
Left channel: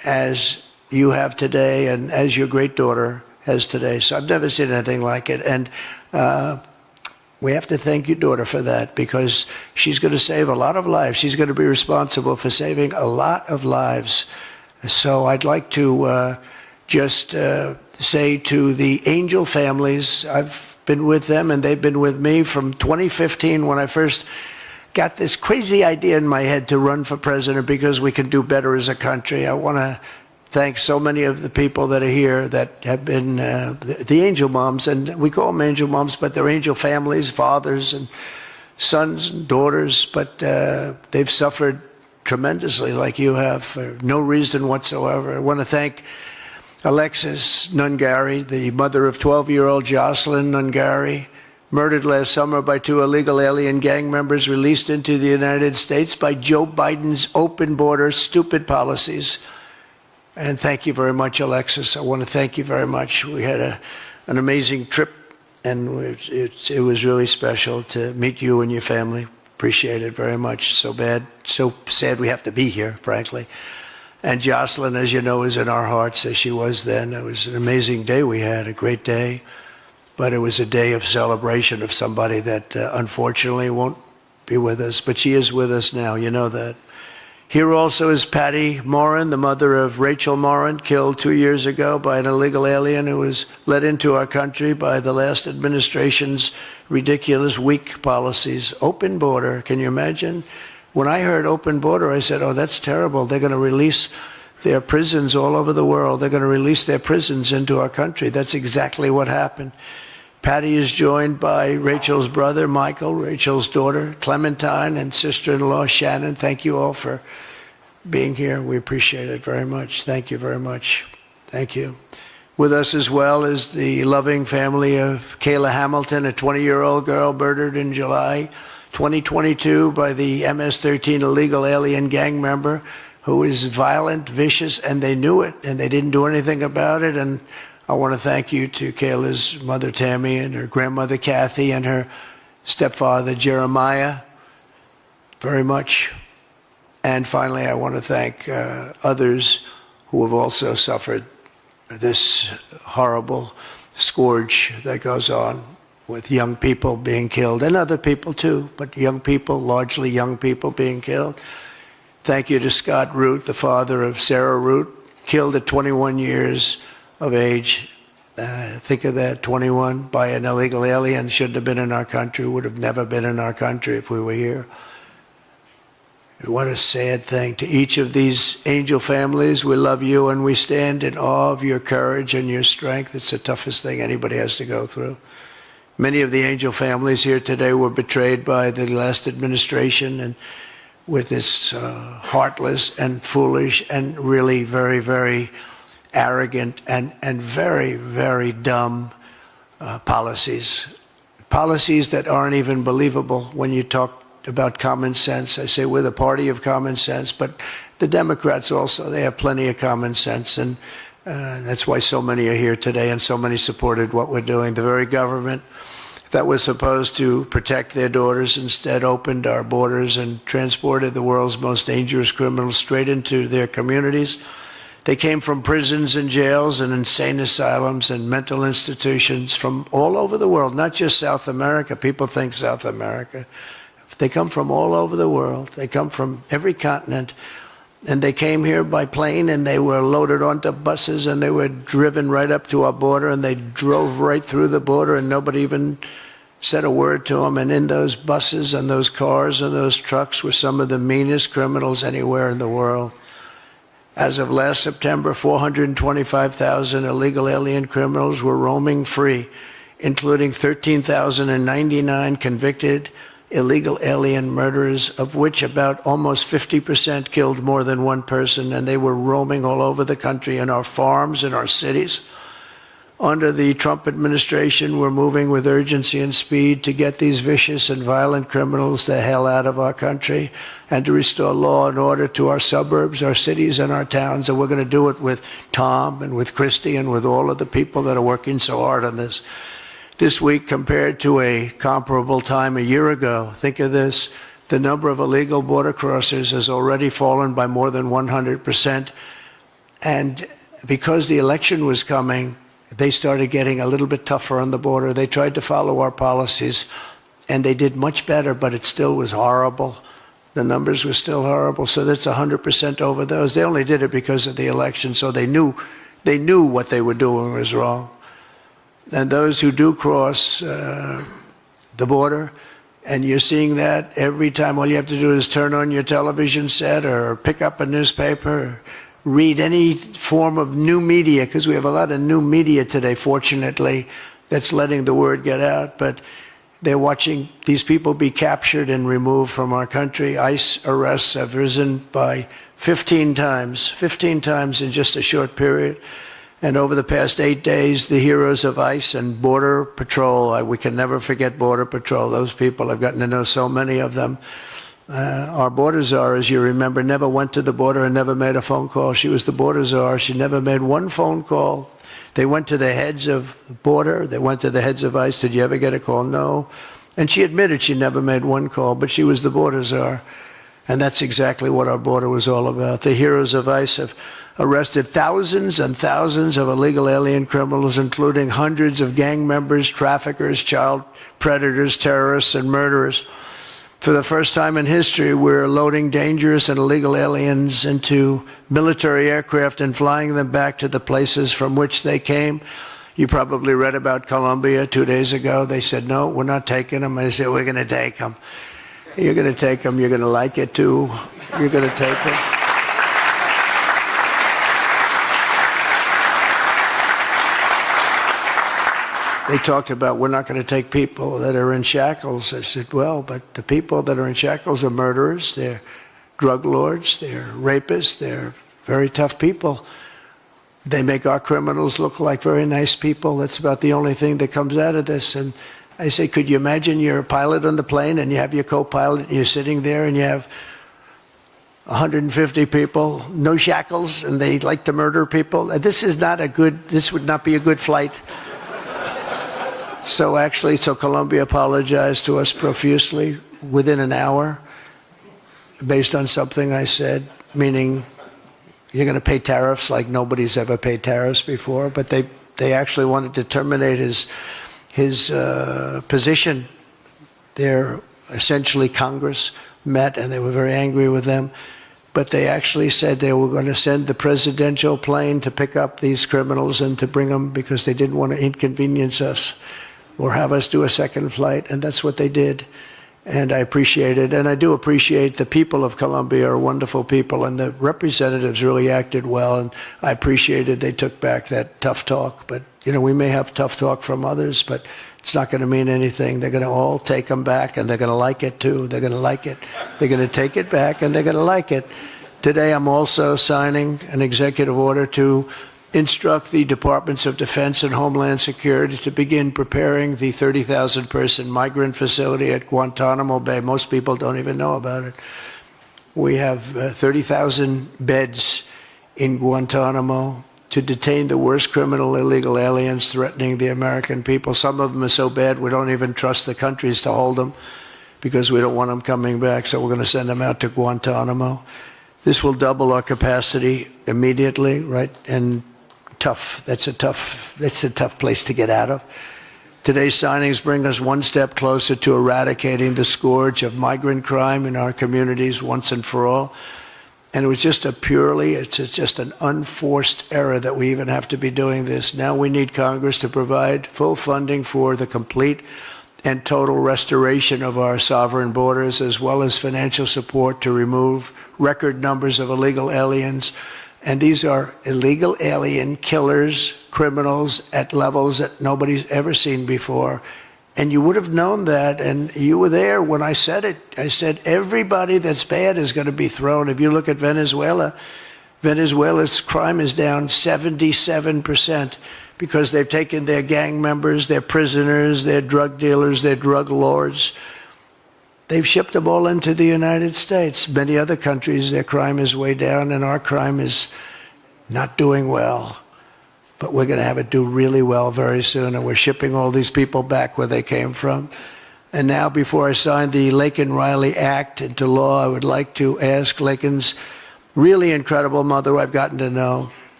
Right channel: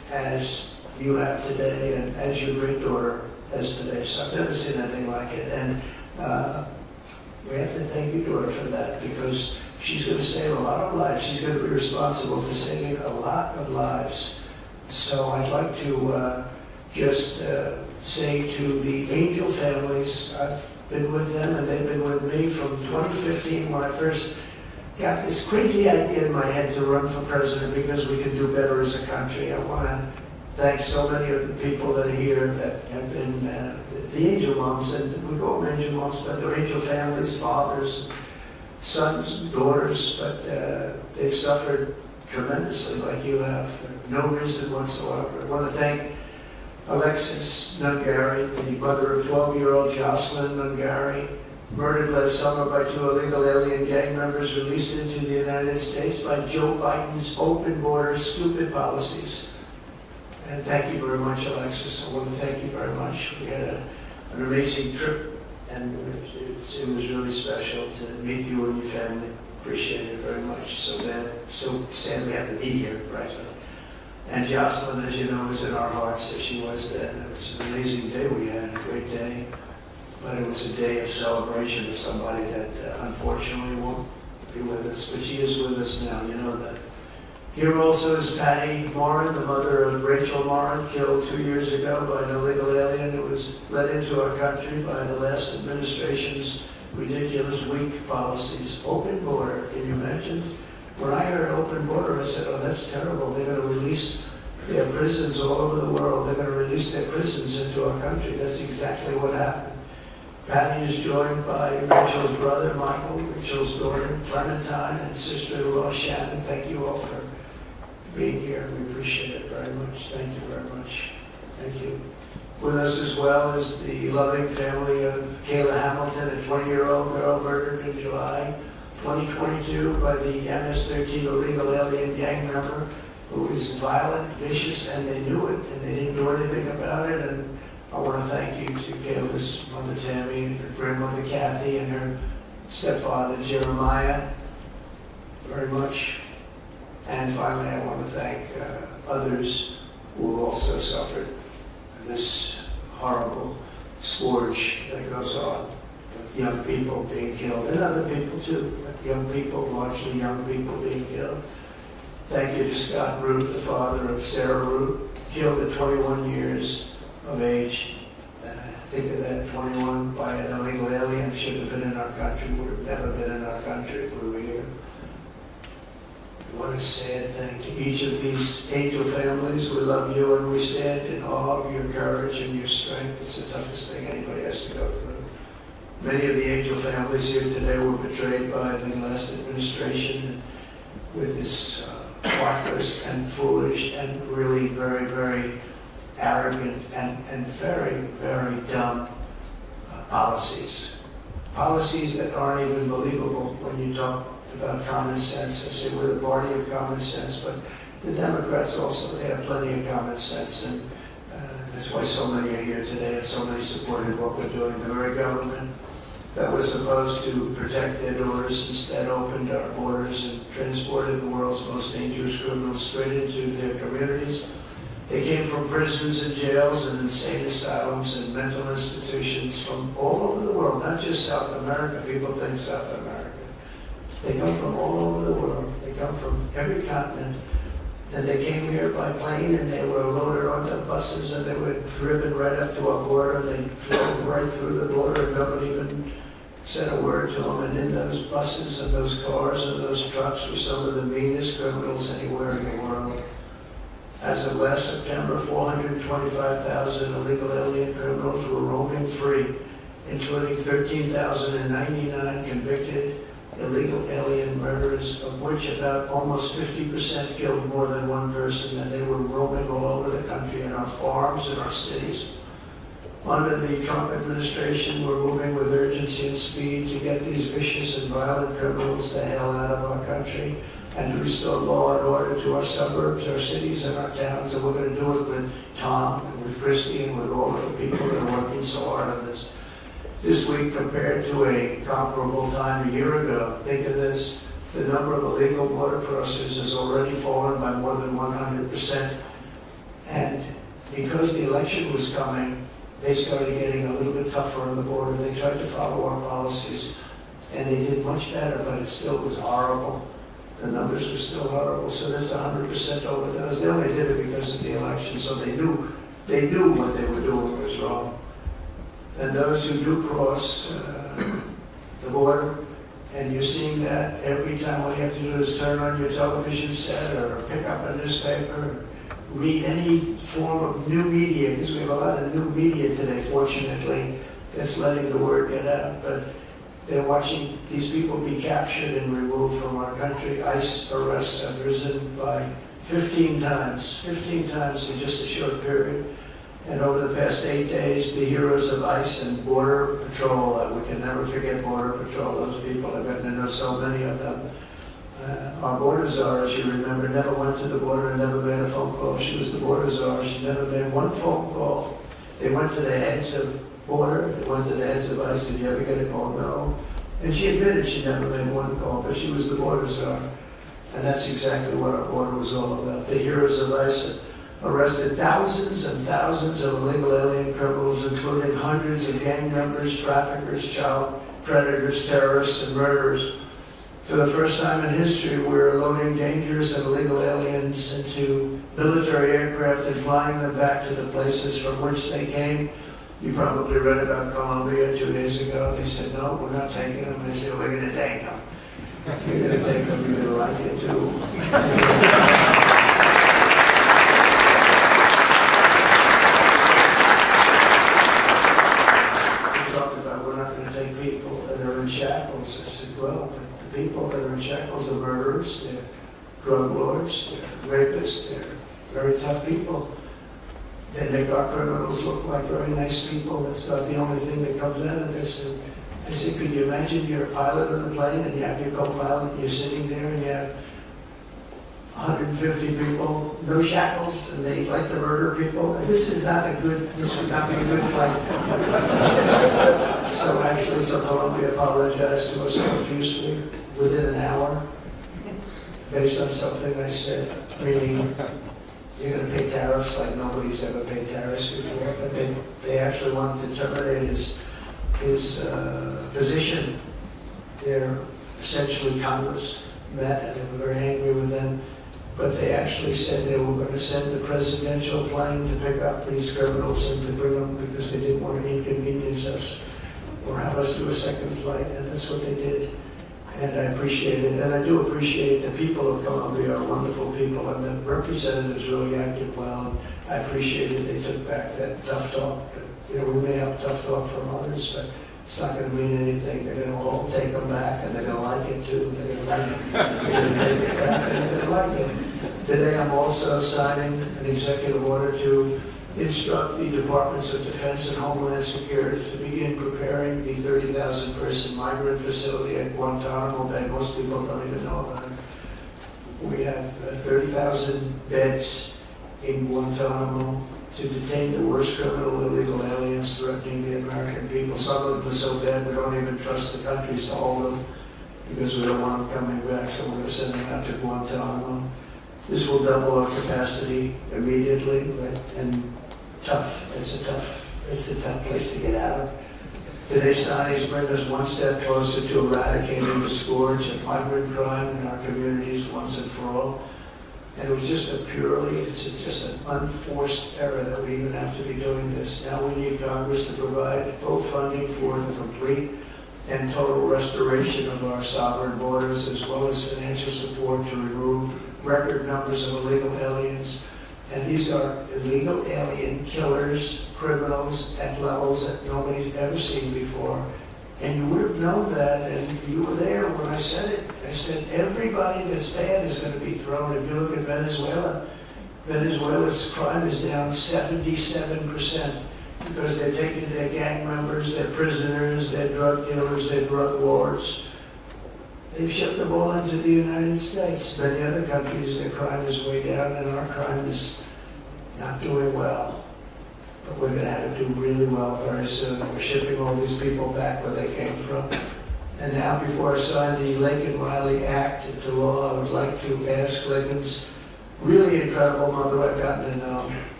as you have today and as your great daughter has today. So I've never seen anything like it. And we have to thank your daughter for that, because she's going to save a lot of lives. She's going to be responsible for saving a lot of lives. So I'd like to just say to the Angel families, I've been with them and they've been with me from 2015 when I first got this crazy idea in my head to run for president because we could do better as a country. I want to thank so many of the people that are here that have been the angel moms, and we call them angel moms, but they're angel families, fathers and sons and daughters, but they've suffered tremendously like you have for no reason whatsoever. I want to thank Alexis Nungari, the mother of 12-year-old Jocelyn Nungari, murdered last summer by 2 illegal alien gang members released into the United States by Joe Biden's open border stupid policies. And thank you very much, Alexis. I want to thank you very much. We had an amazing trip, and it was really special to meet you and your family. Appreciate it very much. So sad we have to be here, frankly. And Jocelyn, as you know, is in our hearts as she was then. It was an amazing day we had, a great day. But it was a day of celebration of somebody that unfortunately won't be with us. But she is with us now, you know that. Here also is Patty Morin, the mother of Rachel Morin, killed 2 years ago by an illegal alien who was let into our country by the last administration's ridiculous, weak policies. Open border, can you imagine? When I heard open border, I said, oh, that's terrible. They're going to release their prisons all over the world. They're going to release their prisons into our country. That's exactly what happened. Patty is joined by Rachel's brother, Michael, Rachel's daughter, Clementine, and sister-in-law, Shannon. Thank you all for being here. We appreciate it very much. Thank you very much. Thank you. With us as well is the loving family of Kayla Hamilton, a 20-year-old girl murdered in July 2022 by the MS-13 illegal alien gang member who is violent, vicious, and they knew it, and they didn't do anything about it. And I want to thank you to Kayla's mother, Tammy, and her grandmother, Kathy, and her stepfather, Jeremiah, very much. And finally, I want to thank others who have also suffered this horrible scourge that goes on with young people being killed, and other people too, but young people, largely young people being killed. Thank you to Scott Root, the father of Sarah Root, killed at 21 years of age. Think of that, 21 by an illegal alien, shouldn't have been in our country, would have never been in our country if we were here. What a sad thing. To each of these angel families, we love you and we stand in awe of your courage and your strength. It's the toughest thing anybody has to go through. Many of the angel families here today were betrayed by the last administration, and with this heartless and foolish and really very, very arrogant and very, very dumb policies. Policies that aren't even believable when you talk about common sense. I say we're the party of common sense, but the Democrats also, they have plenty of common sense, and that's why so many are here today and so many supported what we're doing. The very government that was supposed to protect their daughters instead opened our borders and transported the world's most dangerous criminals straight into their communities. They came from prisons and jails and insane asylums and mental institutions from all over the world, not just South America. People think South America. They come from all over the world. They come from every continent. And they came here by plane, and they were loaded onto buses, and they were driven right up to our border, and they drove right through the border, and nobody even said a word to them. And in those buses and those cars and those trucks were some of the meanest criminals anywhere in the world. As of last September, 425,000 illegal alien criminals were roaming free, including 13,099 convicted illegal alien murderers, of which about almost 50% killed more than one person, and they were roaming all over the country in our farms, in our cities. Under the Trump administration, we're moving with urgency and speed to get these vicious and violent criminals the hell out of our country and to restore law and order to our suburbs, our cities, and our towns. And we're going to do it with Tom and with Christy and with all of the people that are working so hard on this. This week, compared to a comparable time a year ago, think of this, the number of illegal border crossers has already fallen by more than 100%. And because the election was coming, they started getting a little bit tougher on the border. They tried to follow our policies, and they did much better, but it still was horrible. The numbers were still horrible, so that's 100% over those. They only did it because of the election, so they knew what they were doing was wrong. And those who do cross the border, and you're seeing that every time, all you have to do is turn on your television set or pick up a newspaper, or read any form of new media, because we have a lot of new media today, fortunately, that's letting the word get out. But they're watching these people be captured and removed from our country. ICE arrests have risen by 15 times in just a short period. And over the past 8 days, the heroes of ICE and Border Patrol, we can never forget Border Patrol. Those people, I've gotten to know so many of them. Our border czar, as you remember, never went to the border and never made a phone call. She was the border czar. She never made one phone call. They went to the heads of border. They went to the heads of ICE. Did you ever get a call? No. And she admitted she never made one call, but she was the border czar. And that's exactly what our border was all about. The heroes of ICE have arrested thousands and thousands of illegal alien criminals, including hundreds of gang members, traffickers, child predators, terrorists, and murderers. For the first time in history, we're loading dangerous and illegal aliens into military aircraft and flying them back to the places from which they came. You probably read about Colombia 2 days ago. They said, no, we're not taking them. I said, we're going to take them. You're going to take them. You're going to like it, too. You're going to take them. They talked about, we're not going to take people that are in shackles. I said, well, but the people that are in shackles are murderers, they're drug lords, they're rapists, they're very tough people. They make our criminals look like very nice people. That's about the only thing that comes out of this. And I say, could you imagine you're a pilot on the plane and you have your co-pilot and you're sitting there and you have 150 people, no shackles, and they like to murder people? This would not be a good flight. So Colombia apologized to us profusely within an hour based on something I said, meaning you're going to pay tariffs like nobody's ever paid tariffs before. But they actually wanted to terminate his position. They're essentially Congress met and they were very angry with them. But they actually said they were going to send the presidential plane to pick up these criminals and to bring them because they didn't want to inconvenience us or have us do a second flight, and that's what they did. And I appreciate it, and I do appreciate the people of Colombia are wonderful people, and the representatives really acted well, and I appreciated they took back that tough talk. But, we may have tough talk from others, but it's not going to mean anything. They're going to all take them back, and they're going to like it, too. They're going to like it. They're going to take it back, and they're going to like it. Today, I'm also signing an executive order to instruct the Departments of Defense and Homeland Security to begin preparing the 30,000-person migrant facility at Guantanamo Bay. Most people don't even know about it. We have 30,000 beds in Guantanamo to detain the worst criminal illegal aliens threatening the American people. Some of them are so bad we don't even trust the countries to hold them because we don't want them coming back, so we're going to send them out to Guantanamo. This will double our capacity immediately, right? And that's a tough place to get out of. Today's signings bring us one step closer to eradicating the scourge of migrant crime in our communities once and for all. And it was just it's just an unforced error that we even have to be doing this. Now we need Congress to provide full funding for the complete and total restoration of our sovereign borders, as well as financial support to remove record numbers of illegal aliens. And these are illegal alien killers, criminals at levels that nobody's ever seen before. And you would have known that, and you were there when I said it. I said everybody that's bad is going to be thrown. If you look at Venezuela, Venezuela's crime is down 77% because they've taken their gang members, their prisoners, their drug dealers, their drug lords. They've shipped them all into the United States. Many other countries, their crime is way down, and our crime is not doing well. But we're going to have it do really well very soon, and we're shipping all these people back where they came from. And now, before I sign the Laken Riley Act into law, I would like to ask Laken's really incredible mother, I've gotten to know,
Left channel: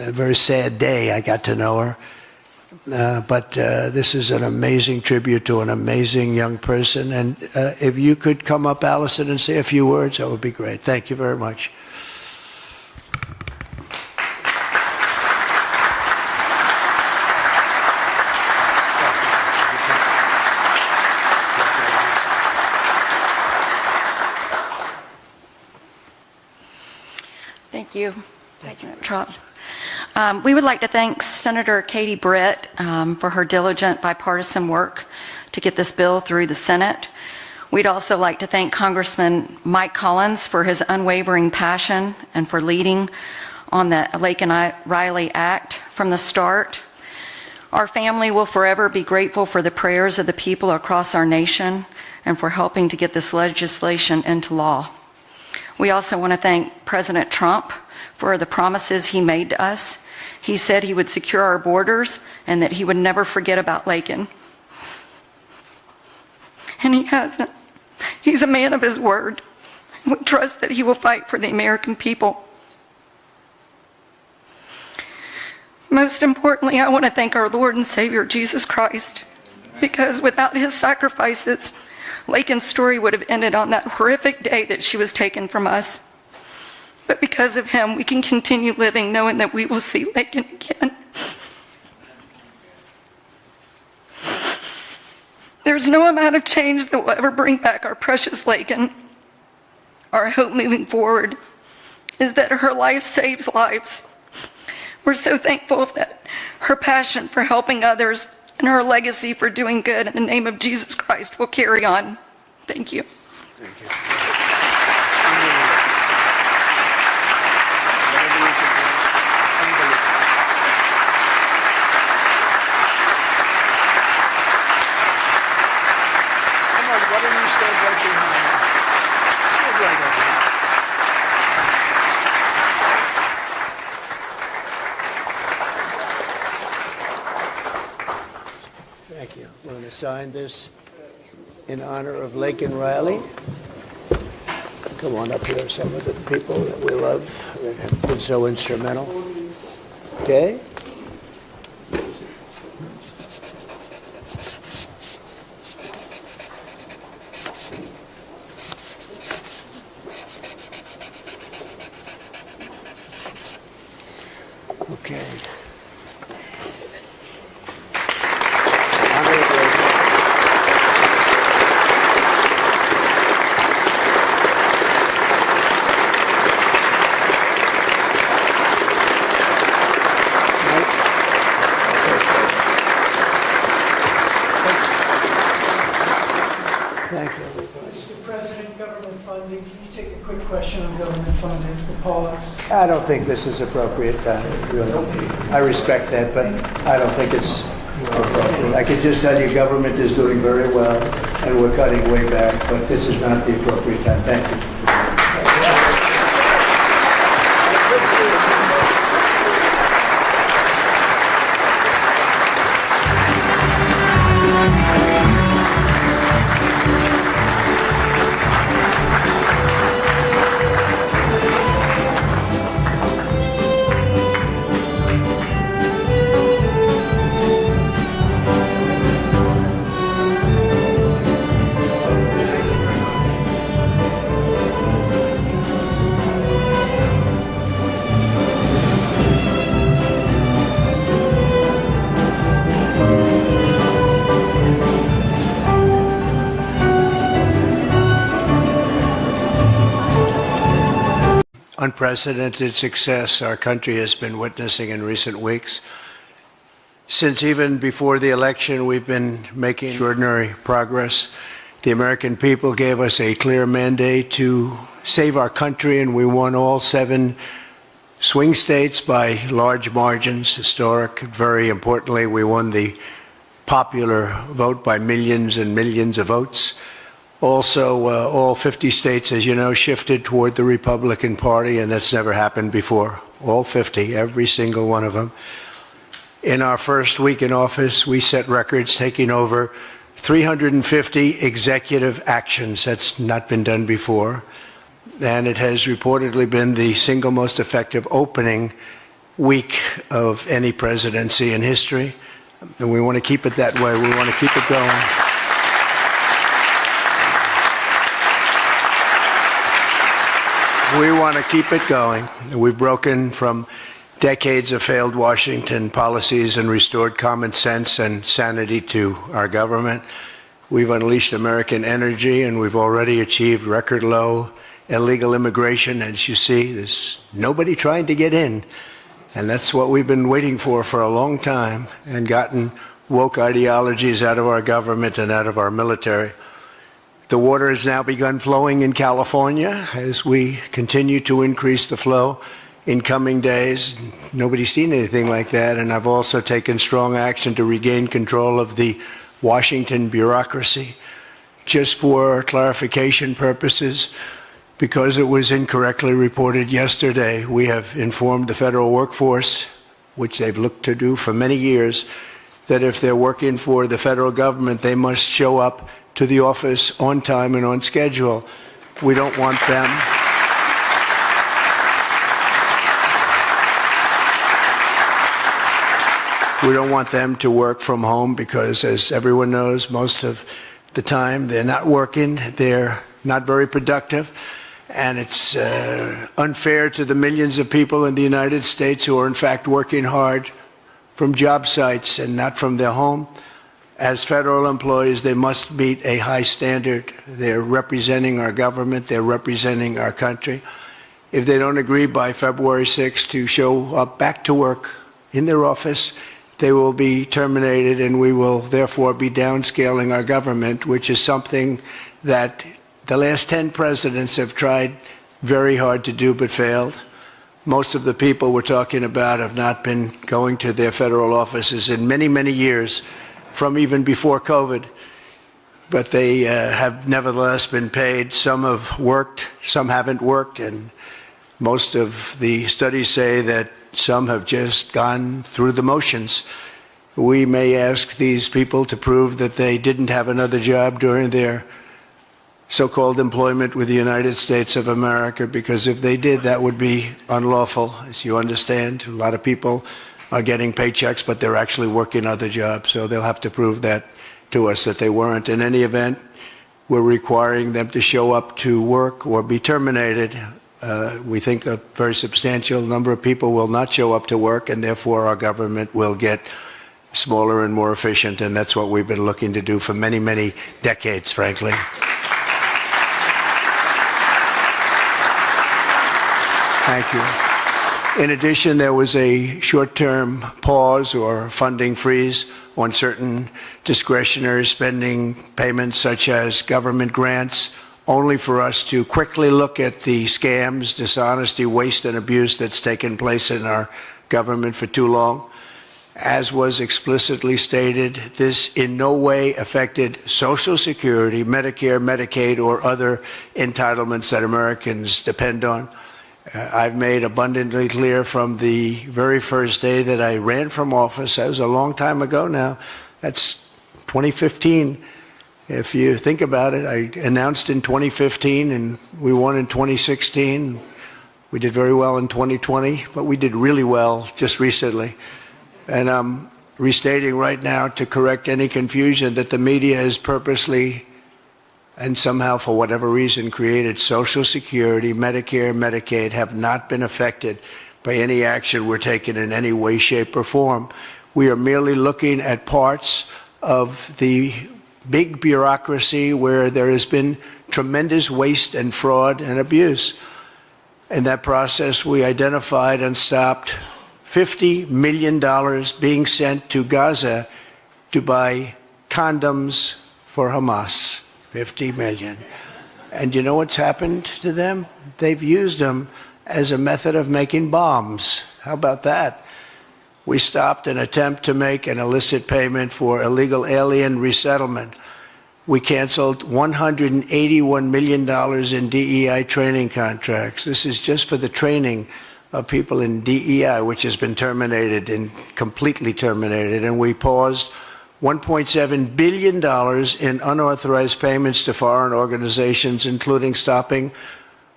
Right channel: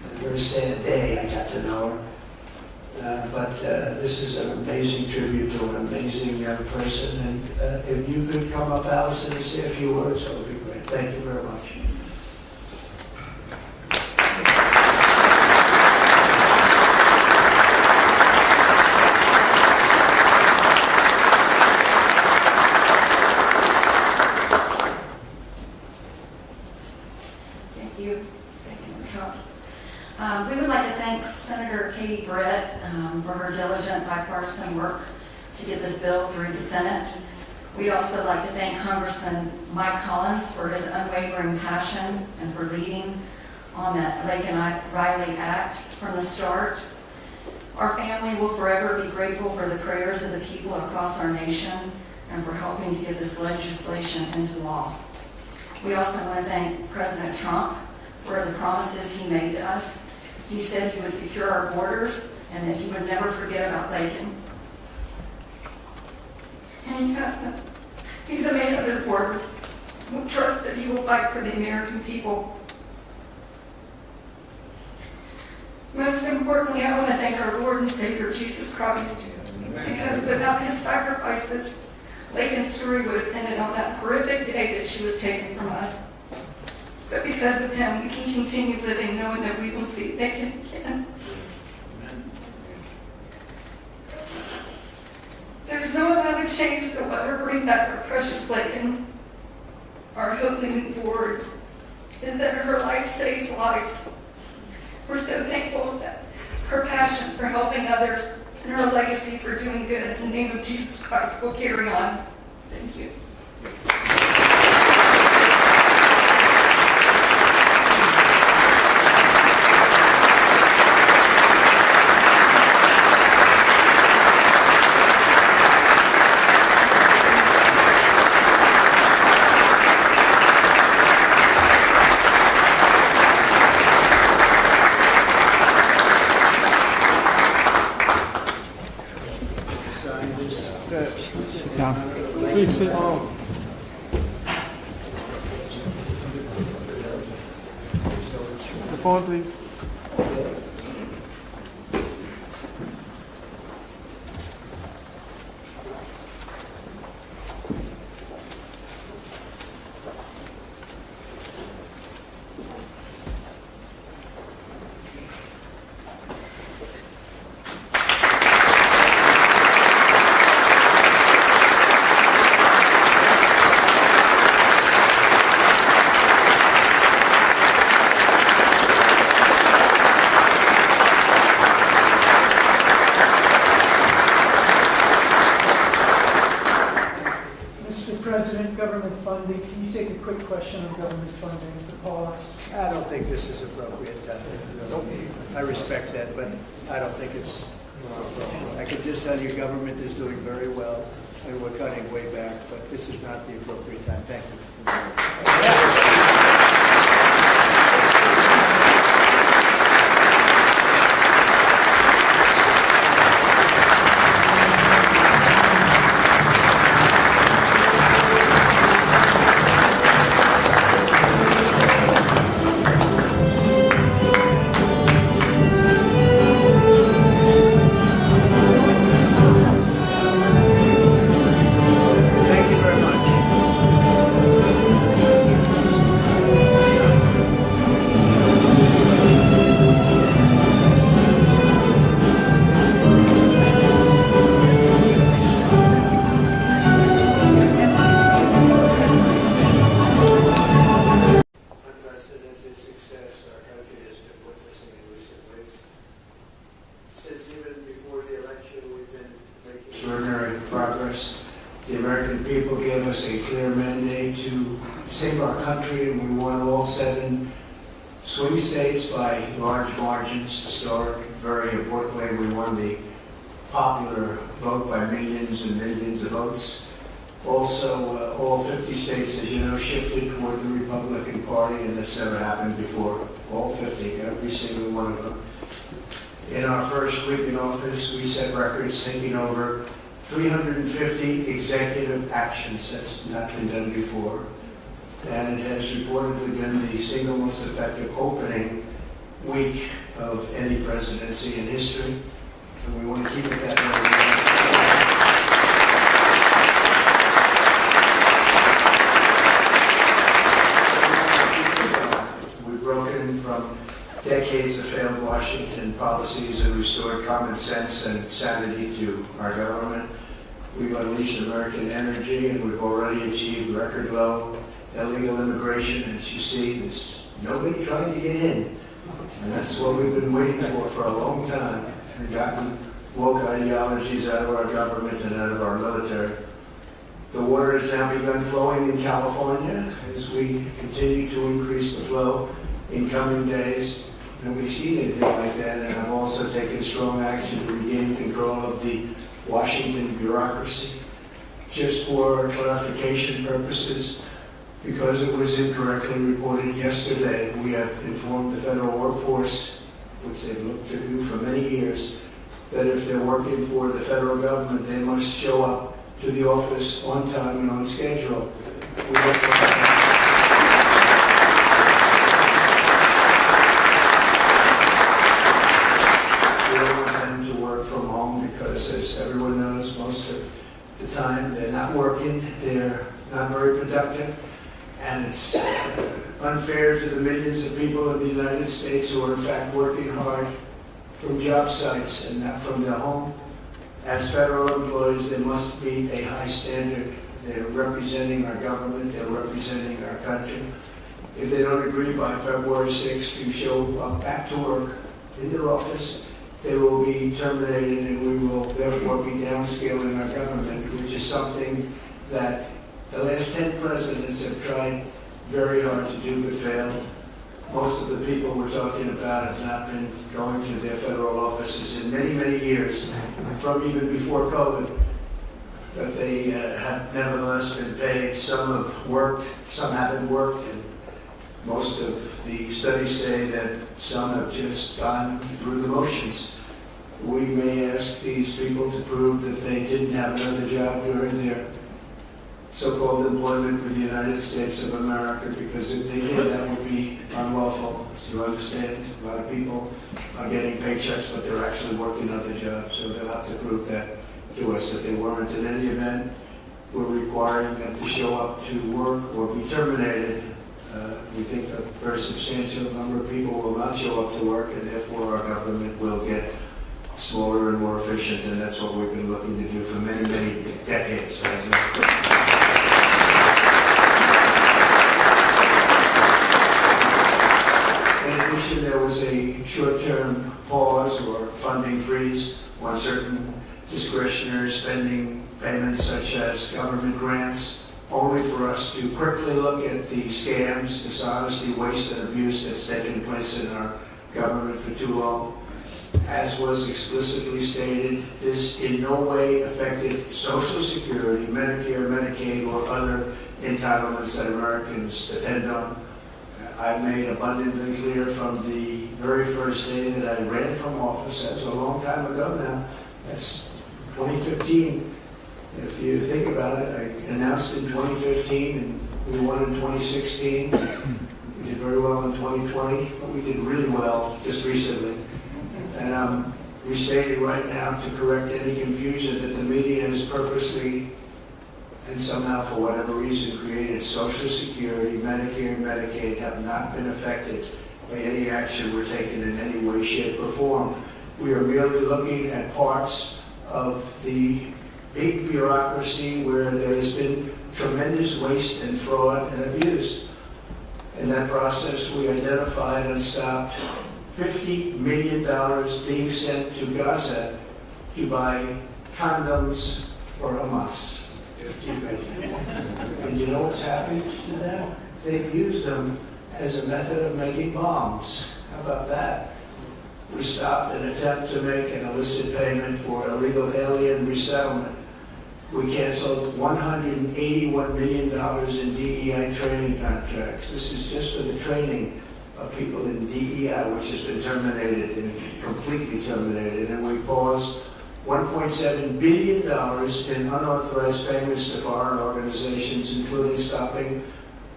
a very sad day. I got to know her. But this is an amazing tribute to an amazing young person. And if you could come up, Allison, and say a few words, that would be great. Thank you very much. Thank you. Thank you, Trump. We would like to thank Senator Katie Britt for her diligent bipartisan work to get this bill through the Senate. We'd also like to thank Congressman Mike Collins for his unwavering passion and for leading on the Laken Riley Act from the start. Our family will forever be grateful for the prayers of the people across our nation and for helping to get this legislation into law. We also want to thank President Trump for the promises he made to us. He said he would secure our borders and that he would never forget about Laken. And he hasn't. He's a man of his word. We trust that he will fight for the American people. Most importantly, I want to thank our Lord and Savior, Jesus Christ, because without his sacrifices, Laken's story would have ended on that horrific day that she was taken from us. But because of him, we can continue living knowing that we will see Laken again. There's no amount of change that will ever bring back our precious Laken. Our hope moving forward is that her life saves lives. We're so thankful that her passion for helping others and her legacy for doing good in the name of Jesus Christ will carry on. Thank you. Sign this in honor of Laken Riley. Come on up here, some of the people that we love that have been so instrumental. Okay? Okay. Mr. President, government funding, can you take a quick question on government funding, the pause? I don't think this is appropriate, really. I respect that, but I don't think it's appropriate. I can just tell you government is doing very well, and we're cutting way back, but this is not the appropriate time. Thank you. Unprecedented success our country has been witnessing in recent weeks. Since even before the election, we've been making extraordinary progress. The American people gave us a clear mandate to save our country, and we won all 7 swing states by large margins, historic. Very importantly, we won the popular vote by millions and millions of votes. Also, all 50 states, as you know, shifted toward the Republican Party, and that's never happened before. All 50, every single one of them. In our first week in office, we set records, taking over 350 executive actions. That's not been done before. And it has reportedly been the single most effective opening week of any presidency in history, and we want to keep it that way. We want to keep it going. We want to keep it going. We've broken from decades of failed Washington policies and restored common sense and sanity to our government. We've unleashed American energy, and we've already achieved record low illegal immigration. As you see, there's nobody trying to get in. And that's what we've been waiting for a long time, and gotten woke ideologies out of our government and out of our military. The water has now begun flowing in California as we continue to increase the flow in coming days. Nobody's seen anything like that, and I've also taken strong action to regain control of the Washington bureaucracy. Just for clarification purposes, because it was incorrectly reported yesterday, we have informed the federal workforce, which they've looked to do for many years, that if they're working for the federal government, they must show up to the office on time and on schedule. We don't want them. We don't want them to work from home because, as everyone knows, most of the time they're not working, they're not very productive, and it's unfair to the millions of people in the United States who are in fact working hard from job sites and not from their home. As federal employees, they must meet a high standard. They're representing our government, they're representing our country. If they don't agree by February 6th to show up back to work in their office, they will be terminated, and we will therefore be downscaling our government, which is something that the last 10 presidents have tried very hard to do but failed. Most of the people we're talking about have not been going to their federal offices in many, many years, from even before COVID, but they have nevertheless been paid. Some have worked, some haven't worked, and most of the studies say that some have just gone through the motions. We may ask these people to prove that they didn't have another job during their so-called employment with the United States of America, because if they did, that would be unlawful. As you understand, a lot of people are getting paychecks, but they're actually working other jobs, so they'll have to prove that to us, that they weren't. In any event, we're requiring them to show up to work or be terminated. We think a very substantial number of people will not show up to work, and therefore our government will get smaller and more efficient, and that's what we've been looking to do for many, many decades, frankly. In addition, there was a short-term pause or funding freeze on certain discretionary spending payments, such as government grants, only for us to quickly look at the scams, dishonesty, waste, and abuse that's taken place in our government for too long. As was explicitly stated, this in no way affected Social Security, Medicare, Medicaid, or other entitlements that Americans depend on. I've made abundantly clear from the very first day that I ran from office, that was a long time ago now, that's 2015. If you think about it, I announced in 2015 and we won in 2016. We did very well in 2020, but we did really well just recently. And I'm restating right now to correct any confusion that the media has purposely and somehow, for whatever reason, created Social Security, Medicare, Medicaid have not been affected by any action we're taking in any way, shape, or form. We are merely looking at parts of the big bureaucracy where there has been tremendous waste and fraud and abuse. In that process, we identified and stopped $50 million being sent to Gaza to buy condoms for Hamas. 50 million. And you know what's happened to them? They've used them as a method of making bombs. How about that? We stopped an attempt to make an illicit payment for illegal alien resettlement. We canceled $181 million in DEI training contracts. This is just for the training of people in DEI, which has been terminated and completely terminated. And we paused $1.7 billion in unauthorized payments to foreign organizations, including stopping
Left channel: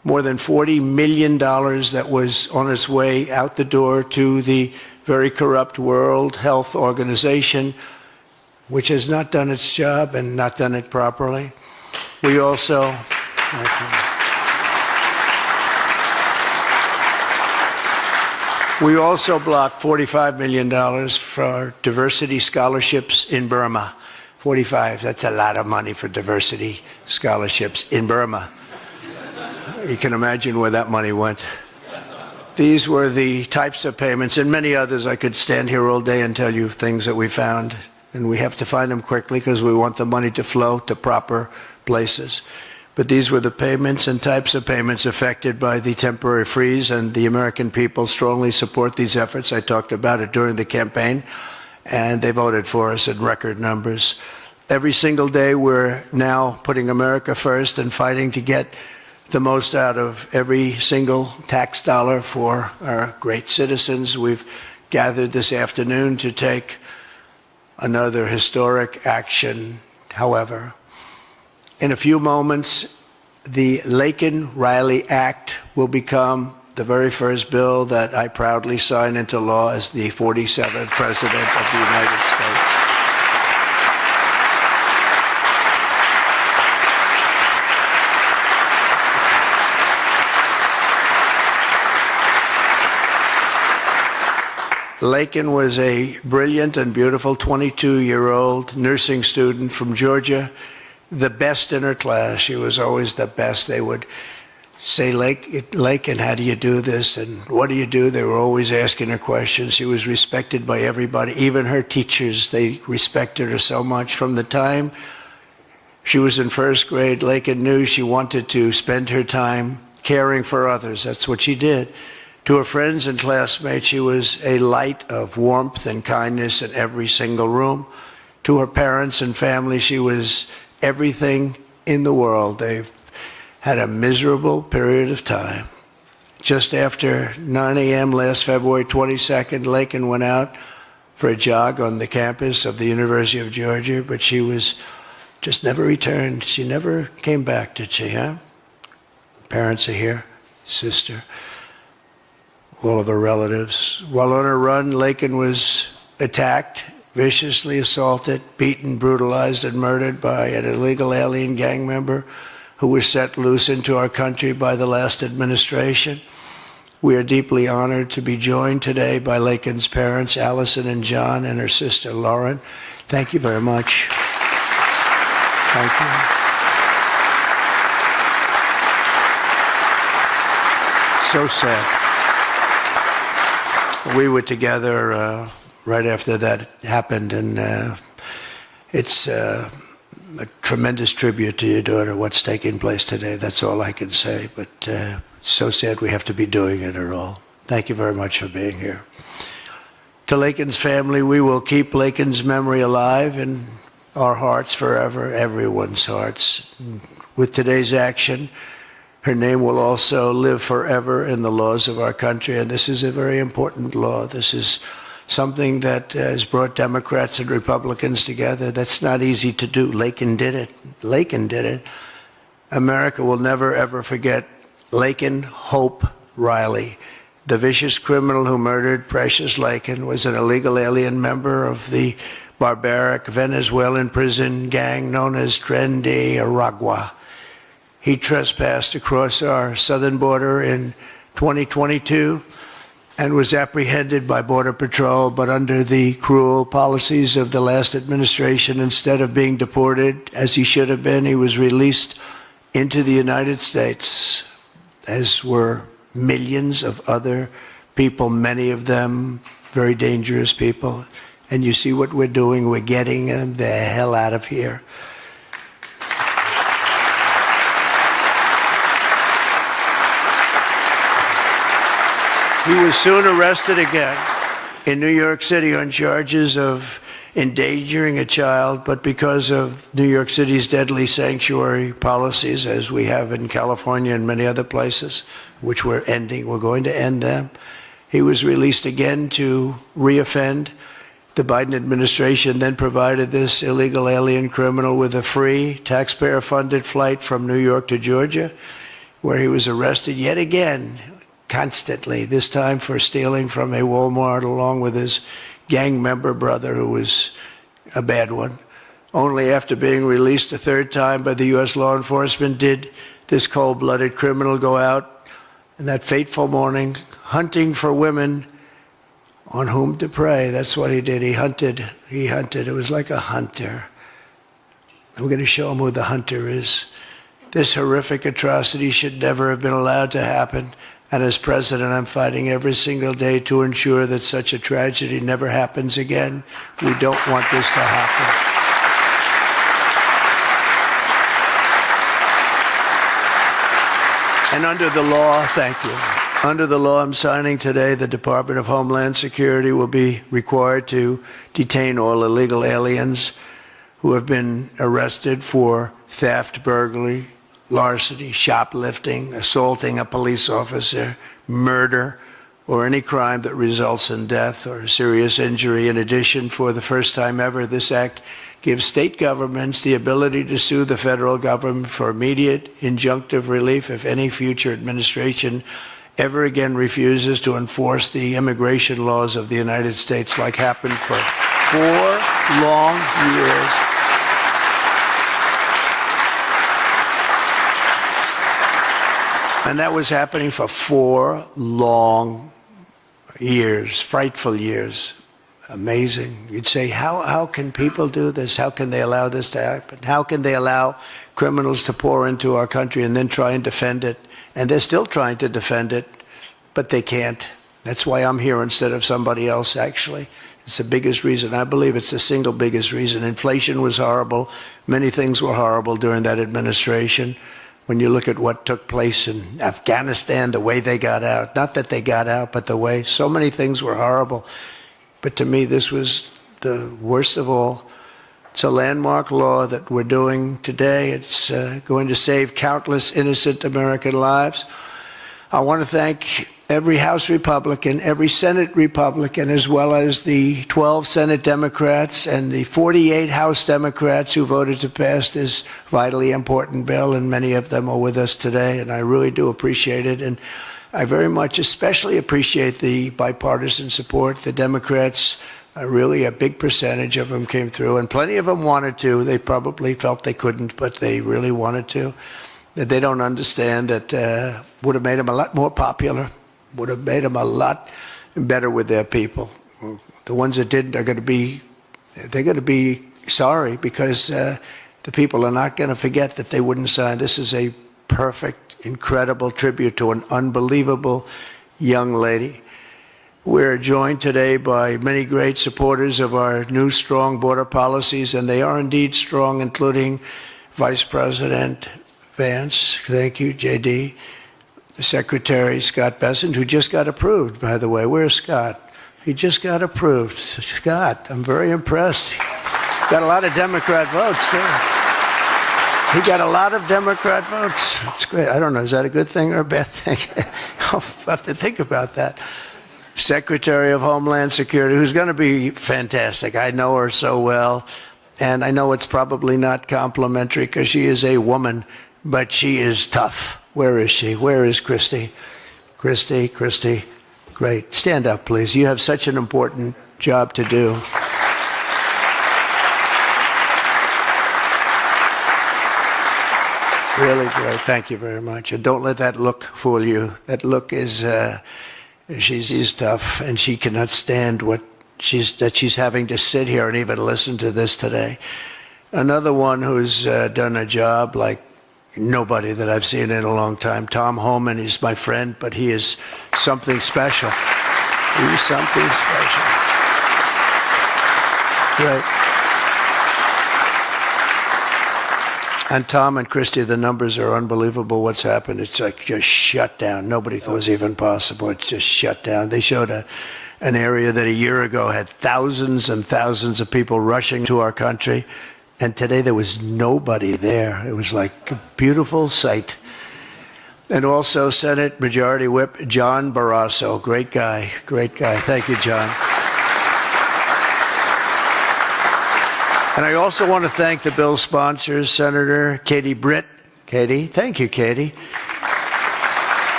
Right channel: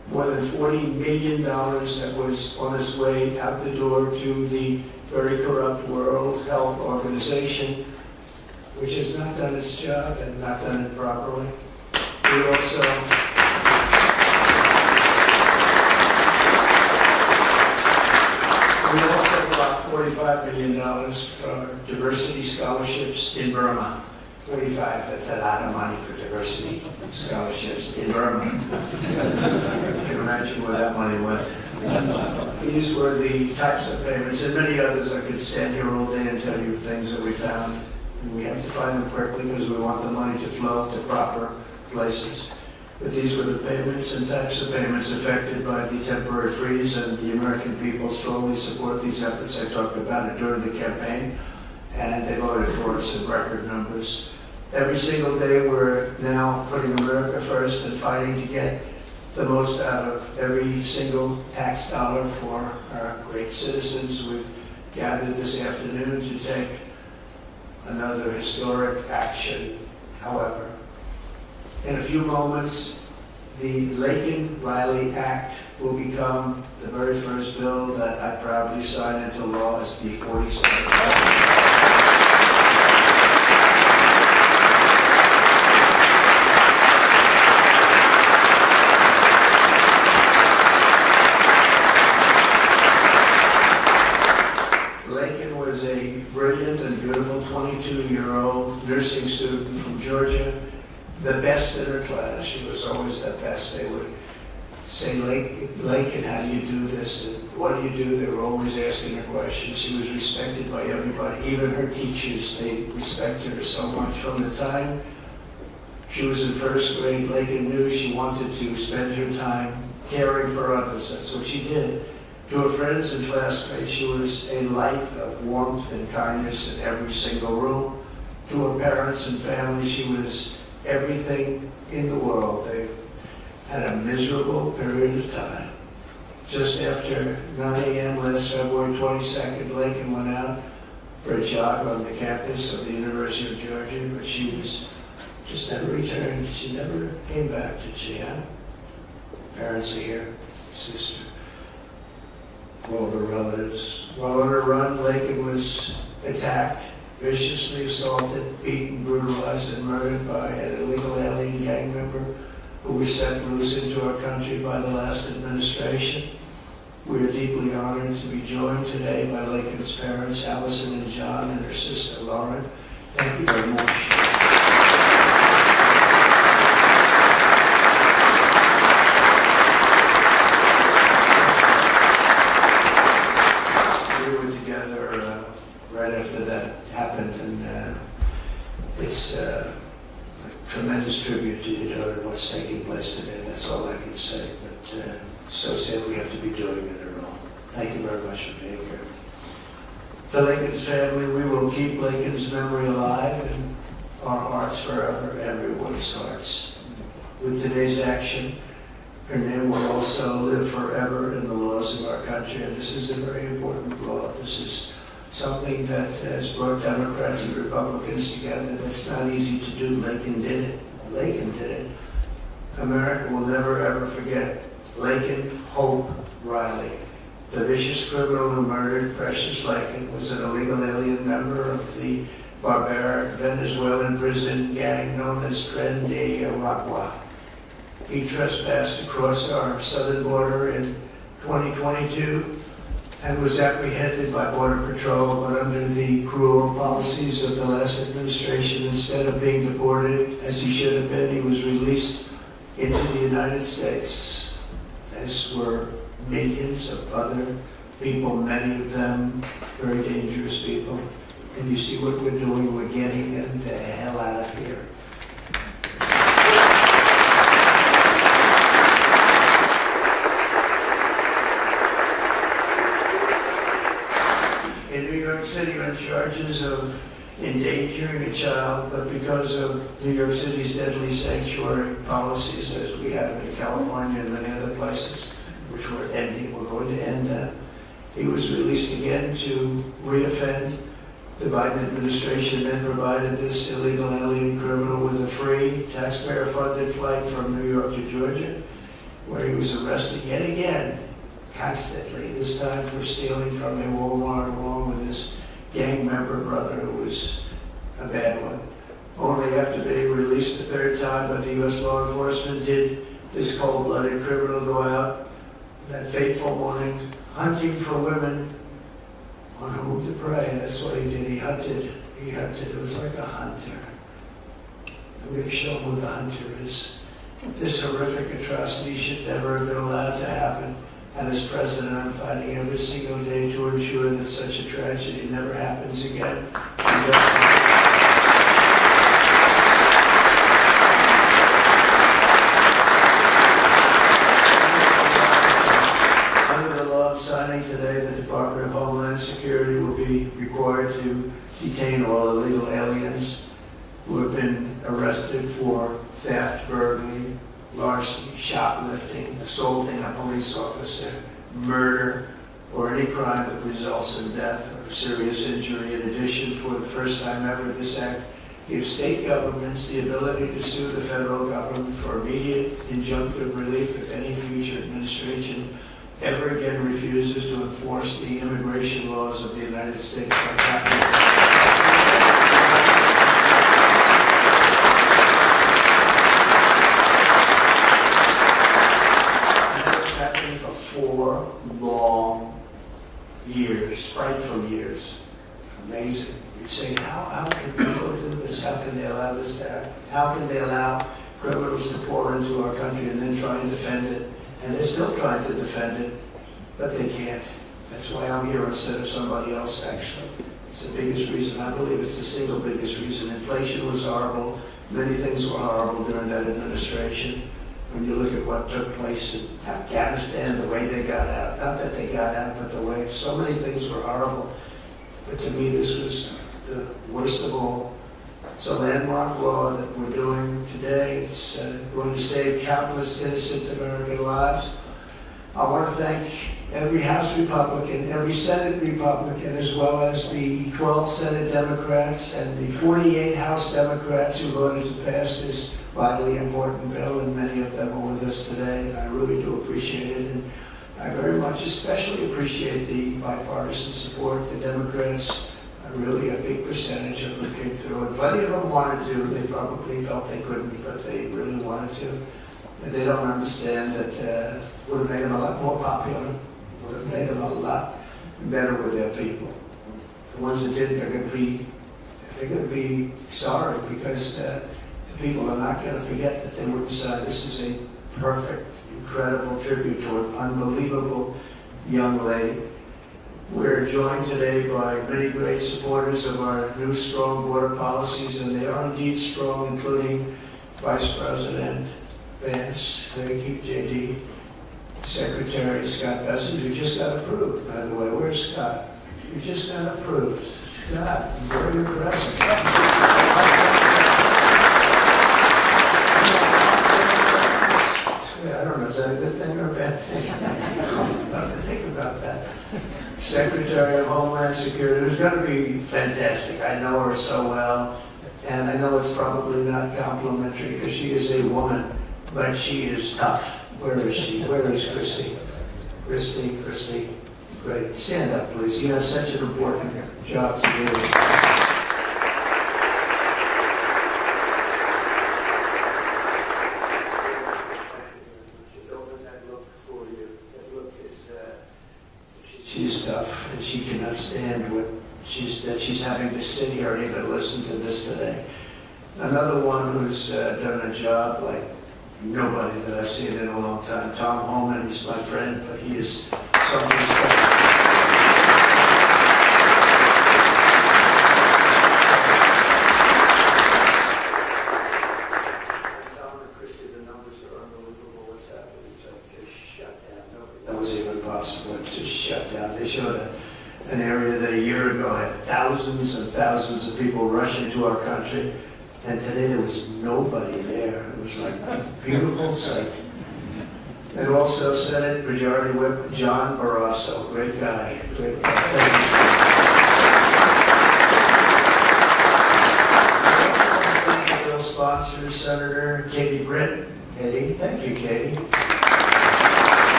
more than $40 million that was on its way out the door to the very corrupt World Health Organization, which has not done its job and not done it properly. We also blocked $45 million for diversity scholarships in Burma. 45, that's a lot of money for diversity scholarships in Burma. You can imagine where that money went. These were the types of payments, and many others. I could stand here all day and tell you things that we found, and we have to find them quickly because we want the money to flow to proper places. But these were the payments and types of payments affected by the temporary freeze, and the American people strongly support these efforts. I talked about it during the campaign, and they voted for us in record numbers. Every single day, we're now putting America first and fighting to get the most out of every single tax dollar for our great citizens. We've gathered this afternoon to take another historic action. However, in a few moments, the Laken Riley Act will become the very first bill that I proudly sign into law as the 47th President of the United States. Laken was a brilliant and beautiful 22-year-old nursing student from Georgia, the best in her class. She was always the best. They would say, Laken, how do you do this? And what do you do? They were always asking her questions. She was respected by everybody, even her teachers. They respected her so much. From the time she was in first grade, Laken knew she wanted to spend her time caring for others. That's what she did. To her friends and classmates, she was a light of warmth and kindness in every single room. To her parents and family, she was everything in the world. They've had a miserable period of time. Just after 9 a.m. last February 22nd, Laken went out for a jog on the campus of the University of Georgia, but she was just never returned. She never came back, did she, huh? Parents are here, sister, all of her relatives. While on her run, Laken was attacked, viciously assaulted, beaten, brutalized, and murdered by an illegal alien gang member who was set loose into our country by the last administration. We are deeply honored to be joined today by Laken's parents, Allison and John, and her sister, Lauren. Thank you very much. So sad. We were together right after that happened, and it's a tremendous tribute to your daughter, what's taking place today. That's all I can say, but it's so sad we have to be doing it at all. Thank you very much for being here. To Laken's family, we will keep Laken's memory alive in our hearts forever, everyone's hearts. With today's action, her name will also live forever in the laws of our country, and this is a very important law. This is something that has brought Democrats and Republicans together. That's not easy to do. Laken did it. Laken did it. America will never, ever forget Laken Hope Riley. The vicious criminal who murdered Precious Laken was an illegal alien member of the barbaric Venezuelan prison gang known as Tren de Aragua. He trespassed across our southern border in 2022 and was apprehended by Border Patrol, but under the cruel policies of the last administration, instead of being deported as he should have been, he was released into the United States, as were millions of other people, many of them very dangerous people. And you see what we're doing, we're getting them the hell out of here. He was soon arrested again in New York City on charges of endangering a child, but because of New York City's deadly sanctuary policies, as we have in California and many other places, which we're going to end them, he was released again to reoffend. The Biden administration then provided this illegal alien criminal with a free, taxpayer-funded flight from New York to Georgia. where he was arrested yet again, constantly, this time for stealing from a Walmart along with his gang member brother, who was a bad one. Only after being released a third time by the U.S. law enforcement did this cold-blooded criminal go out in that fateful morning hunting for women on whom to prey. That's what he did. He hunted. It was like a hunter. And we're going to show him who the hunter is. This horrific atrocity should never have been allowed to happen. And as president, I'm fighting every single day to ensure that such a tragedy never happens again. We don't want this to happen. And under the law, thank you. Under the law I'm signing today, the Department of Homeland Security will be required to detain all illegal aliens who have been arrested for theft, burglary, larceny, shoplifting, assaulting a police officer, murder, or any crime that results in death or serious injury. In addition, for the first time ever, this act gives state governments the ability to sue the federal government for immediate injunctive relief if any future administration ever again refuses to enforce the immigration laws of the United States, like happened for 4 long years. And that was happening for 4 long years, frightful years. Amazing. You'd say, how can people do this? How can they allow this to happen? How can they allow criminals to pour into our country and then try and defend it? And they're still trying to defend it, but they can't. That's why I'm here instead of somebody else, actually. It's the biggest reason. I believe it's the single biggest reason. Inflation was horrible. Many things were horrible during that administration. When you look at what took place in Afghanistan, the way they got out, not that they got out, but the way, so many things were horrible. But to me, this was the worst of all. It's a landmark law that we're doing today. It's going to save countless innocent American lives. I want to thank every House Republican, every Senate Republican, as well as the 12 Senate Democrats and the 48 House Democrats who voted to pass this vitally important bill, and many of them are with us today, and I really do appreciate it. And I very much especially appreciate the bipartisan support. The Democrats, really a big percentage of them came through, and plenty of them wanted to. They probably felt they couldn't, but they really wanted to. That they don't understand that would have made them a lot more popular, would have made them a lot better with their people. The ones that didn't are going to be sorry, because the people are not going to forget that they wouldn't sign. This is a perfect, incredible tribute to an unbelievable young lady. We're joined today by many great supporters of our new strong border policies, and they are indeed strong, including Vice President Vance, thank you, JD, Secretary Scott Bessent, who just got approved, by the way. Where's Scott? He just got approved. Scott, I'm very impressed. Got a lot of Democrat votes. Yeah. He got a lot of Democrat votes. That's great. I don't know, is that a good thing or a bad thing? I'll have to think about that. Secretary of Homeland Security, who's going to be fantastic. I know her so well, and I know it's probably not complimentary because she is a woman, but she is tough. Where is she? Where is Christy? Christy, great. Stand up, please. You have such an important job to do. Really great. Thank you very much. And don't let that look fool you. That look is, she's tough, and she cannot stand that she's having to sit here and even listen to this today. Another one who's done a job like nobody that I've seen in a long time. Tom Homan is my friend, but he is something special. He is something special. Yeah. And Tom and Christy, the numbers are unbelievable. What's happened? It's like just shut down. Nobody thought it was even possible. It's just shut down. They showed an area that a year ago had thousands and thousands of people rushing to our country. And today there was nobody there. It was like a beautiful sight. And also Senate Majority Whip John Barrasso, great guy. Thank you, John. And I also want to thank the bill sponsors, Senator Katie Britt. Katie, thank you, Katie.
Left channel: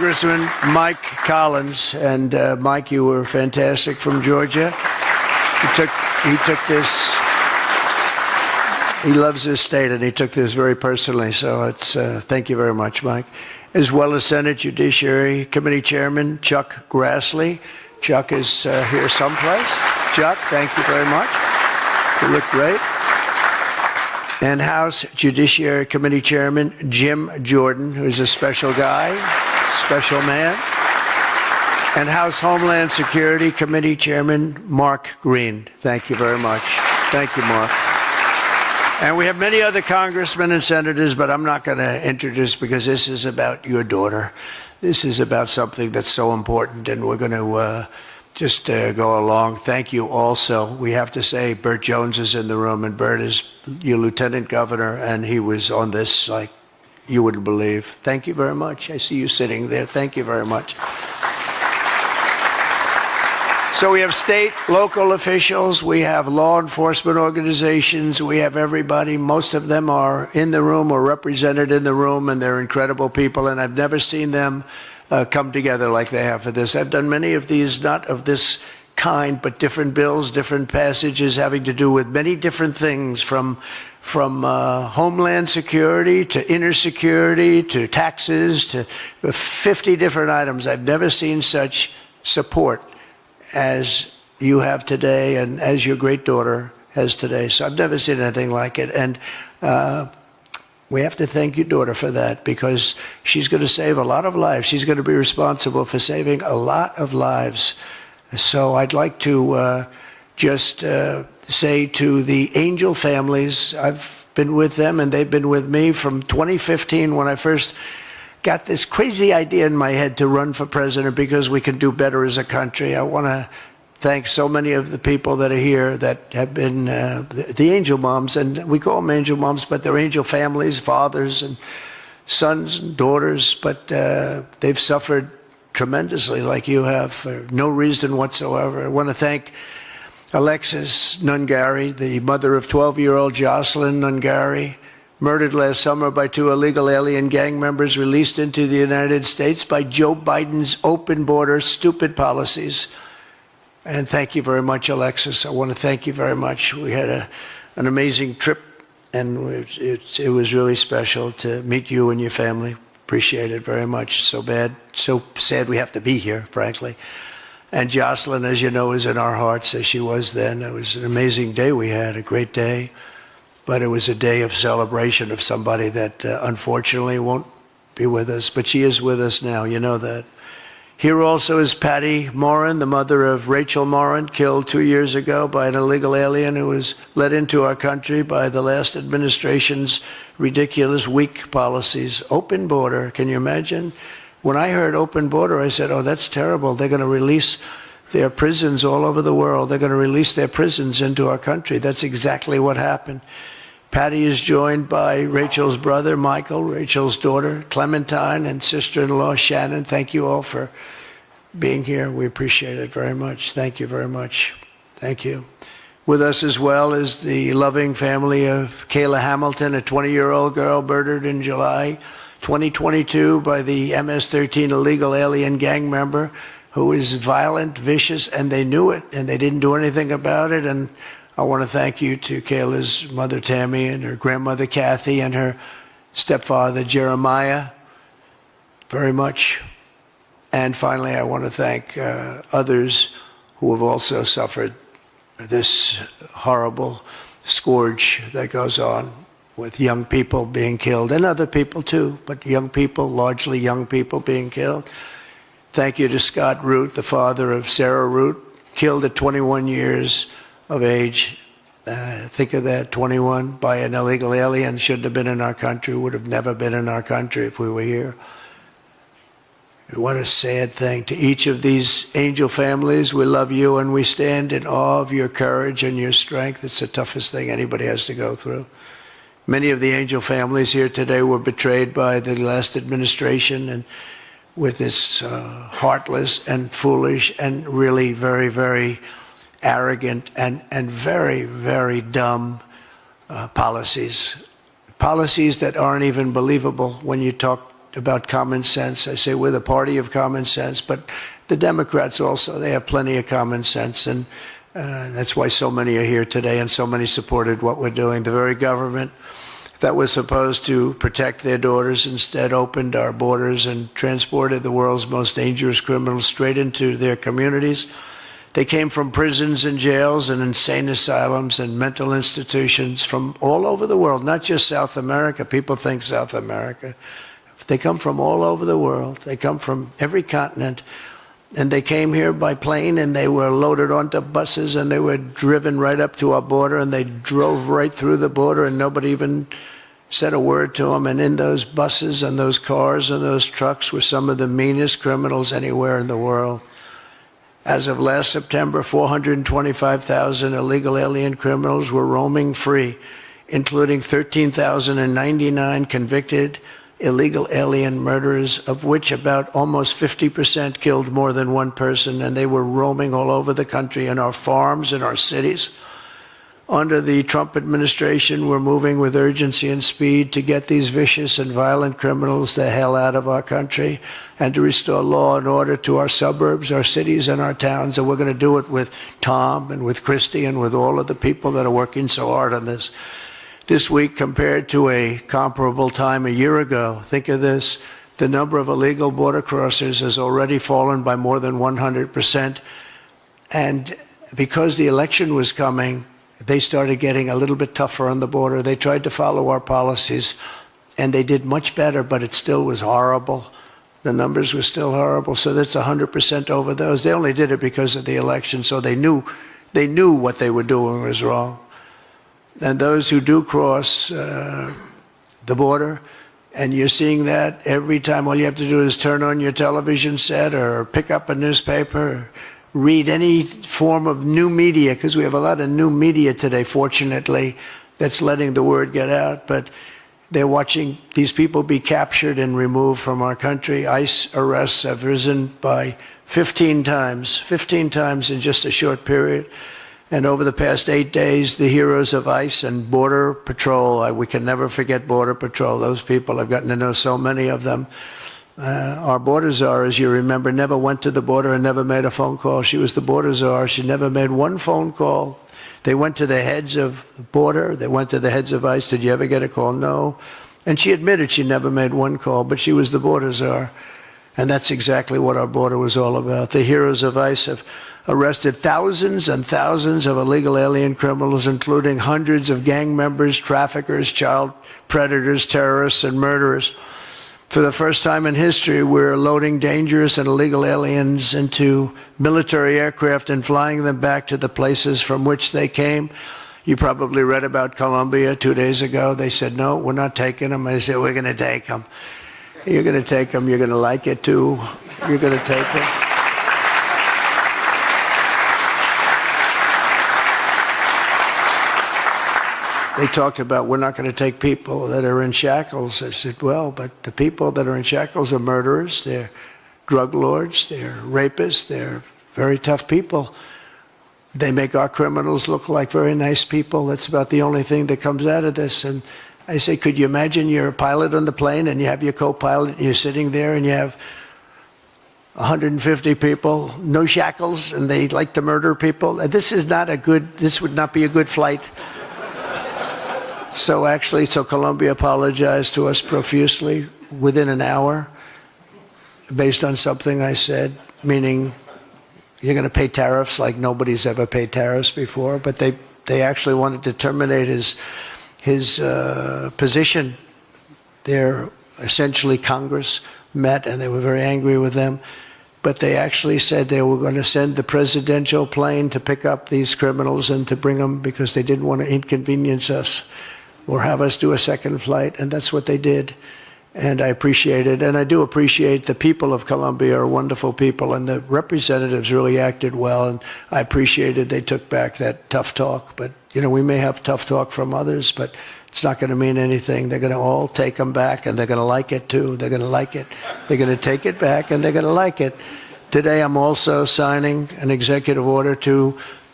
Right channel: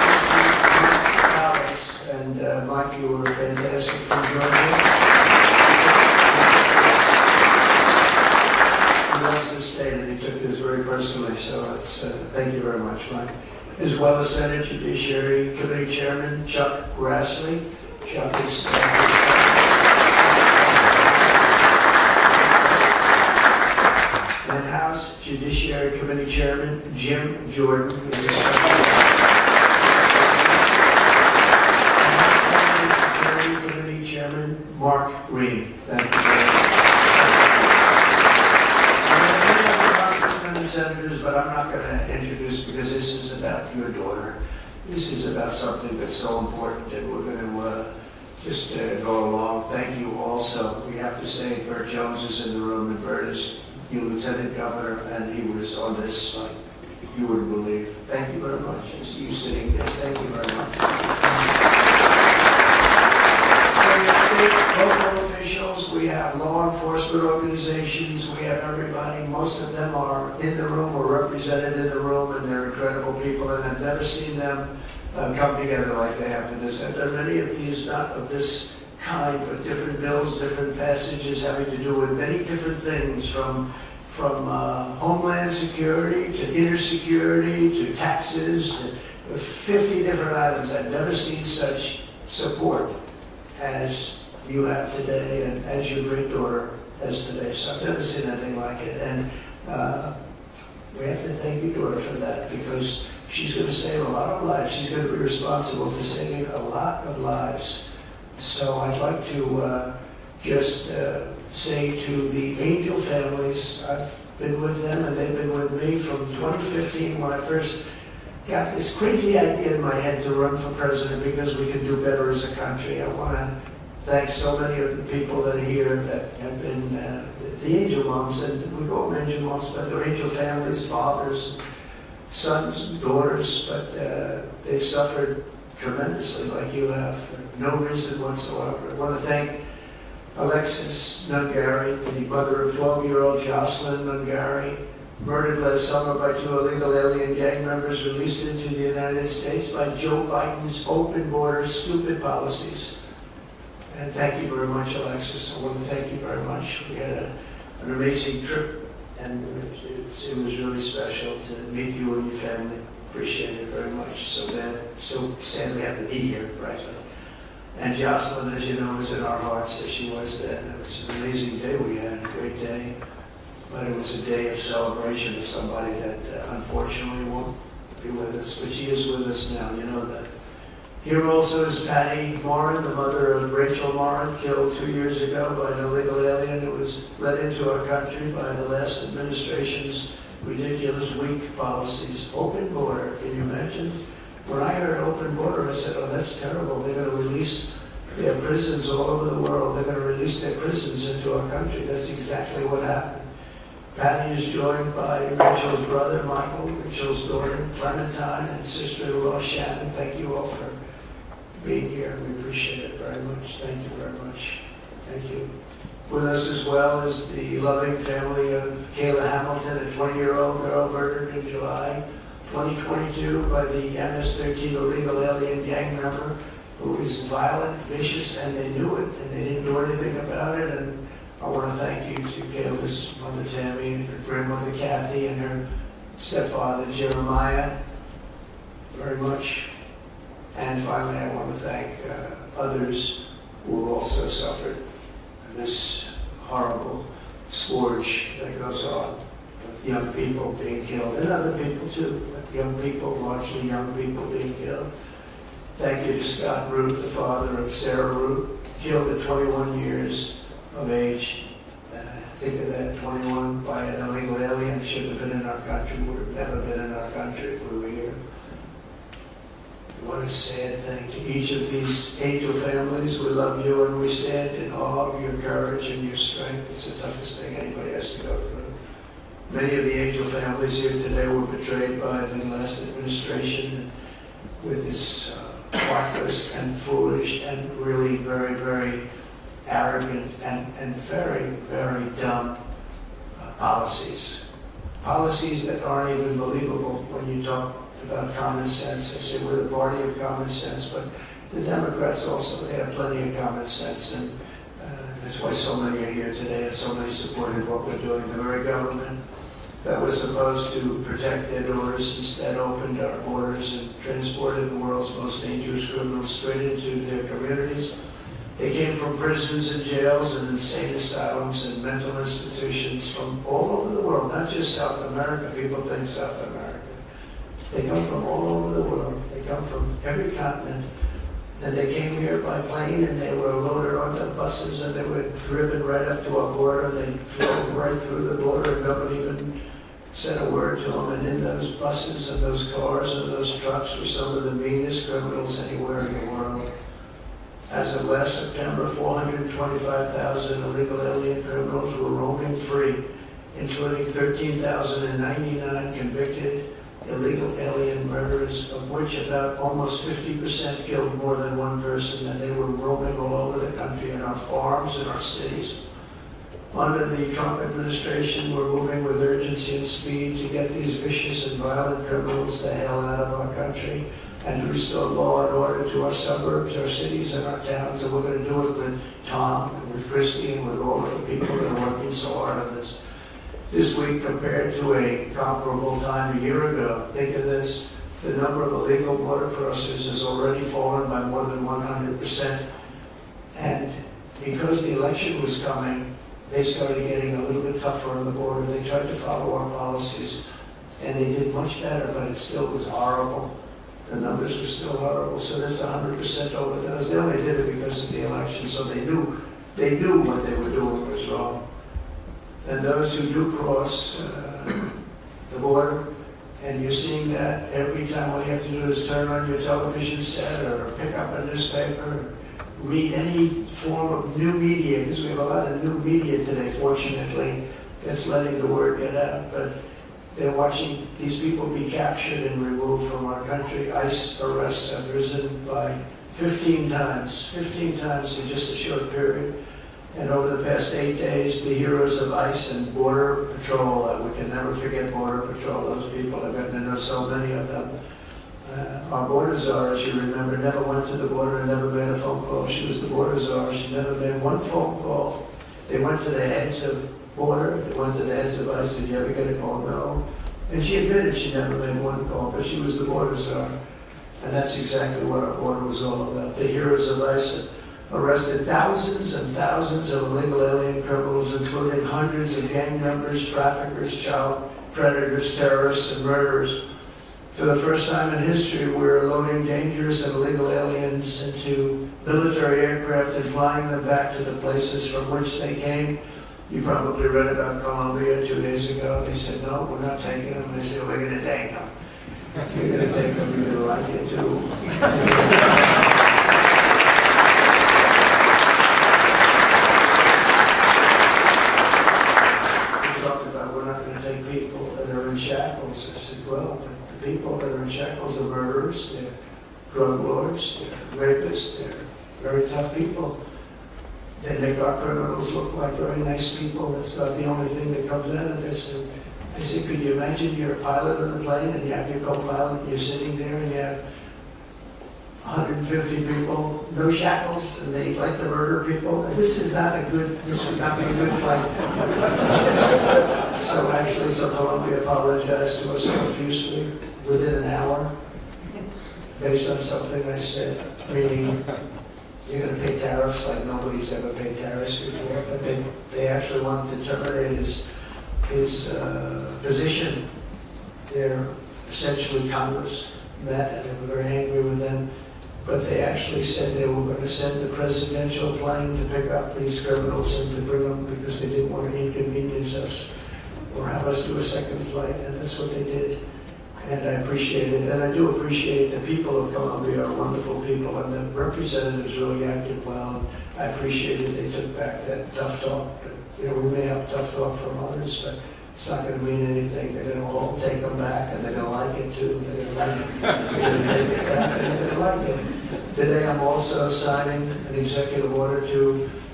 Congressman Mike Collins. And Mike, you were fantastic from Georgia. He took this, he loves this state, and he took this very personally. So it's, thank you very much, Mike. As well as Senate Judiciary Committee Chairman Chuck Grassley. Chuck is here someplace. Chuck, thank you very much. You look great. And House Judiciary Committee Chairman Jim Jordan, who's a special guy, special man. And House Homeland Security Committee Chairman Mark Green. Thank you very much. Thank you, Mark. And we have many other congressmen and senators, but I'm not going to introduce because this is about your daughter. This is about something that's so important, and we're going to just go along. Thank you also. We have to say Burt Jones is in the room, and Burt is your lieutenant governor, and he was on this like you wouldn't believe. Thank you very much. I see you sitting there. Thank you very much. So we have state, local officials, we have law enforcement organizations, we have everybody. Most of them are in the room or represented in the room, and they're incredible people, and I've never seen them come together like they have for this. I've done many of these, not of this kind, but different bills, different passages having to do with many different things, from homeland security to inner security to taxes to 50 different items. I've never seen such support as you have today and as your great daughter has today. So I've never seen anything like it. And we have to thank your daughter for that, because she's going to save a lot of lives. She's going to be responsible for saving a lot of lives. So I'd like to just say to the Angel families, I've been with them and they've been with me from 2015 when I first got this crazy idea in my head to run for president because we could do better as a country. I want to thank so many of the people that are here that have been the angel moms, and we call them angel moms, but they're angel families, fathers and sons and daughters, but they've suffered tremendously like you have for no reason whatsoever. I want to thank Alexis Nungari, the mother of 12-year-old Jocelyn Nungari, murdered last summer by 2 illegal alien gang members released into the United States by Joe Biden's open border stupid policies. And thank you very much, Alexis. I want to thank you very much. We had an amazing trip, and it was really special to meet you and your family. Appreciate it very much. So sad we have to be here, frankly. And Jocelyn, as you know, is in our hearts as she was then. It was an amazing day we had, a great day. But it was a day of celebration of somebody that unfortunately won't be with us. But she is with us now, you know that. Here also is Patty Morin, the mother of Rachel Morin, killed 2 years ago by an illegal alien who was let into our country by the last administration's ridiculous, weak policies. Open border, can you imagine? When I heard open border, I said, oh, that's terrible. They're going to release their prisons all over the world. They're going to release their prisons into our country. That's exactly what happened. Patty is joined by Rachel's brother, Michael, Rachel's daughter, Clementine, and sister-in-law, Shannon. Thank you all for being here. We appreciate it very much. Thank you very much. Thank you. With us as well is the loving family of Kayla Hamilton, a 20-year-old girl murdered in July 2022 by the MS-13 illegal alien gang member who is violent, vicious, and they knew it, and they didn't do anything about it. And I want to thank you to Kayla's mother, Tammy, and her grandmother, Kathy, and her stepfather, Jeremiah, very much. And finally, I want to thank others who have also suffered this horrible scourge that goes on with young people being killed, and other people too, but young people, largely young people being killed. Thank you to Scott Root, the father of Sarah Root, killed at 21 years of age. Think of that, 21 by an illegal alien, shouldn't have been in our country, would have never been in our country if we were here. What a sad thing. To each of these angel families, we love you and we stand in awe of your courage and your strength. It's the toughest thing anybody has to go through. Many of the angel families here today were betrayed by the last administration, and with this heartless and foolish and really very, very arrogant and very, very dumb policies. Policies that aren't even believable when you talk about common sense. I say we're the party of common sense, but the Democrats also, they have plenty of common sense, and that's why so many are here today and so many supported what we're doing. The very government that was supposed to protect their daughters instead opened our borders and transported the world's most dangerous criminals straight into their communities. They came from prisons and jails and insane asylums and mental institutions from all over the world, not just South America. People think South America. They come from all over the world. They come from every continent. And they came here by plane, and they were loaded onto buses, and they were driven right up to our border, and they drove right through the border, and nobody even said a word to them. And in those buses and those cars and those trucks were some of the meanest criminals anywhere in the world. As of last September, 425,000 illegal alien criminals were roaming free, including 13,099 convicted illegal alien murderers, of which about almost 50% killed more than one person, and they were roaming all over the country in our farms, in our cities. Under the Trump administration, we're moving with urgency and speed to get these vicious and violent criminals the hell out of our country and to restore law and order to our suburbs, our cities, and our towns. And we're going to do it with Tom and with Christy and with all of the people that are working so hard on this. This week, compared to a comparable time a year ago, think of this, the number of illegal border crossers has already fallen by more than 100%. And because the election was coming, they started getting a little bit tougher on the border. They tried to follow our policies, and they did much better, but it still was horrible. The numbers were still horrible, so that's 100% over those. They only did it because of the election, so they knew what they were doing was wrong. And those who do cross the border, and you're seeing that every time, all you have to do is turn on your television set or pick up a newspaper, or read any form of new media, because we have a lot of new media today, fortunately, that's letting the word get out. But they're watching these people be captured and removed from our country. ICE arrests have risen by 15 times in just a short period. And over the past 8 days, the heroes of ICE and Border Patrol, we can never forget Border Patrol. Those people, I've gotten to know so many of them. Our border czar, as you remember, never went to the border and never made a phone call. She was the border czar. She never made one phone call. They went to the heads of border. They went to the heads of ICE. Did you ever get a call? No. And she admitted she never made one call, but she was the border czar. And that's exactly what our border was all about. The heroes of ICE have arrested thousands and thousands of illegal alien criminals, including hundreds of gang members, traffickers, child predators, terrorists, and murderers. For the first time in history, we're loading dangerous and illegal aliens into military aircraft and flying them back to the places from which they came. You probably read about Colombia 2 days ago. They said, no, we're not taking them. I said, we're going to take them. You're going to take them. You're going to like it, too. You're going to take them. They talked about, we're not going to take people that are in shackles. I said, well, but the people that are in shackles are murderers, they're drug lords, they're rapists, they're very tough people. They make our criminals look like very nice people. That's about the only thing that comes out of this. And I say, could you imagine you're a pilot on the plane and you have your co-pilot and you're sitting there and you have 150 people, no shackles, and they like to murder people? This would not be a good flight. So Colombia apologized to us profusely within an hour based on something I said, meaning you're going to pay tariffs like nobody's ever paid tariffs before. But they actually wanted to terminate his position. They're essentially Congress met and they were very angry with them. But they actually said they were going to send the presidential plane to pick up these criminals and to bring them because they didn't want to inconvenience us or have us do a second flight, and that's what they did. And I appreciate it, and I do appreciate the people of Colombia are wonderful people, and the representatives really acted well, and I appreciated they took back that tough talk. But, you know, we may have tough talk from others, but it's not going to mean anything. They're going to all take them back, and they're going to like it, too. They're going to like it. They're going to take it back, and they're going to like it. Today, I'm also signing an executive order to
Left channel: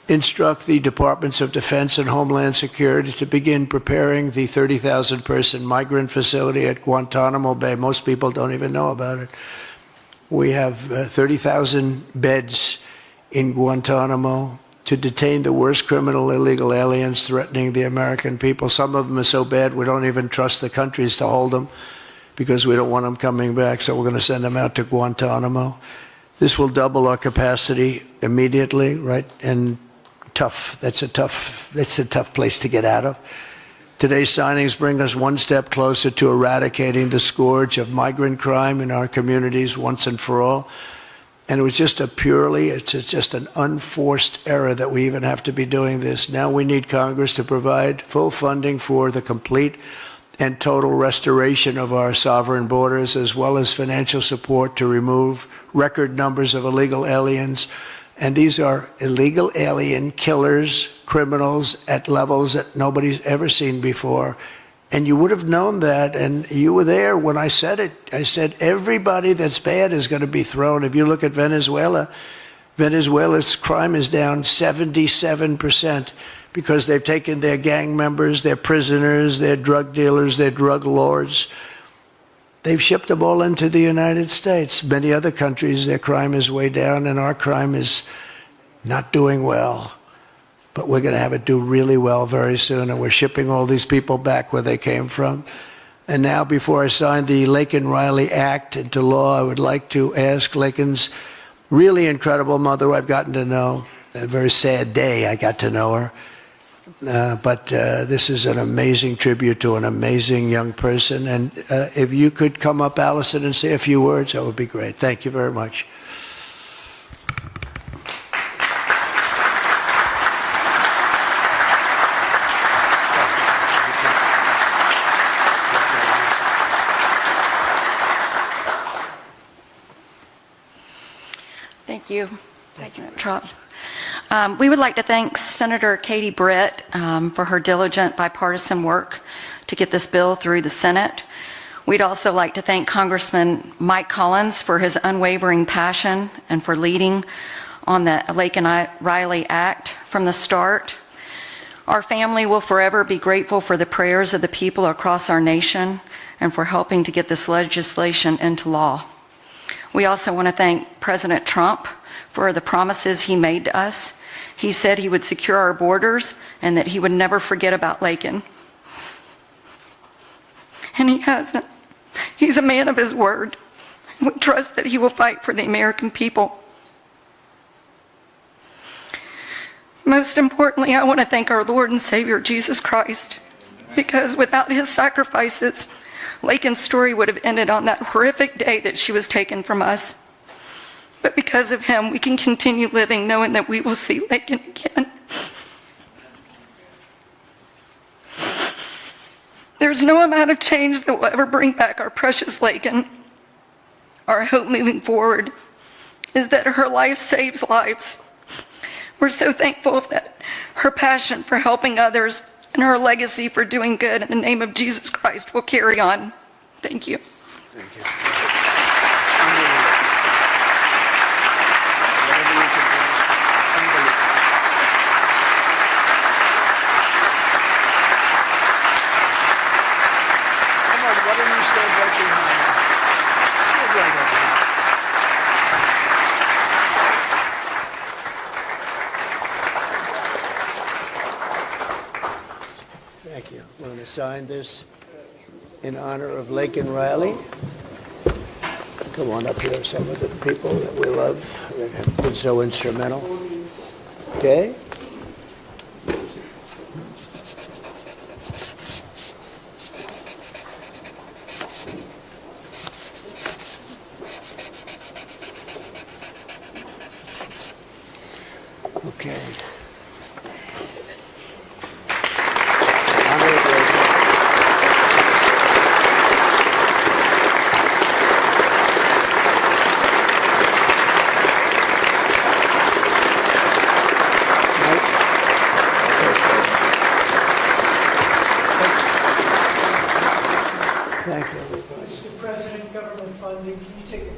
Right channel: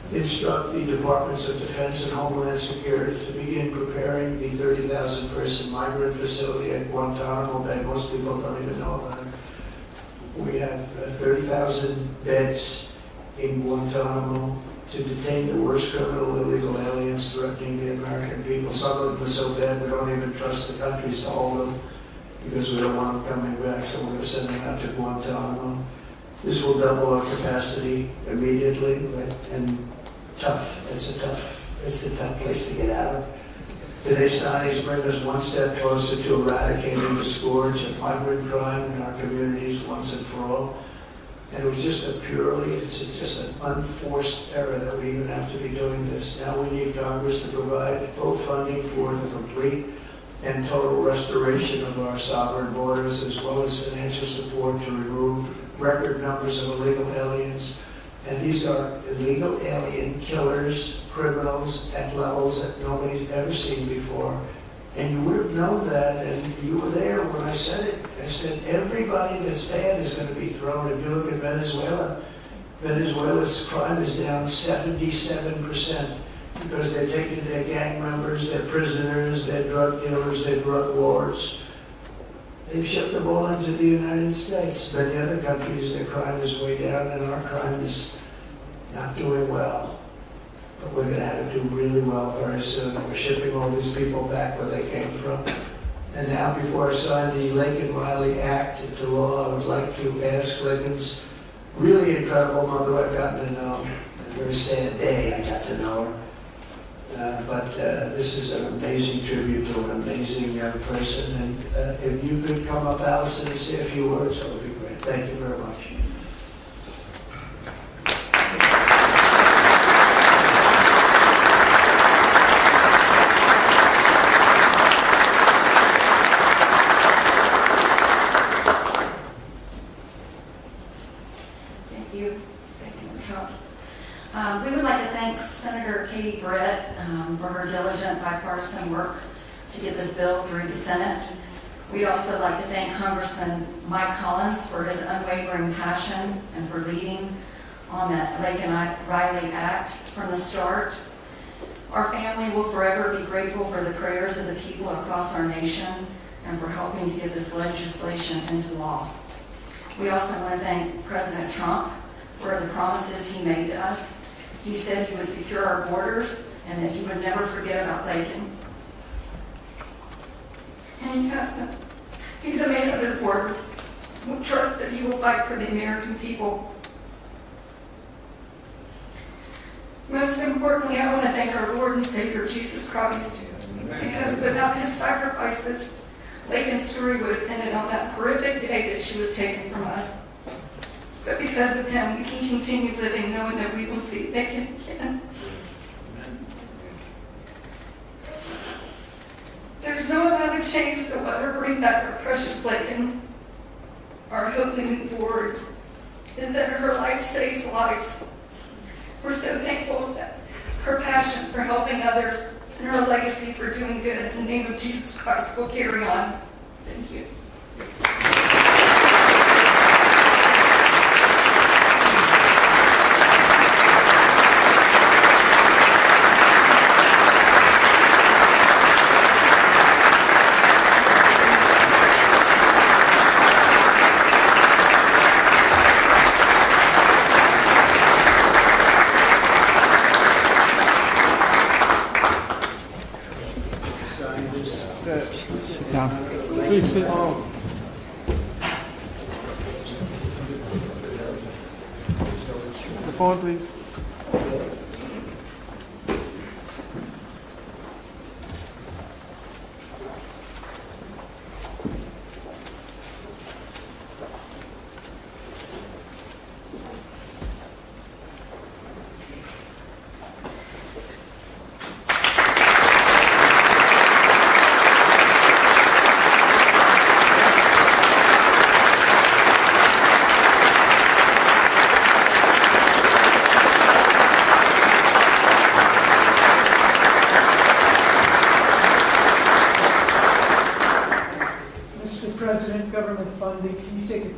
instruct the Departments of Defense and Homeland Security to begin preparing the 30,000-person migrant facility at Guantanamo Bay. Most people don't even know about it. We have 30,000 beds in Guantanamo to detain the worst criminal illegal aliens threatening the American people. Some of them are so bad we don't even trust the countries to hold them because we don't want them coming back, so we're going to send them out to Guantanamo. This will double our capacity immediately, right? And that's a tough place to get out of. Today's signings bring us one step closer to eradicating the scourge of migrant crime in our communities once and for all. And it was just it's just an unforced error that we even have to be doing this. Now we need Congress to provide full funding for the complete and total restoration of our sovereign borders, as well as financial support to remove record numbers of illegal aliens. And these are illegal alien killers, criminals at levels that nobody's ever seen before. And you would have known that, and you were there when I said it. I said everybody that's bad is going to be thrown. If you look at Venezuela, Venezuela's crime is down 77% because they've taken their gang members, their prisoners, their drug dealers, their drug lords. They've shipped them all into the United States. Many other countries, their crime is way down, and our crime is not doing well. But we're going to have it do really well very soon, and we're shipping all these people back where they came from. And now, before I sign the Laken Riley Act into law, I would like to ask Laken's really incredible mother, who I've gotten to know. A very sad day I got to know her. But this is an amazing tribute to an amazing young person. And if you could come up, Allison, and say a few words, that would be great. Thank you very much. Thank you, Trump. We would like to thank Senator Katie Britt for her diligent bipartisan work to get this bill through the Senate. We'd also like to thank Congressman Mike Collins for his unwavering passion and for leading on the Laken Riley Act from the start. Our family will forever be grateful for the prayers of the people across our nation and for helping to get this legislation into law. We also want to thank President Trump for the promises he made to us. He said he would secure our borders and that he would never forget about Laken. And he hasn't. He's a man of his word. We trust that he will fight for the American people. Most importantly, I want to thank our Lord and Savior, Jesus Christ, because without his sacrifices, Laken's story would have ended on that horrific day that she was taken from us. But because of him, we can continue living knowing that we will see Laken again. There's no amount of change that will ever bring back our precious Laken. Our hope moving forward is that her life saves lives. We're so thankful that her passion for helping others and her legacy for doing good in the name of Jesus Christ will carry on. Thank you. Sign this in honor of Laken Riley. Come on up here, some of the people that we love that have been so instrumental. Okay? Okay.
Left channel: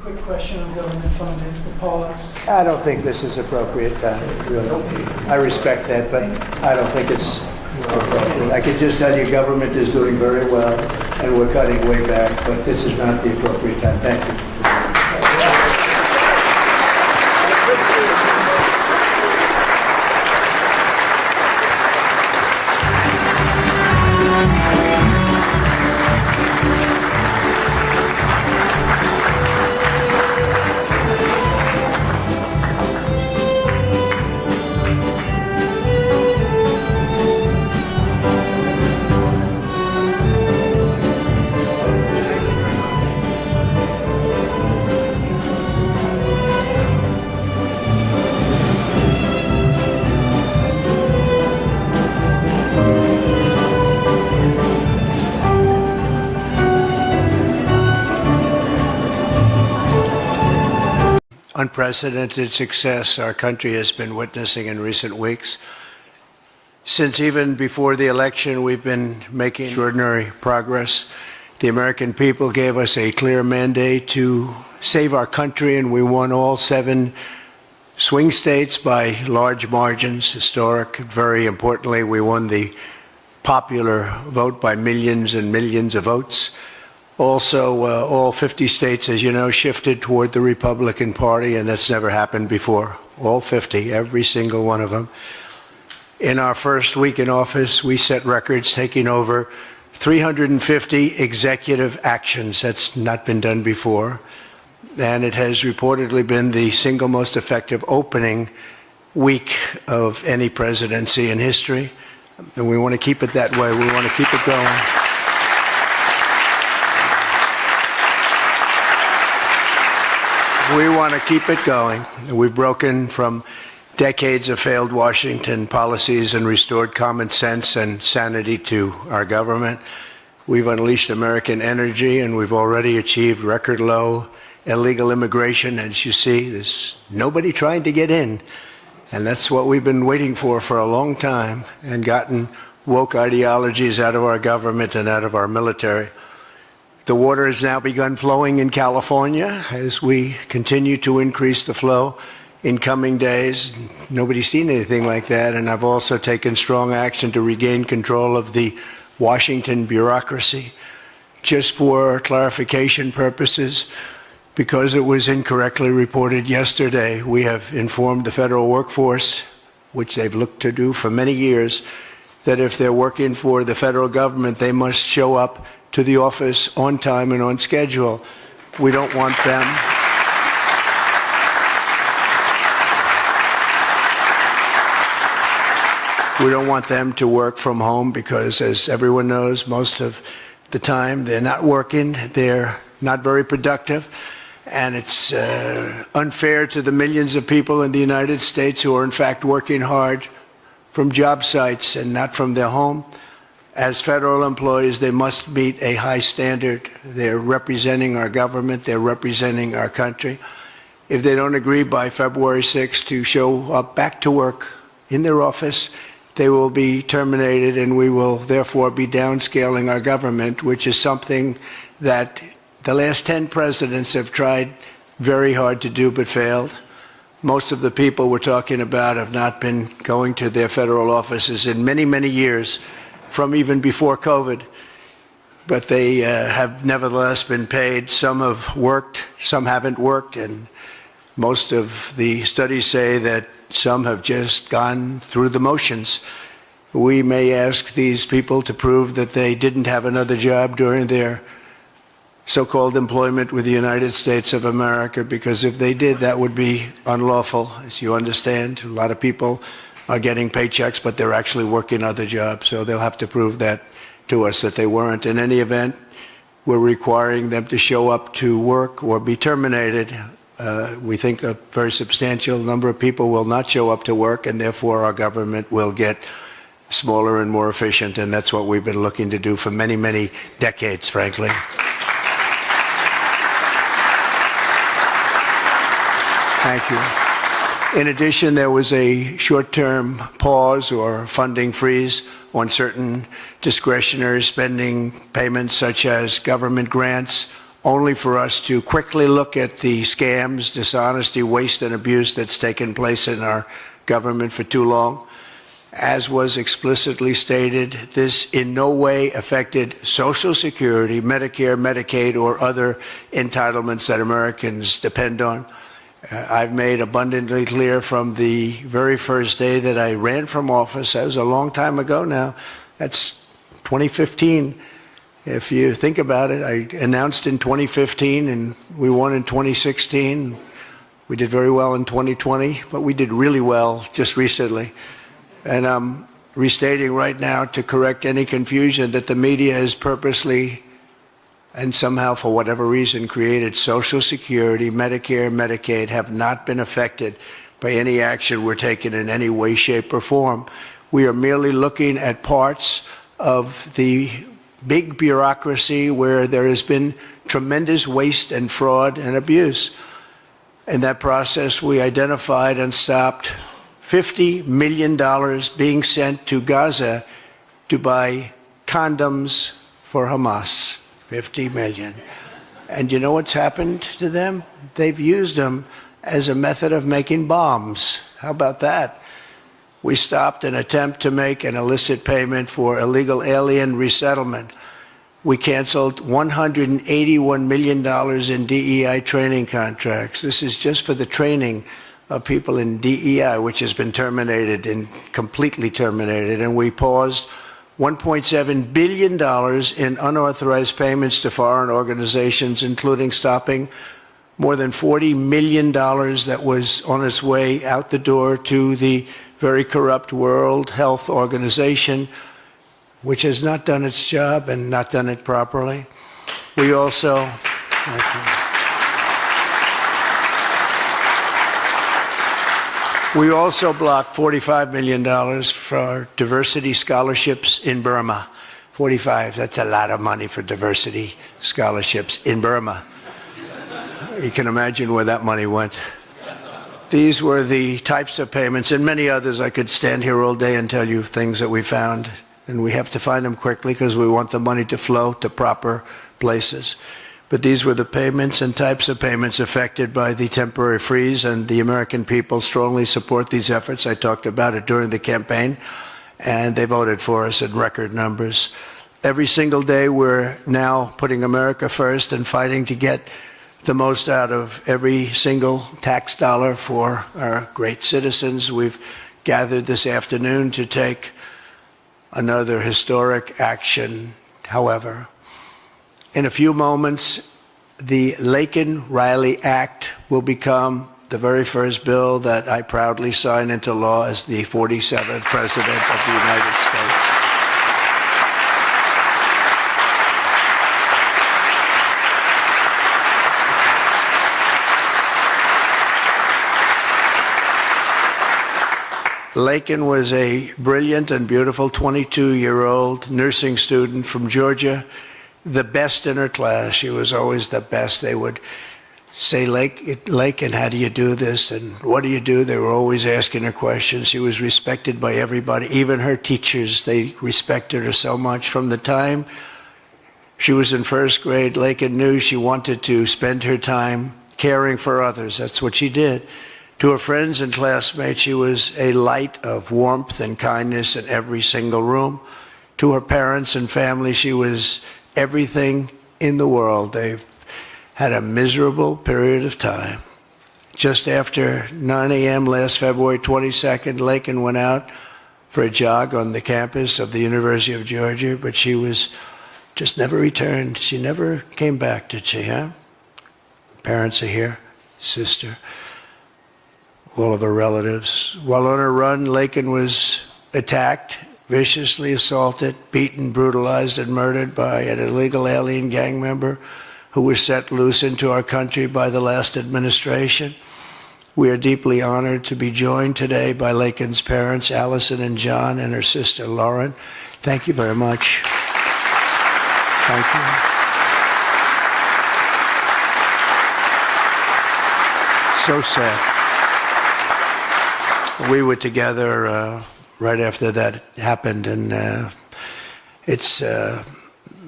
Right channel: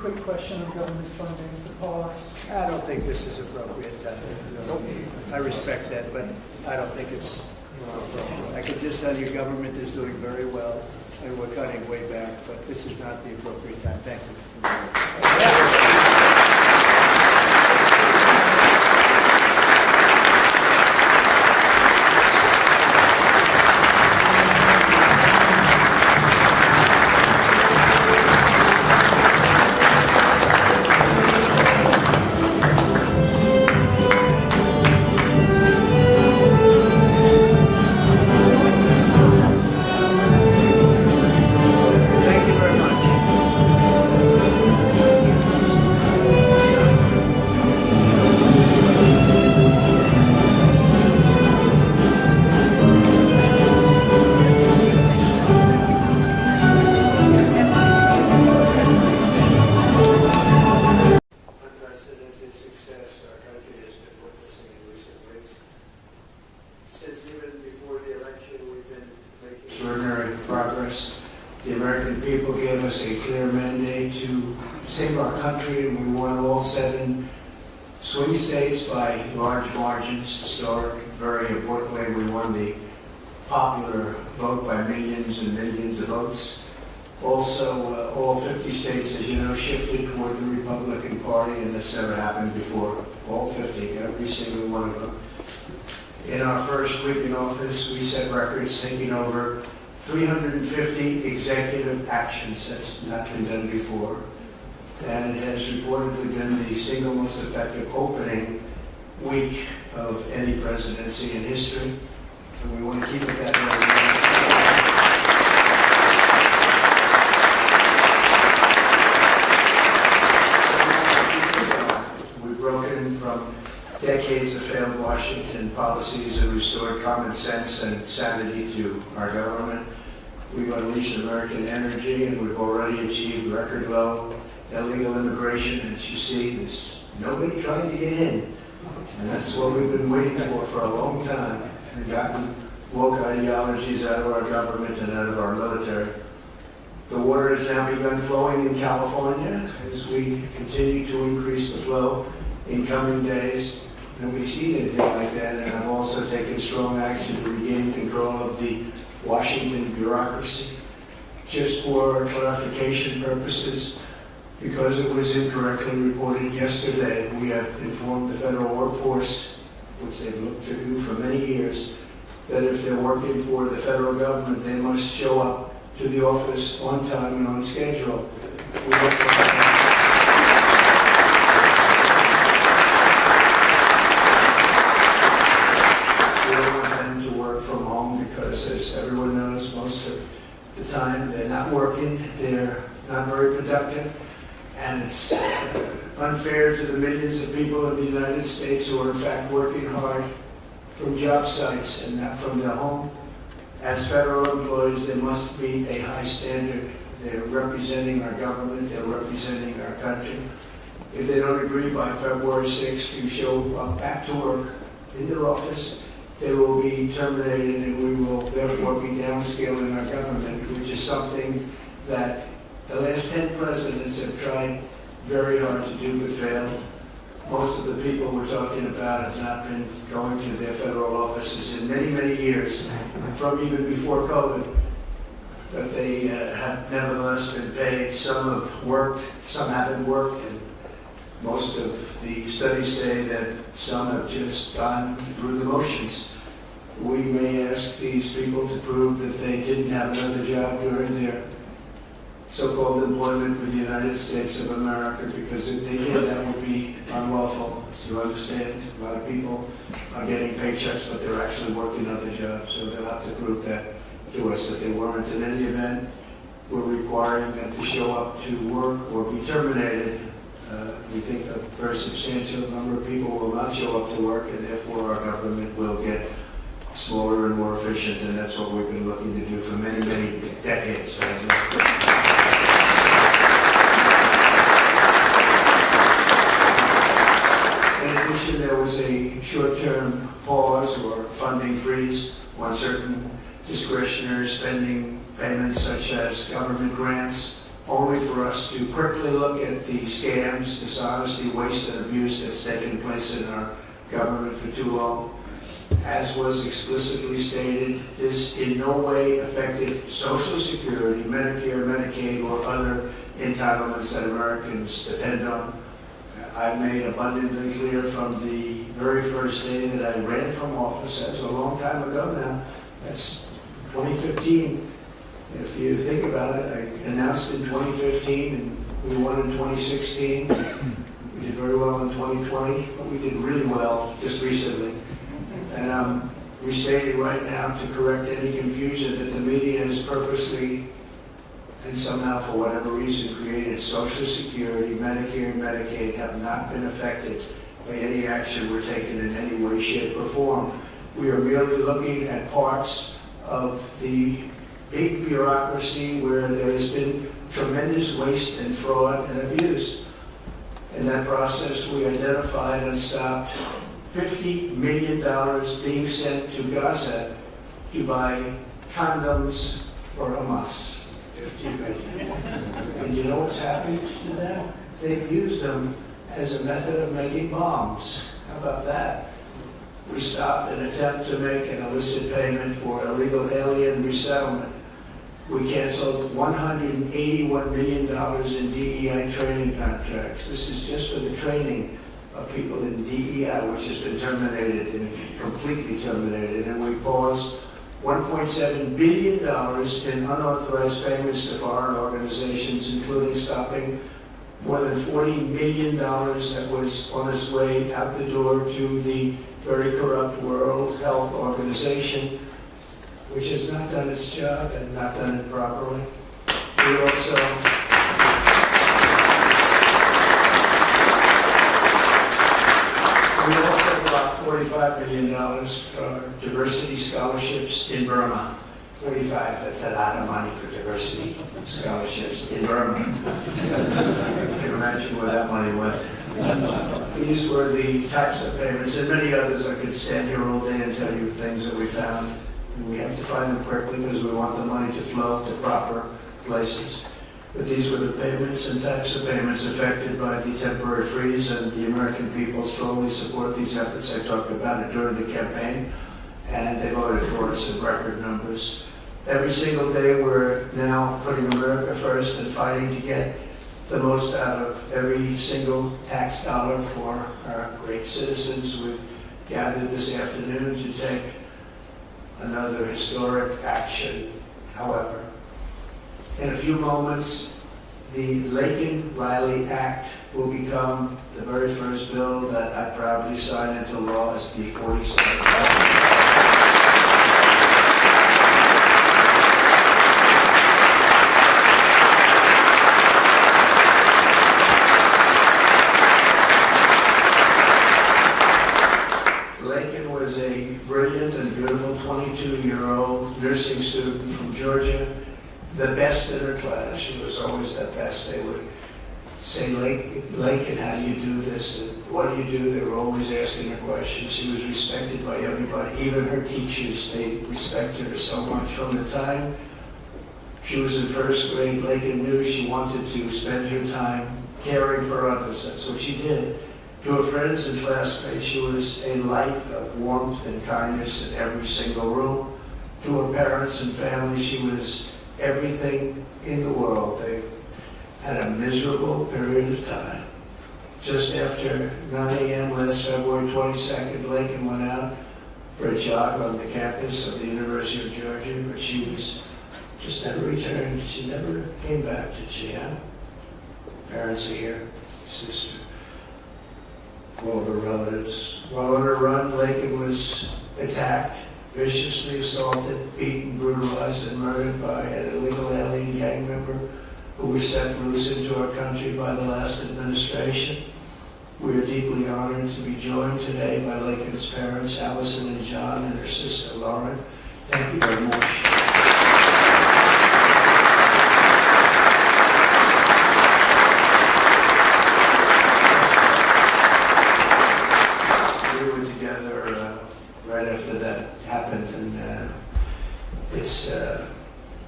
quick question on government funding, the pause. I don't think this is appropriate, really. I respect that, but I don't think it's appropriate. I can just tell you government is doing very well, and we're cutting way back, but this is not the appropriate time. Thank you. Unprecedented success our country has been witnessing in recent weeks. Since even before the election, we've been making extraordinary progress. The American people gave us a clear mandate to save our country, and we won all 7 swing states by large margins, historic. Very importantly, we won the popular vote by millions and millions of votes. Also, all 50 states, as you know, shifted toward the Republican Party, and that's never happened before. All 50, every single one of them. In our first week in office, we set records, taking over 350 executive actions. That's not been done before. And it has reportedly been the single most effective opening week of any presidency in history. And we want to keep it that way. We want to keep it going. We want to keep it going. We've broken from decades of failed Washington policies and restored common sense and sanity to our government. We've unleashed American energy, and we've already achieved record low illegal immigration. As you see, there's nobody trying to get in. And that's what we've been waiting for a long time, and gotten woke ideologies out of our government and out of our military. The water has now begun flowing in California as we continue to increase the flow in coming days. Nobody's seen anything like that, and I've also taken strong action to regain control of the Washington bureaucracy. Just for clarification purposes, because it was incorrectly reported yesterday, we have informed the federal workforce, which they've looked to do for many years, that if they're working for the federal government, they must show up to the office on time and on schedule. We don't want them. We don't want them to work from home because, as everyone knows, most of the time they're not working, they're not very productive, and it's unfair to the millions of people in the United States who are in fact working hard from job sites and not from their home. As federal employees, they must meet a high standard. They're representing our government, they're representing our country. If they don't agree by February 6th to show up back to work in their office, they will be terminated, and we will therefore be downscaling our government, which is something that the last 10 presidents have tried very hard to do but failed. Most of the people we're talking about have not been going to their federal offices in many, many years, from even before COVID, but they have nevertheless been paid. Some have worked, some haven't worked, and most of the studies say that some have just gone through the motions. We may ask these people to prove that they didn't have another job during their so-called employment with the United States of America, because if they did, that would be unlawful. As you understand, a lot of people are getting paychecks, but they're actually working other jobs, so they'll have to prove that to us, that they weren't. In any event, we're requiring them to show up to work or be terminated. We think a very substantial number of people will not show up to work, and therefore our government will get smaller and more efficient, and that's what we've been looking to do for many, many decades, frankly. In addition, there was a short-term pause or funding freeze on certain discretionary spending payments, such as government grants, only for us to quickly look at the scams, dishonesty, waste, and abuse that's taken place in our government for too long. As was explicitly stated, this in no way affected Social Security, Medicare, Medicaid, or other entitlements that Americans depend on. I've made abundantly clear from the very first day that I ran from office, that was a long time ago now, that's 2015. If you think about it, I announced in 2015 and we won in 2016. We did very well in 2020, but we did really well just recently. And I'm restating right now to correct any confusion that the media has purposely and somehow for whatever reason created Social Security, Medicare, Medicaid have not been affected by any action we're taking in any way, shape, or form. We are merely looking at parts of the big bureaucracy where there has been tremendous waste and fraud and abuse. In that process, we identified and stopped $50 million being sent to Gaza to buy condoms for Hamas. 50 million. And you know what's happened to them? They've used them as a method of making bombs. How about that? We stopped an attempt to make an illicit payment for illegal alien resettlement. We canceled $181 million in DEI training contracts. This is just for the training of people in DEI, which has been terminated and completely terminated. And we paused $1.7 billion in unauthorized payments to foreign organizations, including stopping more than $40 million that was on its way out the door to the very corrupt World Health Organization, which has not done its job and not done it properly. We also blocked $45 million for diversity scholarships in Burma. 45, that's a lot of money for diversity scholarships in Burma. You can imagine where that money went. These were the types of payments and many others. I could stand here all day and tell you things that we found, and we have to find them quickly because we want the money to flow to proper places. But these were the payments and types of payments affected by the temporary freeze, and the American people strongly support these efforts. I talked about it during the campaign, and they voted for us in record numbers. Every single day we're now putting America first and fighting to get the most out of every single tax dollar for our great citizens. We've gathered this afternoon to take another historic action. However, in a few moments, the Laken Riley Act will become the very first bill that I proudly sign into law as the 47th President of the United States. Laken was a brilliant and beautiful 22-year-old nursing student from Georgia, the best in her class. She was always the best. They would say, Laken, how do you do this? And what do you do? They were always asking her questions. She was respected by everybody, even her teachers. They respected her so much. From the time she was in first grade, Laken knew she wanted to spend her time caring for others. That's what she did. To her friends and classmates, she was a light of warmth and kindness in every single room. To her parents and family, she was everything in the world. They've had a miserable period of time. Just after 9 a.m. last February 22nd, Laken went out for a jog on the campus of the University of Georgia, but she was just never returned. She never came back, did she, huh? Parents are here, sister, all of her relatives. While on her run, Laken was attacked, viciously assaulted, beaten, brutalized, and murdered by an illegal alien gang member who was set loose into our country by the last administration. We are deeply honored to be joined today by Laken's parents, Allison and John, and her sister, Lauren. Thank you very much. Thank you. So sad. We were together right after that happened, and it's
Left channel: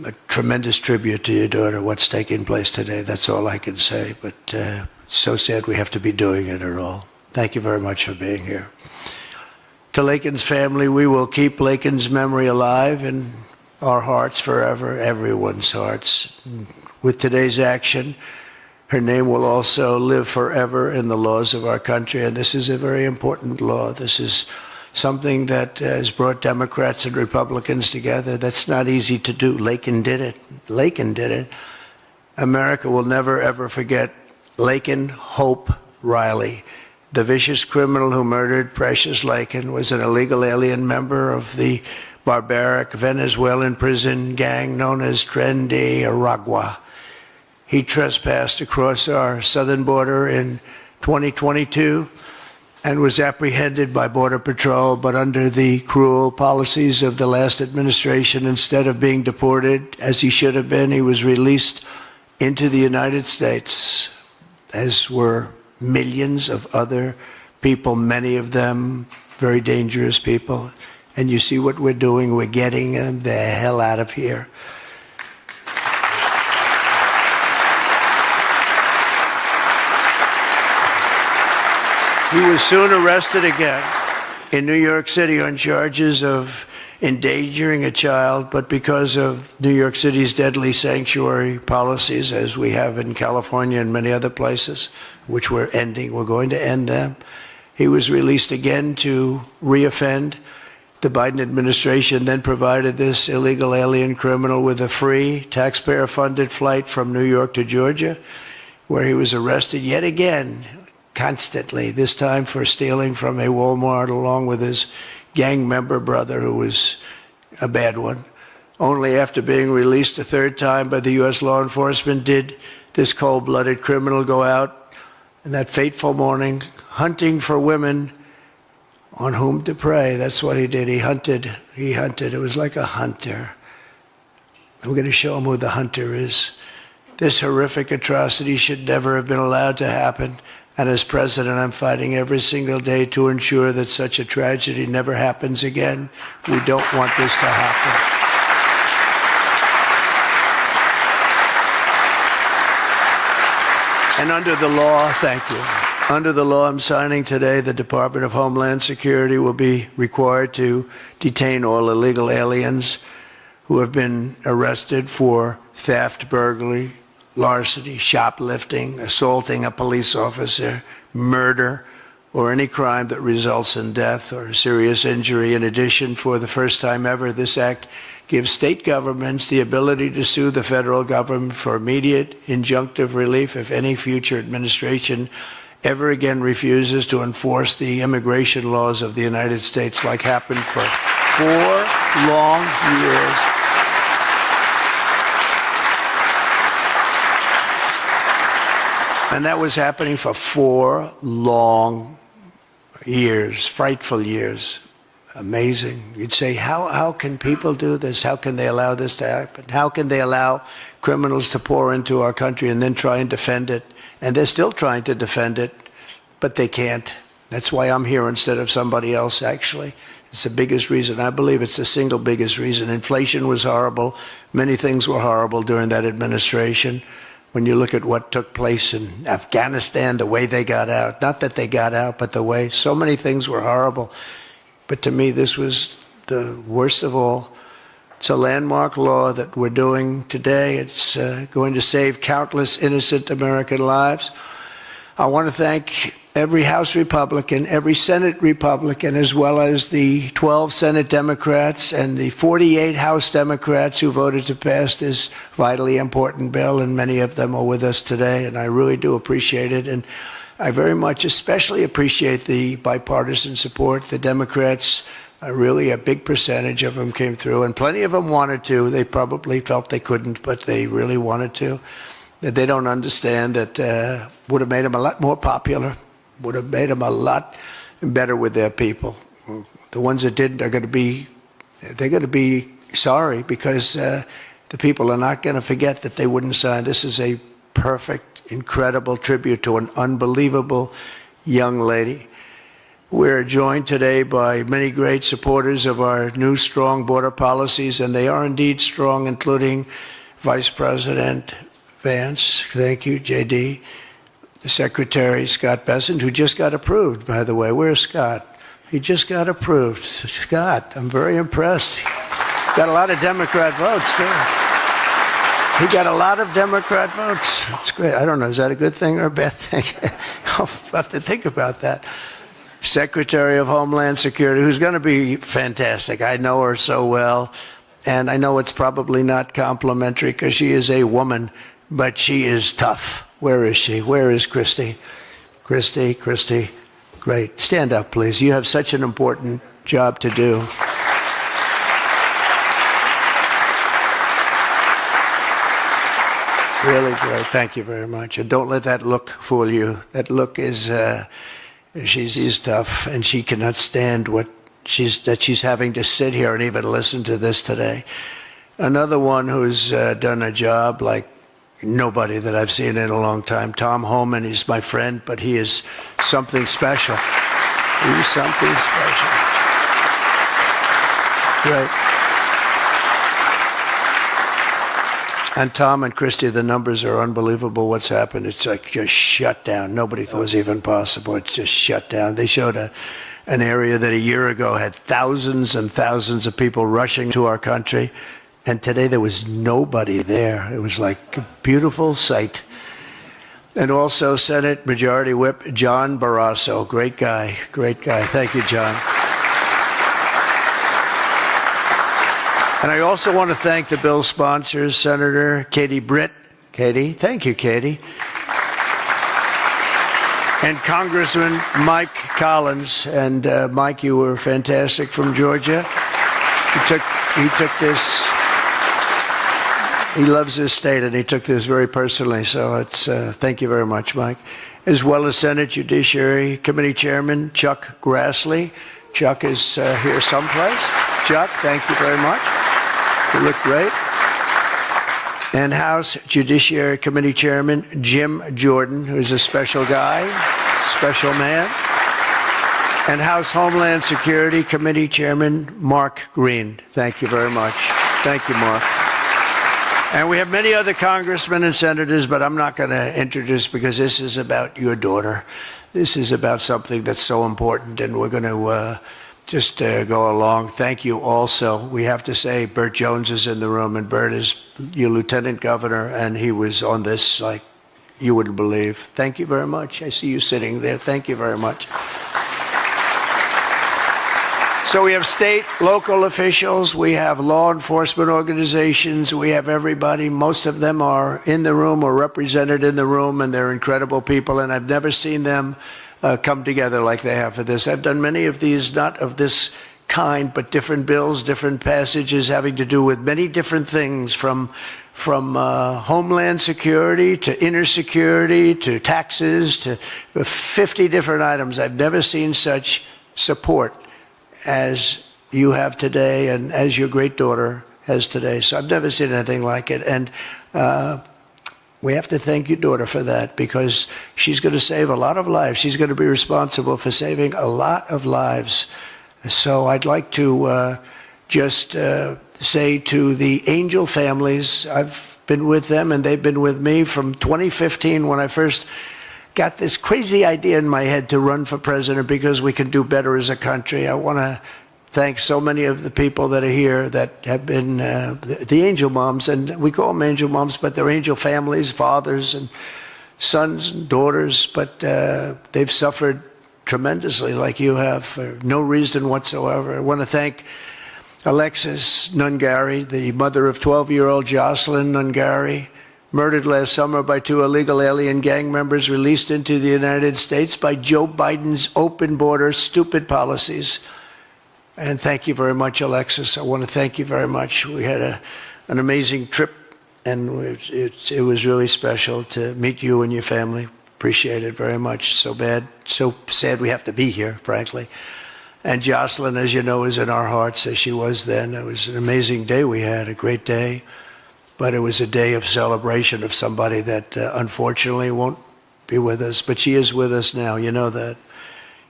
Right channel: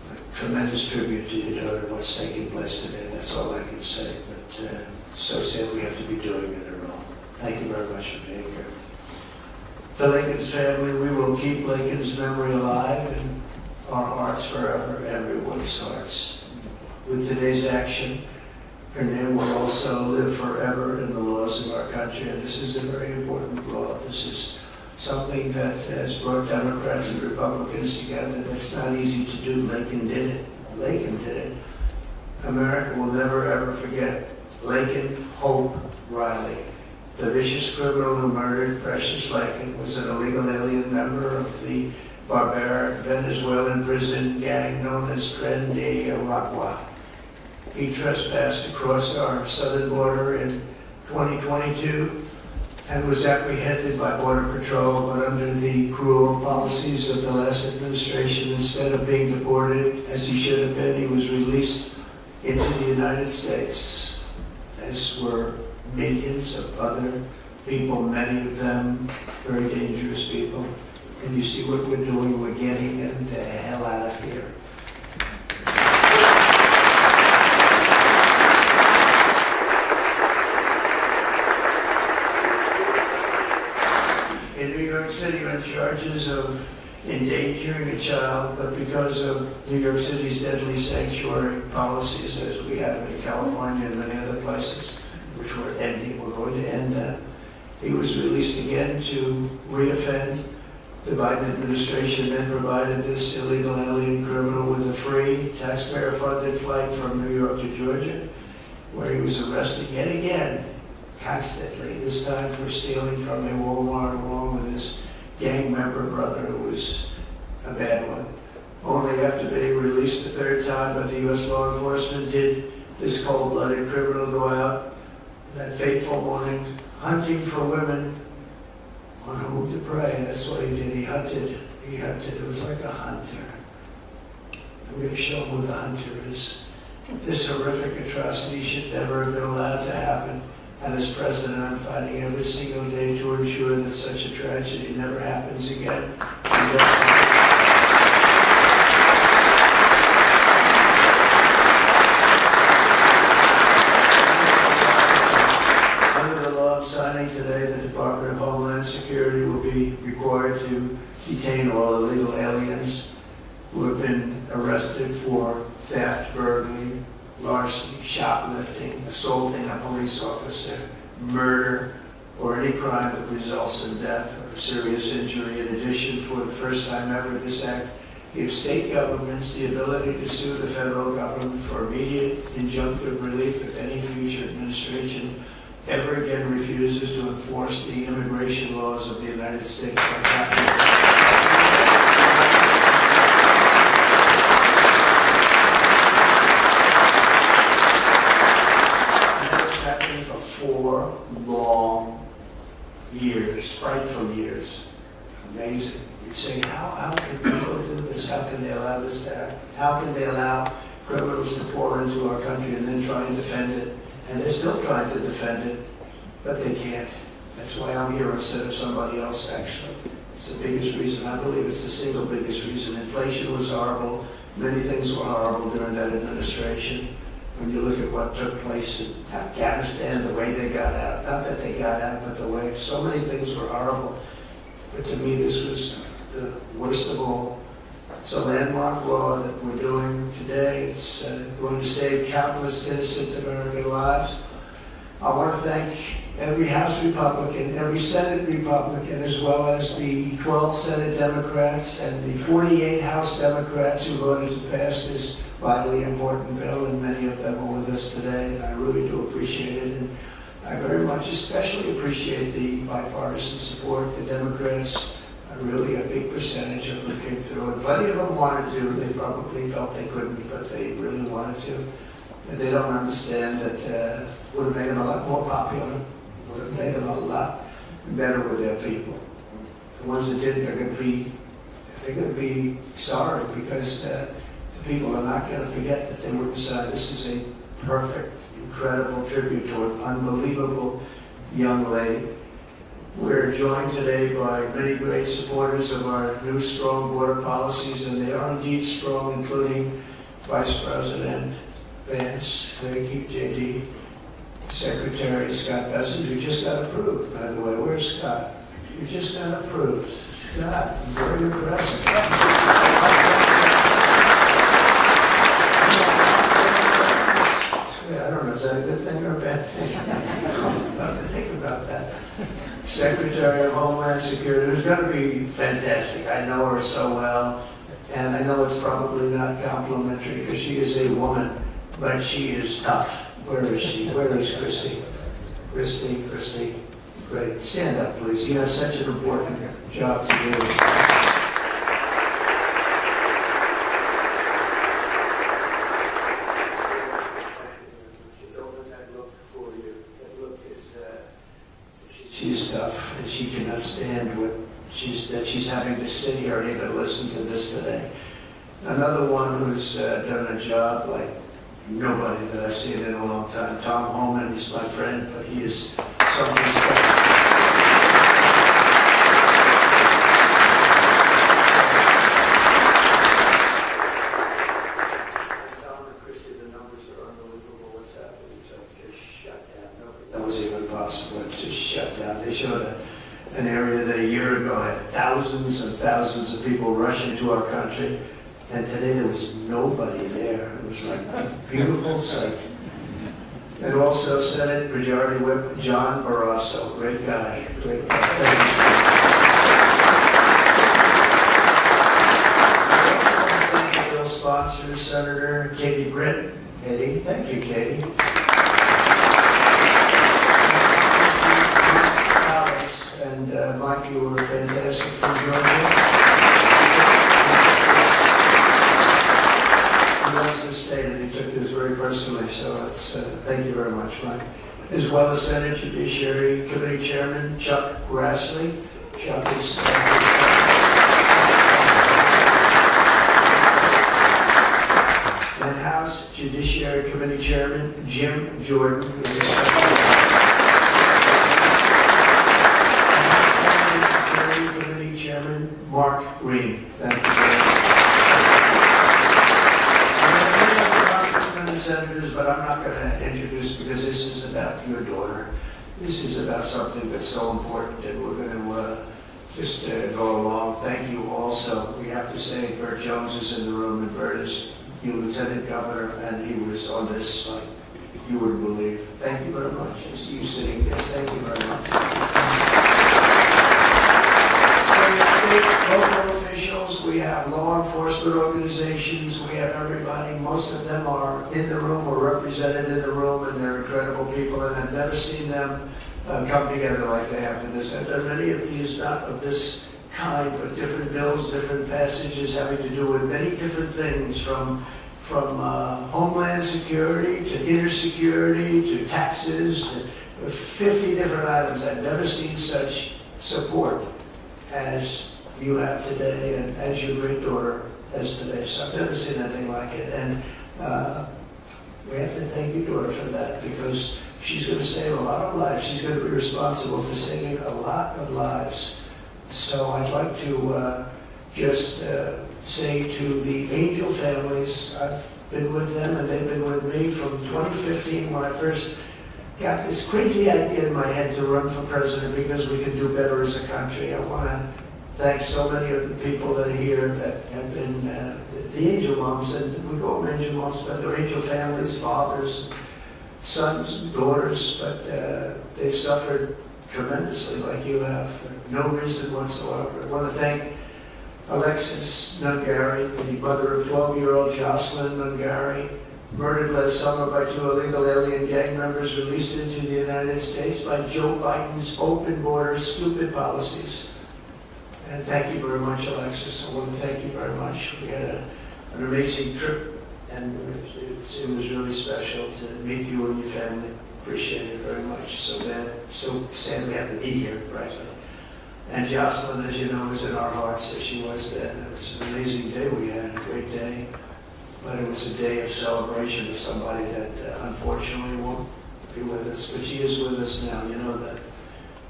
a tremendous tribute to your daughter, what's taking place today. That's all I can say, but it's so sad we have to be doing it at all. Thank you very much for being here. To Laken's family, we will keep Laken's memory alive in our hearts forever, everyone's hearts. With today's action, her name will also live forever in the laws of our country, and this is a very important law. This is something that has brought Democrats and Republicans together. That's not easy to do. Laken did it. Laken did it. America will never, ever forget Laken Hope Riley. The vicious criminal who murdered Precious Laken was an illegal alien member of the barbaric Venezuelan prison gang known as Tren de Aragua. He trespassed across our southern border in 2022 and was apprehended by Border Patrol, but under the cruel policies of the last administration, instead of being deported as he should have been, he was released into the United States, as were millions of other people, many of them very dangerous people. And you see what we're doing, we're getting them the hell out of here. He was soon arrested again in New York City on charges of endangering a child, but because of New York City's deadly sanctuary policies, as we have in California and many other places, which we're ending, we're going to end them, he was released again to reoffend. The Biden administration then provided this illegal alien criminal with a free, taxpayer-funded flight from New York to Georgia, where he was arrested yet again, constantly, this time for stealing from a Walmart along with his gang member brother, who was a bad one. Only after being released a third time by the U.S. law enforcement did this cold-blooded criminal go out in that fateful morning hunting for women on whom to prey. That's what he did. He hunted. It was like a hunter. We're going to show him who the hunter is. This horrific atrocity should never have been allowed to happen. And as president, I'm fighting every single day to ensure that such a tragedy never happens again. We don't want this to happen. And under the law, thank you. Under the law I'm signing today, the Department of Homeland Security will be required to detain all illegal aliens who have been arrested for theft, burglary, larceny, shoplifting, assaulting a police officer, murder, or any crime that results in death or serious injury. In addition, for the first time ever, this act gives state governments the ability to sue the federal government for immediate injunctive relief if any future administration ever again refuses to enforce the immigration laws of the United States, like happened for 4 long years. And that was happening for 4 long years, frightful years. Amazing. You'd say, how can people do this? How can they allow this to happen? How can they allow criminals to pour into our country and then try and defend it? And they're still trying to defend it, but they can't. That's why I'm here instead of somebody else, actually. It's the biggest reason. I believe it's the single biggest reason. Inflation was horrible. Many things were horrible during that administration. When you look at what took place in Afghanistan, the way they got out, not that they got out, but the way, so many things were horrible. But to me, this was the worst of all. It's a landmark law that we're doing today. It's going to save countless innocent American lives. I want to thank every House Republican, every Senate Republican, as well as the 12 Senate Democrats and the 48 House Democrats who voted to pass this vitally important bill, and many of them are with us today, and I really do appreciate it. And I very much especially appreciate the bipartisan support. The Democrats, really a big percentage of them came through, and plenty of them wanted to. They probably felt they couldn't, but they really wanted to. That they don't understand that would have made them a lot more popular, would have made them a lot better with their people. The ones that didn't are going to be sorry, because the people are not going to forget that they wouldn't sign. This is a perfect, incredible tribute to an unbelievable young lady. We're joined today by many great supporters of our new strong border policies, and they are indeed strong, including Vice President Vance, thank you, JD, the Secretary Scott Bessent, who just got approved, by the way. Where's Scott? He just got approved. Scott, I'm very impressed. Got a lot of Democrat votes. He got a lot of Democrat votes. That's great. I don't know, is that a good thing or a bad thing? I'll have to think about that. Secretary of Homeland Security, who's going to be fantastic. I know her so well, and I know it's probably not complimentary because she is a woman, but she is tough. Where is she? Where is Christy? Christy, great. Stand up, please. You have such an important job to do. Really great. Thank you very much. And don't let that look fool you. That look is, she's tough, and she cannot stand that she's having to sit here and even listen to this today. Another one who's done a job like nobody that I've seen in a long time, Tom Homan. He's my friend, but he is something special. He's something special. Great. And Tom and Christy, the numbers are unbelievable. What's happened? It's like just shut down. Nobody thought it was even possible. It's just shut down. They showed an area that a year ago had thousands and thousands of people rushing to our country. And today there was nobody there. It was like a beautiful sight. And also Senate Majority Whip John Barrasso. Great guy. Great guy. Thank you, John. And I also want to thank the bill sponsors, Senator Katie Britt. Katie, thank you, Katie. And Congressman Mike Collins. And Mike, you were fantastic from Georgia. He took this. He loves his state, and he took this very personally. So it's thank you very much, Mike. As well as Senate Judiciary Committee Chairman Chuck Grassley. Chuck is here someplace. Chuck, thank you very much. You look great. And House Judiciary Committee Chairman Jim Jordan, who's a special guy, special man. And House Homeland Security Committee Chairman Mark Green. Thank you very much. Thank you, Mark. And we have many other congressmen and senators, but I'm not going to introduce because this is about your daughter. This is about something that's so important, and we're going to just go along. Thank you also. We have to say Burt Jones is in the room, and Burt is your lieutenant governor, and he was on this like you wouldn't believe. Thank you very much. I see you sitting there. Thank you very much. So we have state, local officials, we have law enforcement organizations, we have everybody. Most of them are in the room or represented in the room, and they're incredible people, and I've never seen them come together like they have for this. I've done many of these, not of this kind, but different bills, different passages having to do with many different things, from homeland security to inner security to taxes to 50 different items. I've never seen such support as you have today and as your great daughter has today. So I've never seen anything like it. And we have to thank your daughter for that, because she's going to save a lot of lives. She's going to be responsible for saving a lot of lives. So I'd like to just say to the Angel families, I've been with them and they've been with me from 2015 when I first got this crazy idea in my head to run for president because we could do better as a country. I want to thank so many of the people that are here that have been the angel moms, and we call them angel moms, but they're angel families, fathers and sons and daughters, but they've suffered tremendously like you have for no reason whatsoever. I want to thank Alexis Nungari, the mother of 12-year-old Jocelyn Nungari, murdered last summer by 2 illegal alien gang members released into the United States by Joe Biden's open border stupid policies. And thank you very much, Alexis. I want to thank you very much. We had an amazing trip, and it was really special to meet you and your family. Appreciate it very much. So sad we have to be here, frankly. And Jocelyn, as you know, is in our hearts as she was then. It was an amazing day we had, a great day. But it was a day of celebration of somebody that unfortunately won't be with us. But she is with us now, you know that.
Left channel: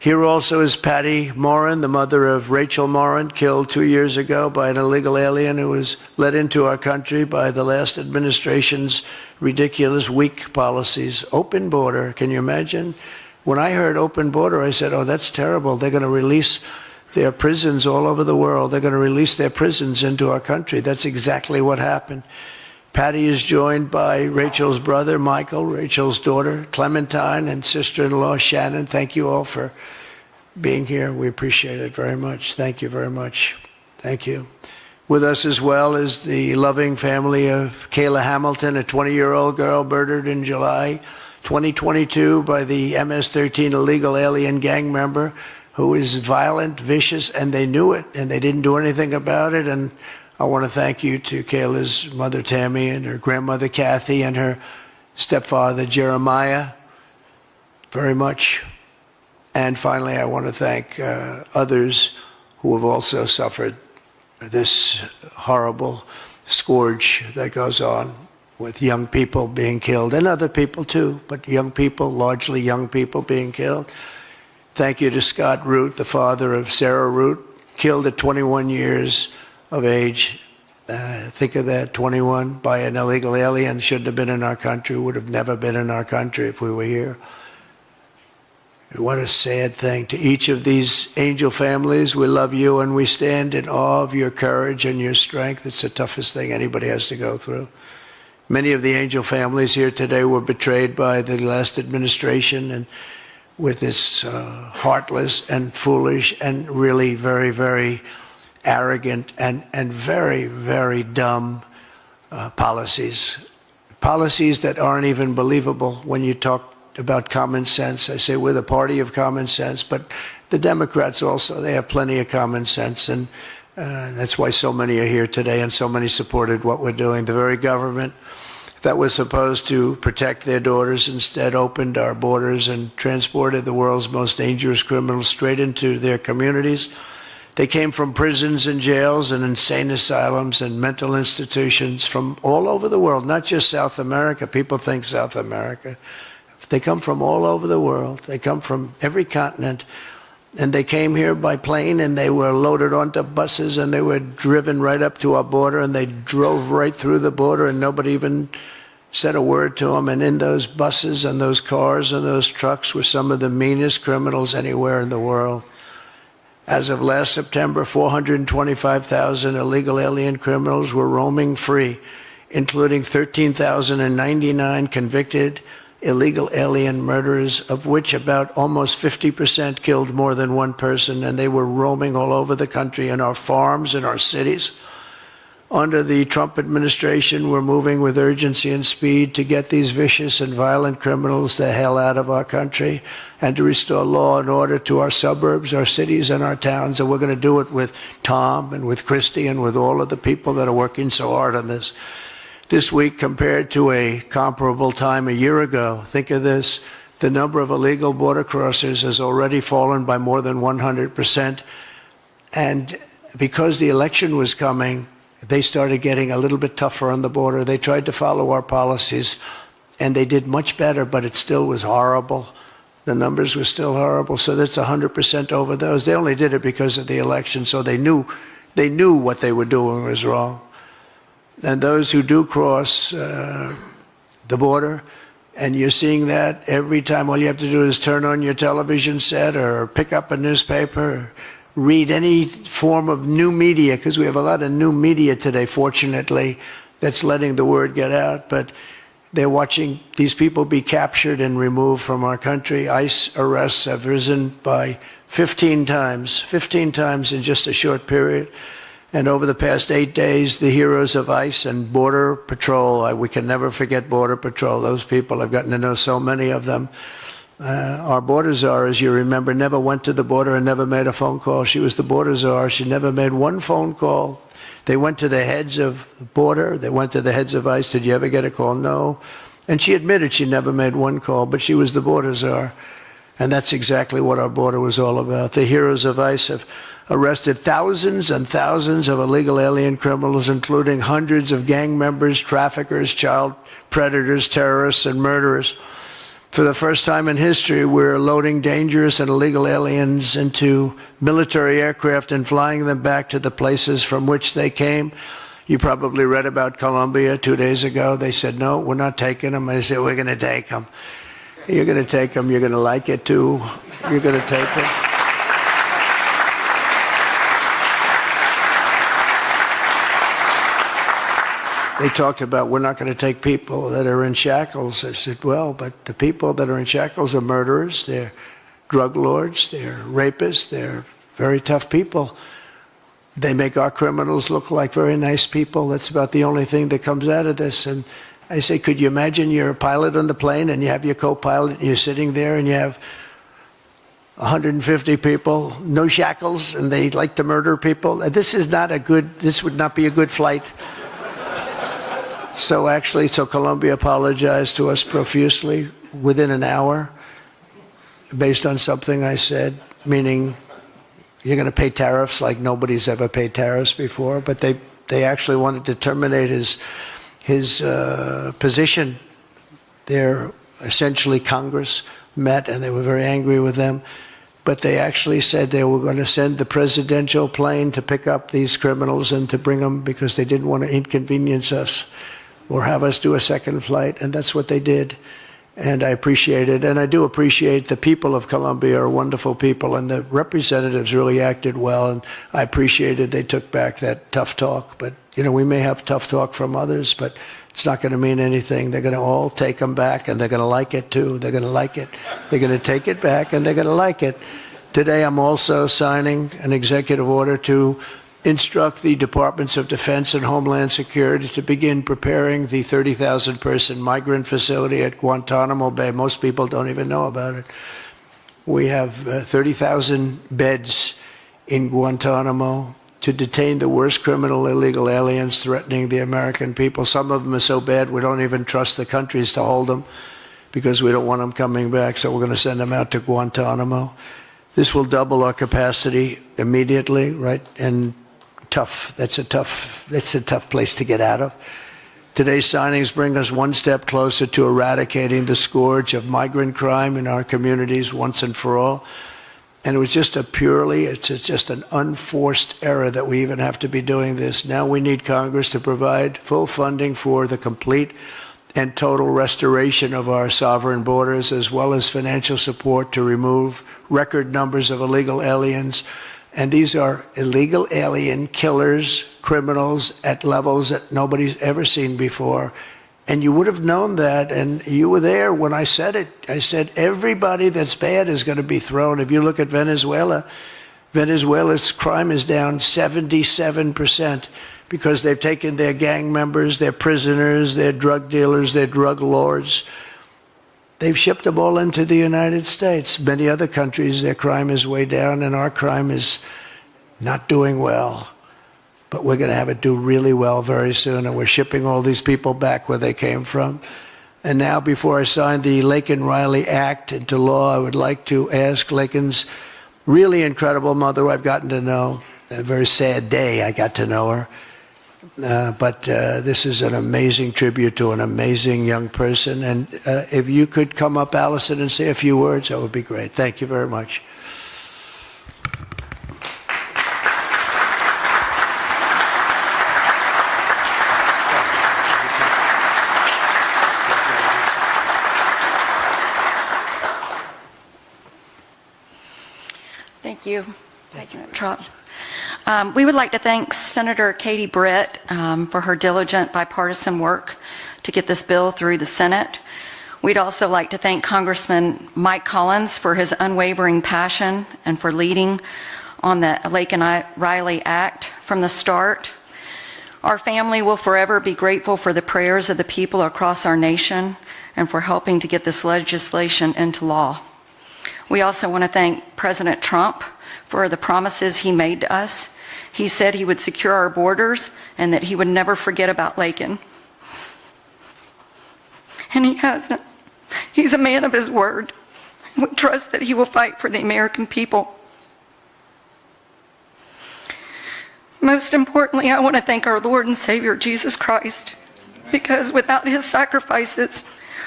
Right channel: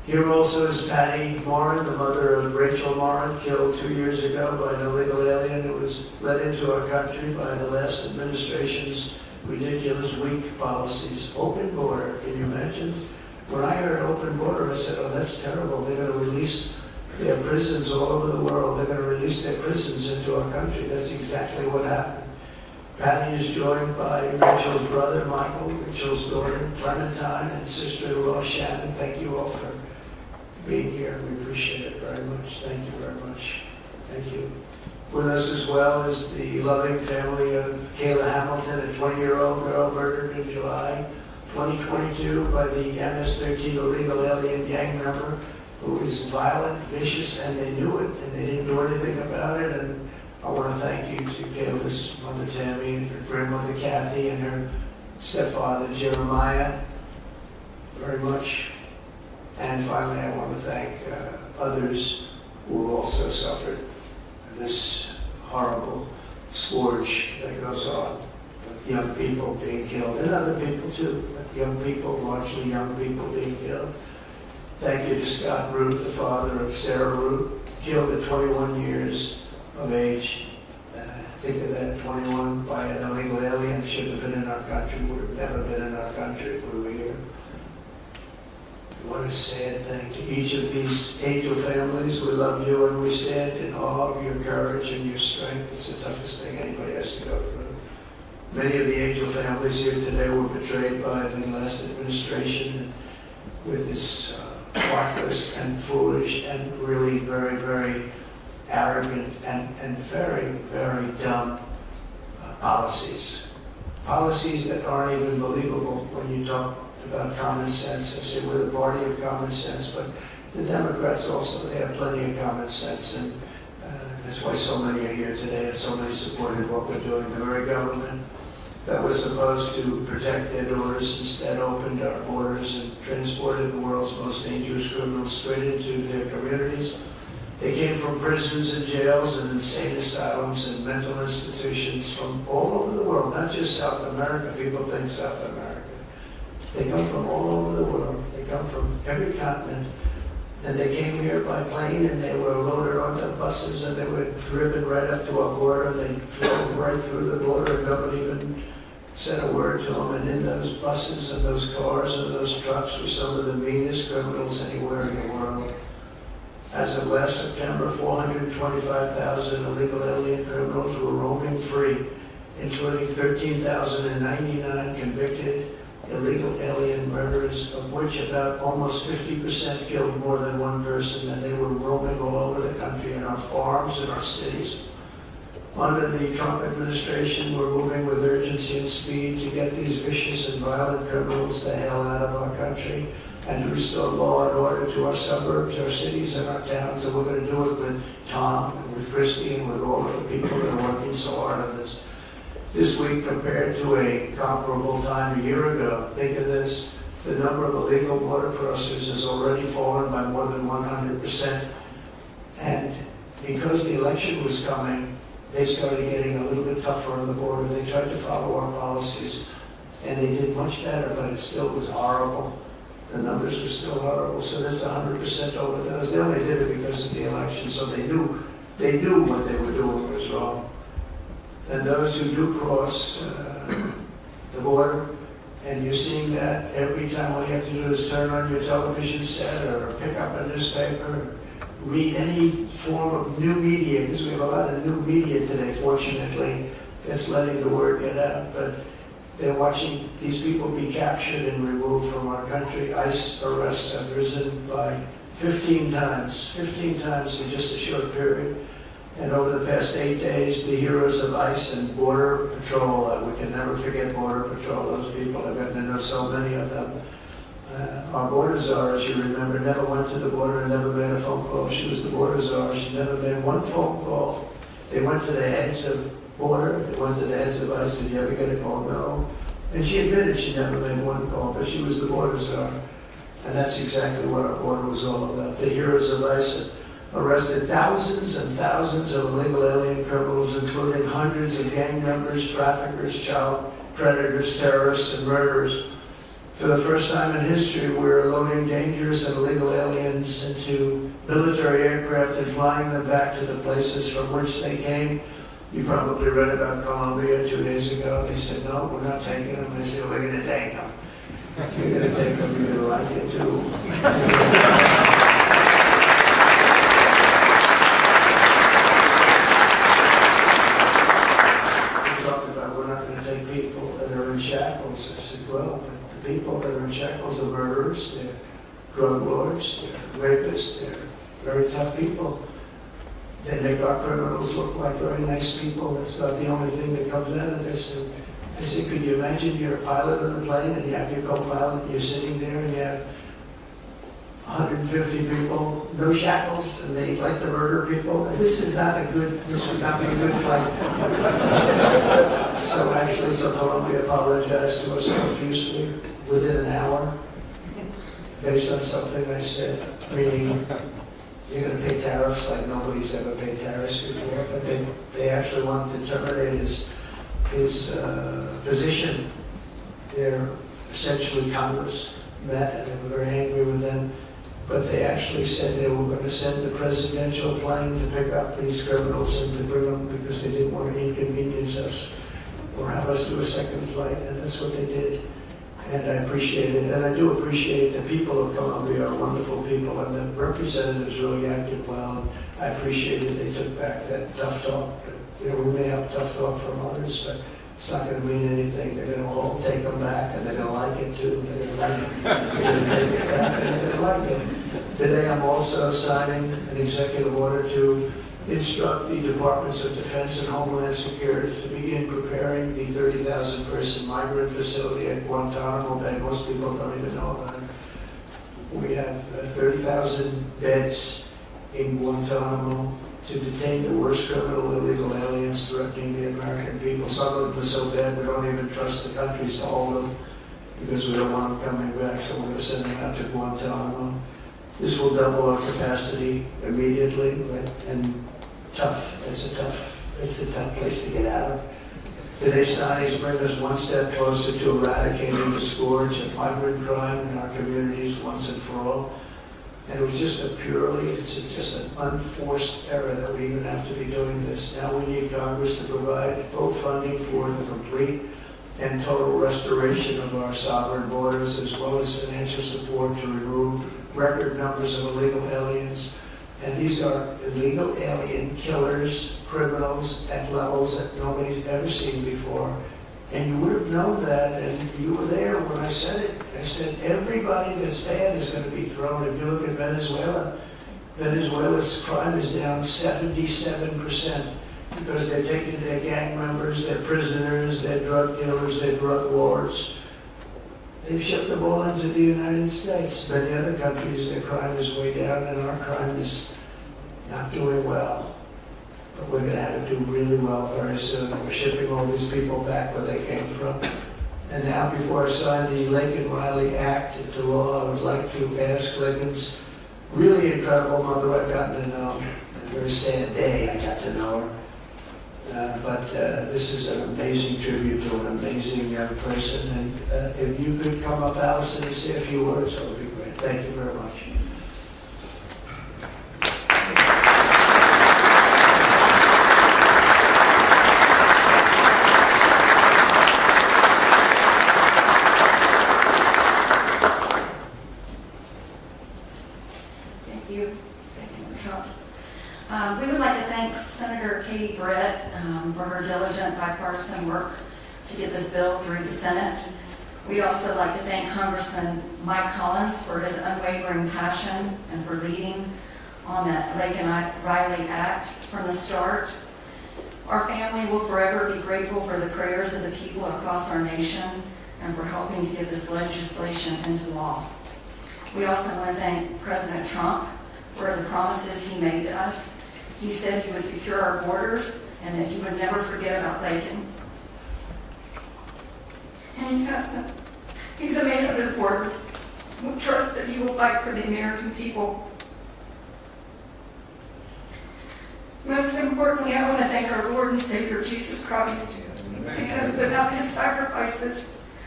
Here also is Patty Morin, the mother of Rachel Morin, killed 2 years ago by an illegal alien who was let into our country by the last administration's ridiculous, weak policies. Open border, can you imagine? When I heard open border, I said, oh, that's terrible. They're going to release their prisons all over the world. They're going to release their prisons into our country. That's exactly what happened. Patty is joined by Rachel's brother, Michael, Rachel's daughter, Clementine, and sister-in-law, Shannon. Thank you all for being here. We appreciate it very much. Thank you very much. Thank you. With us as well is the loving family of Kayla Hamilton, a 20-year-old girl murdered in July 2022 by the MS-13 illegal alien gang member who is violent, vicious, and they knew it, and they didn't do anything about it. And I want to thank you to Kayla's mother, Tammy, and her grandmother, Kathy, and her stepfather, Jeremiah, very much. And finally, I want to thank others who have also suffered this horrible scourge that goes on with young people being killed, and other people too, but young people, largely young people being killed. Thank you to Scott Root, the father of Sarah Root, killed at 21 years of age. Think of that, 21 by an illegal alien, shouldn't have been in our country, would have never been in our country if we were here. What a sad thing. To each of these angel families, we love you and we stand in awe of your courage and your strength. It's the toughest thing anybody has to go through. Many of the angel families here today were betrayed by the last administration and with its heartless and foolish and really very, very arrogant and very, very dumb policies. Policies that aren't even believable when you talk about common sense. I say we're the party of common sense, but the Democrats also, they have plenty of common sense, and that's why so many are here today and so many supported what we're doing. The very government that was supposed to protect their daughters instead opened our borders and transported the world's most dangerous criminals straight into their communities. They came from prisons and jails and insane asylums and mental institutions from all over the world, not just South America. People think South America. They come from all over the world. They come from every continent. And they came here by plane, and they were loaded onto buses, and they were driven right up to our border, and they drove right through the border, and nobody even said a word to them. And in those buses and those cars and those trucks were some of the meanest criminals anywhere in the world. As of last September, 425,000 illegal alien criminals were roaming free, including 13,099 convicted illegal alien murderers, of which about almost 50% killed more than one person, and they were roaming all over the country in our farms, in our cities. Under the Trump administration, we're moving with urgency and speed to get these vicious and violent criminals the hell out of our country and to restore law and order to our suburbs, our cities, and our towns. And we're going to do it with Tom and with Christy and with all of the people that are working so hard on this. This week, compared to a comparable time a year ago, think of this, the number of illegal border crossers has already fallen by more than 100%. And because the election was coming, they started getting a little bit tougher on the border. They tried to follow our policies, and they did much better, but it still was horrible. The numbers were still horrible, so that's 100% over those. They only did it because of the election, so they knew what they were doing was wrong. And those who do cross the border, and you're seeing that every time, all you have to do is turn on your television set or pick up a newspaper, or read any form of new media, because we have a lot of new media today, fortunately, that's letting the word get out. But they're watching these people be captured and removed from our country. ICE arrests have risen by 15 times in just a short period. And over the past 8 days, the heroes of ICE and Border Patrol, we can never forget Border Patrol. Those people, I've gotten to know so many of them. Our border czar, as you remember, never went to the border and never made a phone call. She was the border czar. She never made one phone call. They went to the heads of border. They went to the heads of ICE. Did you ever get a call? No. And she admitted she never made one call, but she was the border czar. And that's exactly what our border was all about. The heroes of ICE have arrested thousands and thousands of illegal alien criminals, including hundreds of gang members, traffickers, child predators, terrorists, and murderers. For the first time in history, we're loading dangerous and illegal aliens into military aircraft and flying them back to the places from which they came. You probably read about Colombia 2 days ago. They said, no, we're not taking them. I said, we're going to take them. You're going to take them. You're going to like it, too. You're going to take them. They talked about, we're not going to take people that are in shackles. I said, well, but the people that are in shackles are murderers, they're drug lords, they're rapists, they're very tough people. They make our criminals look like very nice people. That's about the only thing that comes out of this. And I say, could you imagine you're a pilot on the plane and you have your co-pilot and you're sitting there and you have 150 people, no shackles, and they like to murder people? This would not be a good flight. So Colombia apologized to us profusely within an hour based on something I said, meaning you're going to pay tariffs like nobody's ever paid tariffs before. But they actually wanted to terminate his position. They're essentially Congress met and they were very angry with them. But they actually said they were going to send the presidential plane to pick up these criminals and to bring them because they didn't want to inconvenience us or have us do a second flight, and that's what they did. And I appreciate it, and I do appreciate the people of Colombia are wonderful people, and the representatives really acted well, and I appreciated they took back that tough talk. But, you know, we may have tough talk from others, but it's not going to mean anything. They're going to all take them back, and they're going to like it, too. They're going to like it. They're going to take it back, and they're going to like it. Today, I'm also signing an executive order to instruct the Departments of Defense and Homeland Security to begin preparing the 30,000-person migrant facility at Guantanamo Bay. Most people don't even know about it. We have 30,000 beds in Guantanamo to detain the worst criminal illegal aliens threatening the American people. Some of them are so bad we don't even trust the countries to hold them because we don't want them coming back, so we're going to send them out to Guantanamo. This will double our capacity immediately, right? And that's a tough place to get out of. Today's signings bring us one step closer to eradicating the scourge of migrant crime in our communities once and for all. And it was just it's just an unforced error that we even have to be doing this. Now we need Congress to provide full funding for the complete and total restoration of our sovereign borders, as well as financial support to remove record numbers of illegal aliens. And these are illegal alien killers, criminals at levels that nobody's ever seen before. And you would have known that, and you were there when I said it. I said everybody that's bad is going to be thrown. If you look at Venezuela, Venezuela's crime is down 77% because they've taken their gang members, their prisoners, their drug dealers, their drug lords. They've shipped them all into the United States. Many other countries, their crime is way down, and our crime is not doing well. But we're going to have it do really well very soon, and we're shipping all these people back where they came from. And now, before I sign the Laken Riley Act into law, I would like to ask Laken's really incredible mother, who I've gotten to know. A very sad day I got to know her. But this is an amazing tribute to an amazing young person. And if you could come up, Allison, and say a few words, that would be great. Thank you very much. Thank you. Thank you, Trump. We would like to thank Senator Katie Britt for her diligent bipartisan work to get this bill through the Senate. We'd also like to thank Congressman Mike Collins for his unwavering passion and for leading on the Laken Riley Act from the start. Our family will forever be grateful for the prayers of the people across our nation and for helping to get this legislation into law. We also want to thank President Trump for the promises he made to us. He said he would secure our borders and that he would never forget about Laken. And he hasn't. He's a man of his word. We trust that he will fight for the American people. Most importantly, I want to thank our Lord and Savior, Jesus Christ, because without his sacrifices,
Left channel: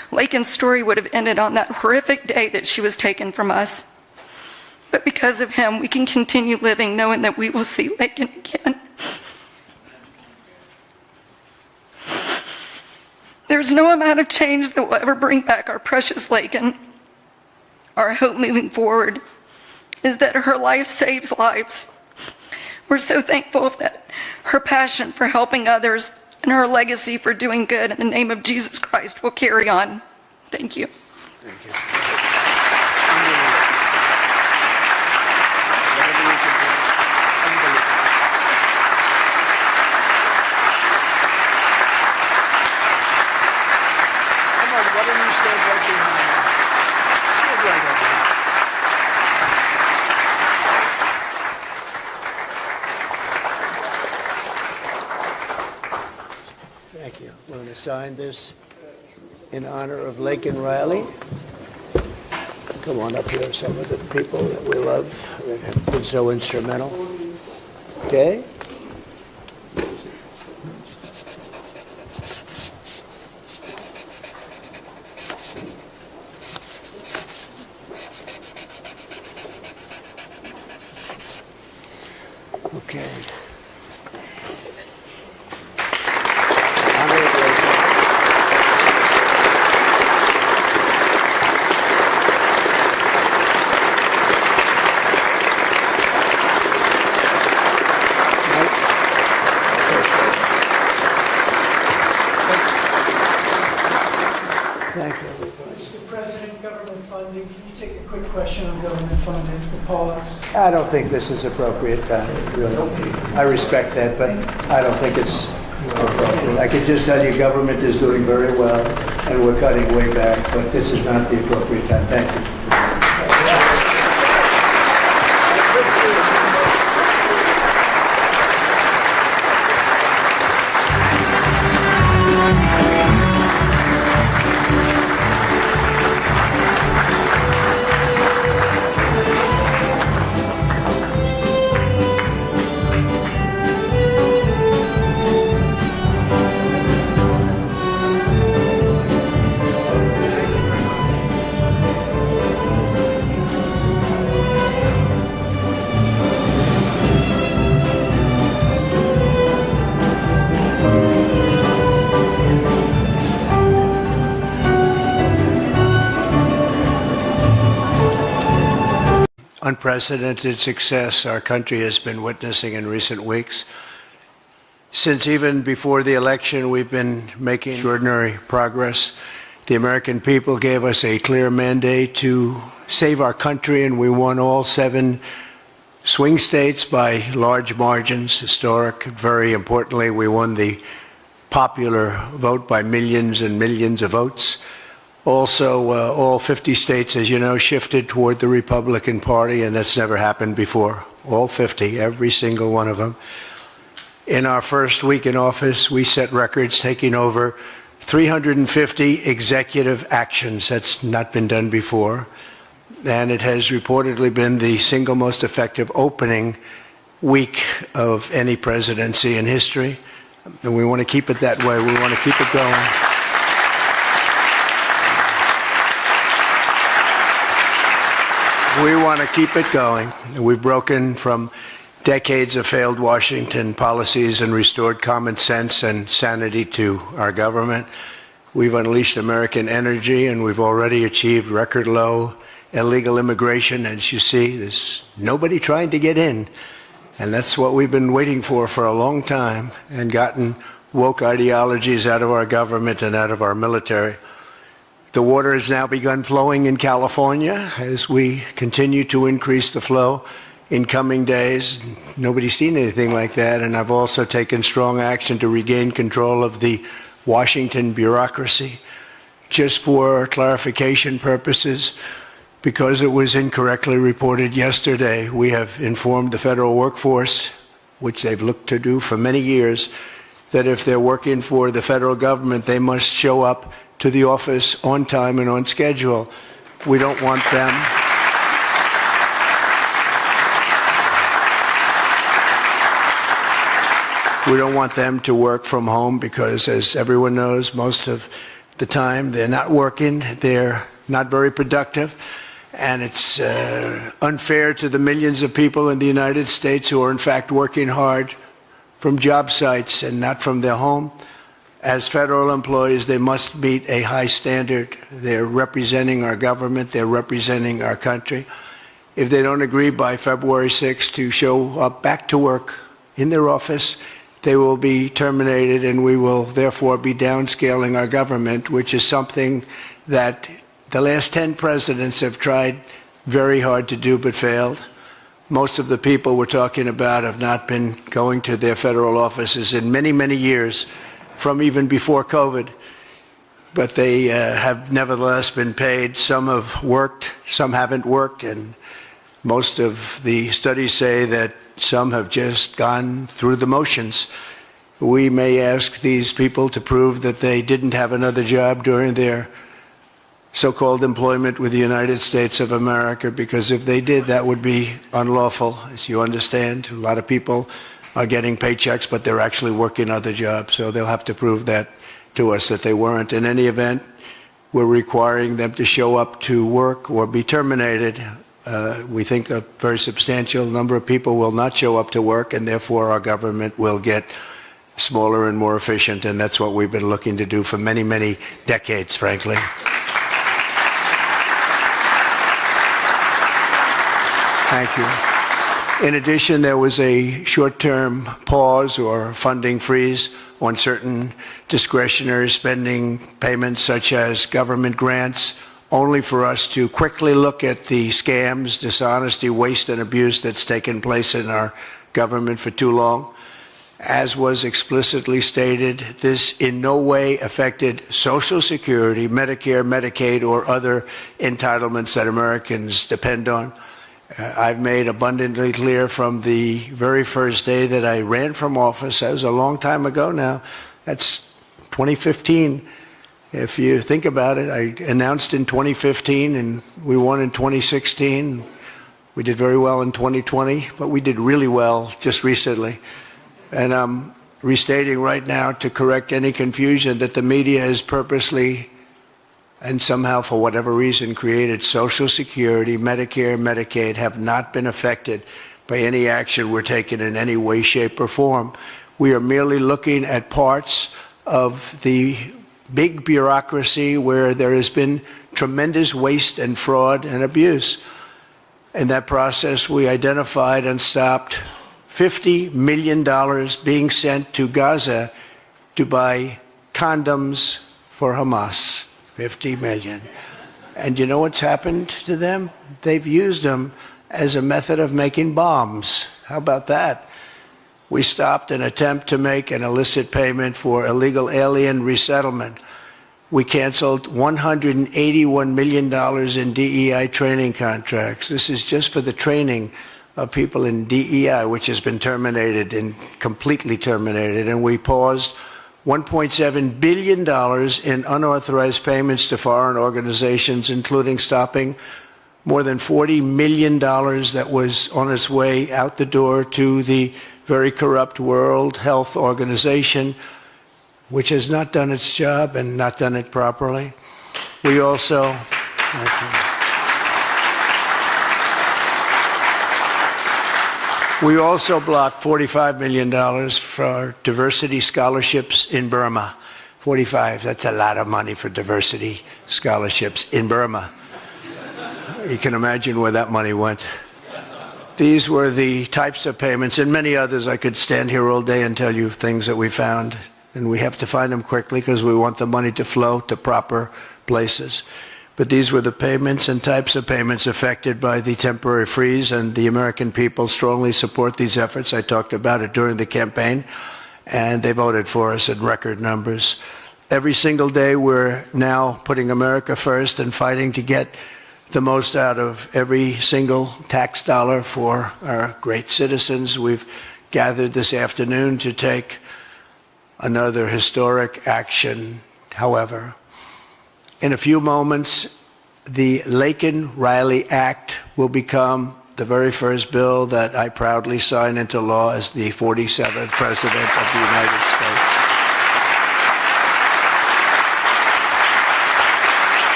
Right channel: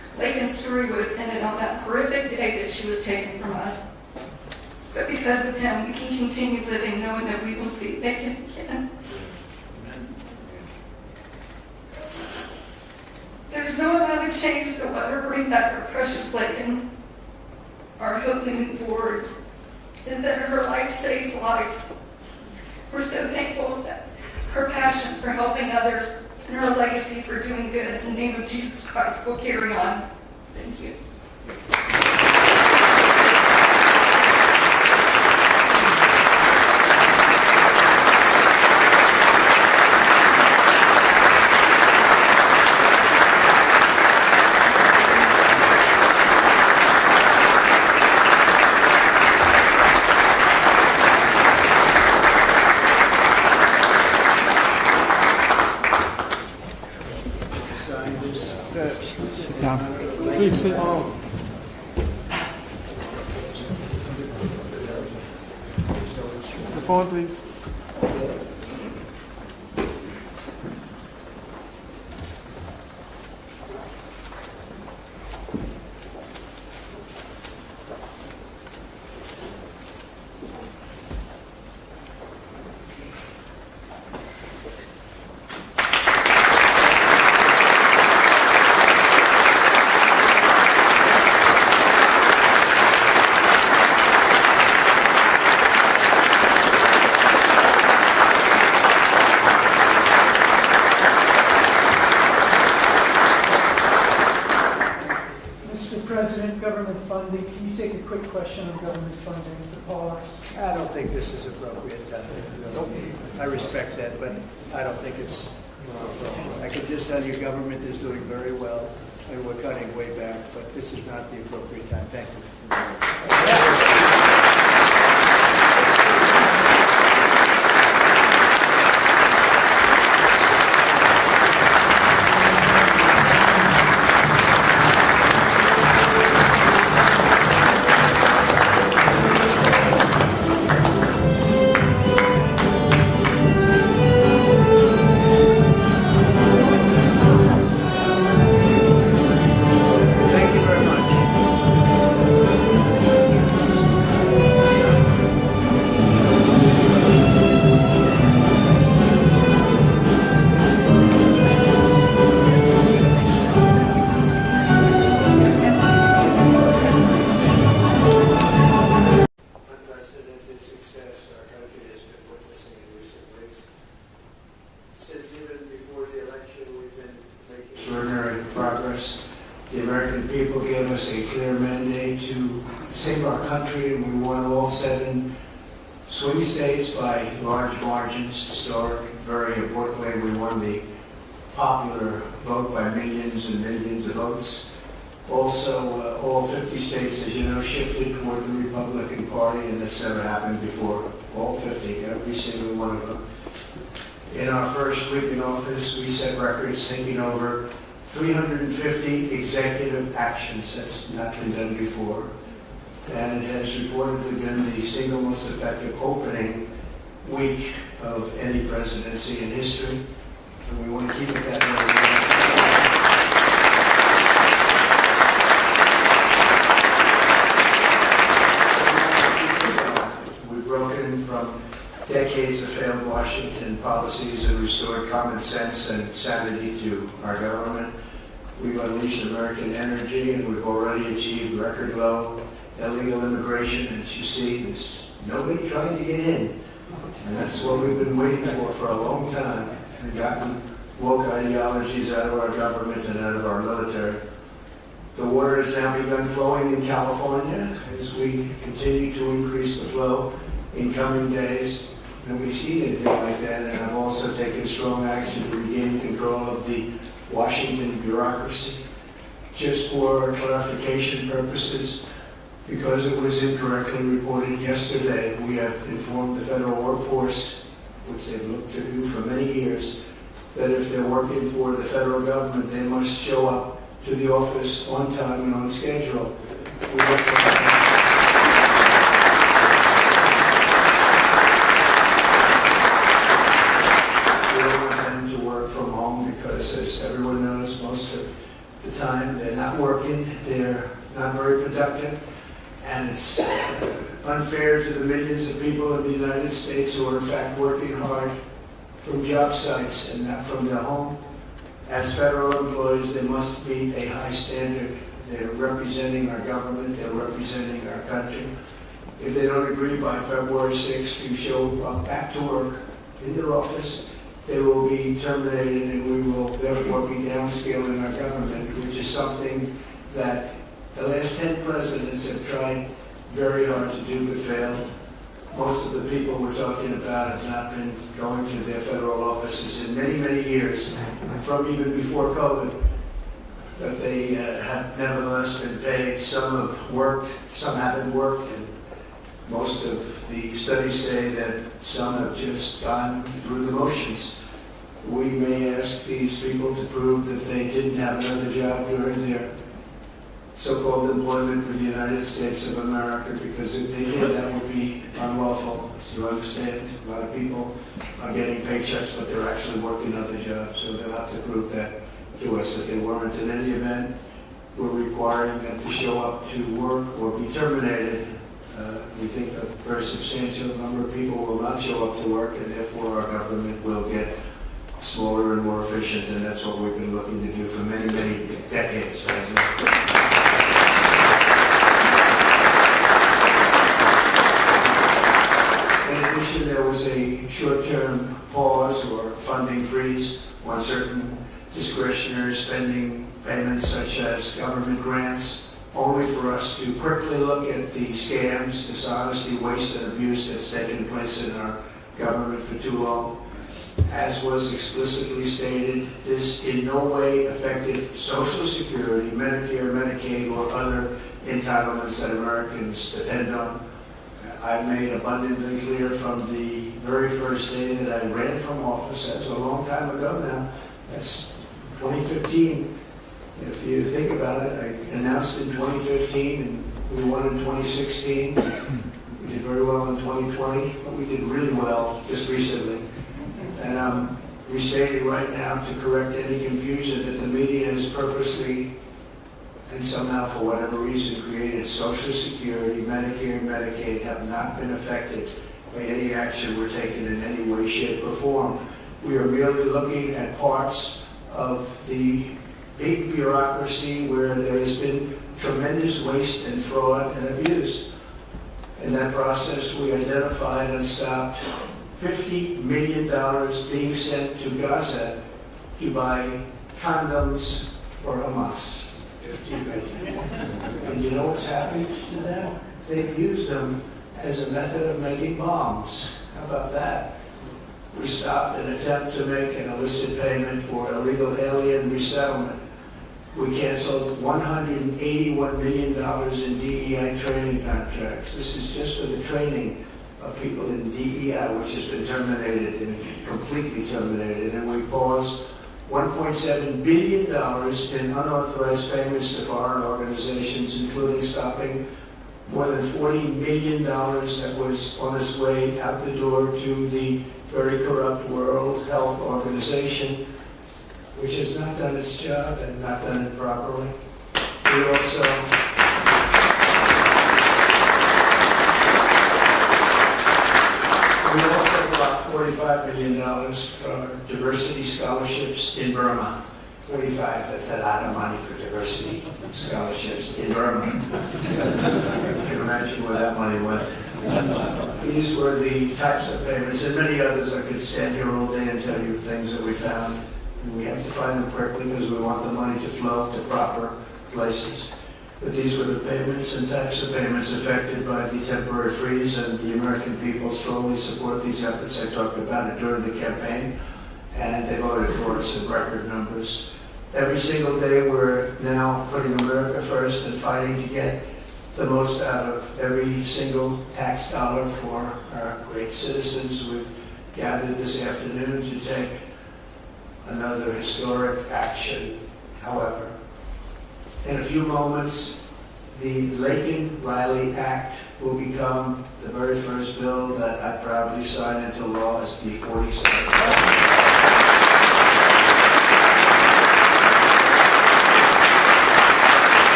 Laken's story would have ended on that horrific day that she was taken from us. But because of him, we can continue living knowing that we will see Laken again. There's no amount of change that will ever bring back our precious Laken. Our hope moving forward is that her life saves lives. We're so thankful that her passion for helping others and her legacy for doing good in the name of Jesus Christ will carry on. Thank you. Sign this in honor of Laken Riley. Come on up here, some of the people that we love that have been so instrumental. Okay? Okay. Mr. President, government funding, can you take a quick question on government funding, the pause? I don't think this is appropriate time, really. I respect that, but I don't think it's appropriate. I can just tell you government is doing very well, and we're cutting way back, but this is not the appropriate time. Thank you. Unprecedented success our country has been witnessing in recent weeks. Since even before the election, we've been making extraordinary progress. The American people gave us a clear mandate to save our country, and we won all 7 swing states by large margins, historic. Very importantly, we won the popular vote by millions and millions of votes. Also, all 50 states, as you know, shifted toward the Republican Party, and that's never happened before. All 50, every single one of them. In our first week in office, we set records, taking over 350 executive actions. That's not been done before. And it has reportedly been the single most effective opening week of any presidency in history. And we want to keep it that way. We want to keep it going. We want to keep it going. We've broken from decades of failed Washington policies and restored common sense and sanity to our government. We've unleashed American energy, and we've already achieved record low illegal immigration. As you see, there's nobody trying to get in. And that's what we've been waiting for a long time, and gotten woke ideologies out of our government and out of our military. The water has now begun flowing in California as we continue to increase the flow in coming days. Nobody's seen anything like that, and I've also taken strong action to regain control of the Washington bureaucracy. Just for clarification purposes, because it was incorrectly reported yesterday, we have informed the federal workforce, which they've looked to do for many years, that if they're working for the federal government, they must show up to the office on time and on schedule. We don't want them. We don't want them to work from home because, as everyone knows, most of the time. They're not working. They're not very productive. And it's unfair to the millions of people in the United States who are in fact working hard from job sites and not from their home. As federal employees, they must meet a high standard. They're representing our government. They're representing our country. If they don't agree by February 6th to show up back to work in their office, they will be terminated, and we will therefore be downscaling our government, which is something that the last 10 presidents have tried very hard to do but failed. Most of the people we're talking about have not been going to their federal offices in many, many years, from even before COVID. But they have nevertheless been paid. Some have worked, some haven't worked, and most of the studies say that some have just gone through the motions. We may ask these people to prove that they didn't have another job during their so-called employment with the United States of America, because if they did, that would be unlawful, as you understand. A lot of people are getting paychecks, but they're actually working other jobs, so they'll have to prove that to us that they weren't. In any event, we're requiring them to show up to work or be terminated. We think a very substantial number of people will not show up to work, and therefore our government will get smaller and more efficient, and that's what we've been looking to do for many, many decades, frankly. In addition, there was a short-term pause or funding freeze on certain discretionary spending payments, such as government grants, only for us to quickly look at the scams, dishonesty, waste, and abuse that's taken place in our government for too long. As was explicitly stated, this in no way affected Social Security, Medicare, Medicaid, or other entitlements that Americans depend on. I've made abundantly clear from the very first day that I ran from office. That was a long time ago now. That's 2015. If you think about it, I announced in 2015 and we won in 2016. We did very well in 2020, but we did really well just recently. And I'm restating right now to correct any confusion that the media has purposely and somehow, for whatever reason, created Social Security, Medicare, Medicaid have not been affected by any action we're taking in any way, shape, or form. We are merely looking at parts of the big bureaucracy where there has been tremendous waste and fraud and abuse. In that process, we identified and stopped $50 million being sent to Gaza to buy condoms for Hamas. 50 million. And you know what's happened to them? They've used them as a method of making bombs. How about that? We stopped an attempt to make an illicit payment for illegal alien resettlement. We canceled $181 million in DEI training contracts. This is just for the training of people in DEI, which has been terminated and completely terminated. And we paused $1.7 billion in unauthorized payments to foreign organizations, including stopping more than $40 million that was on its way out the door to the very corrupt World Health Organization, which has not done its job and not done it properly. We also blocked $45 million for diversity scholarships in Burma. 45, that's a lot of money for diversity scholarships in Burma. You can imagine where that money went. These were the types of payments, and many others. I could stand here all day and tell you things that we found, and we have to find them quickly because we want the money to flow to proper places. But these were the payments and types of payments affected by the temporary freeze, and the American people strongly support these efforts. I talked about it during the campaign, and they voted for us in record numbers. Every single day, we're now putting America first and fighting to get the most out of every single tax dollar for our great citizens. We've gathered this afternoon to take another historic action. However, in a few moments, the Laken Riley Act will become the very first bill that I proudly sign into law as the 47th President of the United States.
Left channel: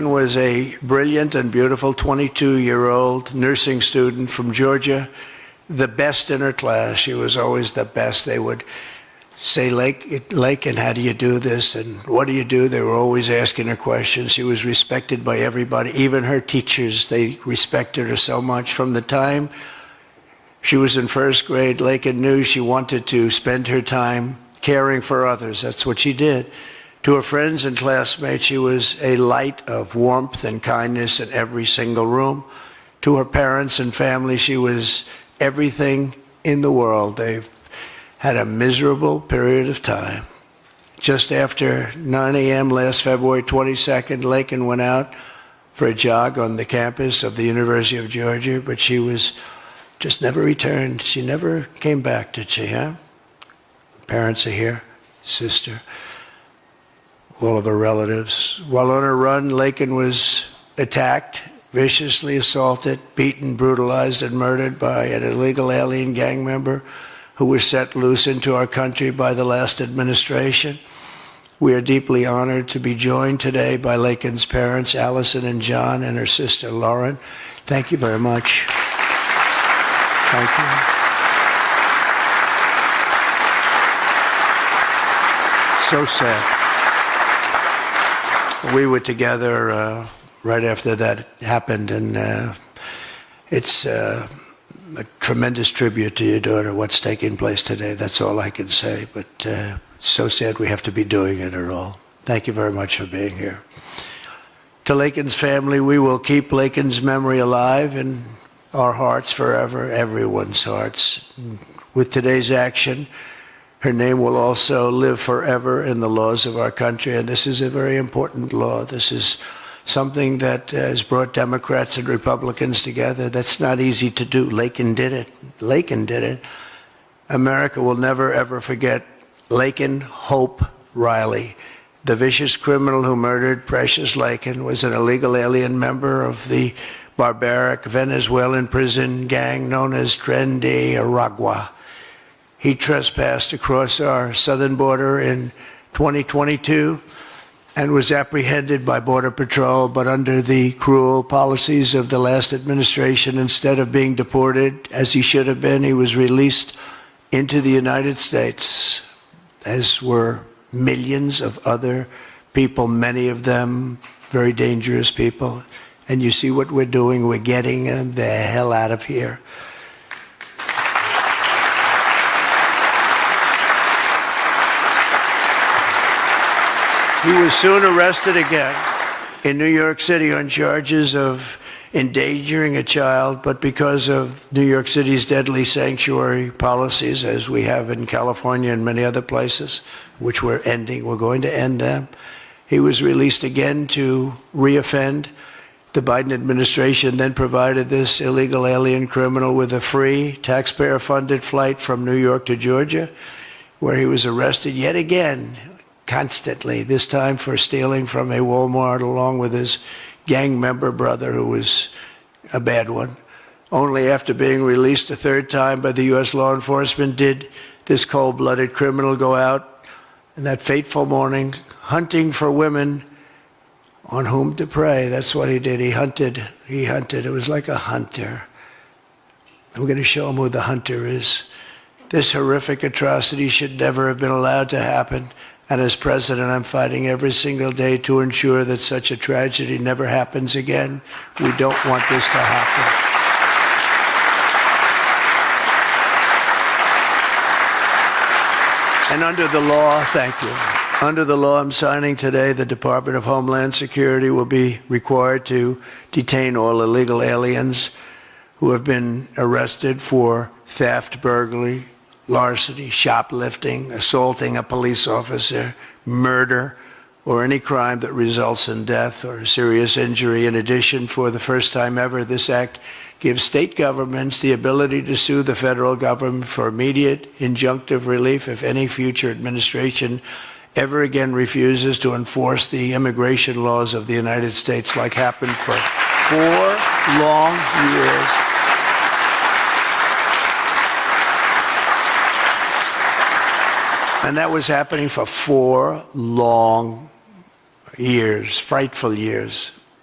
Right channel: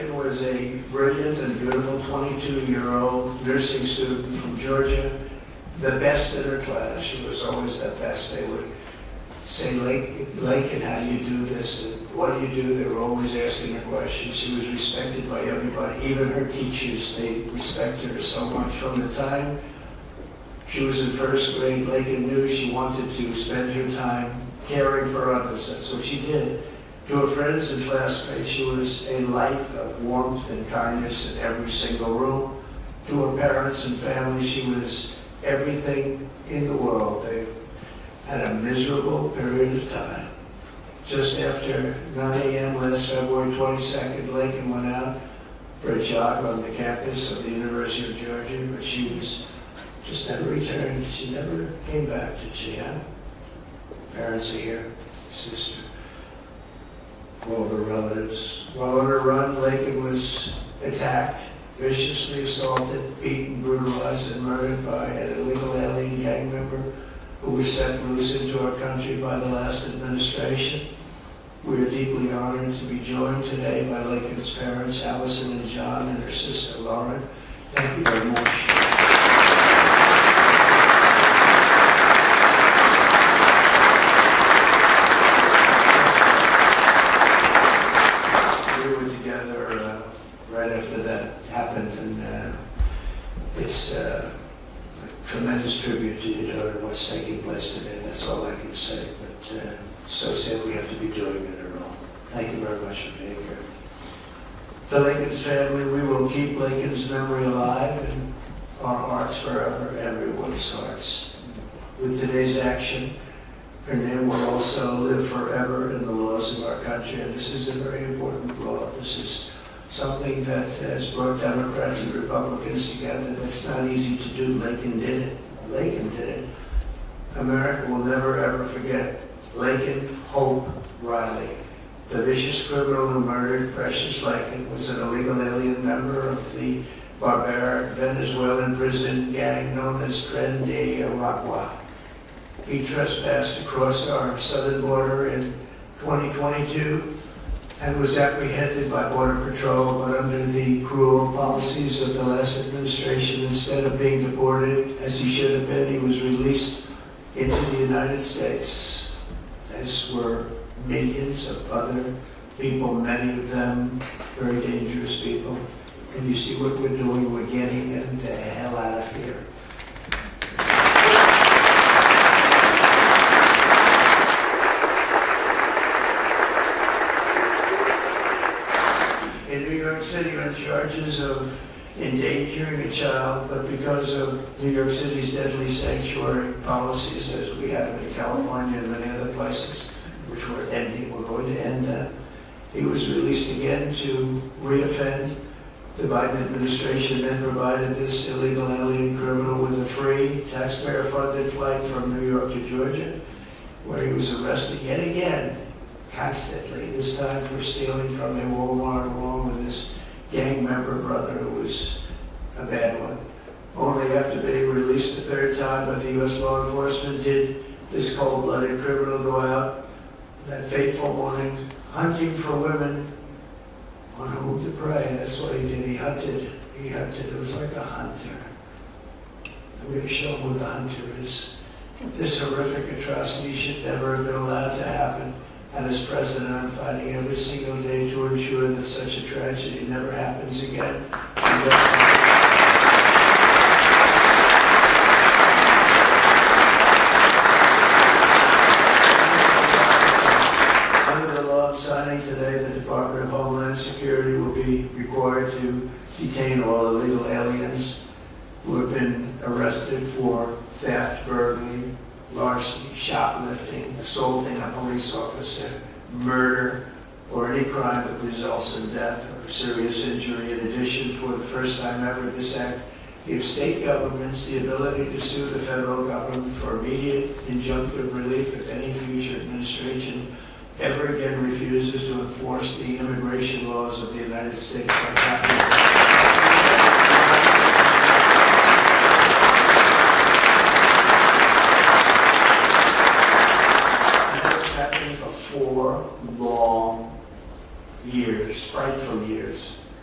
Laken was a brilliant and beautiful 22-year-old nursing student from Georgia, the best in her class. She was always the best. They would say, Laken, how do you do this? And what do you do? They were always asking her questions. She was respected by everybody, even her teachers. They respected her so much. From the time she was in first grade, Laken knew she wanted to spend her time caring for others. That's what she did. To her friends and classmates, she was a light of warmth and kindness in every single room. To her parents and family, she was everything in the world. They had a miserable period of time. Just after 9 a.m. last February 22nd, Laken went out for a jog on the campus of the University of Georgia, but she was just never returned. She never came back, did she, huh? Parents are here, sister, all of her relatives. While on her run, Laken was attacked, viciously assaulted, beaten, brutalized, and murdered by an illegal alien gang member who was set loose into our country by the last administration. We are deeply honored to be joined today by Laken's parents, Allison and John, and her sister, Lauren. Thank you very much. Thank you. So sad. We were together right after that happened, and it's a tremendous tribute to your daughter, what's taking place today. That's all I can say, but so sad we have to be doing it at all. Thank you very much for being here. To Laken's family, we will keep Laken's memory alive in our hearts forever, everyone's hearts. With today's action, her name will also live forever in the laws of our country, and this is a very important law. This is something that has brought Democrats and Republicans together. That's not easy to do. Laken did it. Laken did it. America will never, ever forget Laken Hope Riley. The vicious criminal who murdered Precious Laken was an illegal alien member of the barbaric Venezuelan prison gang known as Tren de Aragua. He trespassed across our southern border in 2022 and was apprehended by Border Patrol, but under the cruel policies of the last administration, instead of being deported as he should have been, he was released into the United States, as were millions of other people, many of them very dangerous people. And you see what we're doing, we're getting them the hell out of here. He was soon arrested again in New York City on charges of endangering a child, but because of New York City's deadly sanctuary policies, as we have in California and many other places, which we're ending, we're going to end them, he was released again to reoffend. The Biden administration then provided this illegal alien criminal with a free, taxpayer-funded flight from New York to Georgia, where he was arrested yet again, constantly, this time for stealing from a Walmart along with his gang member brother, who was a bad one. Only after being released the third time by the U.S. law enforcement did this cold-blooded criminal go out in that fateful morning hunting for women on whom to prey. That's what he did. He hunted. It was like a hunter. We're going to show him who the hunter is. This horrific atrocity should never have been allowed to happen. And as president, I'm fighting every single day to ensure that such a tragedy never happens again. We don't want this to happen. And under the law, thank you. Under the law I'm signing today, the Department of Homeland Security will be required to detain all illegal aliens who have been arrested for theft, burglary, larceny, shoplifting, assaulting a police officer, murder, or any crime that results in death or serious injury. In addition, for the first time ever, this act gives state governments the ability to sue the federal government for immediate injunctive relief if any future administration ever again refuses to enforce the immigration laws of the United States, like happened for 4 long years. And that was happening for 4 long years, frightful years.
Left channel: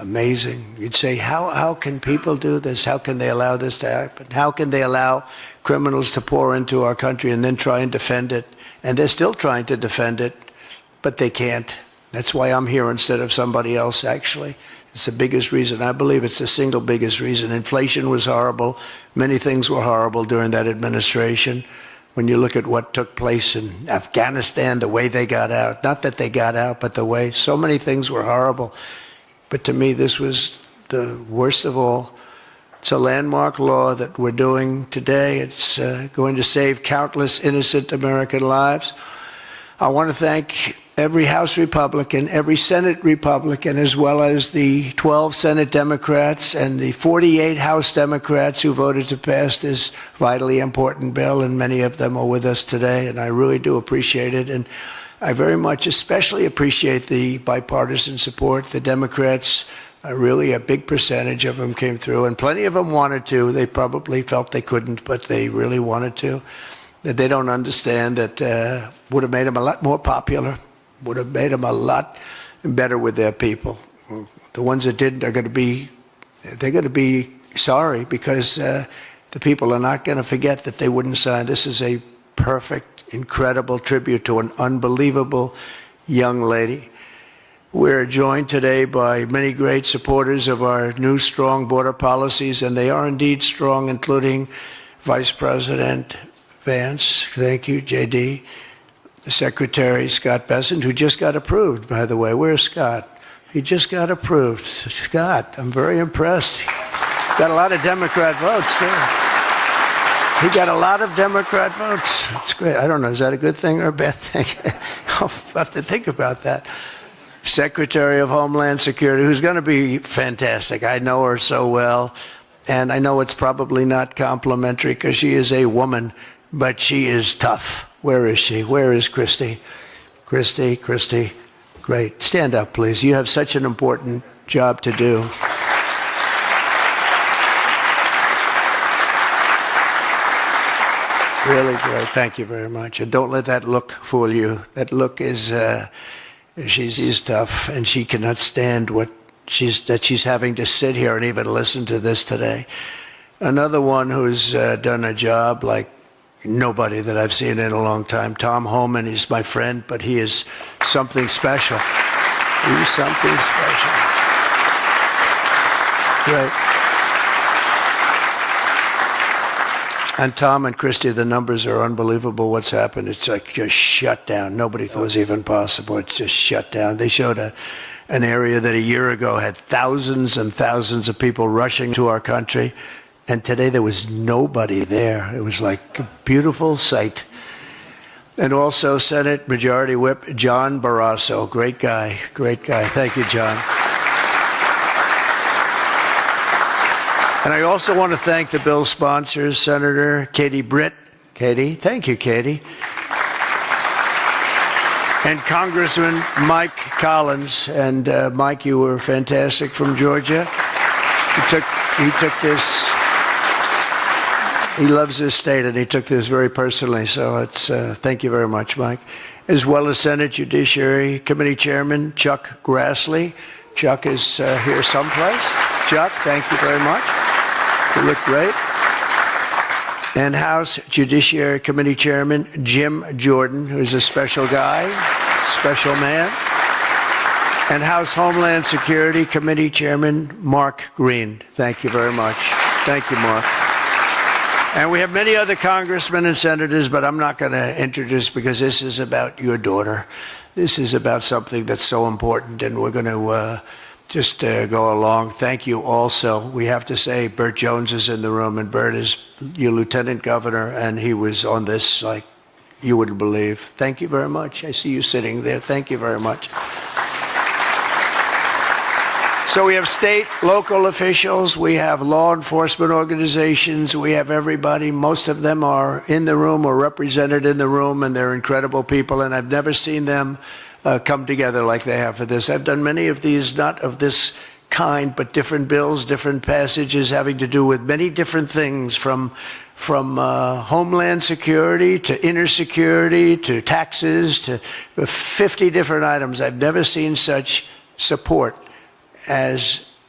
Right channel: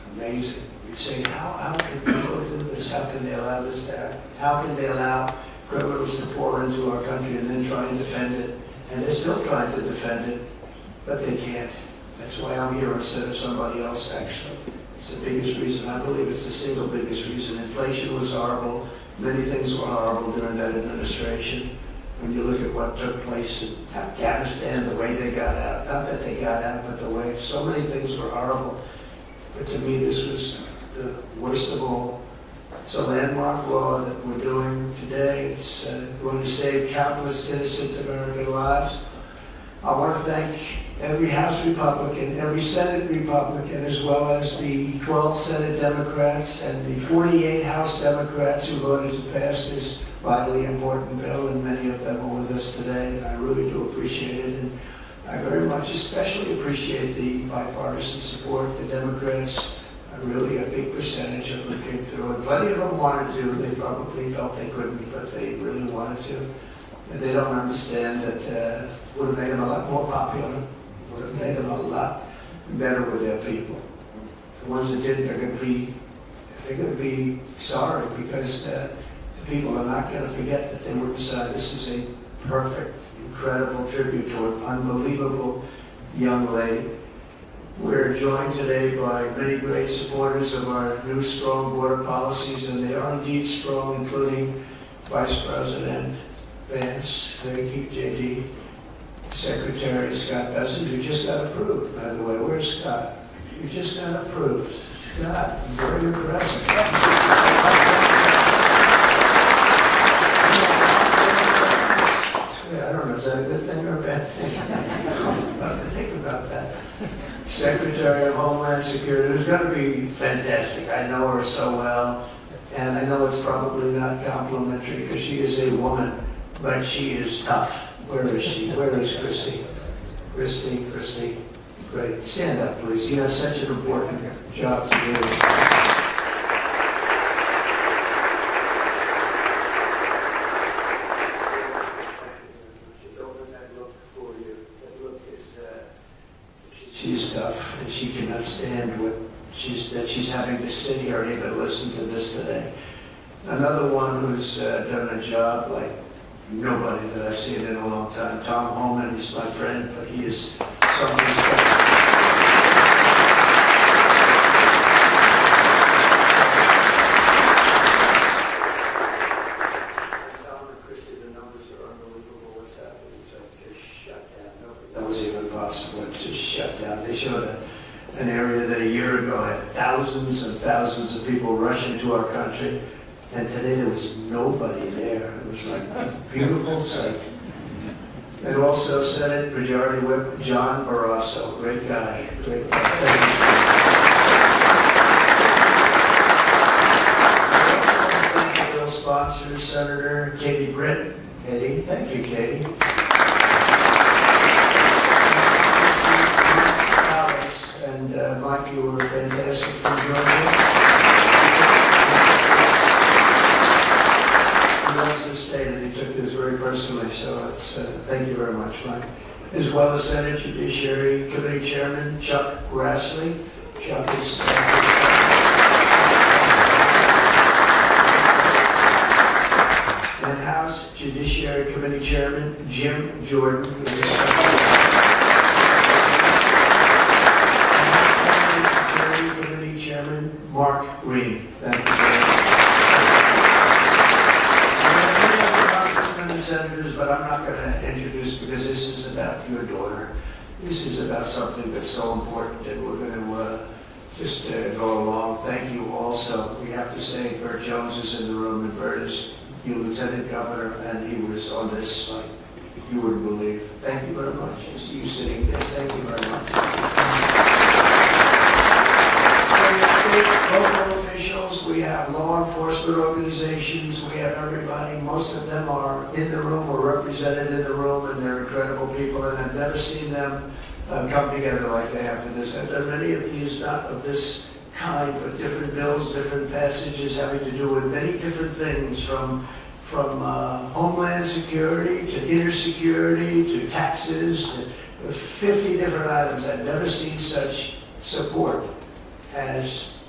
amazing. You'd say, how can people do this? How can they allow this to happen? How can they allow criminals to pour into our country and then try and defend it? And they're still trying to defend it, but they can't. That's why I'm here instead of somebody else, actually. It's the biggest reason. I believe it's the single biggest reason. Inflation was horrible. Many things were horrible during that administration. When you look at what took place in Afghanistan, the way they got out, not that they got out, but the way, so many things were horrible. But to me, this was the worst of all. It's a landmark law that we're doing today. It's going to save countless innocent American lives. I want to thank every House Republican, every Senate Republican, as well as the 12 Senate Democrats and the 48 House Democrats who voted to pass this vitally important bill, and many of them are with us today, and I really do appreciate it. And I very much especially appreciate the bipartisan support. The Democrats, really a big percentage of them came through, and plenty of them wanted to. They probably felt they couldn't, but they really wanted to. That they don't understand that would have made them a lot more popular, would have made them a lot better with their people. The ones that didn't are going to be sorry, because the people are not going to forget that they wouldn't sign. This is a perfect, incredible tribute to an unbelievable young lady. We're joined today by many great supporters of our new strong border policies, and they are indeed strong, including Vice President Vance, thank you, JD, the Secretary Scott Bessent, who just got approved, by the way. Where's Scott? He just got approved. Scott, I'm very impressed. Got a lot of Democrat votes. He got a lot of Democrat votes. That's great. I don't know, is that a good thing or a bad thing? I'll have to think about that. Secretary of Homeland Security, who's going to be fantastic. I know her so well, and I know it's probably not complimentary because she is a woman, but she is tough. Where is she? Where is Christy? Christy, great. Stand up, please. You have such an important job to do. Really great. Thank you very much. And don't let that look fool you. That look is, she's tough, and she cannot stand that she's having to sit here and even listen to this today. Another one who's done a job like nobody that I've seen in a long time, Tom Homan. He's my friend, but he is something special. He is something special. Yeah. And Tom and Christy, the numbers are unbelievable. What's happened? It's like just shut down. Nobody thought it was even possible. It's just shut down. They showed an area that a year ago had thousands and thousands of people rushing to our country. And today there was nobody there. It was like a beautiful sight. And also Senate Majority Whip John Barrasso. Great guy. Great guy. Thank you, John. And I also want to thank the bill sponsors, Senator Katie Britt. Katie, thank you, Katie. And Congressman Mike Collins. And Mike, you were fantastic from Georgia. He took this. He loves this state, and he took this very personally, so it's thank you very much, Mike. As well as Senate Judiciary Committee Chairman Chuck Grassley. Chuck is here someplace. Chuck, thank you very much. You look great. And House Judiciary Committee Chairman Jim Jordan, who's a special guy, special man. And House Homeland Security Committee Chairman Mark Green. Thank you very much. Thank you, Mark. And we have many other congressmen and senators, but I'm not going to introduce because this is about your daughter. This is about something that's so important, and we're going to just go along. Thank you also. We have to say Burt Jones is in the room, and Burt is your lieutenant governor, and he was on this like you wouldn't believe. Thank you very much. I see you sitting there. Thank you very much. So we have state, local officials, we have law enforcement organizations, we have everybody. Most of them are in the room or represented in the room, and they're incredible people, and I've never seen them come together like they have for this. I've done many of these, not of this kind, but different bills, different passages having to do with many different things, from homeland security to inner security to taxes to 50 different items. I've never seen such support as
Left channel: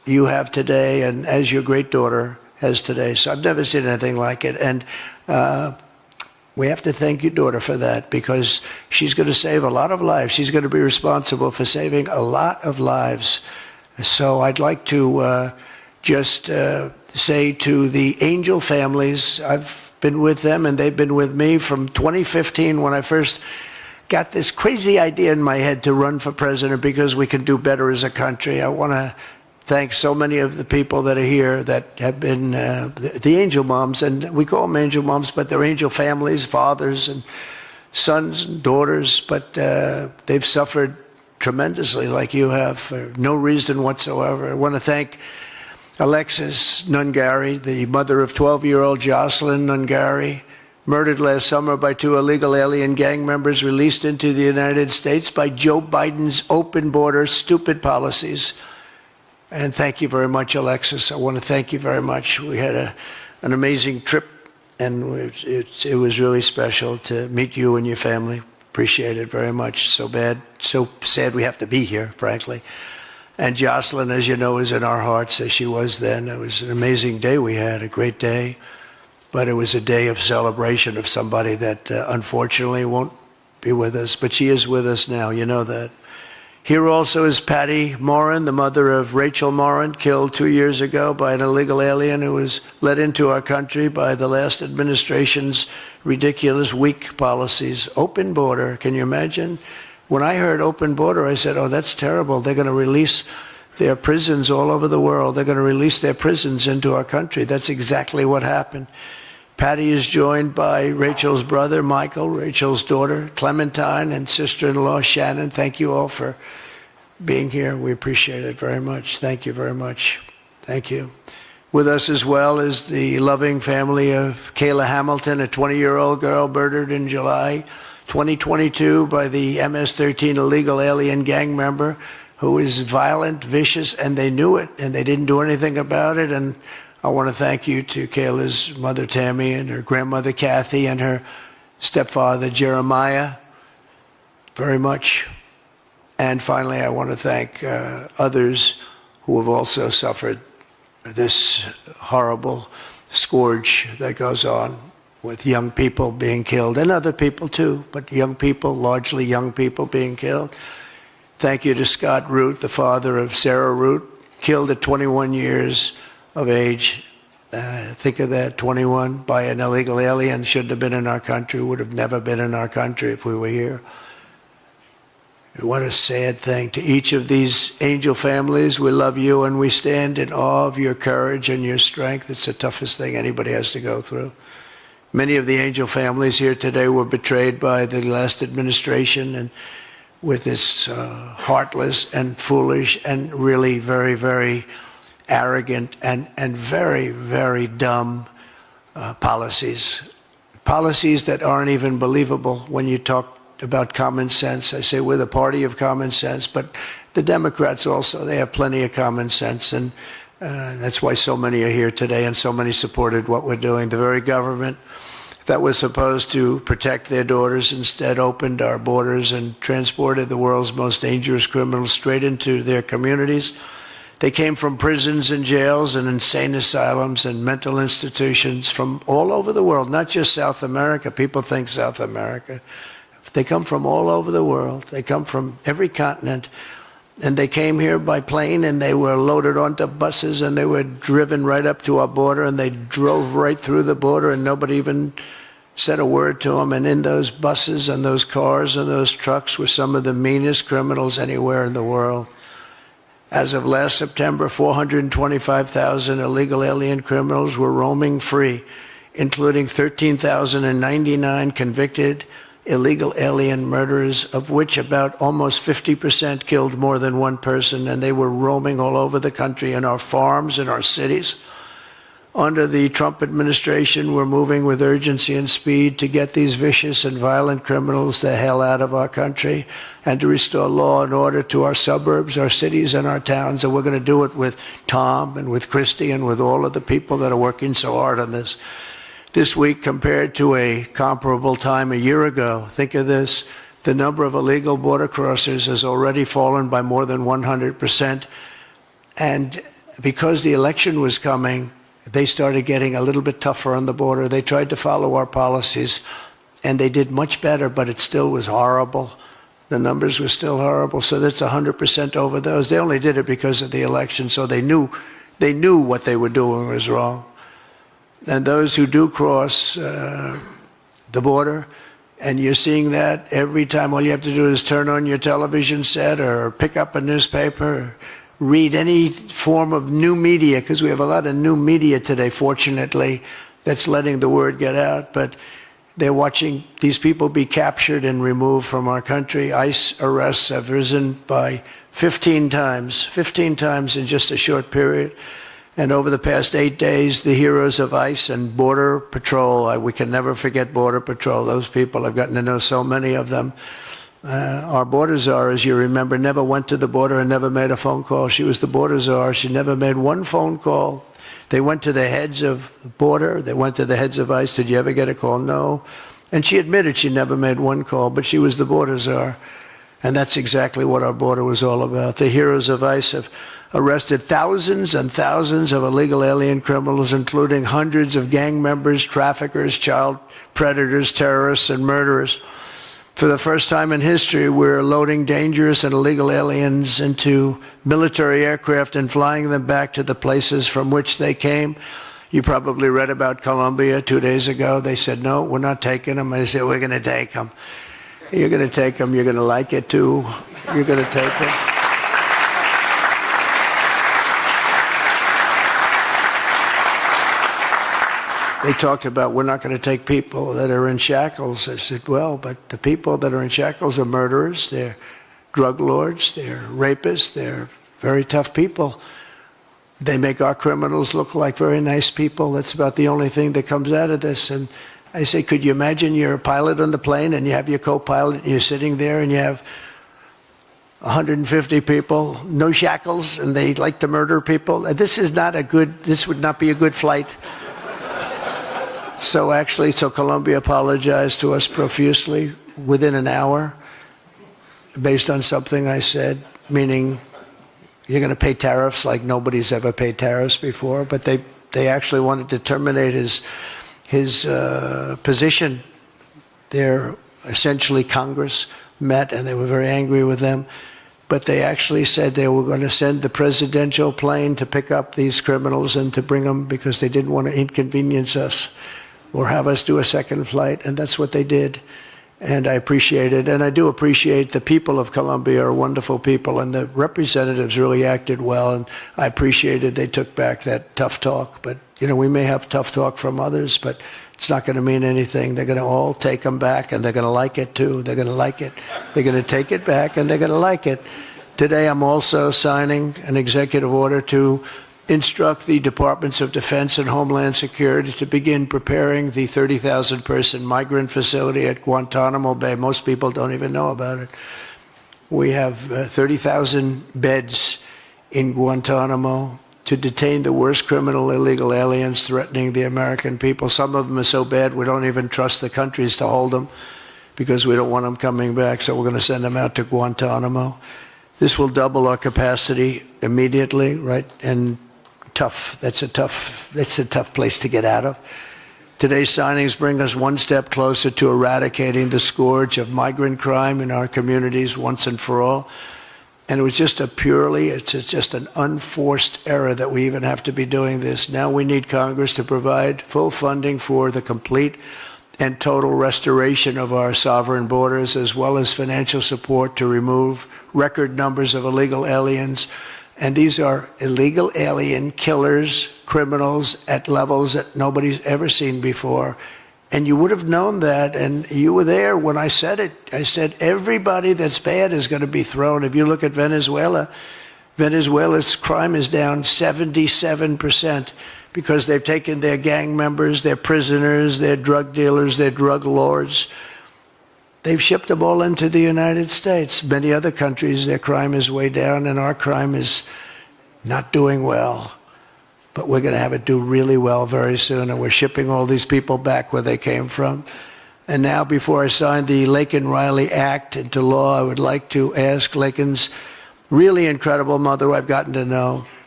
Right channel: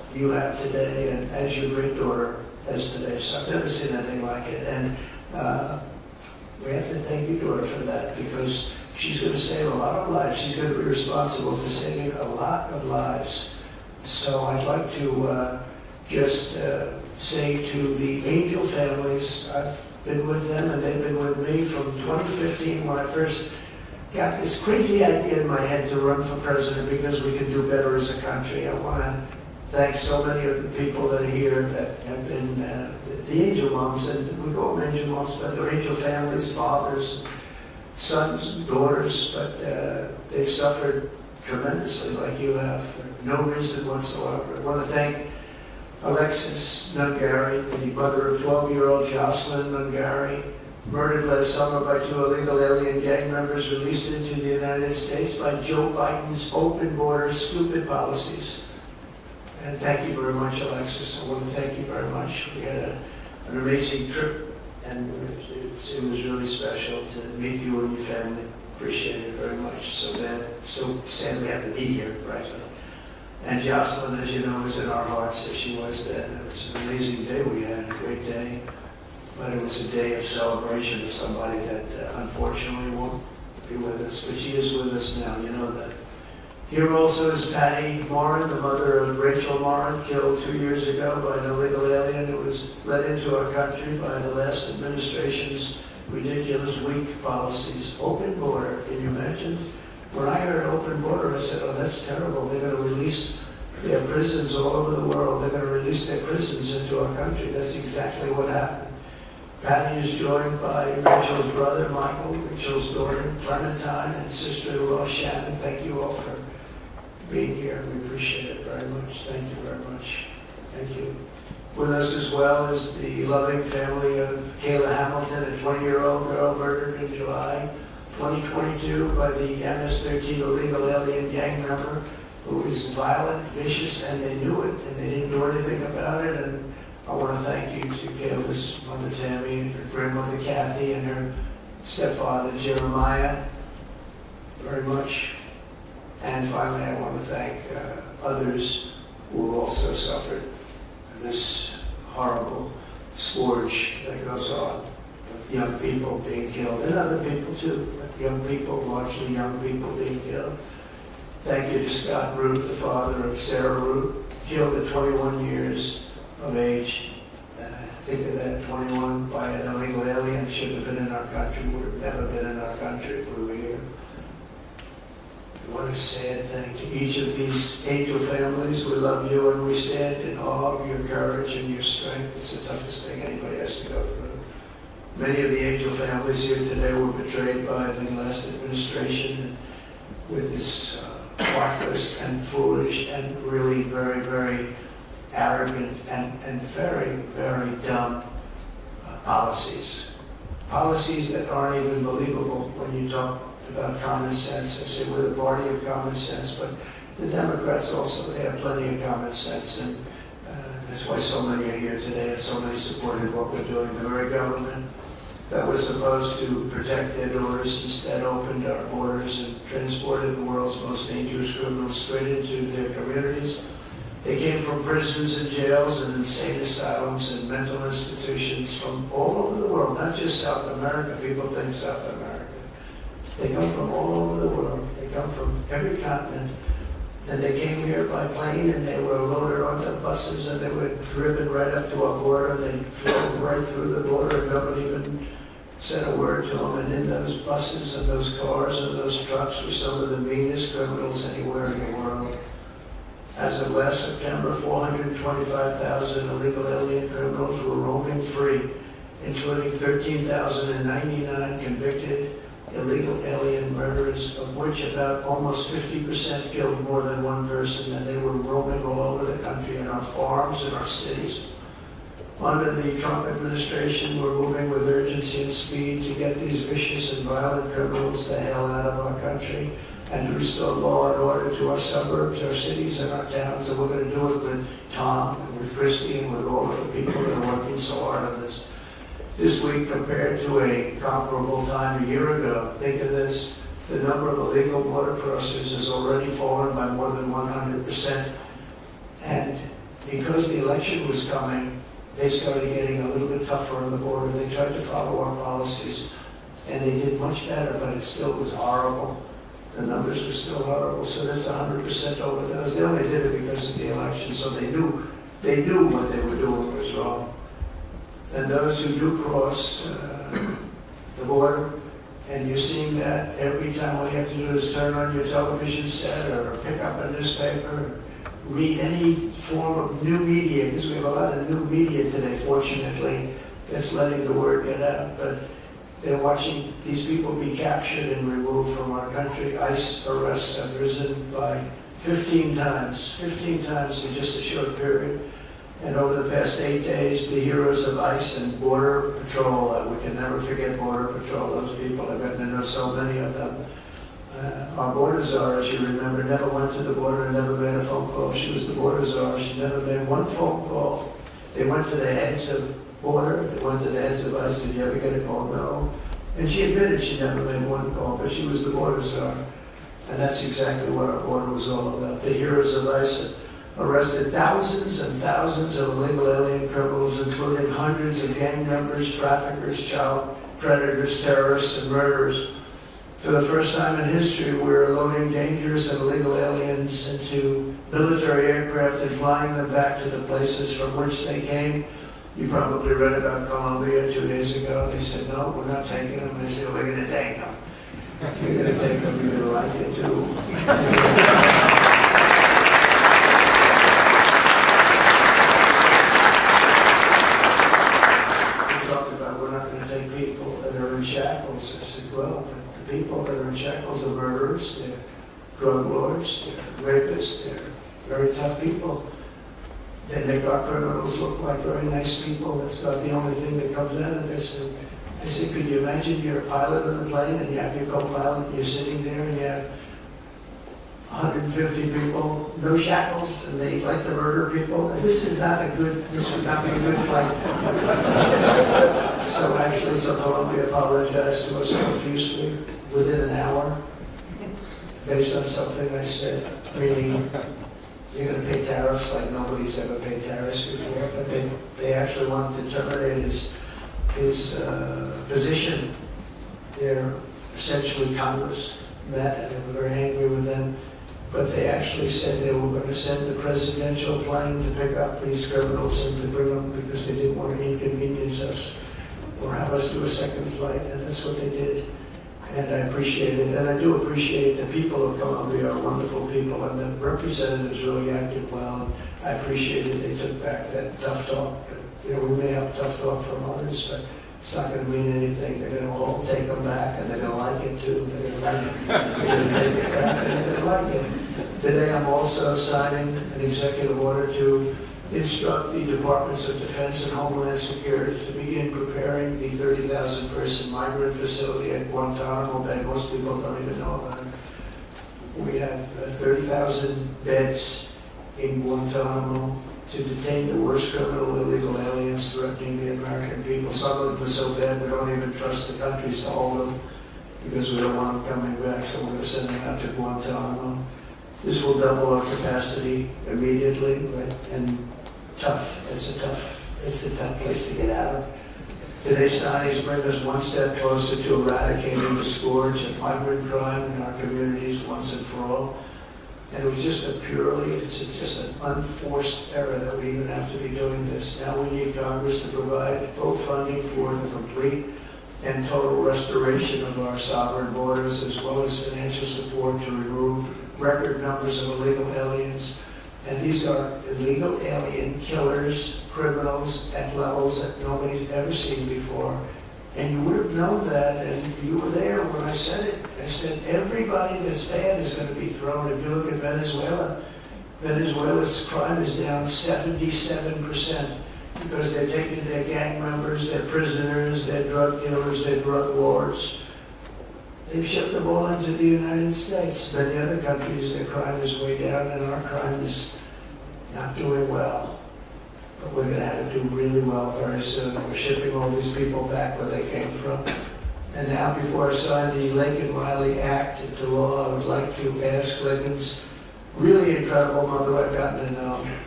you have today and as your great daughter has today. So I've never seen anything like it. And we have to thank your daughter for that, because she's going to save a lot of lives. She's going to be responsible for saving a lot of lives. So I'd like to just say to the Angel families, I've been with them and they've been with me from 2015 when I first got this crazy idea in my head to run for president because we can do better as a country. I want to thank so many of the people that are here that have been the angel moms, and we call them angel moms, but they're angel families, fathers and sons and daughters, but they've suffered tremendously like you have for no reason whatsoever. I want to thank Alexis Nungari, the mother of 12-year-old Jocelyn Nungari, murdered last summer by 2 illegal alien gang members released into the United States by Joe Biden's open border stupid policies. And thank you very much, Alexis. I want to thank you very much. We had an amazing trip, and it was really special to meet you and your family. Appreciate it very much. So sad we have to be here, frankly. And Jocelyn, as you know, is in our hearts as she was then. It was an amazing day we had, a great day. But it was a day of celebration of somebody that unfortunately won't be with us. But she is with us now, you know that. Here also is Patty Morin, the mother of Rachel Morin, killed 2 years ago by an illegal alien who was let into our country by the last administration's ridiculous, weak policies. Open border, can you imagine? When I heard open border, I said, oh, that's terrible. They're going to release their prisons all over the world. They're going to release their prisons into our country. That's exactly what happened. Patty is joined by Rachel's brother, Michael, Rachel's daughter, Clementine, and sister-in-law, Shannon. Thank you all for being here. We appreciate it very much. Thank you very much. Thank you. With us as well is the loving family of Kayla Hamilton, a 20-year-old girl murdered in July 2022 by the MS-13 illegal alien gang member who is violent, vicious, and they knew it, and they didn't do anything about it. And I want to thank you to Kayla's mother, Tammy, and her grandmother, Kathy, and her stepfather, Jeremiah, very much. And finally, I want to thank others who have also suffered this horrible scourge that goes on with young people being killed, and other people too, but young people, largely young people being killed. Thank you to Scott Root, the father of Sarah Root, killed at 21 years of age. Think of that, 21 by an illegal alien, shouldn't have been in our country, would have never been in our country if we were here. And what a sad thing. To each of these angel families, we love you and we stand in awe of your courage and your strength. It's the toughest thing anybody has to go through. Many of the angel families here today were betrayed by the last administration, and with this heartless and foolish and really very, very arrogant and very, very dumb policies. Policies that aren't even believable when you talk about common sense. I say we're the party of common sense, but the Democrats also, they have plenty of common sense, and that's why so many are here today and so many supported what we're doing. The very government that was supposed to protect their daughters instead opened our borders and transported the world's most dangerous criminals straight into their communities. They came from prisons and jails and insane asylums and mental institutions from all over the world, not just South America. People think South America. They come from all over the world. They come from every continent. And they came here by plane, and they were loaded onto buses, and they were driven right up to our border, and they drove right through the border, and nobody even said a word to them. And in those buses and those cars and those trucks were some of the meanest criminals anywhere in the world. As of last September, 425,000 illegal alien criminals were roaming free, including 13,099 convicted illegal alien murderers, of which about almost 50% killed more than one person, and they were roaming all over the country in our farms, in our cities. Under the Trump administration, we're moving with urgency and speed to get these vicious and violent criminals the hell out of our country and to restore law and order to our suburbs, our cities, and our towns. And we're going to do it with Tom and with Christy and with all of the people that are working so hard on this. This week, compared to a comparable time a year ago, think of this, the number of illegal border crossers has already fallen by more than 100%. And because the election was coming, they started getting a little bit tougher on the border. They tried to follow our policies, and they did much better, but it still was horrible. The numbers were still horrible, so that's 100% over those. They only did it because of the election, so they knew what they were doing was wrong. And those who do cross the border, and you're seeing that every time, all you have to do is turn on your television set or pick up a newspaper, read any form of new media, because we have a lot of new media today, fortunately, that's letting the word get out. But they're watching these people be captured and removed from our country. ICE arrests have risen by 15 times in just a short period. And over the past 8 days, the heroes of ICE and Border Patrol, we can never forget Border Patrol. Those people, I've gotten to know so many of them. Our border czar, as you remember, never went to the border and never made a phone call. She was the border czar. She never made one phone call. They went to the heads of border. They went to the heads of ICE. Did you ever get a call? No. And she admitted she never made one call, but she was the border czar. And that's exactly what our border was all about. The heroes of ICE have arrested thousands and thousands of illegal alien criminals, including hundreds of gang members, traffickers, child predators, terrorists, and murderers. For the first time in history, we're loading dangerous and illegal aliens into military aircraft and flying them back to the places from which they came. You probably read about Colombia 2 days ago. They said, no, we're not taking them. I said, we're going to take them. You're going to take them. You're going to like it, too. You're going to take them. They talked about, we're not going to take people that are in shackles. I said, well, but the people that are in shackles are murderers, they're drug lords, they're rapists, they're very tough people. They make our criminals look like very nice people. That's about the only thing that comes out of this. And I say, could you imagine you're a pilot on the plane and you have your co-pilot and you're sitting there and you have 150 people, no shackles, and they like to murder people? This would not be a good flight. So Colombia apologized to us profusely within an hour based on something I said, meaning you're going to pay tariffs like nobody's ever paid tariffs before, but they actually wanted to terminate his position. They're essentially Congress met and they were very angry with them, but they actually said they were going to send the presidential plane to pick up these criminals and to bring them because they didn't want to inconvenience us or have us do a second flight, and that's what they did. And I appreciate it, and I do appreciate the people of Colombia are wonderful people, and the representatives really acted well, and I appreciated they took back that tough talk. But, we may have tough talk from others, but it's not going to mean anything. They're going to all take them back, and they're going to like it, too. They're going to like it. They're going to take it back, and they're going to like it. Today, I'm also signing an executive order to instruct the Departments of Defense and Homeland Security to begin preparing the 30,000-person migrant facility at Guantanamo Bay. Most people don't even know about it. We have 30,000 beds in Guantanamo to detain the worst criminal illegal aliens threatening the American people. Some of them are so bad we don't even trust the countries to hold them because we don't want them coming back, so we're going to send them out to Guantanamo. This will double our capacity immediately, right? And tough. That's a tough place to get out of. Today's signings bring us one step closer to eradicating the scourge of migrant crime in our communities once and for all. And it was just it's just an unforced error that we even have to be doing this. Now we need Congress to provide full funding for the complete and total restoration of our sovereign borders, as well as financial support to remove record numbers of illegal aliens. And these are illegal alien killers, criminals at levels that nobody's ever seen before. And you would have known that, and you were there when I said it. I said everybody that's bad is going to be thrown. If you look at Venezuela, Venezuela's crime is down 77% because they've taken their gang members, their prisoners, their drug dealers, their drug lords. They've shipped them all into the United States. Many other countries, their crime is way down, and our crime is not doing well. But we're going to have it do really well very soon, and we're shipping all these people back where they came from. And now, before I sign the Laken Riley Act into law, I would like to ask Laken's really incredible mother, who I've gotten to know,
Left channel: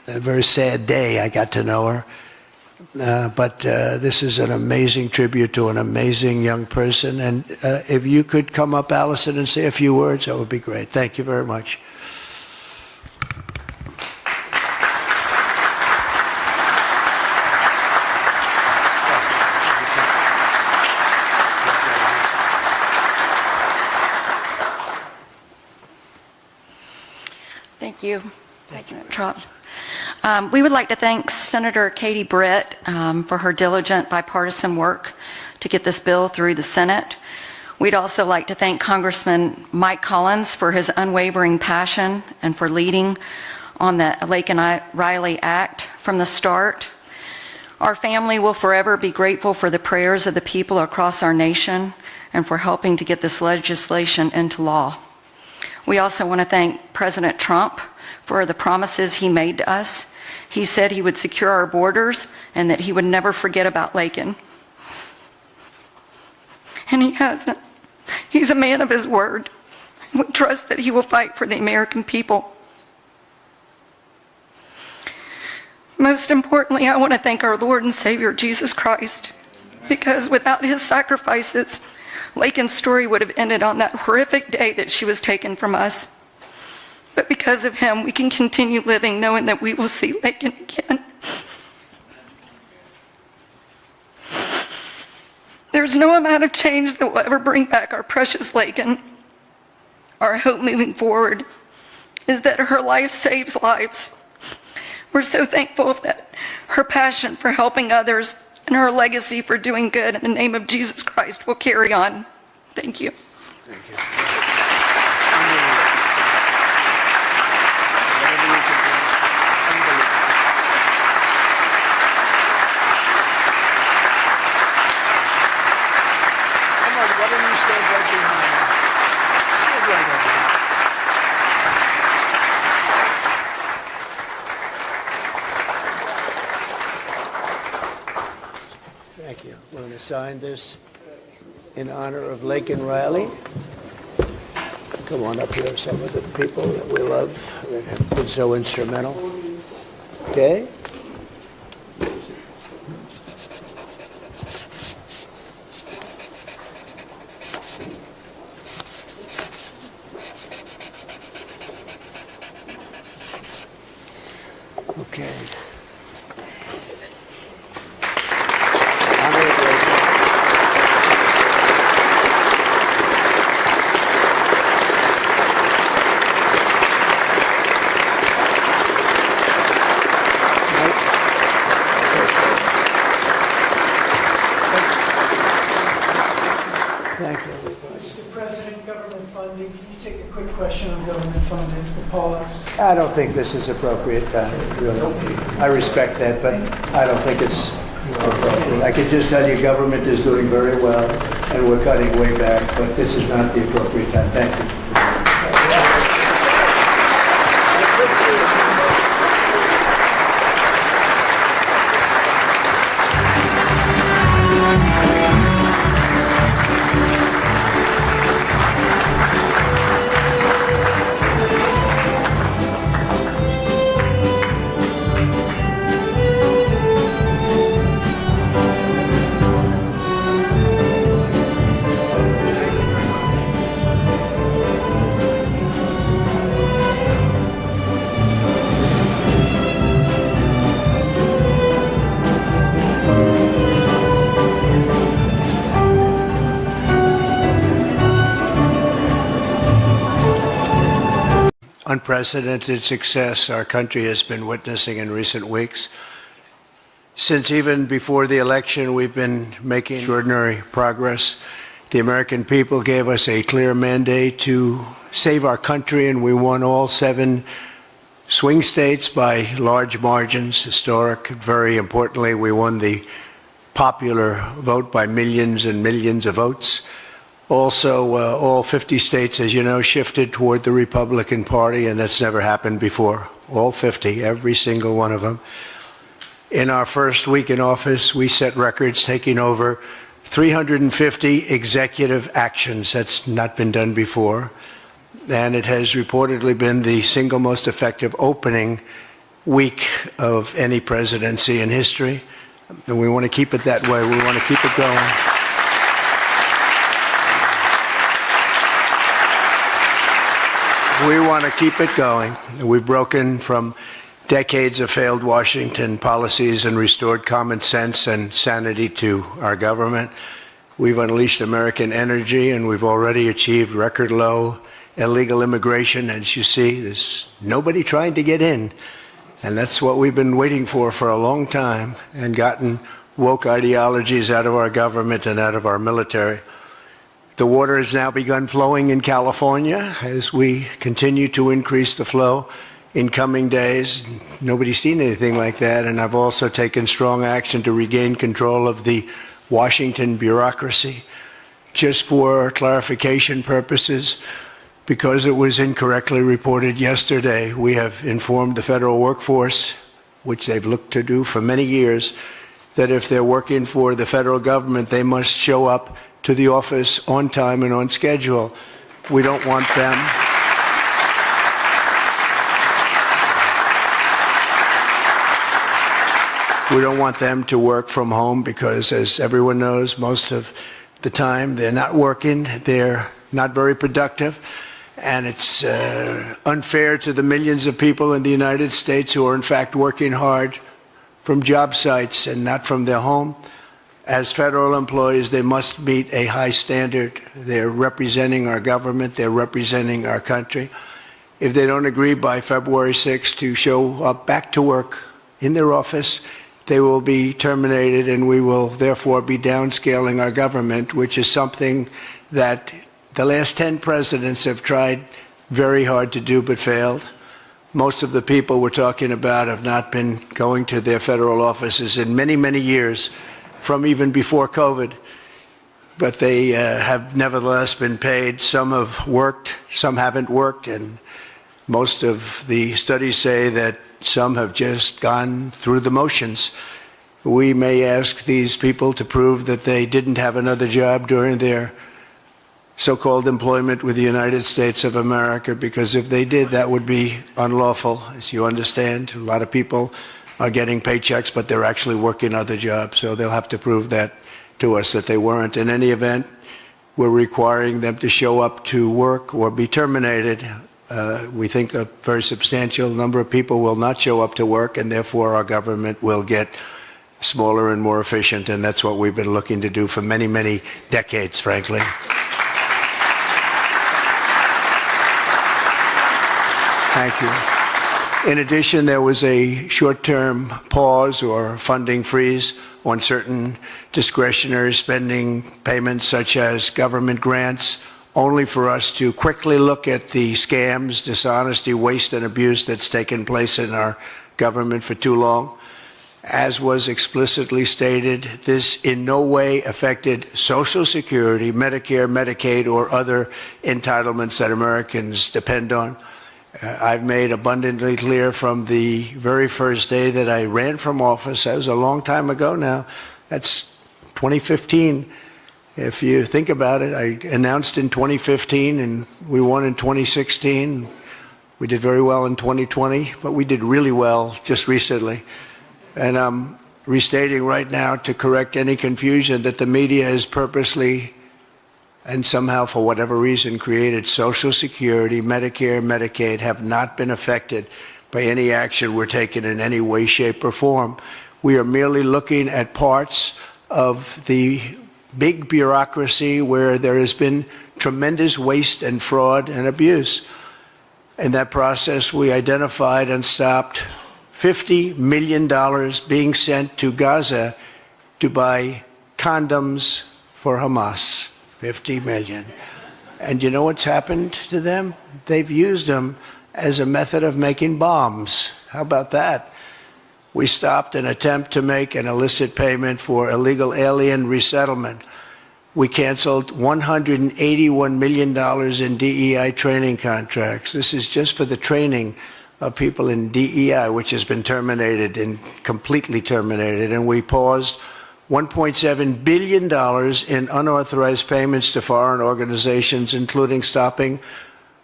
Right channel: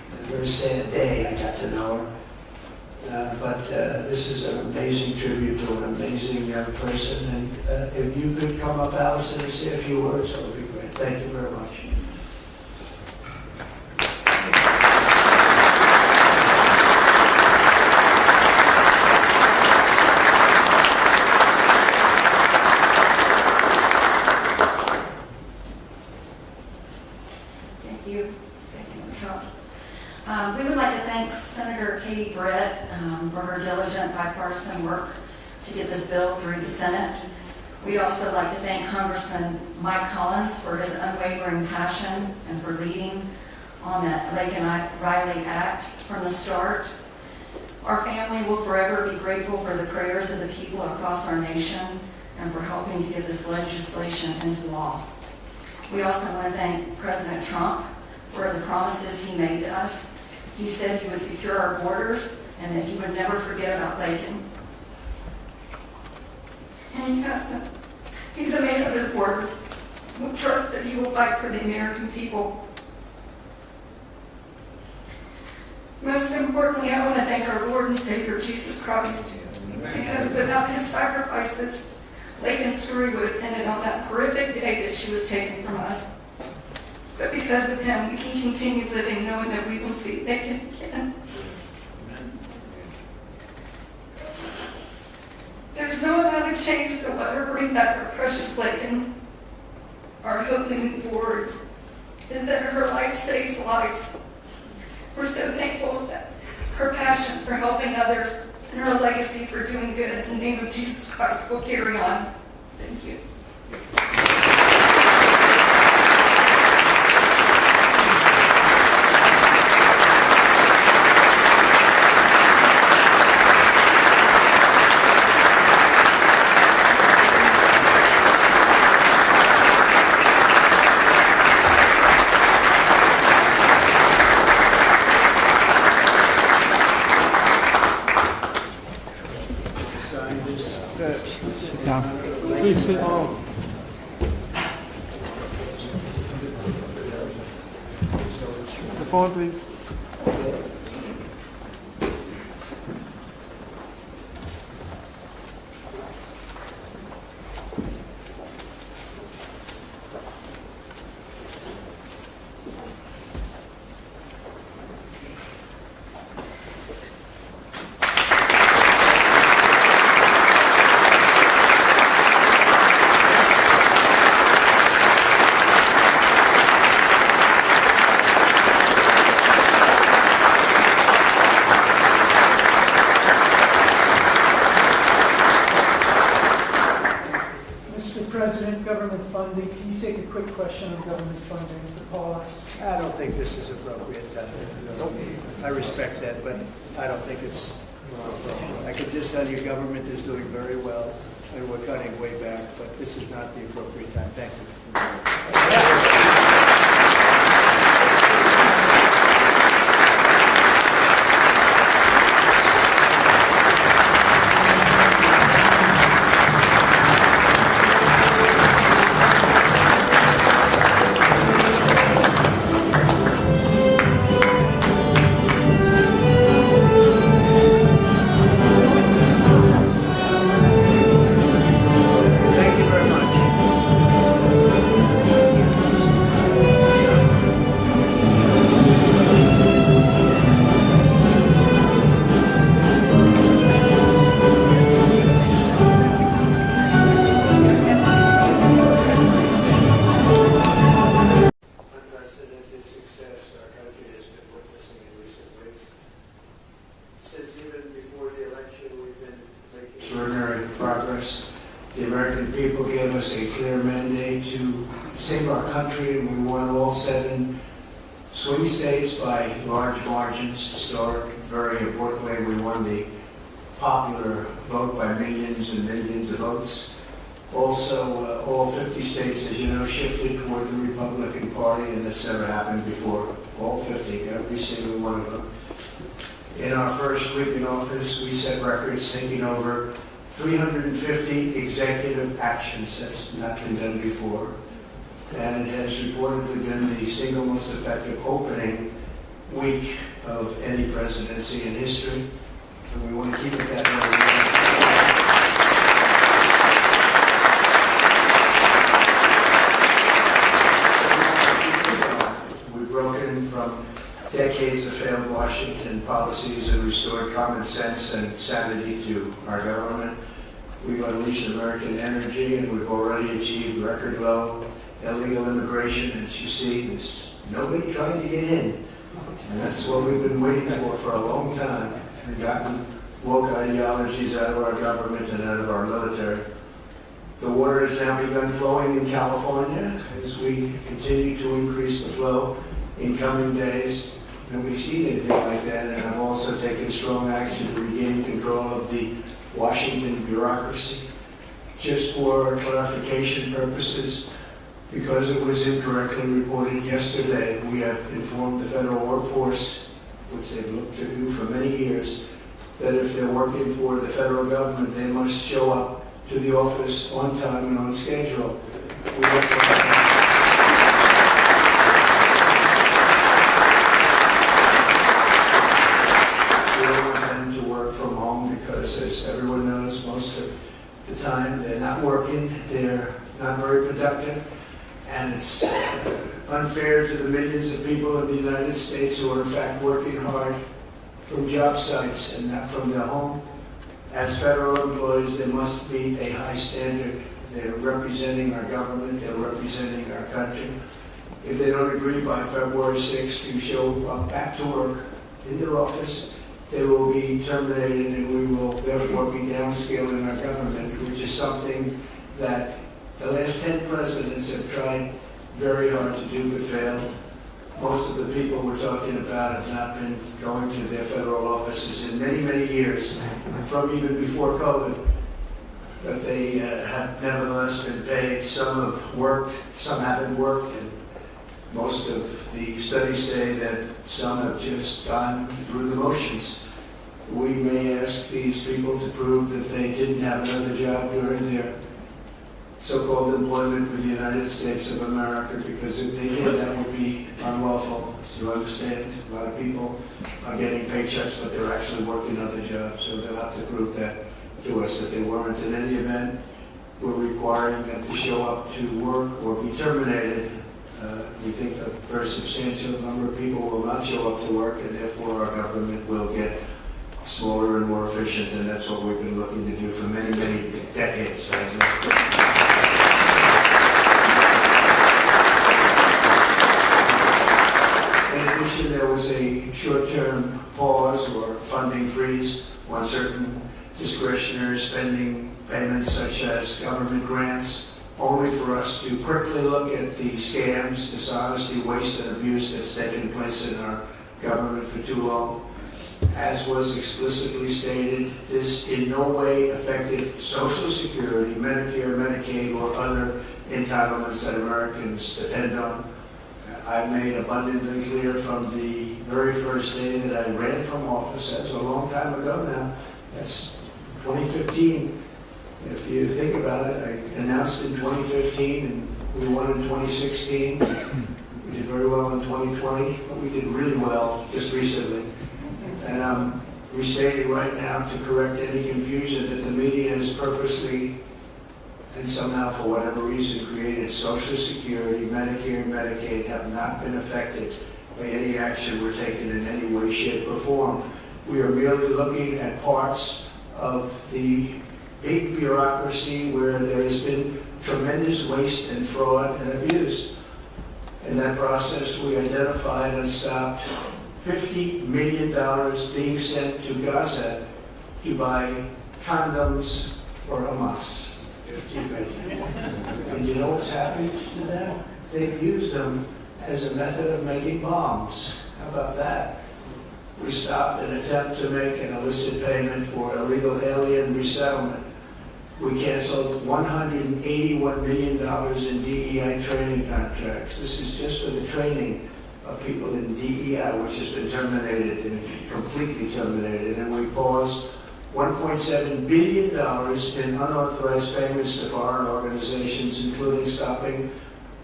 a very sad day. I got to know her. But this is an amazing tribute to an amazing young person. And if you could come up, Allison, and say a few words, that would be great. Thank you very much. Thank you. Thank you, Trump. We would like to thank Senator Katie Britt for her diligent bipartisan work to get this bill through the Senate. We'd also like to thank Congressman Mike Collins for his unwavering passion and for leading on the Laken Riley Act from the start. Our family will forever be grateful for the prayers of the people across our nation and for helping to get this legislation into law. We also want to thank President Trump for the promises he made to us. He said he would secure our borders and that he would never forget about Laken. And he hasn't. He's a man of his word. We trust that he will fight for the American people. Most importantly, I want to thank our Lord and Savior, Jesus Christ, because without his sacrifices, Laken's story would have ended on that horrific day that she was taken from us. But because of him, we can continue living knowing that we will see Laken again. There's no amount of change that will ever bring back our precious Laken. Our hope moving forward is that her life saves lives. We're so thankful that her passion for helping others and her legacy for doing good in the name of Jesus Christ will carry on. Thank you. Sign this in honor of Laken Riley. Come on up here, some of the people that we love that have been so instrumental. Okay? Okay. Mr. President, government funding, can you take a quick question on government funding, the pause? I don't think this is appropriate, really. I respect that, but I don't think it's appropriate. I can just tell you government is doing very well, and we're cutting way back, but this is not the appropriate time. Thank you. Unprecedented success our country has been witnessing in recent weeks. Since even before the election, we've been making extraordinary progress. The American people gave us a clear mandate to save our country, and we won all 7 swing states by large margins, historic. Very importantly, we won the popular vote by millions and millions of votes. Also, all 50 states, as you know, shifted toward the Republican Party, and that's never happened before. All 50, every single one of them. In our first week in office, we set records, taking over 350 executive actions. That's not been done before. And it has reportedly been the single most effective opening week of any presidency in history. And we want to keep it that way. We want to keep it going. We want to keep it going. We've broken from decades of failed Washington policies and restored common sense and sanity to our government. We've unleashed American energy, and we've already achieved record low illegal immigration. As you see, there's nobody trying to get in. And that's what we've been waiting for a long time, and gotten woke ideologies out of our government and out of our military. The water has now begun flowing in California as we continue to increase the flow in coming days. Nobody's seen anything like that, and I've also taken strong action to regain control of the Washington bureaucracy. Just for clarification purposes, because it was incorrectly reported yesterday, we have informed the federal workforce, which they've looked to do for many years, that if they're working for the federal government, they must show up to the office on time and on schedule. We don't want them. We don't want them to work from home because, as everyone knows, most of the time they're not working, they're not very productive, and it's unfair to the millions of people in the United States who are in fact working hard from job sites and not from their home. As federal employees, they must meet a high standard. They're representing our government, they're representing our country. If they don't agree by February 6th to show up back to work in their office, they will be terminated, and we will therefore be downscaling our government, which is something that the last 10 presidents have tried very hard to do but failed. Most of the people we're talking about have not been going to their federal offices in many, many years, from even before COVID, but they have nevertheless been paid. Some have worked, some haven't worked, and most of the studies say that some have just gone through the motions. We may ask these people to prove that they didn't have another job during their so-called employment with the United States of America, because if they did, that would be unlawful. As you understand, a lot of people are getting paychecks, but they're actually working other jobs, so they'll have to prove that to us that they weren't. In any event, we're requiring them to show up to work or be terminated. We think a very substantial number of people will not show up to work, and therefore our government will get smaller and more efficient, and that's what we've been looking to do for many, many decades, frankly. In addition, there was a short-term pause or funding freeze on certain discretionary spending payments, such as government grants, only for us to quickly look at the scams, dishonesty, waste, and abuse that's taken place in our government for too long. As was explicitly stated, this in no way affected Social Security, Medicare, Medicaid, or other entitlements that Americans depend on. I've made abundantly clear from the very first day that I ran from office, that was a long time ago now, that's 2015. If you think about it, I announced in 2015 and we won in 2016. We did very well in 2020, but we did really well just recently. And I'm restating right now to correct any confusion that the media has purposely and somehow, for whatever reason, created Social Security, Medicare, Medicaid have not been affected by any action we're taking in any way, shape, or form. We are merely looking at parts of the big bureaucracy where there has been tremendous waste and fraud and abuse. In that process, we identified and stopped $50 million being sent to Gaza to buy condoms for Hamas. 50 million. And you know what's happened to them? They've used them as a method of making bombs. How about that? We stopped an attempt to make an illicit payment for illegal alien resettlement. We canceled $181 million in DEI training contracts. This is just for the training of people in DEI, which has been terminated and completely terminated. And we paused $1.7 billion in unauthorized payments to foreign organizations, including stopping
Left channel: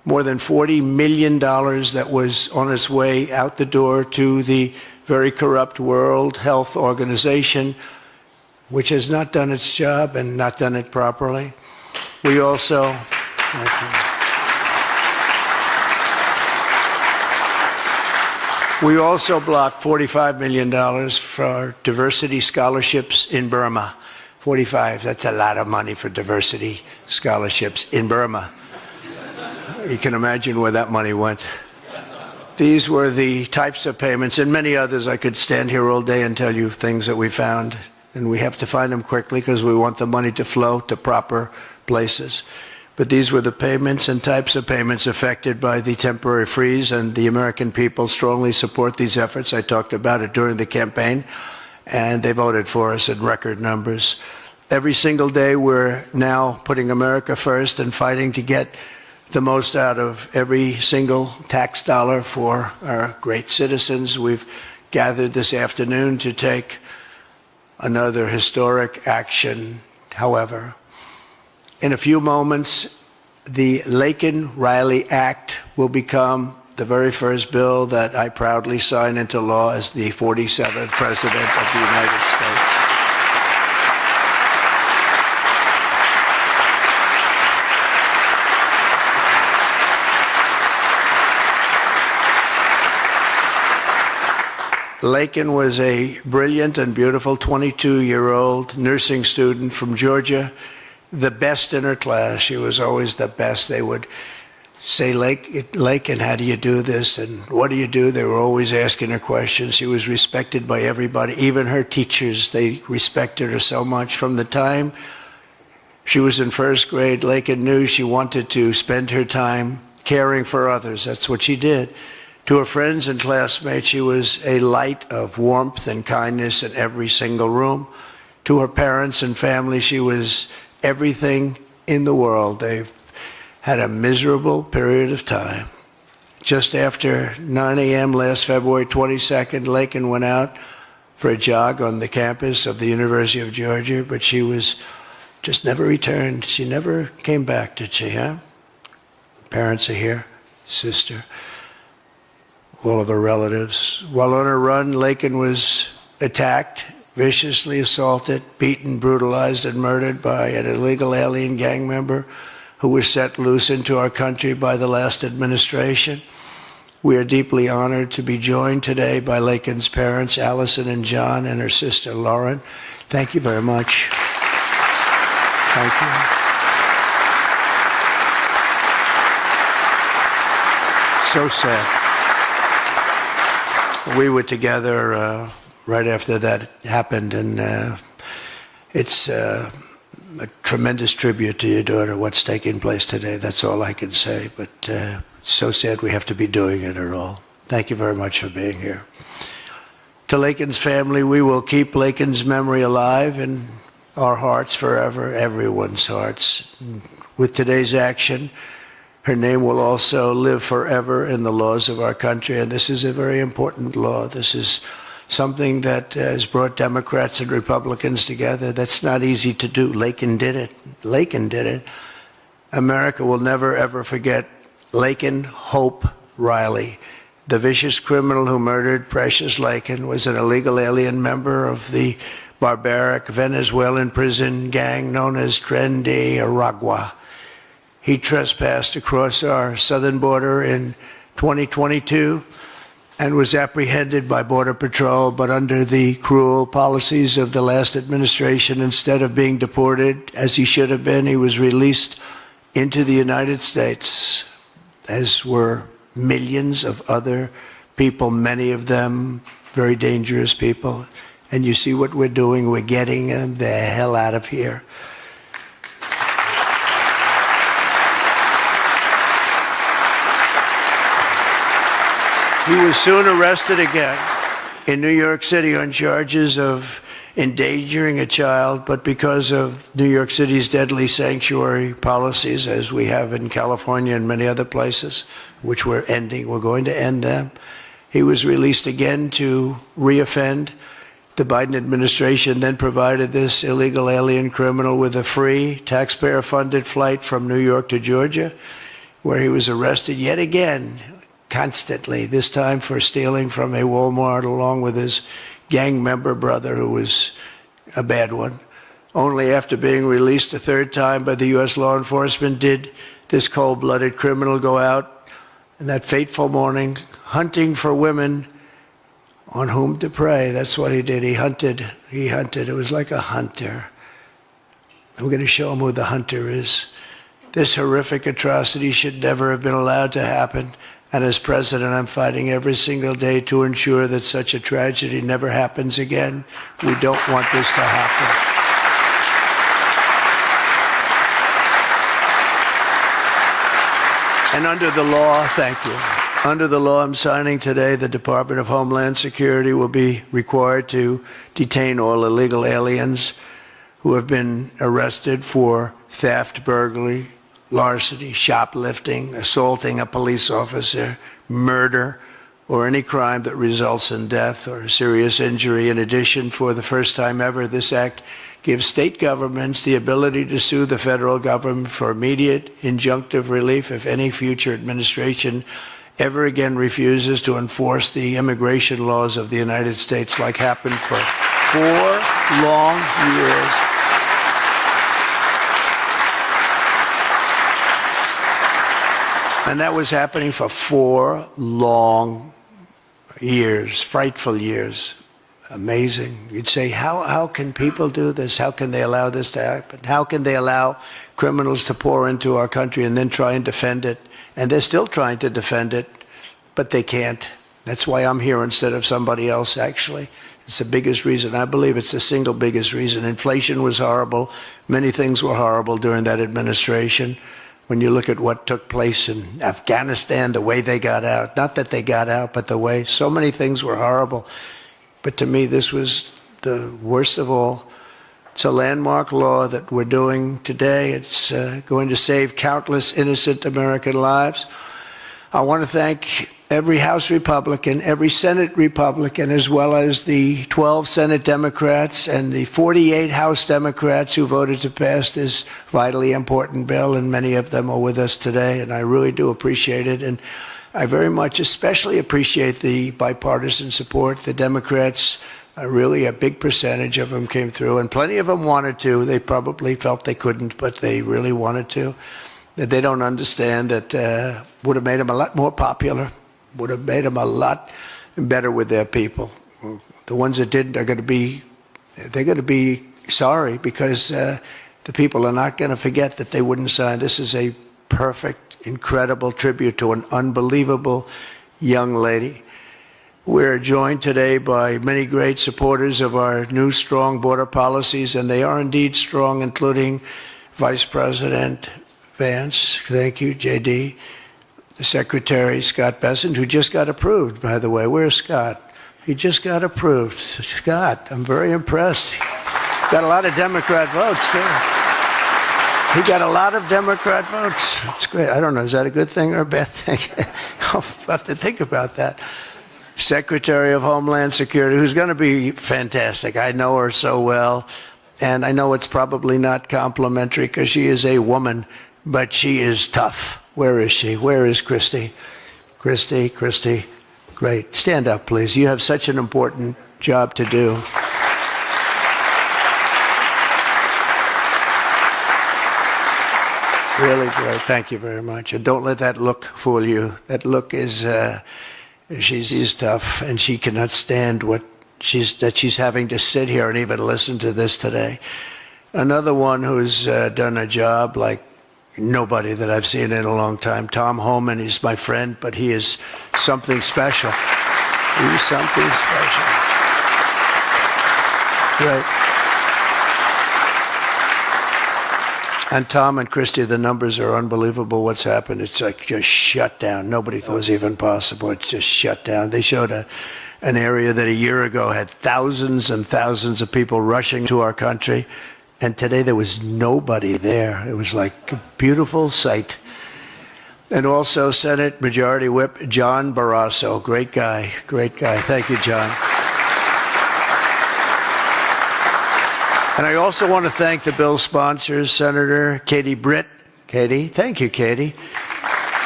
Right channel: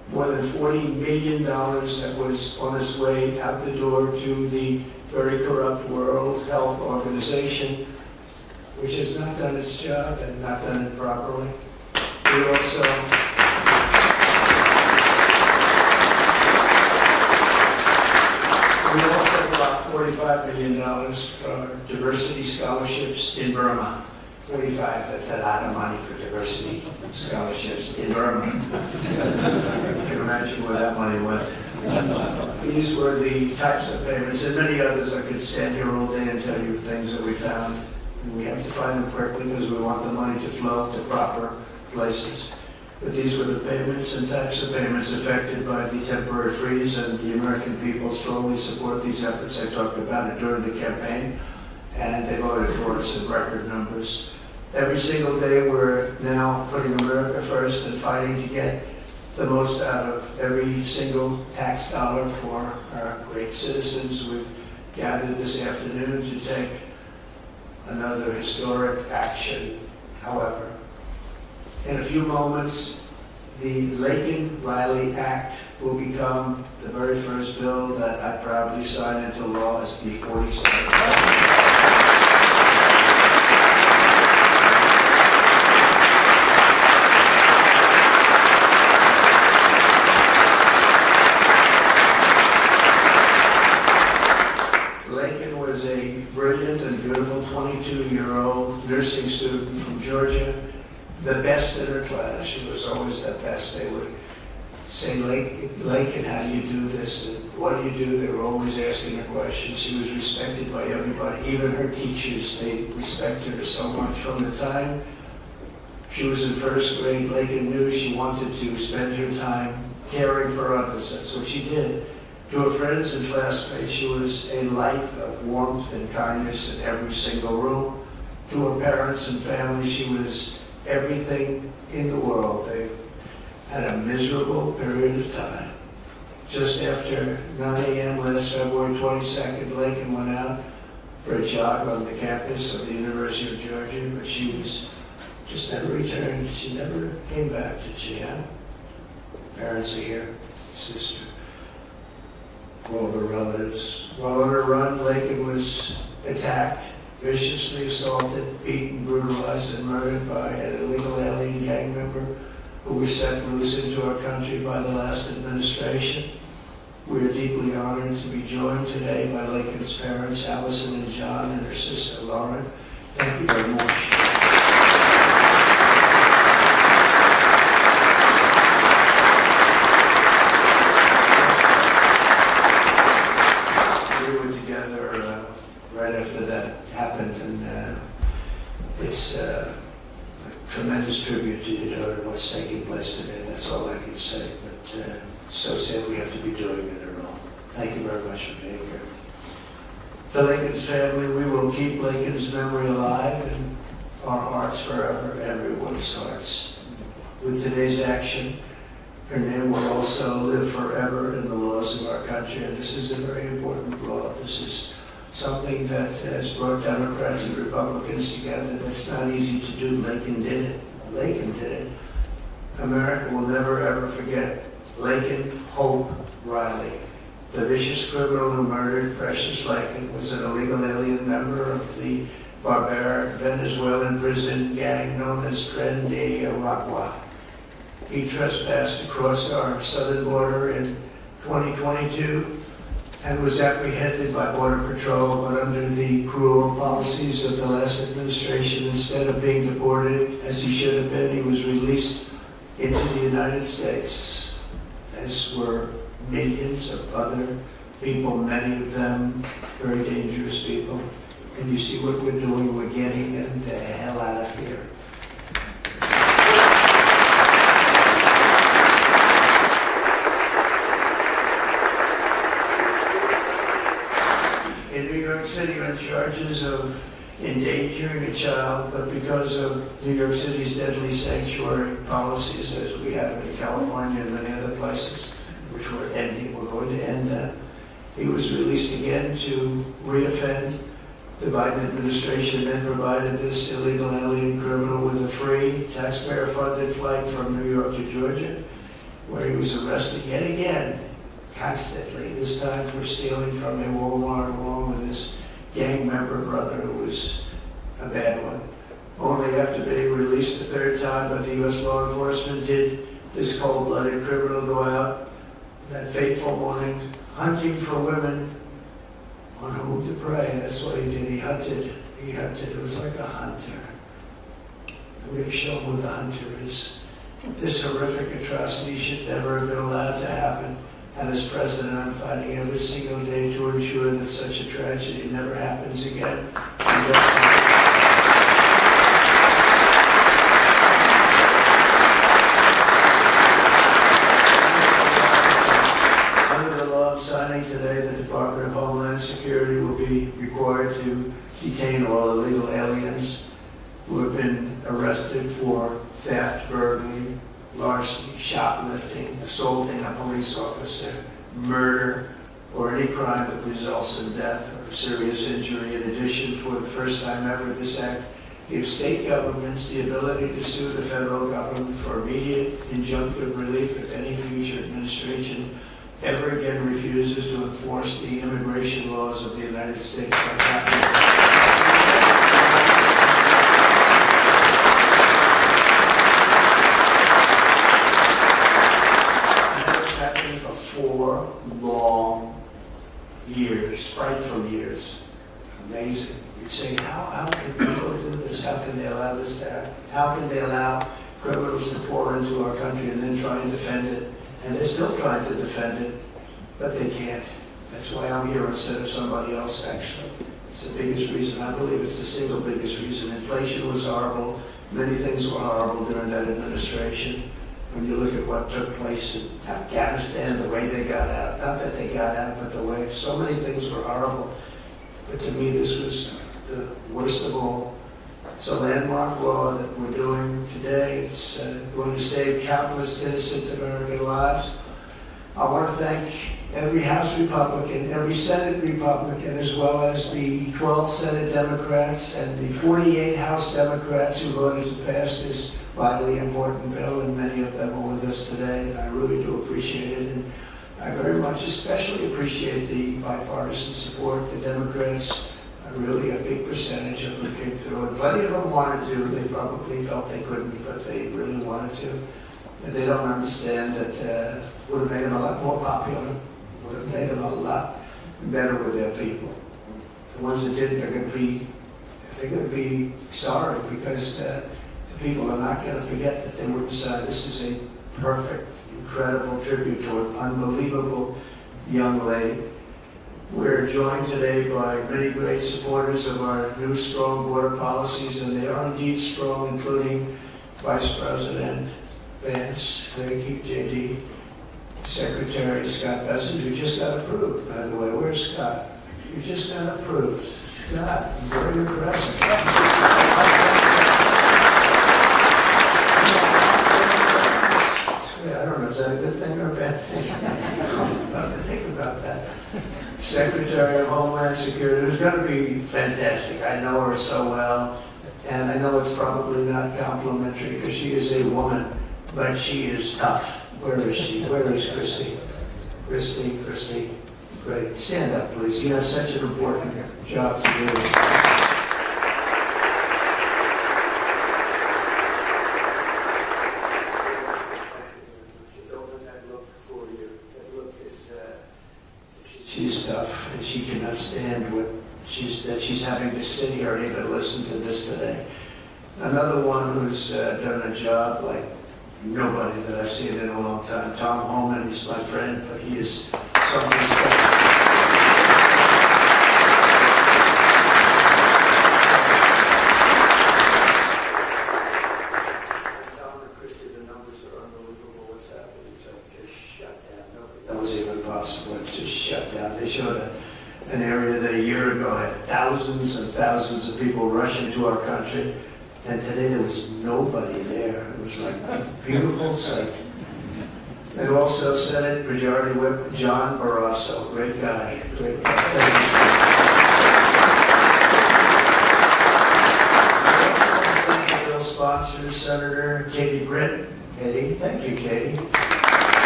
more than $40 million that was on its way out the door to the very corrupt World Health Organization, which has not done its job and not done it properly. We also blocked $45 million for diversity scholarships in Burma. 45, that's a lot of money for diversity scholarships in Burma. You can imagine where that money went. These were the types of payments, and many others. I could stand here all day and tell you things that we found, and we have to find them quickly because we want the money to flow to proper places. But these were the payments and types of payments affected by the temporary freeze, and the American people strongly support these efforts. I talked about it during the campaign, and they voted for us in record numbers. Every single day we're now putting America first and fighting to get the most out of every single tax dollar for our great citizens. We've gathered this afternoon to take another historic action. However, in a few moments, the Laken Riley Act will become the very first bill that I proudly sign into law as the 47th President of the United States. Laken was a brilliant and beautiful 22-year-old nursing student from Georgia, the best in her class. She was always the best. They would say, Laken, how do you do this? And what do you do? They were always asking her questions. She was respected by everybody, even her teachers. They respected her so much. From the time she was in first grade, Laken knew she wanted to spend her time caring for others. That's what she did. To her friends and classmates, she was a light of warmth and kindness in every single room. To her parents and family, she was everything in the world. They've had a miserable period of time. Just after 9 a.m. last February 22nd, Laken went out for a jog on the campus of the University of Georgia, but she was just never returned. She never came back, did she, huh? Parents are here, sister, all of her relatives. While on her run, Laken was attacked, viciously assaulted, beaten, brutalized, and murdered by an illegal alien gang member who was set loose into our country by the last administration. We are deeply honored to be joined today by Laken's parents, Allison and John, and her sister, Lauren. Thank you very much. So sad. We were together right after that happened, and it's a tremendous tribute to your daughter, what's taking place today. That's all I can say, but it's so sad we have to be doing it at all. Thank you very much for being here. To Laken's family, we will keep Laken's memory alive in our hearts forever, everyone's hearts. With today's action, her name will also live forever in the laws of our country, and this is a very important law. This is something that has brought Democrats and Republicans together. That's not easy to do. Laken did it. Laken did it. America will never, ever forget Laken Hope Riley. The vicious criminal who murdered Precious Laken was an illegal alien member of the barbaric Venezuelan prison gang known as Tren de Aragua. He trespassed across our southern border in 2022 and was apprehended by Border Patrol, but under the cruel policies of the last administration, instead of being deported as he should have been, he was released into the United States, as were millions of other people, many of them very dangerous people. And you see what we're doing, we're getting them the hell out of here. He was soon arrested again in New York City on charges of endangering a child, but because of New York City's deadly sanctuary policies, as we have in California and many other places, which we're ending, we're going to end them, he was released again to reoffend. The Biden administration then provided this illegal alien criminal with a free, taxpayer-funded flight from New York to Georgia. where he was arrested yet again, constantly, this time for stealing from a Walmart along with his gang member brother, who was a bad one. Only after being released a third time by the U.S. law enforcement did this cold-blooded criminal go out in that fateful morning hunting for women on whom to prey. That's what he did. He hunted. It was like a hunter. I'm going to show him who the hunter is. This horrific atrocity should never have been allowed to happen. And as president, I'm fighting every single day to ensure that such a tragedy never happens again. We don't want this to happen. And under the law, thank you. Under the law I'm signing today, the Department of Homeland Security will be required to detain all illegal aliens who have been arrested for theft, burglary, larceny, shoplifting, assaulting a police officer, murder, or any crime that results in death or serious injury. In addition, for the first time ever, this act gives state governments the ability to sue the federal government for immediate injunctive relief if any future administration ever again refuses to enforce the immigration laws of the United States, like happened for 4 long years. And that was happening for 4 long years, frightful years. Amazing. You'd say, how can people do this? How can they allow this to happen? How can they allow criminals to pour into our country and then try and defend it? And they're still trying to defend it, but they can't. That's why I'm here instead of somebody else, actually. It's the biggest reason. I believe it's the single biggest reason. Inflation was horrible. Many things were horrible during that administration. When you look at what took place in Afghanistan, the way they got out, not that they got out, but the way, so many things were horrible. But to me, this was the worst of all. It's a landmark law that we're doing today. It's going to save countless innocent American lives. I want to thank every House Republican, every Senate Republican, as well as the 12 Senate Democrats and the 48 House Democrats who voted to pass this vitally important bill, and many of them are with us today, and I really do appreciate it. And I very much especially appreciate the bipartisan support. The Democrats, really a big percentage of them came through, and plenty of them wanted to. They probably felt they couldn't, but they really wanted to. That they don't understand that would have made them a lot more popular, would have made them a lot better with their people. The ones that didn't are going to be sorry, because the people are not going to forget that they wouldn't sign. This is a perfect, incredible tribute to an unbelievable young lady. We're joined today by many great supporters of our new strong border policies, and they are indeed strong, including Vice President Vance, thank you, JD, the Secretary Scott Bessent, who just got approved, by the way. Where's Scott? He just got approved. Scott, I'm very impressed. Got a lot of Democrat votes. He got a lot of Democrat votes. That's great. I don't know, is that a good thing or a bad thing? I'll have to think about that. Secretary of Homeland Security, who's going to be fantastic. I know her so well, and I know it's probably not complimentary because she is a woman, but she is tough. Where is she? Where is Christy? Christy, great. Stand up, please. You have such an important job to do. Really great. Thank you very much. And don't let that look fool you. That look is, she's tough, and she cannot stand that she's having to sit here and even listen to this today. Another one who's done a job like nobody that I've seen in a long time, Tom Homan. He's my friend, but he is something special. He is something special. Yeah. And Tom and Christy, the numbers are unbelievable. What's happened? It's like just shut down. Nobody thought it was even possible. It's just shut down. They showed an area that a year ago had thousands and thousands of people rushing to our country. And today there was nobody there. It was like a beautiful sight. And also Senate Majority Whip John Barrasso. Great guy. Thank you, John. And I also want to thank the bill sponsors, Senator Katie Britt. Katie, thank you, Katie.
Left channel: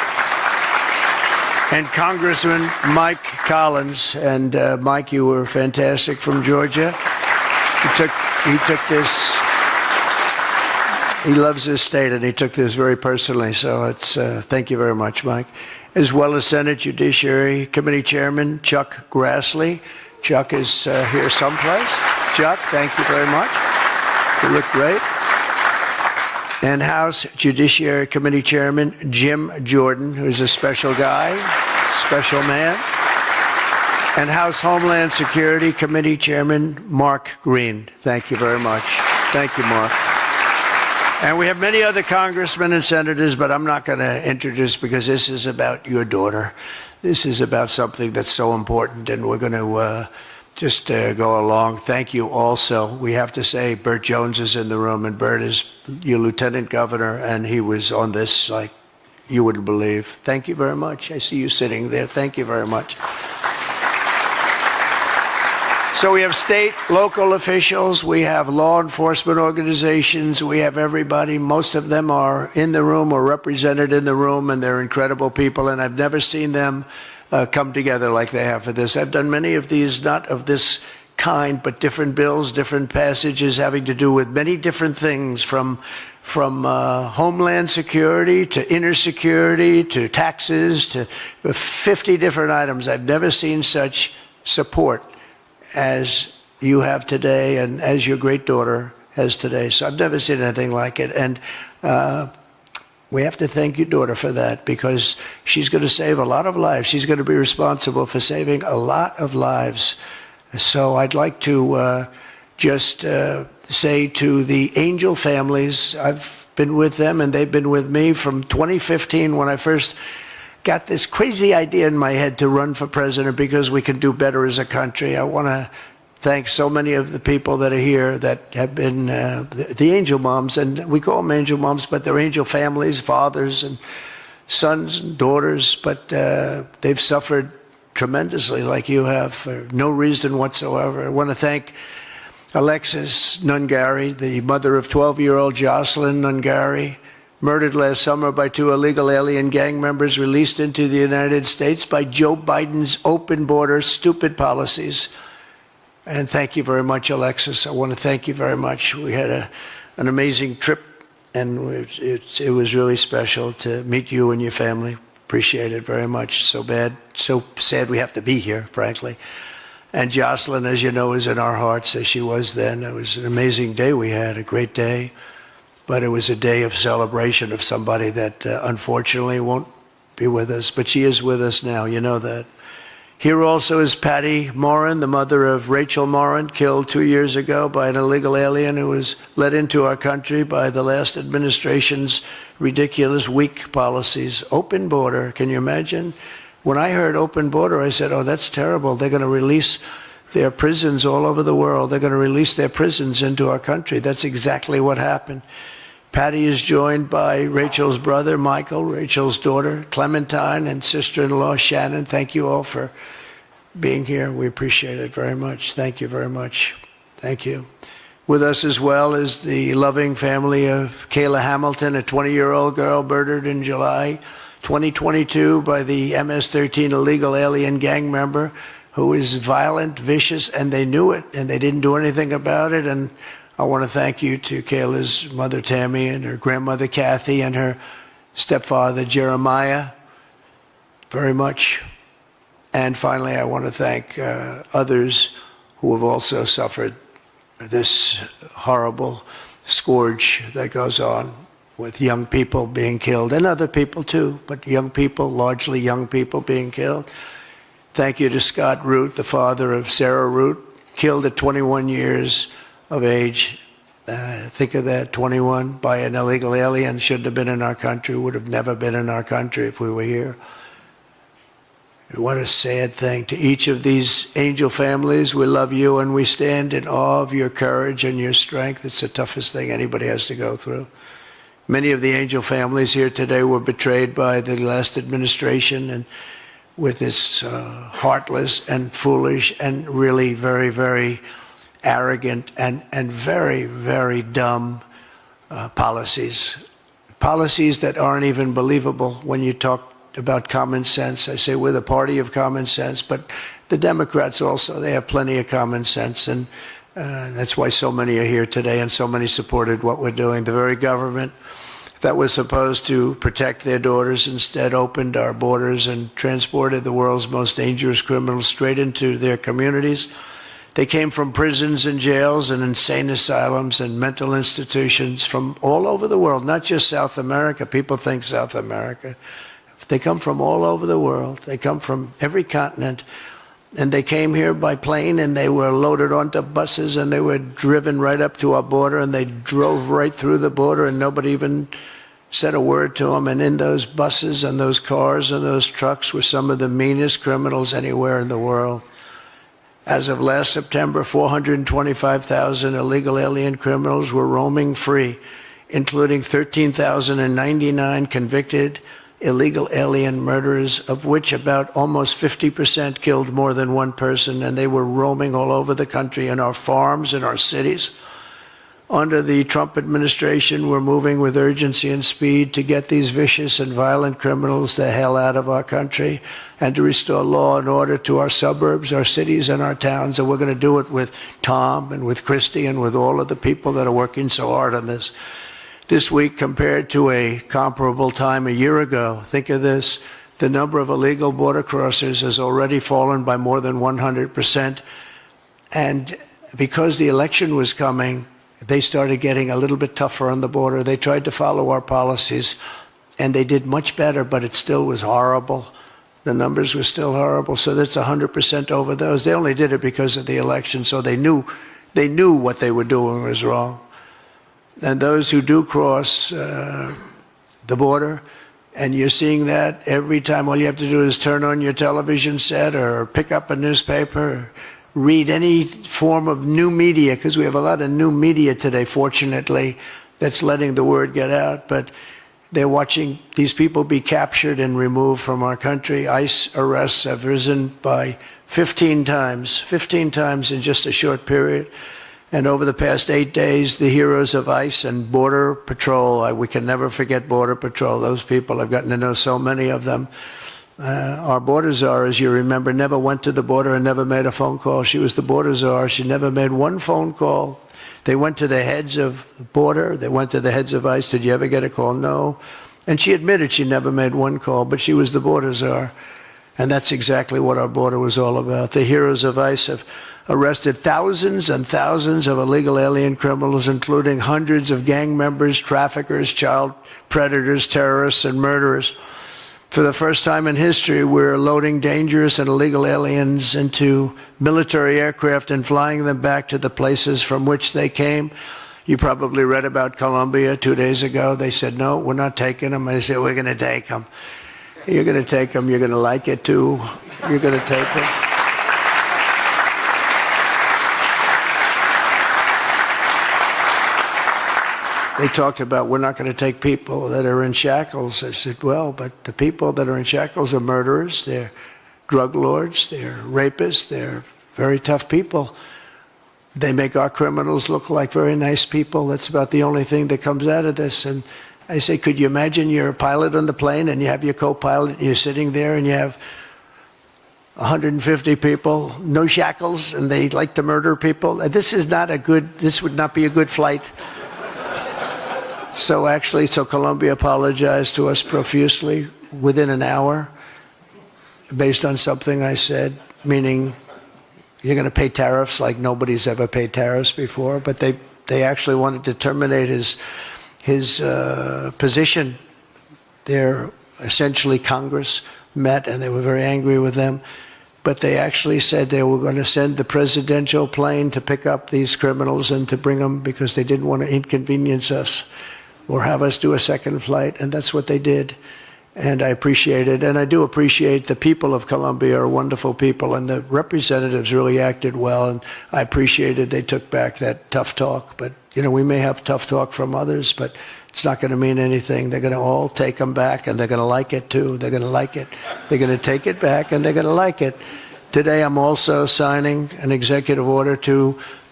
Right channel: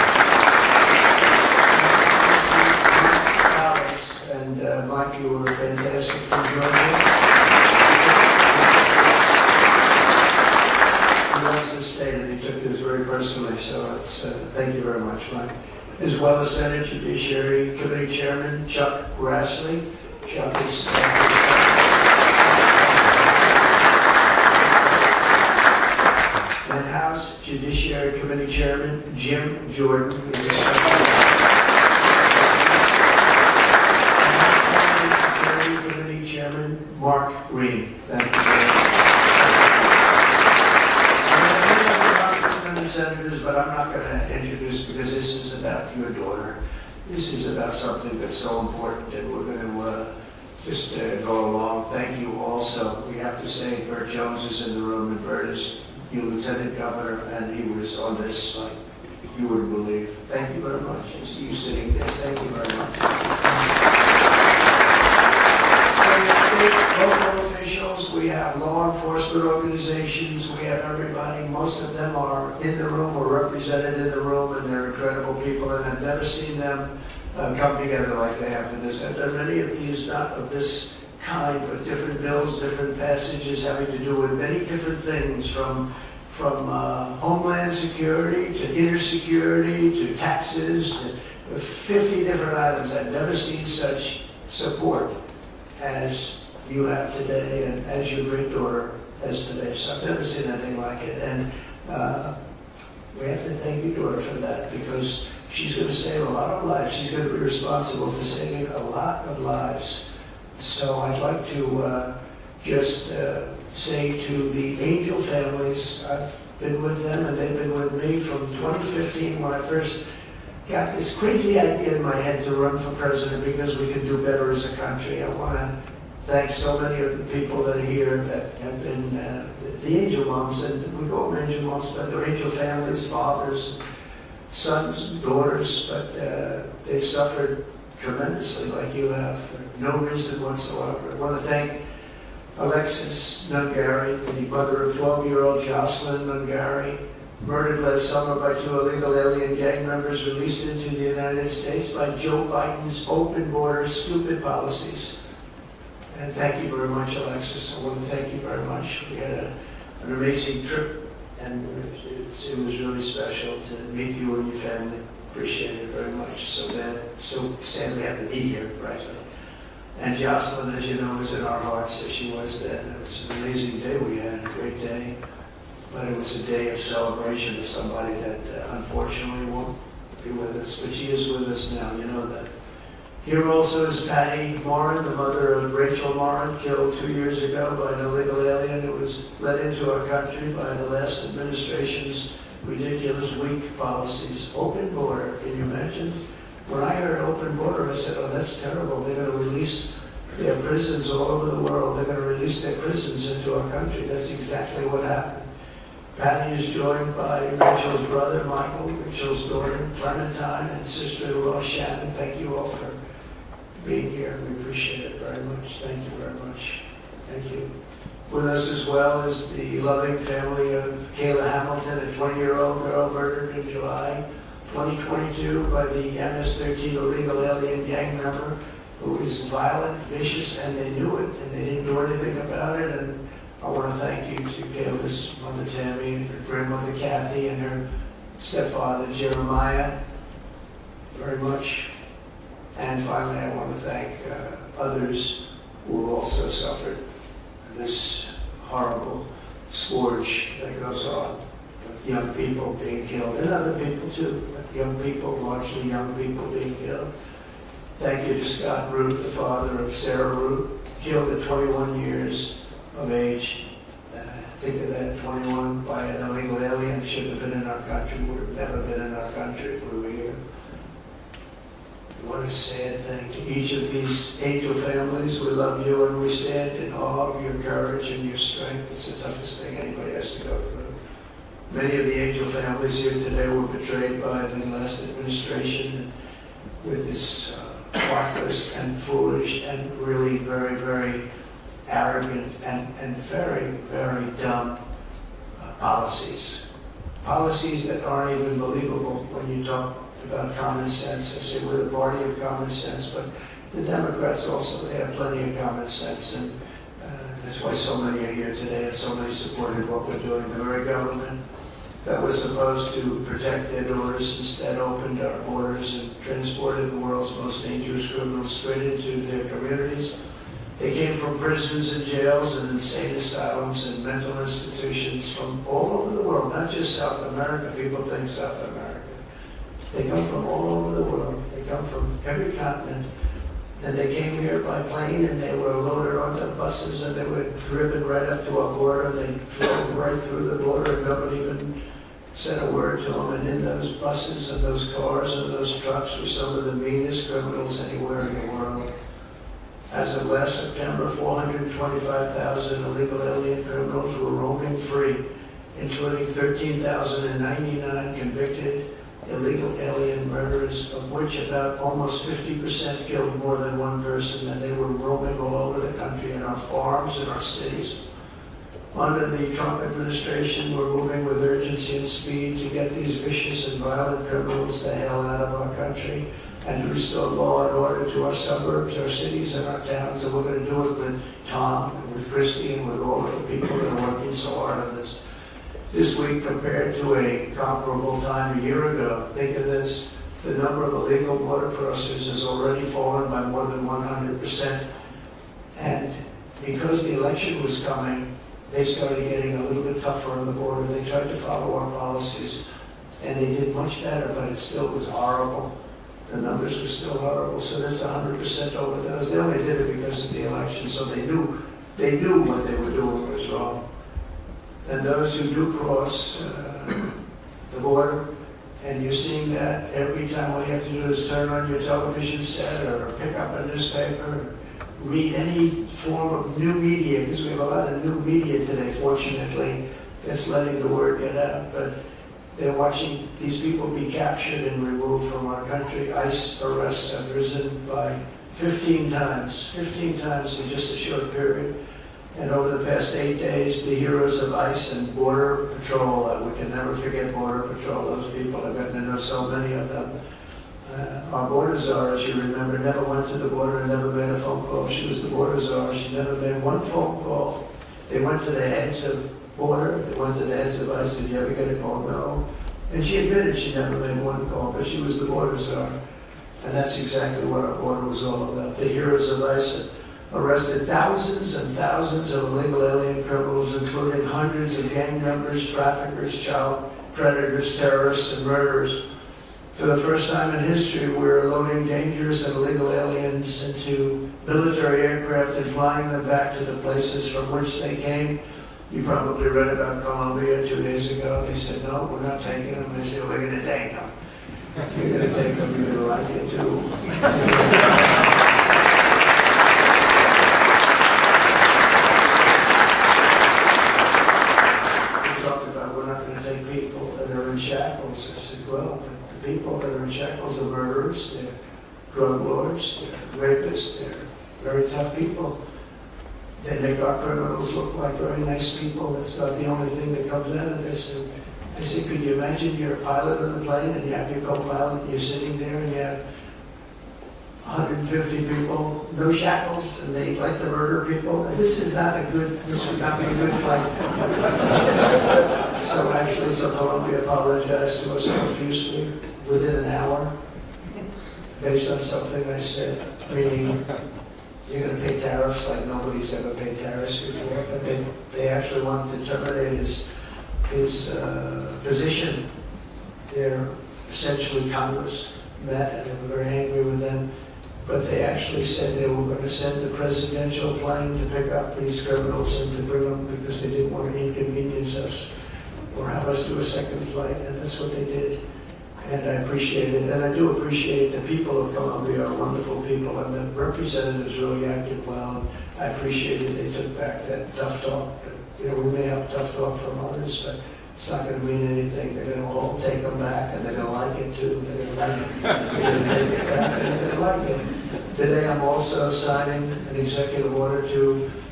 Congressman Mike Collins. And Mike, you were fantastic from Georgia. He took this, he loves this state, and he took this very personally. So it's, thank you very much, Mike. As well as Senate Judiciary Committee Chairman Chuck Grassley. Chuck is here someplace. Chuck, thank you very much. You look great. And House Judiciary Committee Chairman Jim Jordan, who's a special guy, special man. And House Homeland Security Committee Chairman Mark Green. Thank you very much. Thank you, Mark. And we have many other congressmen and senators, but I'm not going to introduce because this is about your daughter. This is about something that's so important, and we're going to just go along. Thank you also. We have to say Burt Jones is in the room, and Burt is your lieutenant governor, and he was on this like you wouldn't believe. Thank you very much. I see you sitting there. Thank you very much. So we have state, local officials, we have law enforcement organizations, we have everybody. Most of them are in the room or represented in the room, and they're incredible people, and I've never seen them come together like they have for this. I've done many of these, not of this kind, but different bills, different passages having to do with many different things, from homeland security to inner security to taxes to 50 different items. I've never seen such support as you have today and as your great daughter has today. So I've never seen anything like it. And we have to thank your daughter for that, because she's going to save a lot of lives. She's going to be responsible for saving a lot of lives. So I'd like to just say to the Angel families, I've been with them and they've been with me from 2015 when I first got this crazy idea in my head to run for president because we can do better as a country. I want to thank so many of the people that are here that have been the angel moms, and we call them angel moms, but they're angel families, fathers and sons and daughters, but they've suffered tremendously like you have for no reason whatsoever. I want to thank Alexis Nungari, the mother of 12-year-old Jocelyn Nungari, murdered last summer by 2 illegal alien gang members released into the United States by Joe Biden's open border stupid policies. And thank you very much, Alexis. I want to thank you very much. We had an amazing trip, and it was really special to meet you and your family. Appreciate it very much. So sad we have to be here, frankly. And Jocelyn, as you know, is in our hearts as she was then. It was an amazing day we had, a great day. But it was a day of celebration of somebody that unfortunately won't be with us. But she is with us now, you know that. Here also is Patty Morin, the mother of Rachel Morin, killed 2 years ago by an illegal alien who was let into our country by the last administration's ridiculous, weak policies. Open border, can you imagine? When I heard open border, I said, oh, that's terrible. They're going to release their prisons all over the world. They're going to release their prisons into our country. That's exactly what happened. Patty is joined by Rachel's brother, Michael, Rachel's daughter, Clementine, and sister-in-law, Shannon. Thank you all for being here. We appreciate it very much. Thank you very much. Thank you. With us as well is the loving family of Kayla Hamilton, a 20-year-old girl murdered in July 2022 by the MS-13 illegal alien gang member who is violent, vicious, and they knew it, and they didn't do anything about it. And I want to thank you to Kayla's mother, Tammy, and her grandmother, Kathy, and her stepfather, Jeremiah, very much. And finally, I want to thank others who have also suffered this horrible scourge that goes on with young people being killed, and other people too, but young people, largely young people being killed. Thank you to Scott Root, the father of Sarah Root, killed at 21 years of age. Think of that, 21, by an illegal alien. Shouldn't have been in our country, would have never been in our country if we were here. What a sad thing. To each of these angel families, we love you and we stand in awe of your courage and your strength. It's the toughest thing anybody has to go through. Many of the angel families here today were betrayed by the last administration, and with its heartless and foolish and really very, very arrogant and very, very dumb policies. Policies that aren't even believable when you talk about common sense. I say we're the party of common sense, but the Democrats also, they have plenty of common sense, and that's why so many are here today and so many supported what we're doing. The very government that was supposed to protect their daughters instead opened our borders and transported the world's most dangerous criminals straight into their communities. They came from prisons and jails and insane asylums and mental institutions from all over the world, not just South America. People think South America. They come from all over the world. They come from every continent. And they came here by plane, and they were loaded onto buses, and they were driven right up to our border, and they drove right through the border, and nobody even said a word to them. And in those buses and those cars and those trucks were some of the meanest criminals anywhere in the world. As of last September, 425,000 illegal alien criminals were roaming free, including 13,099 convicted illegal alien murderers, of which about almost 50% killed more than one person, and they were roaming all over the country in our farms, in our cities. Under the Trump administration, we're moving with urgency and speed to get these vicious and violent criminals the hell out of our country and to restore law and order to our suburbs, our cities, and our towns. And we're going to do it with Tom and with Christy and with all of the people that are working so hard on this. This week, compared to a comparable time a year ago, think of this, the number of illegal border crossers has already fallen by more than 100%. And because the election was coming, they started getting a little bit tougher on the border. They tried to follow our policies, and they did much better, but it still was horrible. The numbers were still horrible, so that's 100% over those. They only did it because of the election, so they knew what they were doing was wrong. And those who do cross the border, and you're seeing that every time, all you have to do is turn on your television set or pick up a newspaper, or read any form of new media, because we have a lot of new media today, fortunately, that's letting the word get out. But they're watching these people be captured and removed from our country. ICE arrests have risen by 15 times in just a short period. And over the past 8 days, the heroes of ICE and Border Patrol, we can never forget Border Patrol. Those people, I've gotten to know so many of them. Our border czar, as you remember, never went to the border and never made a phone call. She was the border czar. She never made one phone call. They went to the heads of border. They went to the heads of ICE. Did you ever get a call? No. And she admitted she never made one call, but she was the border czar. And that's exactly what our border was all about. The heroes of ICE have arrested thousands and thousands of illegal alien criminals, including hundreds of gang members, traffickers, child predators, terrorists, and murderers. For the first time in history, we're loading dangerous and illegal aliens into military aircraft and flying them back to the places from which they came. You probably read about Colombia 2 days ago. They said, no, we're not taking them. I said, we're going to take them. You're going to take them. You're going to like it, too. You're going to take them. They talked about, we're not going to take people that are in shackles. I said, well, but the people that are in shackles are murderers, they're drug lords, they're rapists, they're very tough people. They make our criminals look like very nice people. That's about the only thing that comes out of this. And I say, could you imagine you're a pilot on the plane and you have your co-pilot and you're sitting there and you have 150 people, no shackles, and they like to murder people? This would not be a good flight. So Colombia apologized to us profusely within an hour based on something I said, meaning you're going to pay tariffs like nobody's ever paid tariffs before, but they actually wanted to terminate his position. They're essentially Congress met and they were very angry with them, but they actually said they were going to send the presidential plane to pick up these criminals and to bring them because they didn't want to inconvenience us or have us do a second flight, and that's what they did. And I appreciate it, and I do appreciate the people of Colombia are wonderful people, and the representatives really acted well, and I appreciated they took back that tough talk. But, we may have tough talk from others, but it's not going to mean anything. They're going to all take them back, and they're going to like it, too. They're going to like it. They're going to take it back, and they're going to like it. Today, I'm also signing an executive order to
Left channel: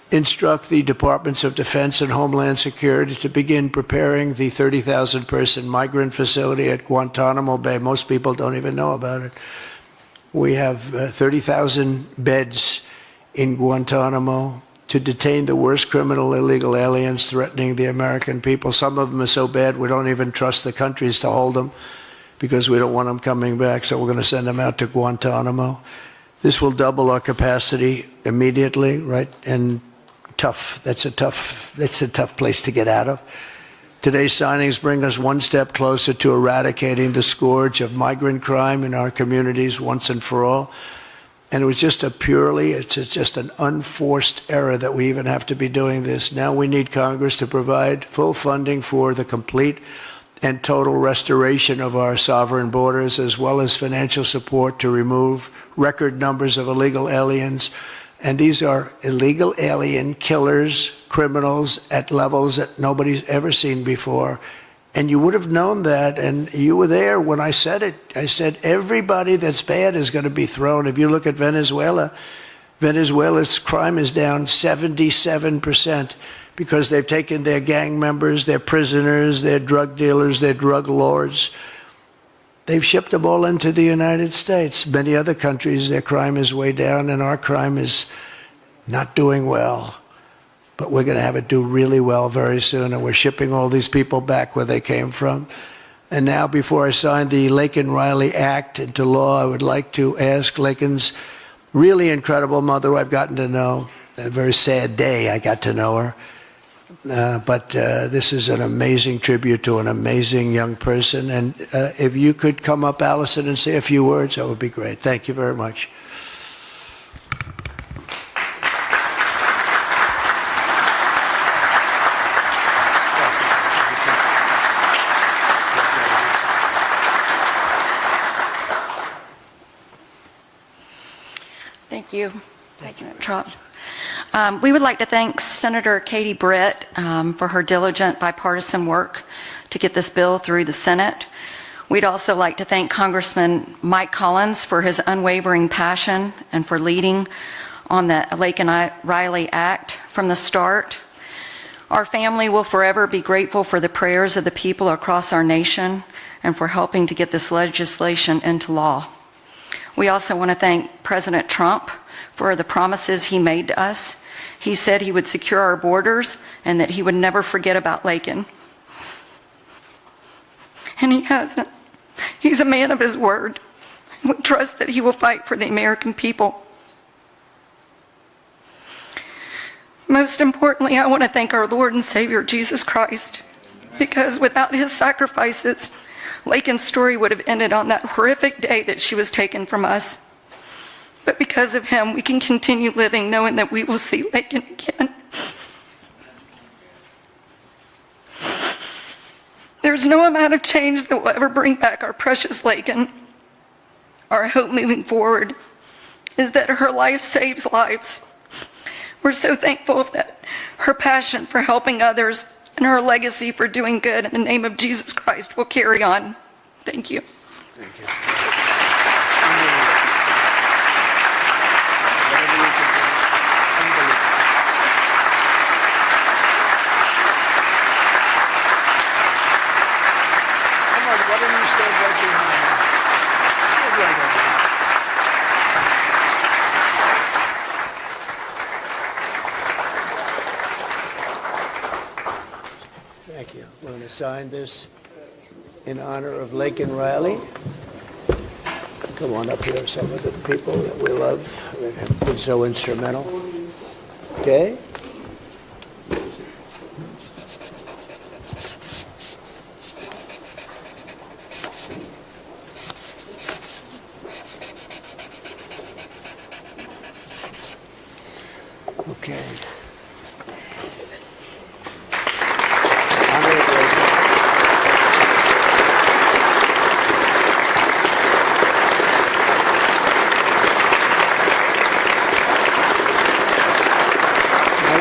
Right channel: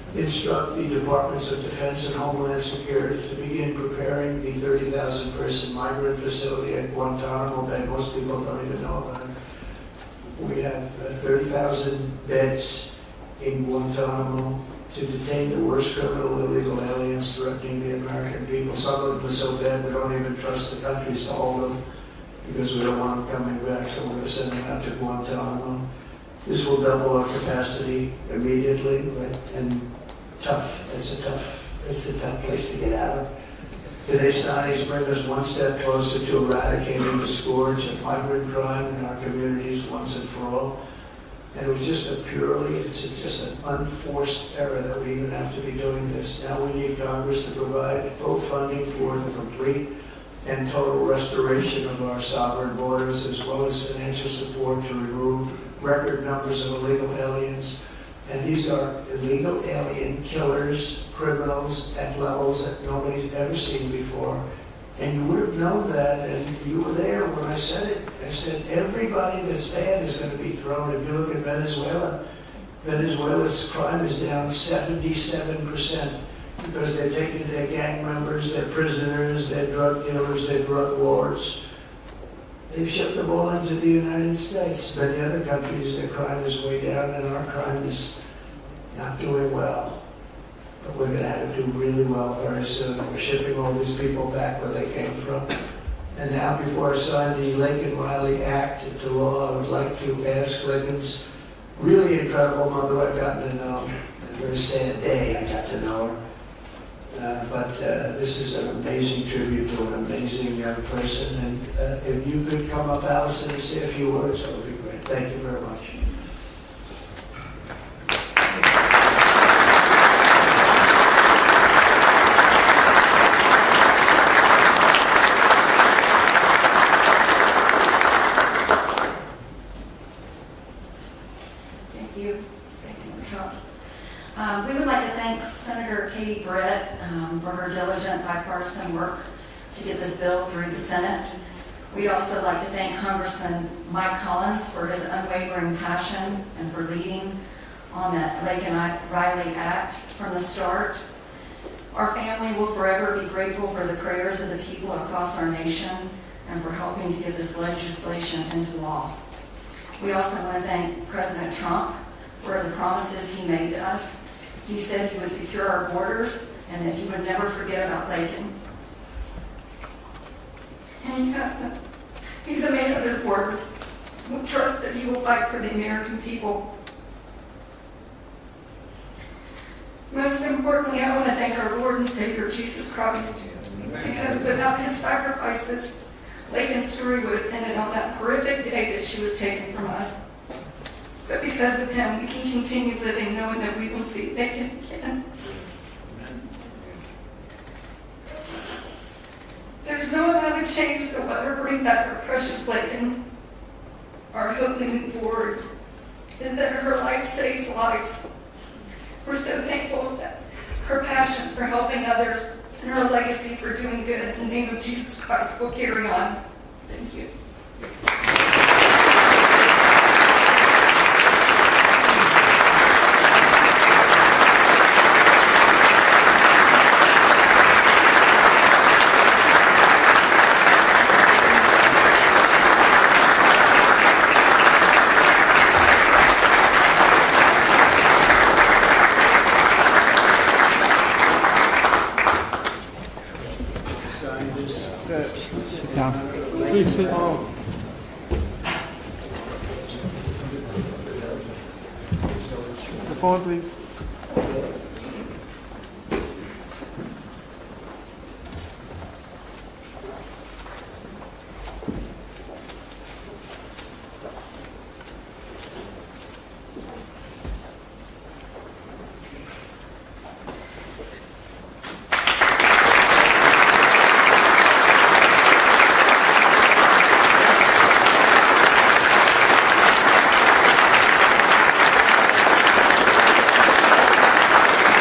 instruct the Departments of Defense and Homeland Security to begin preparing the 30,000-person migrant facility at Guantanamo Bay. Most people don't even know about it. We have 30,000 beds in Guantanamo to detain the worst criminal illegal aliens threatening the American people. Some of them are so bad we don't even trust the countries to hold them because we don't want them coming back, so we're going to send them out to Guantanamo. This will double our capacity immediately, right? And that's a tough place to get out of. Today's signings bring us one step closer to eradicating the scourge of migrant crime in our communities once and for all. And it was just it's just an unforced error that we even have to be doing this. Now we need Congress to provide full funding for the complete and total restoration of our sovereign borders, as well as financial support to remove record numbers of illegal aliens. And these are illegal alien killers, criminals at levels that nobody's ever seen before. And you would have known that, and you were there when I said it. I said everybody that's bad is going to be thrown. If you look at Venezuela, Venezuela's crime is down 77% because they've taken their gang members, their prisoners, their drug dealers, their drug lords. They've shipped them all into the United States. Many other countries, their crime is way down, and our crime is not doing well. But we're going to have it do really well very soon, and we're shipping all these people back where they came from. And now, before I sign the Laken Riley Act into law, I would like to ask Laken's really incredible mother, who I've gotten to know. A very sad day I got to know her. But this is an amazing tribute to an amazing young person. And if you could come up, Allison, and say a few words, that would be great. Thank you very much. Thank you, Trump. We would like to thank Senator Katie Britt for her diligent bipartisan work to get this bill through the Senate. We'd also like to thank Congressman Mike Collins for his unwavering passion and for leading on the Laken Riley Act from the start. Our family will forever be grateful for the prayers of the people across our nation and for helping to get this legislation into law. We also want to thank President Trump for the promises he made to us. He said he would secure our borders and that he would never forget about Laken. And he hasn't. He's a man of his word. We trust that he will fight for the American people. Most importantly, I want to thank our Lord and Savior, Jesus Christ, because without his sacrifices, Laken's story would have ended on that horrific day that she was taken from us. But because of him, we can continue living knowing that we will see Laken again. There's no amount of change that will ever bring back our precious Laken. Our hope moving forward is that her life saves lives. We're so thankful that her passion for helping others and her legacy for doing good in the name of Jesus Christ will carry on. Thank you. Sign this in honor of Laken Riley. Come on up here, some of the people that we love that have been so instrumental. Okay? Okay.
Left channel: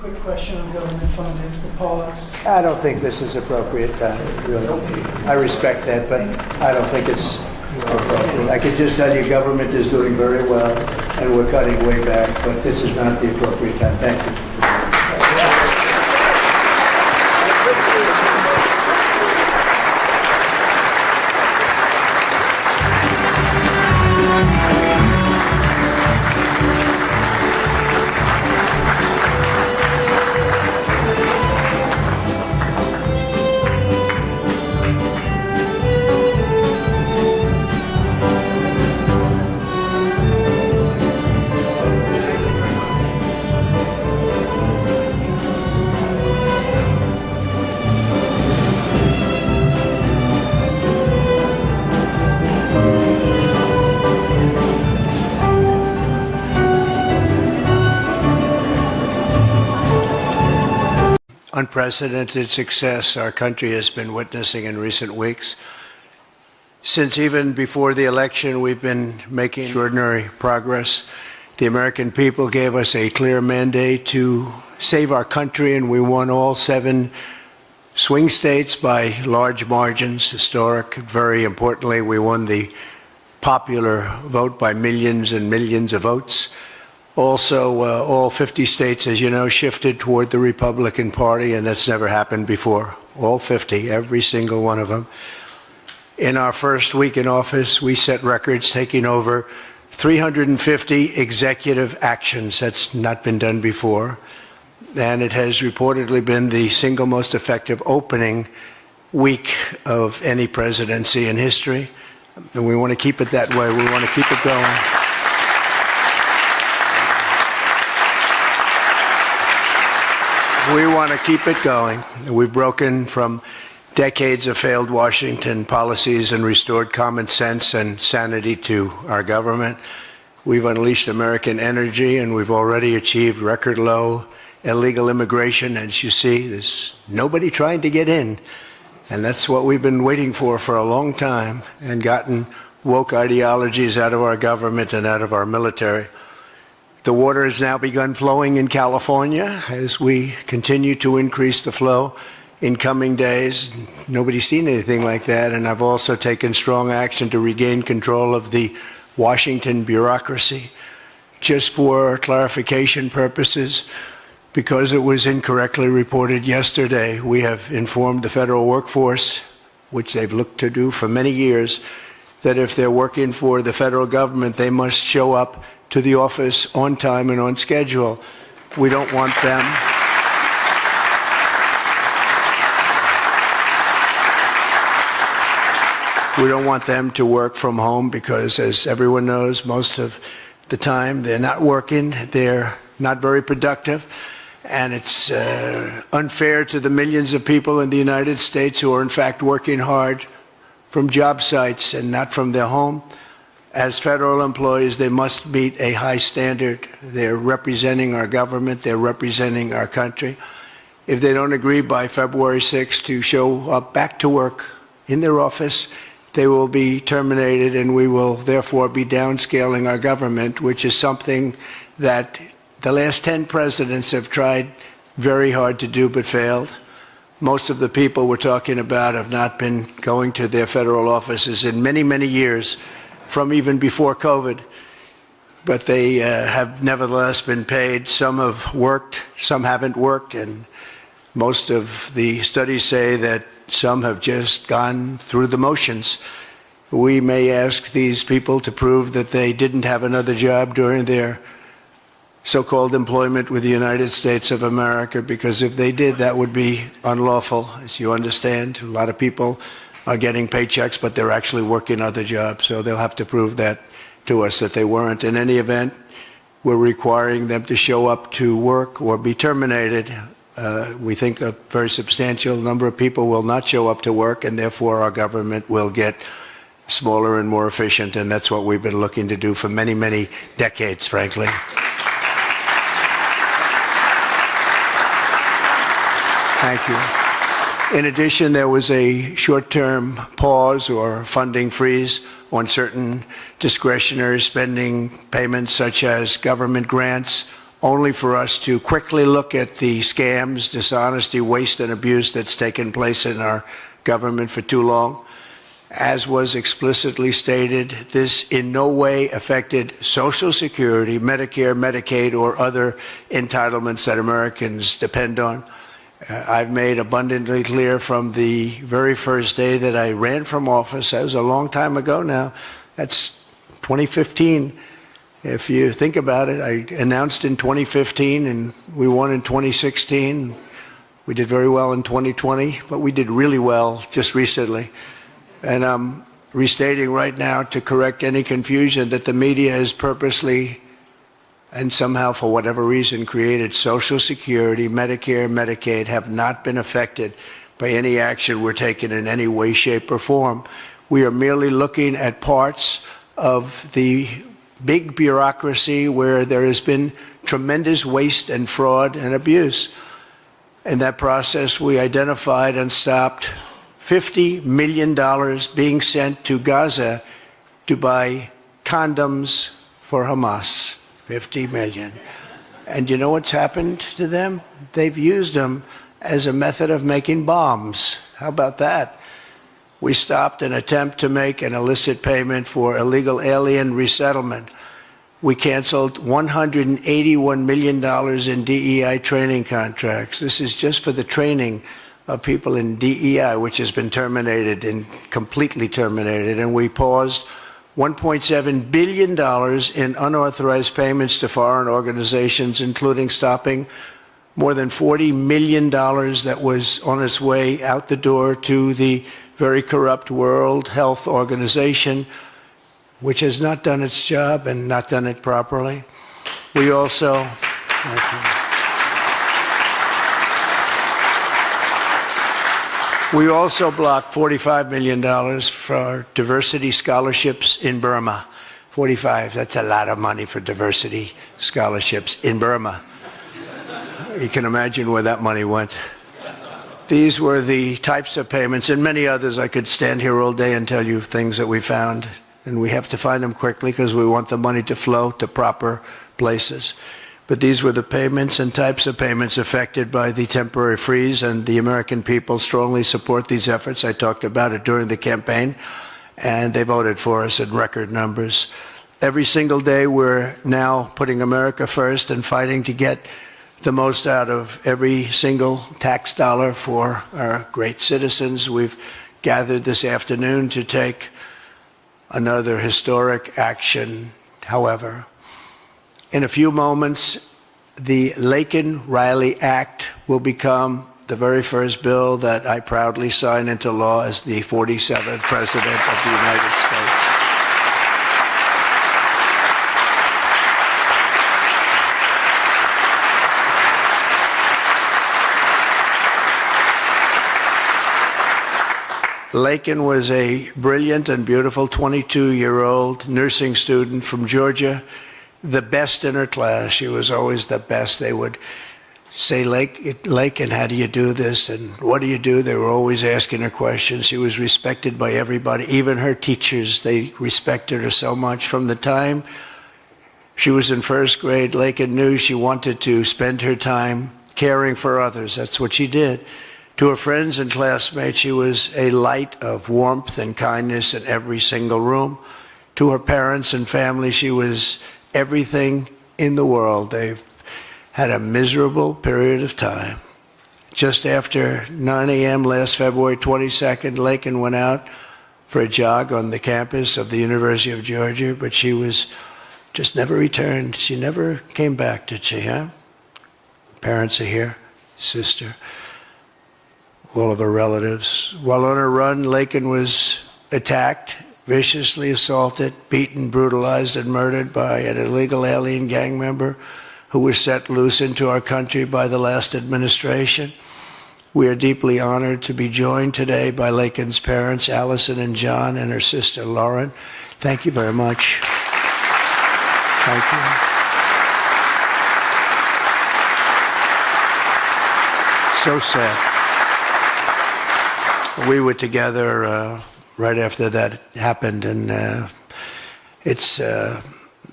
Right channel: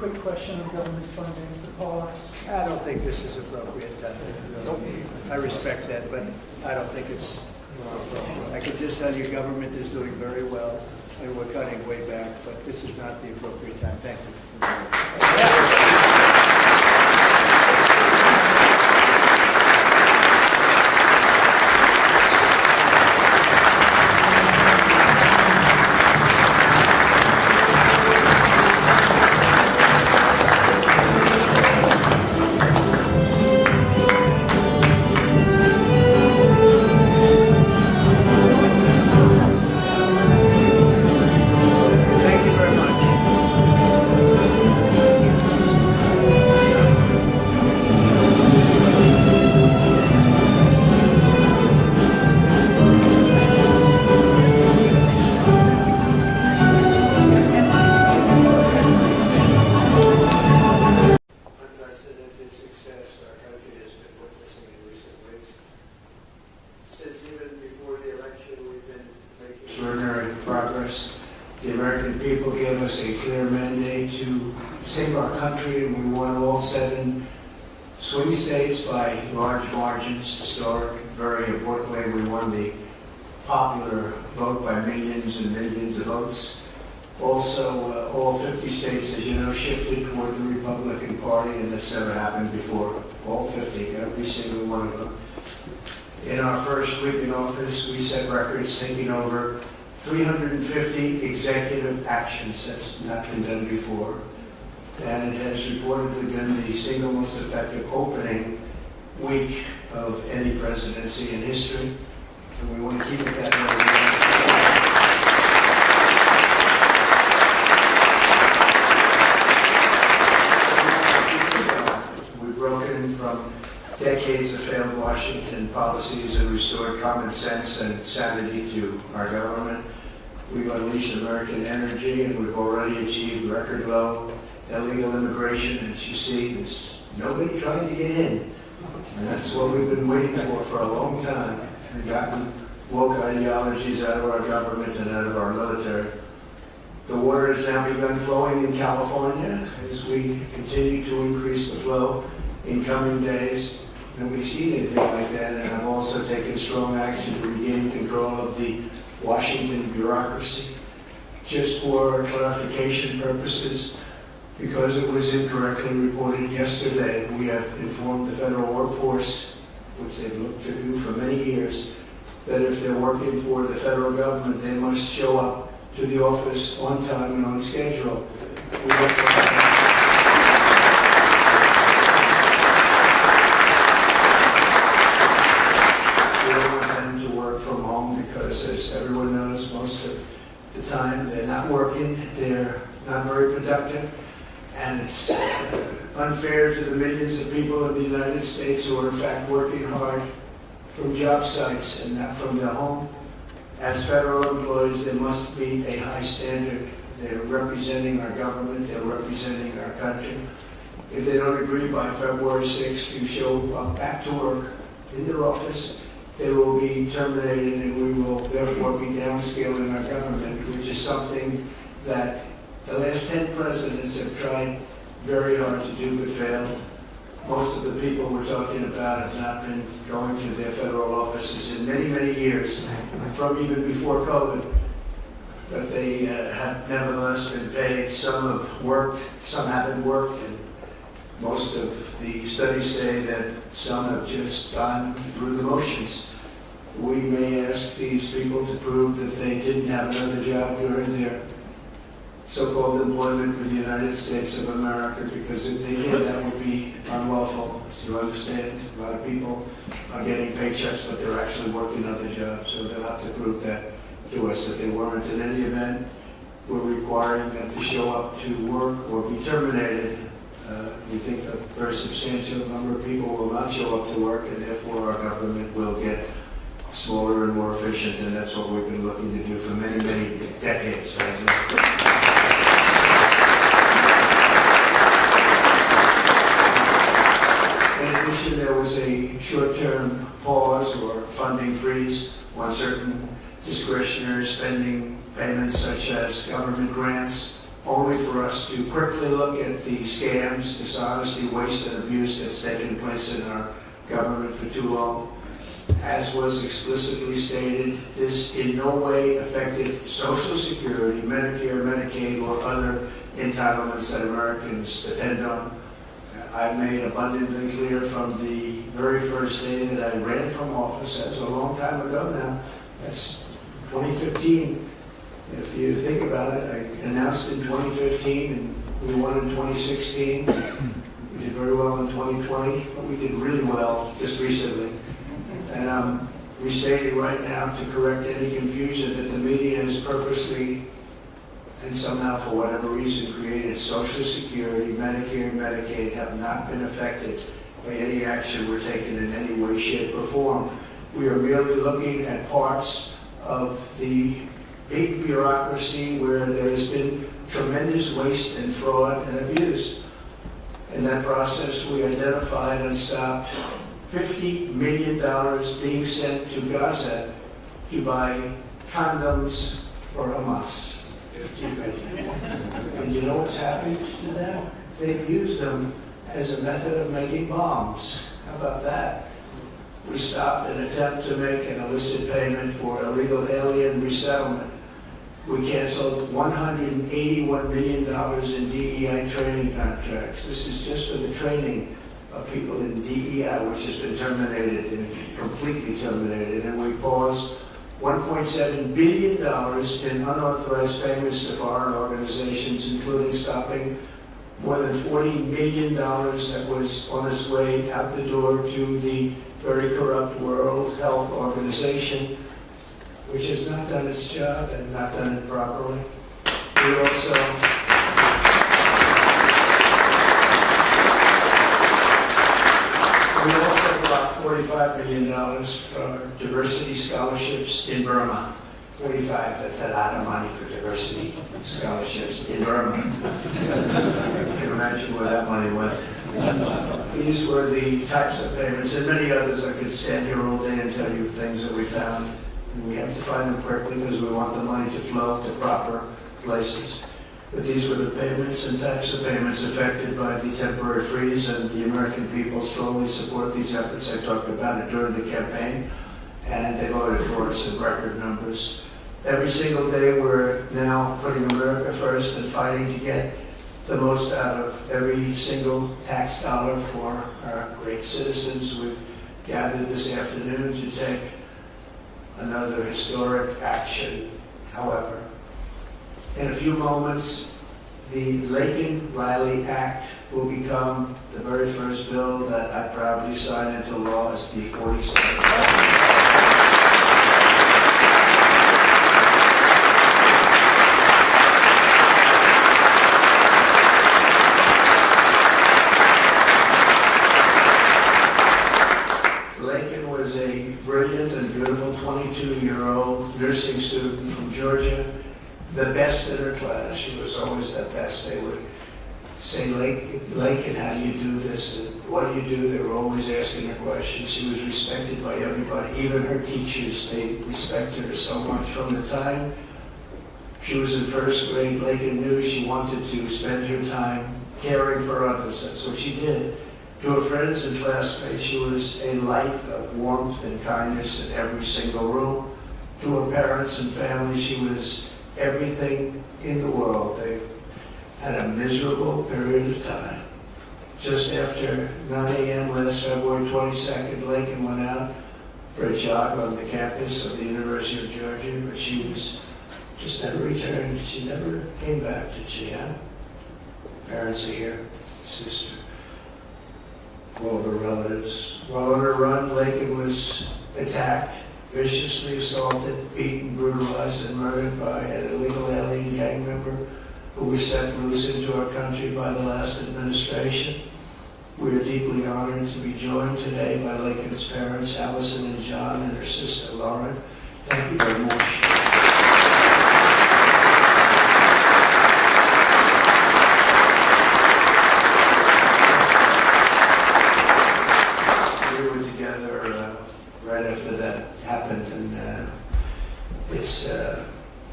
quick question on government funding, the pause. I don't think this is appropriate, really. I respect that, but I don't think it's appropriate. I can just tell you government is doing very well, and we're cutting way back, but this is not the appropriate time. Thank you. Unprecedented success our country has been witnessing in recent weeks. Since even before the election, we've been making extraordinary progress. The American people gave us a clear mandate to save our country, and we won all 7 swing states by large margins, historic. Very importantly, we won the popular vote by millions and millions of votes. Also, all 50 states, as you know, shifted toward the Republican Party, and that's never happened before. All 50, every single one of them. In our first week in office, we set records, taking over 350 executive actions. That's not been done before. And it has reportedly been the single most effective opening week of any presidency in history. And we want to keep it that way. We want to keep it going. We want to keep it going. We've broken from decades of failed Washington policies and restored common sense and sanity to our government. We've unleashed American energy, and we've already achieved record low illegal immigration. As you see, there's nobody trying to get in. And that's what we've been waiting for a long time, and gotten woke ideologies out of our government and out of our military. The water has now begun flowing in California as we continue to increase the flow in coming days. Nobody's seen anything like that, and I've also taken strong action to regain control of the Washington bureaucracy. Just for clarification purposes, because it was incorrectly reported yesterday, we have informed the federal workforce, which they've looked to do for many years, that if they're working for the federal government, they must show up to the office on time and on schedule. We don't want them. We don't want them to work from home because, as everyone knows, most of the time they're not working, they're not very productive, and it's unfair to the millions of people in the United States who are in fact working hard from job sites and not from their home. As federal employees, they must meet a high standard. They're representing our government, they're representing our country. If they don't agree by February 6th to show up back to work in their office, they will be terminated, and we will therefore be downscaling our government, which is something that the last 10 presidents have tried very hard to do but failed. Most of the people we're talking about have not been going to their federal offices in many, many years, from even before COVID, but they have nevertheless been paid. Some have worked, some haven't worked, and most of the studies say that some have just gone through the motions. We may ask these people to prove that they didn't have another job during their so-called employment with the United States of America, because if they did, that would be unlawful, as you understand. A lot of people are getting paychecks, but they're actually working other jobs, so they'll have to prove that to us that they weren't. In any event, we're requiring them to show up to work or be terminated. We think a very substantial number of people will not show up to work, and therefore our government will get smaller and more efficient, and that's what we've been looking to do for many, many decades, frankly. In addition, there was a short-term pause or funding freeze on certain discretionary spending payments, such as government grants, only for us to quickly look at the scams, dishonesty, waste, and abuse that's taken place in our government for too long. As was explicitly stated, this in no way affected Social Security, Medicare, Medicaid, or other entitlements that Americans depend on. I've made abundantly clear from the very first day that I ran from office, that was a long time ago now, that's 2015. If you think about it, I announced in 2015 and we won in 2016. We did very well in 2020, but we did really well just recently. And I'm restating right now to correct any confusion that the media has purposely and somehow, for whatever reason, created. Social Security, Medicare, Medicaid have not been affected by any action we're taking in any way, shape, or form. We are merely looking at parts of the big bureaucracy where there has been tremendous waste and fraud and abuse. In that process, we identified and stopped $50 million being sent to Gaza to buy condoms for Hamas. 50 million. And you know what's happened to them? They've used them as a method of making bombs. How about that? We stopped an attempt to make an illicit payment for illegal alien resettlement. We canceled $181 million in DEI training contracts. This is just for the training of people in DEI, which has been terminated and completely terminated. And we paused $1.7 billion in unauthorized payments to foreign organizations, including stopping more than $40 million that was on its way out the door to the very corrupt World Health Organization, which has not done its job and not done it properly. We also blocked $45 million for diversity scholarships in Burma. 45, that's a lot of money for diversity scholarships in Burma. You can imagine where that money went. These were the types of payments, and many others. I could stand here all day and tell you things that we found, and we have to find them quickly because we want the money to flow to proper places. But these were the payments and types of payments affected by the temporary freeze, and the American people strongly support these efforts. I talked about it during the campaign, and they voted for us in record numbers. Every single day, we're now putting America first and fighting to get the most out of every single tax dollar for our great citizens. We've gathered this afternoon to take another historic action. However, in a few moments, the Laken Riley Act will become the very first bill that I proudly sign into law as the 47th President of the United States. Laken was a brilliant and beautiful 22-year-old nursing student from Georgia, the best in her class. She was always the best. They would say, Laken, how do you do this? And what do you do? They were always asking her questions. She was respected by everybody, even her teachers. They respected her so much. From the time she was in first grade, Laken knew she wanted to spend her time caring for others. That's what she did. To her friends and classmates, she was a light of warmth and kindness in every single room. To her parents and family, she was everything in the world. They've had a miserable period of time. Just after 9 a.m. last February 22nd, Laken went out for a jog on the campus of the University of Georgia, but she was just never returned. She never came back, did she, huh? Parents are here, sister, all of her relatives. While on her run, Laken was attacked, viciously assaulted, beaten, brutalized, and murdered by an illegal alien gang member who was set loose into our country by the last administration. We are deeply honored to be joined today by Laken's parents, Allison and John, and her sister, Lauren. Thank you very much. Thank you. So sad. We were together right after that happened, and it's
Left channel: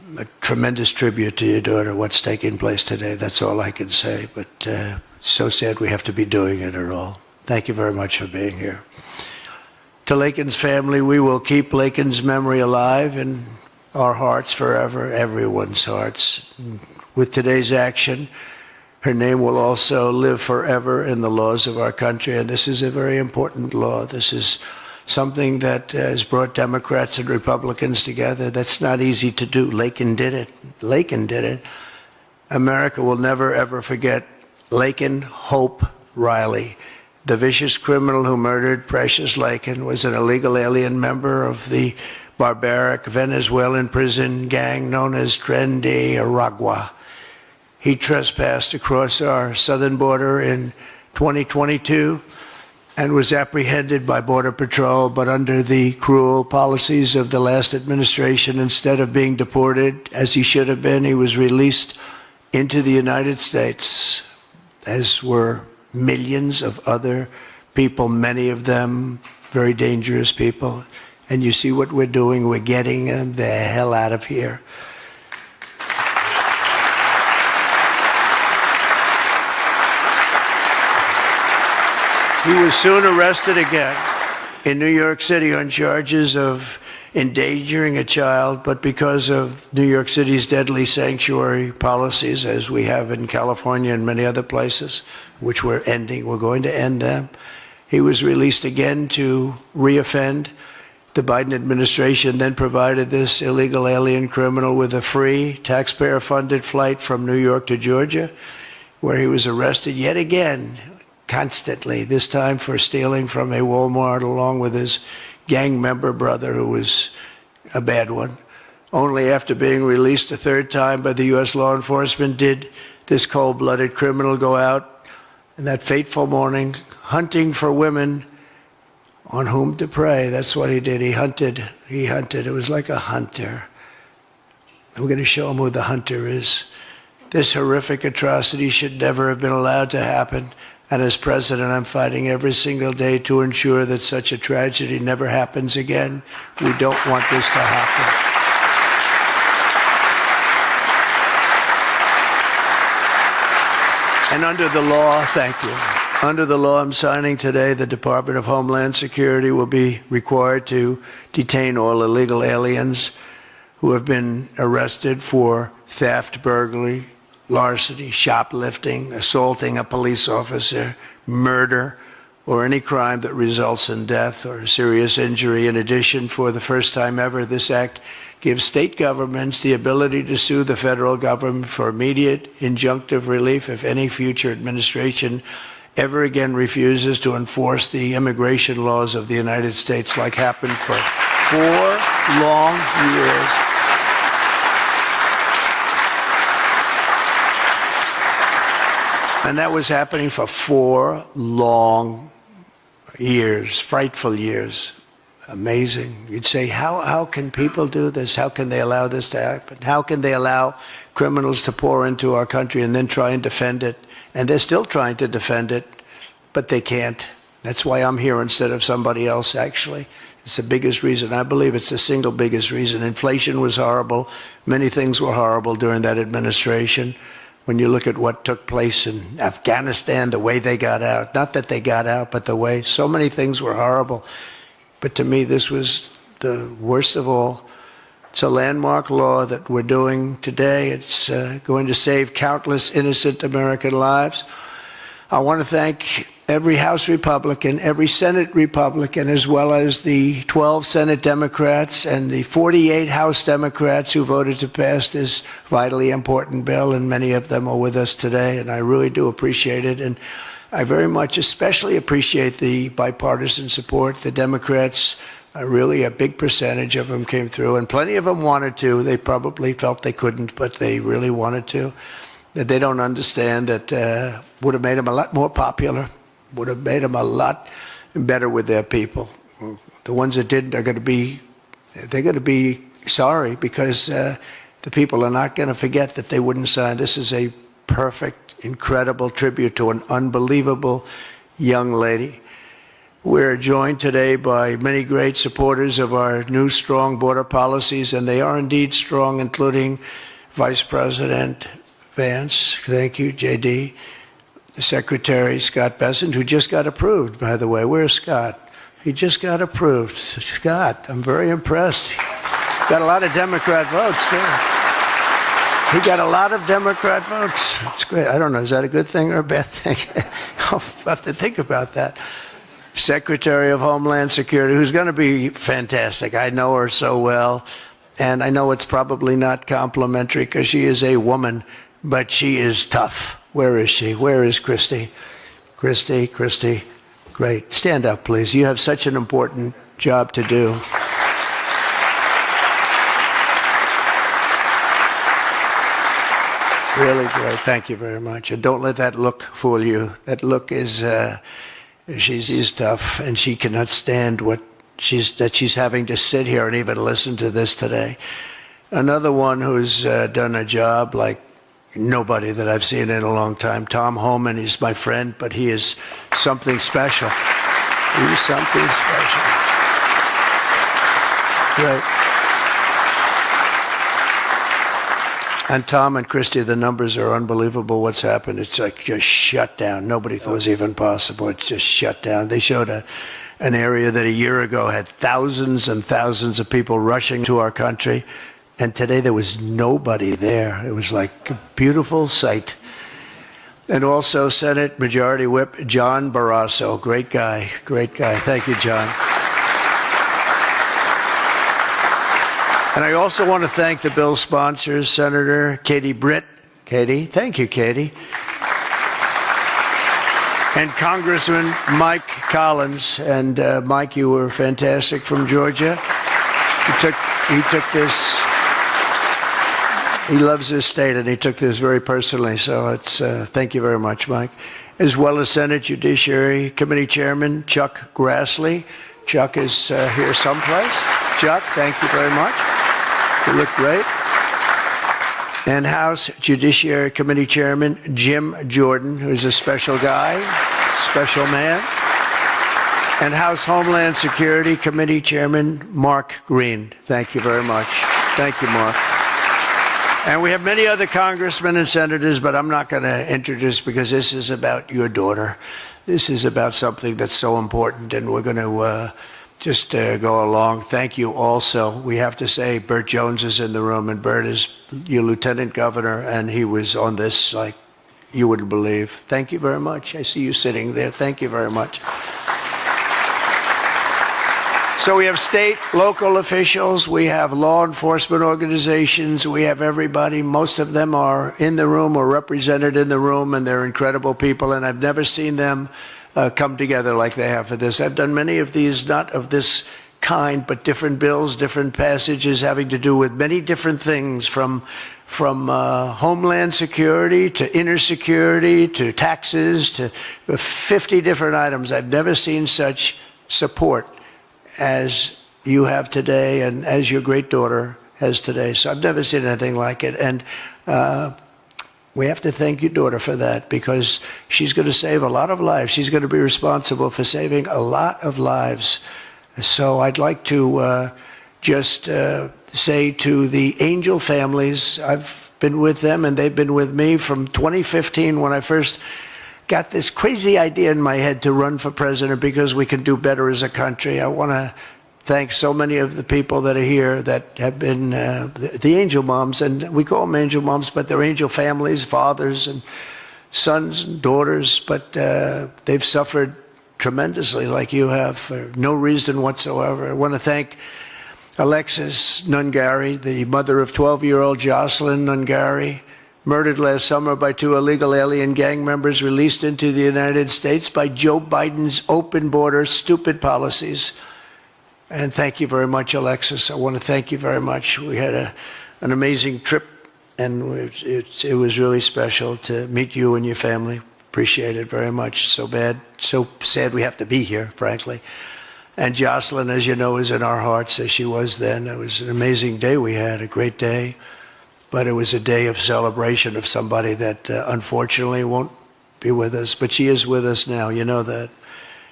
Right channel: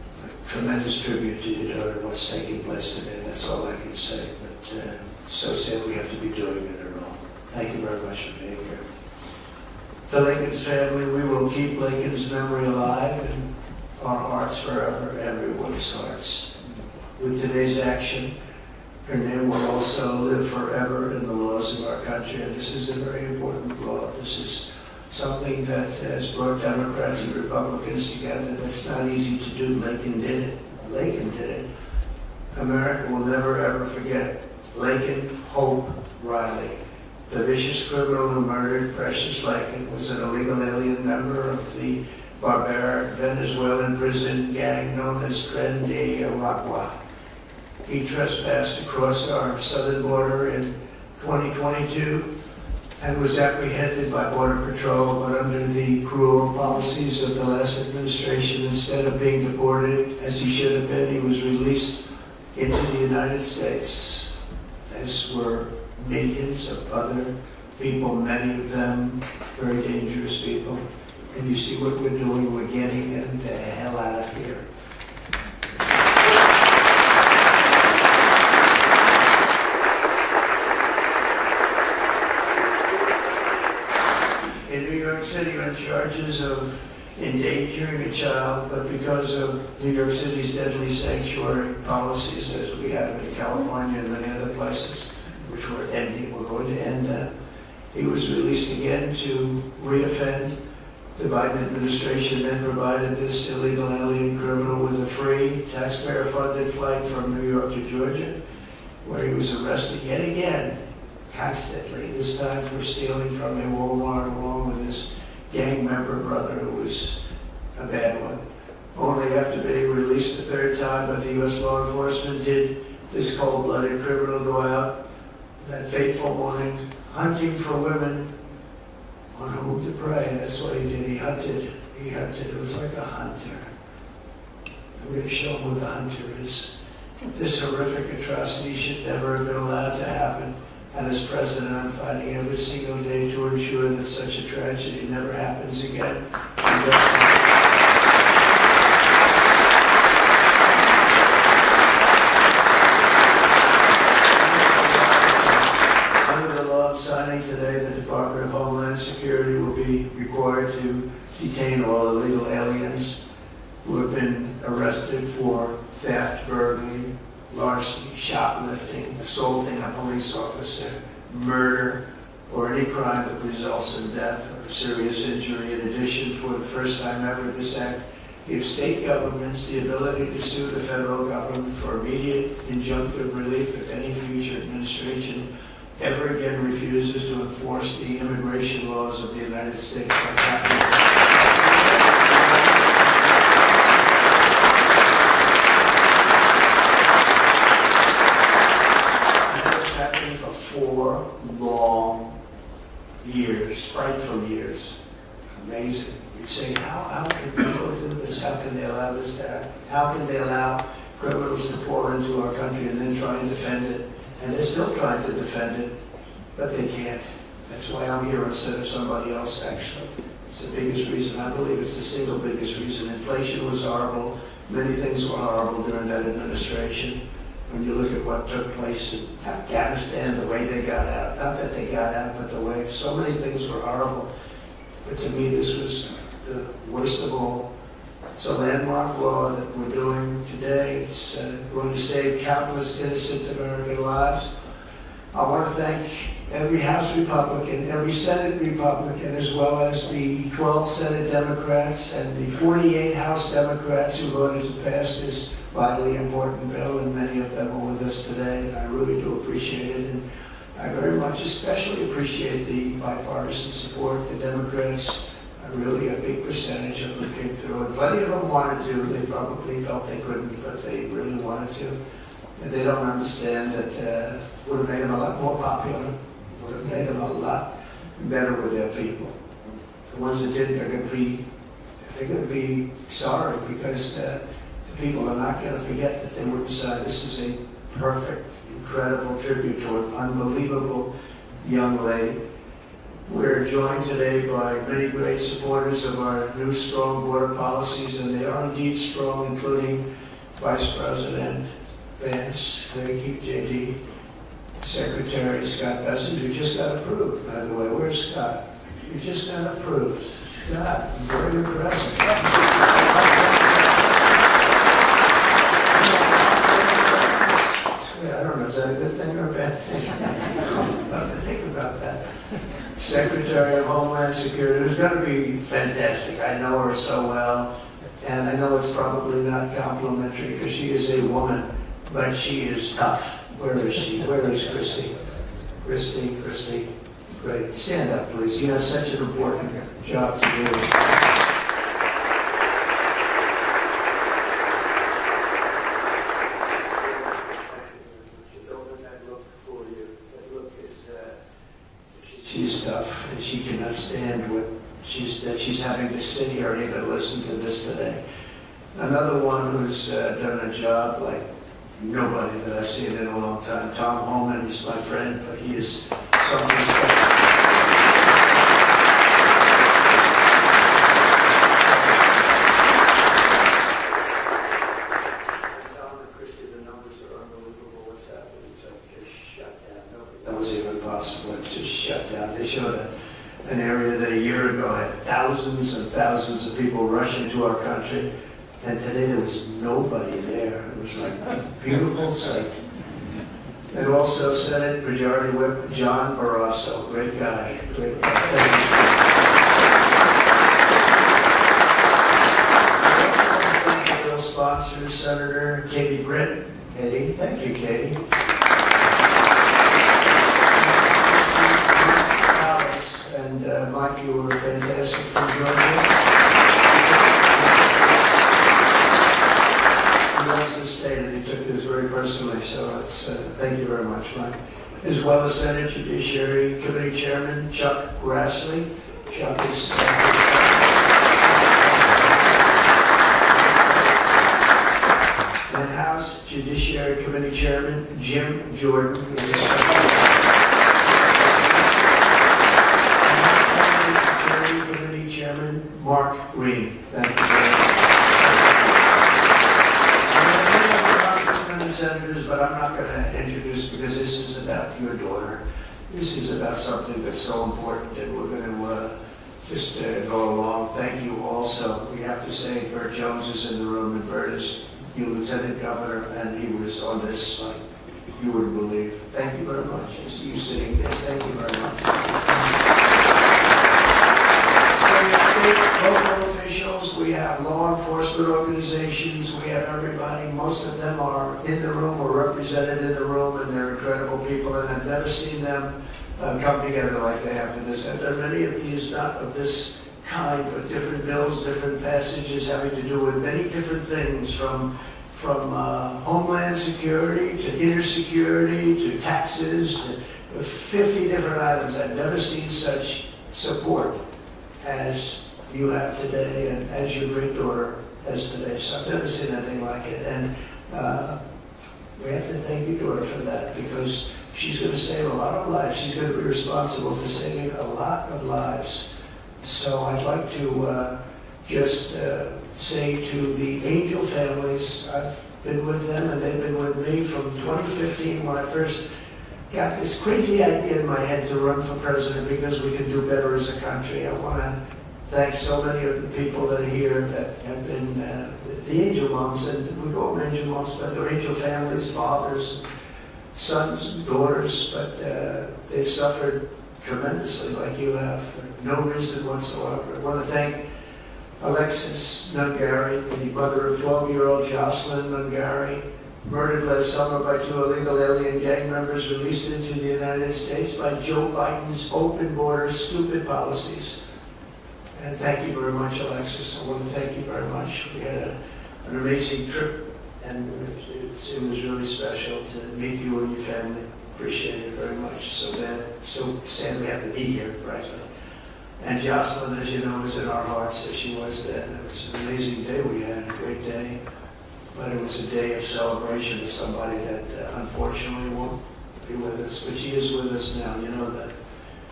a tremendous tribute to your daughter, what's taking place today. That's all I can say, but it's so sad we have to be doing it at all. Thank you very much for being here. To Laken's family, we will keep Laken's memory alive in our hearts forever, everyone's hearts. With today's action, her name will also live forever in the laws of our country, and this is a very important law. This is something that has brought Democrats and Republicans together. That's not easy to do. Laken did it. Laken did it. America will never, ever forget Laken Hope Riley. The vicious criminal who murdered Precious Laken was an illegal alien member of the barbaric Venezuelan prison gang known as Tren de Aragua. He trespassed across our southern border in 2022 and was apprehended by Border Patrol, but under the cruel policies of the last administration, instead of being deported as he should have been, he was released into the United States, as were millions of other people, many of them very dangerous people. And you see what we're doing, we're getting them the hell out of here. He was soon arrested again in New York City on charges of endangering a child, but because of New York City's deadly sanctuary policies, as we have in California and many other places, which we're ending, we're going to end them, he was released again to reoffend. The Biden administration then provided this illegal alien criminal with a free, taxpayer-funded flight from New York to Georgia, where he was arrested yet again, constantly, this time for stealing from a Walmart along with his gang member brother, who was a bad one. Only after being released a third time by the U.S. law enforcement did this cold-blooded criminal go out in that fateful morning hunting for women on whom to prey. That's what he did. He hunted. It was like a hunter. And we're going to show him who the hunter is. This horrific atrocity should never have been allowed to happen. And as president, I'm fighting every single day to ensure that such a tragedy never happens again. We don't want this to happen. And under the law, thank you. Under the law I'm signing today, the Department of Homeland Security will be required to detain all illegal aliens who have been arrested for theft, burglary, larceny, shoplifting, assaulting a police officer, murder, or any crime that results in death or serious injury. In addition, for the first time ever, this act gives state governments the ability to sue the federal government for immediate injunctive relief if any future administration ever again refuses to enforce the immigration laws of the United States, like happened for 4 long years. And that was happening for 4 long years, frightful years. Amazing. You'd say, how can people do this? How can they allow this to happen? How can they allow criminals to pour into our country and then try and defend it? And they're still trying to defend it, but they can't. That's why I'm here instead of somebody else, actually. It's the biggest reason. I believe it's the single biggest reason. Inflation was horrible. Many things were horrible during that administration. When you look at what took place in Afghanistan, the way they got out, not that they got out, but the way, so many things were horrible. But to me, this was the worst of all. It's a landmark law that we're doing today. It's going to save countless innocent American lives. I want to thank every House Republican, every Senate Republican, as well as the 12 Senate Democrats and the 48 House Democrats who voted to pass this vitally important bill, and many of them are with us today, and I really do appreciate it. And I very much especially appreciate the bipartisan support. The Democrats, really a big percentage of them came through, and plenty of them wanted to. They probably felt they couldn't, but they really wanted to. That they don't understand that would have made them a lot more popular, would have made them a lot better with their people. The ones that didn't are going to be sorry, because the people are not going to forget that they wouldn't sign. This is a perfect, incredible tribute to an unbelievable young lady. We're joined today by many great supporters of our new strong border policies, and they are indeed strong, including Vice President Vance, thank you, JD, Secretary Scott Bessent, who just got approved, by the way. Where's Scott? He just got approved. Scott, I'm very impressed. Got a lot of Democrat votes. He got a lot of Democrat votes. That's great. I don't know, is that a good thing or a bad thing? I'll have to think about that. Secretary of Homeland Security, who's going to be fantastic. I know her so well, and I know it's probably not complimentary because she is a woman, but she is tough. Where is she? Where is Christy? Christy, great. Stand up, please. You have such an important job to do. Really great. Thank you very much. And don't let that look fool you. That look is, she's tough, and she cannot stand that she's having to sit here and even listen to this today. Another one who's done a job like nobody that I've seen in a long time, Tom Homan. He's my friend, but he is something special. He's something special. Yeah. And Tom and Christy, the numbers are unbelievable. What's happened? It's like just shut down. Nobody thought it was even possible. It's just shut down. They showed an area that a year ago had thousands and thousands of people rushing to our country. And today there was nobody there. It was like a beautiful sight. And also Senate Majority Whip John Barrasso. Great guy. Great guy. Thank you, John. And I also want to thank the bill sponsors, Senator Katie Britt. Katie, thank you, Katie. And Congressman Mike Collins. And Mike, you were fantastic from Georgia. He took this. He loves his state, and he took this very personally. So it's thank you very much, Mike. As well as Senate Judiciary Committee Chairman Chuck Grassley. Chuck is here someplace. Chuck, thank you very much. You look great. And House Judiciary Committee Chairman Jim Jordan, who's a special guy, special man. And House Homeland Security Committee Chairman Mark Green. Thank you very much. Thank you, Mark. And we have many other congressmen and senators, but I'm not going to introduce because this is about your daughter. This is about something that's so important, and we're going to just go along. Thank you also. We have to say Burt Jones is in the room, and Burt is your lieutenant governor, and he was on this like you wouldn't believe. Thank you very much. I see you sitting there. Thank you very much. So we have state, local officials, we have law enforcement organizations, we have everybody. Most of them are in the room or represented in the room, and they're incredible people, and I've never seen them come together like they have for this. I've done many of these, not of this kind, but different bills, different passages having to do with many different things, from homeland security to inner security to taxes to 50 different items. I've never seen such support as you have today and as your great daughter has today. So I've never seen anything like it. And we have to thank your daughter for that, because she's going to save a lot of lives. She's going to be responsible for saving a lot of lives. So I'd like to just say to the Angel families, I've been with them and they've been with me from 2015 when I first got this crazy idea in my head to run for president because we can do better as a country. I want to thank so many of the people that are here that have been the Angel Moms, and we call them Angel Moms, but they're Angel families, fathers and sons and daughters, but they've suffered tremendously like you have for no reason whatsoever. I want to thank Alexis Nungari, the mother of 12-year-old Jocelyn Nungari, murdered last summer by 2 illegal alien gang members released into the United States by Joe Biden's open border stupid policies. And thank you very much, Alexis. I want to thank you very much. We had an amazing trip, and it was really special to meet you and your family. Appreciate it very much. So sad we have to be here, frankly. And Jocelyn, as you know, is in our hearts as she was then. It was an amazing day we had, a great day. But it was a day of celebration of somebody that unfortunately won't be with us. But she is with us now, you know that.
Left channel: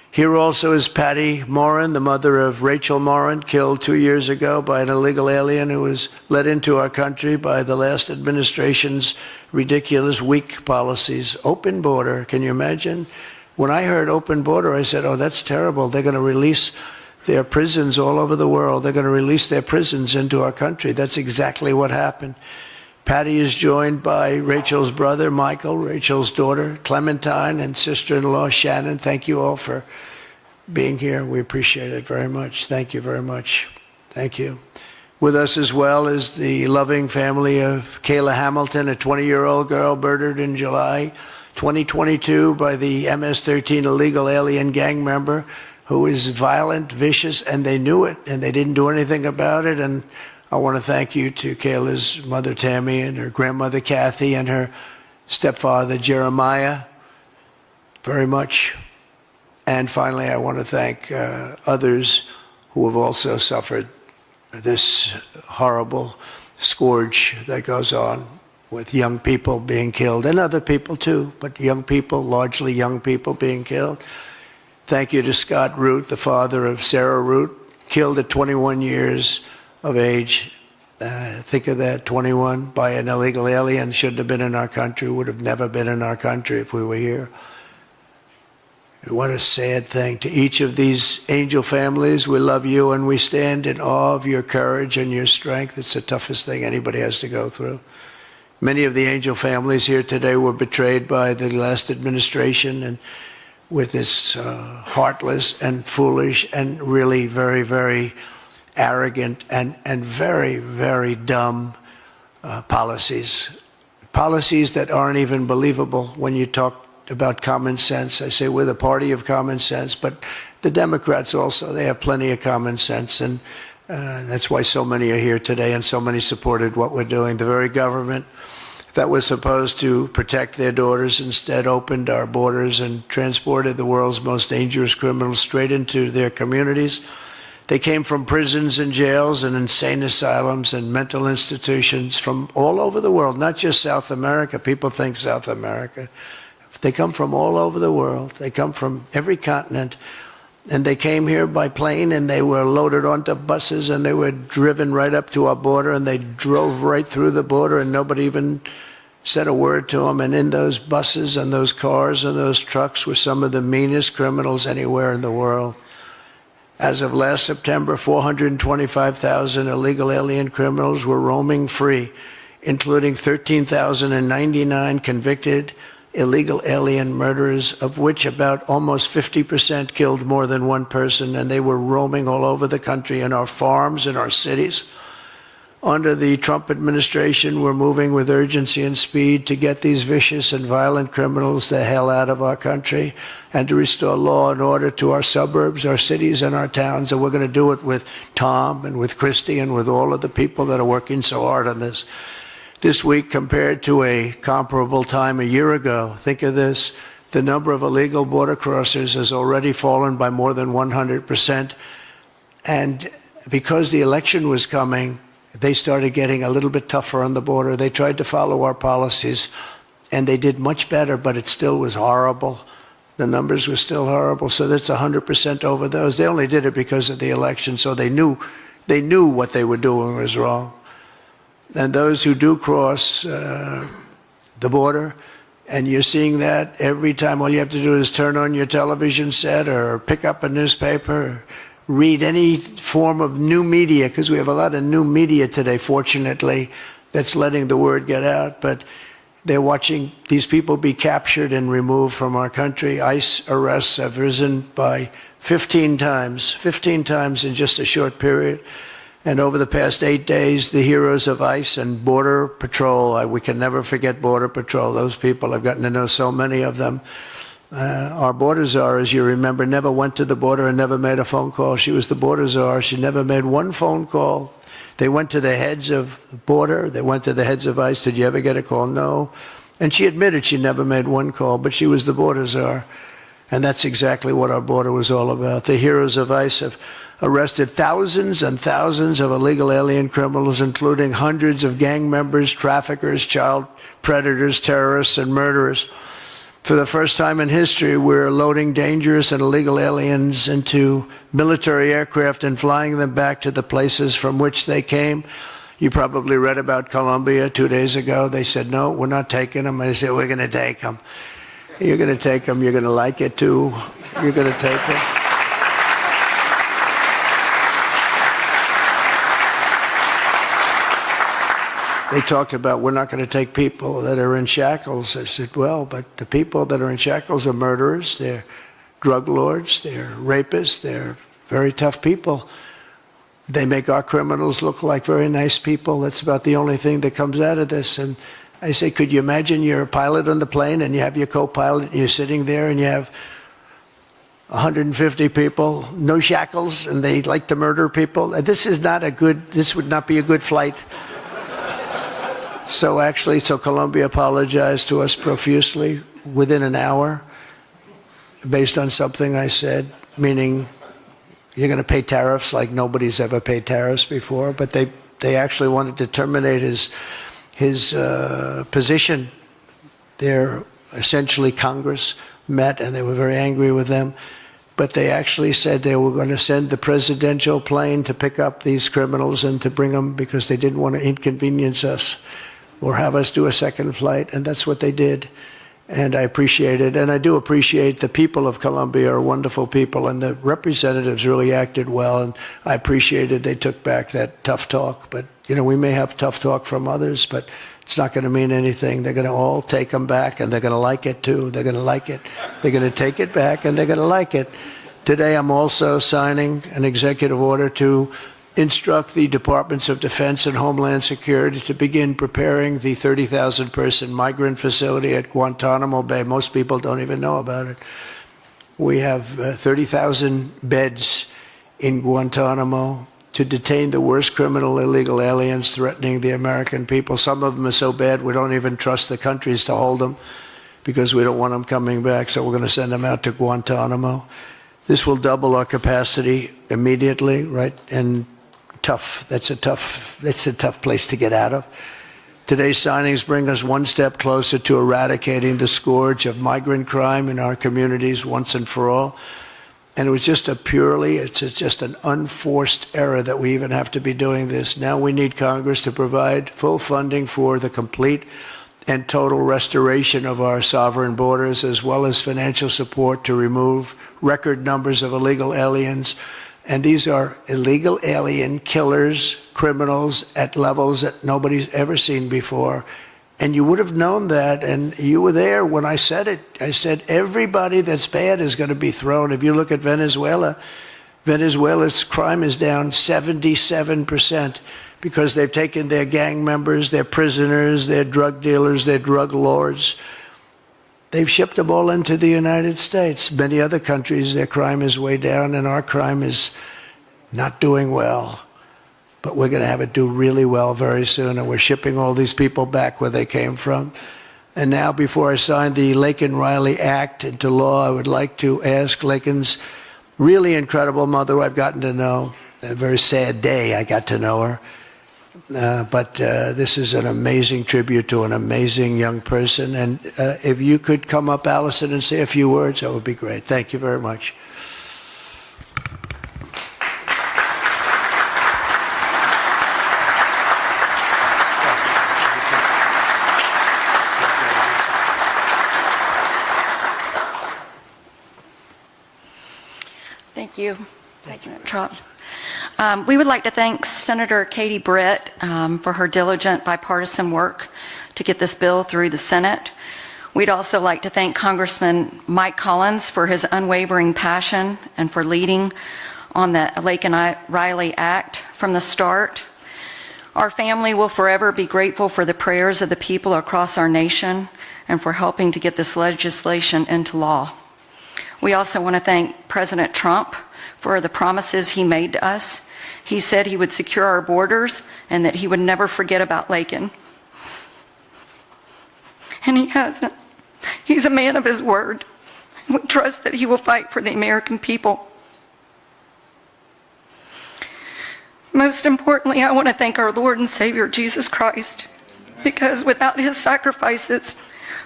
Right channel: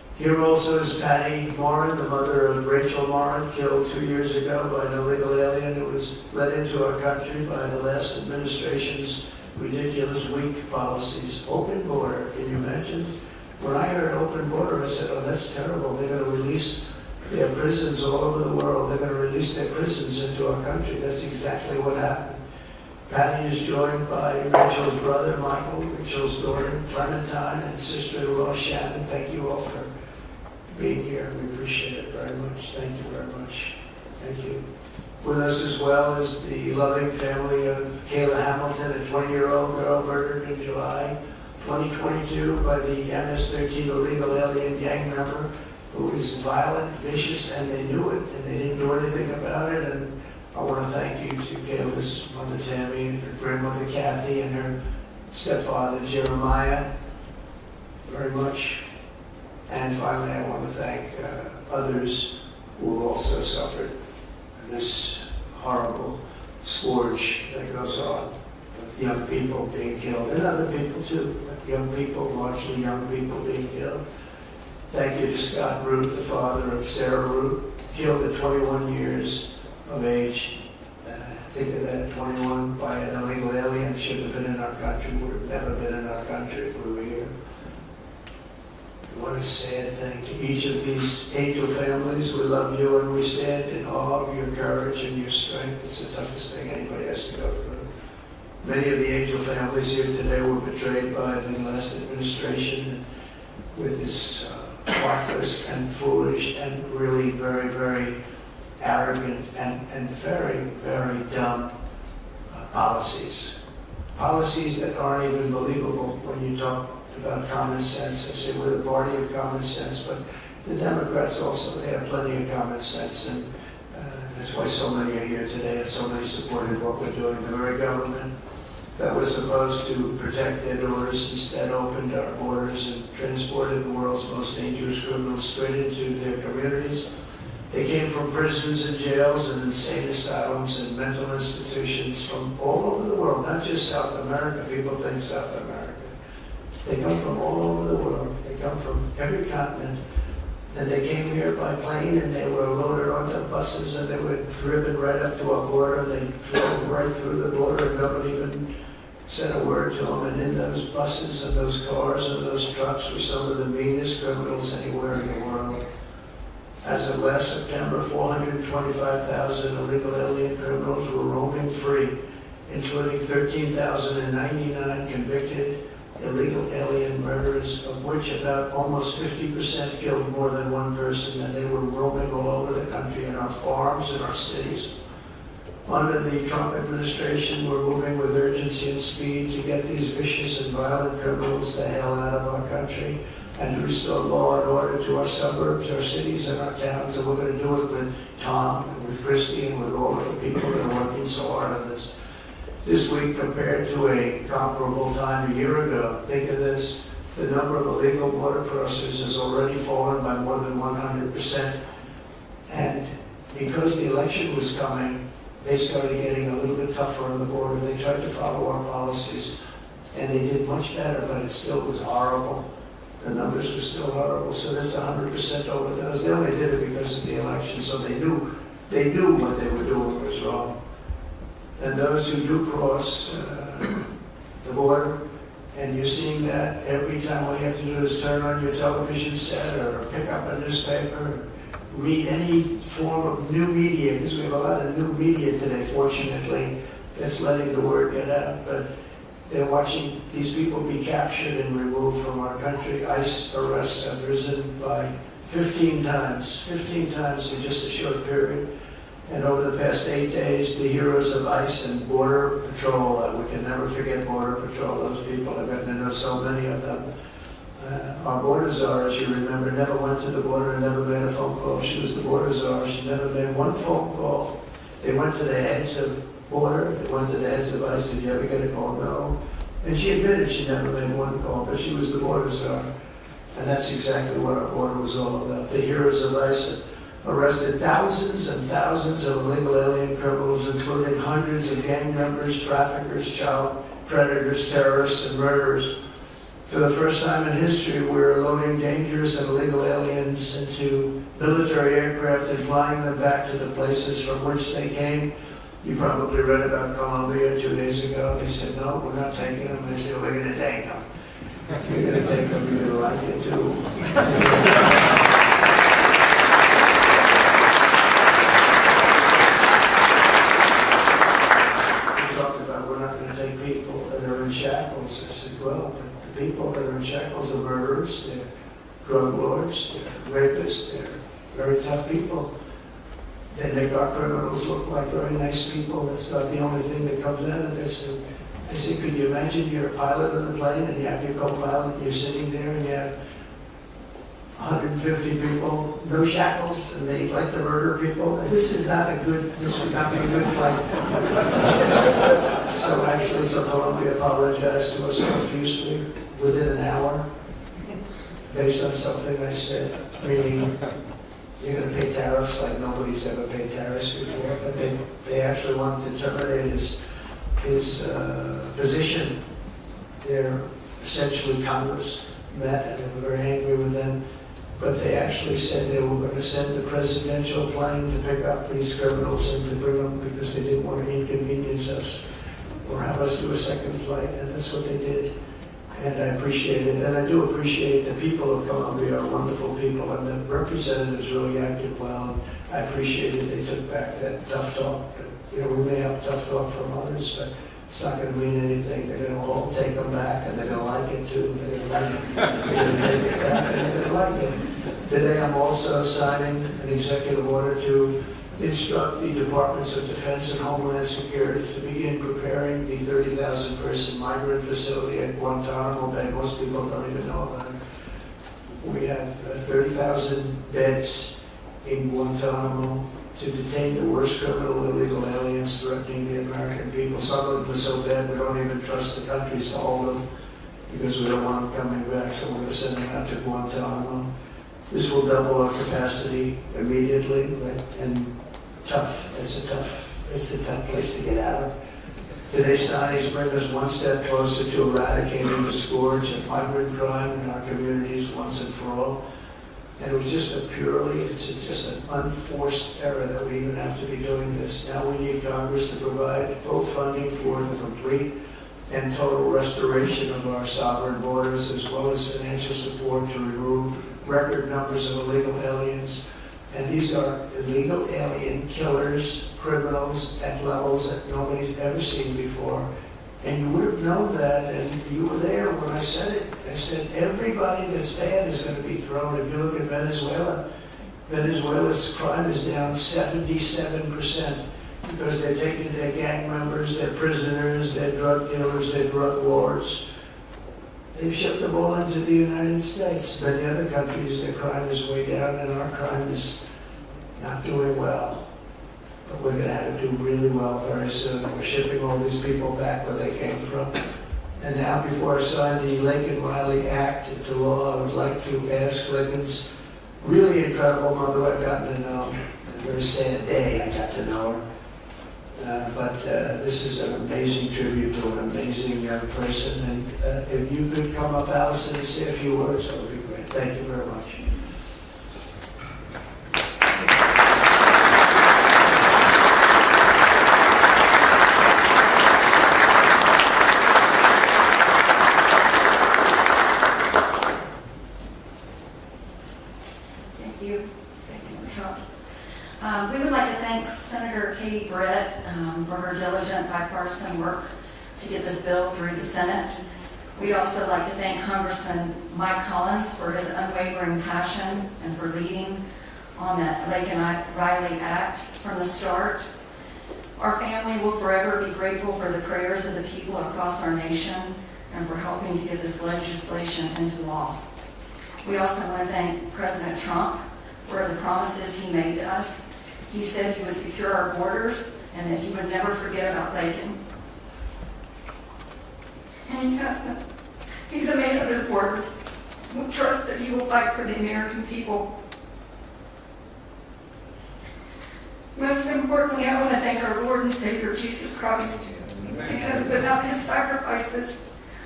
Here also is Patty Morin, the mother of Rachel Morin, killed 2 years ago by an illegal alien who was let into our country by the last administration's ridiculous, weak policies. Open border, can you imagine? When I heard open border, I said, oh, that's terrible. They're going to release their prisons all over the world. They're going to release their prisons into our country. That's exactly what happened. Patty is joined by Rachel's brother, Michael, Rachel's daughter, Clementine, and sister-in-law, Shannon. Thank you all for being here. We appreciate it very much. Thank you very much. Thank you. With us as well is the loving family of Kayla Hamilton, a 20-year-old girl murdered in July 2022 by the MS-13 illegal alien gang member who is violent, vicious, and they knew it, and they didn't do anything about it. And I want to thank you to Kayla's mother, Tammy, and her grandmother, Kathy, and her stepfather, Jeremiah, very much. And finally, I want to thank others who have also suffered this horrible scourge that goes on with young people being killed, and other people too, but young people, largely young people being killed. Thank you to Scott Root, the father of Sarah Root, killed at 21 years of age. Think of that, 21 by an illegal alien, shouldn't have been in our country, would have never been in our country if we were here. What a sad thing. To each of these angel families, we love you and we stand in awe of your courage and your strength. It's the toughest thing anybody has to go through. Many of the angel families here today were betrayed by the last administration and with this heartless and foolish and really very, very arrogant and very, very dumb policies. Policies that aren't even believable when you talk about common sense. I say we're the party of common sense, but the Democrats also, they have plenty of common sense, and that's why so many are here today and so many supported what we're doing. The very government that was supposed to protect their daughters instead opened our borders and transported the world's most dangerous criminals straight into their communities. They came from prisons and jails and insane asylums and mental institutions from all over the world, not just South America. People think South America. They come from all over the world. They come from every continent. And they came here by plane, and they were loaded onto buses, and they were driven right up to our border, and they drove right through the border, and nobody even said a word to them. And in those buses and those cars and those trucks were some of the meanest criminals anywhere in the world. As of last September, 425,000 illegal alien criminals were roaming free, including 13,099 convicted illegal alien murderers, of which about almost 50% killed more than one person, and they were roaming all over the country in our farms, in our cities. Under the Trump administration, we're moving with urgency and speed to get these vicious and violent criminals the hell out of our country and to restore law and order to our suburbs, our cities, and our towns. And we're going to do it with Tom and with Christy and with all of the people that are working so hard on this. This week, compared to a comparable time a year ago, think of this, the number of illegal border crossers has already fallen by more than 100%. And because the election was coming, they started getting a little bit tougher on the border. They tried to follow our policies, and they did much better, but it still was horrible. The numbers were still horrible, so that's 100% over those. They only did it because of the election, so they knew what they were doing was wrong. And those who do cross the border, and you're seeing that every time, all you have to do is turn on your television set or pick up a newspaper, or read any form of new media, because we have a lot of new media today, fortunately, that's letting the word get out. But they're watching these people be captured and removed from our country. ICE arrests have risen by 15 times in just a short period. And over the past 8 days, the heroes of ICE and Border Patrol, we can never forget Border Patrol. Those people, I've gotten to know so many of them. Our border czar, as you remember, never went to the border and never made a phone call. She was the border czar. She never made one phone call. They went to the heads of border. They went to the heads of ICE. Did you ever get a call? No. And she admitted she never made one call, but she was the border czar. And that's exactly what our border was all about. The heroes of ICE have arrested thousands and thousands of illegal alien criminals, including hundreds of gang members, traffickers, child predators, terrorists, and murderers. For the first time in history, we're loading dangerous and illegal aliens into military aircraft and flying them back to the places from which they came. You probably read about Colombia 2 days ago. They said, no, we're not taking them. I said, we're going to take them. You're going to take them. You're going to like it, too. You're going to take them. They talked about, we're not going to take people that are in shackles. I said, well, but the people that are in shackles are murderers, they're drug lords, they're rapists, they're very tough people. They make our criminals look like very nice people. That's about the only thing that comes out of this. And I say, could you imagine you're a pilot on the plane and you have your co-pilot and you're sitting there and you have 150 people, no shackles, and they like to murder people? This would not be a good flight. So Colombia apologized to us profusely within an hour based on something I said, meaning you're going to pay tariffs like nobody's ever paid tariffs before. But they actually wanted to terminate his position. They're essentially Congress met and they were very angry with them. But they actually said they were going to send the presidential plane to pick up these criminals and to bring them because they didn't want to inconvenience us or have us do a second flight. And that's what they did. And I appreciate it. And I do appreciate the people of Colombia are wonderful people, and the representatives really acted well. And I appreciated they took back that tough talk. But, you know, we may have tough talk from others, but it's not going to mean anything. They're going to all take them back, and they're going to like it, too. They're going to like it. They're going to take it back, and they're going to like it. Today, I'm also signing an executive order to instruct the Departments of Defense and Homeland Security to begin preparing the 30,000-person migrant facility at Guantanamo Bay. Most people don't even know about it. We have 30,000 beds in Guantanamo to detain the worst criminal illegal aliens threatening the American people. Some of them are so bad we don't even trust the countries to hold them because we don't want them coming back, so we're going to send them out to Guantanamo. This will double our capacity immediately, right? And that's a tough place to get out of. Today's signings bring us one step closer to eradicating the scourge of migrant crime in our communities once and for all. And it was just it's just an unforced error that we even have to be doing this. Now we need Congress to provide full funding for the complete and total restoration of our sovereign borders, as well as financial support to remove record numbers of illegal aliens. And these are illegal alien killers, criminals at levels that nobody's ever seen before. And you would have known that, and you were there when I said it. I said everybody that's bad is going to be thrown. If you look at Venezuela, Venezuela's crime is down 77% because they've taken their gang members, their prisoners, their drug dealers, their drug lords. They've shipped them all into the United States. Many other countries, their crime is way down, and our crime is not doing well. But we're going to have it do really well very soon, and we're shipping all these people back where they came from. And now, before I sign the Laken Riley Act into law, I would like to ask Laken's really incredible mother, who I've gotten to know. A very sad day I got to know her. But this is an amazing tribute to an amazing young person. And if you could come up, Allison, and say a few words, that would be great. Thank you very much. Thank you. Thank you, Trump. We would like to thank Senator Katie Britt for her diligent bipartisan work to get this bill through the Senate. We'd also like to thank Congressman Mike Collins for his unwavering passion and for leading on the Laken Riley Act from the start. Our family will forever be grateful for the prayers of the people across our nation and for helping to get this legislation into law. We also want to thank President Trump for the promises he made to us. He said he would secure our borders and that he would never forget about Laken. And he hasn't. He's a man of his word. We trust that he will fight for the American people. Most importantly, I want to thank our Lord and Savior, Jesus Christ, because without his sacrifices,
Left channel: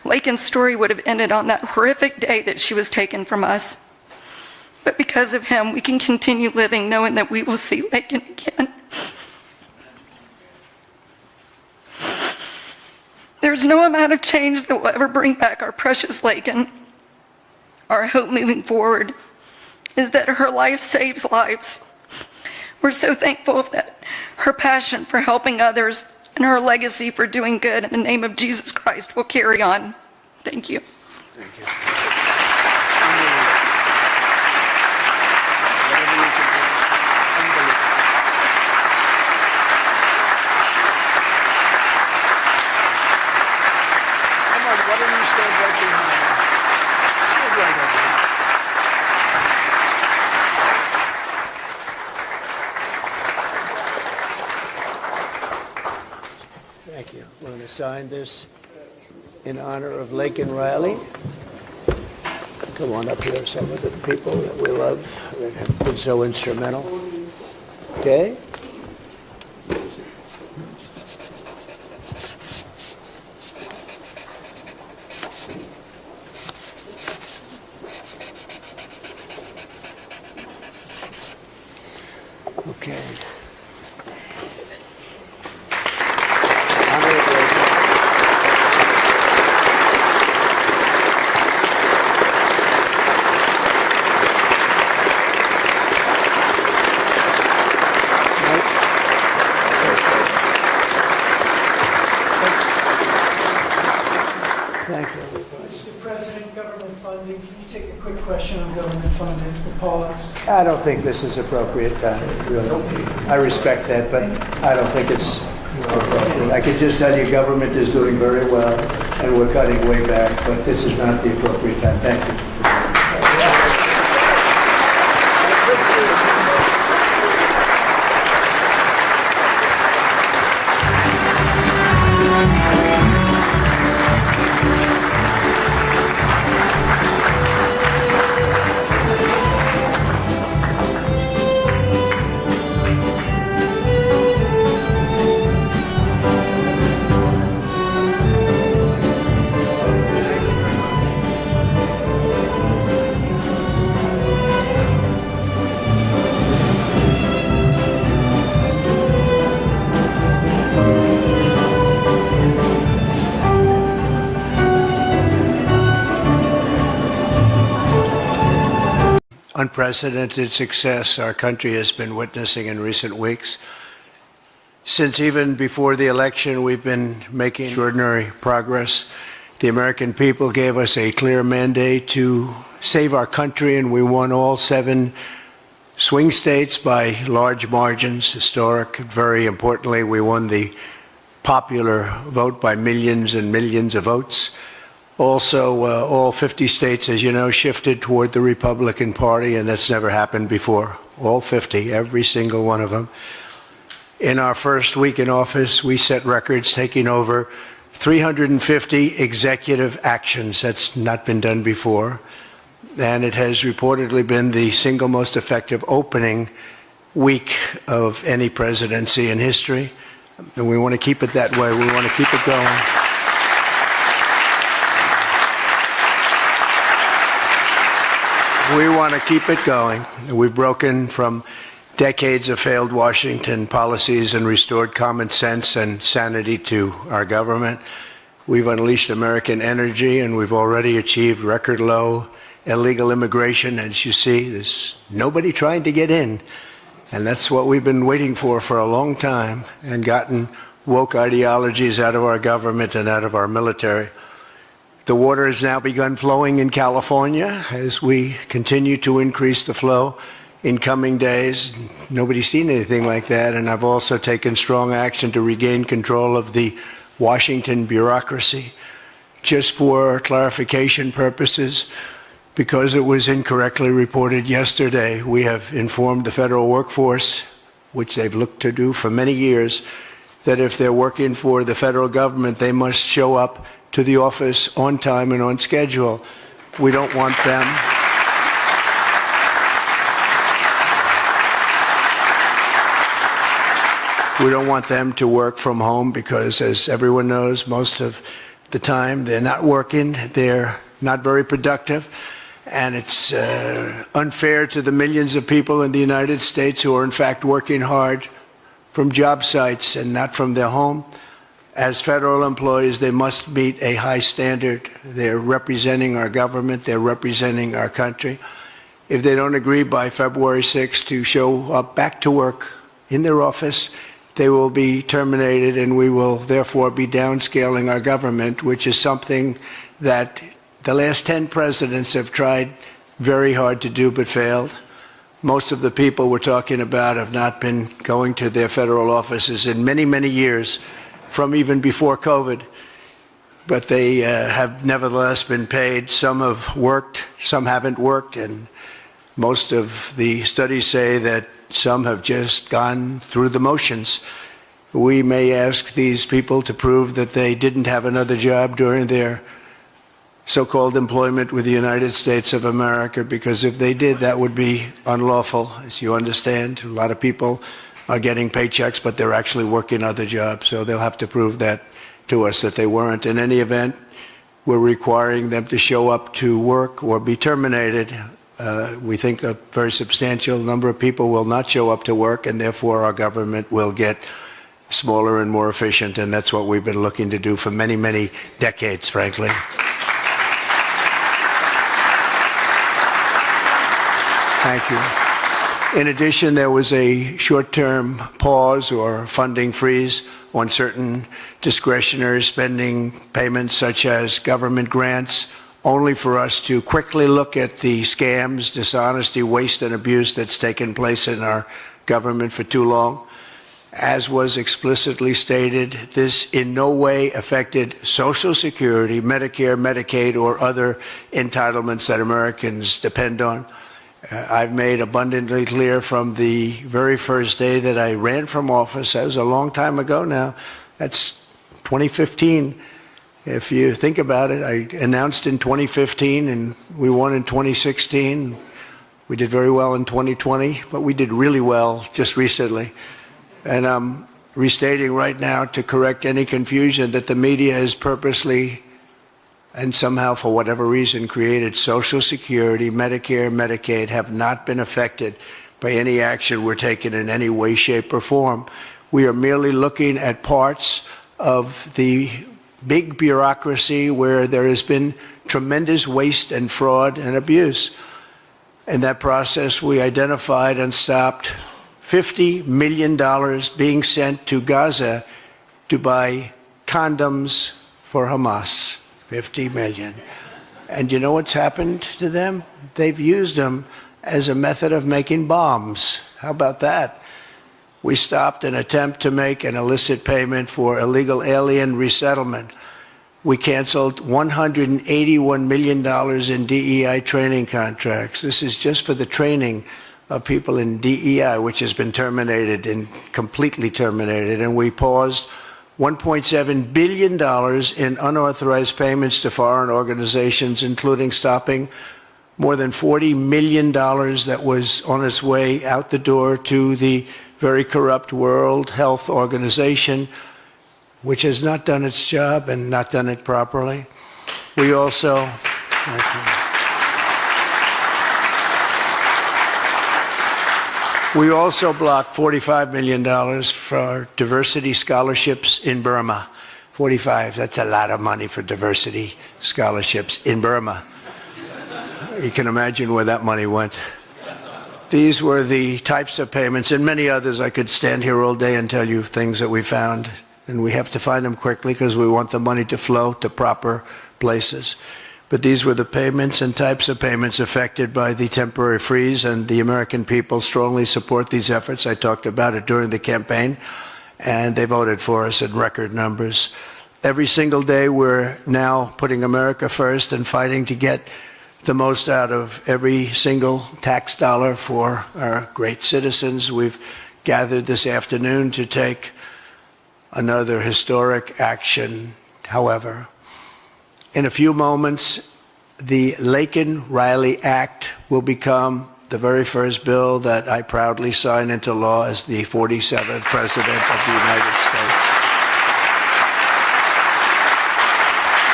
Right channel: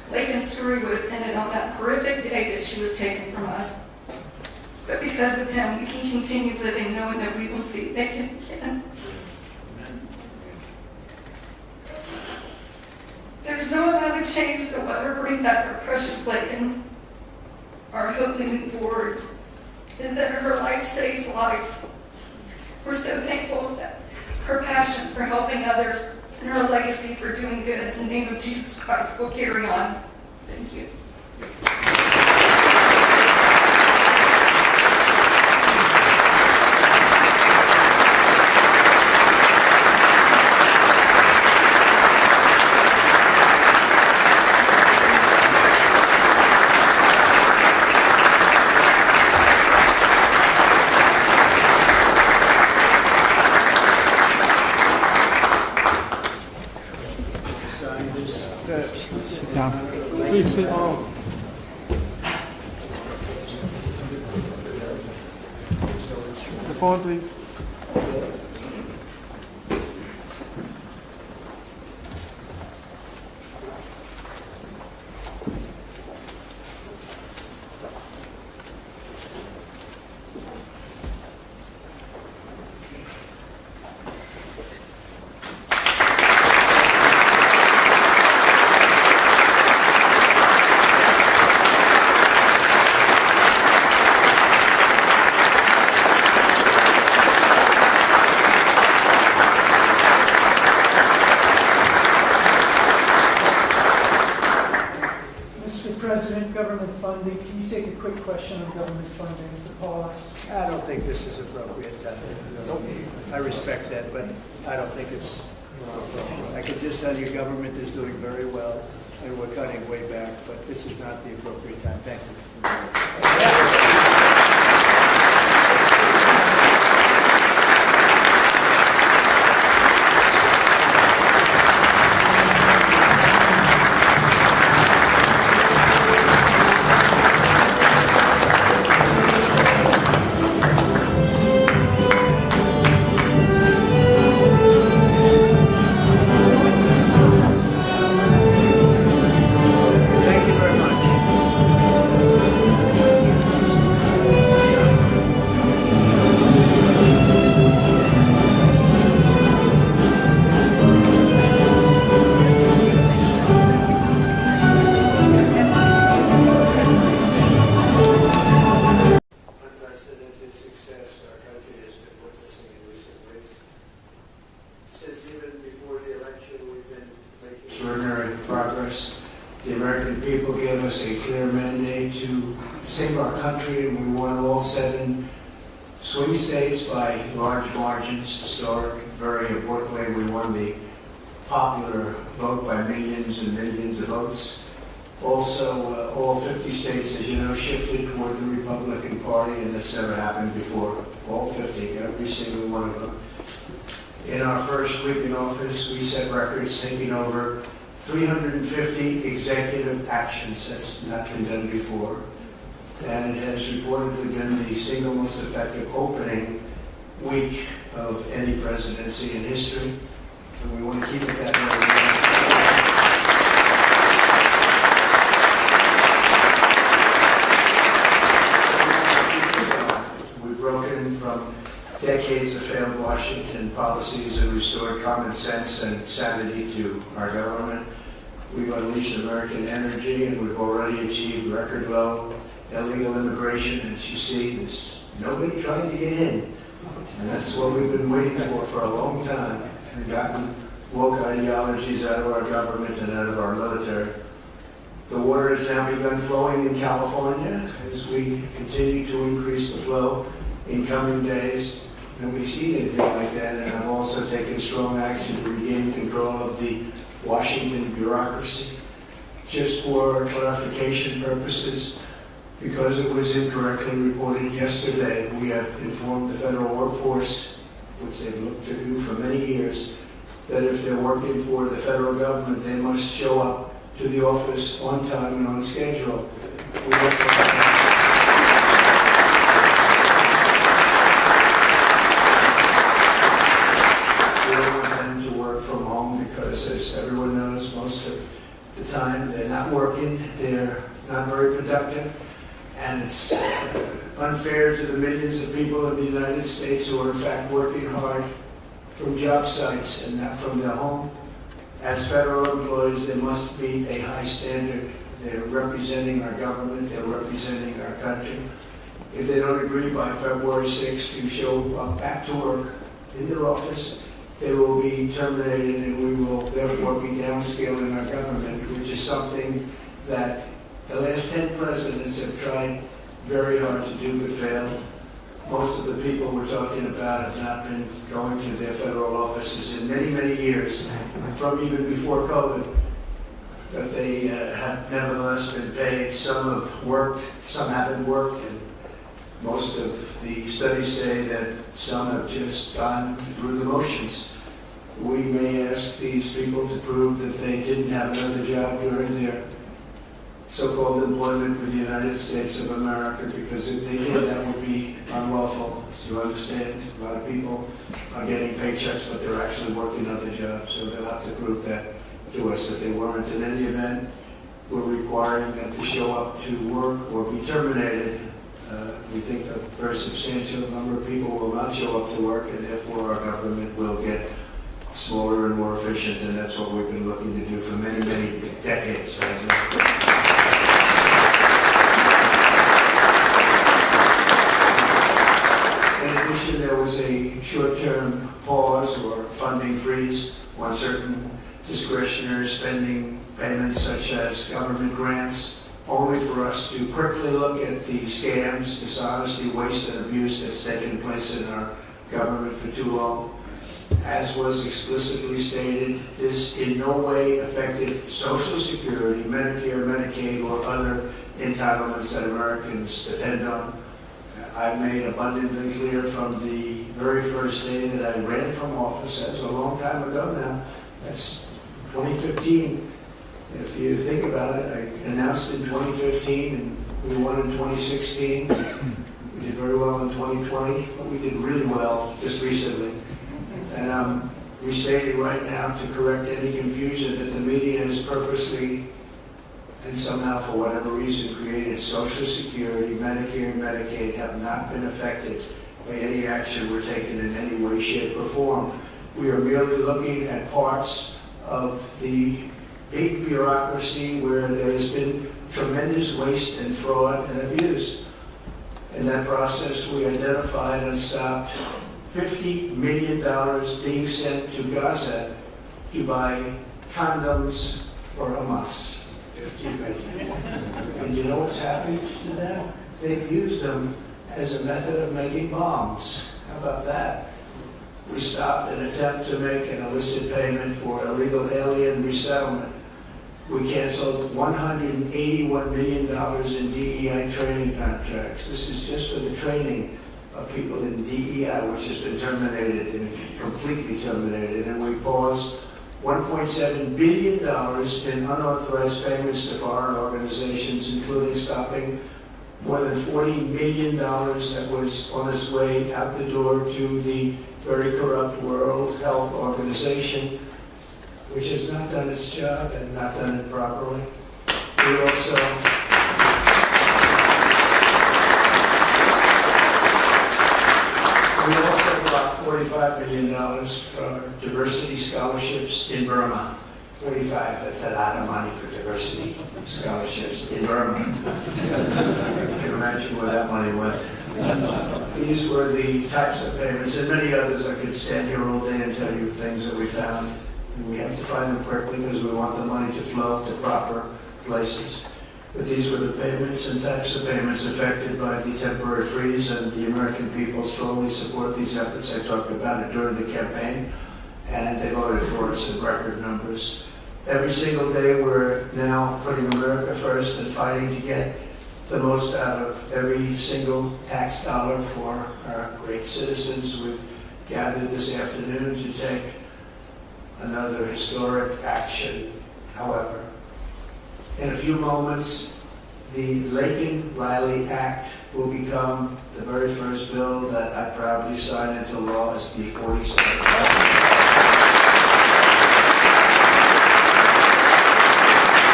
Laken's story would have ended on that horrific day that she was taken from us. But because of him, we can continue living knowing that we will see Laken again. There's no amount of change that will ever bring back our precious Laken. Our hope moving forward is that her life saves lives. We're so thankful that her passion for helping others and her legacy for doing good in the name of Jesus Christ will carry on. Thank you. Sign this in honor of Laken Riley. Come on up here, some of the people that we love that have been so instrumental. Okay? Okay. Mr. President, government funding, can you take a quick question on government funding, the pause? I don't think this is appropriate time, really. I respect that, but I don't think it's appropriate. I can just tell you government is doing very well, and we're cutting way back, but this is not the appropriate time. Thank you. Unprecedented success our country has been witnessing in recent weeks. Since even before the election, we've been making extraordinary progress. The American people gave us a clear mandate to save our country, and we won all 7 swing states by large margins, historic. Very importantly, we won the popular vote by millions and millions of votes. Also, all 50 states, as you know, shifted toward the Republican Party, and that's never happened before. All 50, every single one of them. In our first week in office, we set records, taking over 350 executive actions. That's not been done before. And it has reportedly been the single most effective opening week of any presidency in history. And we want to keep it that way. We want to keep it going. We want to keep it going. We've broken from decades of failed Washington policies and restored common sense and sanity to our government. We've unleashed American energy, and we've already achieved record low illegal immigration. As you see, there's nobody trying to get in. And that's what we've been waiting for a long time, and gotten woke ideologies out of our government and out of our military. The water has now begun flowing in California as we continue to increase the flow in coming days. Nobody's seen anything like that, and I've also taken strong action to regain control of the Washington bureaucracy. Just for clarification purposes, because it was incorrectly reported yesterday, we have informed the federal workforce, which they've looked to do for many years, that if they're working for the federal government, they must show up to the office on time and on schedule. We don't want them. We don't want them to work from home because, as everyone knows, most of the time. They're not working. They're not very productive. And it's unfair to the millions of people in the United States who are in fact working hard from job sites and not from their home. As federal employees, they must meet a high standard. They're representing our government. They're representing our country. If they don't agree by February 6th to show up back to work in their office, they will be terminated, and we will therefore be downscaling our government, which is something that the last 10 presidents have tried very hard to do but failed. Most of the people we're talking about have not been going to their federal offices in many, many years, from even before COVID. But they have nevertheless been paid. Some have worked, some haven't worked, and most of the studies say that some have just gone through the motions. We may ask these people to prove that they didn't have another job during their so-called employment with the United States of America, because if they did, that would be unlawful, as you understand. A lot of people are getting paychecks, but they're actually working other jobs, so they'll have to prove that to us that they weren't. In any event, we're requiring them to show up to work or be terminated. We think a very substantial number of people will not show up to work, and therefore our government will get smaller and more efficient, and that's what we've been looking to do for many, many decades, frankly. In addition, there was a short-term pause or funding freeze on certain discretionary spending payments, such as government grants, only for us to quickly look at the scams, dishonesty, waste, and abuse that's taken place in our government for too long. As was explicitly stated, this in no way affected Social Security, Medicare, Medicaid, or other entitlements that Americans depend on. I've made abundantly clear from the very first day that I ran from office, that was a long time ago now, that's 2015. If you think about it, I announced in 2015 and we won in 2016. We did very well in 2020, but we did really well just recently. And I'm restating right now to correct any confusion that the media has purposely and somehow, for whatever reason, created Social Security, Medicare, Medicaid have not been affected by any action we're taking in any way, shape, or form. We are merely looking at parts of the big bureaucracy where there has been tremendous waste and fraud and abuse. In that process, we identified and stopped $50 million being sent to Gaza to buy condoms for Hamas. 50 million. And you know what's happened to them? They've used them as a method of making bombs. How about that? We stopped an attempt to make an illicit payment for illegal alien resettlement. We canceled $181 million in DEI training contracts. This is just for the training of people in DEI, which has been terminated and completely terminated. And we paused $1.7 billion in unauthorized payments to foreign organizations, including stopping more than $40 million that was on its way out the door to the very corrupt World Health Organization, which has not done its job and not done it properly. We also blocked $45 million for diversity scholarships in Burma. 45, that's a lot of money for diversity scholarships in Burma. You can imagine where that money went. These were the types of payments, and many others. I could stand here all day and tell you things that we found, and we have to find them quickly because we want the money to flow to proper places. But these were the payments and types of payments affected by the temporary freeze, and the American people strongly support these efforts. I talked about it during the campaign, and they voted for us in record numbers. Every single day, we're now putting America first and fighting to get the most out of every single tax dollar for our great citizens. We've gathered this afternoon to take another historic action. However, in a few moments, the Laken Riley Act will become the very first bill that I proudly sign into law as the 47th President of the United States.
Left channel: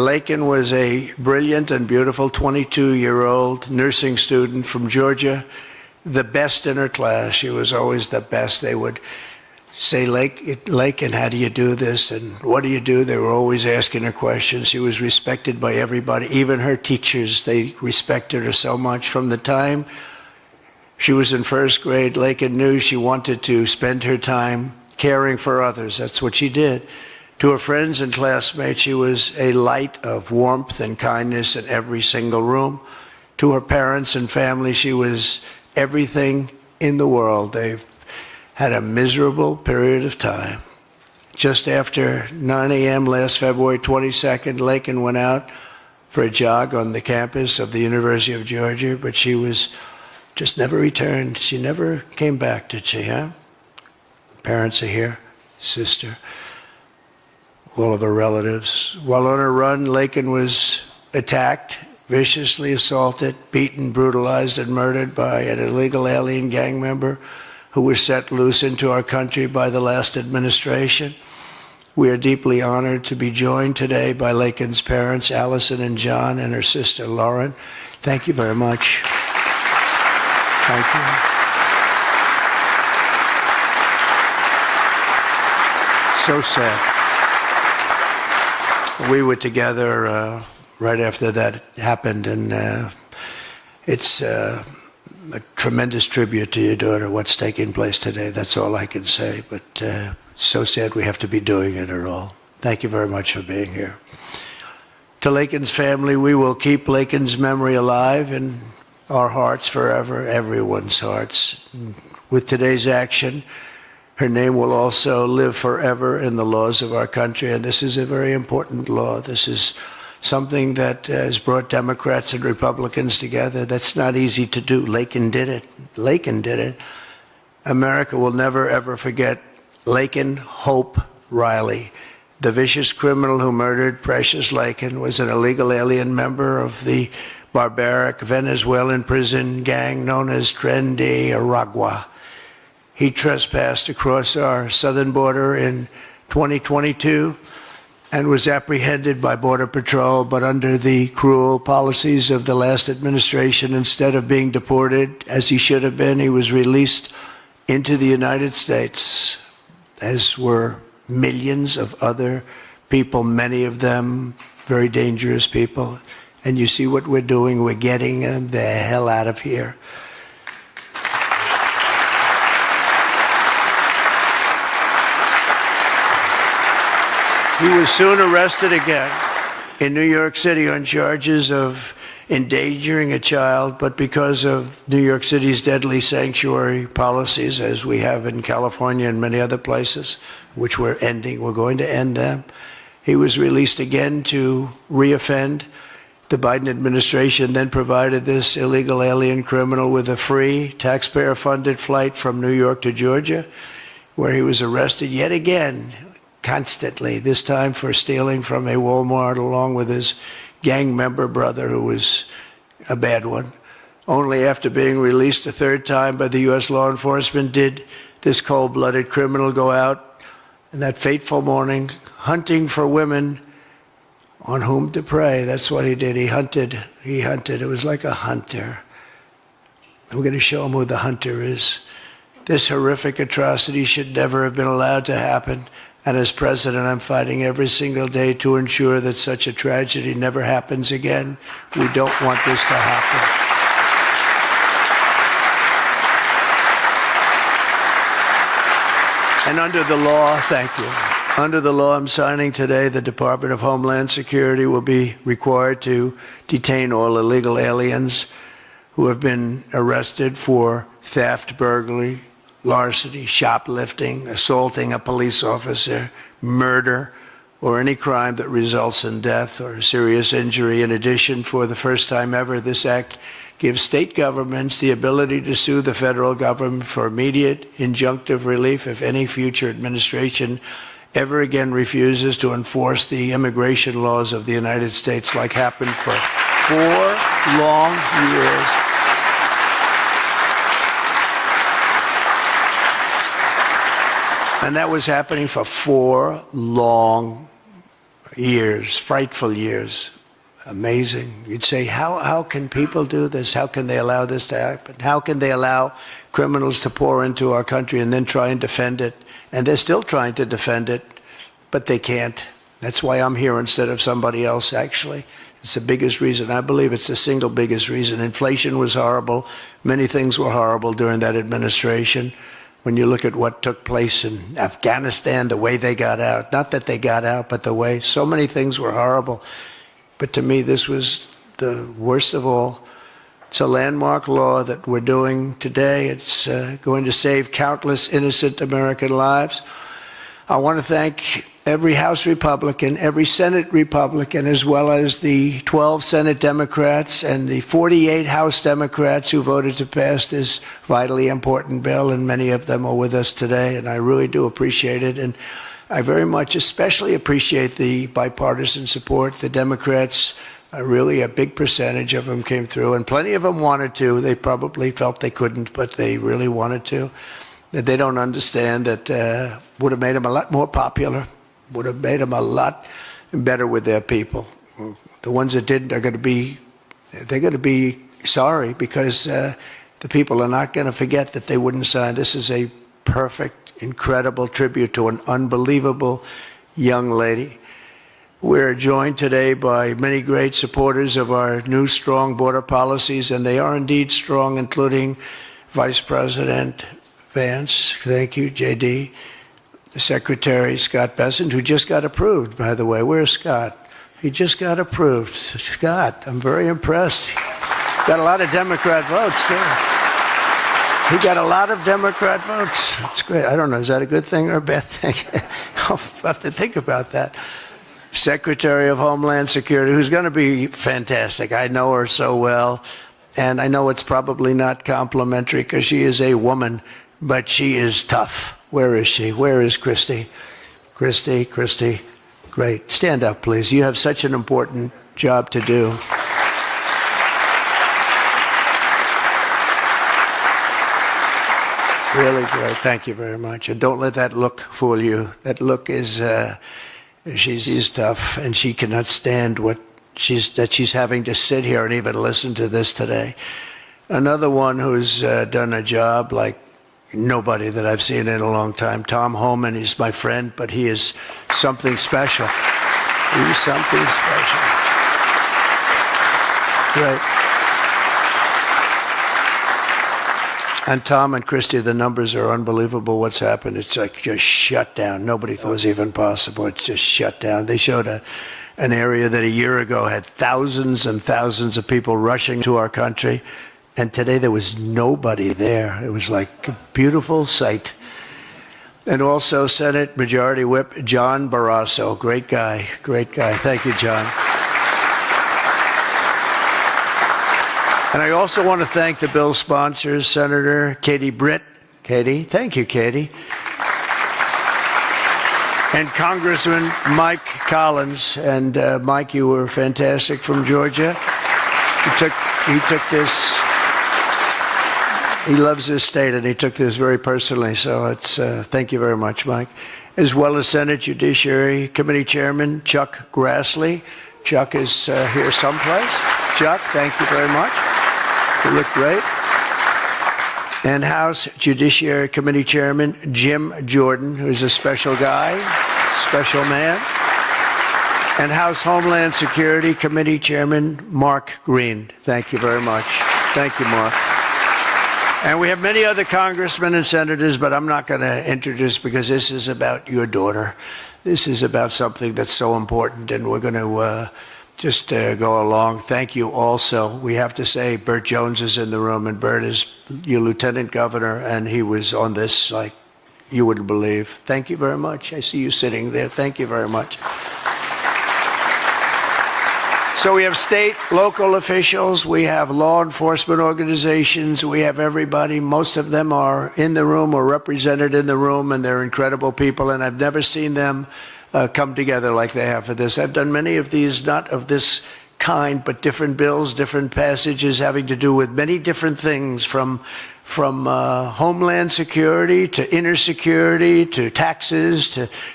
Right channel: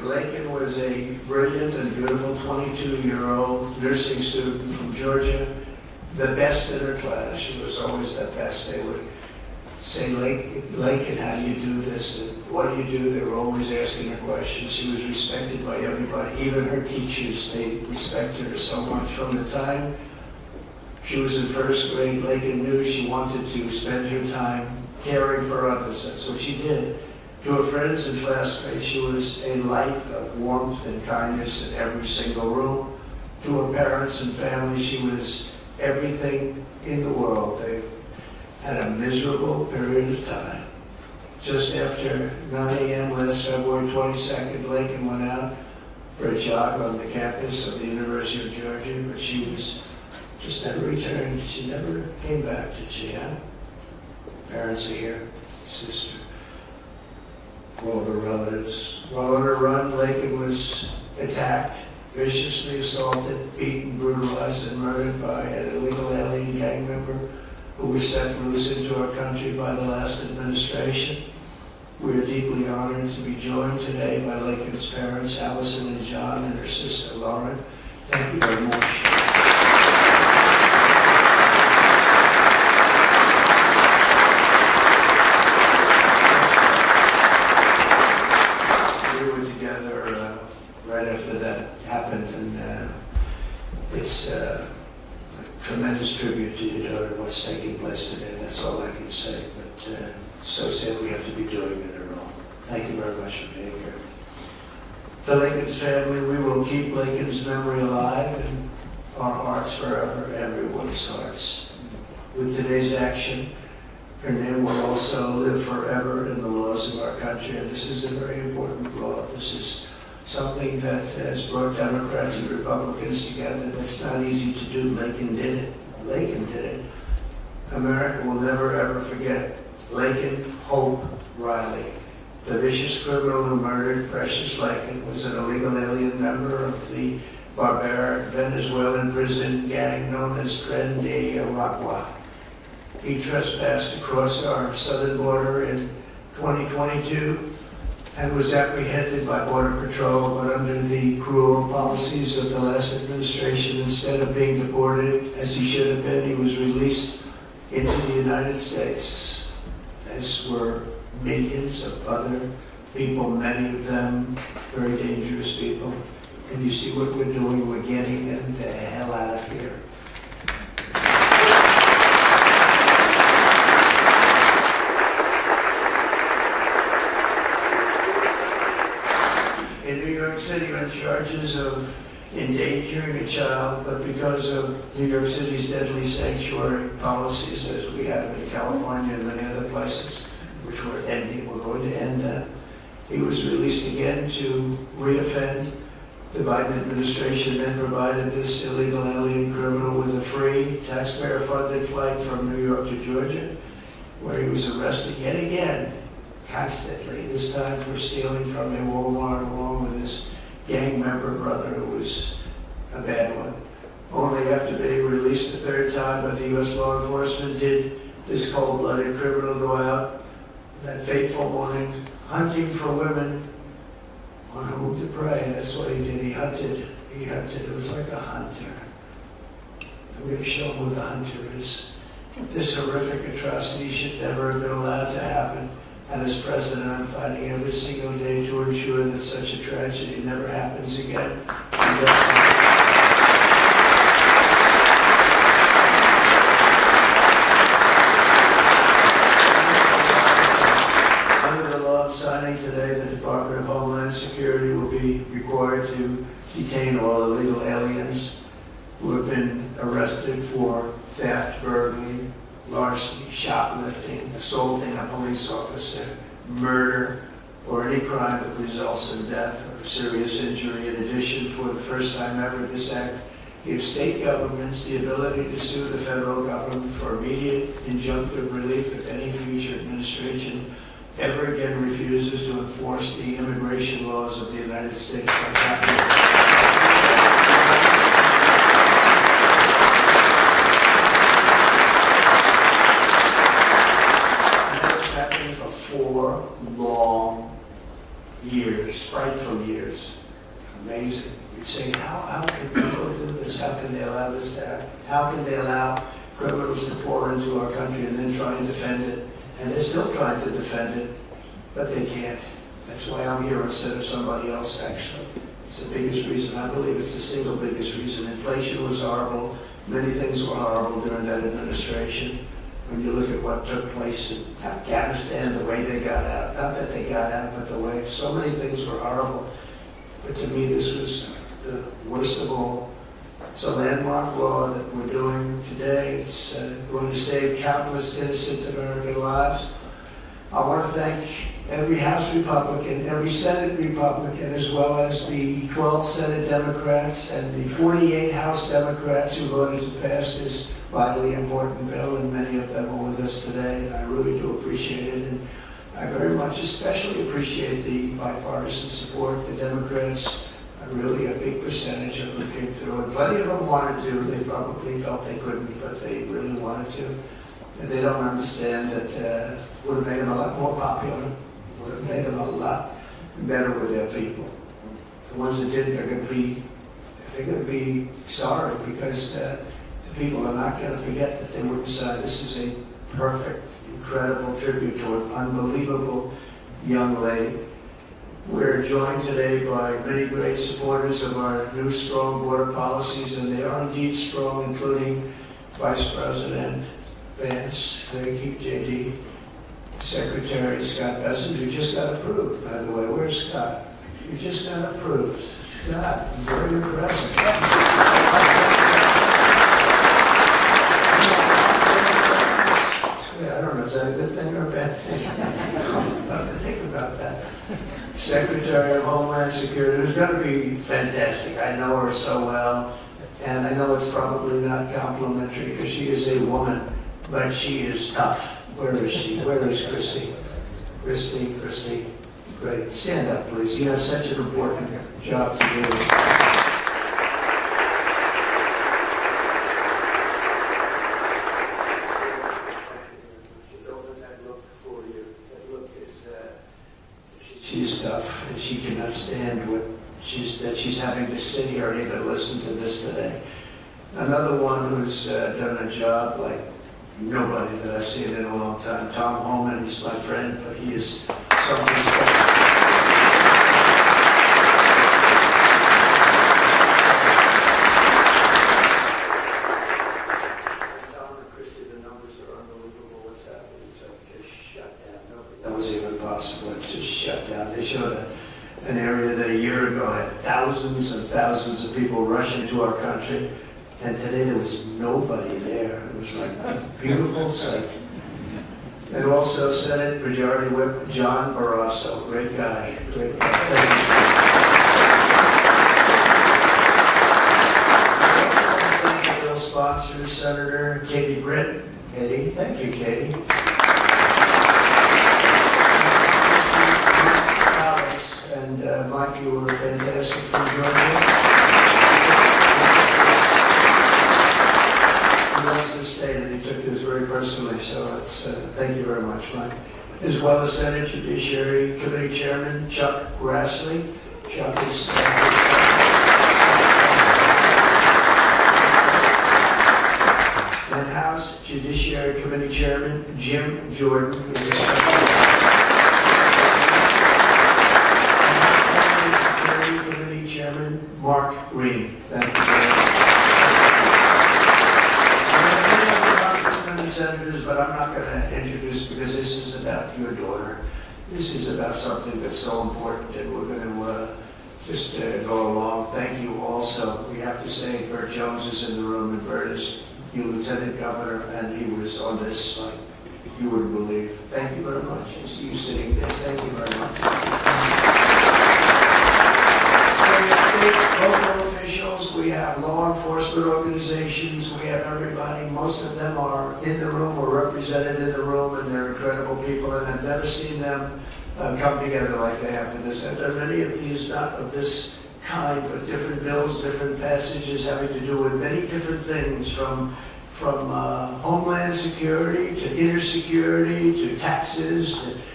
Laken was a brilliant and beautiful 22-year-old nursing student from Georgia, the best in her class. She was always the best. They would say, Laken, how do you do this? And what do you do? They were always asking her questions. She was respected by everybody, even her teachers. They respected her so much. From the time she was in first grade, Laken knew she wanted to spend her time caring for others. That's what she did. To her friends and classmates, she was a light of warmth and kindness in every single room. To her parents and family, she was everything in the world. They've had a miserable period of time. Just after 9 a.m. last February 22nd, Laken went out for a jog on the campus of the University of Georgia, but she was just never returned. She never came back, did she, huh? Parents are here, sister, all of her relatives. While on her run, Laken was attacked, viciously assaulted, beaten, brutalized, and murdered by an illegal alien gang member who was set loose into our country by the last administration. We are deeply honored to be joined today by Laken's parents, Allison and John, and her sister, Lauren. Thank you very much. So sad. We were together right after that happened, and it's a tremendous tribute to your daughter, what's taking place today. That's all I can say, but it's so sad we have to be doing it at all. Thank you very much for being here. To Laken's family, we will keep Laken's memory alive in our hearts forever, everyone's hearts. With today's action, her name will also live forever in the laws of our country, and this is a very important law. This is something that has brought Democrats and Republicans together. That's not easy to do. Laken did it. Laken did it. America will never, ever forget Laken Hope Riley. The vicious criminal who murdered Precious Laken was an illegal alien member of the barbaric Venezuelan prison gang known as Tren de Aragua. He trespassed across our southern border in 2022 and was apprehended by Border Patrol, but under the cruel policies of the last administration, instead of being deported as he should have been, he was released into the United States, as were millions of other people, many of them very dangerous people. And you see what we're doing, we're getting them the hell out of here. He was soon arrested again in New York City on charges of endangering a child, but because of New York City's deadly sanctuary policies, as we have in California and many other places, which we're going to end them, he was released again to reoffend. The Biden administration then provided this illegal alien criminal with a free, taxpayer-funded flight from New York to Georgia, where he was arrested yet again, constantly, this time for stealing from a Walmart along with his gang member brother, who was a bad one. Only after being released a third time by the U.S. law enforcement did this cold-blooded criminal go out in that fateful morning hunting for women on whom to prey. That's what he did. He hunted. It was like a hunter. And we're going to show him who the hunter is. This horrific atrocity should never have been allowed to happen. And as president, I'm fighting every single day to ensure that such a tragedy never happens again. We don't want this to happen. And under the law, thank you. Under the law I'm signing today, the Department of Homeland Security will be required to detain all illegal aliens who have been arrested for theft, burglary, larceny, shoplifting, assaulting a police officer, murder, or any crime that results in death or serious injury. In addition, for the first time ever, this act gives state governments the ability to sue the federal government for immediate injunctive relief if any future administration ever again refuses to enforce the immigration laws of the United States, like happened for 4 long years. And that was happening for 4 long years, frightful years. Amazing. You'd say, how can people do this? How can they allow this to happen? How can they allow criminals to pour into our country and then try and defend it? And they're still trying to defend it, but they can't. That's why I'm here instead of somebody else, actually. It's the biggest reason. I believe it's the single biggest reason. Inflation was horrible. Many things were horrible during that administration. When you look at what took place in Afghanistan, the way they got out, not that they got out, but the way, so many things were horrible. But to me, this was the worst of all. It's a landmark law that we're doing today. It's going to save countless innocent American lives. I want to thank every House Republican, every Senate Republican, as well as the 12 Senate Democrats and the 48 House Democrats who voted to pass this vitally important bill, and many of them are with us today, and I really do appreciate it. And I very much especially appreciate the bipartisan support. The Democrats, really a big percentage of them came through, and plenty of them wanted to. They probably felt they couldn't, but they really wanted to. That they don't understand that would have made them a lot more popular, would have made them a lot better with their people. The ones that didn't are going to be sorry, because the people are not going to forget that they wouldn't sign. This is a perfect, incredible tribute to an unbelievable young lady. We're joined today by many great supporters of our new strong border policies, and they are indeed strong, including Vice President Vance, thank you, JD, the Secretary Scott Bessent, who just got approved, by the way. Where's Scott? He just got approved. Scott, I'm very impressed. Got a lot of Democrat votes. He got a lot of Democrat votes. That's great. I don't know, is that a good thing or a bad thing? I'll have to think about that. Secretary of Homeland Security, who's going to be fantastic. I know her so well, and I know it's probably not complimentary because she is a woman, but she is tough. Where is she? Where is Christy? Christy, great. Stand up, please. You have such an important job to do. Really great. Thank you very much. And don't let that look fool you. That look is, she's tough, and she cannot stand that she's having to sit here and even listen to this today. Another one who's done a job like nobody that I've seen in a long time, Tom Homan. He's my friend, but he is something special. He's something special. Yeah. And Tom and Christy, the numbers are unbelievable. What's happened? It's like just shut down. Nobody thought it was even possible. It's just shut down. They showed an area that a year ago had thousands and thousands of people rushing to our country. And today there was nobody there. It was like a beautiful sight. And also Senate Majority Whip John Barrasso. Great guy. Great guy. Thank you, John. And I also want to thank the bill sponsors, Senator Katie Britt. Katie, thank you, Katie. And Congressman Mike Collins. And Mike, you were fantastic from Georgia. He took this. He loves his state, and he took this very personally, so it's thank you very much, Mike. As well as Senate Judiciary Committee Chairman Chuck Grassley. Chuck is here someplace. Chuck, thank you very much. You look great. And House Judiciary Committee Chairman Jim Jordan, who's a special guy, special man. And House Homeland Security Committee Chairman Mark Green. Thank you very much. Thank you, Mark. And we have many other congressmen and senators, but I'm not going to introduce because this is about your daughter. This is about something that's so important, and we're going to just go along. Thank you also. We have to say Burt Jones is in the room, and Burt is your lieutenant governor, and he was on this like you wouldn't believe. Thank you very much. I see you sitting there. Thank you very much. So we have state, local officials, we have law enforcement organizations, we have everybody. Most of them are in the room or represented in the room, and they're incredible people, and I've never seen them come together like they have for this. I've done many of these, not of this kind, but different bills, different passages having to do with many different things, from homeland security to inner security to taxes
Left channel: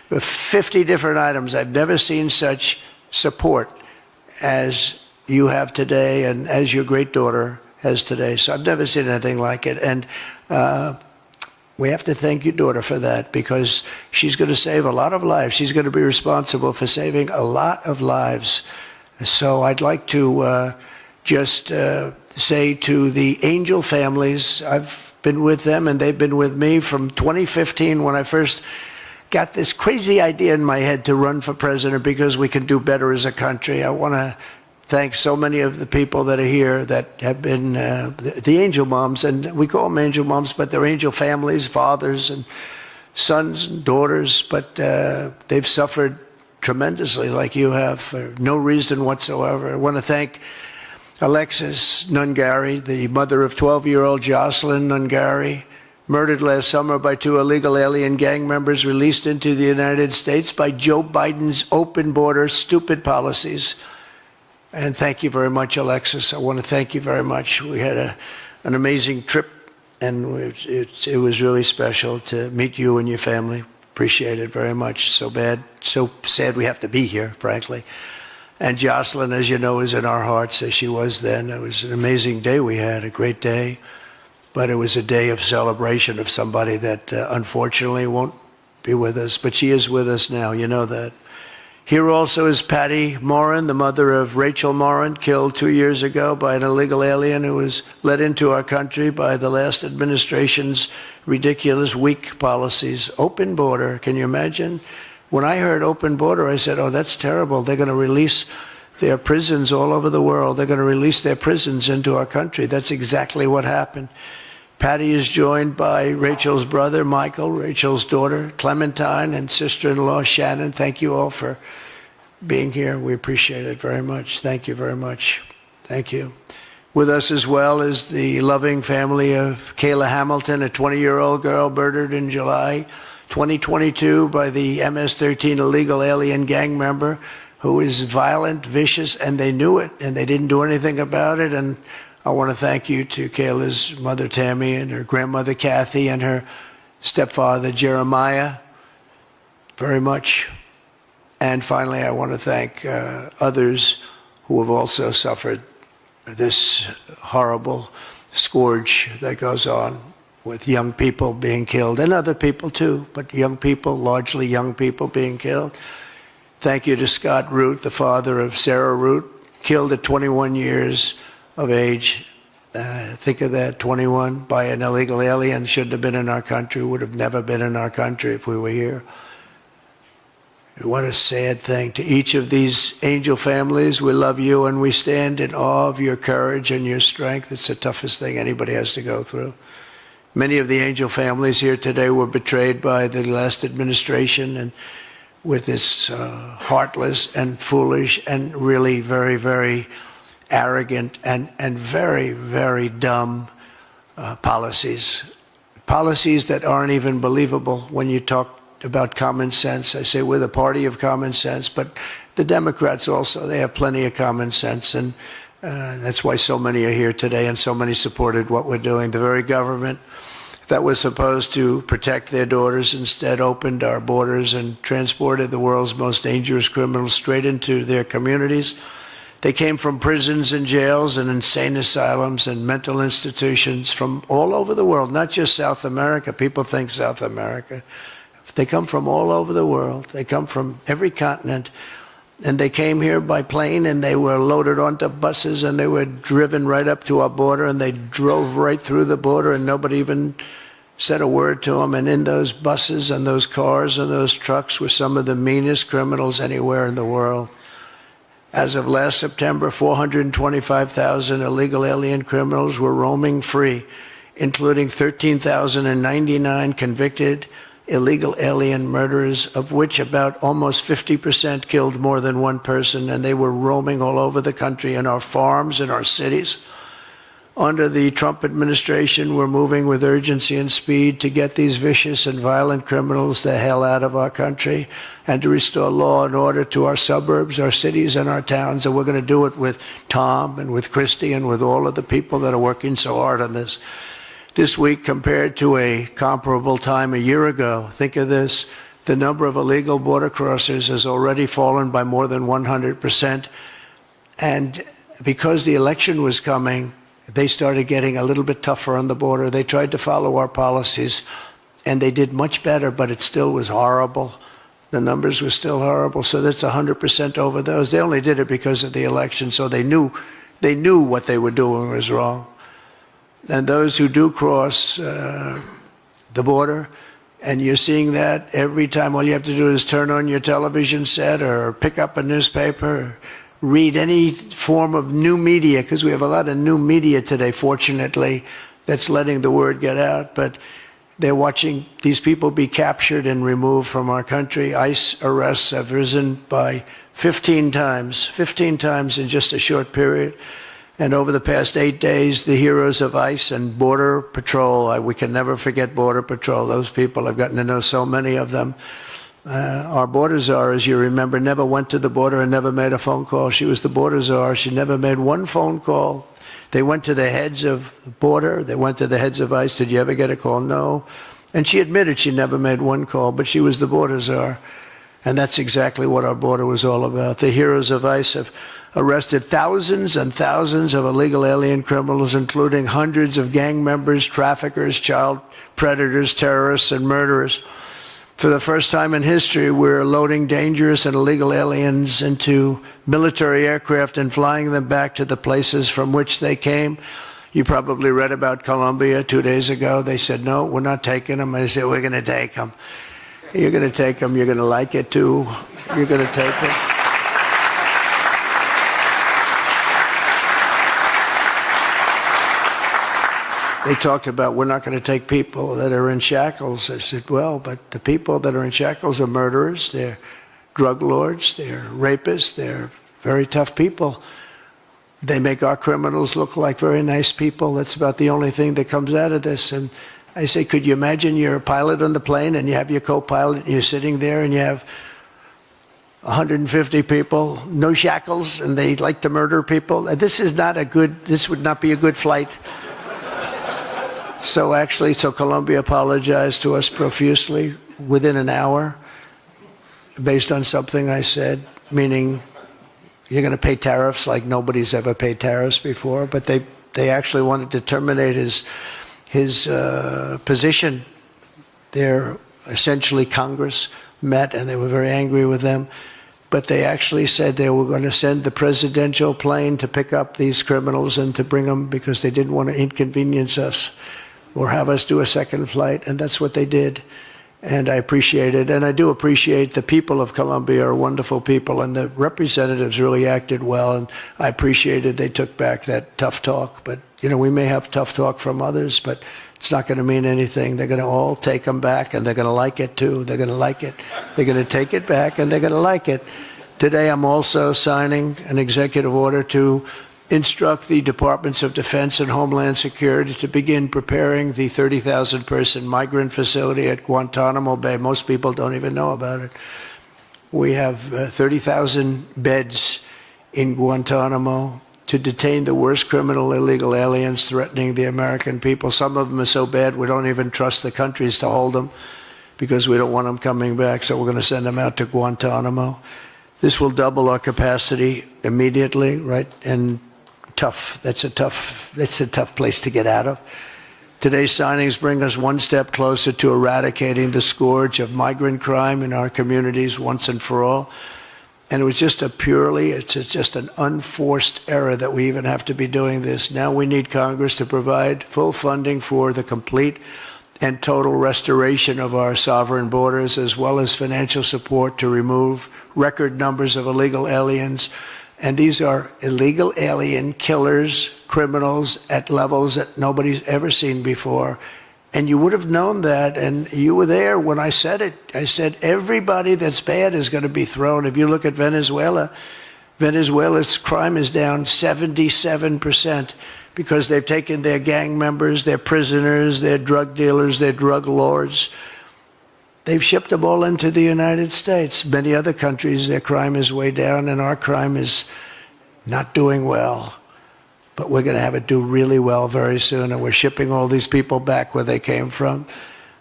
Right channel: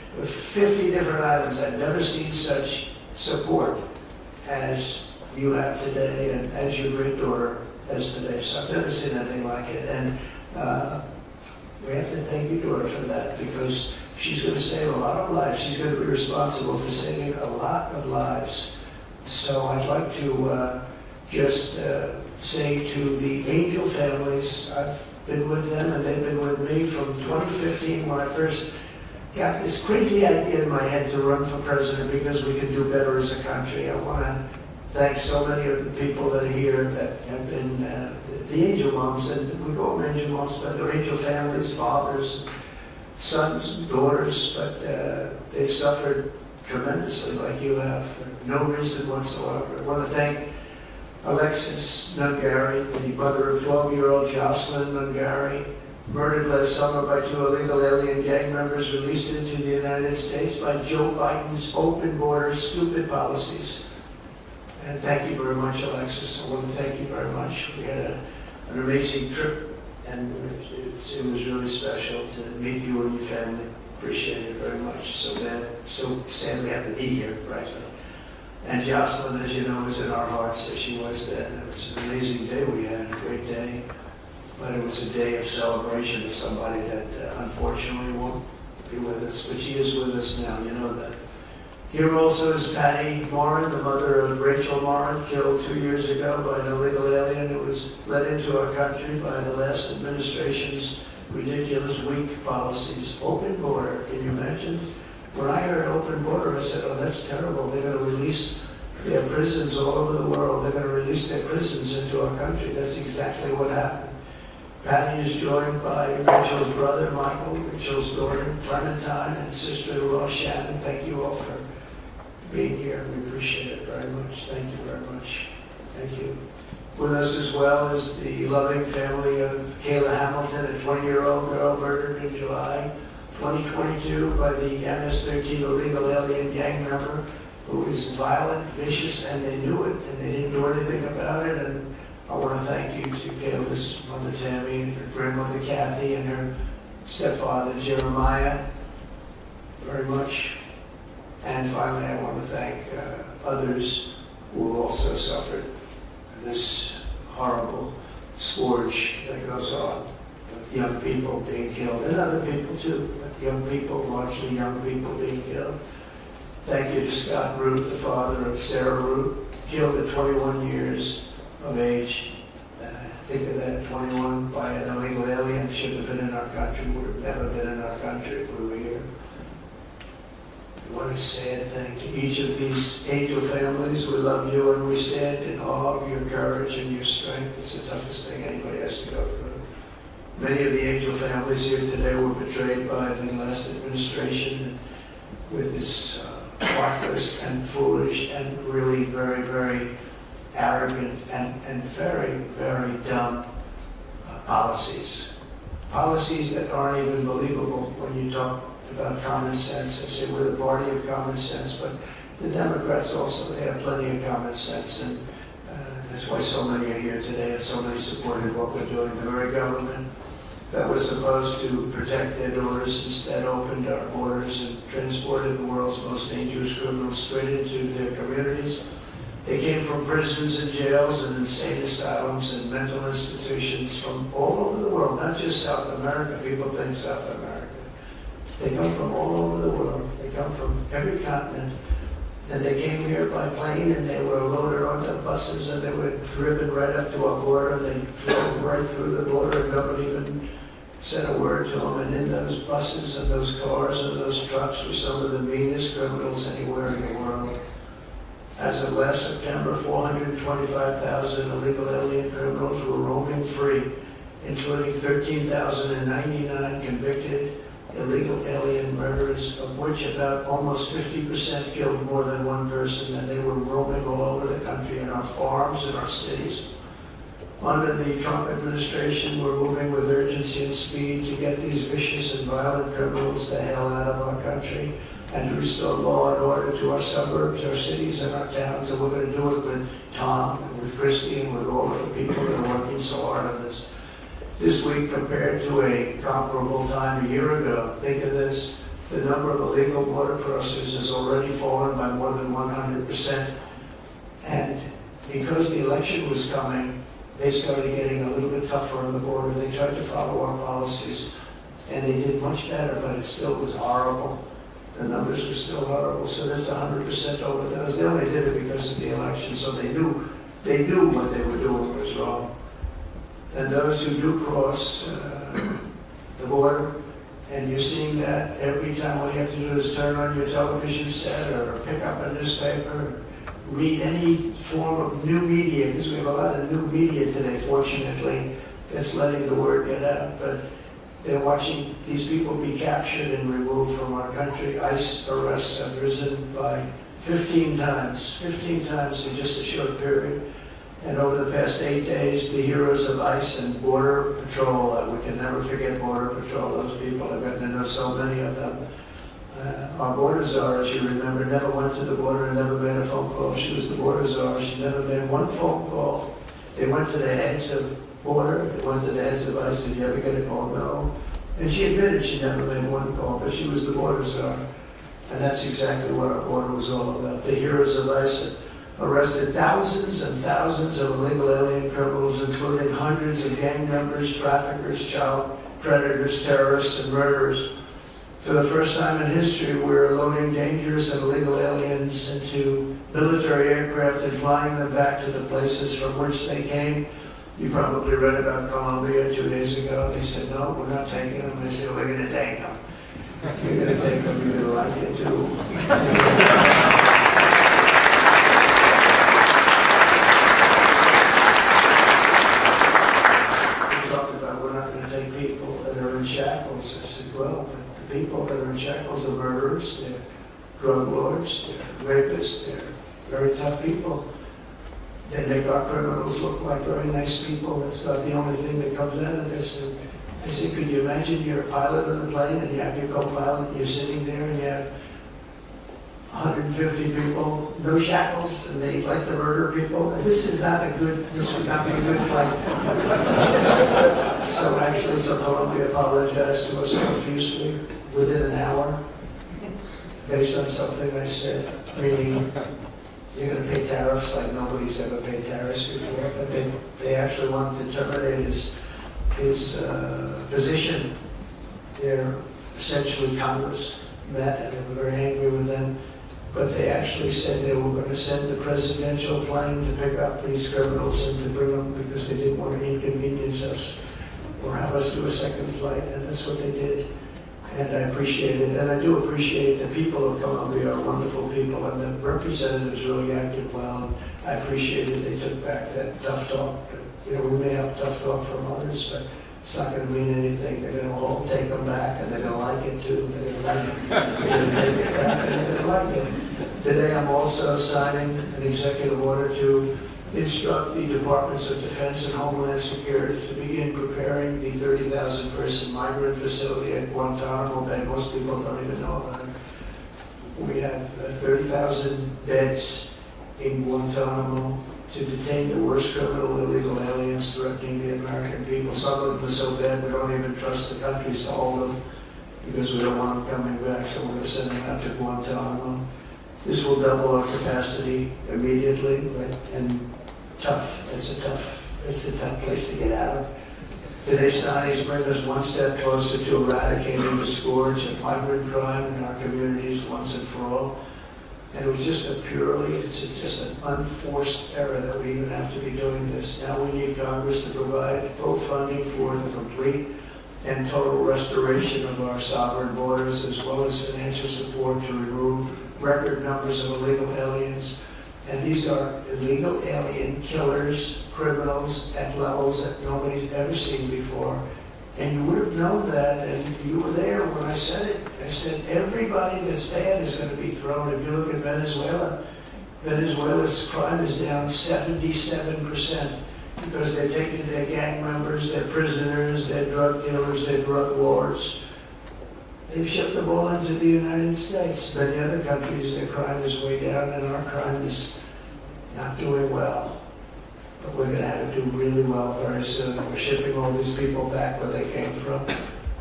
50 different items. I've never seen such support as you have today and as your great daughter has today. So I've never seen anything like it. And we have to thank your daughter for that, because she's going to save a lot of lives. She's going to be responsible for saving a lot of lives. So I'd like to just say to the Angel families, I've been with them and they've been with me from 2015 when I first got this crazy idea in my head to run for president because we could do better as a country. I want to thank so many of the people that are here that have been the angel moms, and we call them angel moms, but they're angel families, fathers and sons and daughters, but they've suffered tremendously like you have for no reason whatsoever. I want to thank Alexis Nungari, the mother of 12-year-old Jocelyn Nungari, murdered last summer by 2 illegal alien gang members released into the United States by Joe Biden's open border stupid policies. And thank you very much, Alexis. I want to thank you very much. We had an amazing trip, and it was really special to meet you and your family. Appreciate it very much. So sad we have to be here, frankly. And Jocelyn, as you know, is in our hearts as she was then. It was an amazing day we had, a great day. But it was a day of celebration of somebody that unfortunately won't be with us. But she is with us now, you know that. Here also is Patty Morin, the mother of Rachel Morin, killed 2 years ago by an illegal alien who was let into our country by the last administration's ridiculous, weak policies. Open border, can you imagine? When I heard open border, I said, oh, that's terrible. They're going to release their prisons all over the world. They're going to release their prisons into our country. That's exactly what happened. Patty is joined by Rachel's brother, Michael, Rachel's daughter, Clementine, and sister-in-law, Shannon. Thank you all for being here. We appreciate it very much. Thank you very much. Thank you. With us as well is the loving family of Kayla Hamilton, a 20-year-old girl murdered in July 2022 by the MS-13 illegal alien gang member who is violent, vicious, and they knew it, and they didn't do anything about it. And I want to thank you to Kayla's mother, Tammy, and her grandmother, Kathy, and her stepfather, Jeremiah, very much. And finally, I want to thank others who have also suffered this horrible scourge that goes on with young people being killed, and other people too, but young people, largely young people being killed. Thank you to Scott Root, the father of Sarah Root, killed at 21 years of age. Think of that, 21 by an illegal alien, shouldn't have been in our country, would have never been in our country if we were here. What a sad thing. To each of these angel families, we love you and we stand in awe of your courage and your strength. It's the toughest thing anybody has to go through. Many of the angel families here today were betrayed by the last administration and with its heartless and foolish and really very, very arrogant and very, very dumb policies. Policies that aren't even believable when you talk about common sense. I say we're the party of common sense, but the Democrats also, they have plenty of common sense, and that's why so many are here today and so many supported what we're doing. The very government that was supposed to protect their daughters instead opened our borders and transported the world's most dangerous criminals straight into their communities. They came from prisons and jails and insane asylums and mental institutions from all over the world, not just South America. People think South America. They come from all over the world. They come from every continent. And they came here by plane, and they were loaded onto buses, and they were driven right up to our border, and they drove right through the border, and nobody even said a word to them. And in those buses and those cars and those trucks were some of the meanest criminals anywhere in the world. As of last September, 425,000 illegal alien criminals were roaming free, including 13,099 convicted illegal alien murderers, of which about almost 50% killed more than one person, and they were roaming all over the country in our farms, in our cities. Under the Trump administration, we're moving with urgency and speed to get these vicious and violent criminals the hell out of our country and to restore law and order to our suburbs, our cities, and our towns. And we're going to do it with Tom and with Christy and with all of the people that are working so hard on this. This week, compared to a comparable time a year ago, think of this, The number of illegal border crossers has already fallen by more than 100%. And because the election was coming, they started getting a little bit tougher on the border. They tried to follow our policies, and they did much better, but it still was horrible. The numbers were still horrible, so that's 100% over those. They only did it because of the election, so they knew what they were doing was wrong. And those who do cross the border, and you're seeing that every time, all you have to do is turn on your television set or pick up a newspaper, read any form of new media, because we have a lot of new media today, fortunately, that's letting the word get out. But they're watching these people be captured and removed from our country. ICE arrests have risen by 15 times in just a short period. And over the past 8 days, the heroes of ICE and Border Patrol, we can never forget Border Patrol. Those people, I've gotten to know so many of them. Our border czar, as you remember, never went to the border and never made a phone call. She was the border czar. She never made one phone call. They went to the heads of border. They went to the heads of ICE. Did you ever get a call? No. And she admitted she never made one call, but she was the border czar. And that's exactly what our border was all about. The heroes of ICE have arrested thousands and thousands of illegal alien criminals, including hundreds of gang members, traffickers, child predators, terrorists, and murderers. For the first time in history, we're loading dangerous and illegal aliens into military aircraft and flying them back to the places from which they came. You probably read about Colombia 2 days ago. They said, no, we're not taking them. I said, we're going to take them. You're going to take them. You're going to like it, too. You're going to take them. They talked about, we're not going to take people that are in shackles. I said, well, but the people that are in shackles are murderers, they're drug lords, they're rapists, they're very tough people. They make our criminals look like very nice people. That's about the only thing that comes out of this. And I say, could you imagine you're a pilot on the plane and you have your co-pilot and you're sitting there and you have 150 people, no shackles, and they like to murder people? This would not be a good flight. So Colombia apologized to us profusely within an hour based on something I said, meaning you're going to pay tariffs like nobody's ever paid tariffs before, but they actually wanted to terminate his position. They're essentially Congress met and they were very angry with them, but they actually said they were going to send the presidential plane to pick up these criminals and to bring them because they didn't want to inconvenience us or have us do a second flight, and that's what they did. And I appreciate it, and I do appreciate the people of Colombia are wonderful people, and the representatives really acted well, and I appreciated they took back that tough talk. But, you know, we may have tough talk from others, but it's not going to mean anything. They're going to all take them back, and they're going to like it, too. They're going to like it. They're going to take it back, and they're going to like it. Today, I'm also signing an executive order to instruct the Departments of Defense and Homeland Security to begin preparing the 30,000-person migrant facility at Guantanamo Bay. Most people don't even know about it. We have 30,000 beds in Guantanamo to detain the worst criminal illegal aliens threatening the American people. Some of them are so bad we don't even trust the countries to hold them because we don't want them coming back, so we're going to send them out to Guantanamo. This will double our capacity immediately, right? And that's a tough place to get out of. Today's signings bring us one step closer to eradicating the scourge of migrant crime in our communities once and for all. And it was just it's just an unforced error that we even have to be doing this. Now we need Congress to provide full funding for the complete and total restoration of our sovereign borders, as well as financial support to remove record numbers of illegal aliens. And these are illegal alien killers, criminals at levels that nobody's ever seen before. And you would have known that, and you were there when I said it. I said everybody that's bad is going to be thrown. If you look at Venezuela, Venezuela's crime is down 77% because they've taken their gang members, their prisoners, their drug dealers, their drug lords. They've shipped them all into the United States. Many other countries, their crime is way down, and our crime is not doing well. But we're going to have it do really well very soon, and we're shipping all these people back where they came from.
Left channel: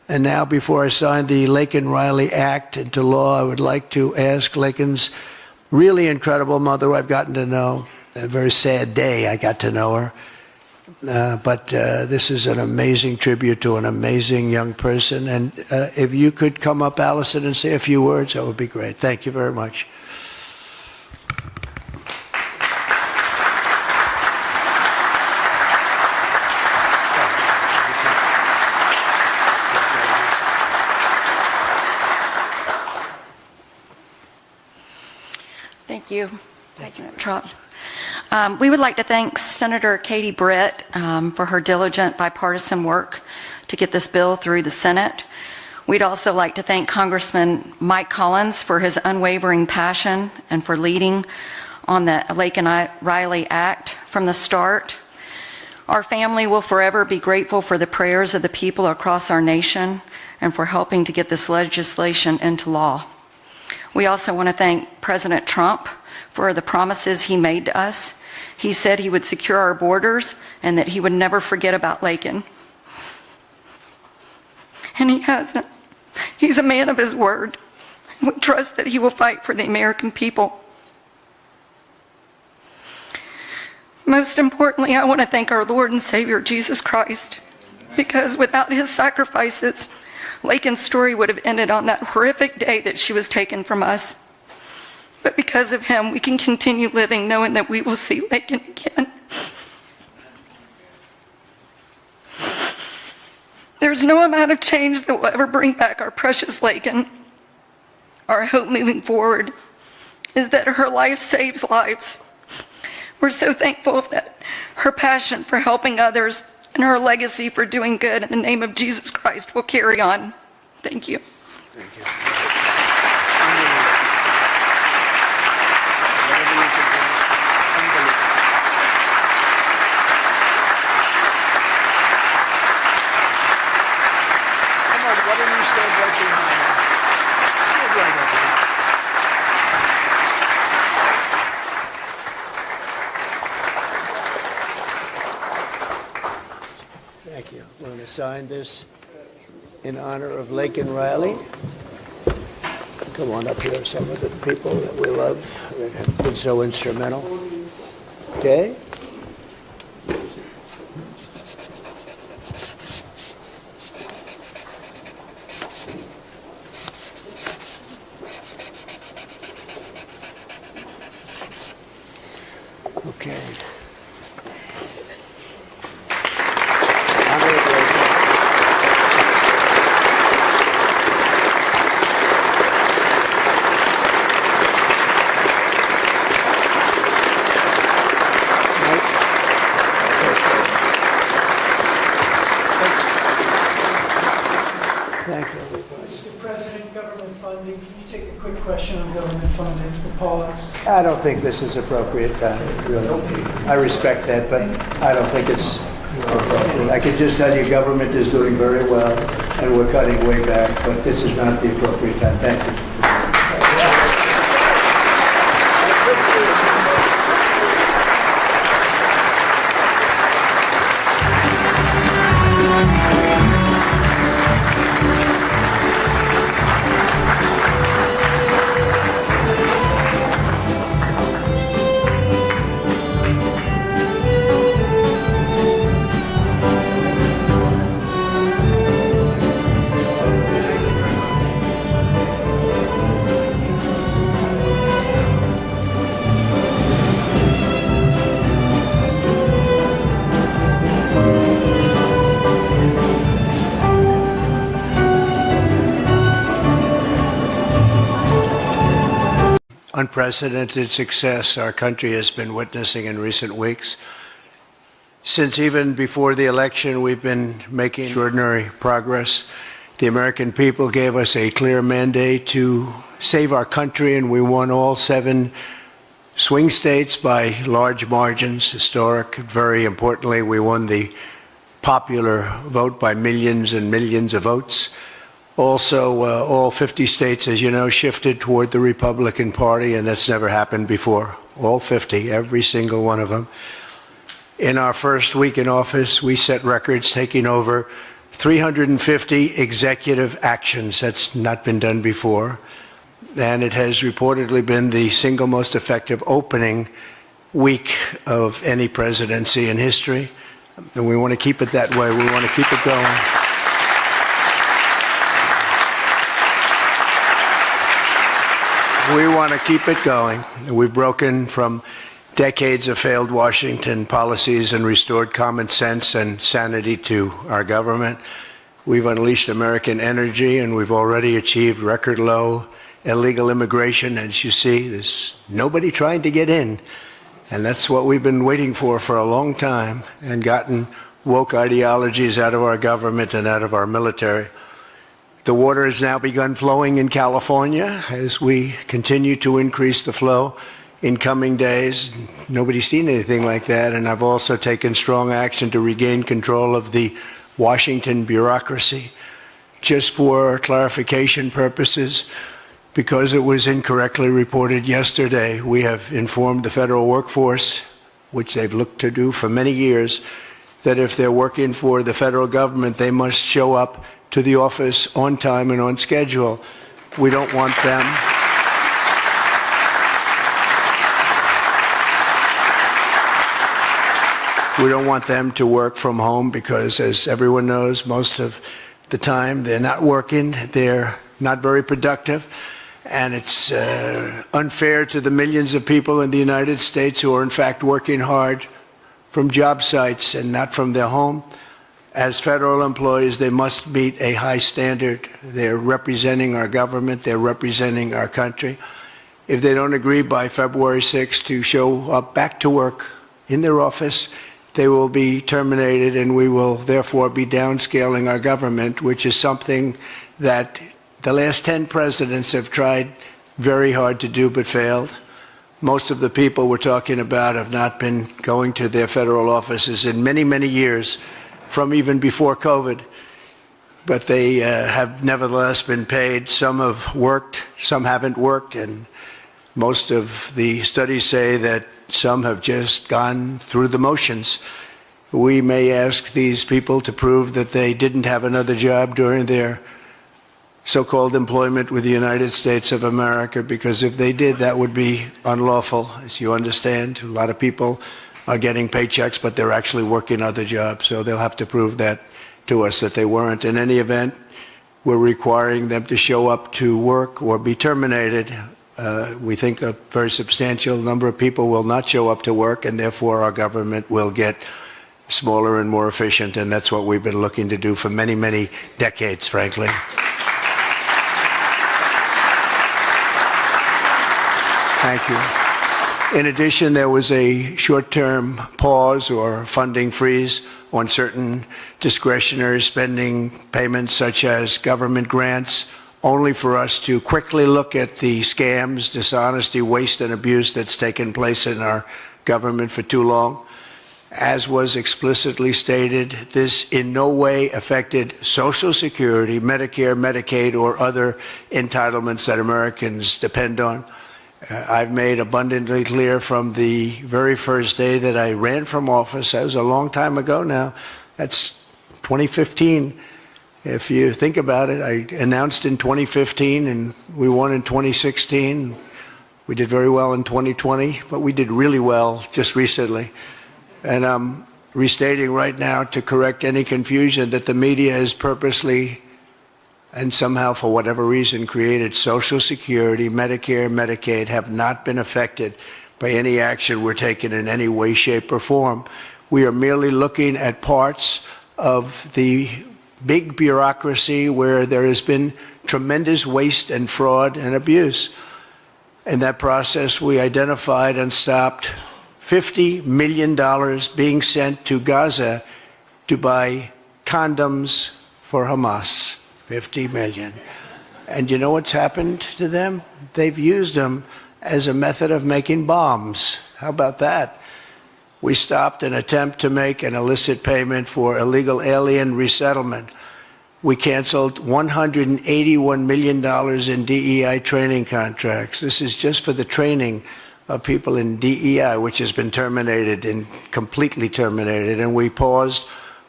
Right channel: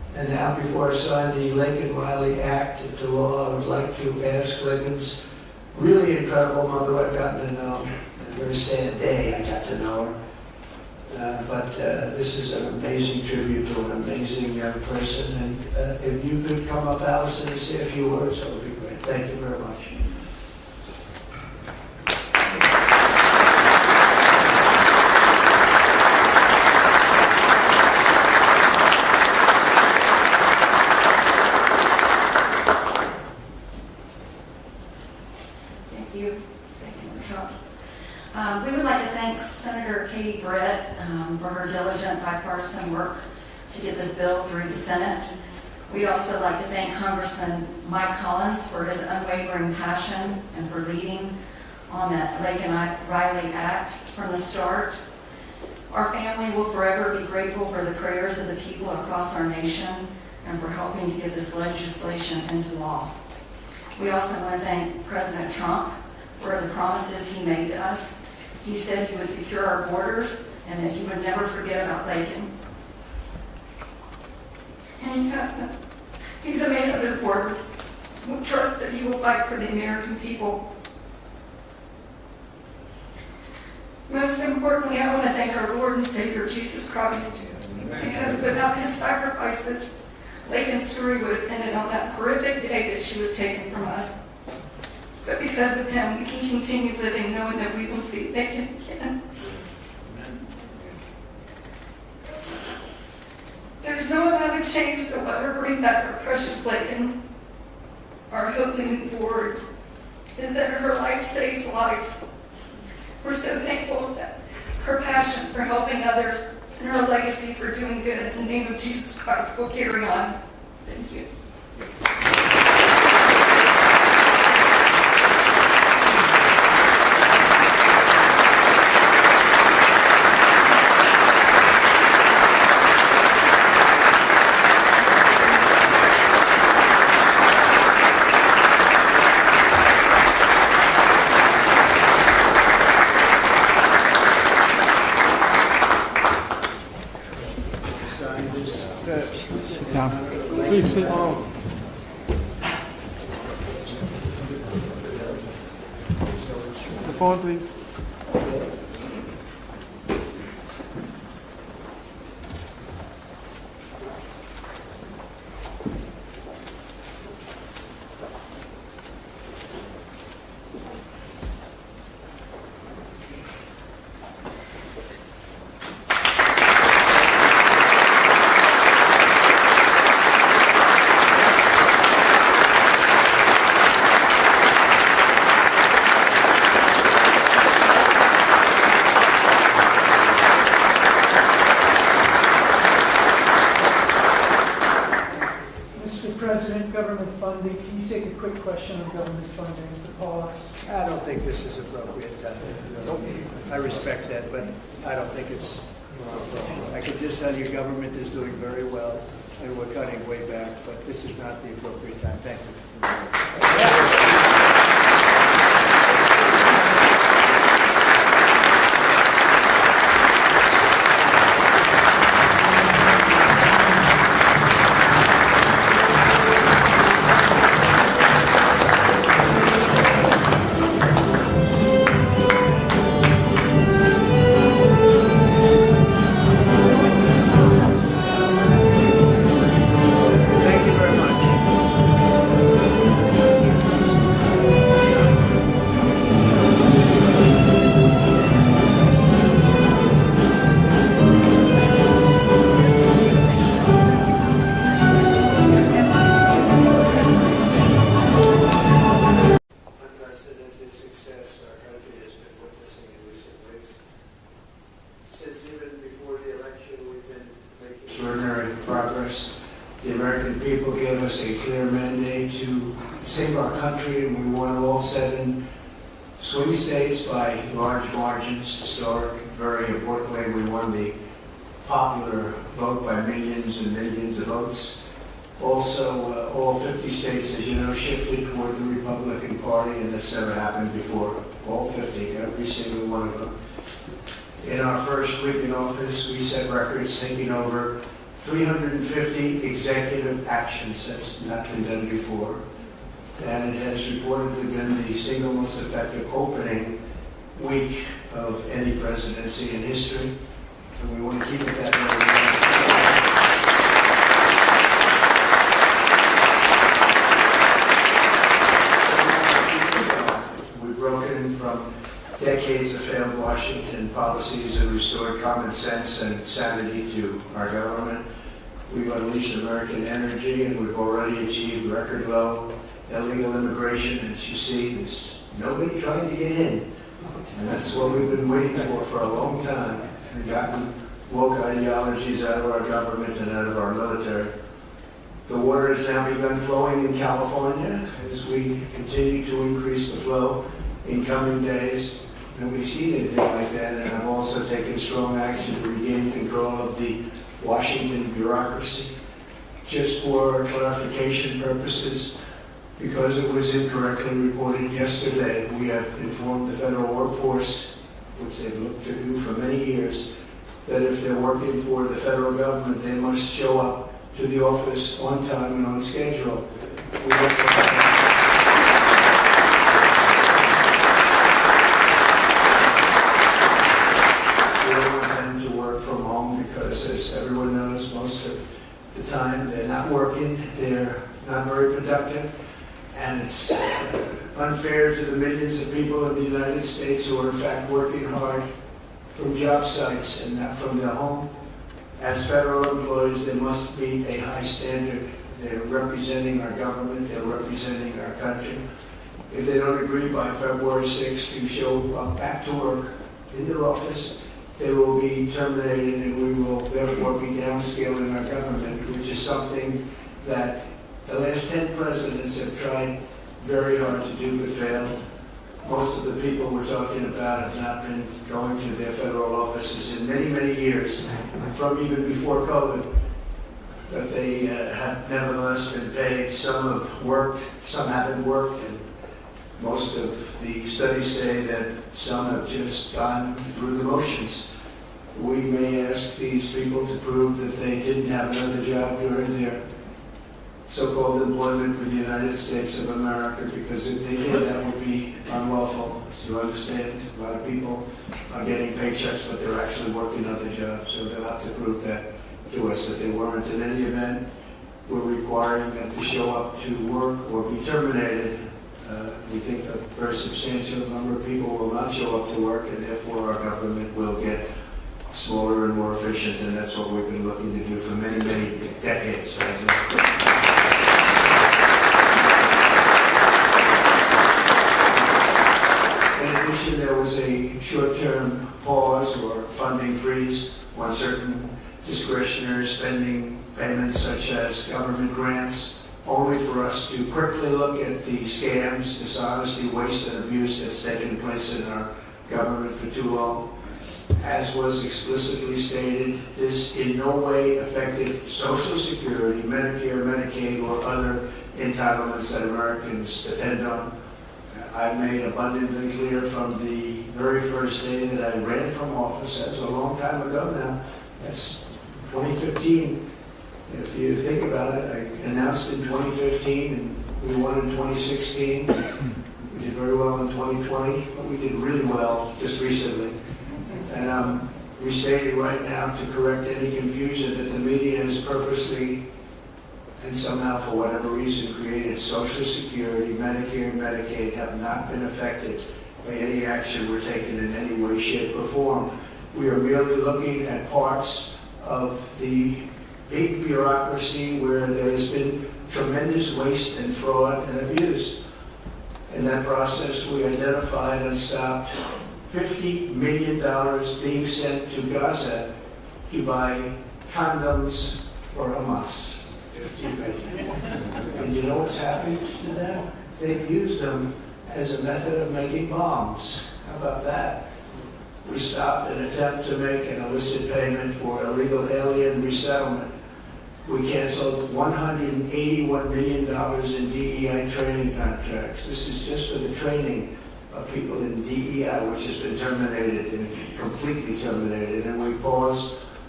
And now, before I sign the Laken Riley Act into law, I would like to ask Laken's really incredible mother, who I've gotten to know. A very sad day I got to know her. But this is an amazing tribute to an amazing young person. And if you could come up, Allison, and say a few words, that would be great. Thank you very much. Thank you. Thank you, Trump. We would like to thank Senator Katie Britt for her diligent bipartisan work to get this bill through the Senate. We'd also like to thank Congressman Mike Collins for his unwavering passion and for leading on the Laken Riley Act from the start. Our family will forever be grateful for the prayers of the people across our nation and for helping to get this legislation into law. We also want to thank President Trump for the promises he made to us. He said he would secure our borders and that he would never forget about Laken. And he hasn't. He's a man of his word. We trust that he will fight for the American people. Most importantly, I want to thank our Lord and Savior, Jesus Christ, because without his sacrifices, Laken's story would have ended on that horrific day that she was taken from us. But because of him, we can continue living knowing that we will see Laken again. There's no amount of change that will ever bring back our precious Laken. Our hope moving forward is that her life saves lives. We're so thankful that her passion for helping others and her legacy for doing good in the name of Jesus Christ will carry on. Thank you. Sign this in honor of Laken Riley. Come on up here, some of the people that we love that have been so instrumental. Okay? Okay. Mr. President, government funding, can you take a quick question on government funding, the pause? I don't think this is appropriate time, really. I respect that, but I don't think it's appropriate. I can just tell you government is doing very well, and we're cutting way back, but this is not the appropriate time. Thank you. Unprecedented success our country has been witnessing in recent weeks. Since even before the election, we've been making extraordinary progress. The American people gave us a clear mandate to save our country, and we won all 7 swing states by large margins, historic. Very importantly, we won the popular vote by millions and millions of votes. Also, all 50 states, as you know, shifted toward the Republican Party, and that's never happened before. All 50, every single one of them. In our first week in office, we set records, taking over 350 executive actions. That's not been done before. And it has reportedly been the single most effective opening week of any presidency in history. And we want to keep it that way. We want to keep it going. We want to keep it going. We've broken from decades of failed Washington policies and restored common sense and sanity to our government. We've unleashed American energy, and we've already achieved record low illegal immigration. As you see, there's nobody trying to get in. And that's what we've been waiting for a long time, and gotten woke ideologies out of our government and out of our military. The water has now begun flowing in California as we continue to increase the flow in coming days. Nobody's seen anything like that, and I've also taken strong action to regain control of the Washington bureaucracy. Just for clarification purposes, because it was incorrectly reported yesterday, we have informed the federal workforce, which they've looked to do for many years, that if they're working for the federal government, they must show up to the office on time and on schedule. We don't want them. We don't want them to work from home because, as everyone knows, most of the time they're not working, they're not very productive. And it's unfair to the millions of people in the United States who are in fact working hard from job sites and not from their home. As federal employees, they must meet a high standard. They're representing our government, they're representing our country. If they don't agree by February 6th to show up back to work in their office, they will be terminated, and we will therefore be downscaling our government, which is something that the last 10 presidents have tried very hard to do but failed. Most of the people we're talking about have not been going to their federal offices in many, many years, from even before COVID. But they have nevertheless been paid. Some have worked, some haven't worked, and most of the studies say that some have just gone through the motions. We may ask these people to prove that they didn't have another job during their so-called employment with the United States of America, because if they did, that would be unlawful. As you understand, a lot of people are getting paychecks, but they're actually working other jobs, so they'll have to prove that to us that they weren't. In any event, we're requiring them to show up to work or be terminated. We think a very substantial number of people will not show up to work, and therefore our government will get smaller and more efficient, and that's what we've been looking to do for many, many decades, frankly. In addition, there was a short-term pause or funding freeze on certain discretionary spending payments, such as government grants, only for us to quickly look at the scams, dishonesty, waste, and abuse that's taken place in our government for too long. As was explicitly stated, this in no way affected Social Security, Medicare, Medicaid, or other entitlements that Americans depend on. I've made abundantly clear from the very first day that I ran from office, that was a long time ago now, that's 2015. If you think about it, I announced in 2015 and we won in 2016. We did very well in 2020, but we did really well just recently. And I'm restating right now to correct any confusion that the media has purposely and somehow, for whatever reason, created Social Security, Medicare, Medicaid have not been affected by any action we're taking in any way, shape, or form. We are merely looking at parts of the big bureaucracy where there has been tremendous waste and fraud and abuse. In that process, we identified and stopped $50 million being sent to Gaza to buy condoms for Hamas. 50 million. And you know what's happened to them? They've used them as a method of making bombs. How about that? We stopped an attempt to make an illicit payment for illegal alien resettlement. We canceled $181 million in DEI training contracts. This is just for the training of people in DEI, which has been terminated and completely terminated. And we paused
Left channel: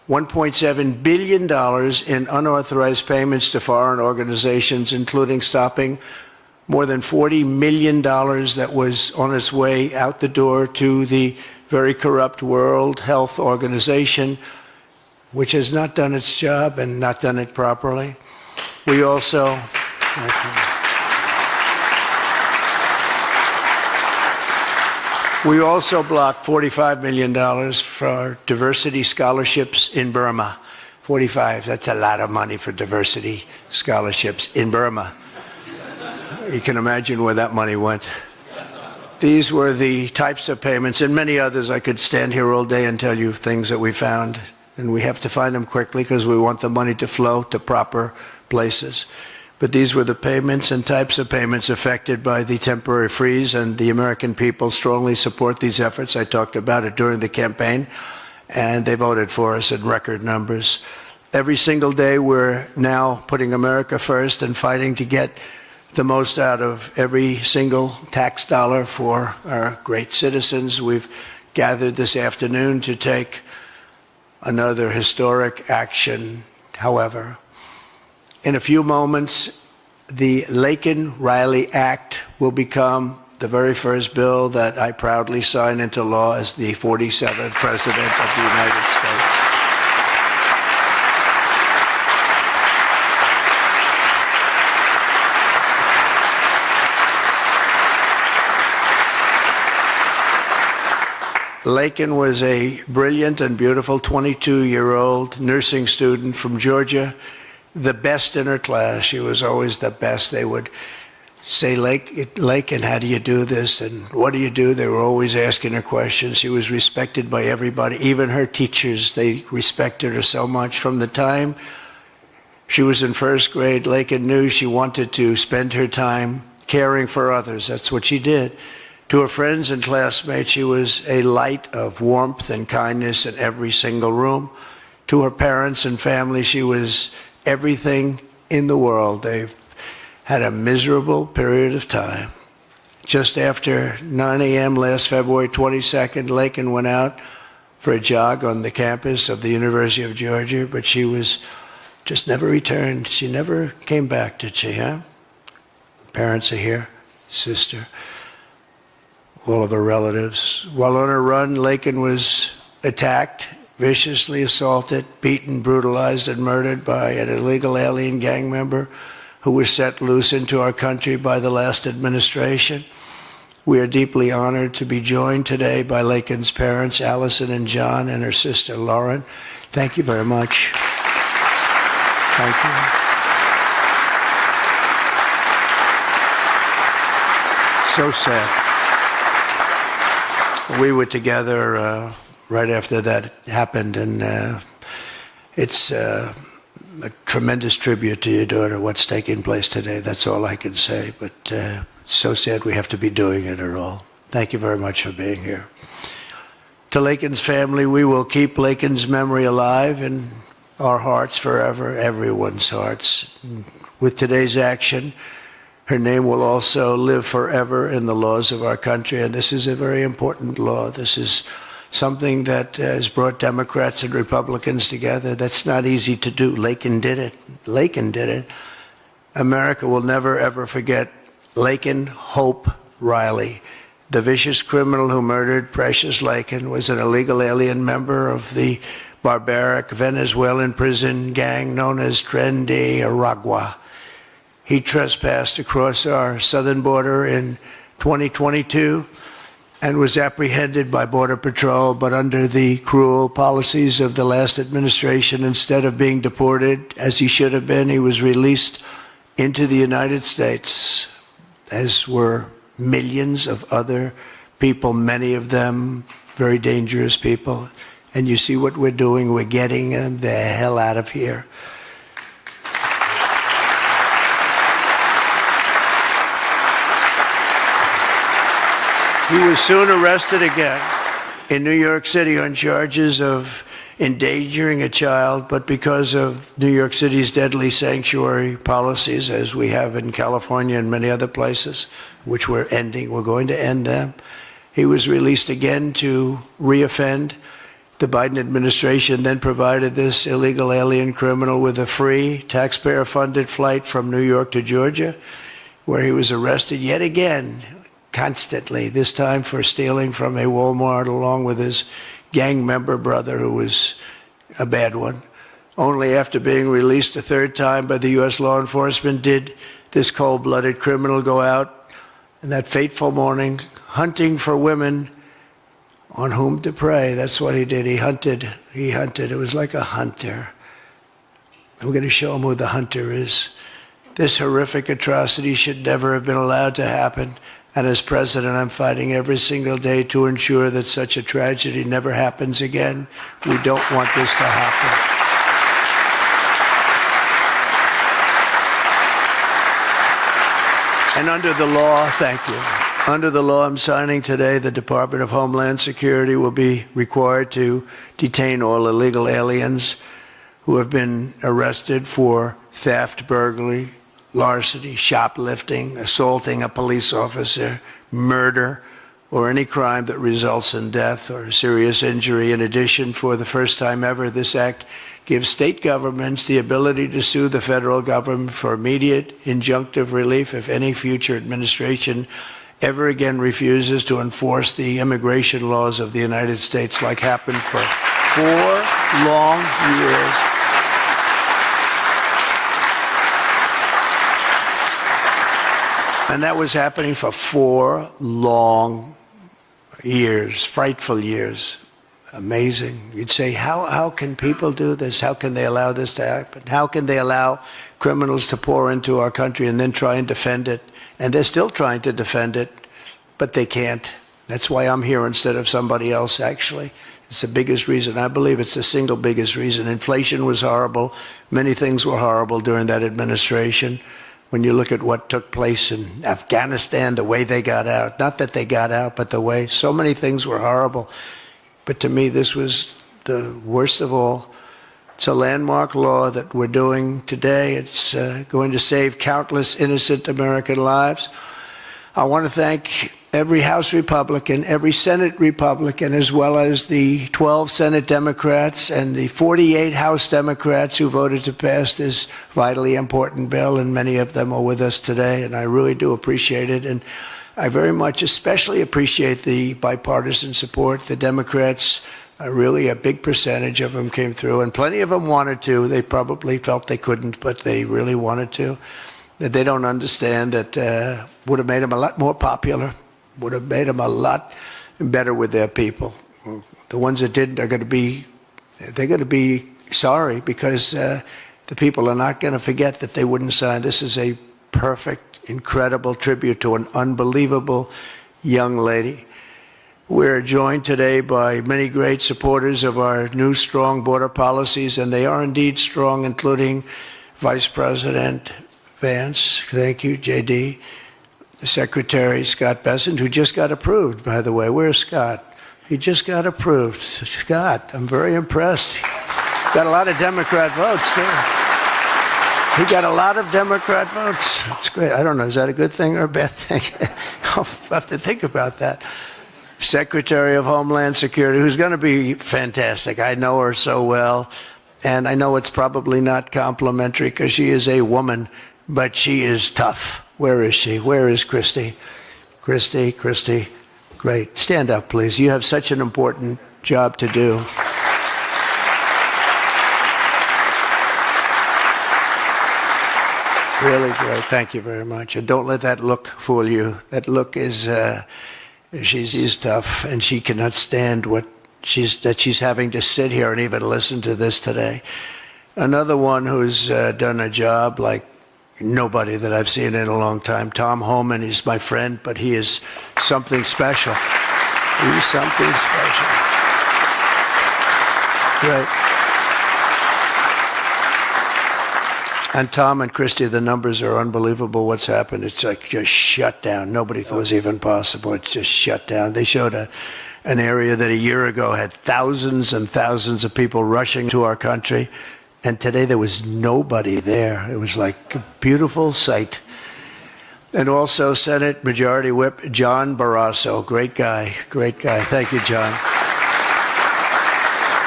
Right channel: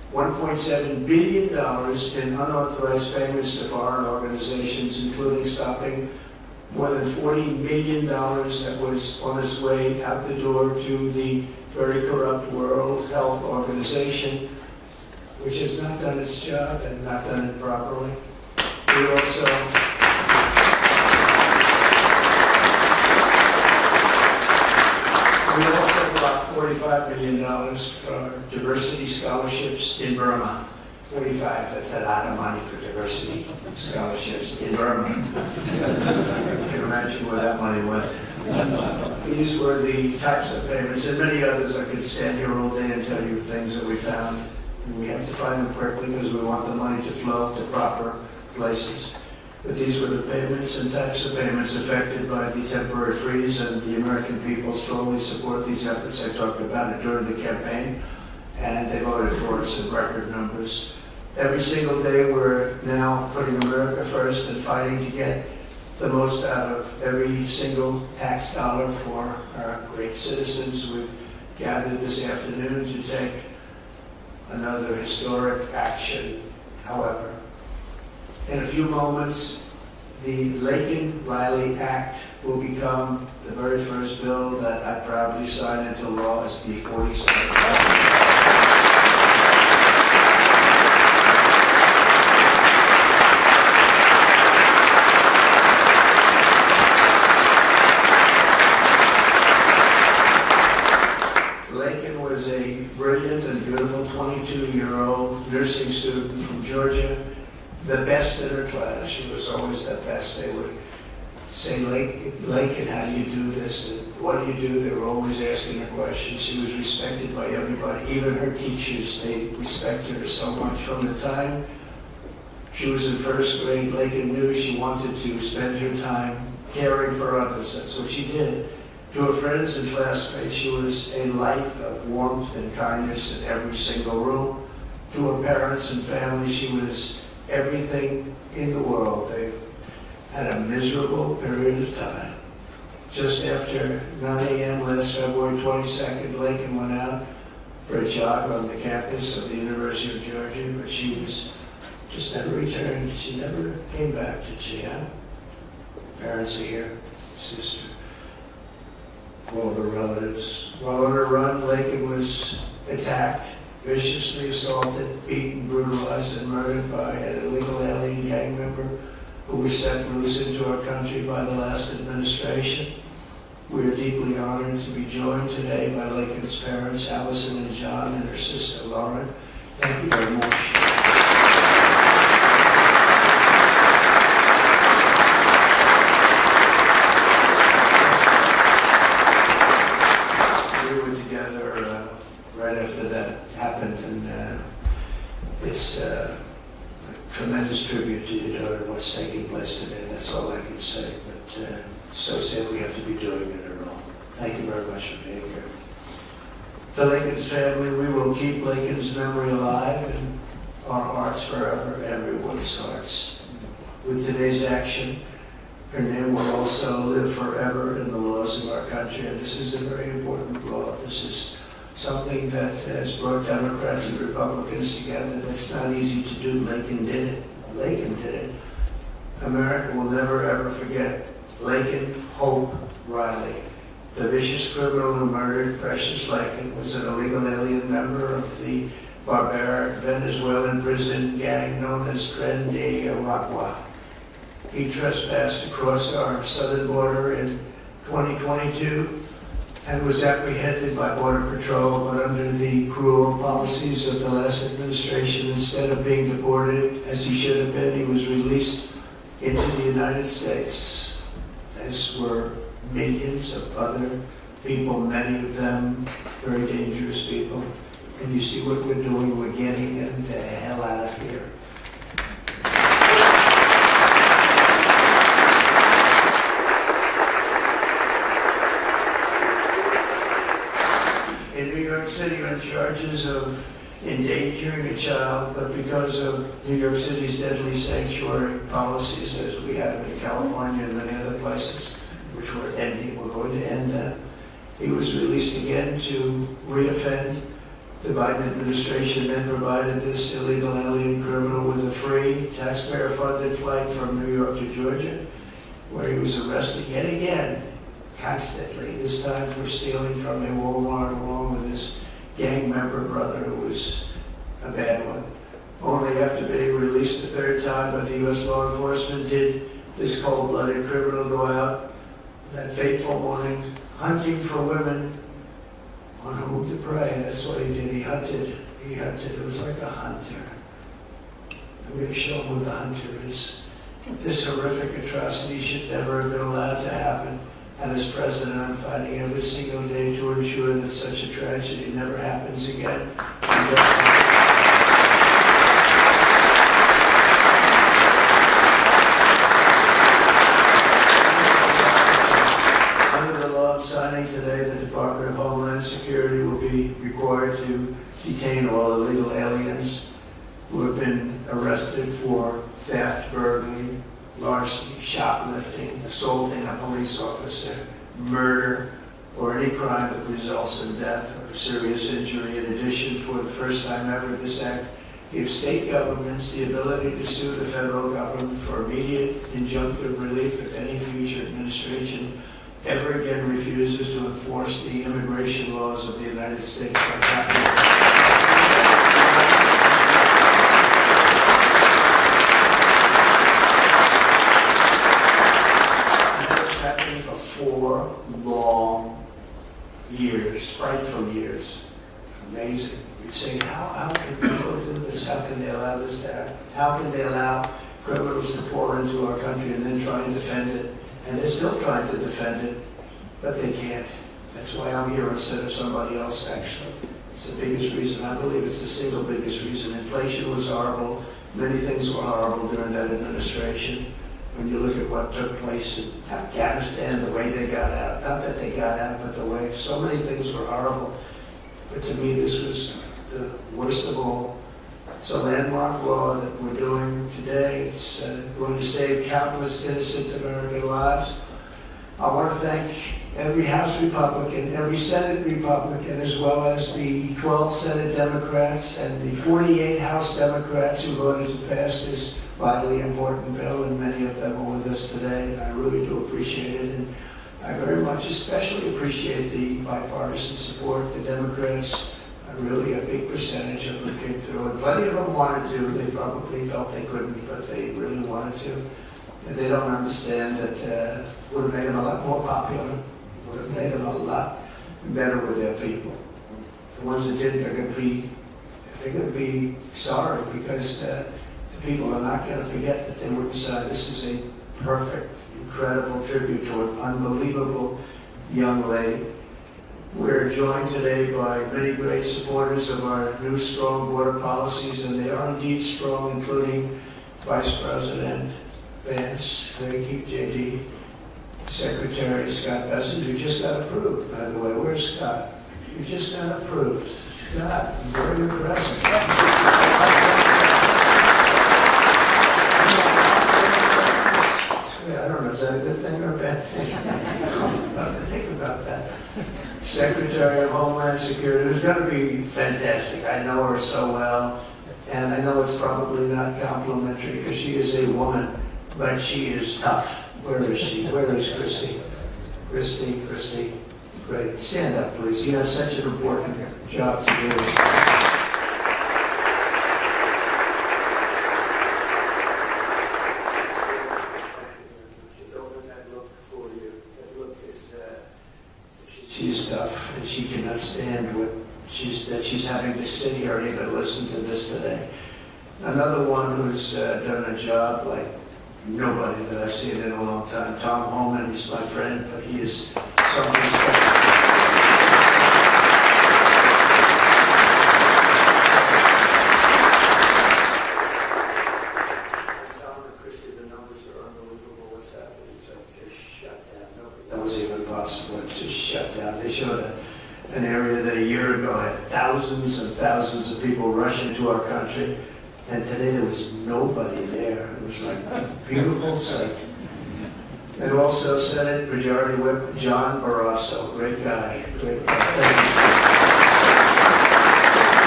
$1.7 billion in unauthorized payments to foreign organizations, including stopping more than $40 million that was on its way out the door to the very corrupt World Health Organization, which has not done its job and not done it properly. We also blocked $45 million for diversity scholarships in Burma. 45, that's a lot of money for diversity scholarships in Burma. You can imagine where that money went. These were the types of payments, and many others. I could stand here all day and tell you things that we found, and we have to find them quickly because we want the money to flow to proper places. But these were the payments and types of payments affected by the temporary freeze, and the American people strongly support these efforts. I talked about it during the campaign, and they voted for us in record numbers. Every single day we're now putting America first and fighting to get the most out of every single tax dollar for our great citizens. We've gathered this afternoon to take another historic action. However, in a few moments, the Laken Riley Act will become the very first bill that I proudly sign into law as the 47th President of the United States. Laken was a brilliant and beautiful 22-year-old nursing student from Georgia, the best in her class. She was always the best. They would say, Laken, how do you do this? And what do you do? They were always asking her questions. She was respected by everybody, even her teachers. They respected her so much. From the time she was in first grade, Laken knew she wanted to spend her time caring for others. That's what she did. To her friends and classmates, she was a light of warmth and kindness in every single room. To her parents and family, she was everything in the world. They've had a miserable period of time. Just after 9 a.m. last February 22nd, Laken went out for a jog on the campus of the University of Georgia, but she was just never returned. She never came back, did she, huh? Parents are here, sister, all of her relatives. While on her run, Laken was attacked, viciously assaulted, beaten, brutalized, and murdered by an illegal alien gang member who was set loose into our country by the last administration. We are deeply honored to be joined today by Laken's parents, Allison and John, and her sister, Lauren. Thank you very much. Thank you. So sad. We were together right after that happened, and it's a tremendous tribute to your daughter, what's taking place today. That's all I can say, but it's so sad we have to be doing it at all. Thank you very much for being here. To Laken's family, we will keep Laken's memory alive in our hearts forever, everyone's hearts. With today's action, her name will also live forever in the laws of our country, and this is a very important law. This is something that has brought Democrats and Republicans together. That's not easy to do. Laken did it. Laken did it. America will never, ever forget Laken Hope Riley. The vicious criminal who murdered Precious Laken was an illegal alien member of the barbaric Venezuelan prison gang known as Tren de Aragua. He trespassed across our southern border in 2022 and was apprehended by Border Patrol, but under the cruel policies of the last administration, instead of being deported, as he should have been, he was released into the United States, as were millions of other people, many of them very dangerous people. And you see what we're doing, we're getting them the hell out of here. He was soon arrested again in New York City on charges of endangering a child, but because of New York City's deadly sanctuary policies, as we have in California and many other places, which we're ending, we're going to end them, he was released again to reoffend. The Biden administration then provided this illegal alien criminal with a free, taxpayer-funded flight from New York to Georgia, where he was arrested yet again, constantly, this time for stealing from a Walmart along with his gang member brother, who was a bad one. Only after being released a third time by the U.S. law enforcement did this cold-blooded criminal go out in that fateful morning hunting for women on whom to prey. That's what he did. He hunted. It was like a hunter. I'm going to show him who the hunter is. This horrific atrocity should never have been allowed to happen. And as president, I'm fighting every single day to ensure that such a tragedy never happens again. We don't want this to happen. And under the law, thank you. Under the law I'm signing today, the Department of Homeland Security will be required to detain all illegal aliens who have been arrested for theft, burglary, larceny, shoplifting, assaulting a police officer, murder, or any crime that results in death or serious injury. In addition, for the first time ever, this act gives state governments the ability to sue the federal government for immediate injunctive relief if any future administration ever again refuses to enforce the immigration laws of the United States, like happened for 4 long years. And that was happening for 4 long years, frightful years. Amazing. You'd say, how can people do this? How can they allow this to happen? How can they allow criminals to pour into our country and then try and defend it? And they're still trying to defend it, but they can't. That's why I'm here instead of somebody else, actually. It's the biggest reason. I believe it's the single biggest reason. Inflation was horrible. Many things were horrible during that administration. When you look at what took place in Afghanistan, the way they got out, not that they got out, but the way, so many things were horrible. But to me, this was the worst of all. It's a landmark law that we're doing today. It's going to save countless innocent American lives. I want to thank every House Republican, every Senate Republican, as well as the 12 Senate Democrats and the 48 House Democrats who voted to pass this vitally important bill, and many of them are with us today, and I really do appreciate it. And I very much especially appreciate the bipartisan support. The Democrats, really a big percentage of them came through, and plenty of them wanted to. They probably felt they couldn't, but they really wanted to. That they don't understand that would have made them a lot more popular, would have made them a lot better with their people. The ones that didn't are going to be sorry, because the people are not going to forget that they wouldn't sign. This is a perfect, incredible tribute to an unbelievable young lady. We're joined today by many great supporters of our new strong border policies, and they are indeed strong, including Vice President Vance, thank you, JD, Secretary Scott Bessent, who just got approved, by the way. Where's Scott? He just got approved. Scott, I'm very impressed. Got a lot of Democrat votes. He got a lot of Democrat votes. That's great. I don't know, is that a good thing or a bad thing? I'll have to think about that. Secretary of Homeland Security, who's going to be fantastic. I know her so well, and I know it's probably not complimentary because she is a woman, but she is tough. Where is she? Where is Christy? Christy, great. Stand up, please. You have such an important job to do. Really great. Thank you very much. And don't let that look fool you. That look is, she's tough, and she cannot stand that she's having to sit here and even listen to this today. Another one who's done a job like nobody that I've seen in a long time, Tom Homan. He's my friend, but he is something special. He's something special. Yeah. And Tom and Christy, the numbers are unbelievable. What's happened? It's like just shut down. Nobody thought it was even possible. It's just shut down. They showed an area that a year ago had thousands and thousands of people rushing to our country. And today there was nobody there. It was like a beautiful sight. And also Senate Majority Whip John Barrasso. Great guy. Thank you, John.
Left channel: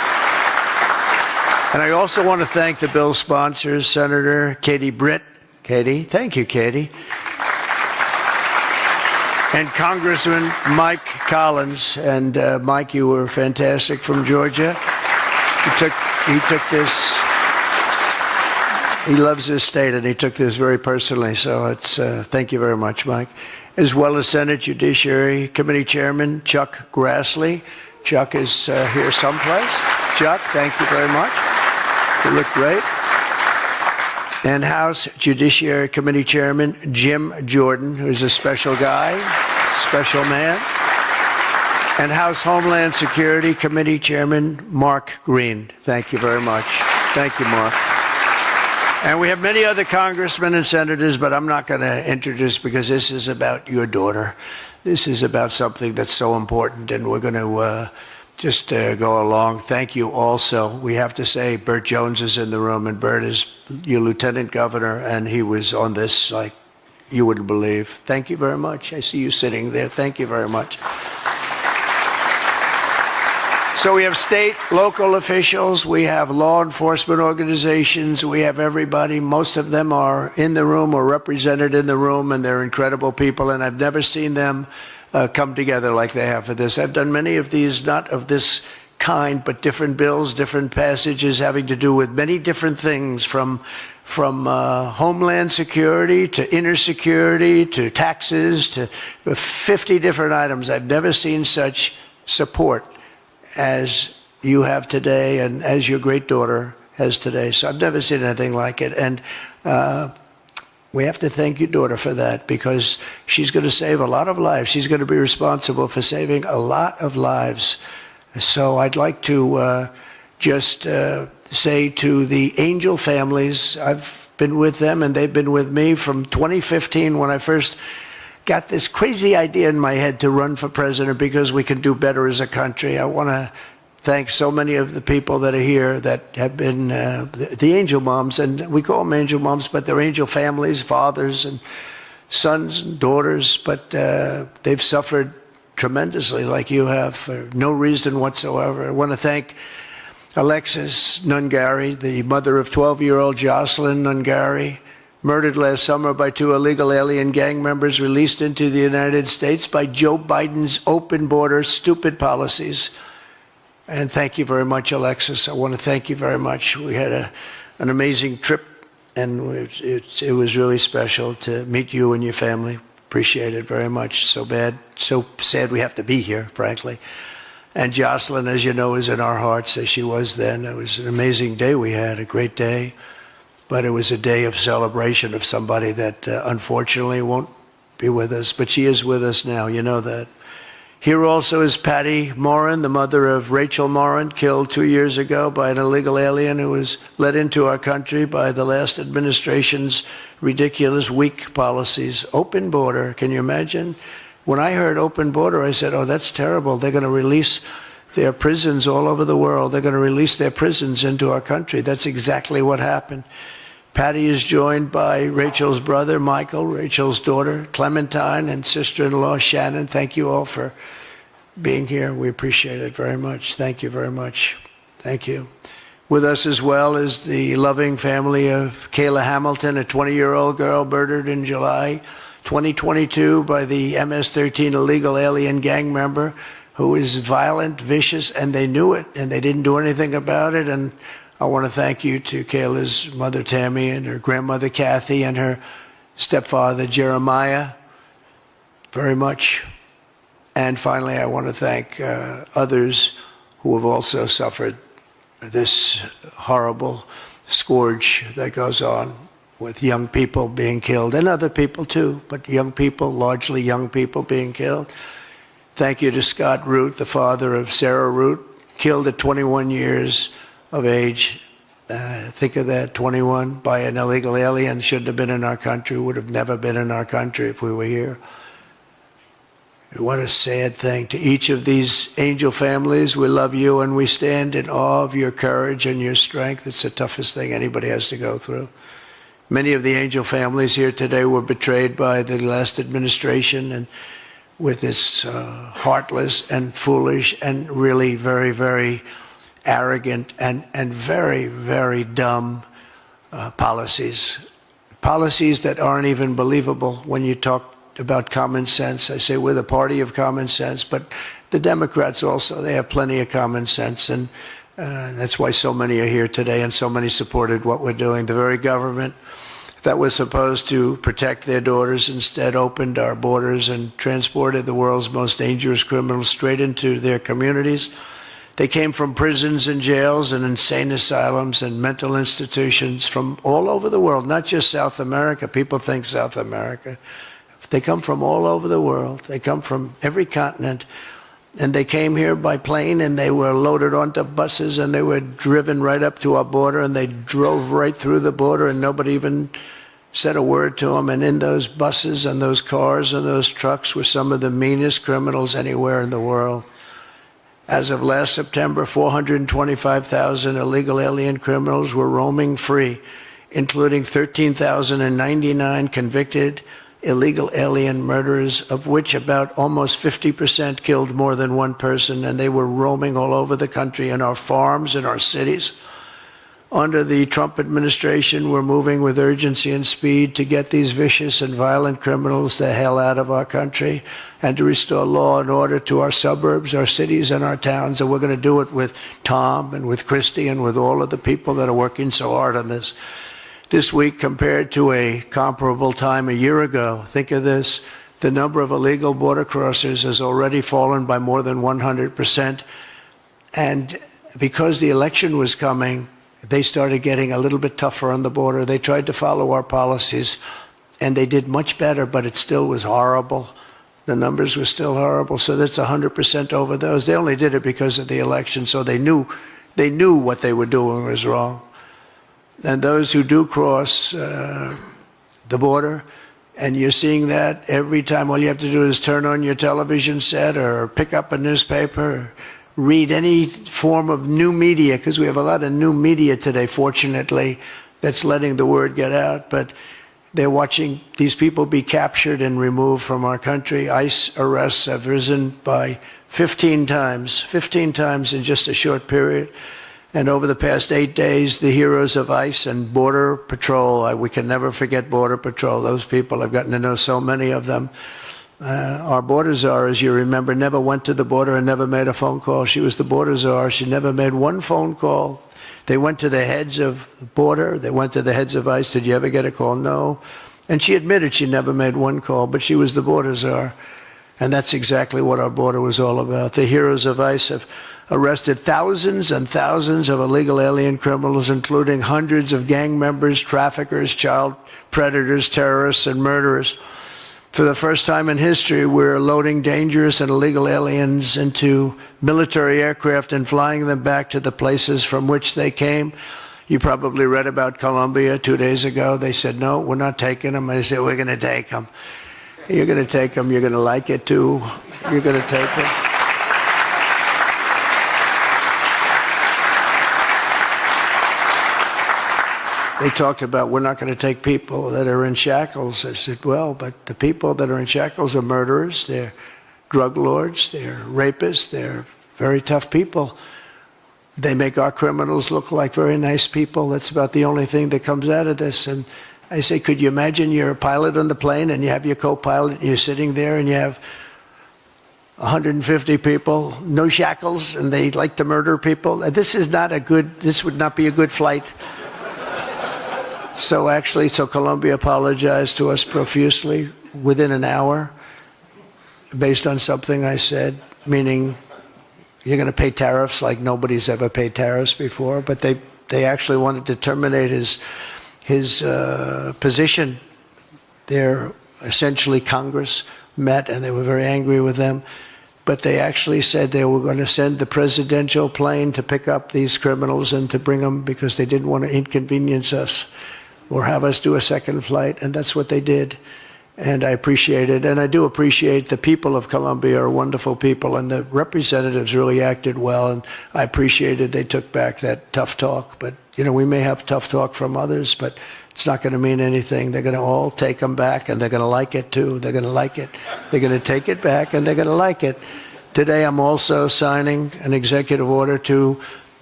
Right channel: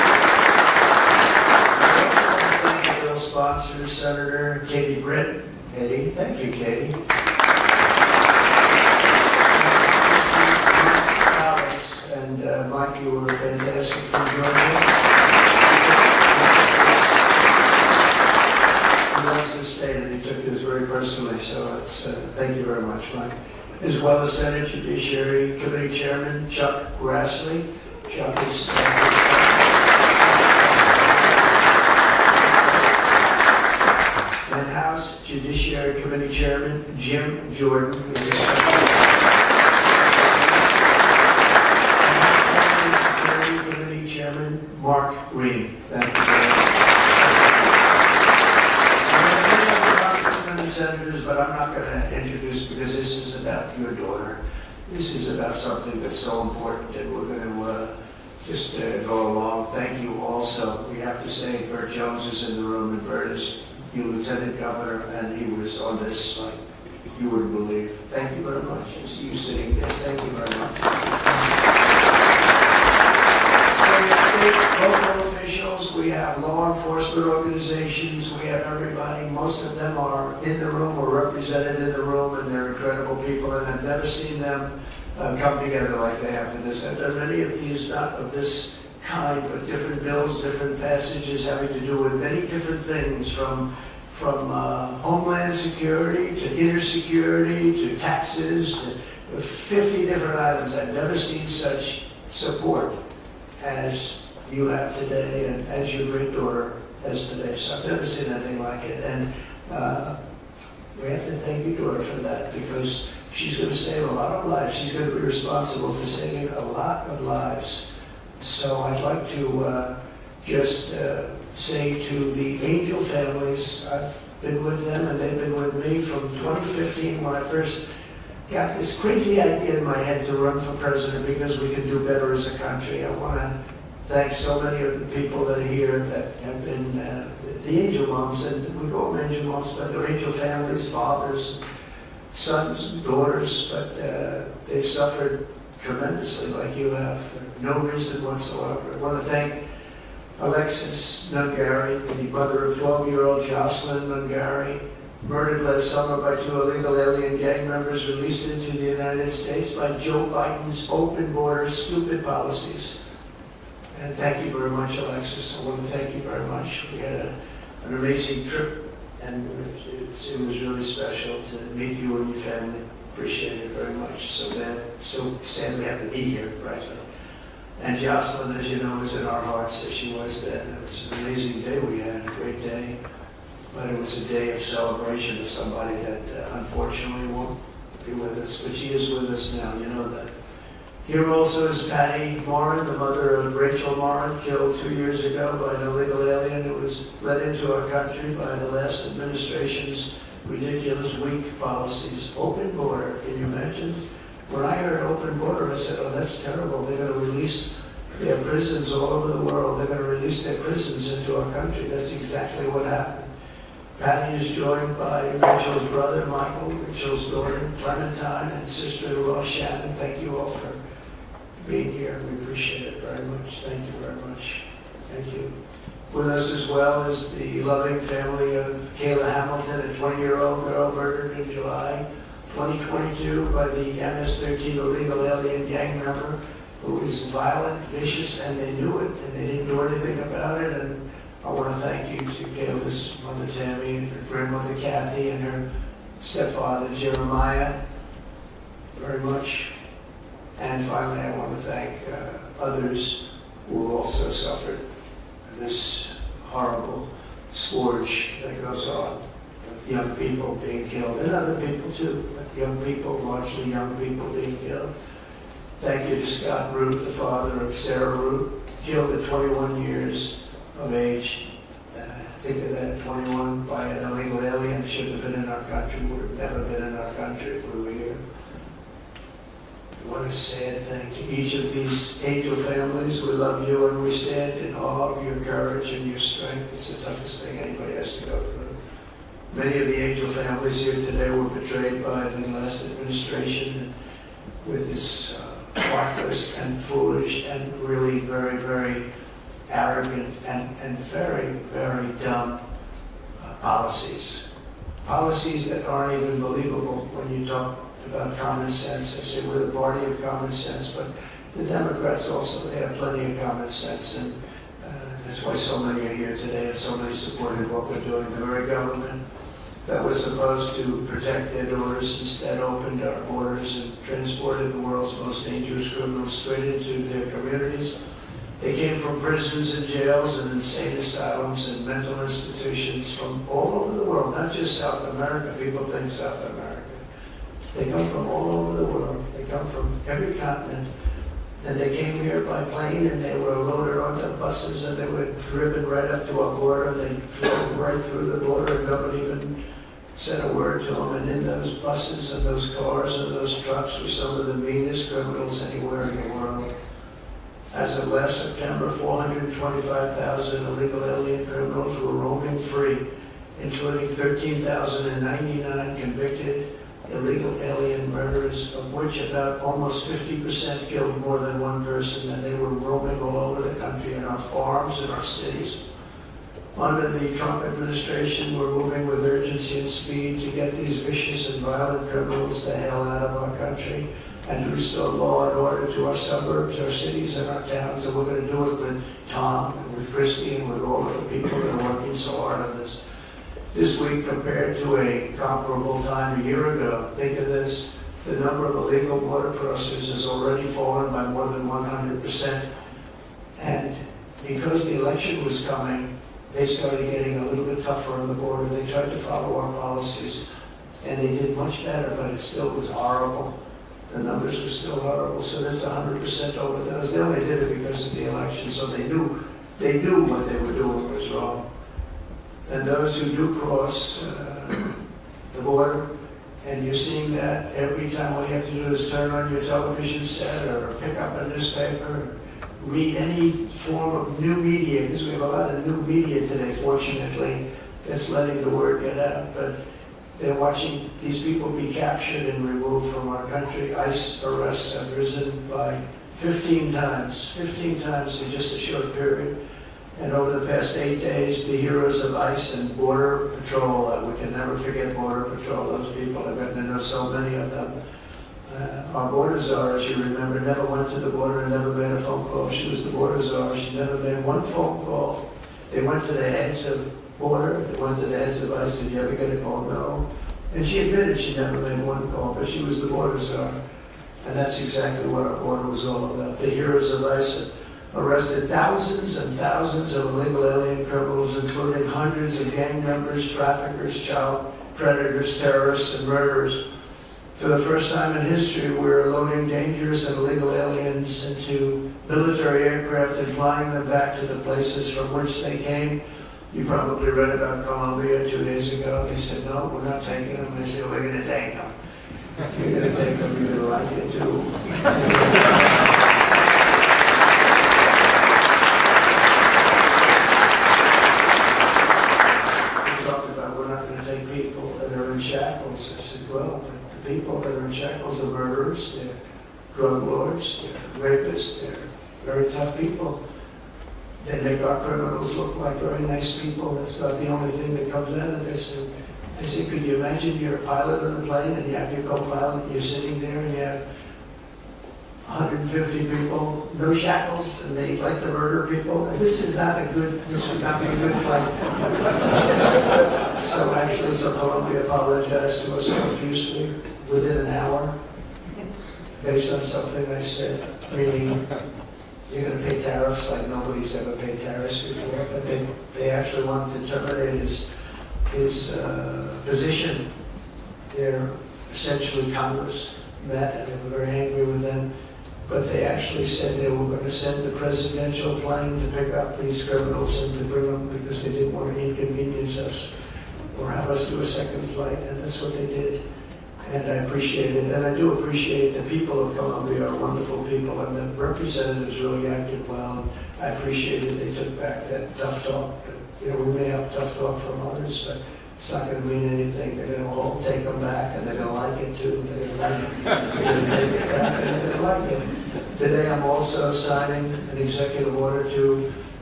And I also want to thank the bill sponsors, Senator Katie Britt. Katie, thank you, Katie. And Congressman Mike Collins. And Mike, you were fantastic from Georgia. He took this, he loves this state and he took this very personally. So it's, thank you very much, Mike. As well as Senate Judiciary Committee Chairman Chuck Grassley. Chuck is here someplace. Chuck, thank you very much. You look great. And House Judiciary Committee Chairman Jim Jordan, who's a special guy, special man. And House Homeland Security Committee Chairman Mark Green. Thank you very much. Thank you, Mark. And we have many other congressmen and senators, but I'm not going to introduce because this is about your daughter. This is about something that's so important, and we're going to just go along. Thank you also. We have to say Burt Jones is in the room, and Burt is your lieutenant governor, and he was on this like you wouldn't believe. Thank you very much. I see you sitting there. Thank you very much. So we have state, local officials, we have law enforcement organizations, we have everybody. Most of them are in the room or represented in the room, and they're incredible people, and I've never seen them come together like they have for this. I've done many of these, not of this kind, but different bills, different passages having to do with many different things, from homeland security to inner security to taxes to 50 different items. I've never seen such support as you have today and as your great daughter has today. So I've never seen anything like it. And we have to thank your daughter for that, because she's going to save a lot of lives. She's going to be responsible for saving a lot of lives. So I'd like to just say to the Angel families, I've been with them and they've been with me from 2015 when I first got this crazy idea in my head to run for president because we could do better as a country. I want to thank so many of the people that are here that have been the angel moms, and we call them angel moms, but they're angel families, fathers and sons and daughters, but they've suffered tremendously like you have for no reason whatsoever. I want to thank Alexis Nungari, the mother of 12-year-old Jocelyn Nungari, murdered last summer by 2 illegal alien gang members released into the United States by Joe Biden's open border stupid policies. And thank you very much, Alexis. I want to thank you very much. We had an amazing trip, and it was really special to meet you and your family. Appreciate it very much. So sad we have to be here, frankly. And Jocelyn, as you know, is in our hearts as she was then. It was an amazing day we had, a great day. But it was a day of celebration of somebody that unfortunately won't be with us. But she is with us now, you know that. Here also is Patty Morin, the mother of Rachel Morin, killed 2 years ago by an illegal alien who was let into our country by the last administration's ridiculous, weak policies. Open border, can you imagine? When I heard open border, I said, oh, that's terrible. They're going to release their prisons all over the world. They're going to release their prisons into our country. That's exactly what happened. Patty is joined by Rachel's brother, Michael, Rachel's daughter, Clementine, and sister-in-law, Shannon. Thank you all for being here. We appreciate it very much. Thank you very much. Thank you. With us as well is the loving family of Kayla Hamilton, a 20-year-old girl murdered in July 2022 by the MS-13 illegal alien gang member who is violent, vicious, and they knew it, and they didn't do anything about it. And I want to thank you to Kayla's mother, Tammy, and her grandmother, Kathy, and her stepfather, Jeremiah, very much. And finally, I want to thank others who have also suffered this horrible scourge that goes on with young people being killed, and other people too, but young people, largely young people being killed. Thank you to Scott Root, the father of Sarah Root, killed at 21 years of age. Think of that, 21, by an illegal alien. Shouldn't have been in our country, would have never been in our country if we were here. What a sad thing. To each of these angel families, we love you and we stand in awe of your courage and your strength. It's the toughest thing anybody has to go through. Many of the angel families here today were betrayed by the last administration, and with this heartless and foolish and really very, very arrogant, and very, very dumb policies. Policies that aren't even believable when you talk about common sense. I say we're the party of common sense, but the Democrats also, they have plenty of common sense, and that's why so many are here today and so many supported what we're doing. The very government that was supposed to protect their daughters instead opened our borders and transported the world's most dangerous criminals straight into their communities. They came from prisons and jails and insane asylums and mental institutions from all over the world, not just South America. People think South America. They come from all over the world. They come from every continent. And they came here by plane, and they were loaded onto buses, and they were driven right up to our border, and they drove right through the border, and nobody even said a word to them. And in those buses and those cars and those trucks were some of the meanest criminals anywhere in the world. As of last September, 425,000 illegal alien criminals were roaming free, including 13,099 convicted illegal alien murderers, of which about almost 50% killed more than one person, and they were roaming all over the country in our farms, in our cities. Under the Trump administration, we're moving with urgency and speed to get these vicious and violent criminals the hell out of our country and to restore law and order to our suburbs, our cities, and our towns. And we're going to do it with Tom and with Christy and with all of the people that are working so hard on this. This week, compared to a comparable time a year ago, think of this, the number of illegal border crossers has already fallen by more than 100%. And because the election was coming, they started getting a little bit tougher on the border. They tried to follow our policies, and they did much better, but it still was horrible. The numbers were still horrible, so that's 100% over those. They only did it because of the election, so they knew what they were doing was wrong. And those who do cross the border, and you're seeing that every time, all you have to do is turn on your television set or pick up a newspaper, read any form of new media, because we have a lot of new media today, fortunately, that's letting the word get out. But they're watching these people be captured and removed from our country. ICE arrests have risen by 15 times in just a short period. And over the past 8 days, the heroes of ICE and Border Patrol, we can never forget Border Patrol. Those people, I've gotten to know so many of them. Our border czar, as you remember, never went to the border and never made a phone call. She was the border czar. She never made one phone call. They went to the heads of border. They went to the heads of ICE. Did you ever get a call? No. And she admitted she never made one call, but she was the border czar. And that's exactly what our border was all about. The heroes of ICE have arrested thousands and thousands of illegal alien criminals, including hundreds of gang members, traffickers, child predators, terrorists, and murderers. For the first time in history, we're loading dangerous and illegal aliens into military aircraft and flying them back to the places from which they came. You probably read about Colombia 2 days ago. They said, no, we're not taking them. I said, we're going to take them. You're going to take them. You're going to like it, too. You're going to take them. They talked about we're not going to take people that are in shackles. I said, well, but the people that are in shackles are murderers, they're drug lords, they're rapists, they're very tough people. They make our criminals look like very nice people. That's about the only thing that comes out of this. And I say, could you imagine you're a pilot on the plane and you have your co-pilot and you're sitting there and you have 150 people, no shackles, and they like to murder people? This would not be a good flight. So Colombia apologized to us profusely within an hour based on something I said, meaning you're going to pay tariffs like nobody's ever paid tariffs before, but they actually wanted to terminate his position. They're essentially Congress met and they were very angry with them, but they actually said they were going to send the presidential plane to pick up these criminals and to bring them because they didn't want to inconvenience us or have us do a second flight, and that's what they did. And I appreciate it, and I do appreciate the people of Colombia are wonderful people, and the representatives really acted well, and I appreciated they took back that tough talk. But, we may have tough talk from others, but it's not going to mean anything. They're going to all take them back, and they're going to like it, too. They're going to like it. They're going to take it back, and they're going to like it. Today, I'm also signing an executive order to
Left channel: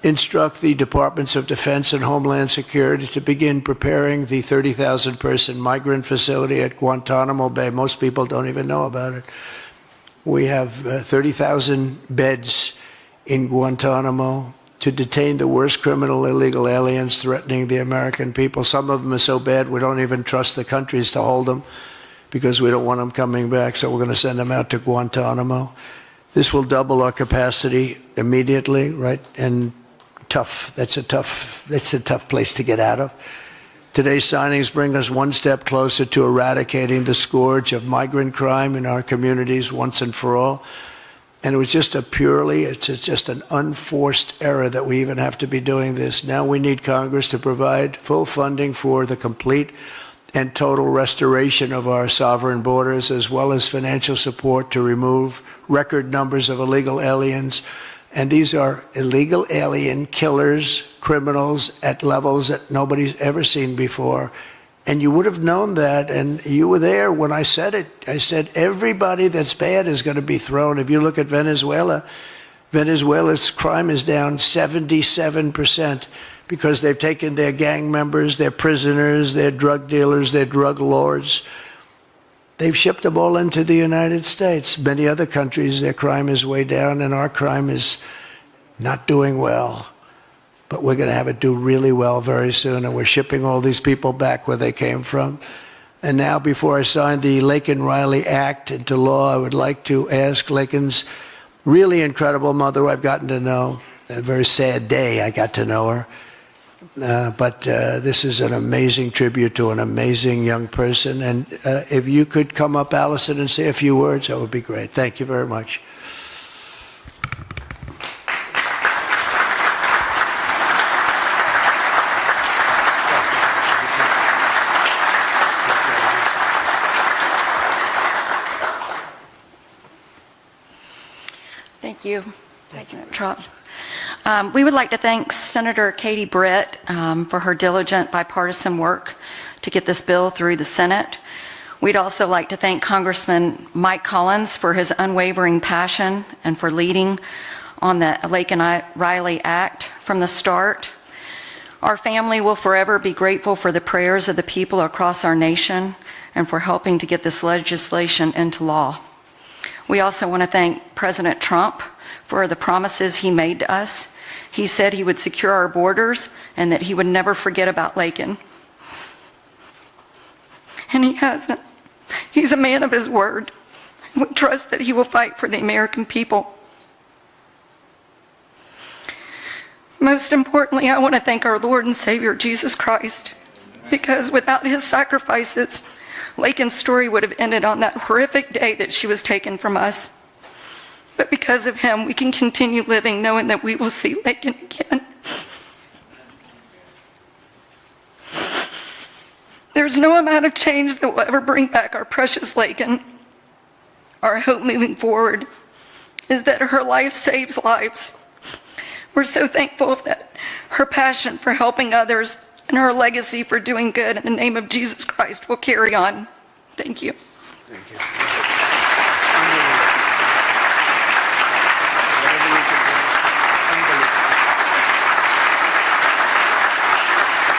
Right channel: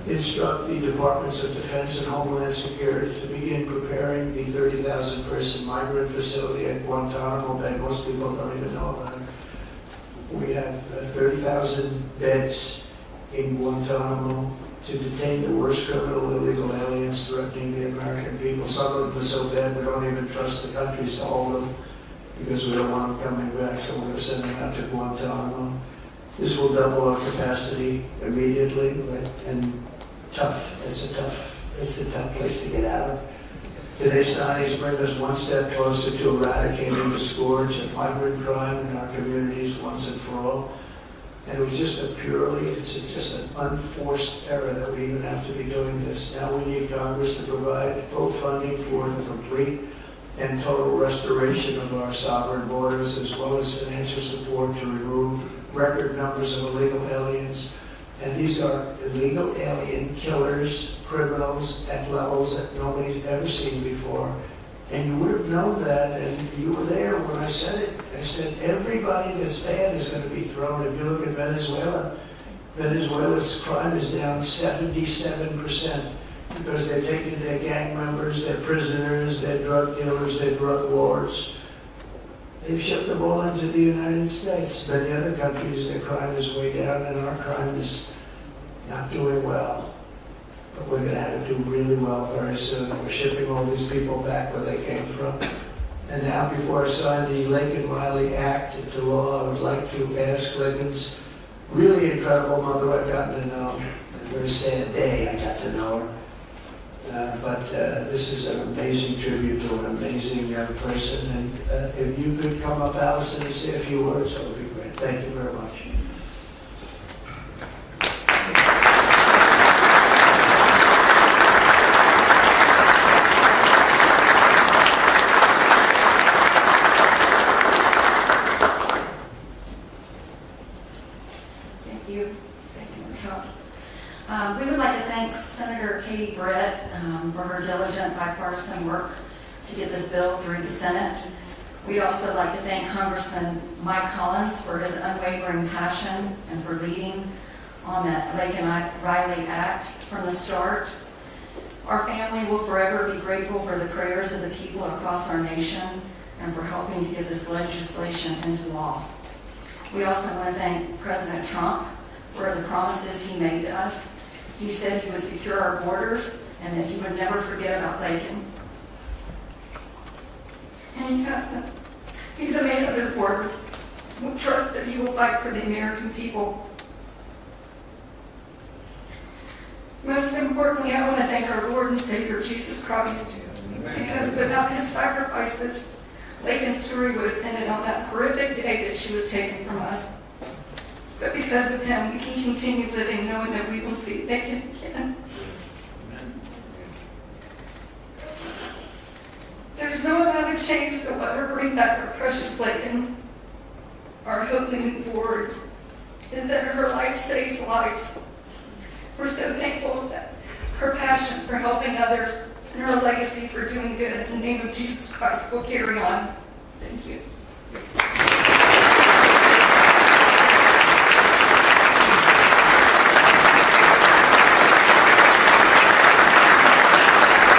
instruct the Departments of Defense and Homeland Security to begin preparing the 30,000-person migrant facility at Guantanamo Bay. Most people don't even know about it. We have 30,000 beds in Guantanamo to detain the worst criminal illegal aliens threatening the American people. Some of them are so bad we don't even trust the countries to hold them because we don't want them coming back, so we're going to send them out to Guantanamo. This will double our capacity immediately, right? And that's a tough place to get out of. Today's signings bring us one step closer to eradicating the scourge of migrant crime in our communities once and for all. And it was just it's just an unforced error that we even have to be doing this. Now we need Congress to provide full funding for the complete and total restoration of our sovereign borders, as well as financial support to remove record numbers of illegal aliens. And these are illegal alien killers, criminals at levels that nobody's ever seen before. And you would have known that, and you were there when I said it. I said everybody that's bad is going to be thrown. If you look at Venezuela, Venezuela's crime is down 77% because they've taken their gang members, their prisoners, their drug dealers, their drug lords. They've shipped them all into the United States. Many other countries, their crime is way down, and our crime is not doing well. But we're going to have it do really well very soon, and we're shipping all these people back where they came from. And now, before I sign the Laken Riley Act into law, I would like to ask Laken's really incredible mother I've gotten to know. A very sad day I got to know her. But this is an amazing tribute to an amazing young person. And if you could come up, Allison, and say a few words, that would be great. Thank you very much. Thank you. Thank you, Trump. We would like to thank Senator Katie Britt for her diligent bipartisan work to get this bill through the Senate. We'd also like to thank Congressman Mike Collins for his unwavering passion and for leading on the Laken Riley Act from the start. Our family will forever be grateful for the prayers of the people across our nation and for helping to get this legislation into law. We also want to thank President Trump for the promises he made to us. He said he would secure our borders and that he would never forget about Laken. And he hasn't. He's a man of his word. We trust that he will fight for the American people. Most importantly, I want to thank our Lord and Savior, Jesus Christ, because without his sacrifices, Laken's story would have ended on that horrific day that she was taken from us. But because of him, we can continue living knowing that we will see Laken again. There's no amount of change that will ever bring back our precious Laken. Our hope moving forward is that her life saves lives. We're so thankful that her passion for helping others and her legacy for doing good in the name of Jesus Christ will carry on. Thank you.